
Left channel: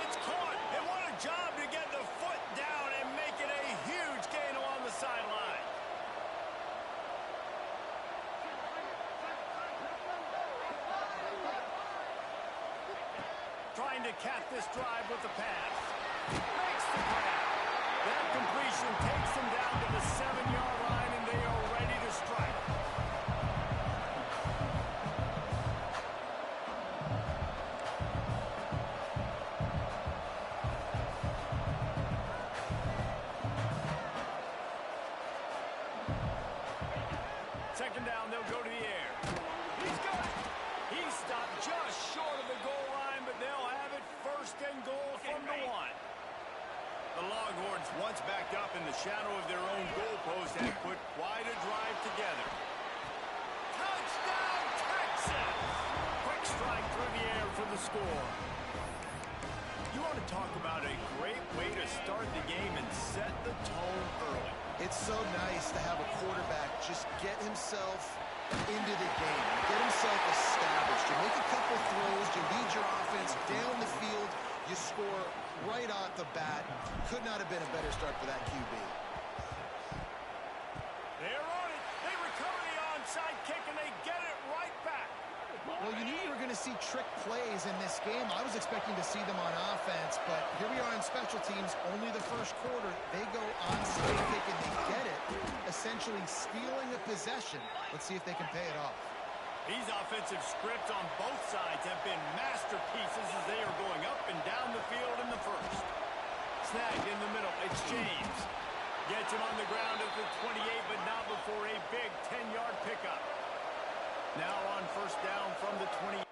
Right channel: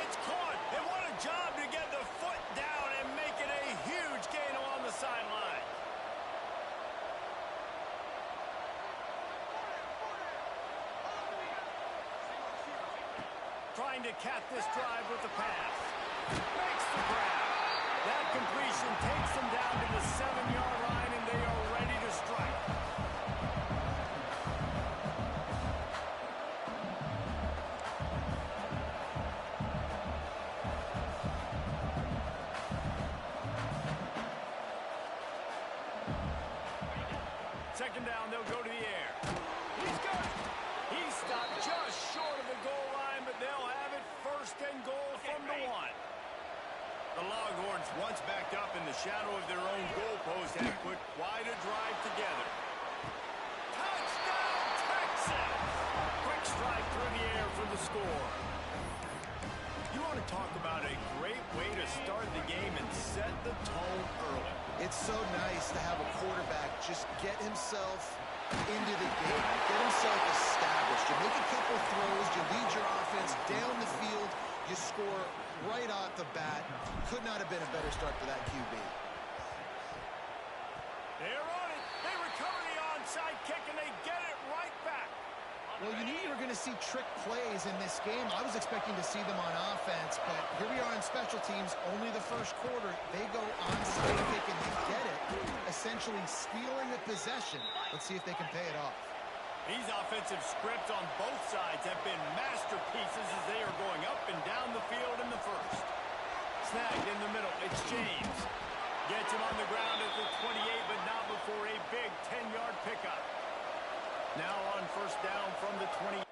It's caught. And what a job to get the foot down and make it a huge gain along the sideline. Trying to cap this drive with the pass. Makes the grab. That completion takes them down to the 7-yard line, and they are ready to strike. Second down, they'll go to the air. He's got it. He stopped just short of the goal line, but they'll have it 1st and goal from the 1. The Longhorns, once backed up in the shadow of their own goalpost, have put quite a drive together. Touchdown, Texas! Quick strike through the air for the score. You want to talk about a great way to start the game and set the tone early. It's so nice to have a quarterback just get himself into the game, get himself established. You make a couple throws, you lead your offense down the field, you score right off the bat. Could not have been a better start for that QB. They're on it. They recover the onside kick, and they get it right back. Well, you knew you were going to see trick plays in this game. I was expecting to see them on offense, but here we are in special teams, only the first quarter. They go onside kick, and they get it, essentially stealing a possession. Let's see if they can pay it off. These offensive scripts on both sides have been masterpieces as they are going up and down the field in the first. Snagged in the middle. It's James. Gets him on the ground at the 28, but not before a big 10-yard pickup. Now on first down from the 20.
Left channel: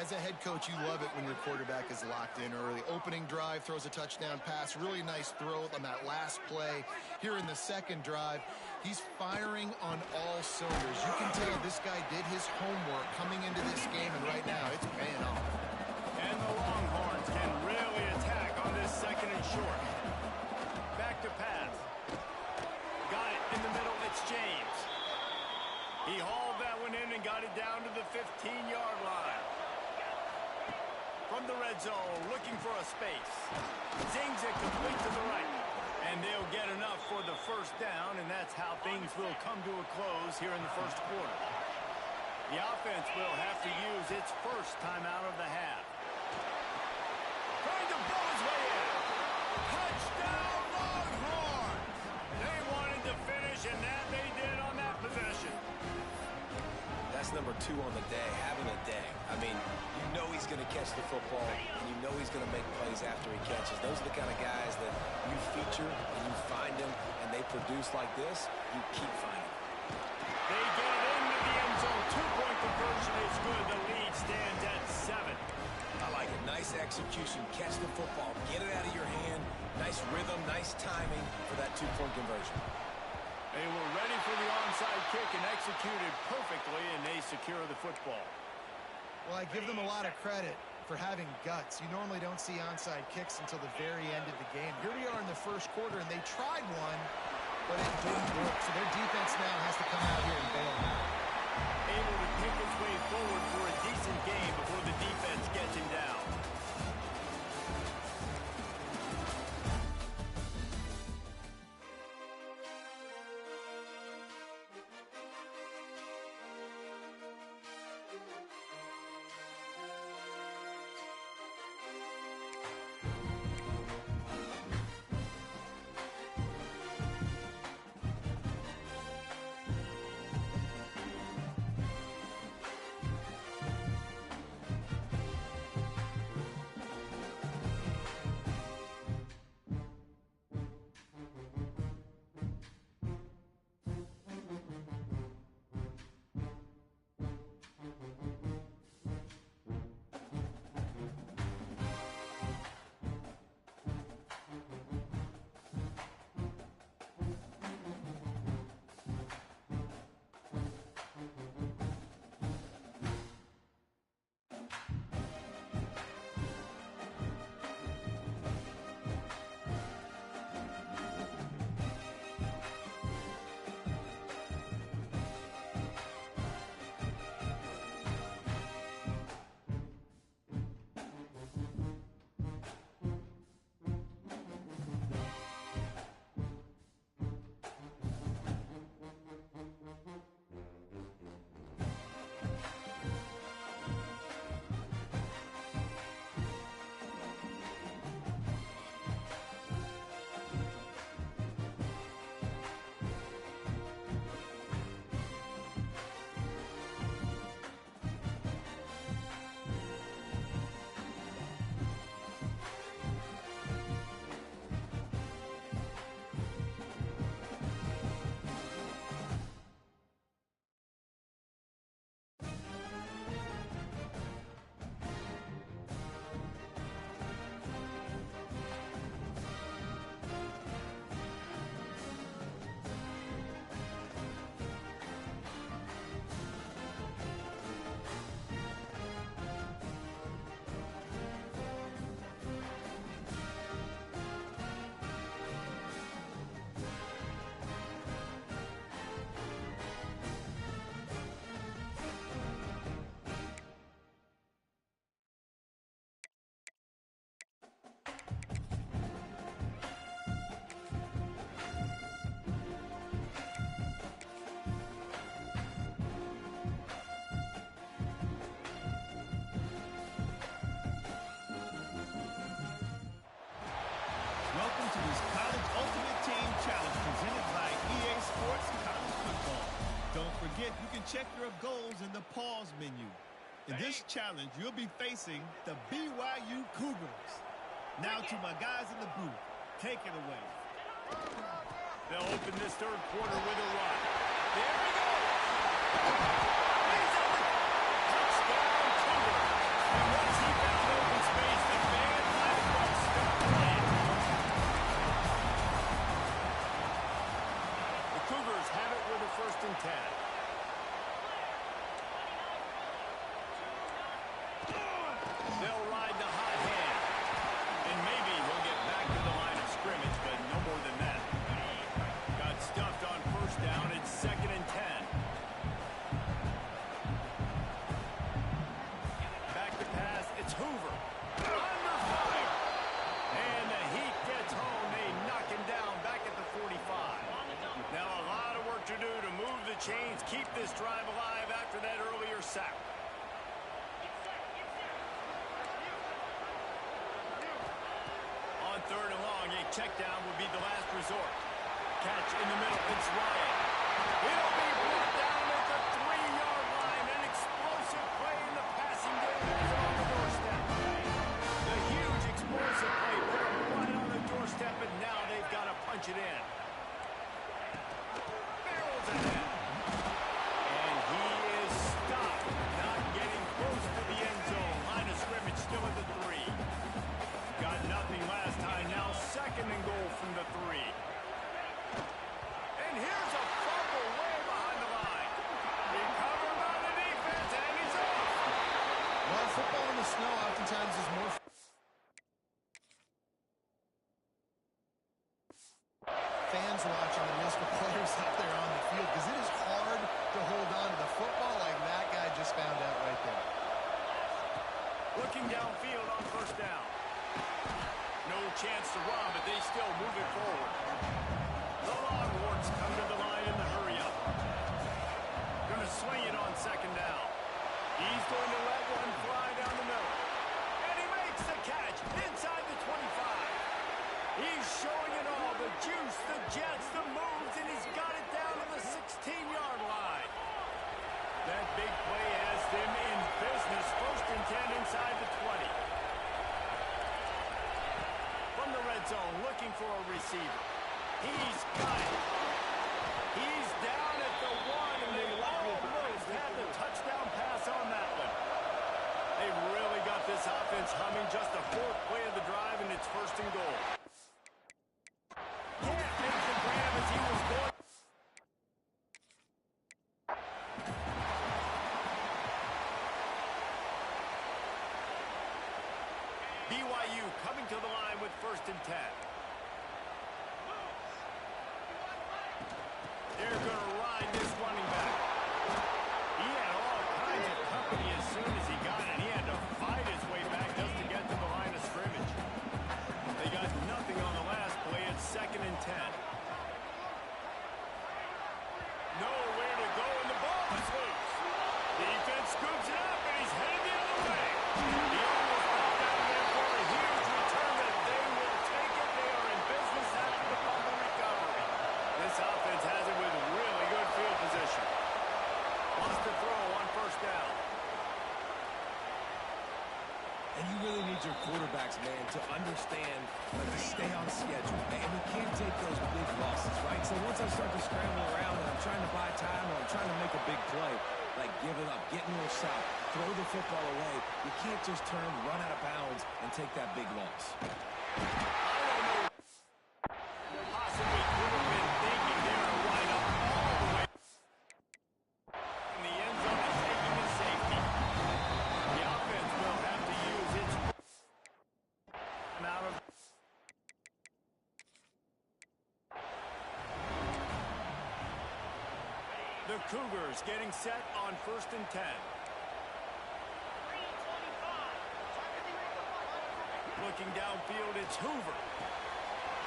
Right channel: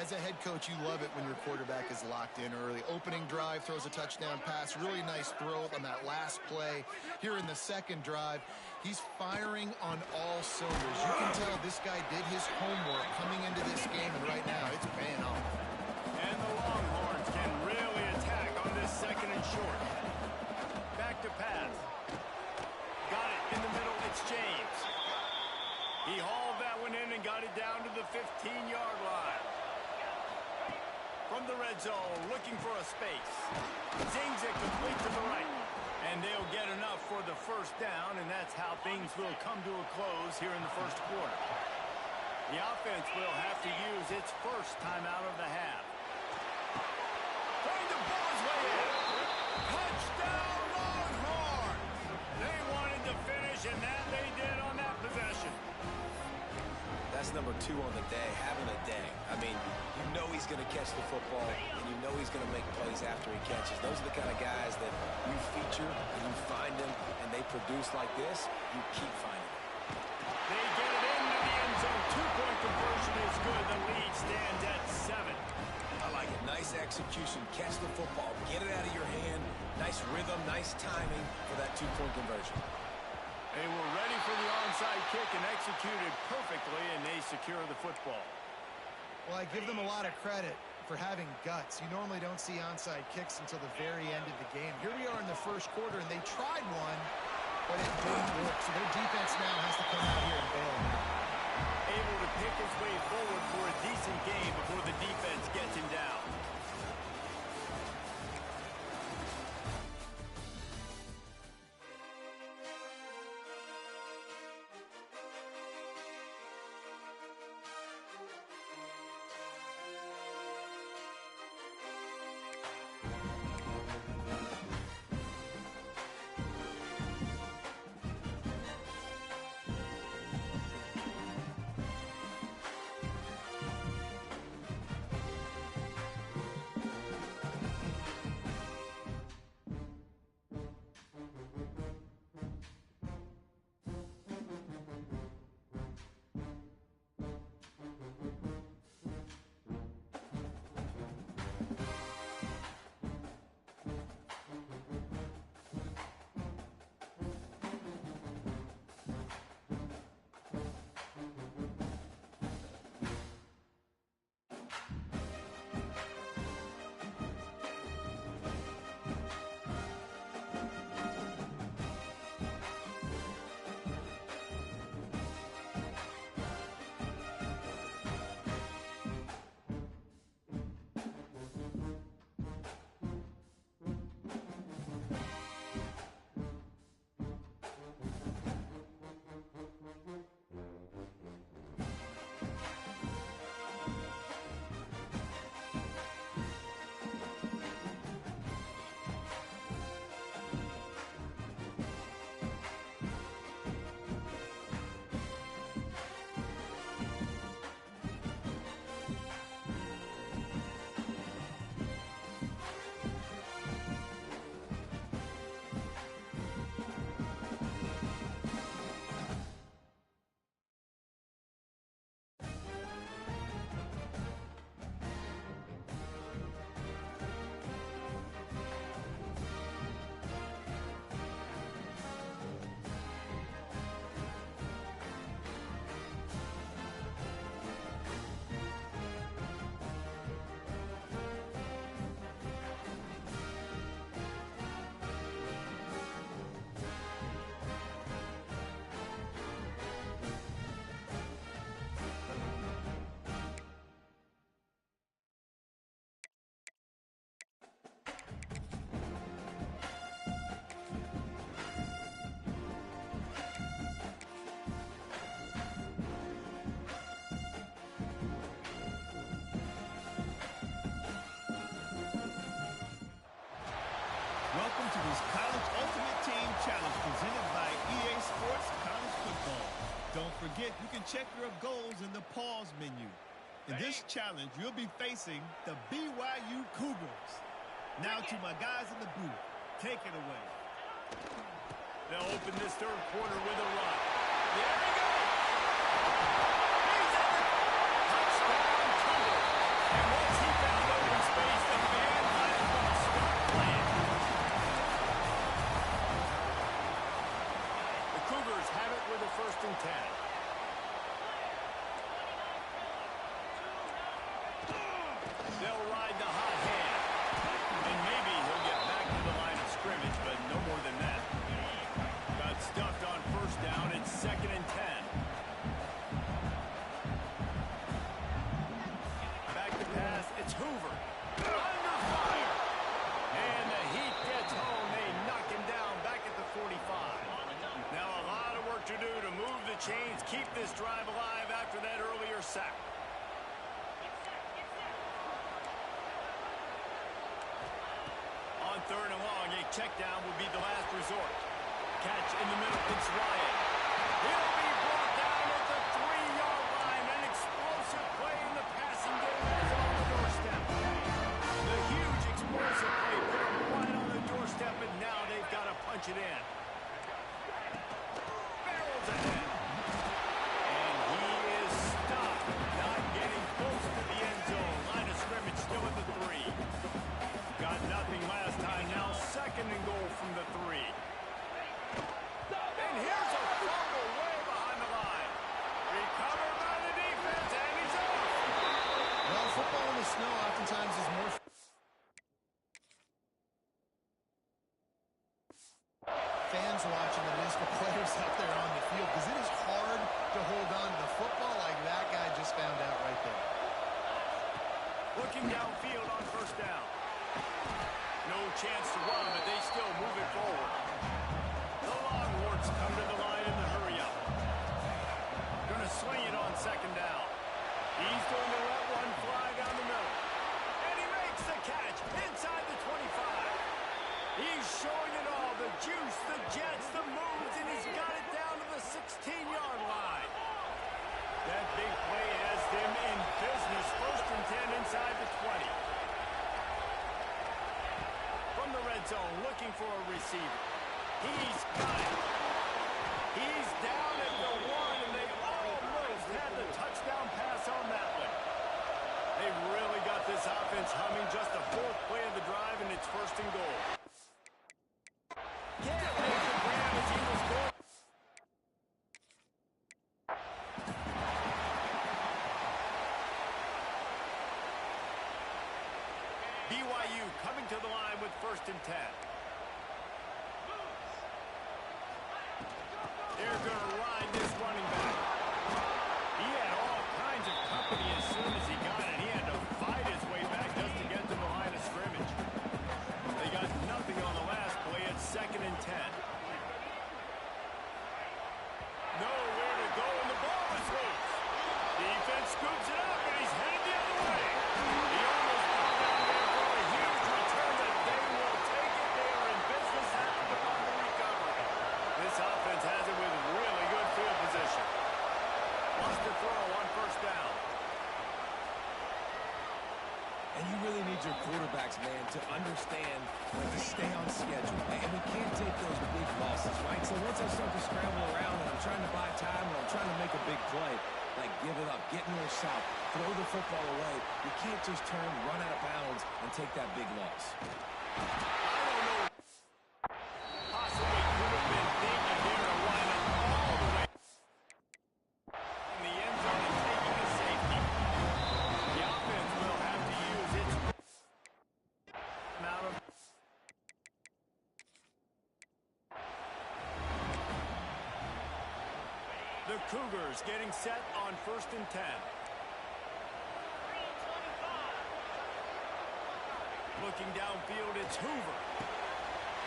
As a head coach, you love it when your quarterback is locked in early. Opening drive, throws a touchdown pass. Really nice throw on that last play. Here in the second drive, he's firing on all cylinders. You can tell this guy did his homework coming into this game, and right now it's paying off. And the Longhorns can really attack on this second and short. Back to pass. Got it in the middle. It's James. He hauled that one in and got it down to the 15-yard line. From the red zone, looking for a space. Zings it complete to the right. And they'll get enough for the first down, and that's how things will come to a close here in the first quarter. The offense will have to use its first timeout of the half. Trying to pull his way in. Touchdown, Longhorns! They wanted to finish, and that they did on that possession. That's number 2 on the day, having a day. I mean, you know he's going to catch the football, and you know he's going to make plays after he catches. Those are the kind of guys that you feature, and you find them, and they produce like this, you keep finding them. They get it into the end zone. 2-point conversion is good. The lead stands at 7. I like it. Nice execution. Catch the football. Get it out of your hand. Nice rhythm, nice timing for that 2-point conversion. They were ready for the onside kick and executed perfectly, and they secure the football. Well, I give them a lot of credit for having guts. You normally don't see onside kicks until the very end of the game. Here we are in the first quarter, and they tried one, but it didn't work. So their defense now has to come out here and bail them out. Able to pick his way forward for a decent game before the defense gets him down. Welcome to this College Ultimate Team Challenge presented by EA Sports College Football. Don't forget, you can check your goals in the pause menu. In this challenge, you'll be facing the BYU Cougars. Now to my guys in the booth. Take it away. They'll open this third quarter with a run. There he goes! He's at the touchdown, Cougars! And once he found open space, the fan might as well start playing. The Cougars have it with a 1st and 10. They'll ride the hot hand. And maybe he'll get back to the line of scrimmage, but no more than that. Got stuffed on 1st down. It's 2nd and 10. Back to pass. It's Hoover. Under fire. And the Heat gets home. They knock him down back at the 45. Now a lot of work to do to move the chains, keep this drive alive after that earlier sack. On 3rd and long, a check down would be the last resort. Catch in the middle, it's Ryan. He'll be brought down at the 3-yard line. An explosive play in the passing game has him on the doorstep. The huge explosive play put him right on the doorstep, and now they've got to punch it in. Barrels ahead. And he is stopped, not getting close to the end zone. Line of scrimmage still at the 3. Got nothing last time, now 2nd and goal from the 3. And here's a fumble way behind the line. Recovered by the defense, and he's off. Well, football in the snow oftentimes is more fans watching than it is for players out there on the field, because it is hard to hold on to the football like that guy just found out right there. Looking downfield on 1st down. No chance to run, but they still move it forward. The Longhorns come to the line in the hurry-up. Going to swing it on 2nd down. He's going to let one fly down the middle. And he makes the catch inside the 25. He's showing it all, the juice, the jets, the moves, and he's got it down to the 16-yard line. That big play has them in business. 1st and 10 inside the 20. From the red zone, looking for a receiver. He's got it. He's down at the 1, and they almost had the touchdown pass on that one. They really got this offense humming. Just the 4th play of the drive, and it's 1st and goal. Can't make the grab as he was going. BYU coming to the line with 1st and 10. They're going to ride this running back. He had all kinds of company as soon as he got it. He had to fight his way back just to get to the line of scrimmage. They got nothing on the last play. It's 2nd and 10. Nowhere to go, and the ball is loose. Defense scoops it up, and he's headed the other way. He almost got down there for a huge return, but they will take it. They are in business after the fumble recovery. This offense has it with really good field position. Wants to throw on 1st down. And you really need your quarterbacks, man, to understand, like, to stay on schedule. And we can't take those big losses, right? So once I start to scramble around and I'm trying to buy time or I'm trying to make a big play, like, give it up, get north-south, throw the football away. You can't just turn, run out of bounds, and take that big loss. I don't know. Possibly could have been thinking there to wind up all the way in the end zone and taking a safety. The offense will have to use its amount of. The Cougars getting set on 1st and 10. Looking downfield, it's Hoover.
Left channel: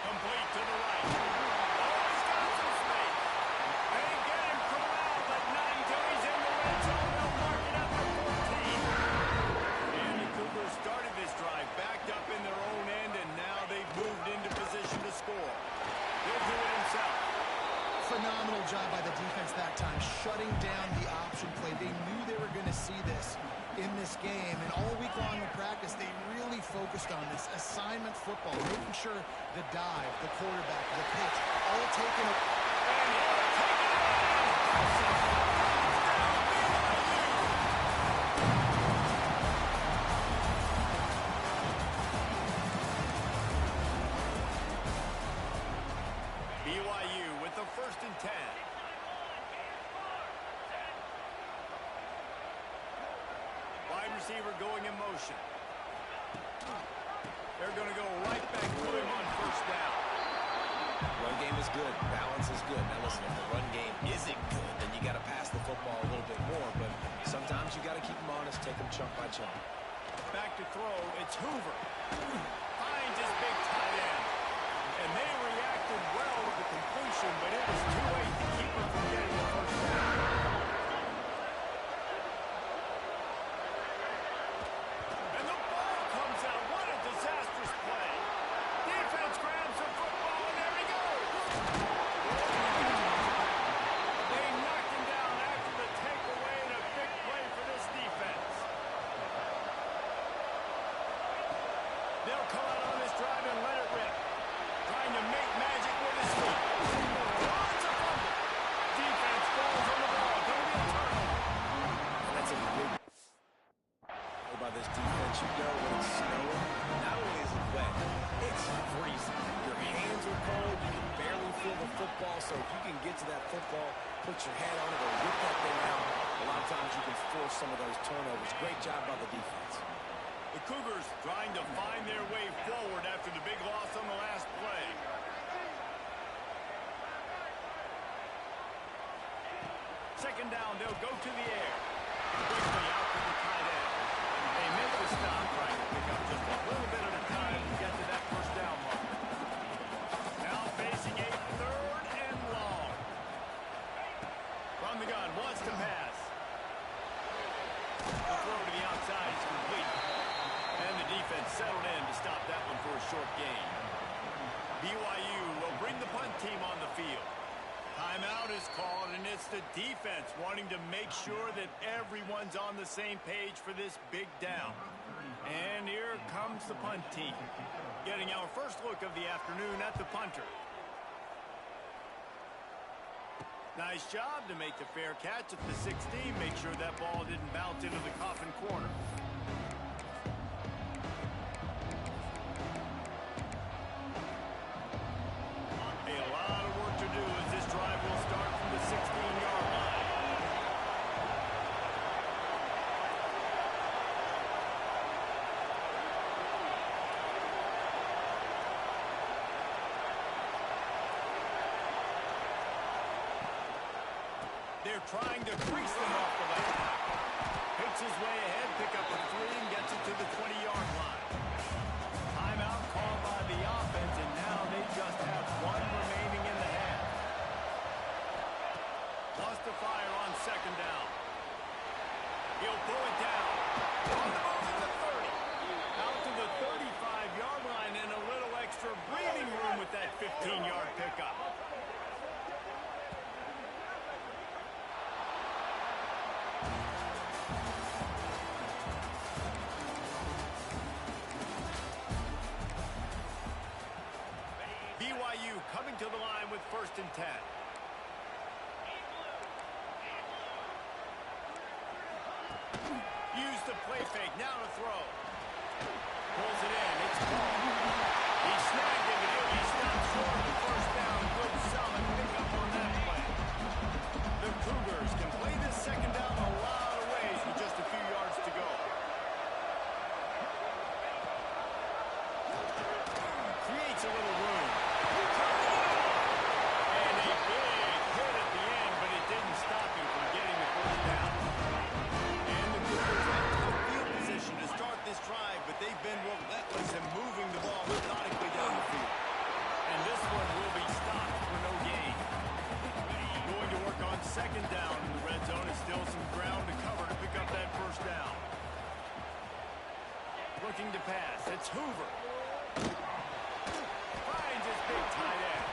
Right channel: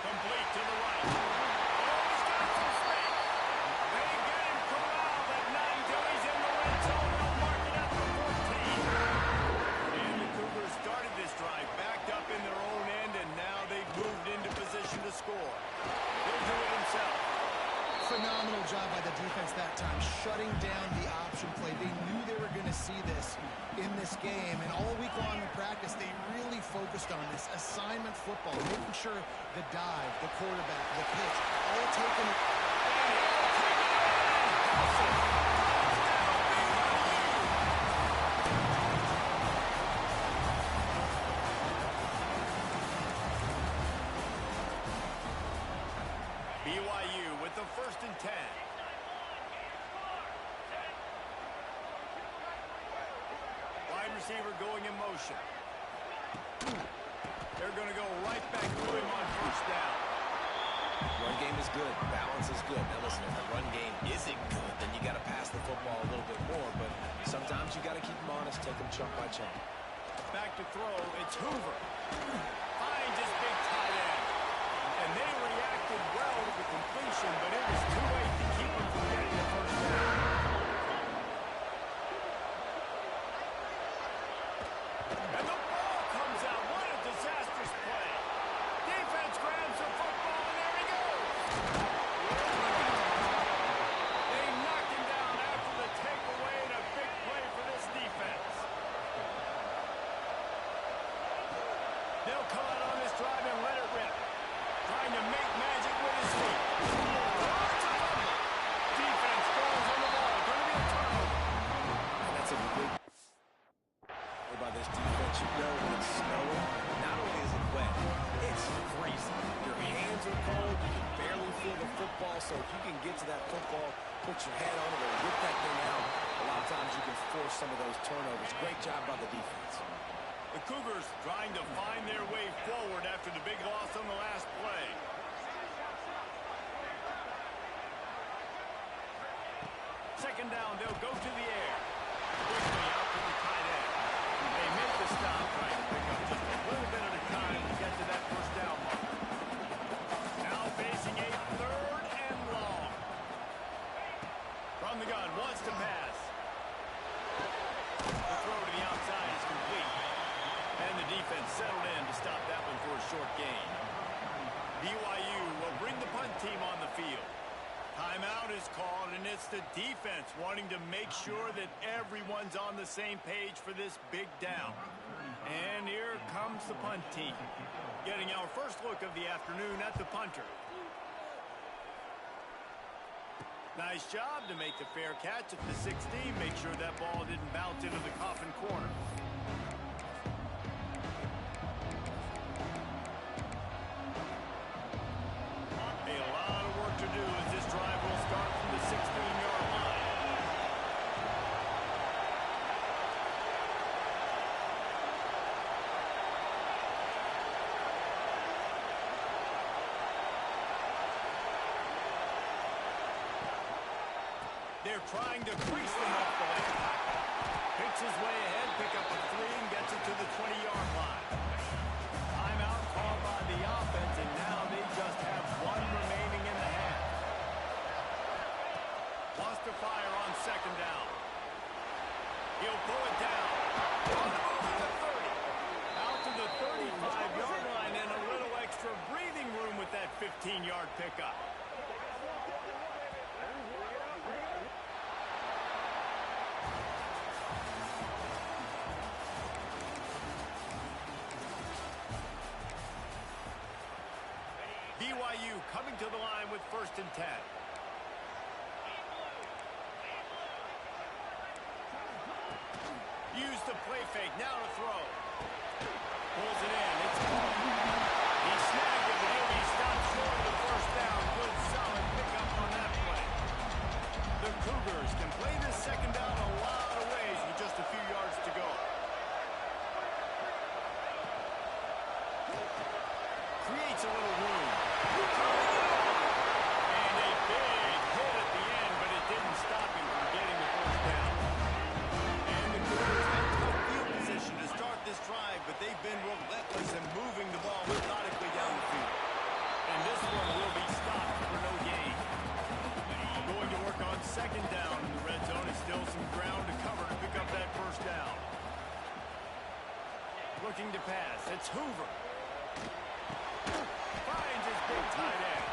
Complete to the right. Oh, he's got some space. They get him corralled, but not until he's in the red zone. They'll mark it at the 14. And the Cougars started this drive backed up in their own end, and now they've moved into position to score. He'll do it himself. Phenomenal job by the defense that time, shutting down the option play. They knew they were going to see this in this game, and all week long in practice, they really focused on this assignment football, making sure the dive, the quarterback, the pitch, all taken. And he'll take it in. Touchdown, BYU. BYU with the 1st and 10. Wide receiver going in motion. They're going to go right back to him on 1st down. Run game is good. Balance is good. Now listen, if the run game isn't good, then you got to pass the football a little bit more. But sometimes you got to keep them honest, take them chunk by chunk. Back to throw. It's Hoover. Finds his big tight end. And they reacted well to the completion, but it was too late to keep him from getting the 1st down. And the ball comes out. What a disastrous play. Defense grabs the football, and there he goes. They knocked him down after the takeaway, and a big play for this defense. They'll come out on this drive and let it rip. Trying to make magic with his feet. Oh, it's a fumble. Defense falls on the ball. Going to be a turnover. And that's a big play by this defense. You know when it's snowing, not only is it wet, it's freezing. Your hands are cold. You can barely feel the football. So if you can get to that football, put your head on it, or whip that thing out, a lot of times you can force some of those turnovers. Great job by the defense. The Cougars trying to find their way forward after the big loss on the last play. Second down, they'll go to the air. Quickly out to the tight end. They make the stop, trying to pick up just a little bit at a time to get to that 1st down marker. Now facing a 3rd and long. From the gun, wants to pass. The throw to the outside is complete. And the defense settled in to stop that one for a short gain. BYU will bring the punt team on the field. Timeout is called, and it's the defense wanting to make sure that everyone's on the same page for this big down. And here comes the punt team, getting our first look of the afternoon at the punter. Nice job to make the fair catch at the 16. Make sure that ball didn't bounce into the coffin corner. A lot of work to do as this drive will start from the 16-yard line. They're trying to crease them off the left tackle. Picks his way ahead, pick up a 3, and gets it to the 20-yard line. Timeout called by the offense, and now they just have 1 remaining in the half. Wants to fire on 2nd down. He'll pull it down. On the move at the 30. Out to the 35-yard line, and a little extra breathing room with that 15-yard pickup. BYU coming to the line with 1st and 10. Use the play fake, now to throw. Pulls it in, it's caught. He snagged it, but he'll be stopped short of the 1st down. Good, solid pickup on that play. The Cougars can play this 2nd down a lot of ways with just a few yards to go. Creates a little room. And a big hit at the end, but it didn't stop him from getting the 1st down. And the Cougars had tough field position to start this drive, but they've been relentless in moving the ball methodically down the field. And this one will be stopped for no gain. Going to work on 2nd down in the red zone, and still some ground to cover to pick up that 1st down. Looking to pass, it's Hoover. Finds his big tight end.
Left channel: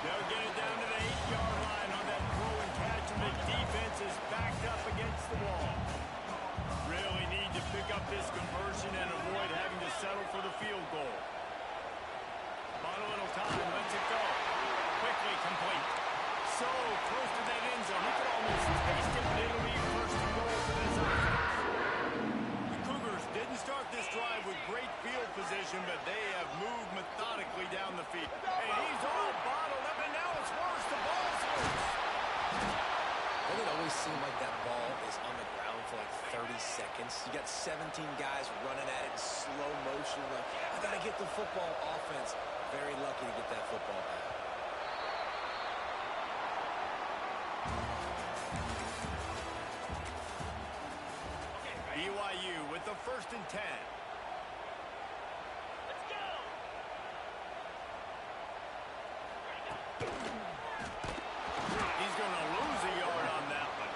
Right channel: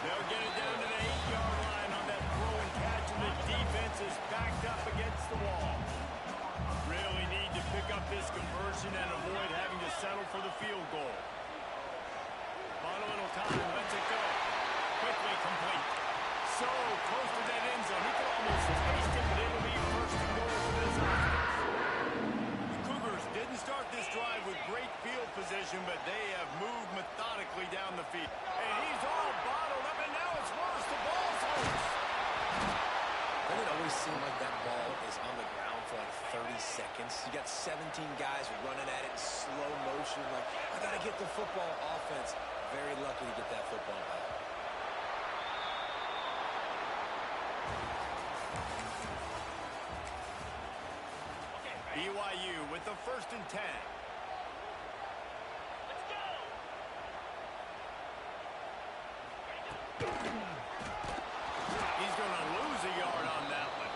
They'll get it down to the 8-yard line on that throw and catch, and the defense is backed up against the wall. Really need to pick up this conversion and avoid having to settle for the field goal. On a little time, lets it go. Quickly complete. So close to that end zone. He could almost taste it, but it'll be 1st and goal for this offense. The Cougars didn't start this drive with great field position, but they have moved methodically down the field. And he's all bottled up, and now a always seem like that ball is on the ground for like 30 seconds. You got 17 guys running at it in slow motion. Like, I got to get the football. Offense, very lucky to get that football back. BYU with the 1st and 10. Let's go. He's going to lose a yard on that one.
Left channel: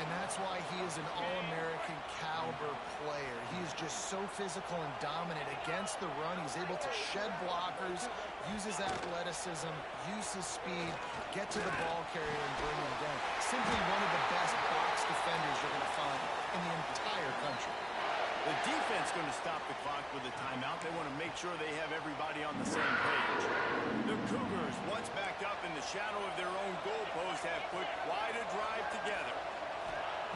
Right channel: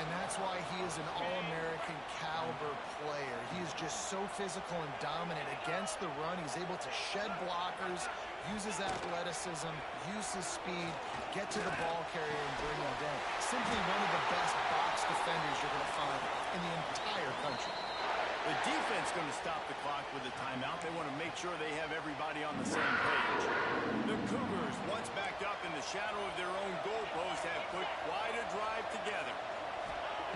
And that's why he is an All-American caliber player. He is just so physical and dominant against the run. He's able to shed blockers, use his athleticism, use his speed, get to the ball carrier and bring him down. Simply one of the best box defenders you're going to find in the entire country. The defense going to stop the clock with a timeout. They want to make sure they have everybody on the same page. The Cougars, once backed up in the shadow of their own goalpost, have put quite a drive together.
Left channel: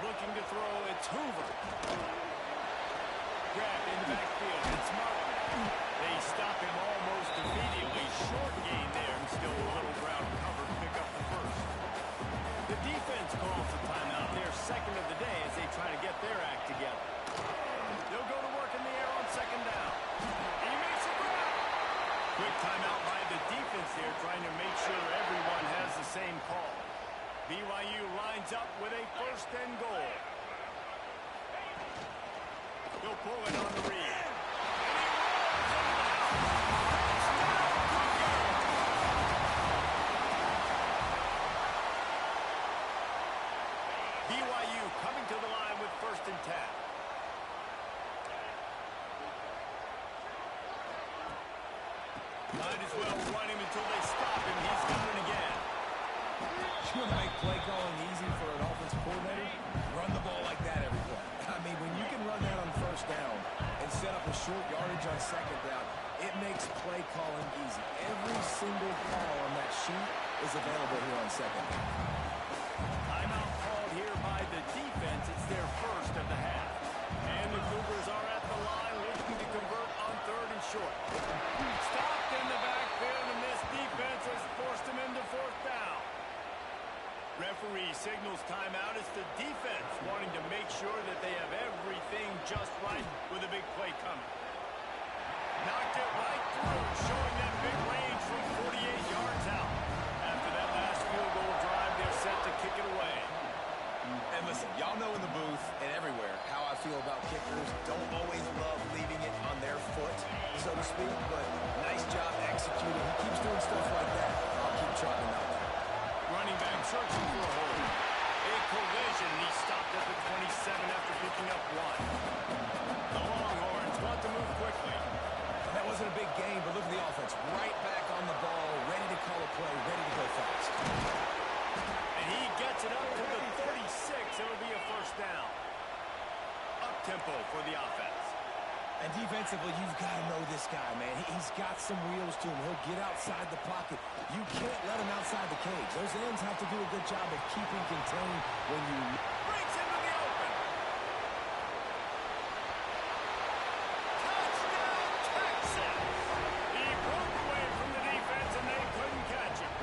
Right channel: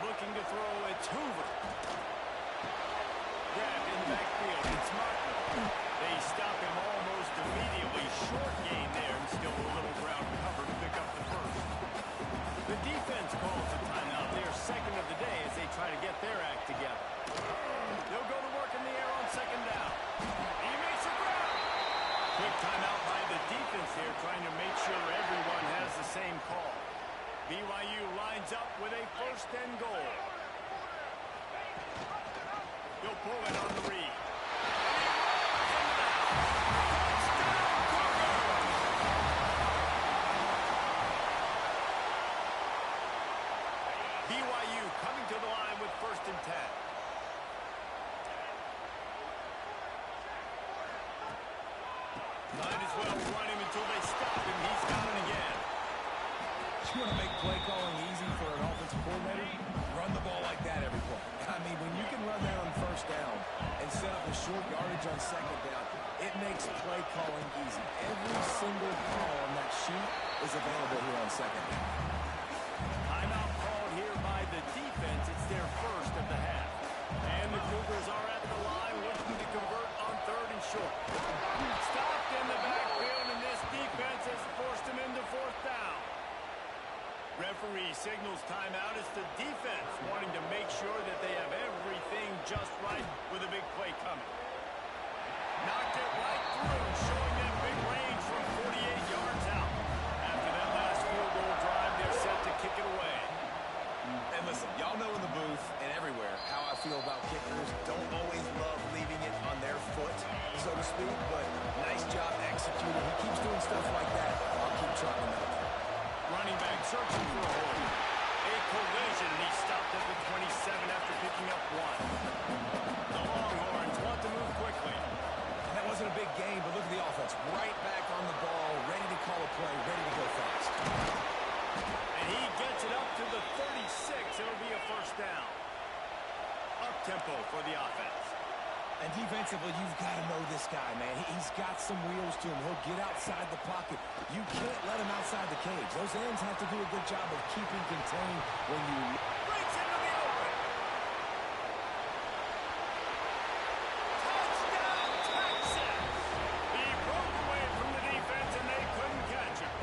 Looking to throw, it's Hoover. Grabbed in the backfield, it's Martin. They stop him almost immediately. Short gain there, and still a little ground cover to pick up the first. The defense calls a timeout, their second of the day, as they try to get their act together. They'll go to work in the air on 2nd down. He makes a grab. Quick timeout by the defense there, trying to make sure everyone has the same call. BYU lines up with a 1st and goal. He'll pull it on the read. And he rolls into the house. Touchdown, Cougars! BYU coming to the line with 1st and 10. Might as well run him until they stop him. He's got it again. You want to make play calling easy for an offensive coordinator? Run the ball like that every play. I mean, when you can run that on 1st down and set up a short yardage on 2nd down, it makes play calling easy. Every single call on that sheet is available here on 2nd down. Timeout called here by the defense. It's their first of the half. And the Cougars are at the line looking to convert on 3rd and short. Stopped in the backfield, and this defense has forced him into 4th down. Referee signals timeout. It's the defense wanting to make sure that they have everything just right with a big play coming. Knocked it right through, showing that big range from 48 yards out. After that last field goal drive, they're set to kick it away. And listen, y'all know in the booth and everywhere how I feel about kickers. Don't always love leaving it on their foot, so to speak, but nice job executing. He keeps doing stuff like that. I'll keep trotting him out. Running back searching for a hole. A collision, and he stopped at the 27 after picking up 1. The Longhorns want to move quickly. That wasn't a big game, but look at the offense. Right back on the ball, ready to call a play, ready to go fast. And he gets it up to the 36. It'll be a 1st down. Up-tempo for the offense. And defensively, you've got to know this guy, man. He's got some wheels to him. He'll get outside the pocket. You can't let him outside the cage. Those ends have to do a good job of keeping contained when you... Breaks into the open. Touchdown, Texas! He broke away from the defense, and they couldn't catch him.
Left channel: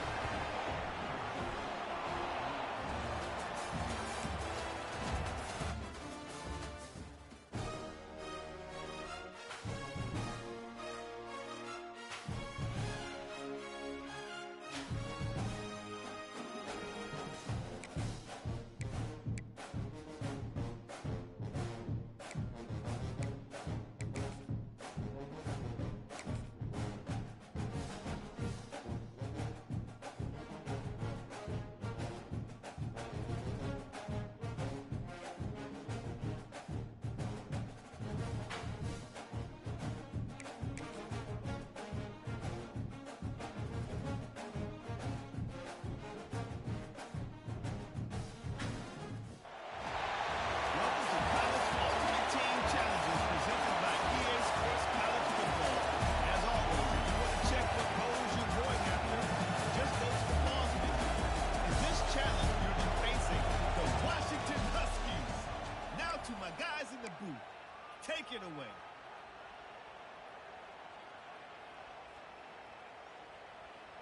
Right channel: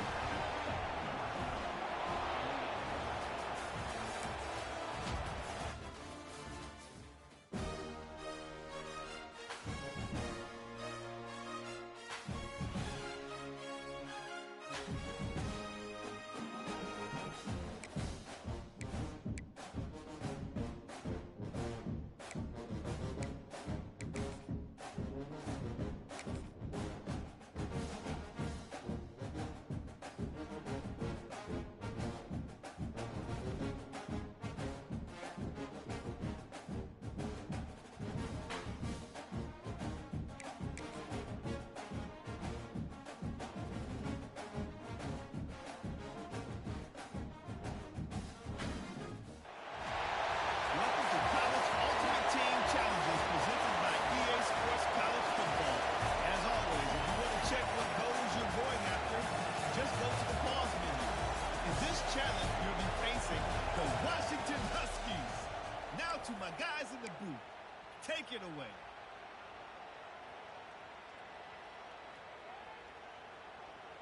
Take it away.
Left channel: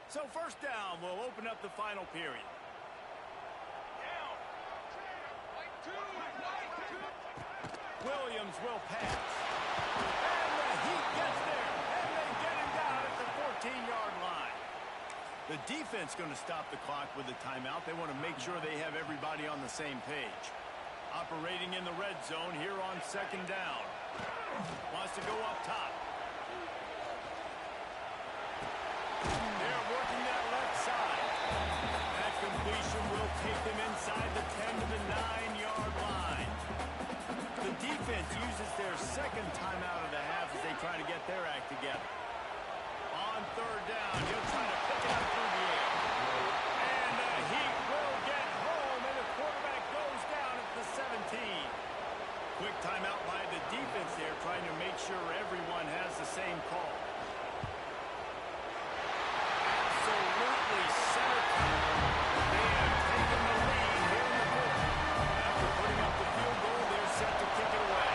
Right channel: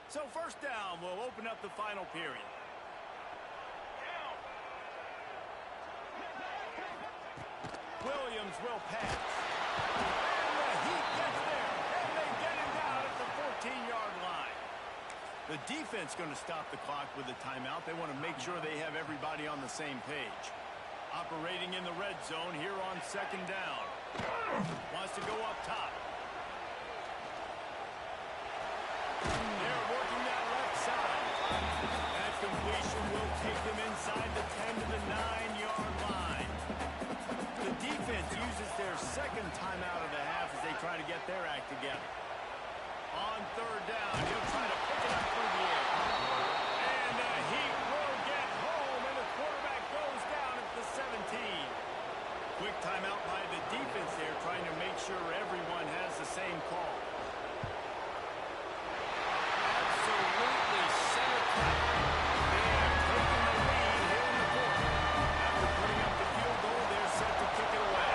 So 1st down will open up the final period. Down. Jones will pass. And the Heat gets there. And they get him down at the 14-yard line. The defense going to stop the clock with a timeout. They want to make sure they have everybody on the same page. Operating in the red zone here on second down. Wants to go up top. They're working that left side. That completion will take them inside the 10 to the 9-yard line. The defense uses their second timeout of the half as they try to get their act together. On third down, he'll try to pick it up through the air. And the Heat will get home, and the quarterback goes down at the 17. Quick timeout by the defense there, trying to make sure everyone has the same call. Absolutely center cut. They have taken the lead here in the fourth. After putting up the field goal, they're set to kick it away.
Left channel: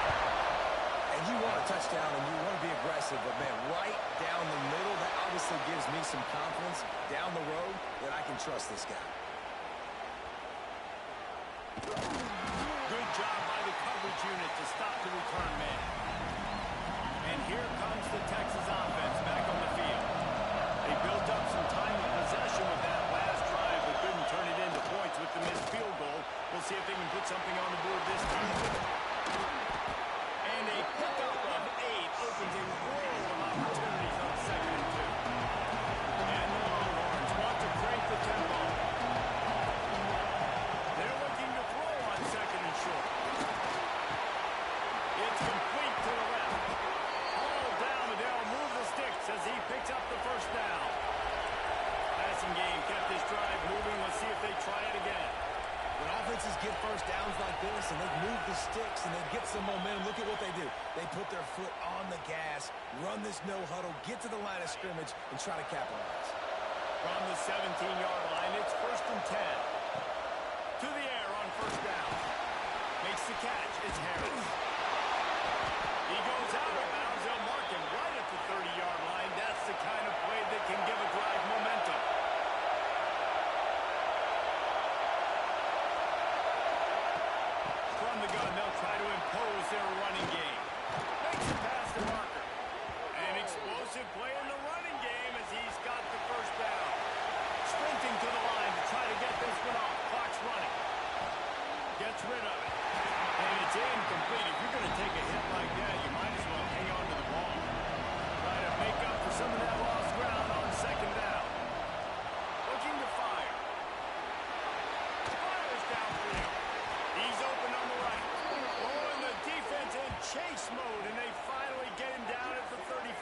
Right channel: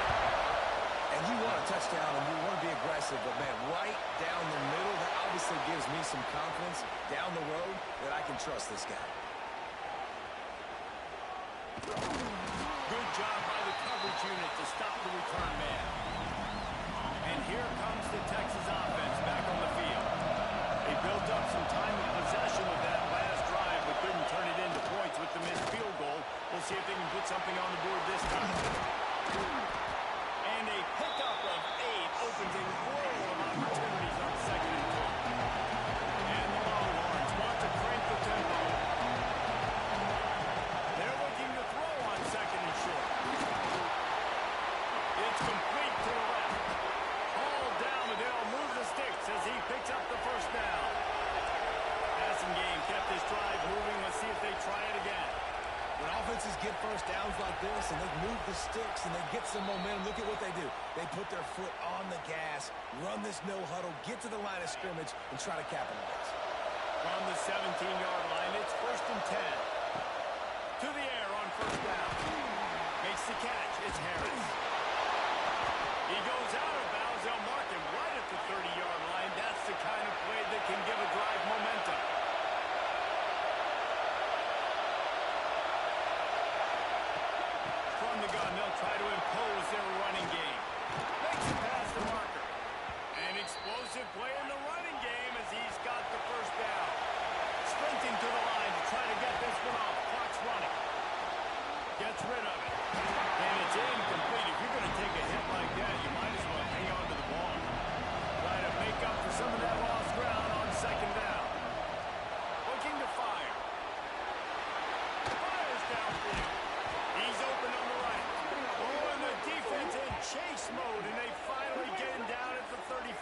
And you want a touchdown and you want to be aggressive, but man, right down the middle, that obviously gives me some confidence down the road that I can trust this guy. Good job by the coverage unit to stop the return man. And here comes the Texas offense back on the field. They built up some time of possession with that last drive, but couldn't turn it into points with the missed field goal. We'll see if they can put something on the board this time. And a pickup of 8 opens a world of opportunities on 2nd and 2. And the Longhorns want to crank the tempo. They're looking to throw on 2nd and short. It's complete to the left. All down, but they'll move the sticks as he picks up the first down. Passing game kept this drive moving. Let's see if they try it again. When offenses get first downs like this and they move the sticks and they get some momentum, look at what they do. They put their foot on the gas, run this no huddle, get to the line of scrimmage, and try to capitalize. From the 17-yard line, it's 1st and 10. To the air on first down. Makes the catch. It's Harris. He goes out of bounds. They'll mark him right at the 30-yard line. That's the kind of play that can give a drive momentum. From the gun, they'll try to impose their running game. Makes it past the marker. An explosive play in the running game as he's got the first down. Sprinting to the line to try to get this one off. Clock's running. Gets rid of it. And it's incomplete. If you're going to take a hit like that, you might as well hang on to the ball. Try to make up for some of that lost ground on second down. Looking to fire. Fires downfield. He's open on the right. Oh, and the defense in chase mode, and they finally get him down at the 35.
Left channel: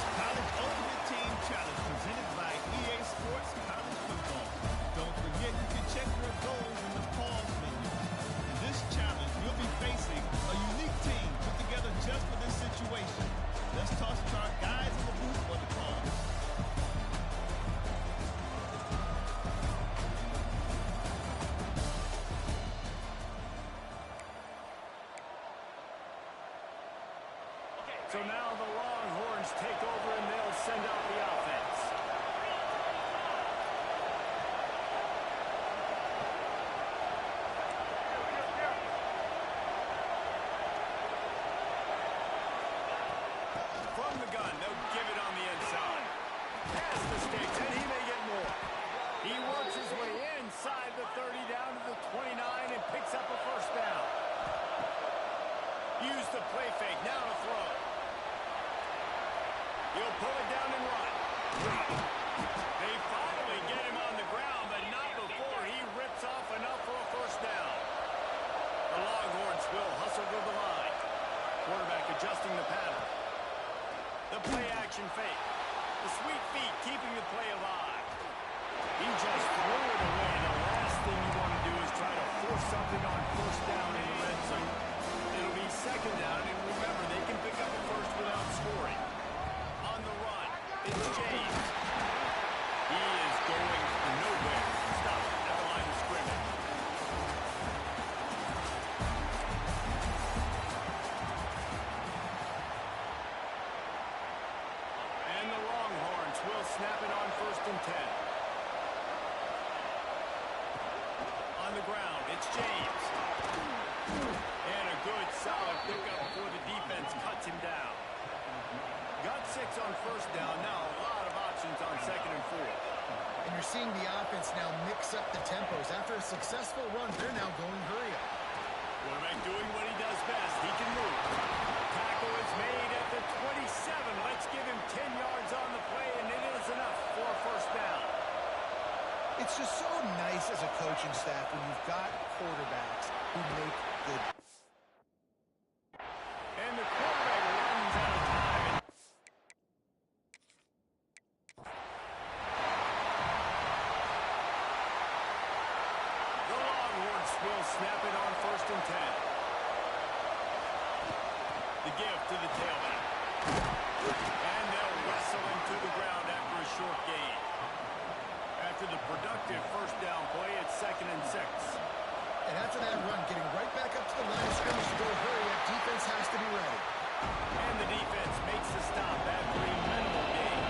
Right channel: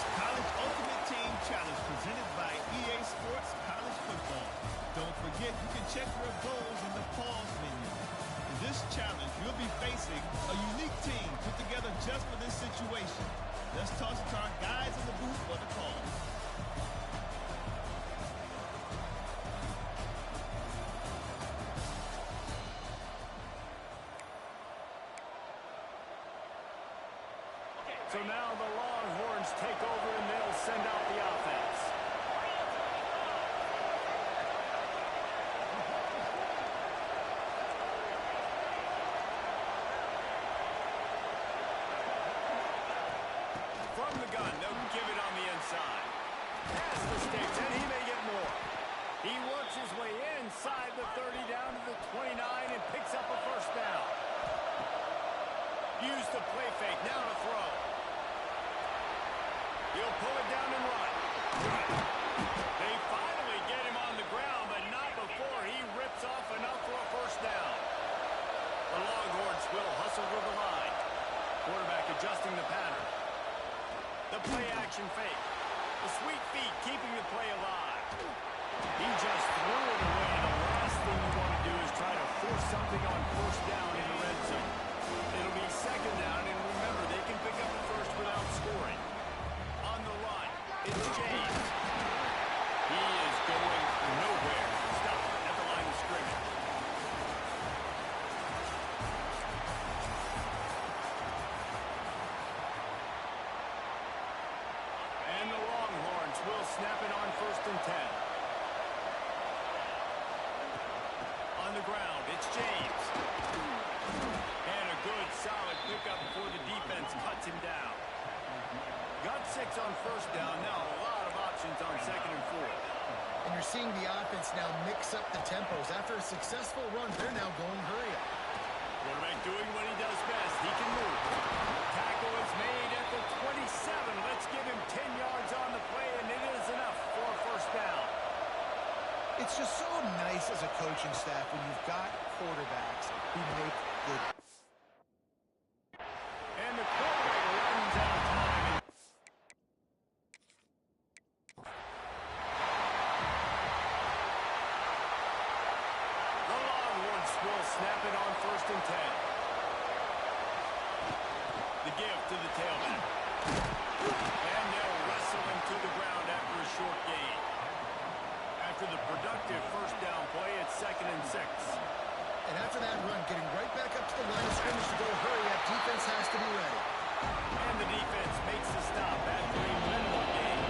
is College Ultimate Team Challenge presented by EA Sports College Football. Don't forget, you can check your goals in the pause menu. In this challenge, you'll be facing a unique team put together just for this situation. Let's toss it to our guys in the booth for the call. So now the Longhorns take over and they'll send out the offense. From the gun, they'll give it on the inside. Pass the sticks, and he may get more. He works his way inside the 30 down to the 29 and picks up a first down. Use the play fake, now to throw. He'll pull it down and run. They finally get him on the ground, but not before he rips off enough for a first down. The Longhorns will hustle to the line. Quarterback adjusting the pattern. The play-action fake. The sweet feet keeping the play alive. He just threw it away. The last thing you want to do is try to force something on first down in the red zone. It'll be second down, and remember, they can pick up a first without scoring. On the run, it's James. He is going nowhere. Stop at the line of scrimmage. And the Longhorns will snap it on 1st and 10. On the ground, it's James. And a good, solid pickup before the defense cuts him down. Got 6 on first down. Now a lot of options on 2nd and 4. And you're seeing the offense now mix up the tempos. After a successful run, they're now going hurry up. Quarterback doing what he does best. He can move. Tackle is made at the 27. Let's give him 10 yards on the play, and it is enough for a first down. It's just so nice as a coaching staff when you've got quarterbacks who make good. And the quarterback runs out of time. And the Longhorns will snap it on 1st and 10. The give to the tailback. And they'll wrestle him to the ground after a short gain. After the productive first down play, it's 2nd and 6. And after that run, getting right back up to the line of scrimmage to go hurry up, defense has to be ready. And the defense makes the stop after a minimal gain.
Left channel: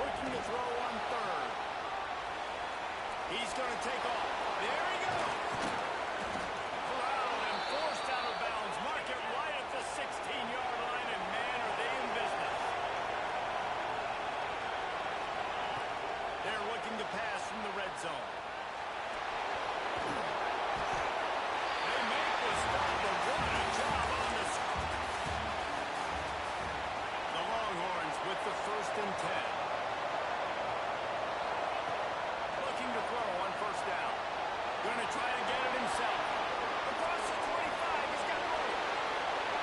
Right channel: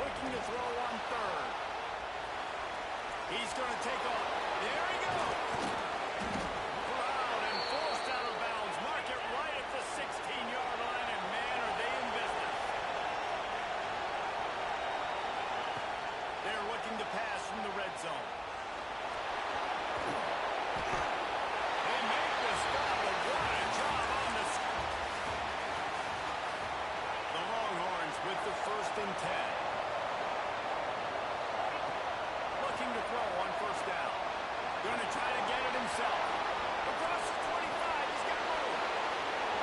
Looking to throw on 3rd. He's going to take off. There he goes. Corralled and forced out of bounds. Mark it right at the 16-yard line, and man, are they in business. They're looking to pass from the red zone. They make the stop, but what a job on this. The Longhorns with the 1st and 10. Looking to throw on first down. Going to try to get it himself. Across the 25, he's got room.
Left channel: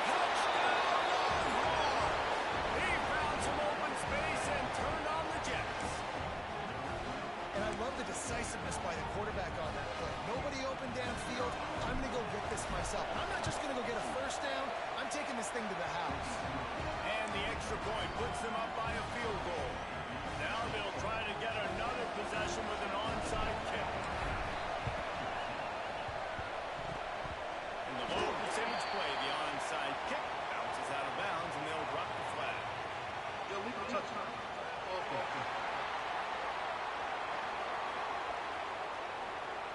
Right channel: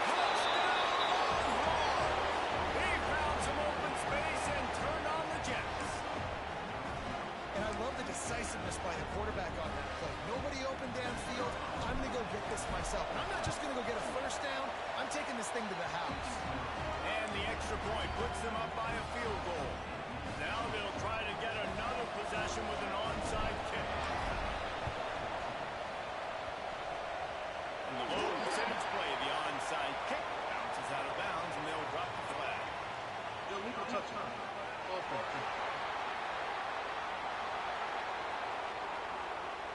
Touchdown, Longhorns! He found some open space and turned on the Jets. And I love the decisiveness by the quarterback on that play. Nobody open downfield. I'm going to go get this myself. And I'm not just going to go get a first down. I'm taking this thing to the house. And the extra point puts them up by a field goal. Now they'll try to get another possession with an onside kick. And the low percentage play, the onside kick, bounces out of bounds, and they'll drop the flag. Illegal touchdown.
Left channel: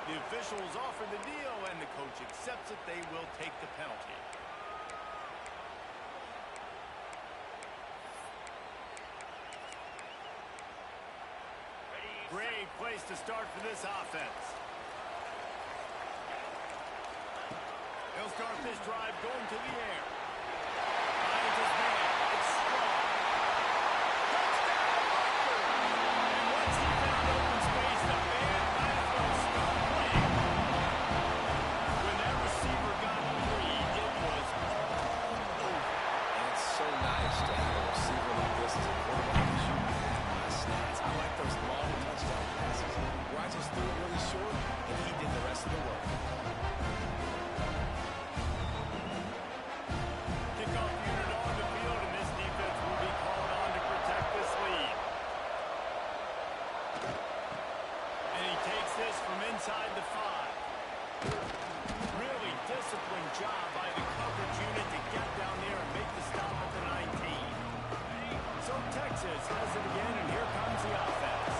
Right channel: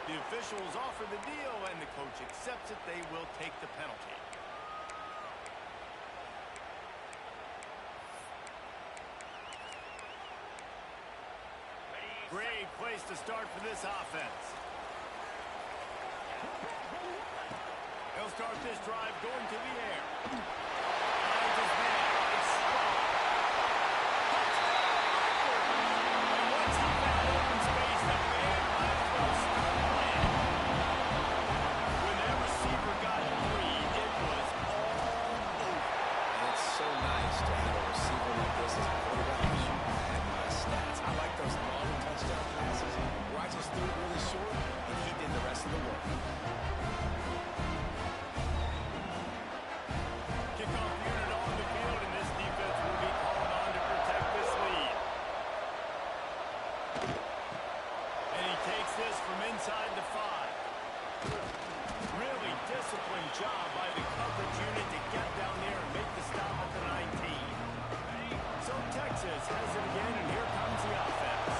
The officials offer the deal, and the coach accepts it. They will take the penalty. Great place to start for this offense. He'll start this drive going to the air. Finds his man. It's strong. Touchdown, Rutgers! And once he found open space, the band might as well start playing. When that receiver got free, it was all over. so nice to have a receiver like this as a quarterback because you pad my stats. I like those long touchdown passes where I just threw it really short and he did the rest of the work. Kickoff unit on the field, and this defense will be called on to protect this lead. And he takes this from inside the 5. Really disciplined job by the coverage unit to get down there and make the stop at the 19. So Texas has it again, and here comes the offense.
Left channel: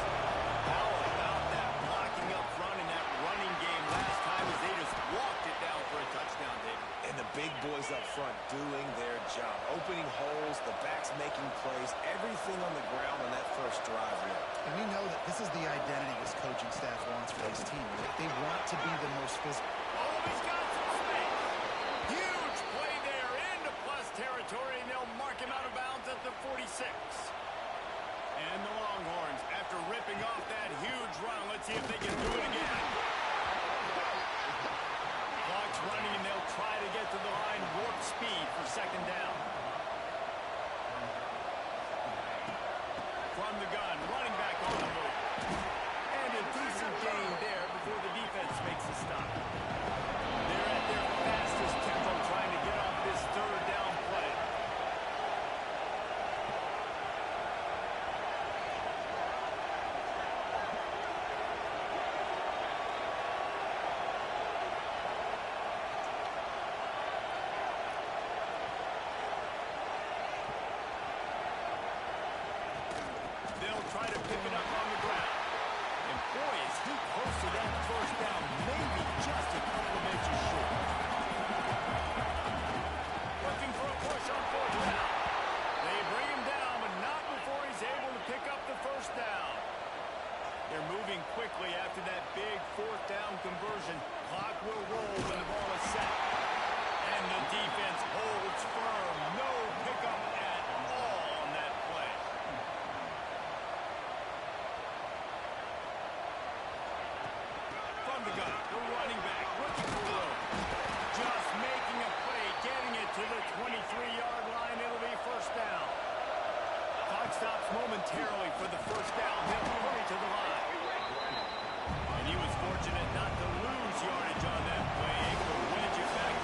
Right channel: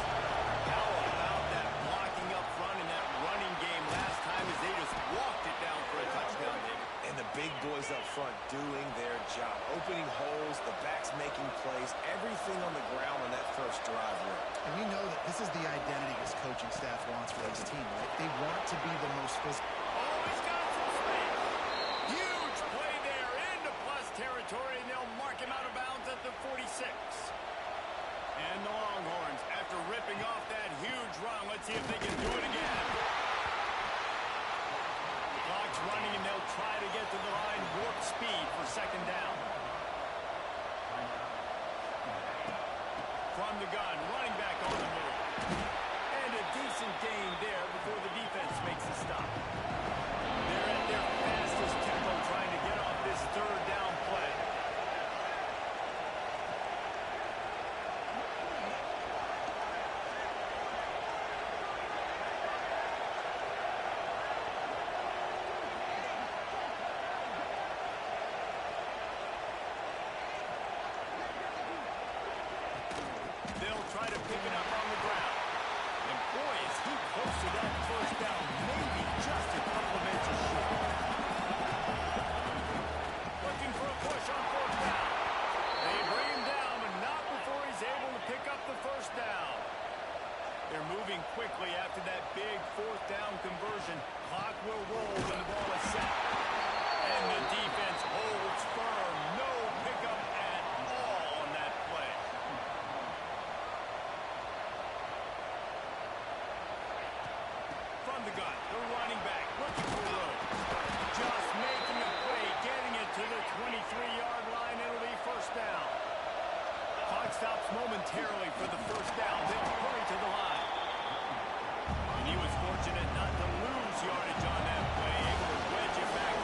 How about that blocking up front in that running game last time as they just walked it down for a touchdown, David? And the big boys up front doing their job. Opening holes, the backs making plays, everything on the ground on that first drive worked. And we know that this is the identity this coaching staff wants for this team, right? They want to be the most physical. Oh, he's got some space. Huge play there into plus territory, and they'll mark him out of bounds at the 46. And the Longhorns, after ripping off that huge run, let's see if they can do it again. Clock's running, and they'll try to get to the line, warp speed for second down. From the gun, running back on the move. And a decent gain there before the defense makes the stop. They're at their fastest tempo trying to get off this third down play. They'll try to pick it up on the ground. And boy, is he close to that first down, maybe just a couple of inches short. Looking for a push on fourth down. They bring him down, but not before he's able to pick up the first down. They're moving quickly after that big fourth down conversion. Clock will roll when the ball is set. And the defense holds firm. No pickup at all on that play. From the gun, the running back looking for room. Just making a play, getting it to the 23-yard line. It'll be first down. Clock stops momentarily for the first down. They'll hurry to the line. And he was fortunate not to lose yardage on that play, able to wedge it back